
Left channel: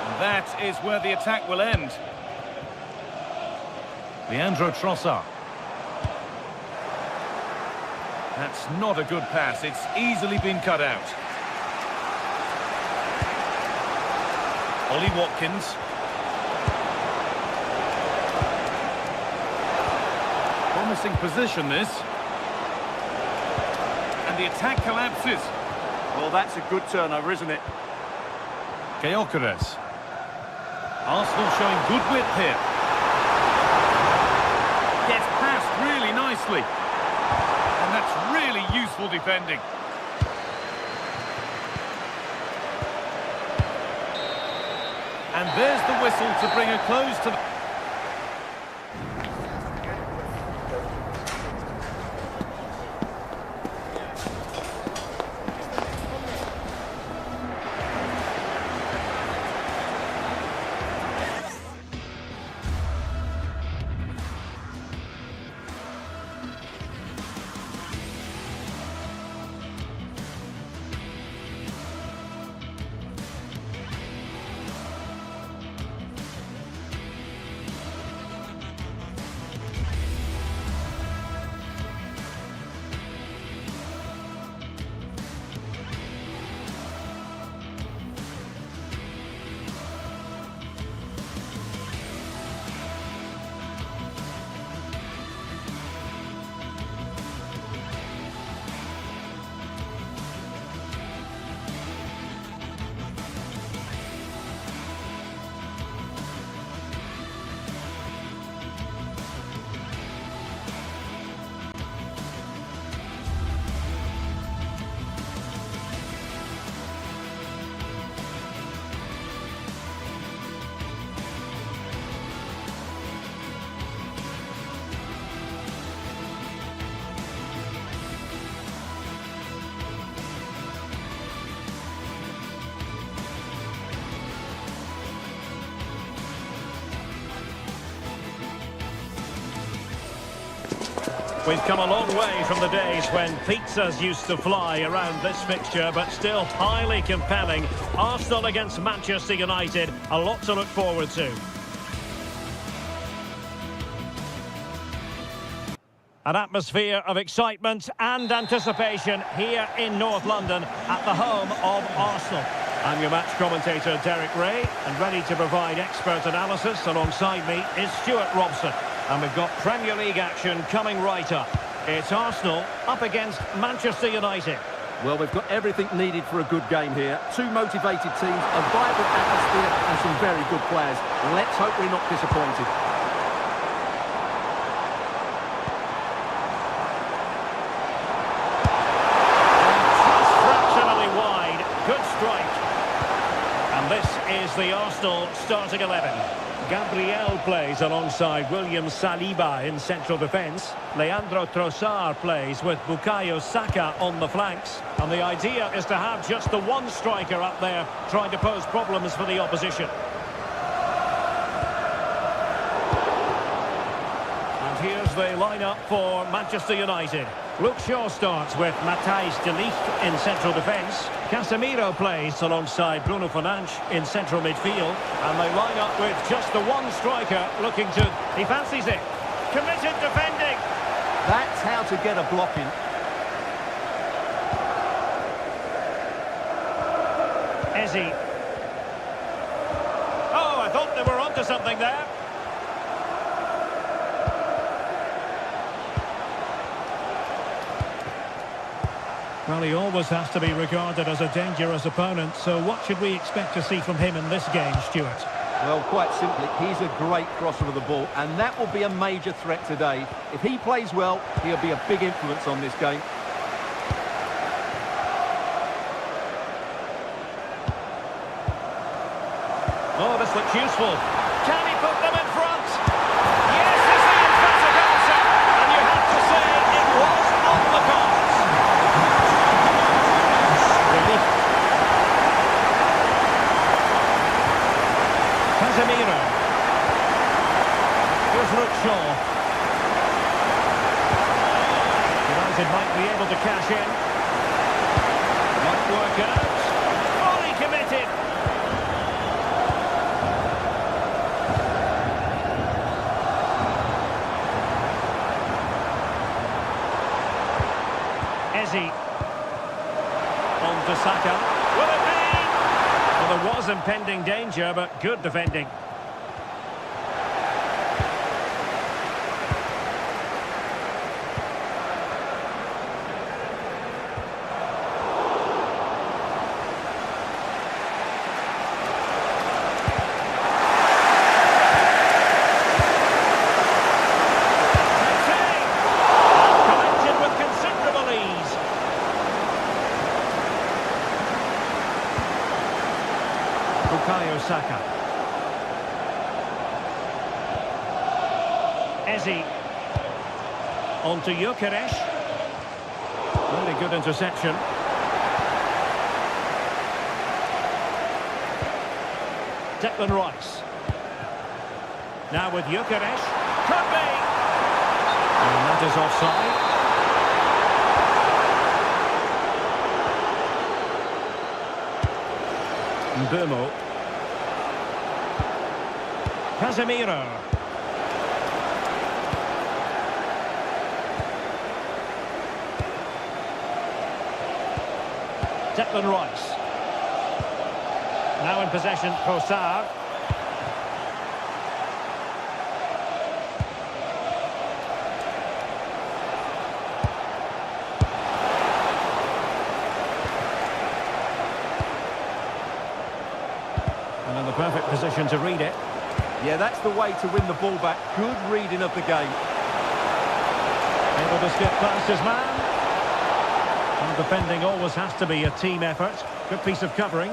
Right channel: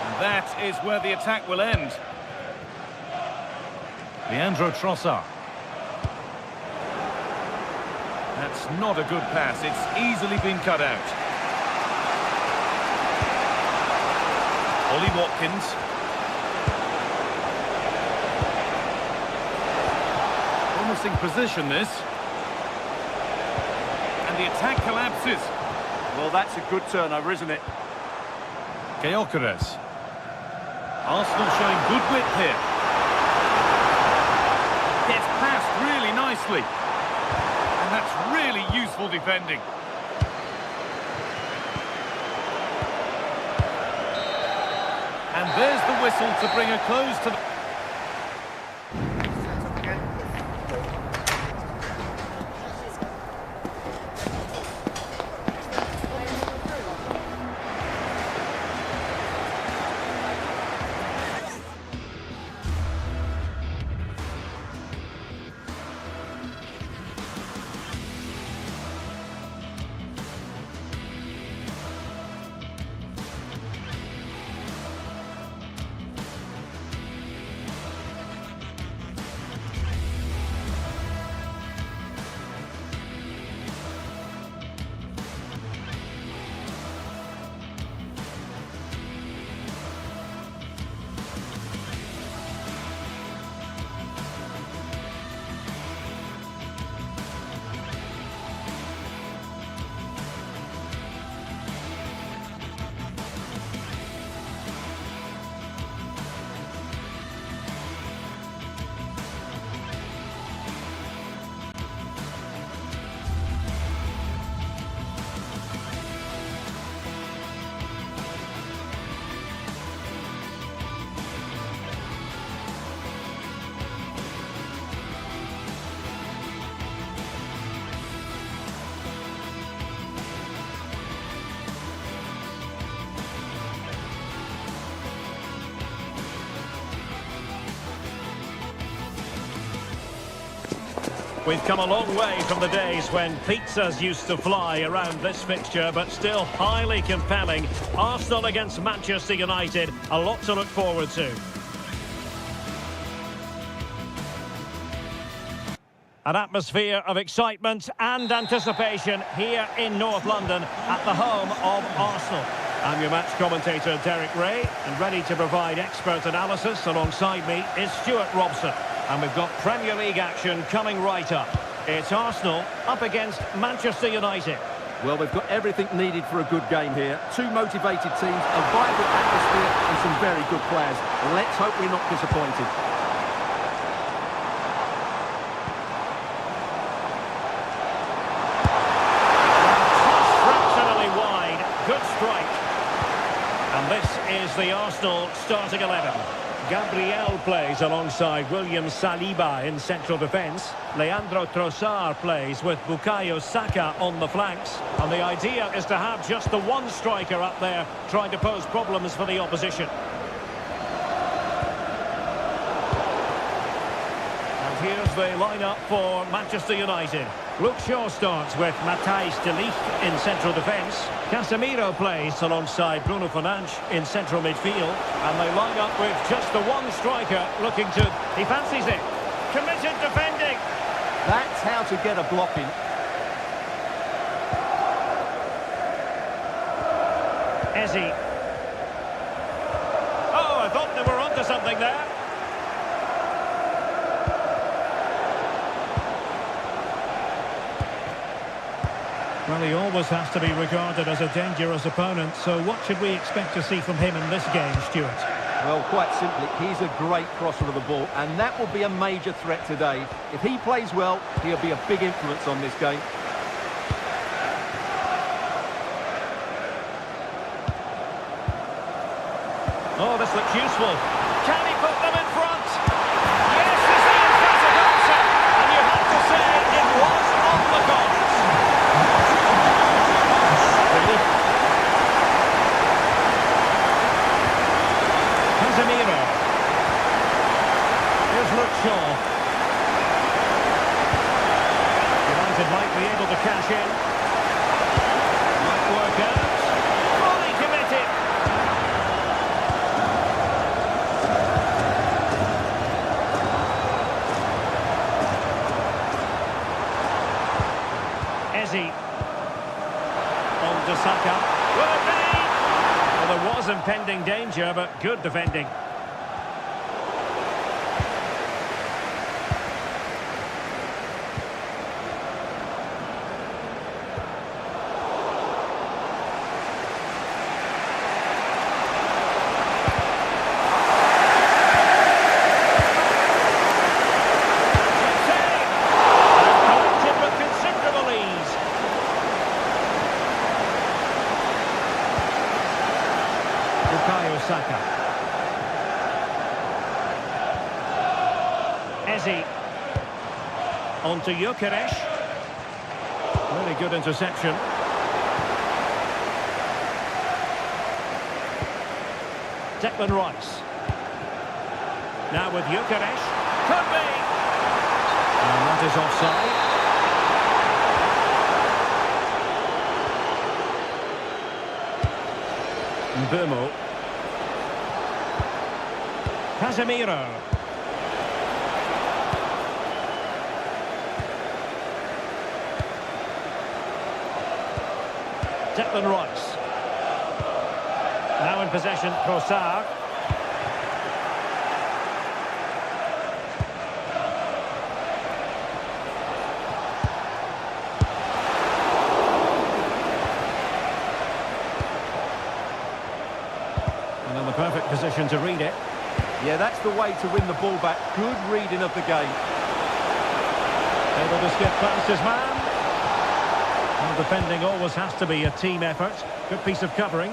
And that is where the attack will end. Leandro Trossard. That's not a good pass. It's easily been cut out. Ollie Watkins. Promising position, this. And the attack collapses. Well, that's a good turnover, isn't it? Gyökeres. Arsenal showing good width here. Gets past really nicely. And that's really useful defending. And there's the whistle to bring a close to the... We've come a long way from the days when pizzas used to fly around this fixture, but still highly compelling. Arsenal against Manchester United, a lot to look forward to. An atmosphere of excitement and anticipation here in North London at the home of Arsenal. I'm your match commentator, Derek Ray, and ready to provide expert analysis alongside me is Stuart Robson. And we've got Premier League action coming right up. It's Arsenal up against Manchester United. Well, they've got everything needed for a good game here. Two motivated teams, a vibrant atmosphere and some very good players. Let's hope we're not disappointed. Just fractionally wide. Good strike. And this is the Arsenal starting 11. Gabriel plays alongside William Saliba in central defence. Leandro Trossard plays with Bukayo Saka on the flanks. And the idea is to have just the one striker up there trying to pose problems for the opposition. And here's the lineup for Manchester United. Luke Shaw starts with Matthijs de Ligt in central defence. Casemiro plays alongside Bruno Fernandes in central midfield. And they line up with just the one striker looking to... He fancies it. Committed defending. That's how to get a block in. Eze. Oh, I thought they were onto something there. Well, he always has to be regarded as a dangerous opponent, so what should we expect to see from him in this game, Stuart? Well, quite simply, he's a great crosser of the ball, and that will be a major threat today. If he plays well, he'll be a big influence on this game. Oh, this looks useful. Can he put them in front? Yes, is the emphatic answer. And you have to say it was on the cards. Casemiro. Here's Luke Shaw. United might be able to cash in. Might work out. Fully committed. Eze. On to Saka. Will it be? Well, there was impending danger, but good defending. Bukayo Saka. Eze. On to Gyökeres. Really good interception. Declan Rice. Now with Gyökeres. Could be! And that is offside. Mbeumo. Casemiro. Declan Rice. Now in possession, Trossard. And in the perfect position to read it. Yeah, that's the way to win the ball back. Good reading of the game. Able to skip past his man. And defending always has to be a team effort. Good piece of covering.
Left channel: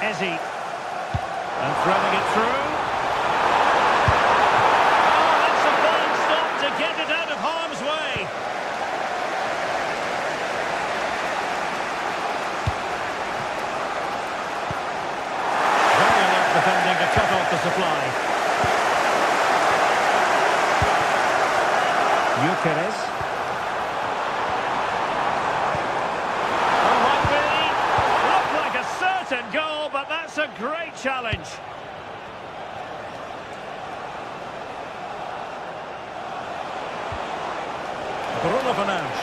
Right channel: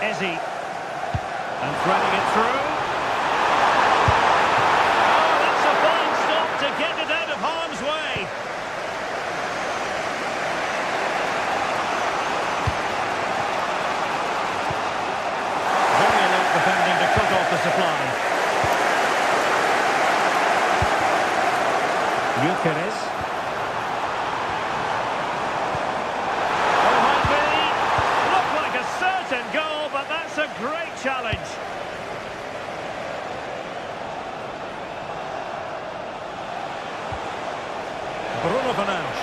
Eze. And threading it through. Oh, that's a fine stop to get it out of harm's way. Very alert defending to cut off the supply. Gyökeres. Oh, might be. Looked like a certain goal, but that's a great challenge. Bruno Fernandes.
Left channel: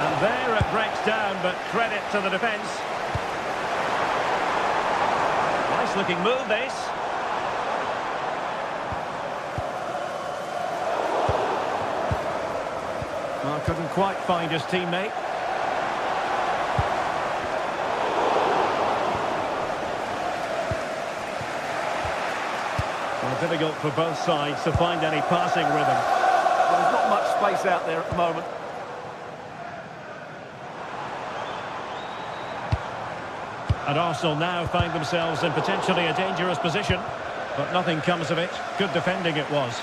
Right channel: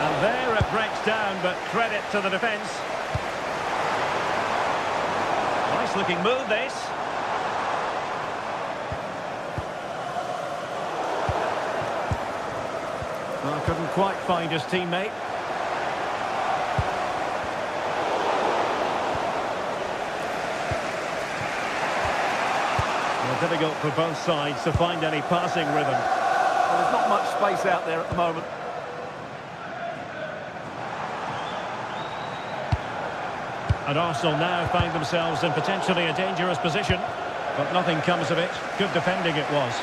And there it breaks down, but credit to the defence. Nice looking move, this. Oh, couldn't quite find his teammate. Well, difficult for both sides to find any passing rhythm. Well, there's not much space out there at the moment. And Arsenal now find themselves in potentially a dangerous position, but nothing comes of it. Good defending it was.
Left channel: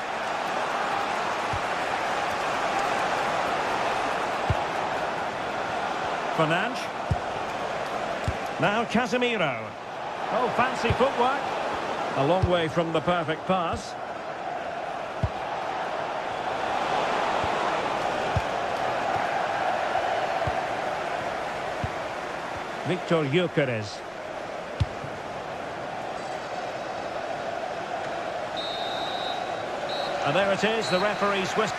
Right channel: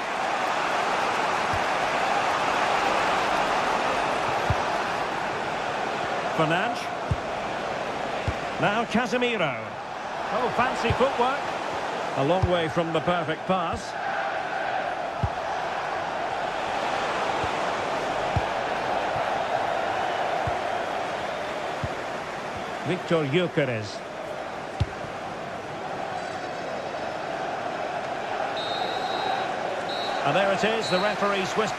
Fernandes. Now Casemiro. Oh, fancy footwork. A long way from the perfect pass. Victor Gyökeres. And there it is, the referee Swiss.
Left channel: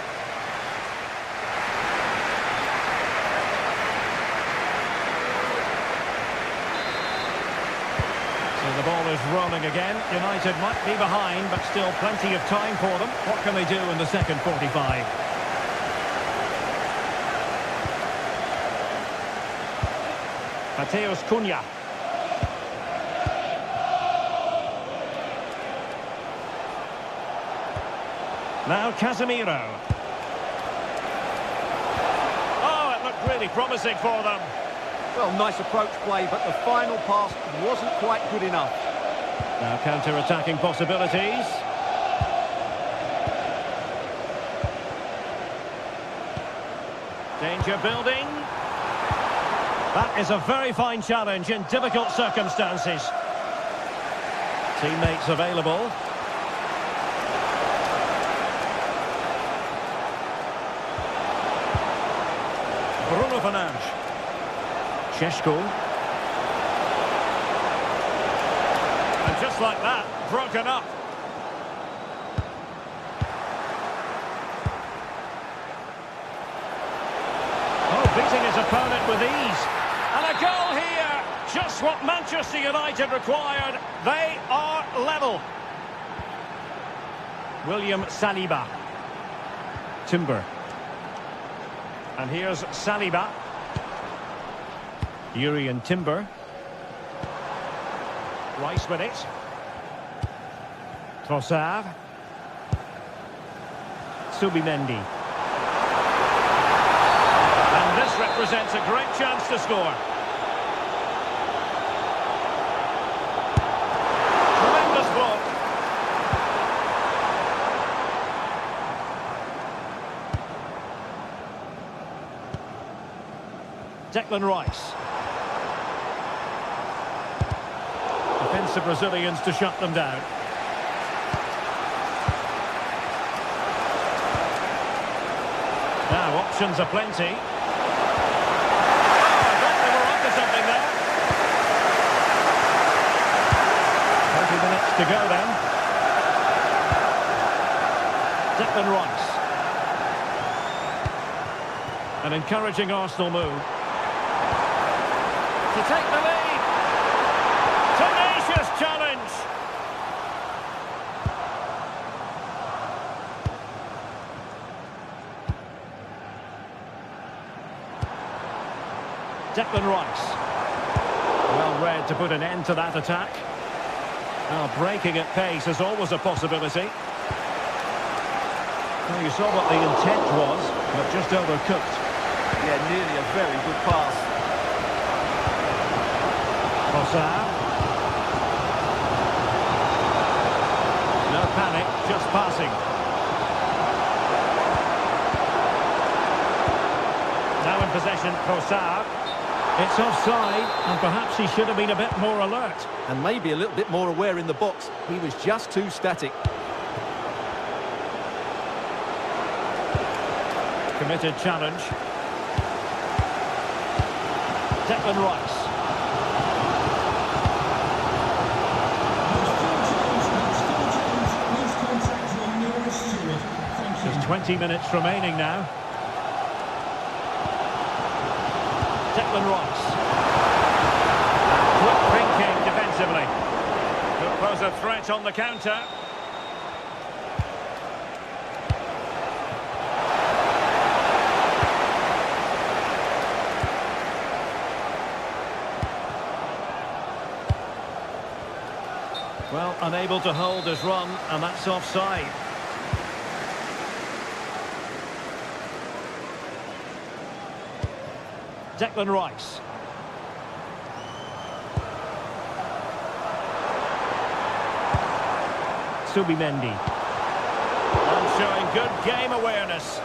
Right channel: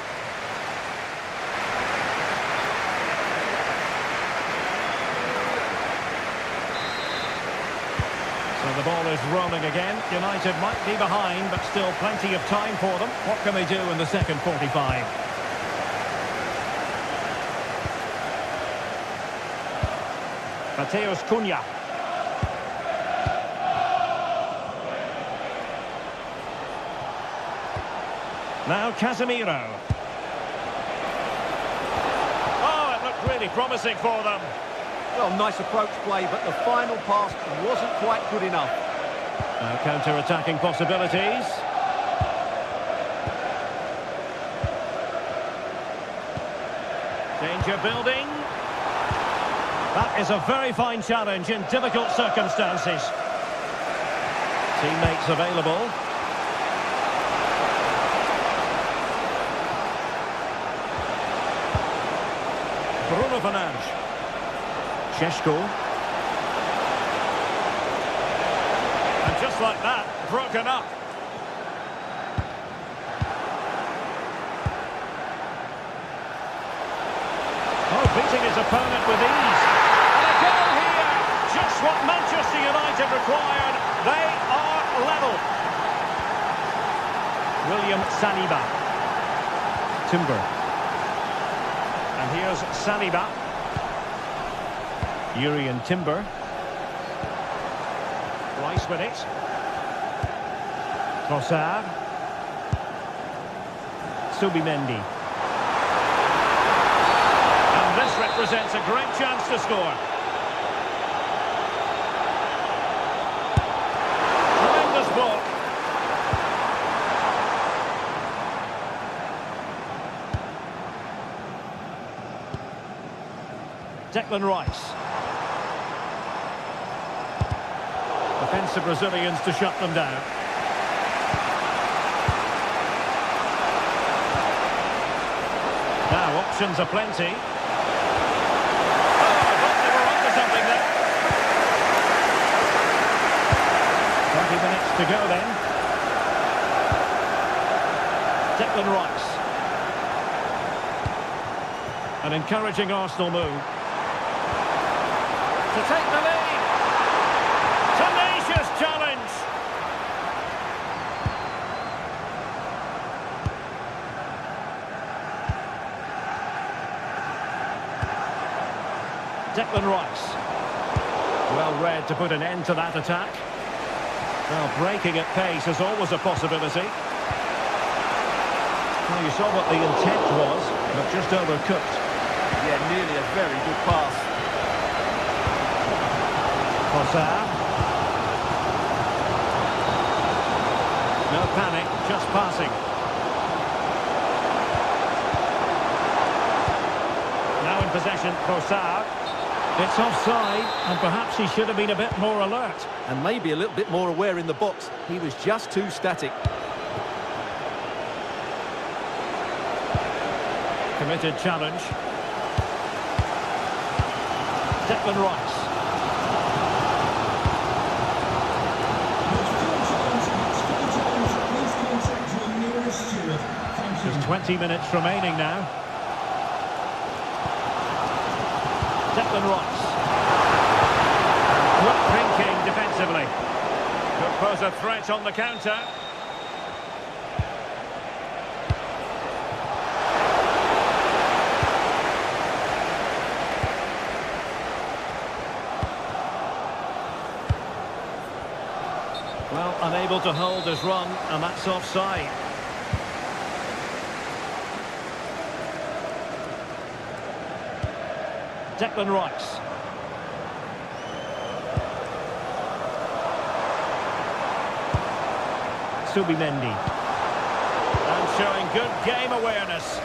So the ball is rolling again. United might be behind, but still plenty of time for them. What can they do in the second 45? Mateus Cunha. Now Casemiro. Oh, it looked really promising for them. Well, nice approach play, but the final pass wasn't quite good enough. Now counter-attacking possibilities. Danger building. That is a very fine challenge in difficult circumstances. Teammates available. Bruno Fernandes. Šeško. And just like that, broken up. Oh, beating his opponent with ease. And a goal here. Just what Manchester United required. They are level. William Saliba. Timber. And here's Saliba. Urian Timber. Rice with it. Trossard. Subimendi. And this represents a great chance to score. Tremendous block. Declan Rice. Defensive Brazilians to shut them down. Now options are plenty. Oh, I thought they were onto something there. 20 minutes to go then. Declan Rice. An encouraging Arsenal move. To take the lead. Tenacious challenge. Declan Rice. Well read to put an end to that attack. Now breaking at pace is always a possibility. Well, you saw what the intent was, but just overcooked. Yeah, nearly a very good pass. Trossard. No panic, just passing. Now in possession, Trossard. It's offside, and perhaps he should have been a bit more alert. And maybe a little bit more aware in the box. He was just too static. Committed challenge. Declan Rice. Just 20 minutes remaining now. Declan Rice. And quick thinking defensively. Could pose a threat on the counter. Well, unable to hold his run, and that's offside. Declan Rice. Subimendi. And showing good game awareness.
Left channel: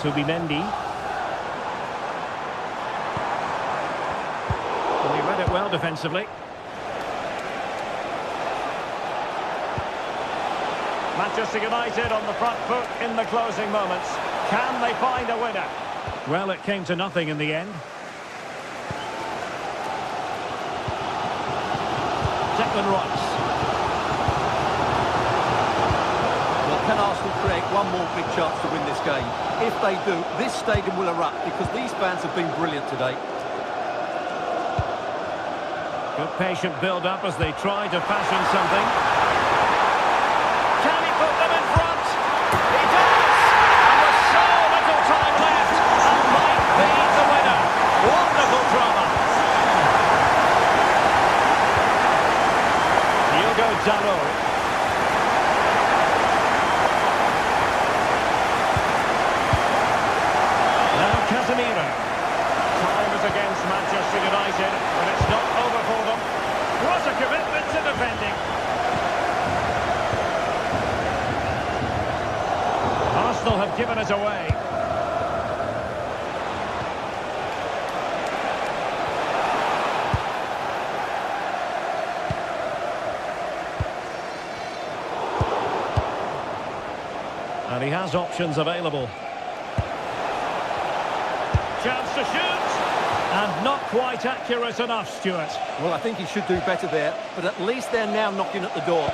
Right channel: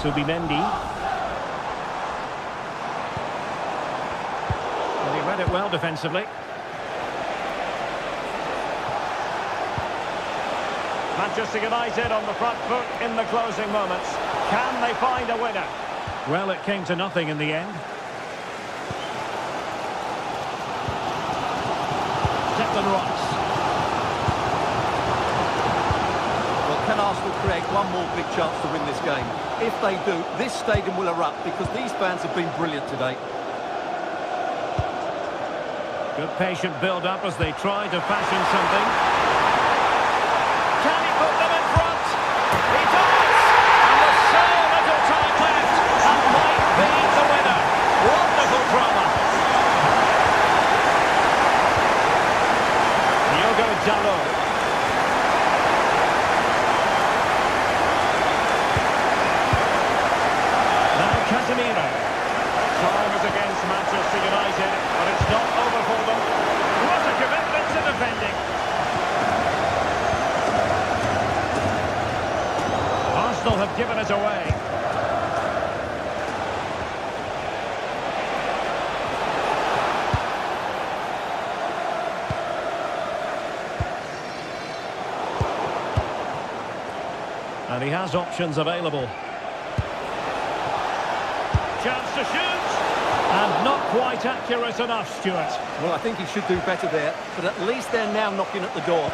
Subimendi. And he read it well defensively. Manchester United on the front foot in the closing moments. Can they find a winner? Well, it came to nothing in the end. Declan Rice. Well, can Arsenal create one more big chance to win this game? If they do, this stadium will erupt because these fans have been brilliant today. Good patient build-up as they try to fashion something. Can he put them in front? He does! And with so little time left, that might be the winner. Wonderful drama. Diogo Dalot. Now Casemiro. Time is against Manchester United, but it's not over for them. What a commitment to defending. Arsenal have given it away. And he has options available. Chance to shoot. And not quite accurate enough, Stuart. Well, I think he should do better there, but at least they're now knocking at the door.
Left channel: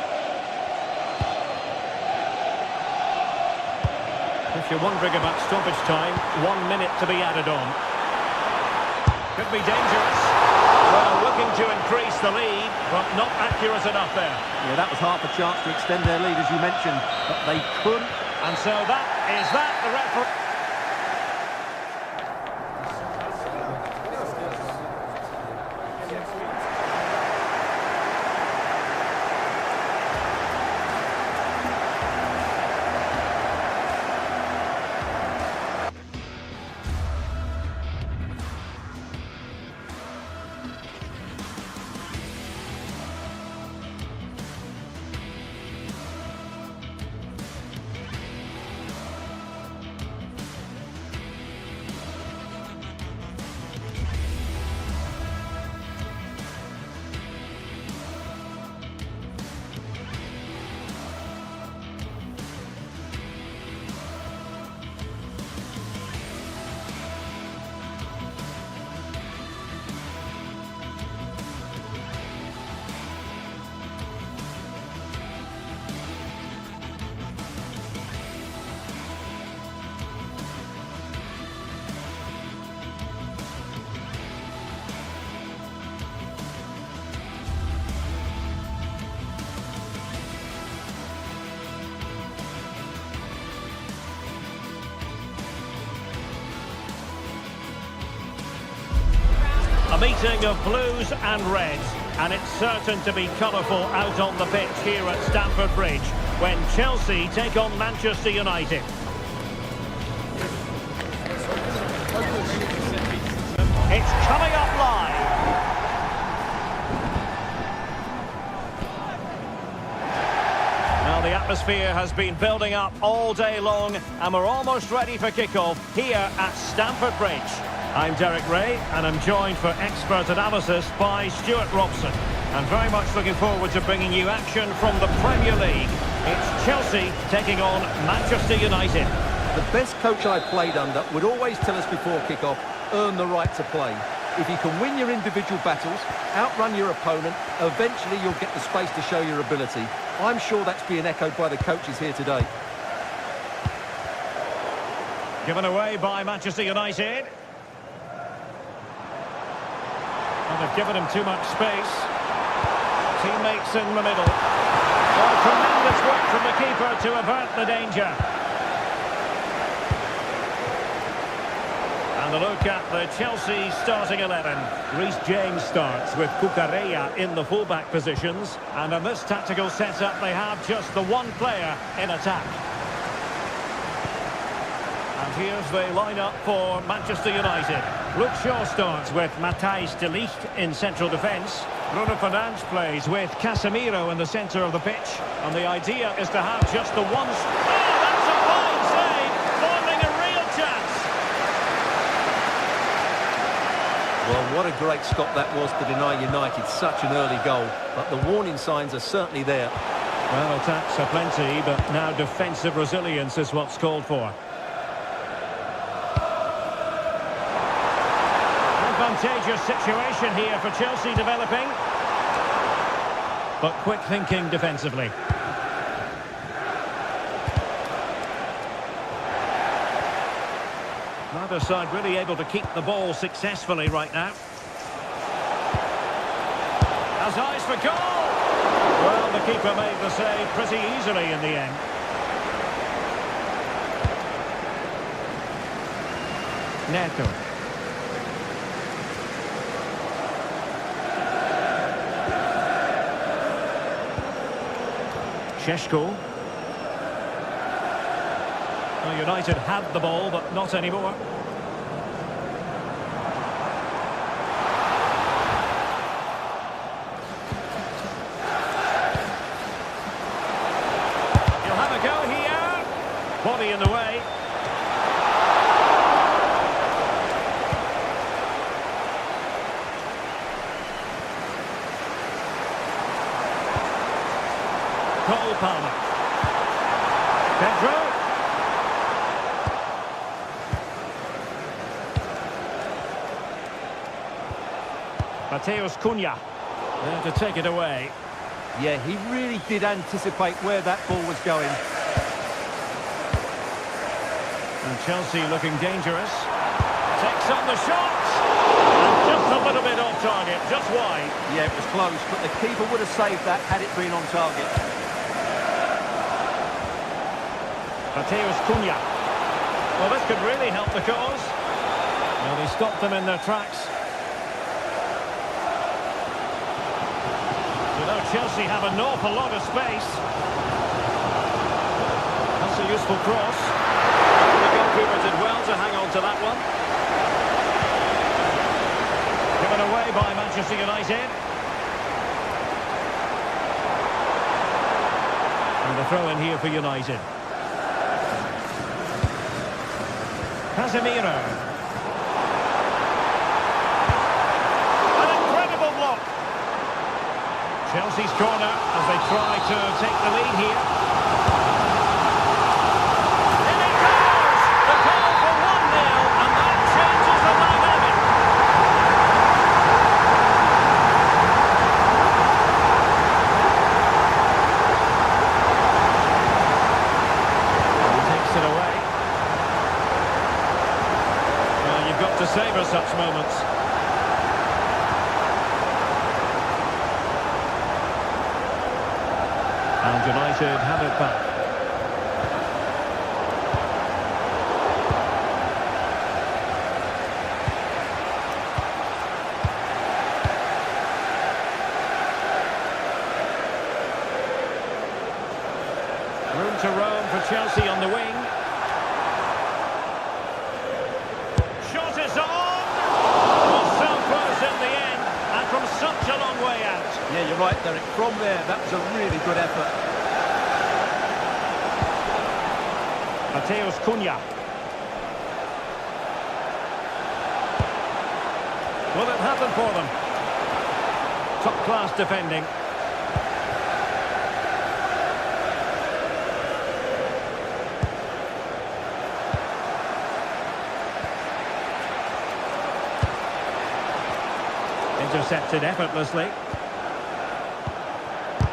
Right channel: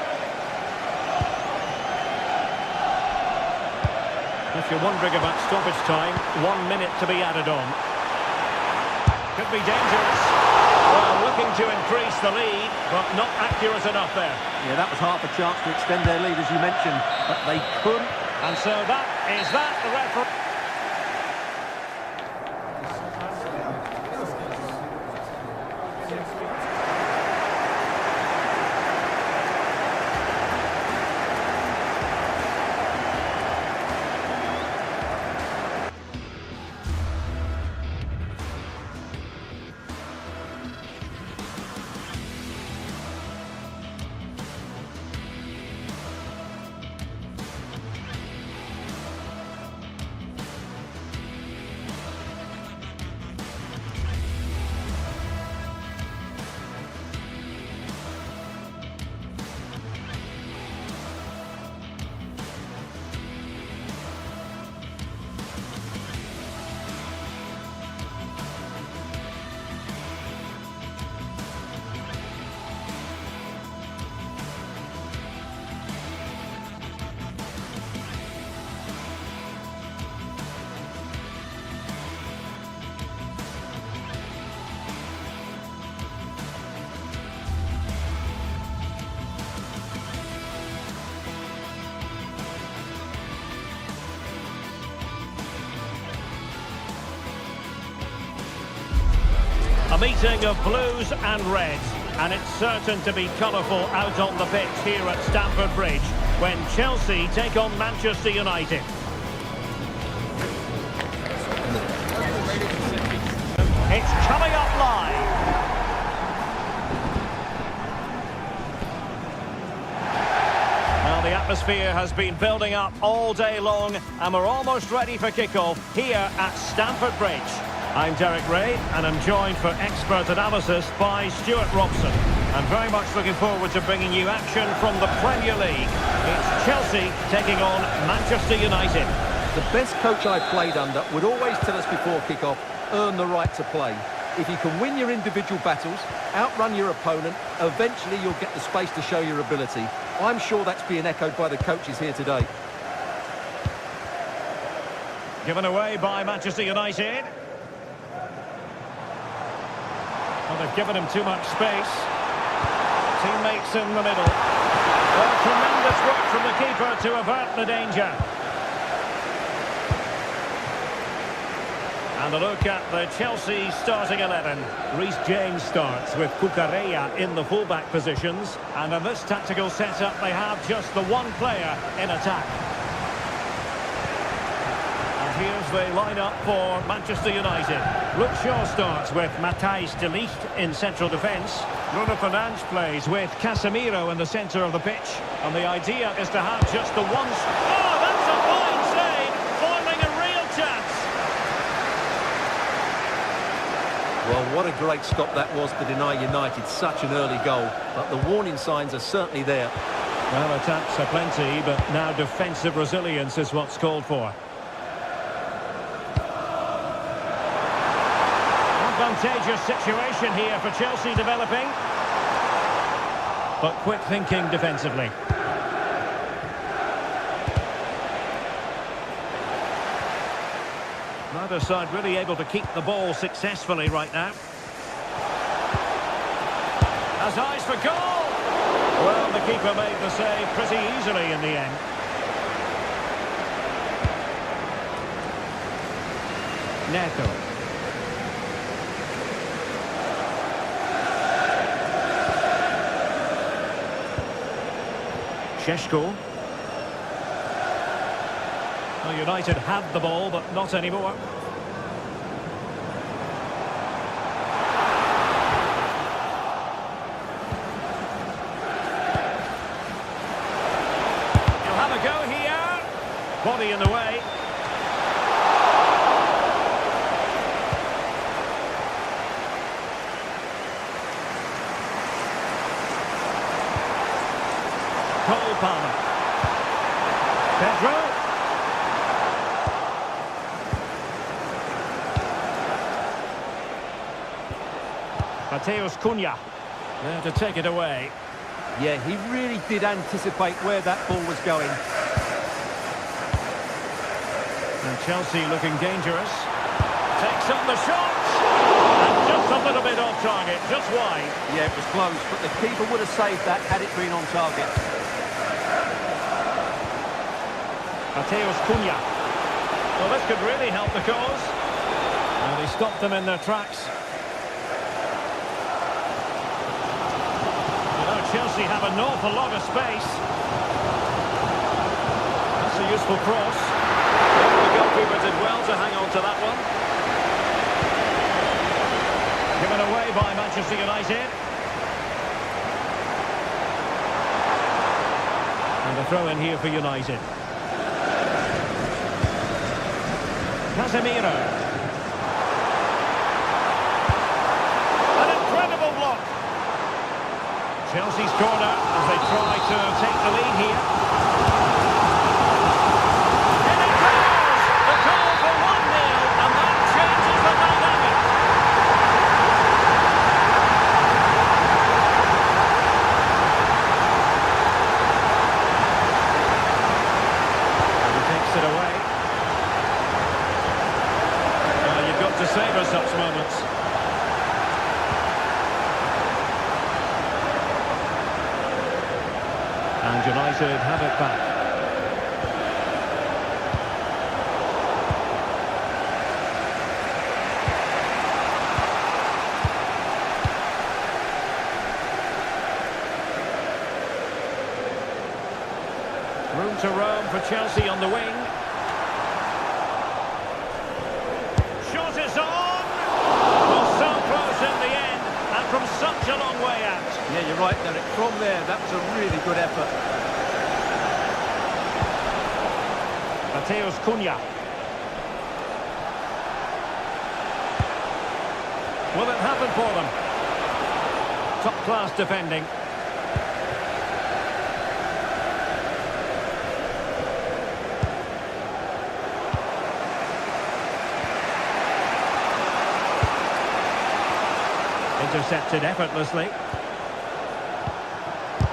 If you're wondering about stoppage time, 1 minute to be added on. Could be dangerous. Well, looking to increase the lead, but not accurate enough there. Yeah, that was half a chance to extend their lead, as you mentioned, but they couldn't. And so the referee. A meeting of blues and reds, and it's certain to be colourful out on the pitch here at Stamford Bridge when Chelsea take on Manchester United. It's coming up live. Now the atmosphere has been building up all day long, and we're almost ready for kickoff here at Stamford Bridge. I'm Derek Ray, and I'm joined for expert analysis by Stuart Robson. I'm very much looking forward to bringing you action from the Premier League. It's Chelsea taking on Manchester United. The best coach I played under would always tell us before kick-off, earn the right to play. If you can win your individual battles, outrun your opponent, eventually you'll get the space to show your ability. I'm sure that's being echoed by the coaches here today. Given away by Manchester United. Well, they've given him too much space. Teammates in the middle. Well, tremendous work from the keeper to avert the danger. And a look at the Chelsea starting 11. Reece James starts with Cucurella in the fullback positions. And in this tactical setup, they have just the one player in attack. And here's the lineup for Manchester United. Luke Shaw starts with Matthijs de Ligt in central defence. Bruno Fernandes plays with Casemiro in the centre of the pitch. And the idea is to have just the one... Oh, that's a fine save! Foiling a real chance! Well, what a great stop that was to deny United such an early goal. But the warning signs are certainly there. Well, attacks are plenty, but now defensive resilience is what's called for. Advantageous situation here for Chelsea developing. But quick thinking defensively. Neither side really able to keep the ball successfully right now. Has eyes for goal! Well, the keeper made the save pretty easily in the end. Neto. Šeško. Well, United had the ball, but not anymore. He'll have a go here. Body in the way. Cole Palmer. Pedro. Matheus Cunha. There to take it away. Yeah, he really did anticipate where that ball was going. And Chelsea looking dangerous. Takes on the shot. And just a little bit off target, just wide. Yeah, it was close, but the keeper would have saved that had it been on target. Matheus Cunha. Well, this could really help the cause. Well, they stopped them in their tracks. You know, Chelsea have an awful lot of space. That's a useful cross. Well, the goalkeeper did well to hang on to that one. Given away by Manchester United. And a throw in here for United. Casemiro. An incredible block. Chelsea's corner as they try to take the lead here. In it goes! The goal for 1-0, and that changes the dynamic. And he takes it away. Well, you've got to savour such moments. And United have it back. Room to roam for Chelsea on the wing. Shot is on! Well, so close in the end, and from such a long way out. Yeah, you're right, Derek. From there, that was a really good effort. Matheus Cunha. Will it happen for them? Top-class defending. Intercepted effortlessly.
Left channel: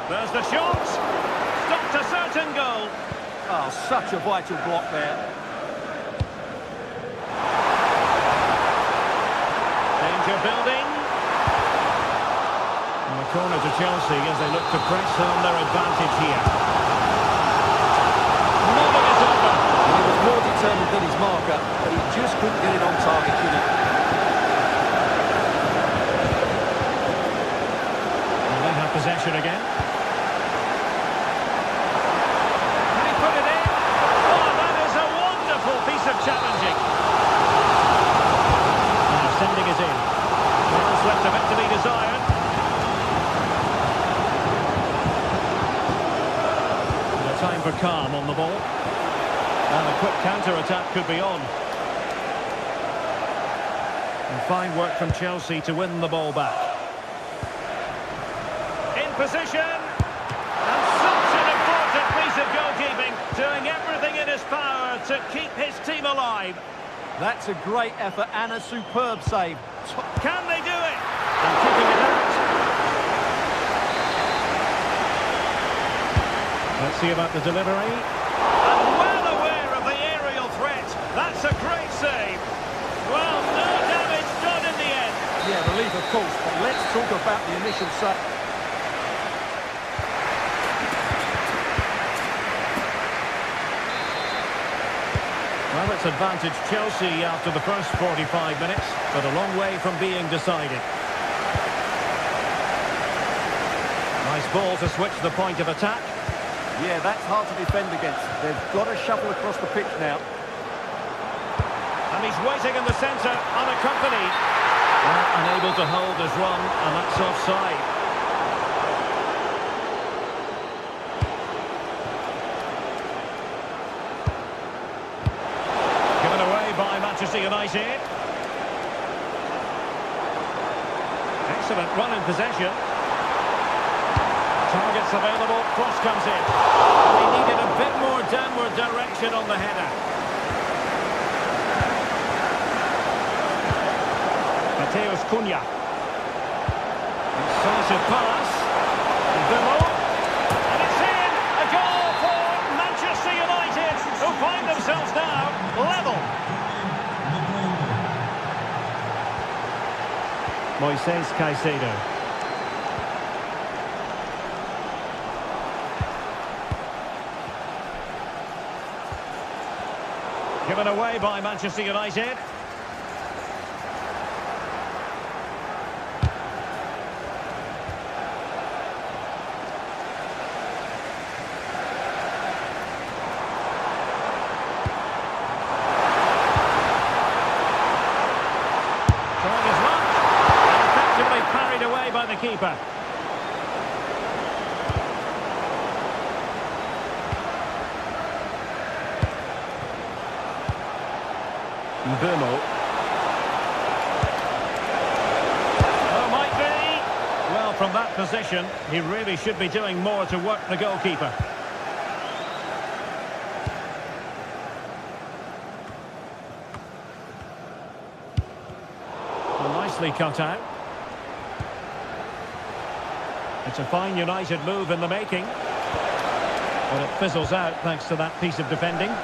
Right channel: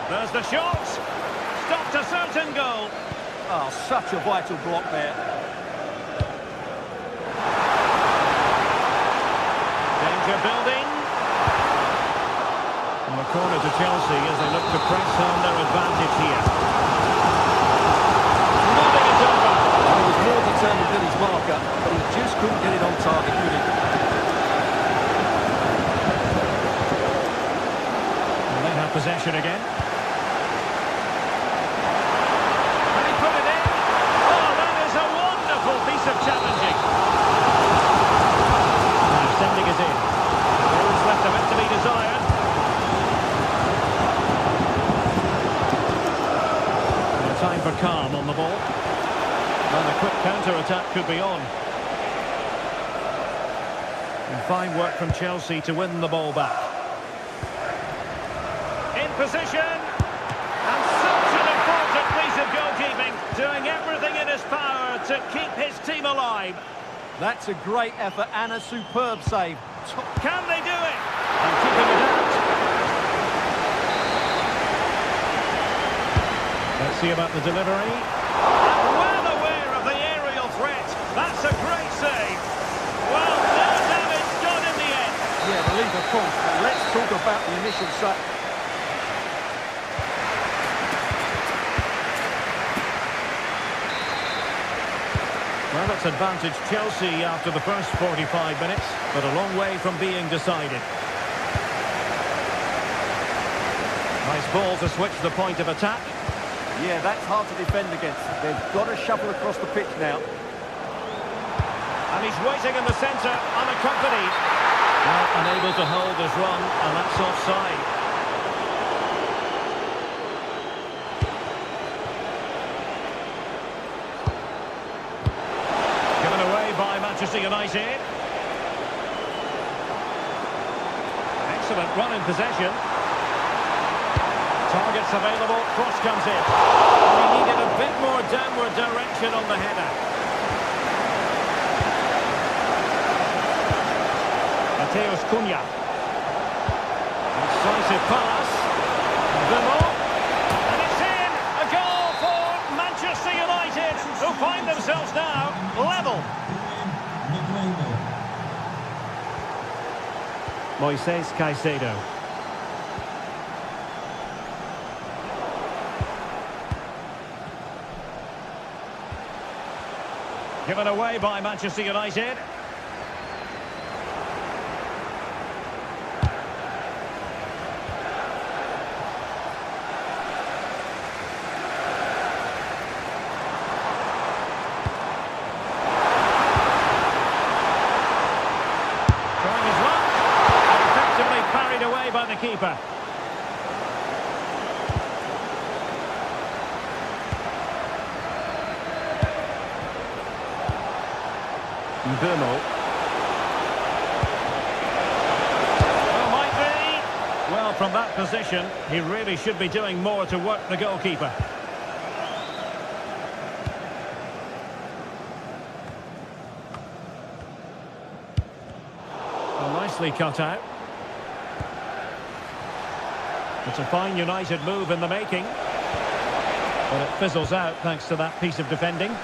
There's the shot. Stopped a certain goal. Oh, such a vital block there. Danger building. And a corner to Chelsea as they look to press home their advantage here. Nodding it over. He was more determined than his marker, but he just couldn't get it on target, could he? And they have possession again. Can he put it in? Oh, that is a wonderful piece of challenging. Now sending it in. There is left a bit to be desired. No time for calm on the ball. And a quick counter-attack could be on. And fine work from Chelsea to win the ball back. In position. And such an important piece of goalkeeping. Doing everything in his power to keep his team alive. That's a great effort and a superb save. Can they do it? And keeping it out. Let's see about the delivery. And well aware of the aerial threat. That's a great save. Well, no damage done in the end. Yeah, relief of course, but let's talk about the initial save. Well, it's advantage Chelsea after the first 45 minutes, but a long way from being decided. Nice ball to switch the point of attack. Yeah, that's hard to defend against. They've got to shuffle across the pitch now. And he's waiting in the centre, unaccompanied. Well, unable to hold his run, and that's offside. Given away by Manchester United. Excellent run in possession. Targets available, cross comes in. And he needed a bit more downward direction on the header. Mateus Cunha. Incisive pass. Vimo. And it's in! A goal for Manchester United, who find themselves now level. Moises Caicedo. Given away by Manchester United. Trying his luck. And effectively parried away by the keeper. Burmo. Oh, might be. Well, from that position, he really should be doing more to work the goalkeeper. Well, nicely cut out. It's a fine United move in the making. But it fizzles out thanks to that piece of defending.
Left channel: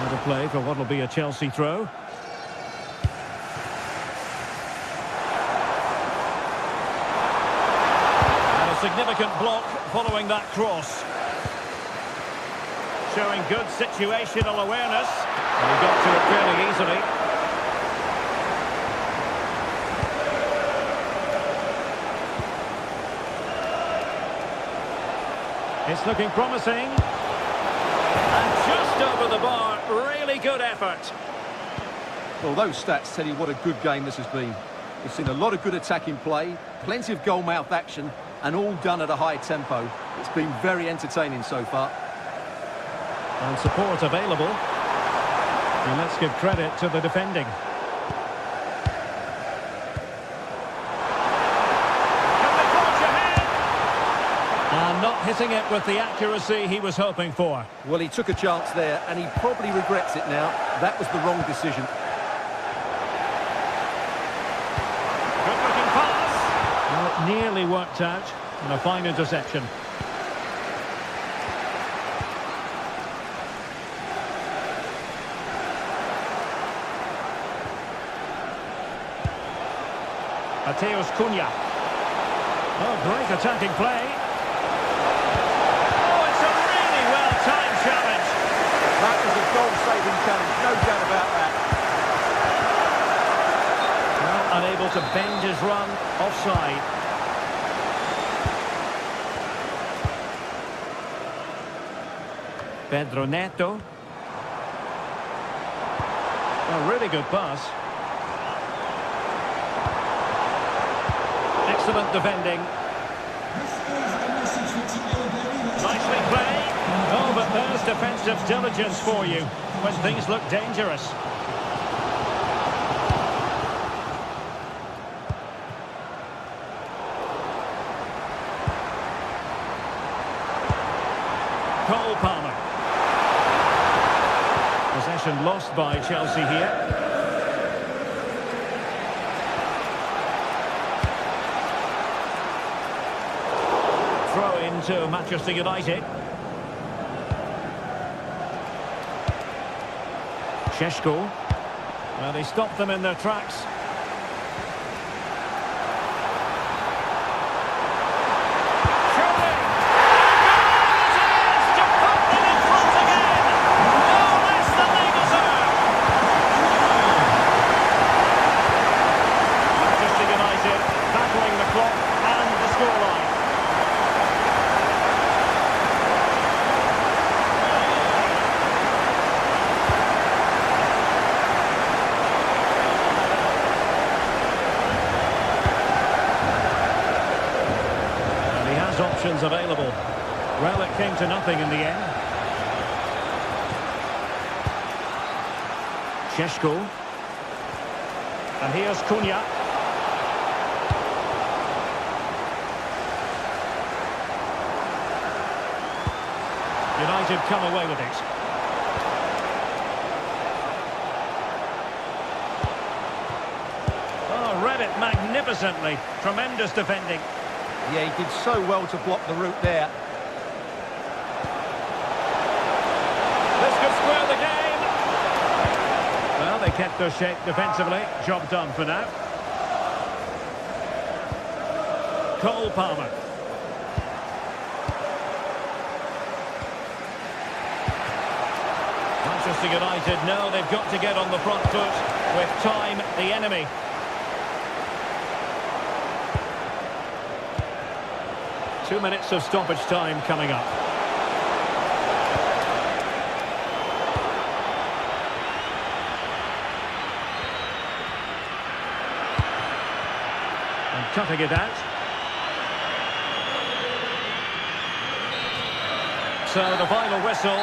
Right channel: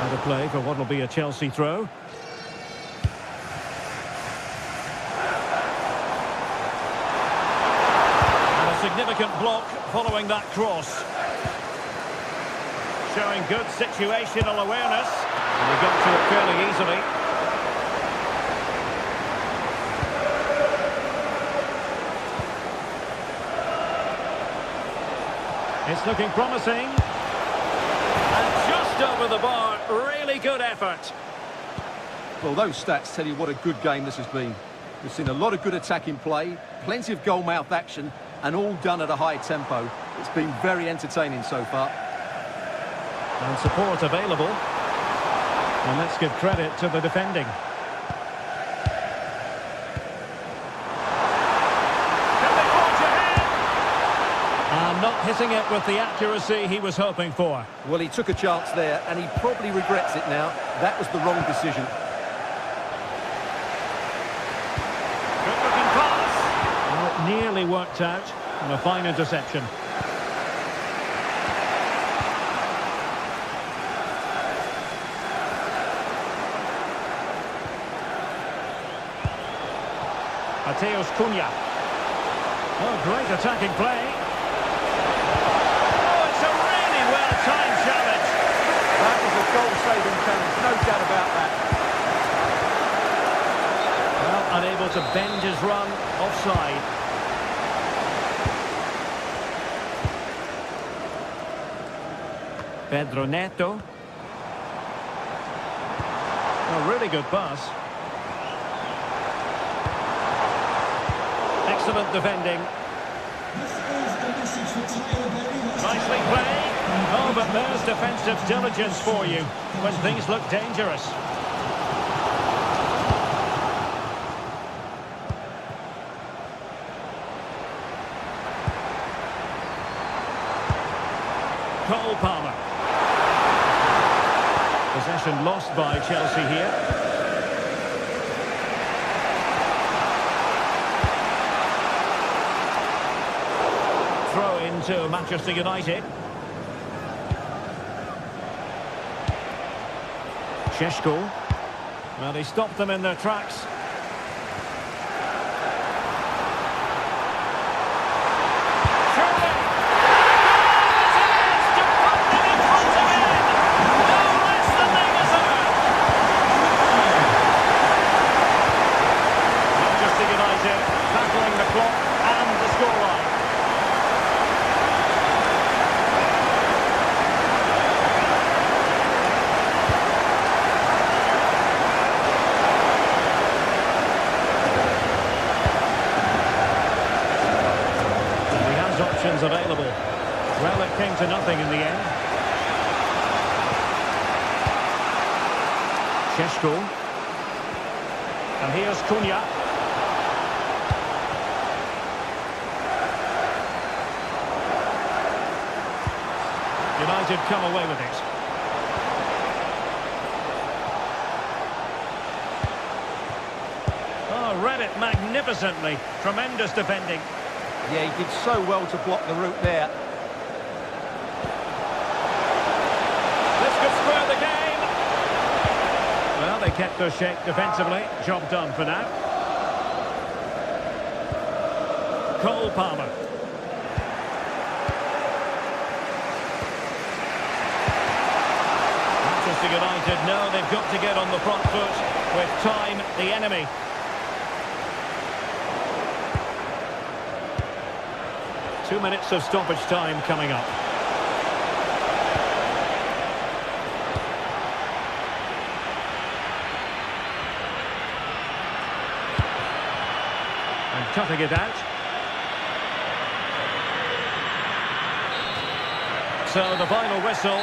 Out of play for what will be a Chelsea throw. And a significant block following that cross. Showing good situational awareness. And he got to it fairly easily. It's looking promising. And just over the bar, really good effort. Well, those stats tell you what a good game this has been. We've seen a lot of good attacking play, plenty of goal-mouth action, and all done at a high tempo. It's been very entertaining so far. And support available. And let's give credit to the defending. Can they forge ahead? And not hitting it with the accuracy he was hoping for. Well, he took a chance there, and he probably regrets it now. That was the wrong decision. Good-looking pass. Well, it nearly worked out. And a fine interception. Mateus Cunha. Oh, great attacking play. Oh, it's a really well-timed challenge. That was a goal-saving challenge, no doubt about that. Well, unable to bend his run, offside. Pedro Neto. A really good pass. Excellent defending. This is a message for Tyler Berry. Nicely played. Oh, but there's defensive diligence for you when things look dangerous. Cole Palmer. Possession lost by Chelsea here. Throw into Manchester United. Šeško. Well, they stopped them in their tracks. Surely! And a goal it is to put them in front again! No less than they deserve! Manchester United battling the clock and the scoreline. Options available. Well, it came to nothing in the end. Šeško. And here's Cunha. United come away with it. Oh, read it magnificently. Tremendous defending. Yeah, he did so well to block the route there. This could square the game. Well, they kept their shape defensively. Job done for now. Cole Palmer. Manchester United know they've got to get on the front foot with time the enemy. Two minutes of stoppage time coming up. And cutting it out. So the final whistle.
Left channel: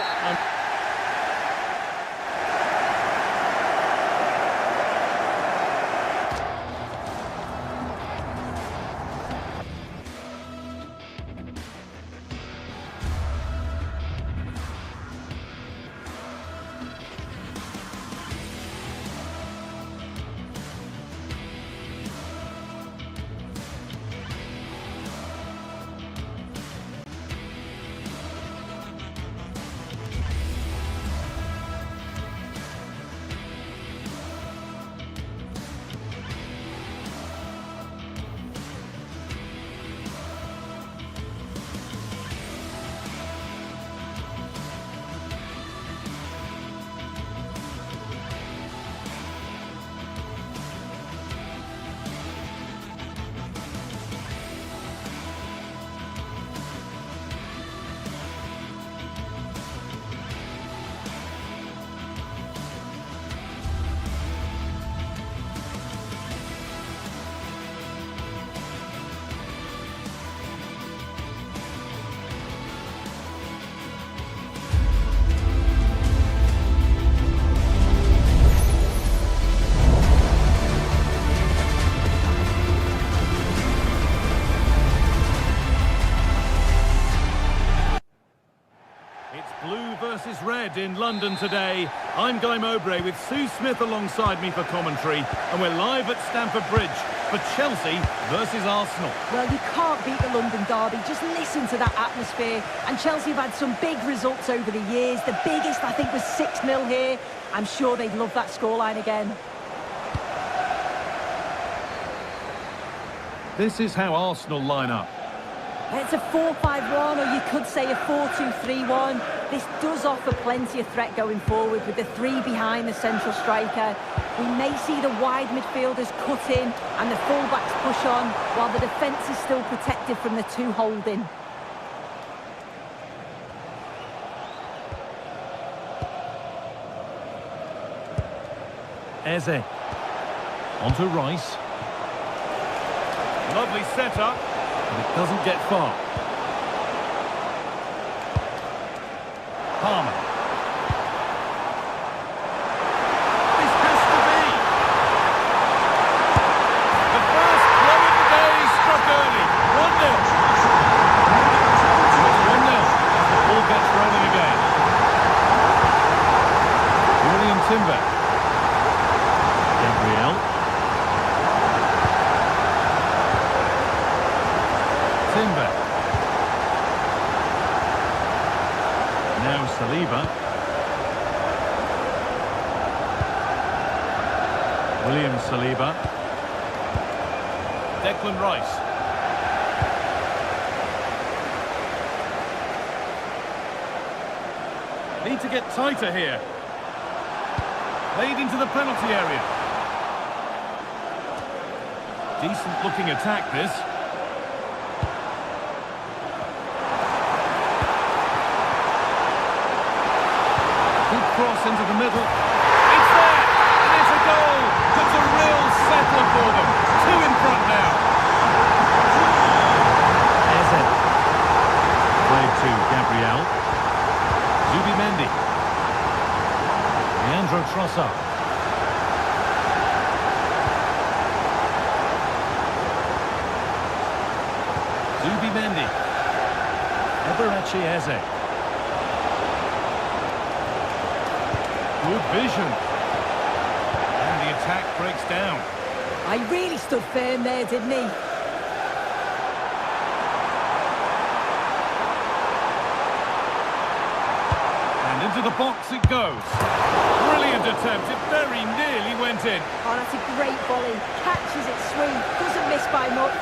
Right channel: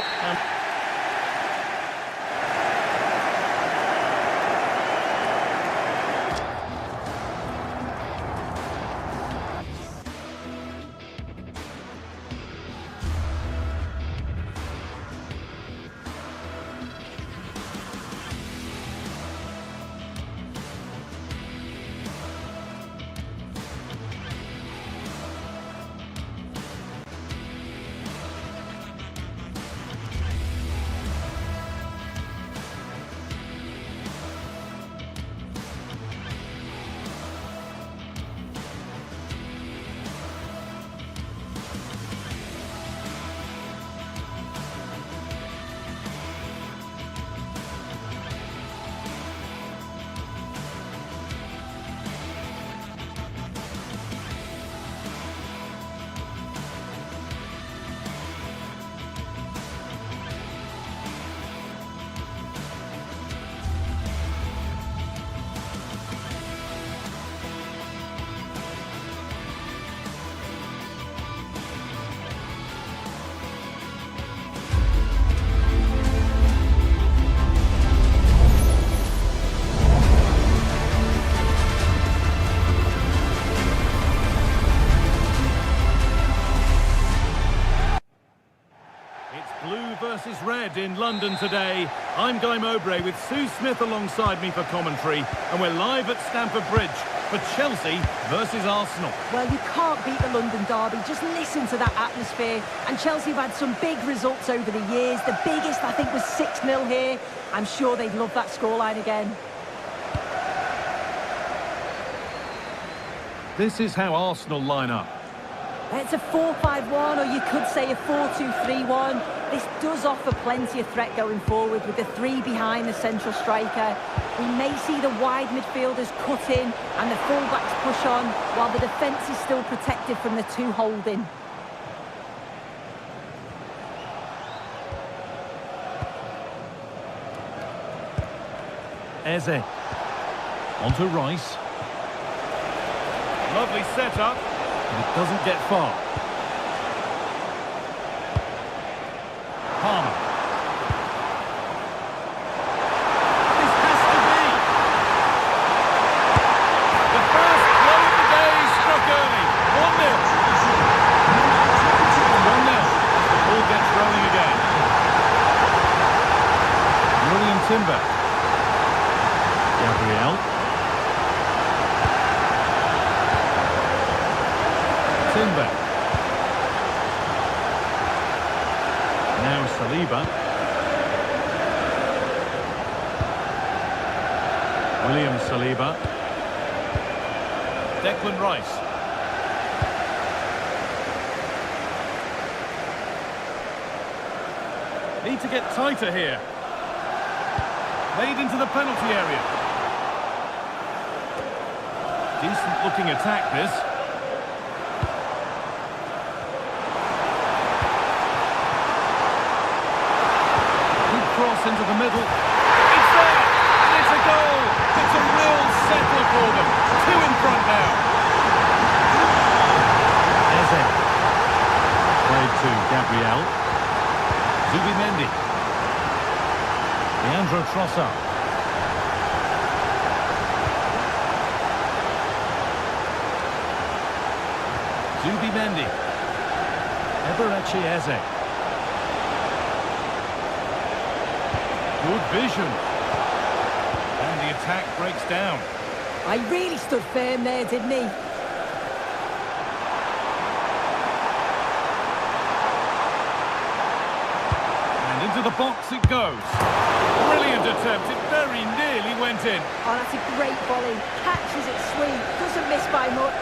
Blue versus red in London today. I'm Guy Mowbray with Sue Smith alongside me for commentary, and we're live at Stamford Bridge for Chelsea versus Arsenal. Well, you can't beat the London derby. Just listen to that atmosphere. And Chelsea have had some big results over the years. The biggest, I think, was 6-0 here. I'm sure they'd love that scoreline again. This is how Arsenal line up. It's a 4-5-1, or you could say a 4-2-3-1. This does offer plenty of threat going forward with the three behind the central striker. We may see the wide midfielders cut in and the fullbacks push on, while the defence is still protected from the two holding. Eze. On to Rice. Lovely setup, but it doesn't get far. Palmer. This has to be. The first blow of the day struck early. 1-0. It's 1-0 as the ball gets rolling again. William Timber. Gabriel. Timber. Now Saliba. William Saliba. Declan Rice. Need to get tighter here. Played into the penalty area. Decent looking attack this. Good cross into the middle. It's there! And it's a goal! That's a real settler for them. Two in front now. Eze. Played to Gabriel. Zubimendi. Leandro Trossard. Zubimendi. Eberechi Eze. Good vision. And the attack breaks down. I really stood firm there, didn't he? And into the box it goes. Brilliant attempt. It very nearly went in. Oh, that's a great volley. Catches it sweet. Doesn't miss by much.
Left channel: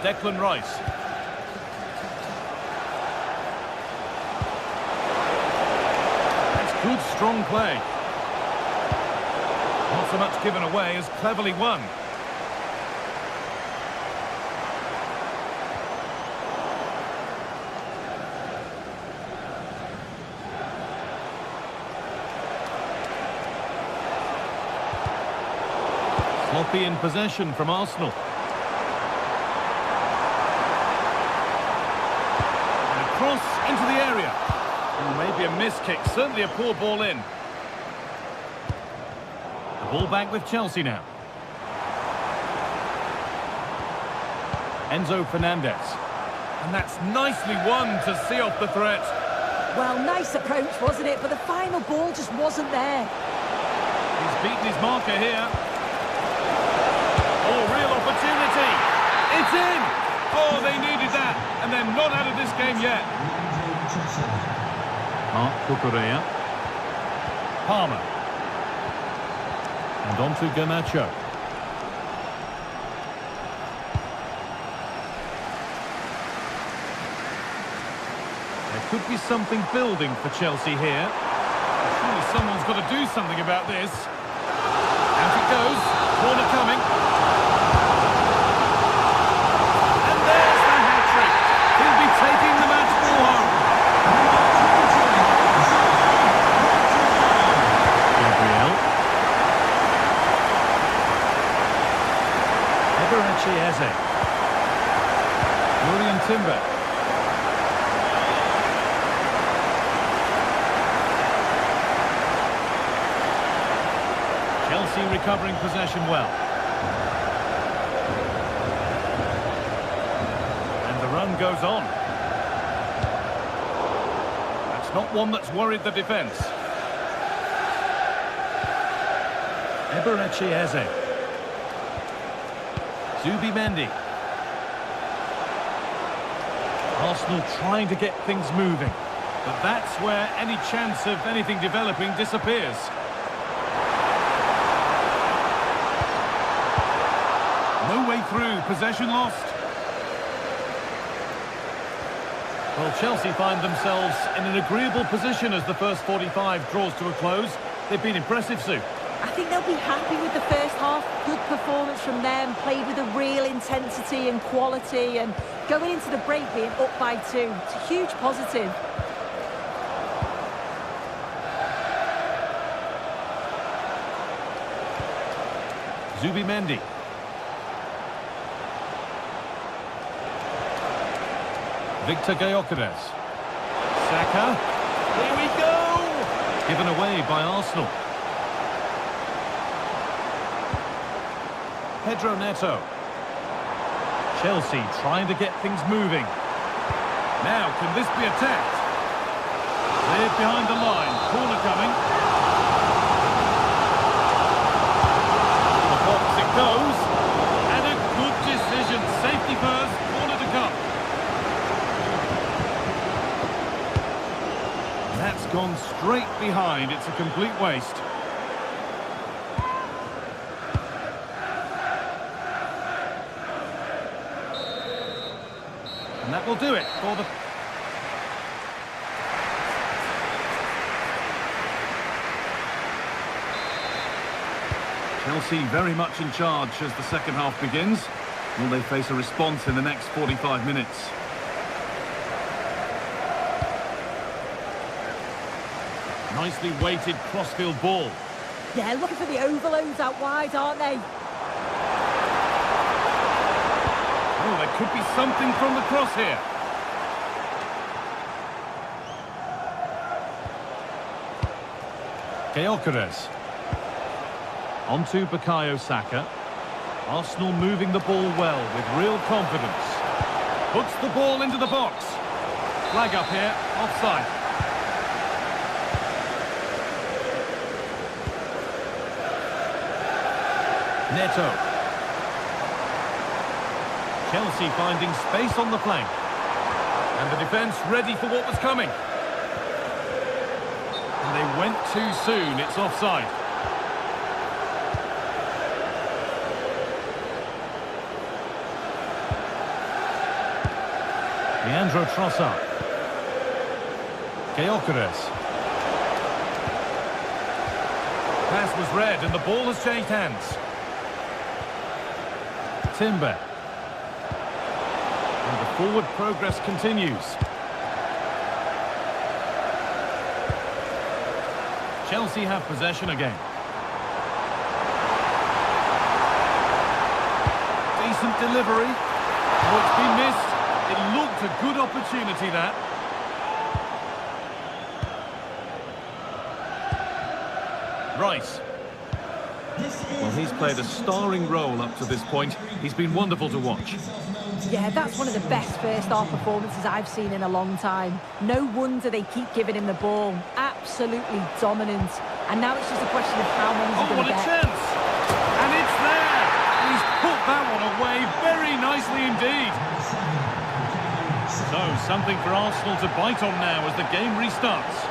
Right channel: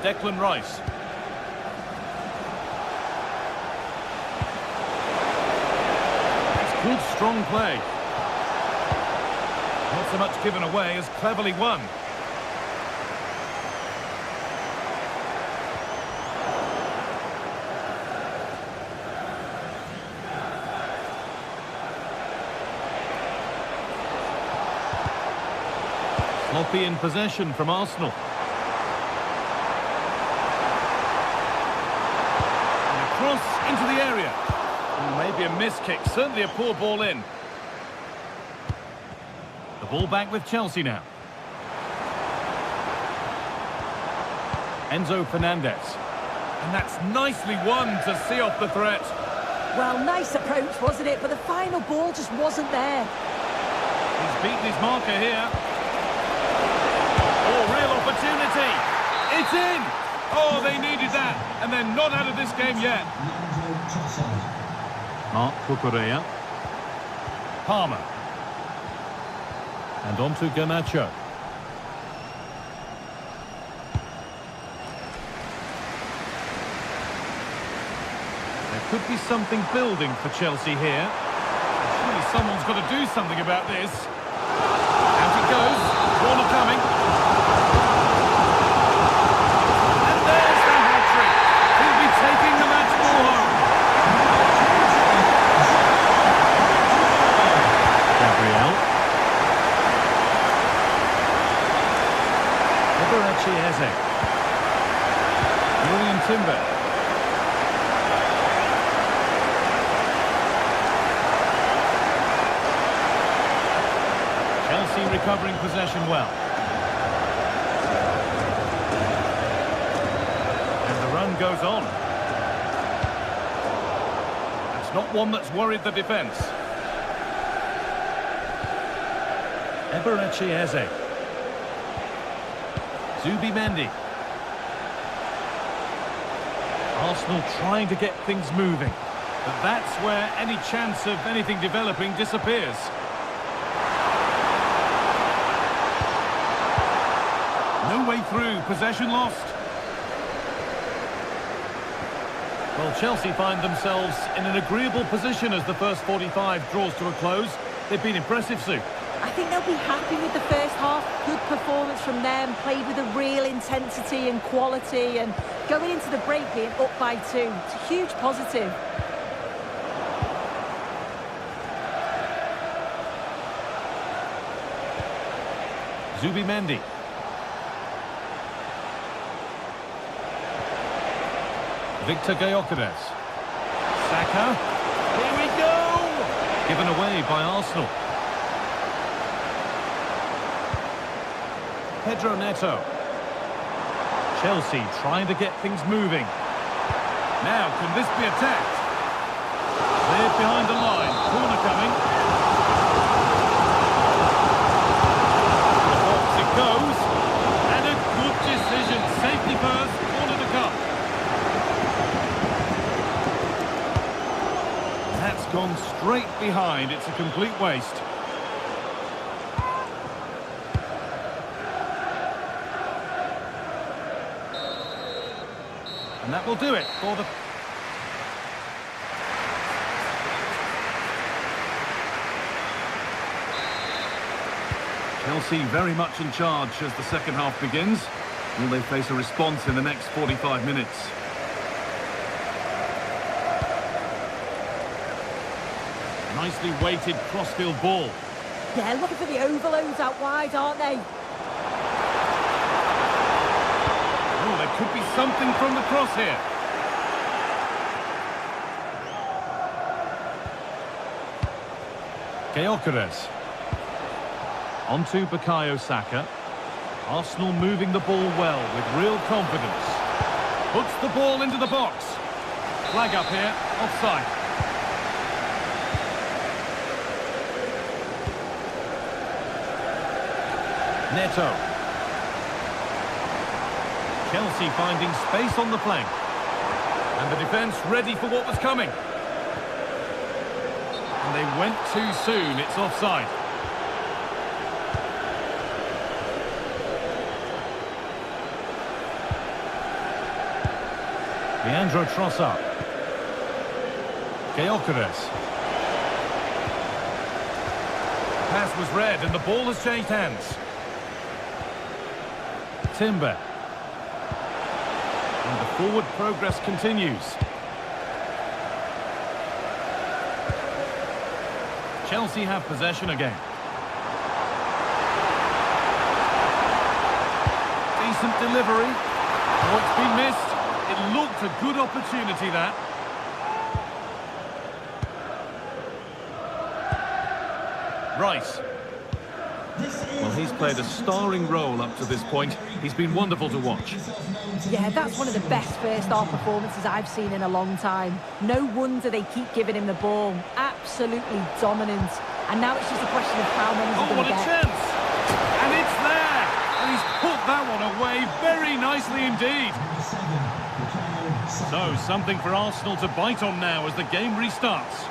Declan Rice. That's good, strong play. Not so much given away as cleverly won. Sloppy in possession from Arsenal. Cross into the area. Maybe a miss kick, certainly a poor ball in. The ball back with Chelsea now. Enzo Fernandez. And that's nicely won to see off the threat. Well, nice approach, wasn't it? But the final ball just wasn't there. He's beaten his marker here. Oh, real opportunity. It's in. Oh, they needed that, and they're not out of this game yet. Mark Cucurella. Palmer. And on to Garnacho. There could be something building for Chelsea here. Surely someone's got to do something about this. Out it goes. Corner coming. He'll be taking the match ball home. Gabriel. Eberechi Eze. Julian Timber. Chelsea recovering possession well. The run goes on. That's not one that's worried the defence. Eberechi Eze. Zubimendi. Arsenal trying to get things moving, but that's where any chance of anything developing disappears. No way through, possession lost. Well, Chelsea find themselves in an agreeable position as the first 45 draws to a close. They've been impressive, Sue. I think they'll be happy with the first half. Good performance from them, played with a real intensity and quality, and going into the break being up by 2. It's a huge positive. Zubimendi. Victor Gyökeres. Saka. Here we go! Given away by Arsenal. Pedro Neto. Chelsea trying to get things moving. Now, can this be attacked? Cleared behind the line. Corner coming. To the box it goes. And a good decision. Safety first. Corner to come. That's gone straight behind. It's a complete waste. And that will do it for the... Chelsea very much in charge as the second half begins. Will they face a response in the next 45 minutes? Nicely weighted crossfield ball. Yeah, looking for the overloads out wide, aren't they? Oh, there could be something from the cross here. Gyökeres. Onto Bukayo Saka. Arsenal moving the ball well with real confidence. Puts the ball into the box. Flag up here, offside. Neto. Chelsea finding space on the flank. And the defence ready for what was coming. And they went too soon, it's offside. Leandro Trossard. Gyökeres. The pass was read and the ball has changed hands. Timber. And the forward progress continues. Chelsea have possession again. Decent delivery. Oh, it's been missed. It looked a good opportunity, that. Rice. Well, he's played a starring role up to this point. He's been wonderful to watch. Yeah, that's one of the best first-half performances I've seen in a long time. No wonder they keep giving him the ball. Absolutely dominant. And now it's just a question of how many he's going to get. Oh, what a chance! And it's there! And he's put that one away very nicely indeed. So, something for Arsenal to bite on now as the game restarts.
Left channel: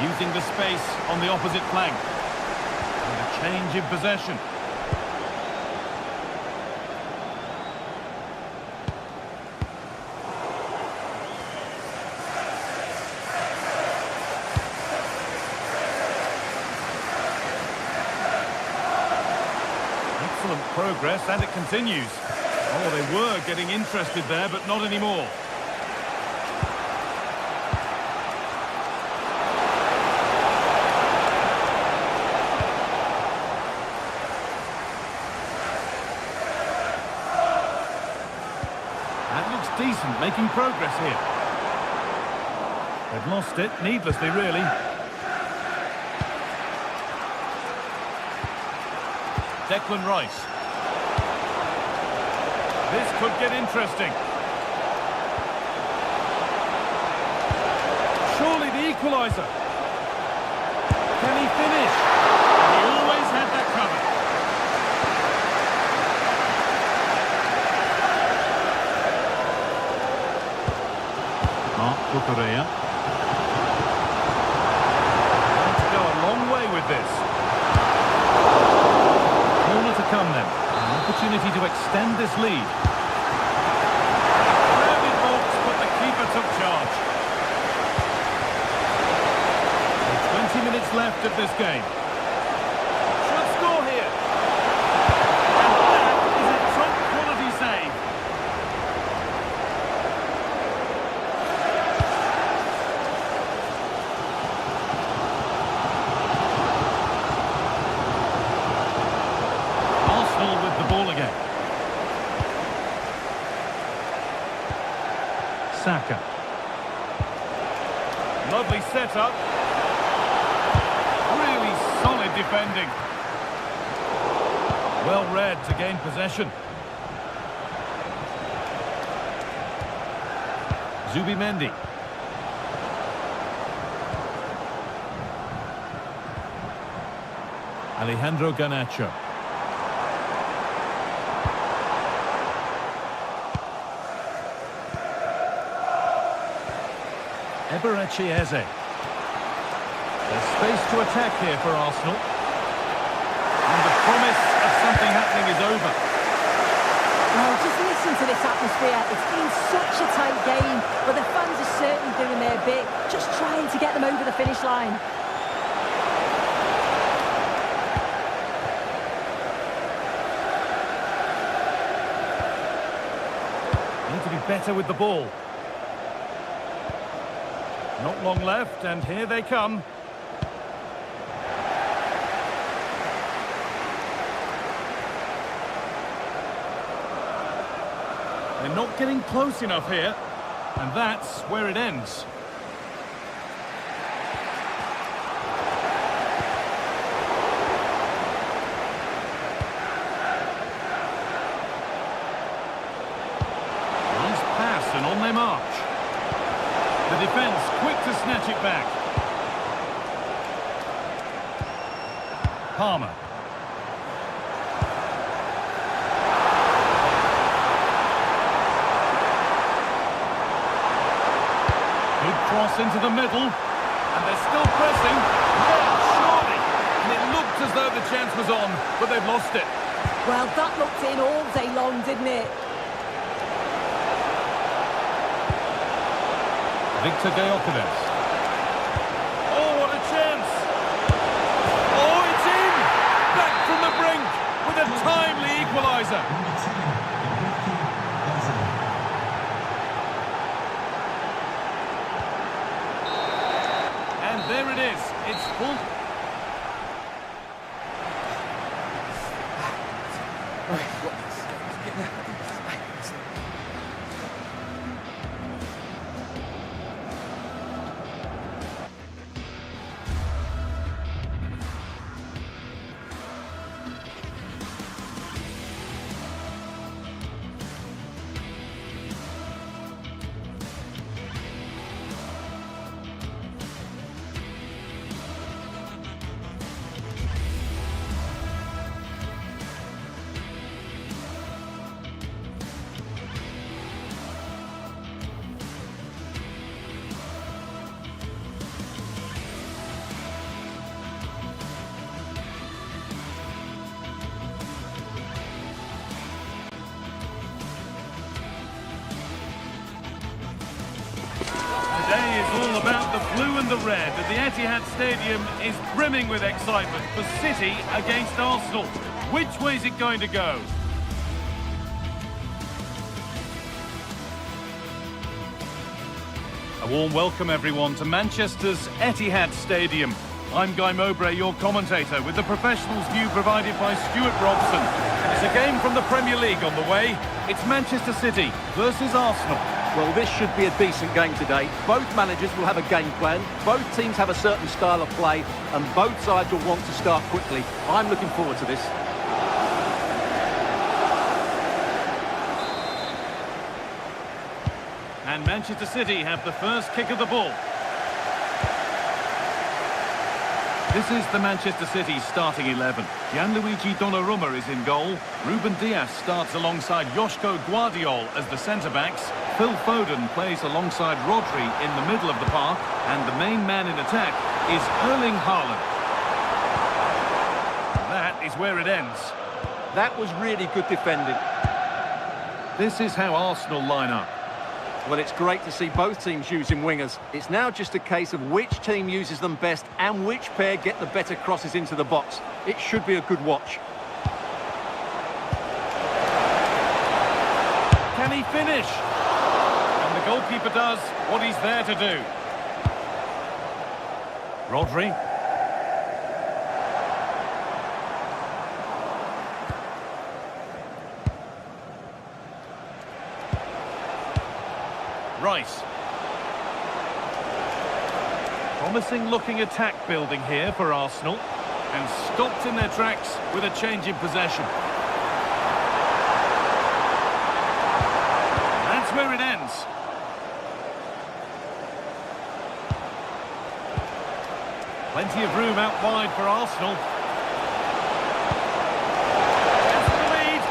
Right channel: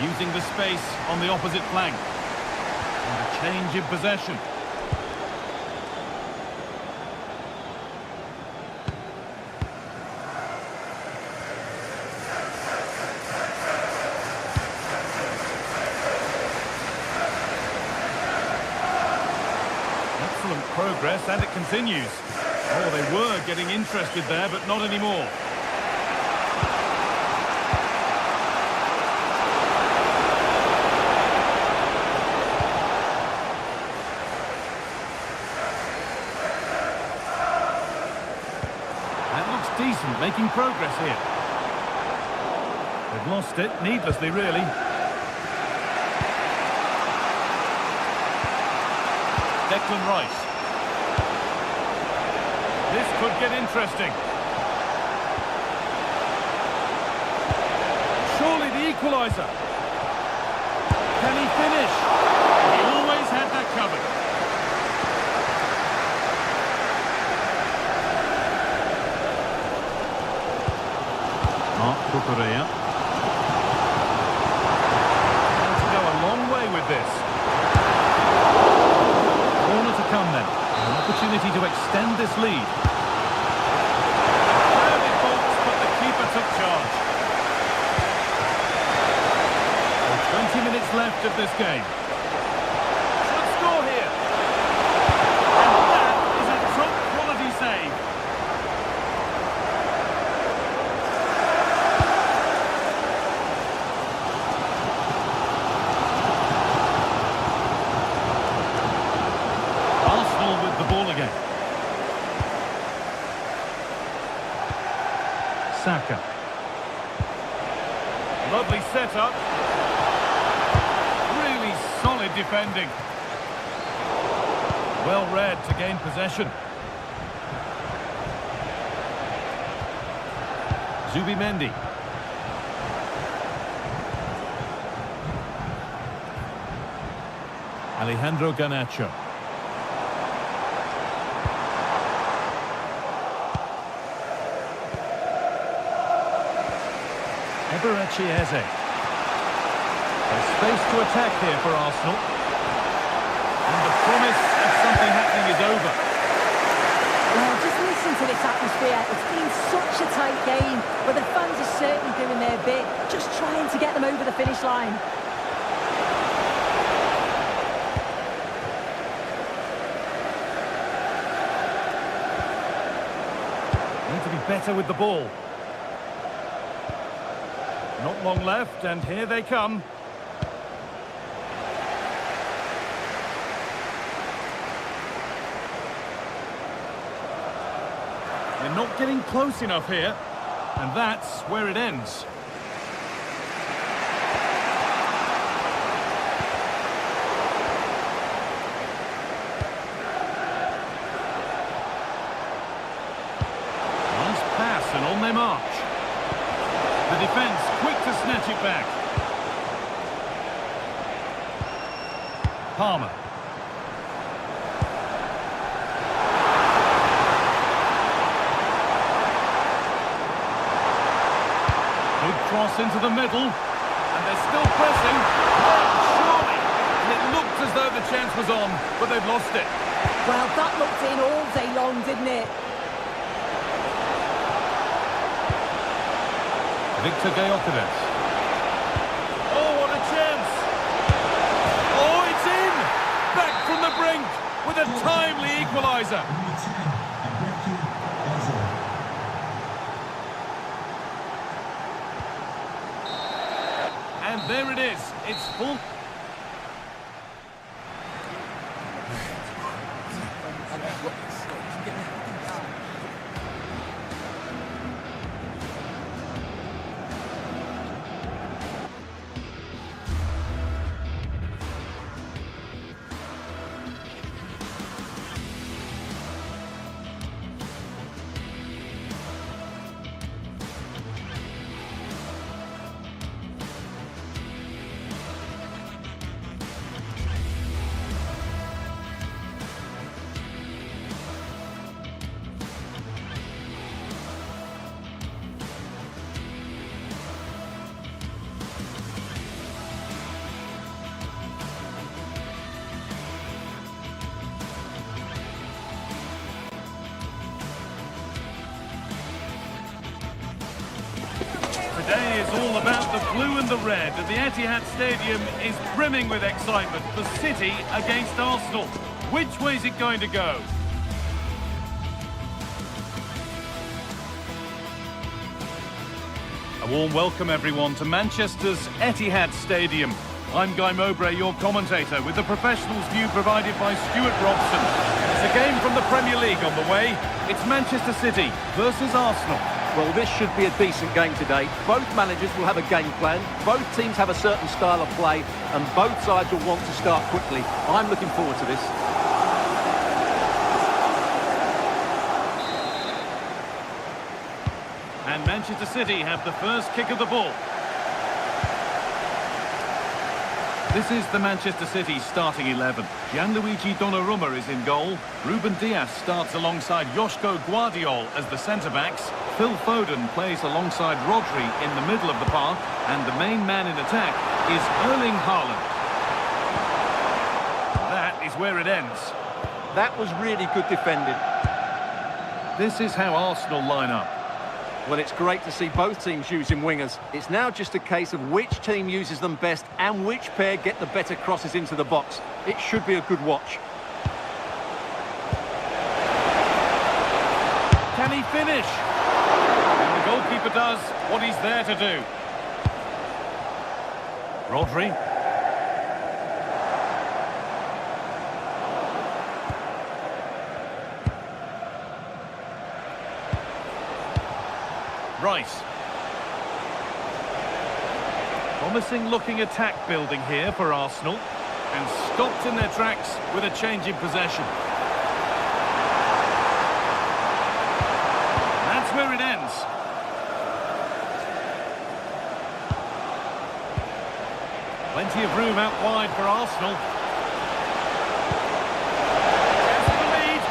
Using the space on the opposite flank. And a change in possession. Excellent progress, and it continues. Oh, they were getting interested there, but not anymore. That looks decent, making progress here. They've lost it, needlessly, really. Declan Rice. This could get interesting. Surely the equaliser. Can he finish? He always had that covered. Marc Cucurella. Going to go a long way with this. Corner to come then. An opportunity to extend this lead. A crowded box, but the keeper took charge. So 20 minutes left of this game. Should score here. And that is a top quality save. Arsenal with the ball again. Saka. Lovely setup. Really solid defending. Well read to gain possession. Zubimendi. Alejandro Garnacho. Eberechi Eze. There's space to attack here for Arsenal. And the promise of something happening is over. Well, just listen to this atmosphere. It's been such a tight game, but the fans are certainly doing their bit, just trying to get them over the finish line. Need to be better with the ball. Not long left, and here they come. They're not getting close enough here, and that's where it ends. Nice pass, and on their march. The defence quick to snatch it back. Palmer. Good cross into the middle. And they're still pressing. Yeah, surely. And it looked as though the chance was on, but they've lost it. Well, that looked in all day long, didn't it? Victor Gyökeres. Oh, what a chance! Oh, it's in! Back from the brink with a timely equaliser. Number 10, Eberechi Eze. And there it is. It's full. Today is all about the blue and the red, and the Etihad Stadium is brimming with excitement for City against Arsenal. Which way is it going to go? A warm welcome, everyone, to Manchester's Etihad Stadium. I'm Guy Mowbray, your commentator, with the professionals' view provided by Stuart Robson. And it's a game from the Premier League on the way. It's Manchester City versus Arsenal. Well, this should be a decent game today. Both managers will have a game plan. Both teams have a certain style of play, and both sides will want to start quickly. I'm looking forward to this. And Manchester City have the first kick of the ball. This is the Manchester City starting 11. Gianluigi Donnarumma is in goal. Ruben Dias starts alongside Joško Guardiol as the centre-backs. Phil Foden plays alongside Rodri in the middle of the park. And the main man in attack is Erling Haaland. And that is where it ends. That was really good defending. This is how Arsenal line up. Well, it's great to see both teams using wingers. It's now just a case of which team uses them best and which pair get the better crosses into the box. It should be a good watch. Can he finish? And the goalkeeper does what he's there to do. Rodri. Rice. Promising looking attack building here for Arsenal, and stopped in their tracks with a change in possession. That's where it ends. Plenty of room out wide for Arsenal. There's the lead.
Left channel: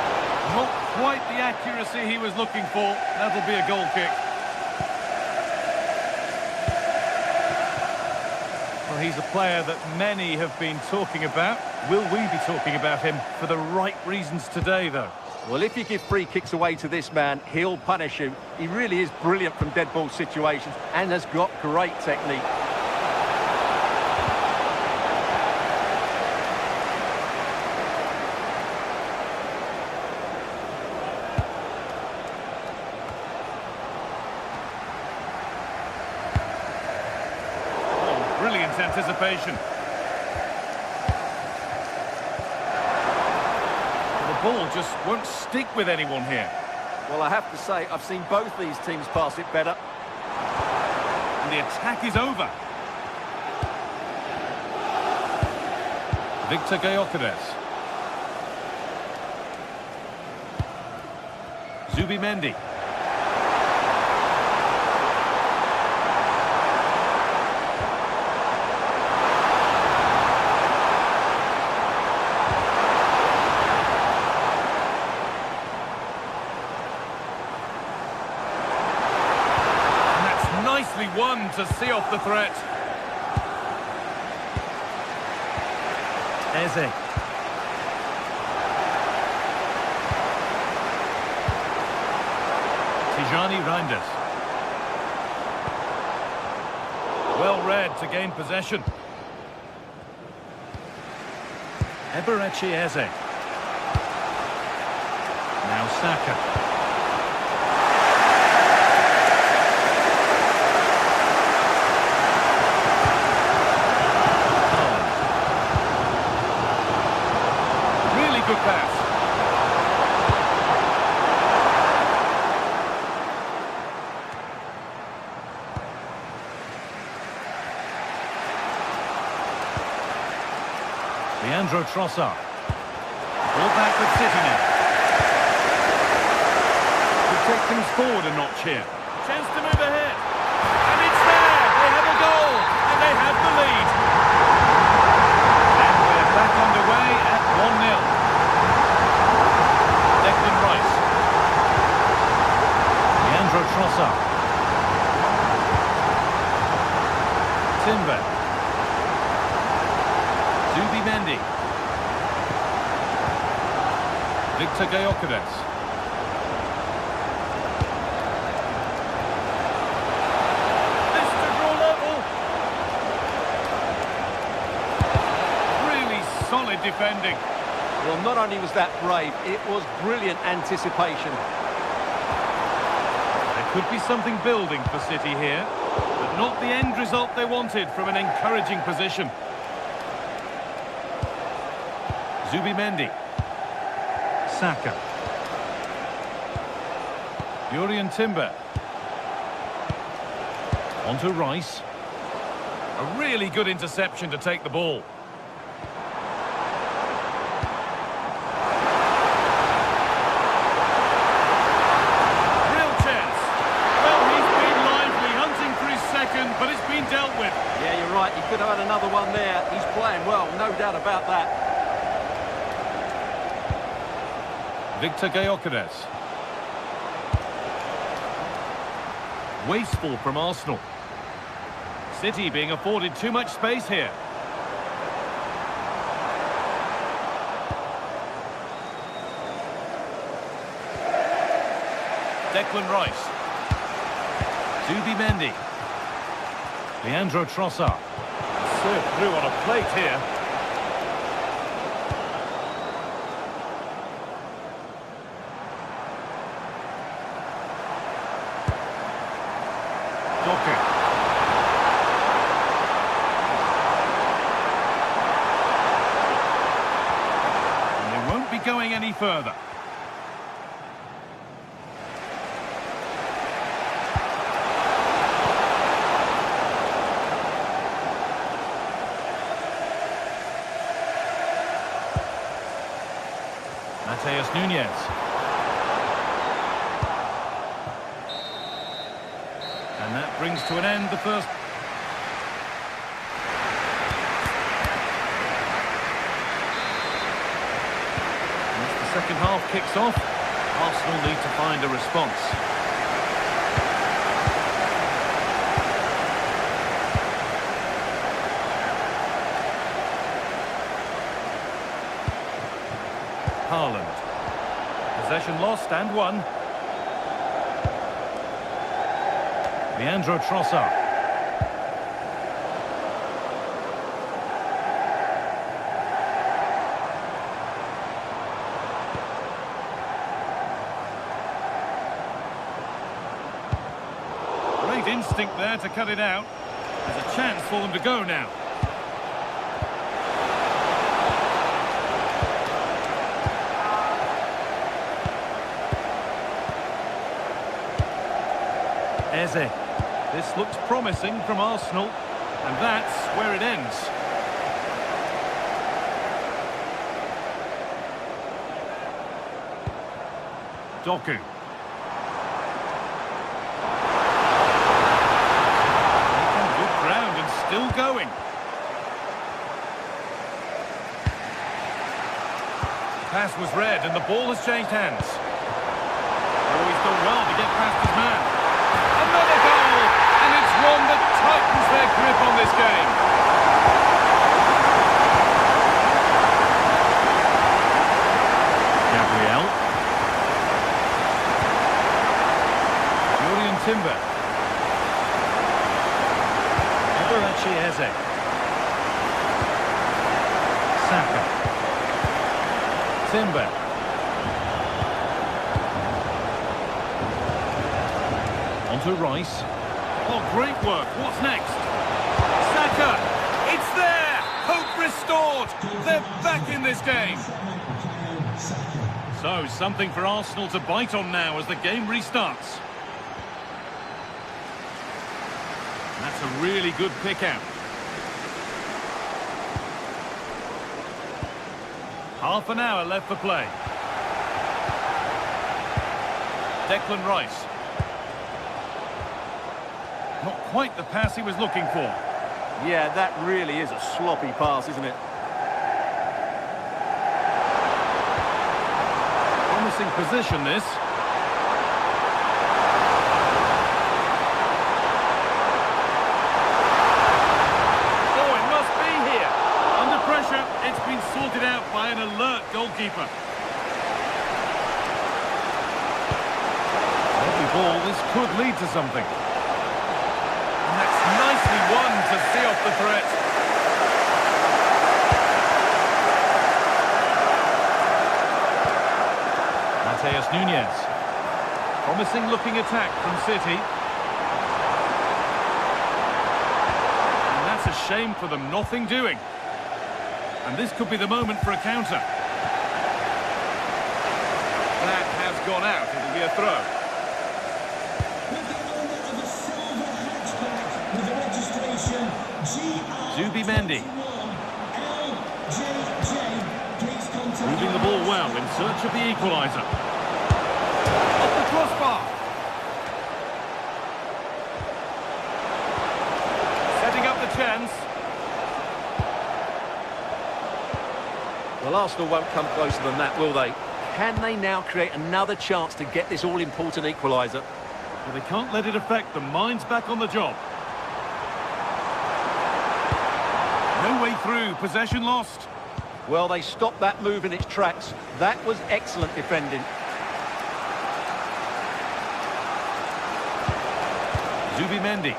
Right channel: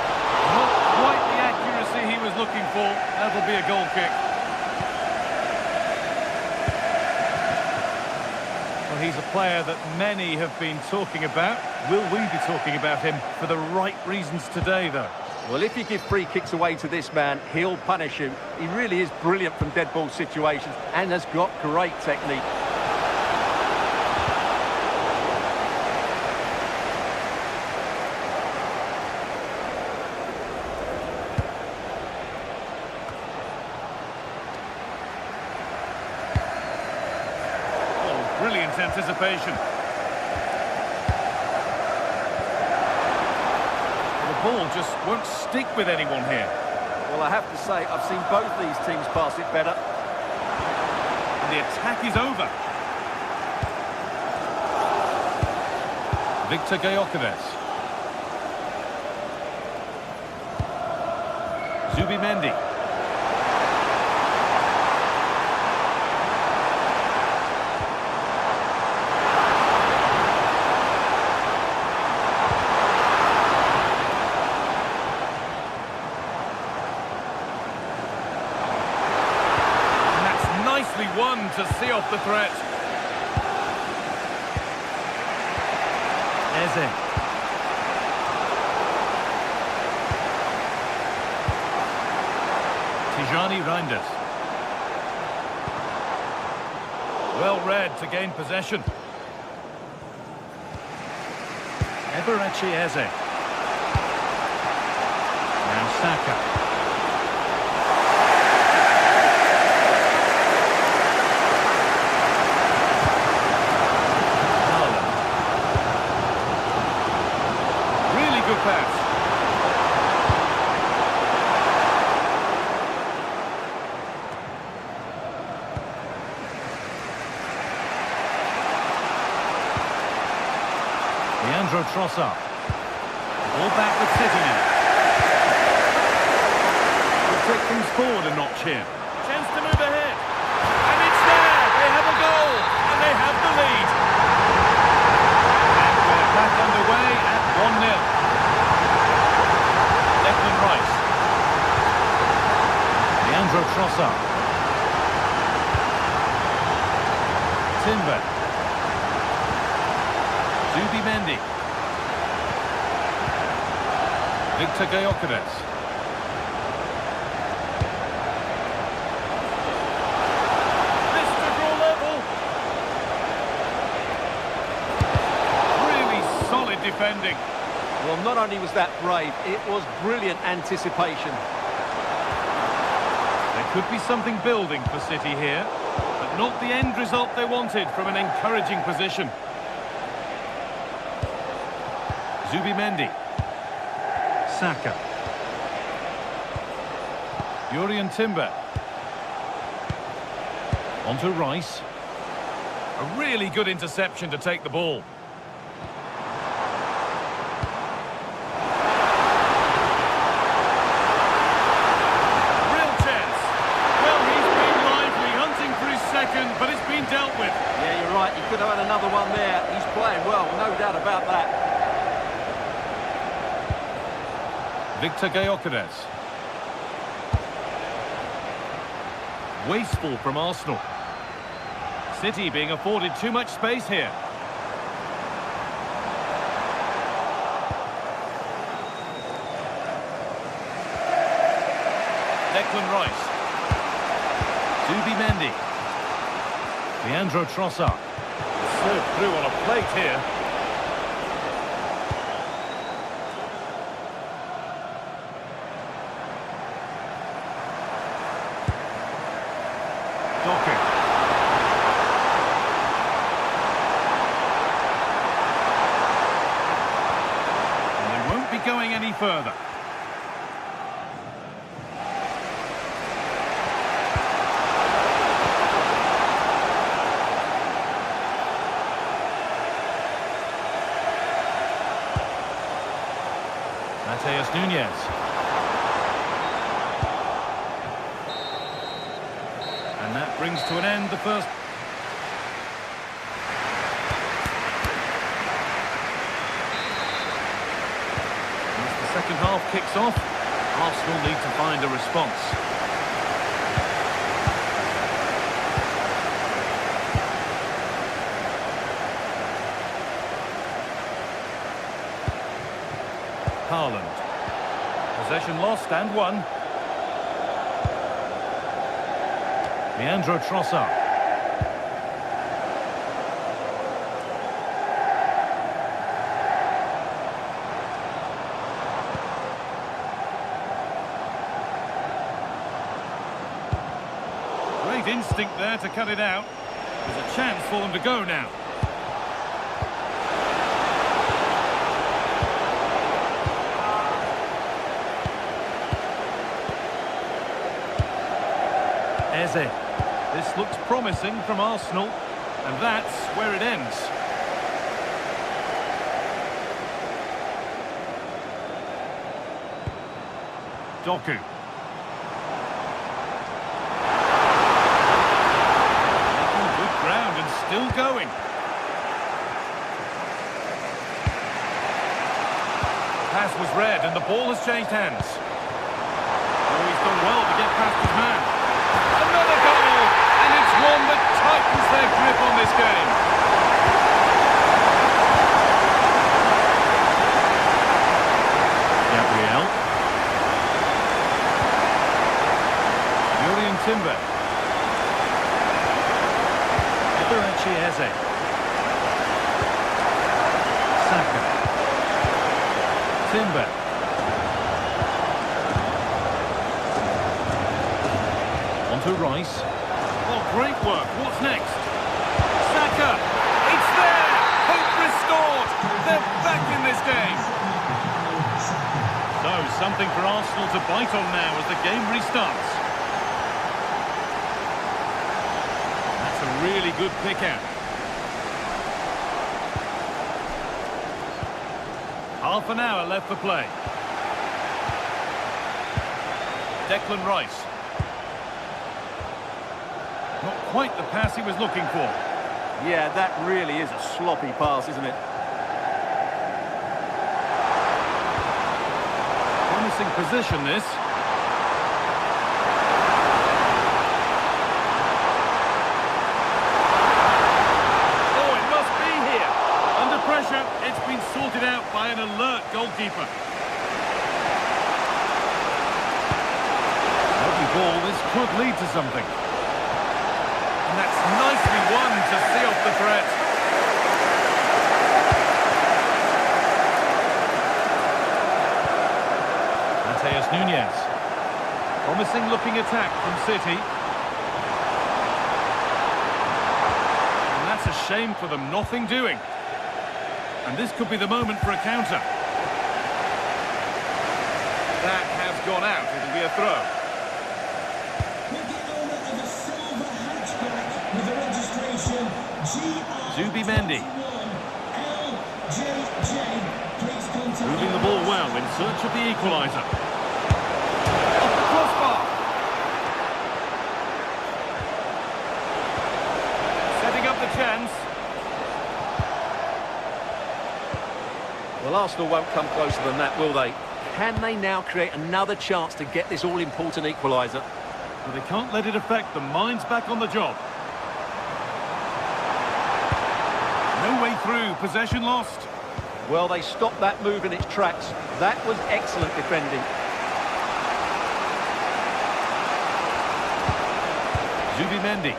Not quite the accuracy he was looking for. That'll be a goal kick. Well, he's a player that many have been talking about. Will we be talking about him for the right reasons today, though? Well, if you give free kicks away to this man, he'll punish you. He really is brilliant from dead ball situations and has got great technique. Brilliant anticipation. The ball just won't stick with anyone here. Well, I have to say, I've seen both these teams pass it better. And the attack is over. Victor Gyökeres. Zubimendi. Nicely won to see off the threat. Eze. Tijani Reinders. Well read to gain possession. Eberechi Eze. Now Saka. Good pass. Leandro Trossard. Ball back with City now. We'll take things forward a notch here. Chance to move ahead. And it's there. They have a goal. And they have the lead. And we're back underway at 1-0. Declan Rice. Leandro Trossard. Timber. Zubimendi. Victor Gyökeres. This to draw level. Really solid defending. Well, not only was that brave, it was brilliant anticipation. There could be something building for City here, but not the end result they wanted from an encouraging position. Zubimendi. Saka. Jurriën Timber. On to Rice. A really good interception to take the ball. But it's been dealt with. Yeah, you're right. He could have had another one there. He's playing well, no doubt about that. Victor Gyökeres. Wasteful from Arsenal. City being afforded too much space here. Declan Rice. Zubimendi. Leandro Trossard. Served through on a plate here. Doku. And they won't be going any further. Mateus Nunes. And that brings to an end the first. As the second half kicks off, Arsenal need to find a response. Haaland. Possession lost and won. Leandro Trossard. Great instinct there to cut it out. There's a chance for them to go now. Eze. This looks promising from Arsenal, and that's where it ends. Doku. Making good ground and still going. The pass was read and the ball has changed hands. Oh, he's done well to get past his man. Another goal, and it's one that tightens their grip on this game. Gabriel. Jurrien Timber. Eberechi Eze. Saka. Timber. Onto Rice. Oh, great work. What's next? Saka. It's there. Hope restored. They're back in this game. So, something for Arsenal to bite on now as the game restarts. That's a really good pick out. Half an hour left for play. Declan Rice. Not quite the pass he was looking for. Yeah, that really is a sloppy pass, isn't it? Promising position, this. Oh, it must be here. Under pressure, it's been sorted out by an alert goalkeeper. Lovely ball, this could lead to something. And that's nicely won to see off the threat. Mateus Nunes. Promising looking attack from City. And that's a shame for them, nothing doing. And this could be the moment for a counter. That has gone out, it'll be a throw. With the registration Zubimendi. Moving the ball well in search of the equaliser. Off the crossbar. Setting up the chance. Well, Arsenal won't come closer than that, will they? Can they now create another chance to get this all-important equaliser? But they can't let it affect them. Mind's back on the job. No way through. Possession lost. Well, they stopped that move in its tracks. That was excellent defending. Zubimendi.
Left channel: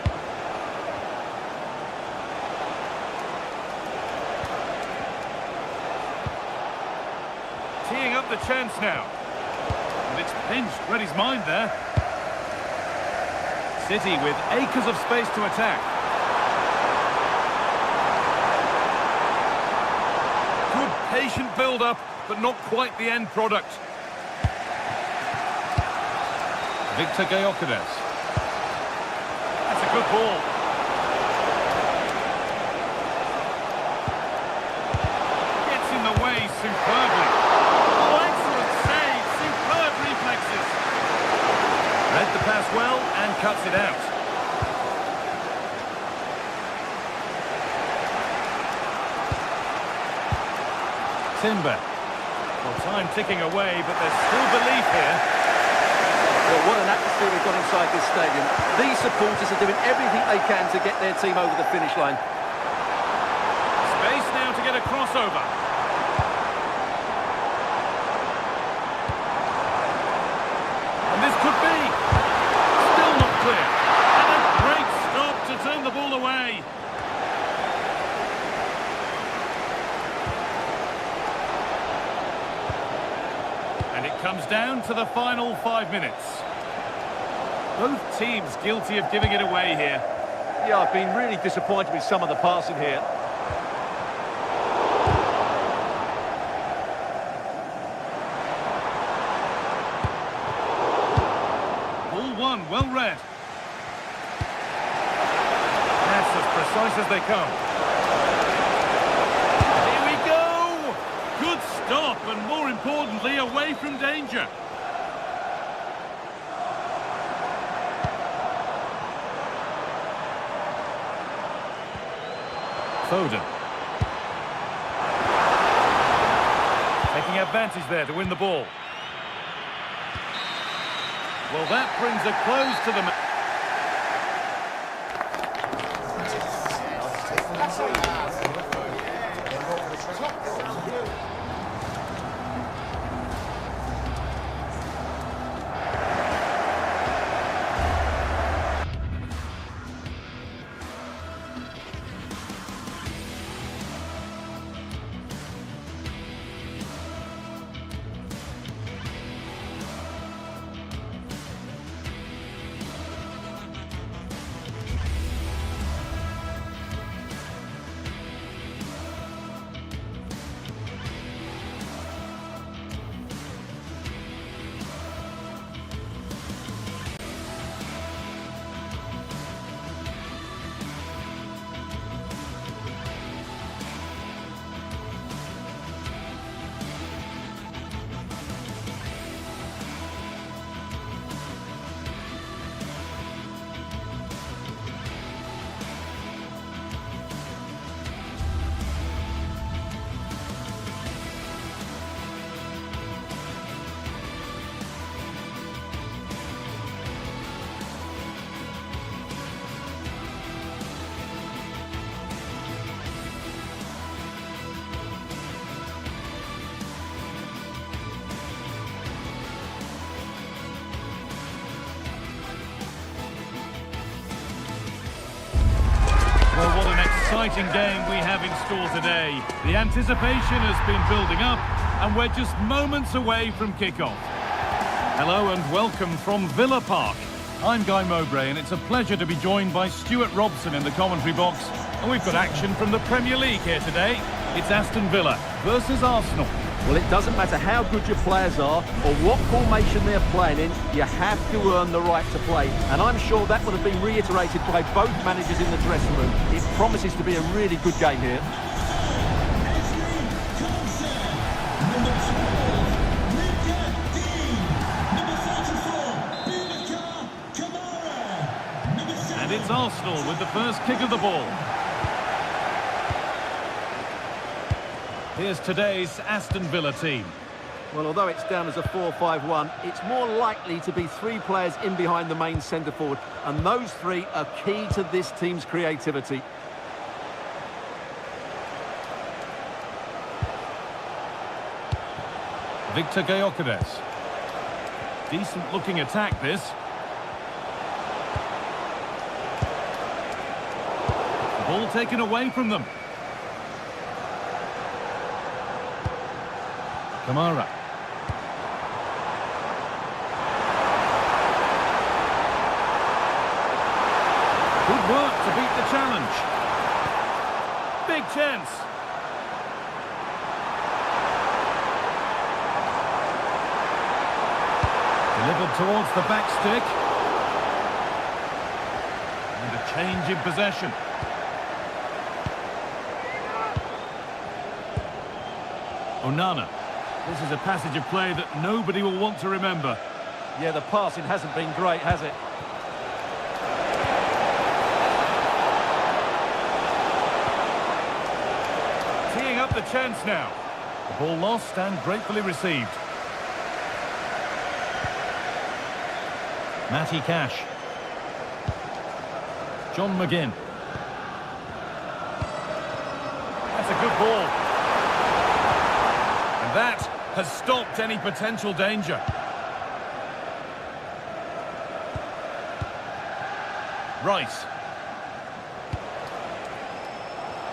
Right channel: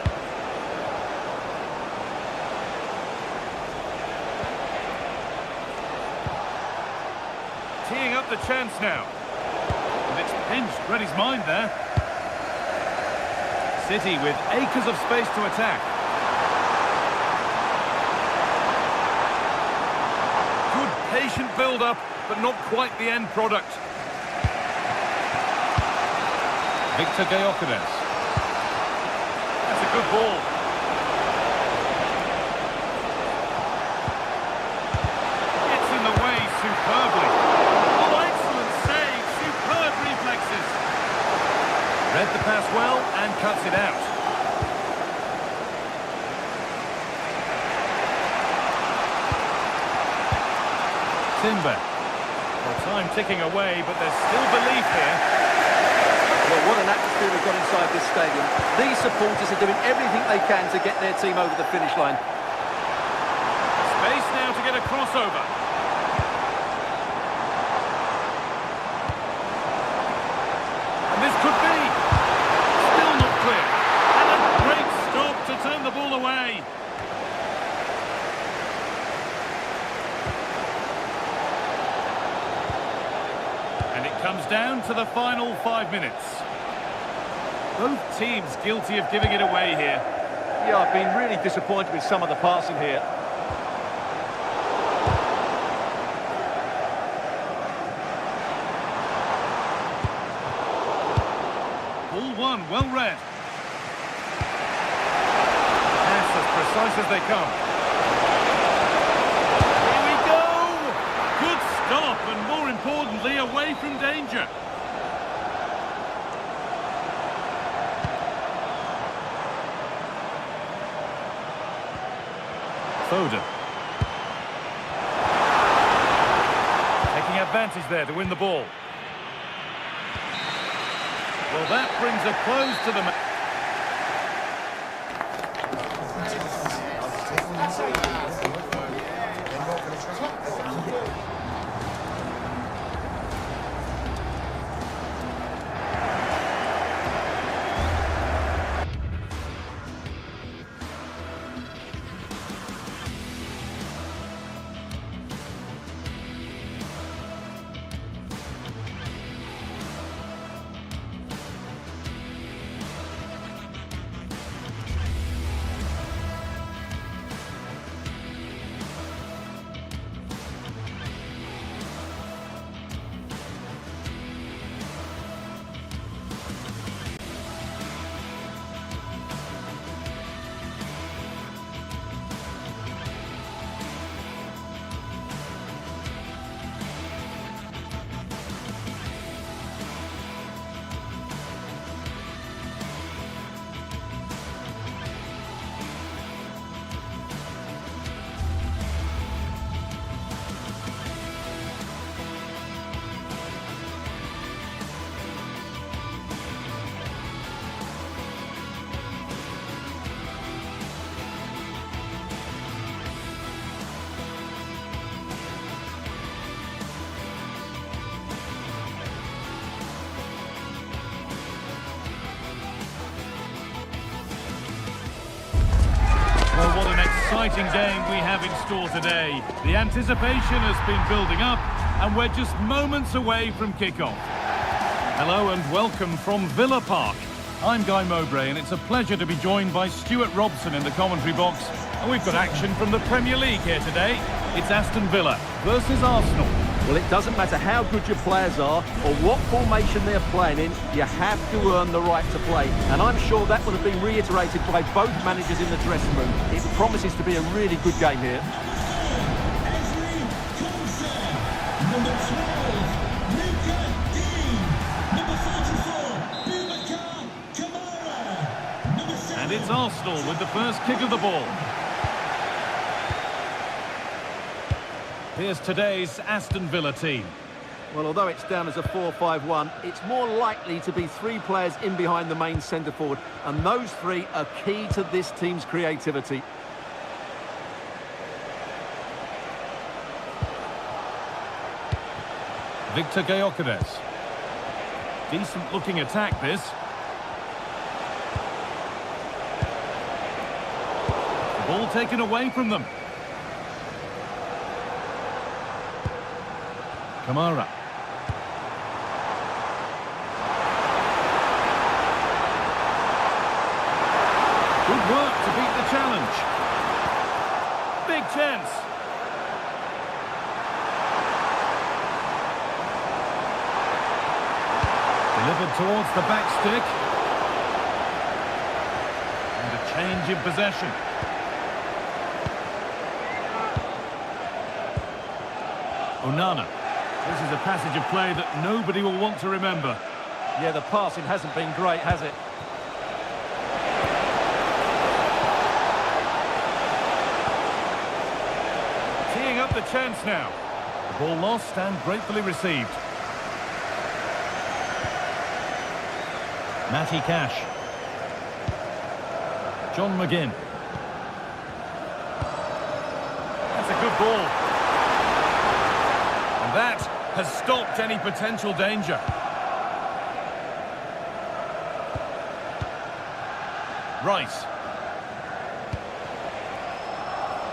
Teeing up the chance now. And it's pinched, read his mind there. City with acres of space to attack. Good patient build-up, but not quite the end product. Victor Gyökeres. That's a good ball. Gets in the way superbly. Oh, excellent save. Superb reflexes. Read the pass well and cuts it out. Timber. Well, time ticking away, but there's still belief here. Well, what an atmosphere we've got inside this stadium. These supporters are doing everything they can to get their team over the finish line. Space now to get a crossover. And this could be. Still not clear. And a great stop to turn the ball away. And it comes down to the final 5 minutes. Both teams guilty of giving it away here. Yeah, I've been really disappointed with some of the passing here. Ball one, well read. Pass as precise as they come. Here we go! Good stop, and more importantly, away from danger. Foden. Taking advantage there to win the ball. Well, that brings a close to the match. Well, what an exciting game we have in store today. The anticipation has been building up, and we're just moments away from kickoff. Hello and welcome from Villa Park. I'm Guy Mowbray, and it's a pleasure to be joined by Stuart Robson in the commentary box. And we've got action from the Premier League here today. It's Aston Villa versus Arsenal. Well, it doesn't matter how good your players are or what formation they're playing in, you have to earn the right to play. And I'm sure that would have been reiterated by both managers in the dressing room. It promises to be a really good game here. Number 12, Luca Dean. Number 44, Kamara. Number 7. And it's Arsenal with the first kick of the ball. Here's today's Aston Villa team. Well, although it's down as a 4-5-1, it's more likely to be three players in behind the main centre-forward, and those three are key to this team's creativity. Victor Gyökeres. Decent-looking attack, this. Ball taken away from them. Kamara. Good work to beat the challenge. Big chance. Delivered towards the back stick. And a change in possession. Onana. This is a passage of play that nobody will want to remember. Yeah, the passing hasn't been great, has it? Teeing up the chance now. The ball lost and gratefully received. Matty Cash. John McGinn. That's a good ball. And that has stopped any potential danger. Rice.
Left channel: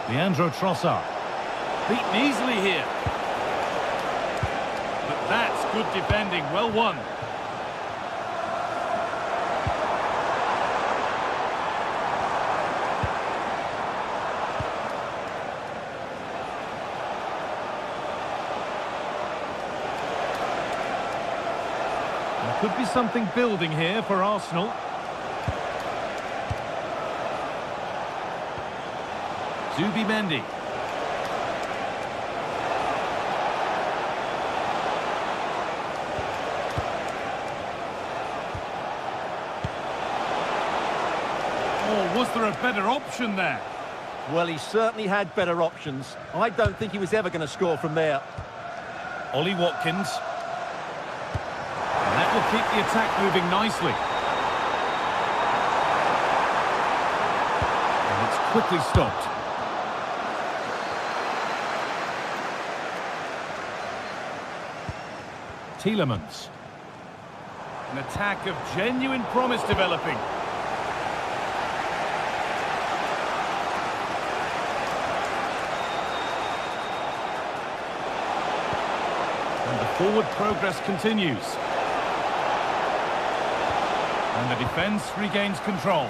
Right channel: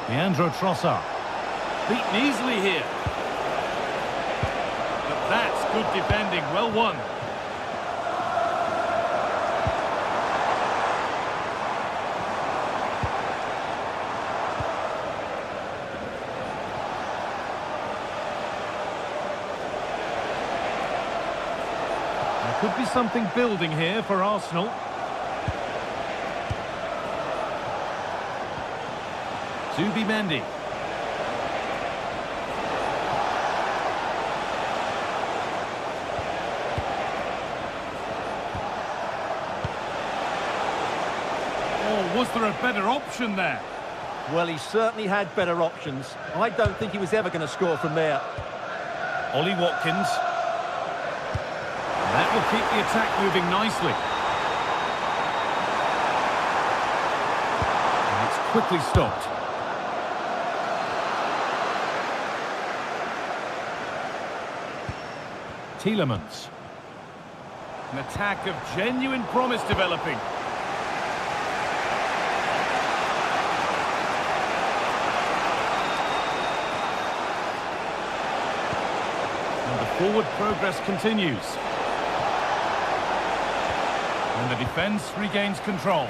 Leandro Trossard. Beaten easily here. But that's good defending, well won. There could be something building here for Arsenal. Zubimendi. Oh, was there a better option there? Well, he certainly had better options. I don't think he was ever going to score from there. Ollie Watkins. And that will keep the attack moving nicely. And it's quickly stopped. Tielemans. An attack of genuine promise developing. And the forward progress continues. And the defence regains control.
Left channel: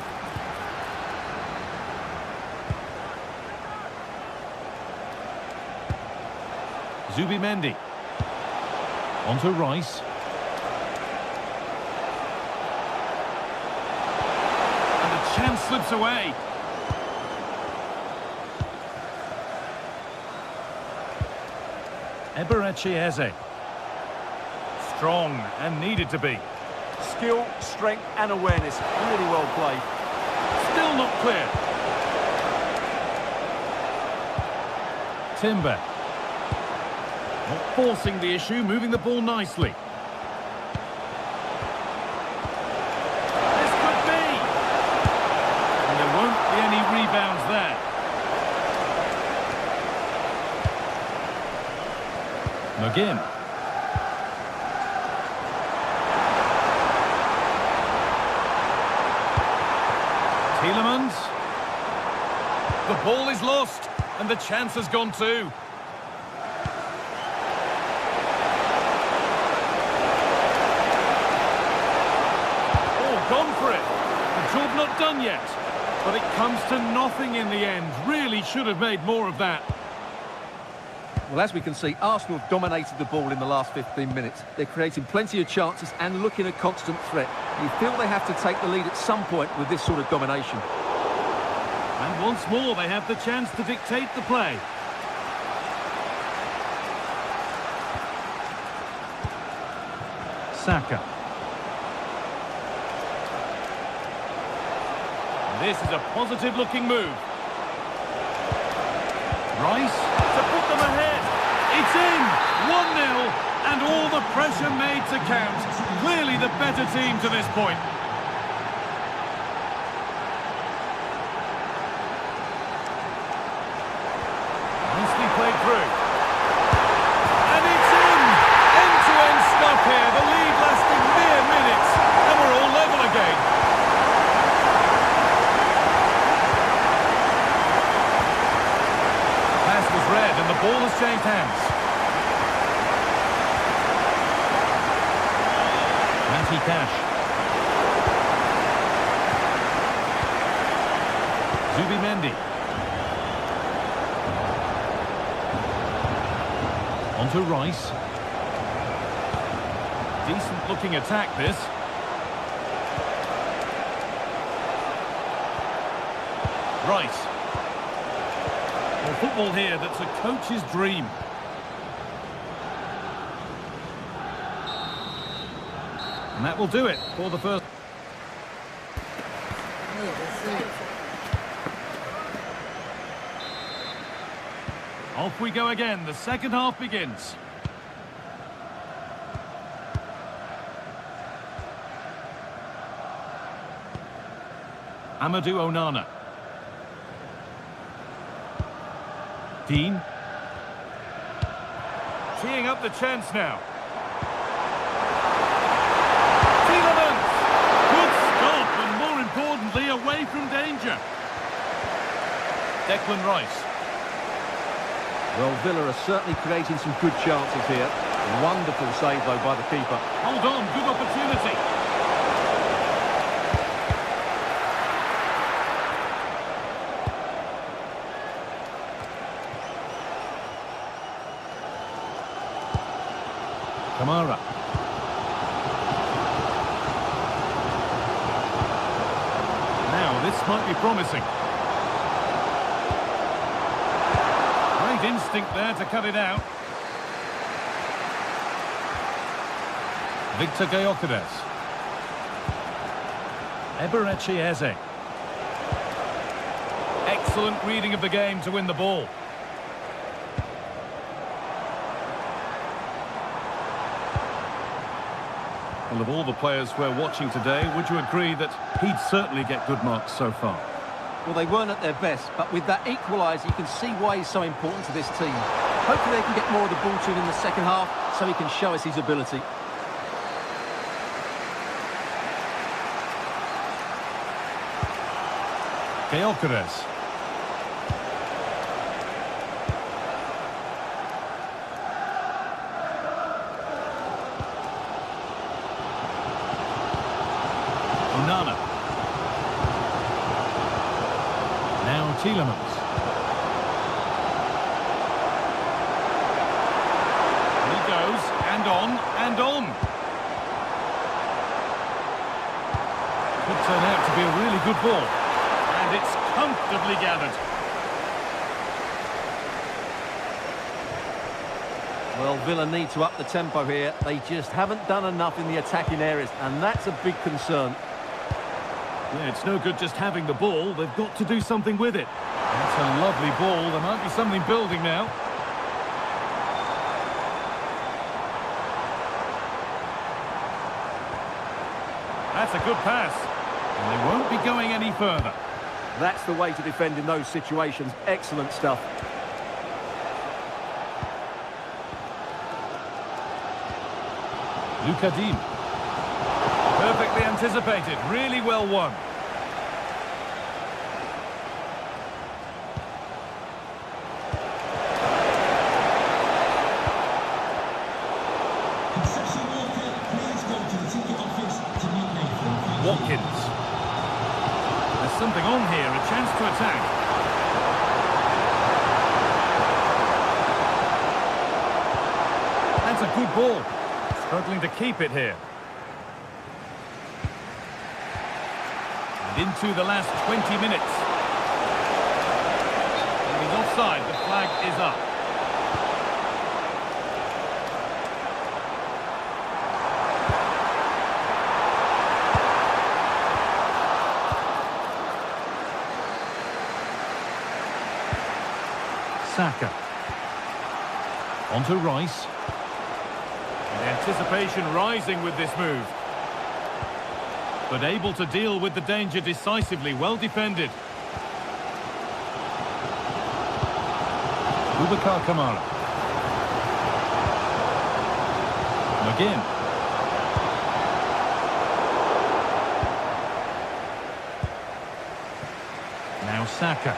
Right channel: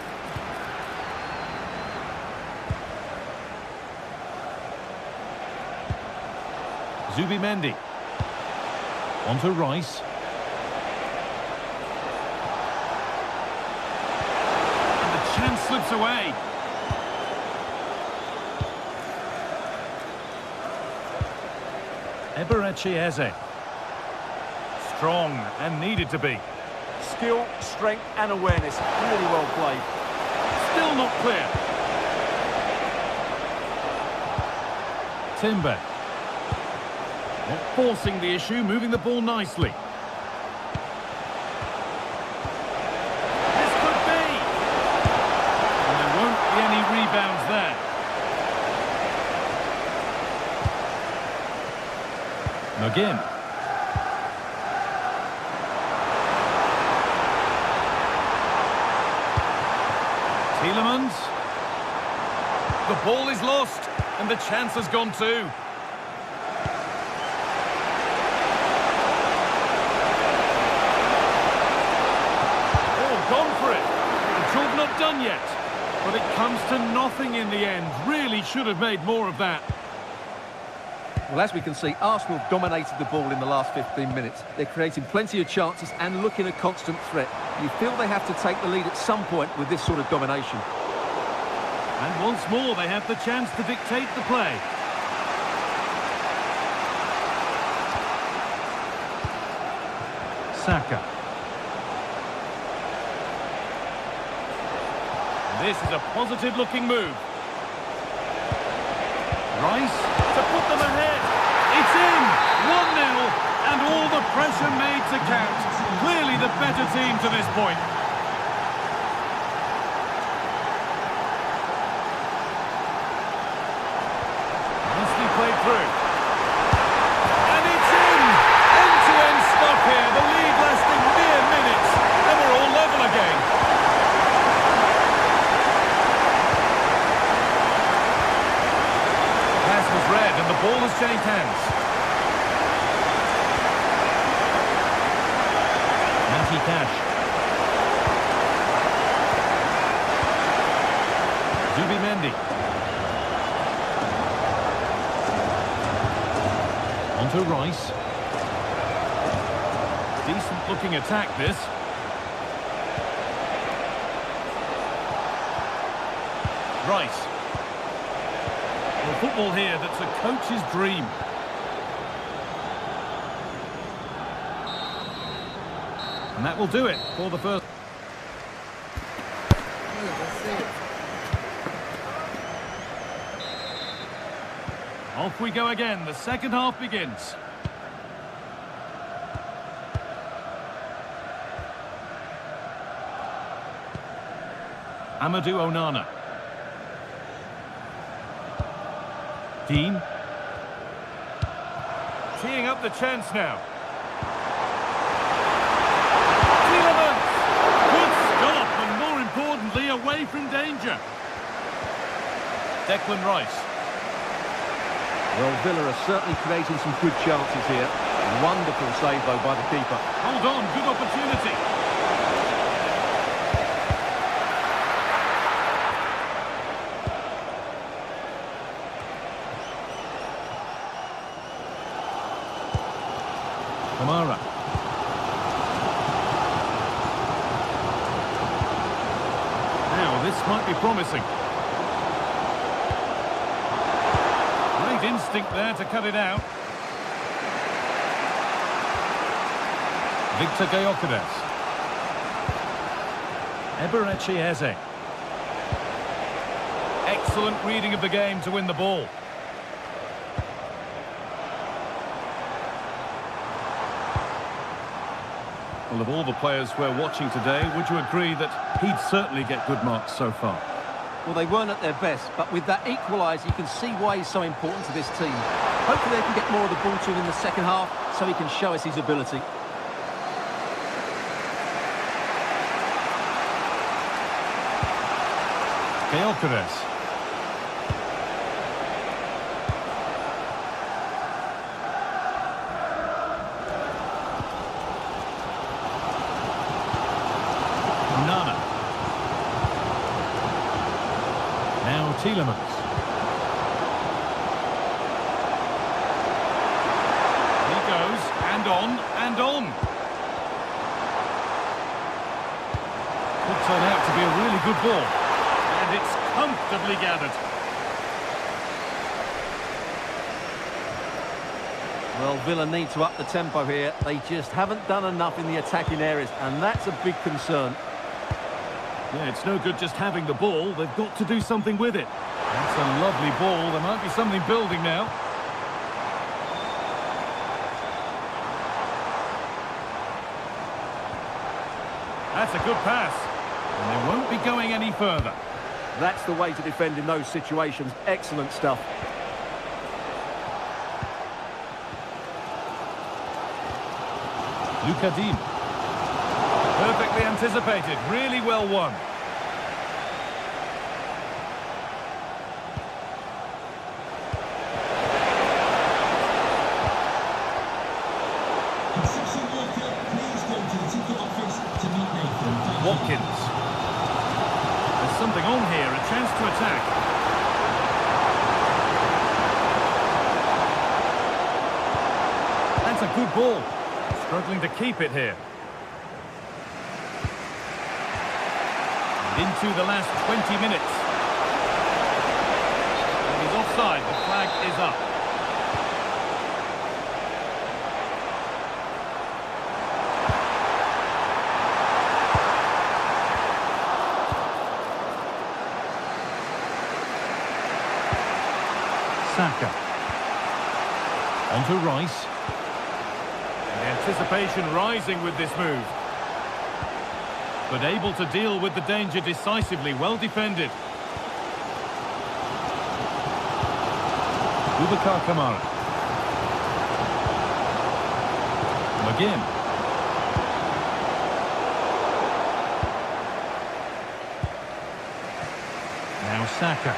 Zubimendi. On to Rice. And the chance slips away. Eberechi Eze. Strong and needed to be. Skill, strength and awareness. Really well played. Still not clear. Timber. Not forcing the issue, moving the ball nicely. This could be! And there won't be any rebounds there. McGinn. Tielemans. The ball is lost, and the chance has gone too. Gone for it. The job not done yet. But it comes to nothing in the end. Really should have made more of that. Well, as we can see, Arsenal have dominated the ball in the last 15 minutes. They're creating plenty of chances and looking a constant threat. You feel they have to take the lead at some point with this sort of domination. And once more, they have the chance to dictate the play. Saka. This is a positive-looking move. Rice to put them ahead. It's in! 1-0, and all the pressure made to count. Clearly the better team to this point. Nicely played through. And it's in! End-to-end stuff here. The lead lasting mere minutes. And we're all level again. ball has changed hands. Matty Cash. Zubimendi. Onto Rice. Decent looking attack this. Rice. Well, football here that's a coach's dream. And that will do it for the first. Off we go again. The second half begins. Amadou Onana. Dean. Teeing up the chance now. Good stop, and more importantly, away from danger. Declan Rice. Well, Villa are certainly creating some good chances here. Wonderful save, though, by the keeper. Hold on, good opportunity. Kamara. Now, this might be promising. Great instinct there to cut it out. Victor Gyökeres. Eberechi Eze. Excellent reading of the game to win the ball. Well, of all the players we're watching today, would you agree that he'd certainly get good marks so far? Well, they weren't at their best, but with that equaliser, you can see why he's so important to this team. Hopefully they can get more of the ball to him in the second half, so he can show us his ability. Gyökeres. Onana. Now Tielemans. And he goes, and on, and on. Could turn out to be a really good ball. And it's comfortably gathered. Well, Villa need to up the tempo here. They just haven't done enough in the attacking areas, and that's a big concern. Yeah, it's no good just having the ball. They've got to do something with it. That's a lovely ball. There might be something building now. That's a good pass. And they won't be going any further. That's the way to defend in those situations. Excellent stuff. Luka Dean. Perfectly anticipated. Really well won. Watkins. There's something on here, a chance to attack. That's a good ball. Struggling to keep it here. And into the last 20 minutes. And he's offside, the flag is up. Saka. Onto Rice. And anticipation rising with this move. But able to deal with the danger decisively. Well defended. Boubacar Kamara. McGinn. Now Saka.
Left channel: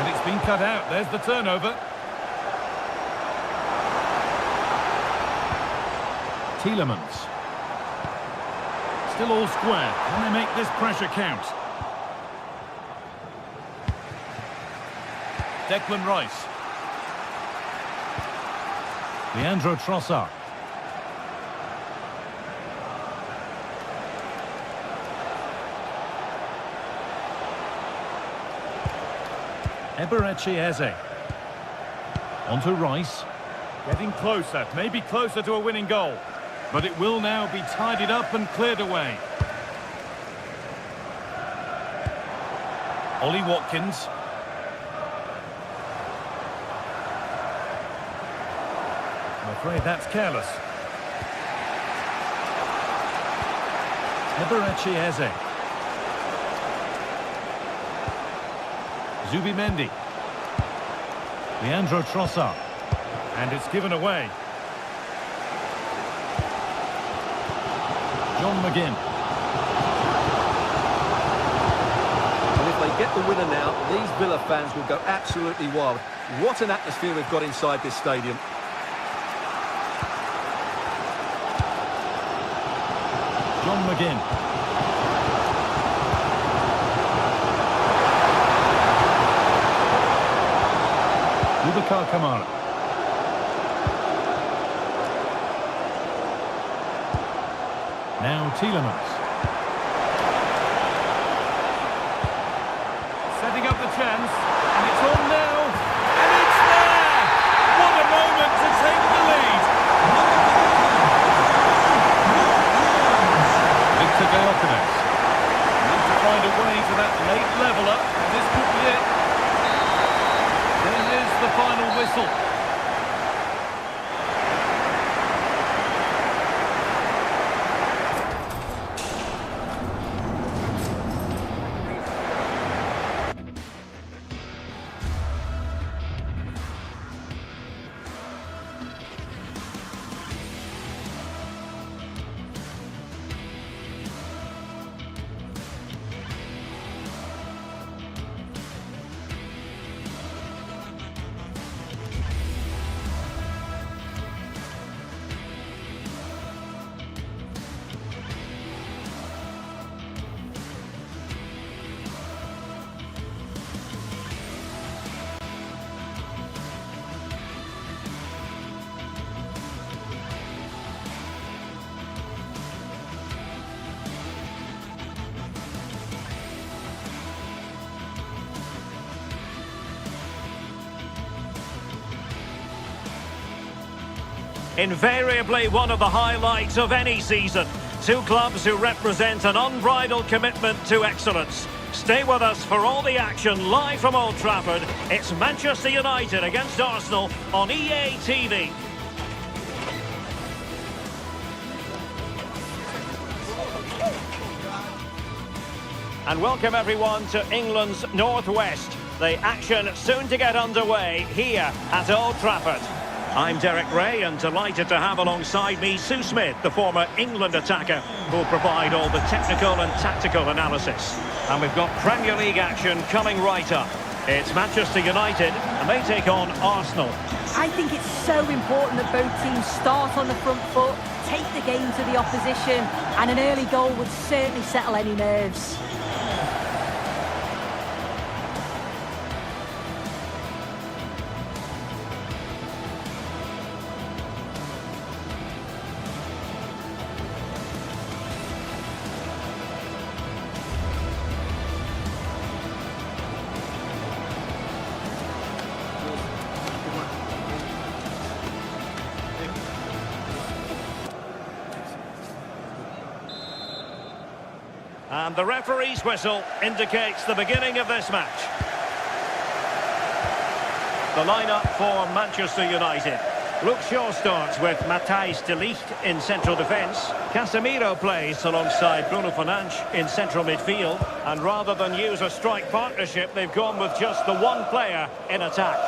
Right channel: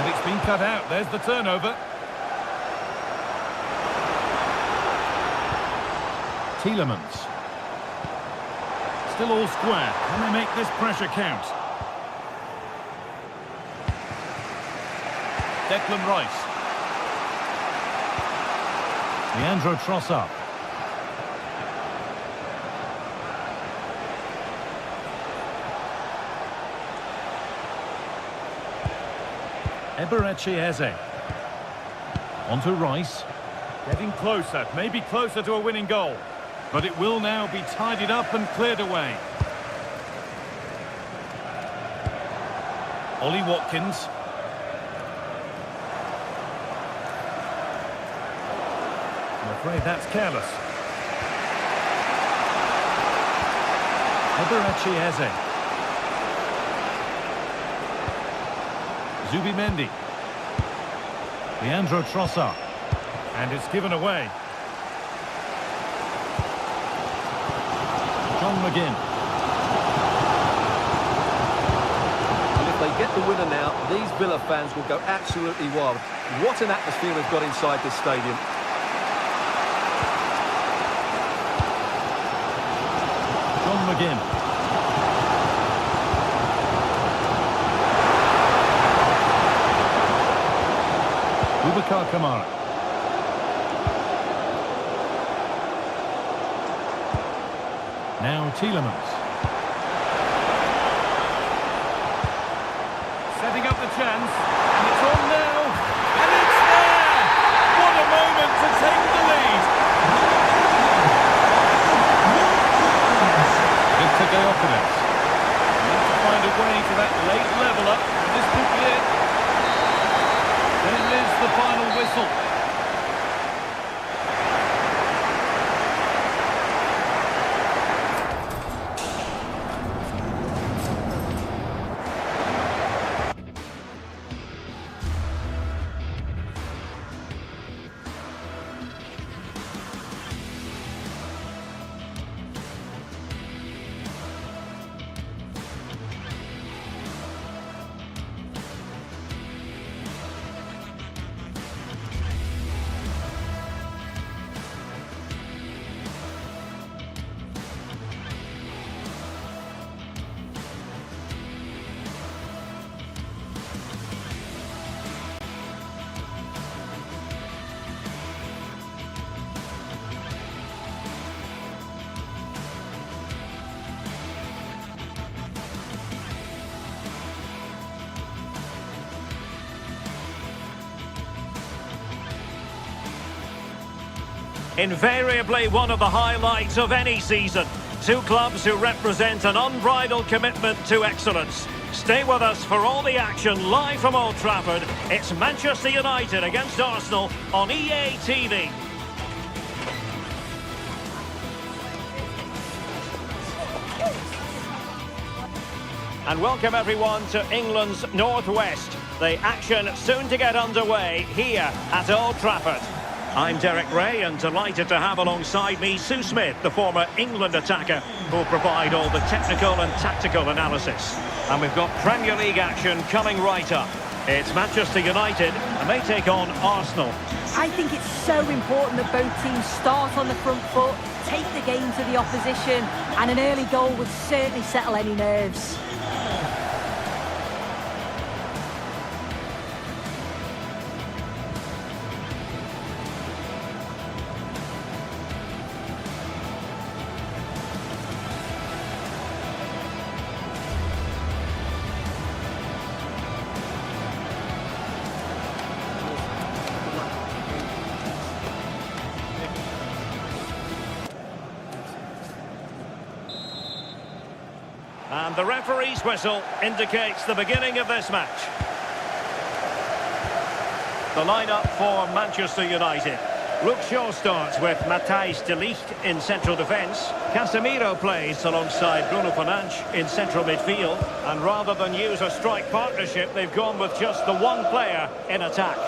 And it's been cut out. There's the turnover. Tielemans. Still all square. Can they make this pressure count? Declan Rice. Leandro Trossard. Eberechi Eze. On to Rice. Getting closer, maybe closer to a winning goal. But it will now be tidied up and cleared away. Ollie Watkins. I'm afraid that's careless. Eberechi Eze. Zubimendi. Leandro Trossard. And it's given away. John McGinn. Well, if they get the winner now, these Villa fans will go absolutely wild. What an atmosphere we've got inside this stadium. John McGinn. Boubacar Kamara. Now Tielemans. Setting up the chance, and it's on now, and it's there! What a moment to take the lead! Victor Gyökeres. Need to find a way to that late leveller, and this could be it. There is the final whistle. Invariably one of the highlights of any season. Two clubs who represent an unbridled commitment to excellence. Stay with us for all the action live from Old Trafford. It's Manchester United against Arsenal on EA TV. And welcome everyone to England's Northwest. The action soon to get underway here at Old Trafford. I'm Derek Ray and delighted to have alongside me Sue Smith, the former England attacker, who'll provide all the technical and tactical analysis. And we've got Premier League action coming right up. It's Manchester United and they take on Arsenal. I think it's so important that both teams start on the front foot, take the game to the opposition, and an early goal would certainly settle any nerves. And the referee's whistle indicates the beginning of this match. The lineup for Manchester United. Luke Shaw starts with Matthijs de Ligt in central defence. Casemiro plays alongside Bruno Fernandes in central midfield. And rather than use a strike partnership, they've gone with just the one player in attack.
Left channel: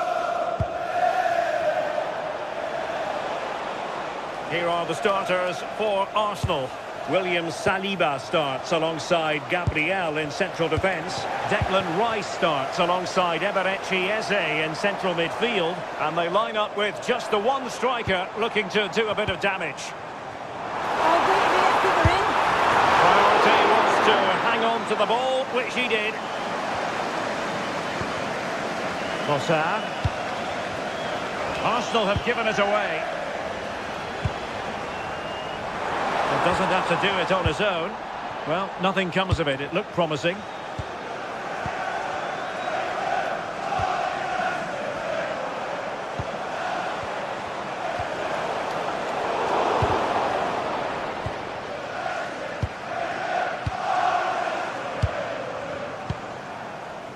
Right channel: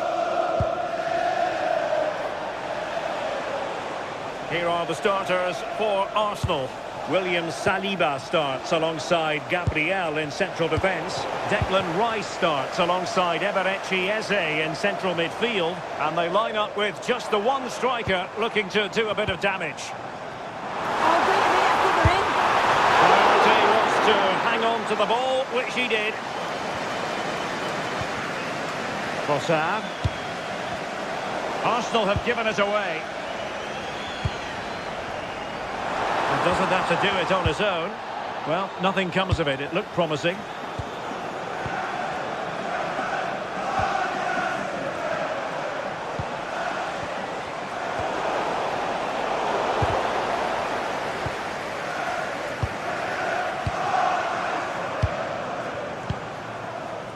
Here are the starters for Arsenal. William Saliba starts alongside Gabriel in central defence. Declan Rice starts alongside Eberechi Eze in central midfield. And they line up with just the one striker looking to do a bit of damage. Oh, wait a minute, I think they're in. Priority was to hang on to the ball, which he did. Trossard. Arsenal have given it away. He doesn't have to do it on his own. Well, nothing comes of it. It looked promising.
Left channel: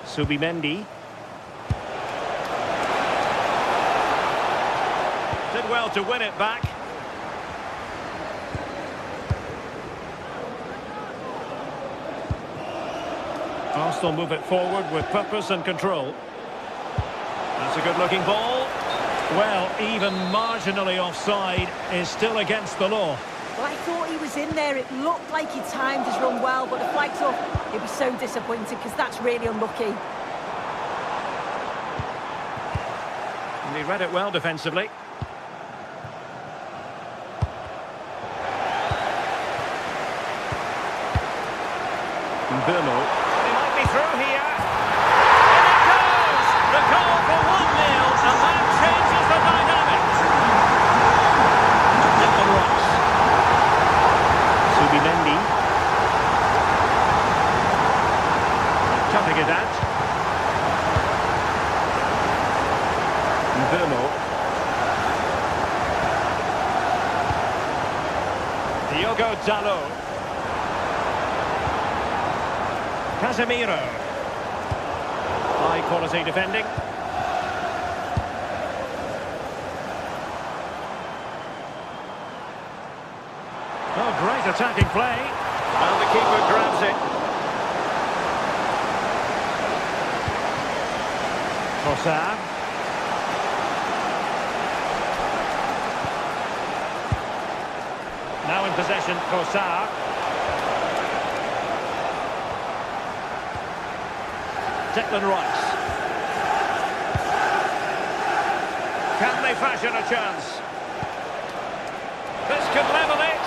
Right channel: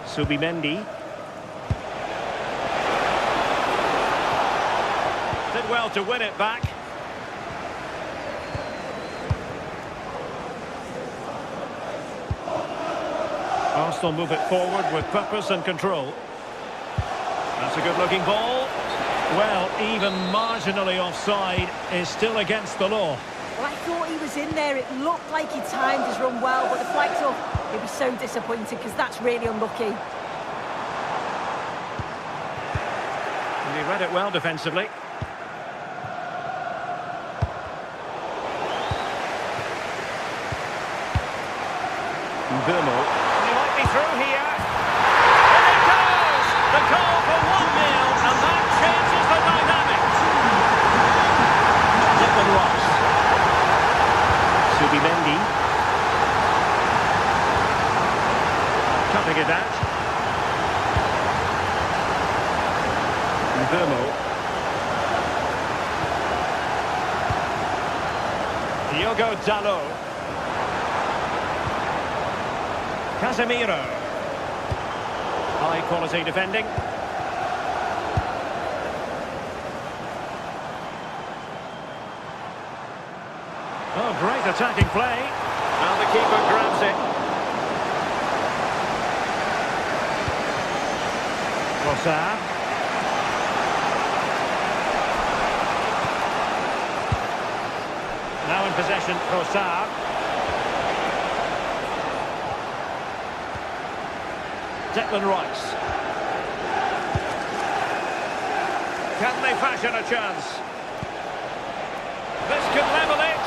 Subimendi. Did well to win it back. Arsenal move it forward with purpose and control. That's a good-looking ball. Well, even marginally offside is still against the law. Well, I thought he was in there. It looked like he timed his run well, but the flag's up. He'll be so disappointed because that's really unlucky. And he read it well defensively. Burmo. He might be through here. In it goes! The goal for 1-0, and that changes the dynamics. Declan Rice. Subimendi. Cutting it out. Burmo. Diogo Dalot. Casemiro. High quality defending. Oh, great attacking play. And the keeper grabs it. Trossard. Now in possession, Trossard. Declan Rice. Can they fashion a chance? This could level it.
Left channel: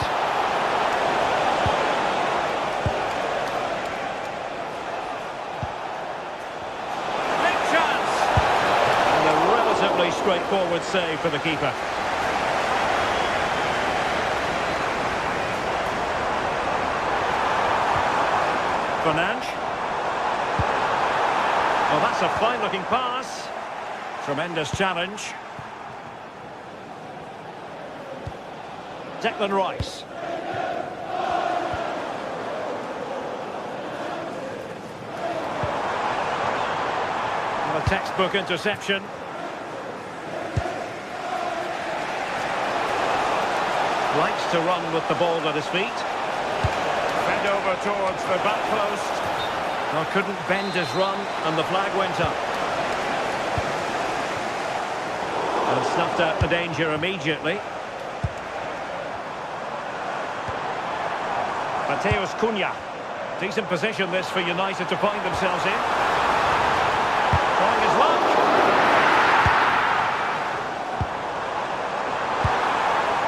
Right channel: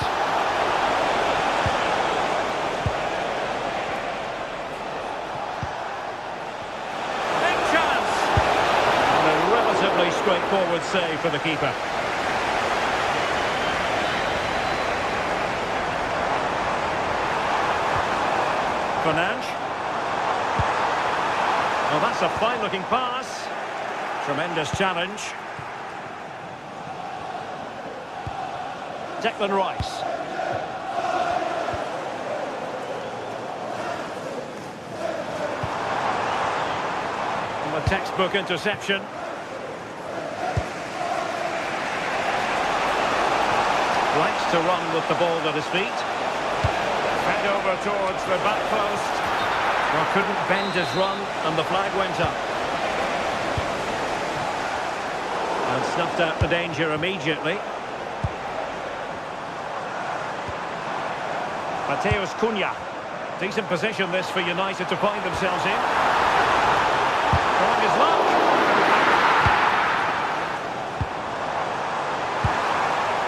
Big chance. And a relatively straightforward save for the keeper. Fernandes. Well, that's a fine-looking pass. Tremendous challenge. Declan Rice. And a textbook interception. Likes to run with the ball at his feet. Fed over towards the back post. Well, couldn't bend his run, and the flag went up. And snuffed out the danger immediately. Mateus Cunha. Decent position this for United to find themselves in. Trying his luck.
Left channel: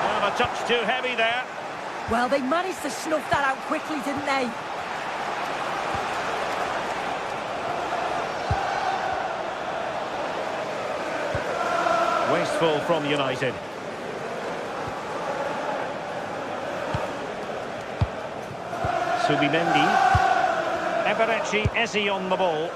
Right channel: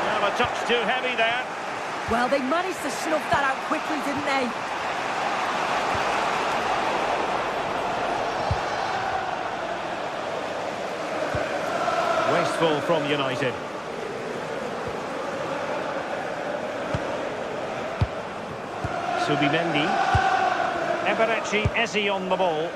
Well, a touch too heavy there. Well, they managed to snuff that out quickly, didn't they? Wasteful from United. Subimendi. Eberechi Eze on the ball.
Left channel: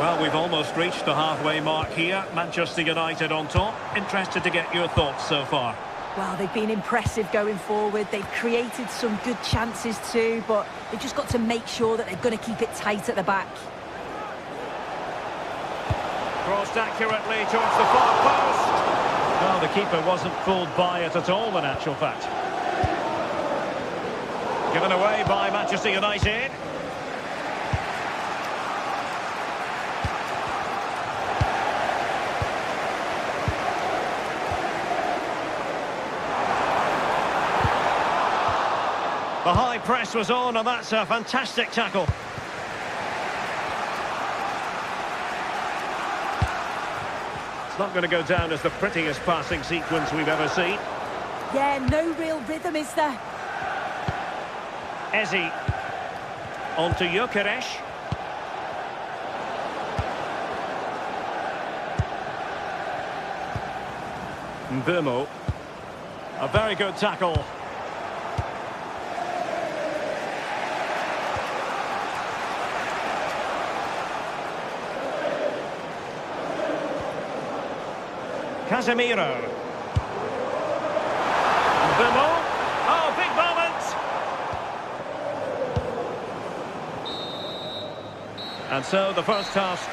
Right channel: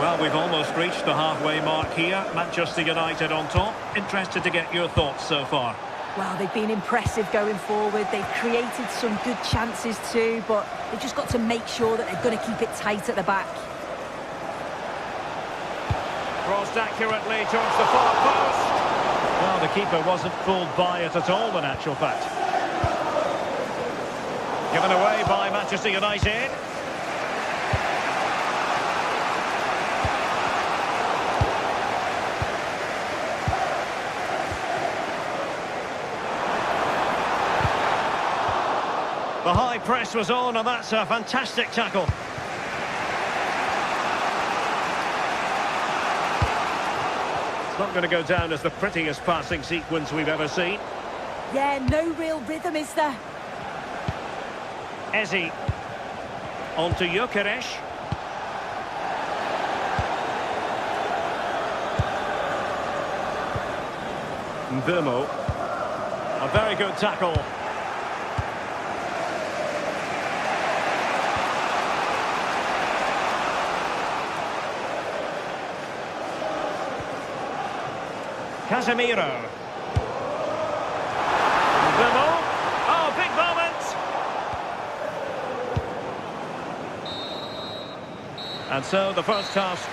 Well, we've almost reached the halfway mark here. Manchester United on top. Interested to get your thoughts so far. Well, they've been impressive going forward. They've created some good chances too, but they've just got to make sure that they're going to keep it tight at the back. Crossed accurately towards the far post. Well, the keeper wasn't fooled by it at all, in actual fact. Given away by Manchester United. The high press was on, and that's a fantastic tackle. It's not going to go down as the prettiest passing sequence we've ever seen. Yeah, no real rhythm, is there? Eze. On to Gyökeres. Mbeumo. A very good tackle. Casemiro. Mbeumo. Oh, big moment! And so the first half.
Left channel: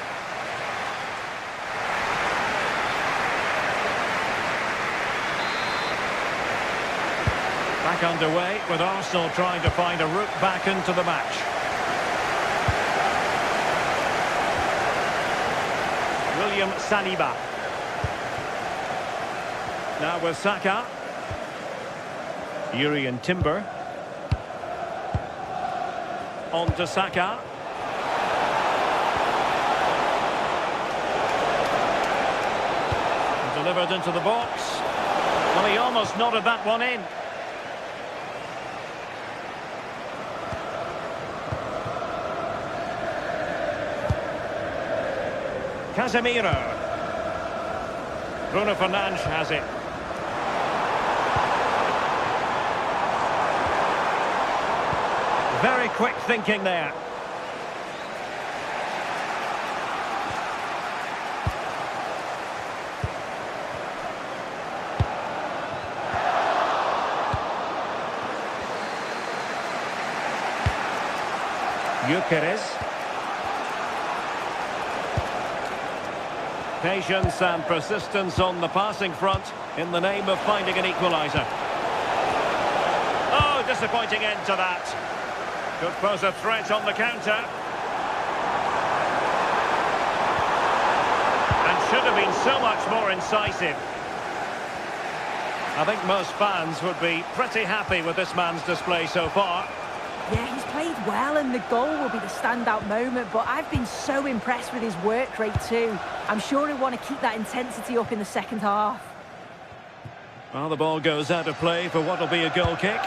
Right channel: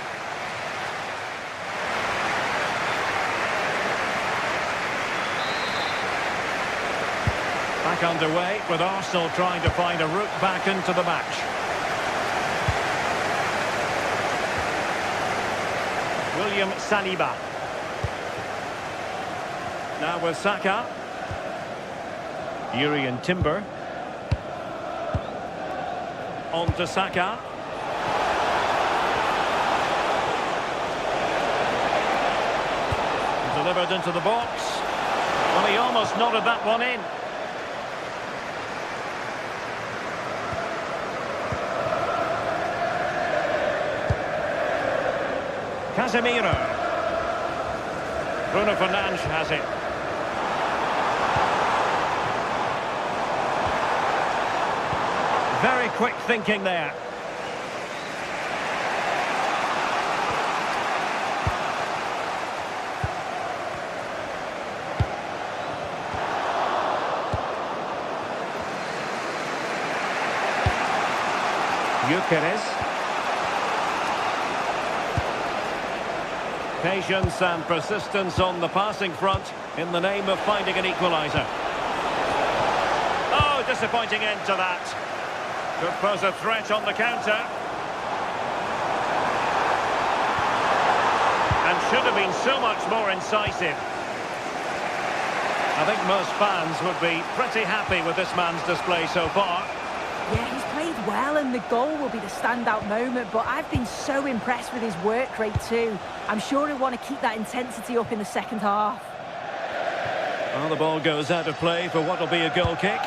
Back underway with Arsenal trying to find a route back into the match. William Saliba. Now with Saka. Urian Timber. On to Saka. Delivered into the box. Well, he almost nodded that one in. Casemiro. Bruno Fernandes has it. Very quick thinking there. Gyökeres. Patience and persistence on the passing front in the name of finding an equaliser. Oh, disappointing end to that. Could pose a threat on the counter. And should have been so much more incisive. I think most fans would be pretty happy with this man's display so far. Yeah, he's played well and the goal will be the standout moment, but I've been so impressed with his work rate too. I'm sure he'll want to keep that intensity up in the second half. Well, the ball goes out of play for what will be a goal kick.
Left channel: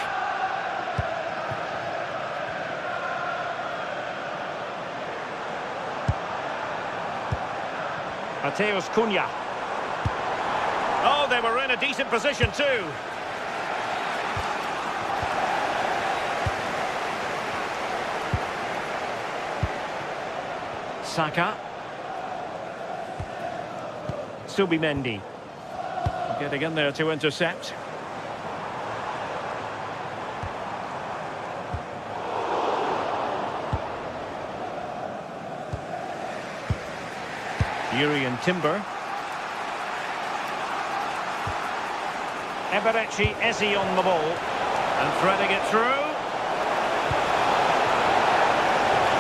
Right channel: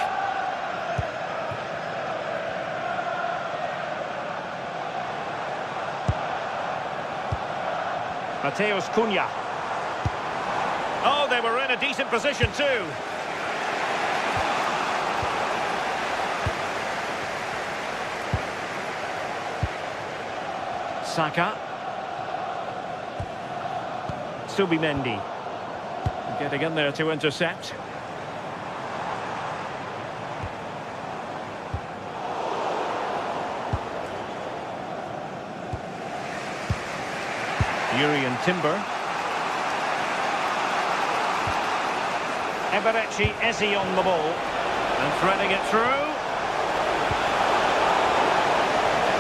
Mateus Cunha. Oh, they were in a decent position too. Saka. Subimendi. Getting in there to intercept. Urian Timber. Eberechi Eze on the ball. And threading it through.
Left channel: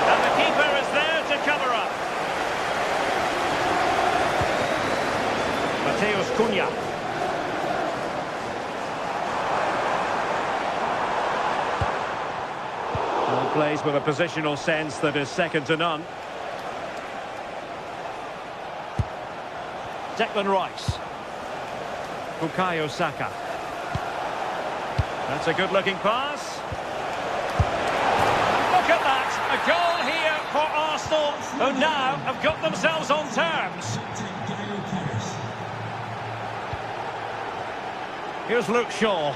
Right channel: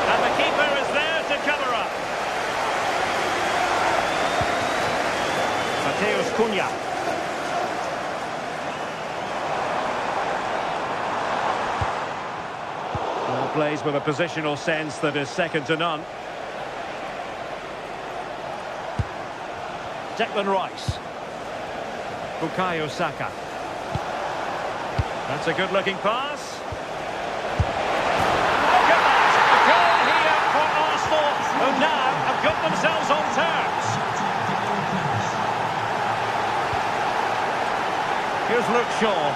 And the keeper is there to cover up. Mateus Cunha. Well, plays with a positional sense that is second to none. Declan Rice. Bukayo Saka. That's a good-looking pass. Look at that! A goal here for Arsenal, who now have got themselves on terms. Here's Luke Shaw.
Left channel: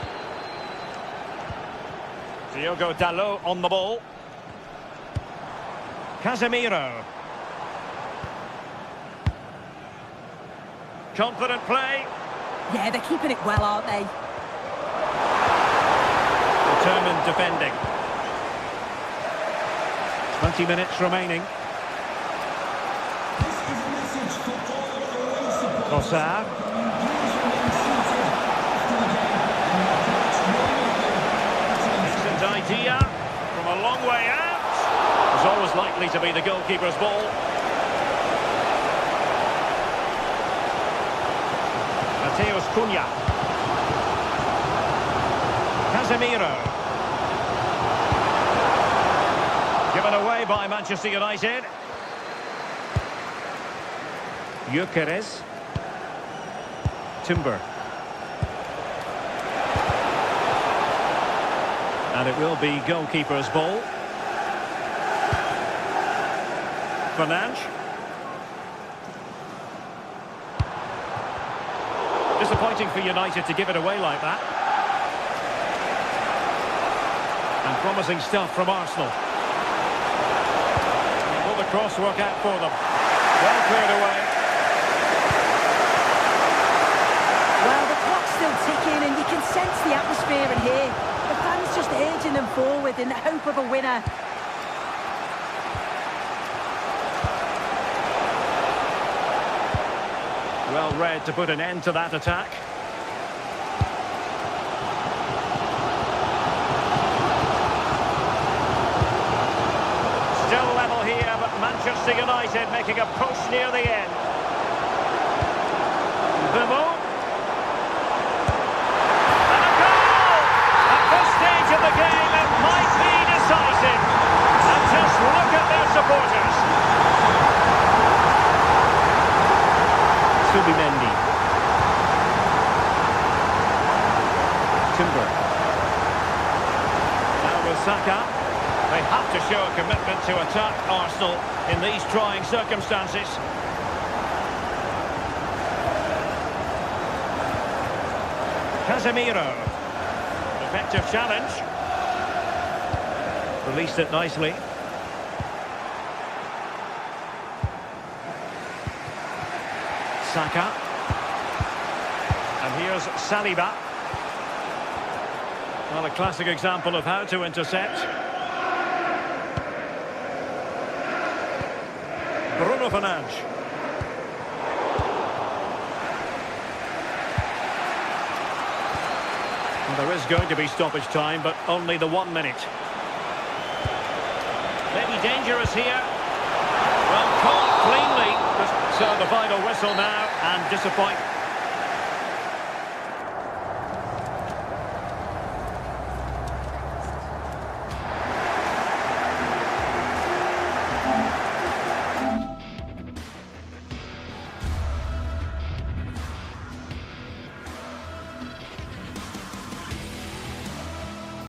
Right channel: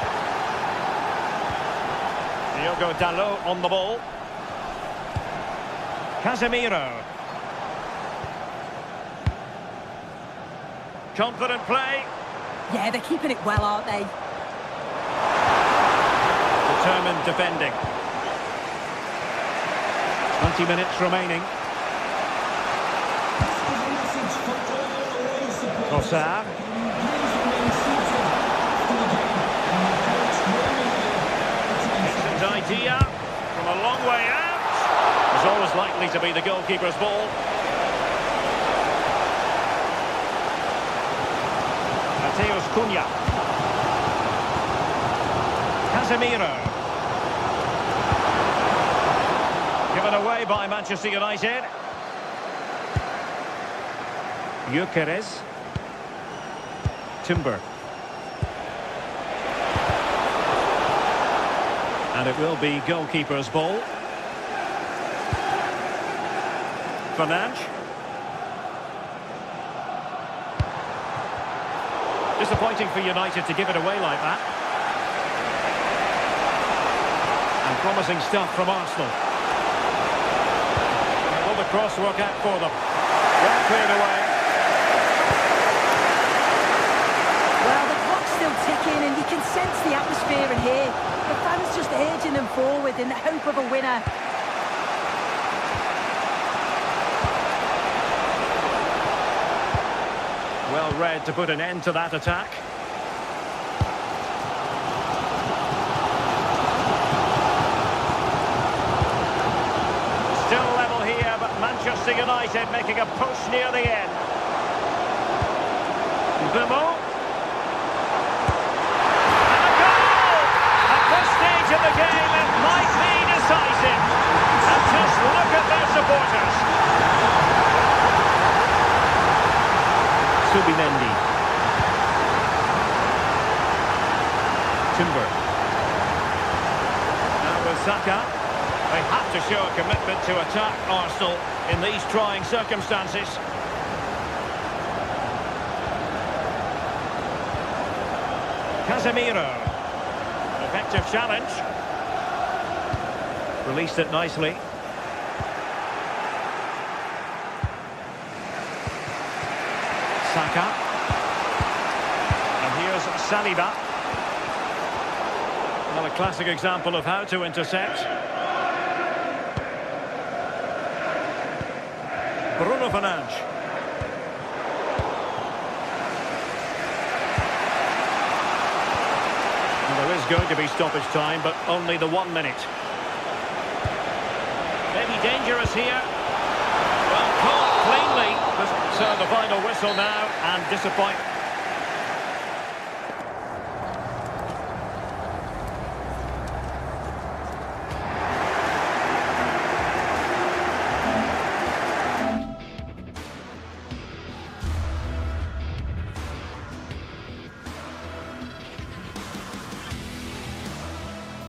Diogo Dalot on the ball. Casemiro. Confident play. Yeah, they're keeping it well, aren't they? Determined defending. 20 minutes remaining. This is a message for all away supporters. Trossard. Please remain seated after the game and the coach will meet you. Decent idea from a long way out. It's always likely to be the goalkeeper's ball. Mateus Cunha. Casemiro. Given away by Manchester United. Gyökeres. Timber. And it will be goalkeeper's ball. Fernandes. Disappointing for United to give it away like that. And promising stuff from Arsenal. Will the cross work out for them? Well cleared away. Well, the clock's still ticking and you can sense the atmosphere in here. The fans just urging them forward in the hope of a winner. Well read to put an end to that attack. Still level here, but Manchester United making a push near the end. Bimo. And a goal! At this stage of the game, it might be decisive. And just look at their supporters. Subimendi. Timber. Now with Saka. They have to show a commitment to attack Arsenal in these trying circumstances. Casemiro. Effective challenge. Released it nicely. Saka. And here's Saliba. Well, a classic example of how to intercept. Bruno Fernandes. Well, there is going to be stoppage time, but only the 1 minute. Maybe dangerous here. Well, caught cleanly. So the final whistle now, and disappointment.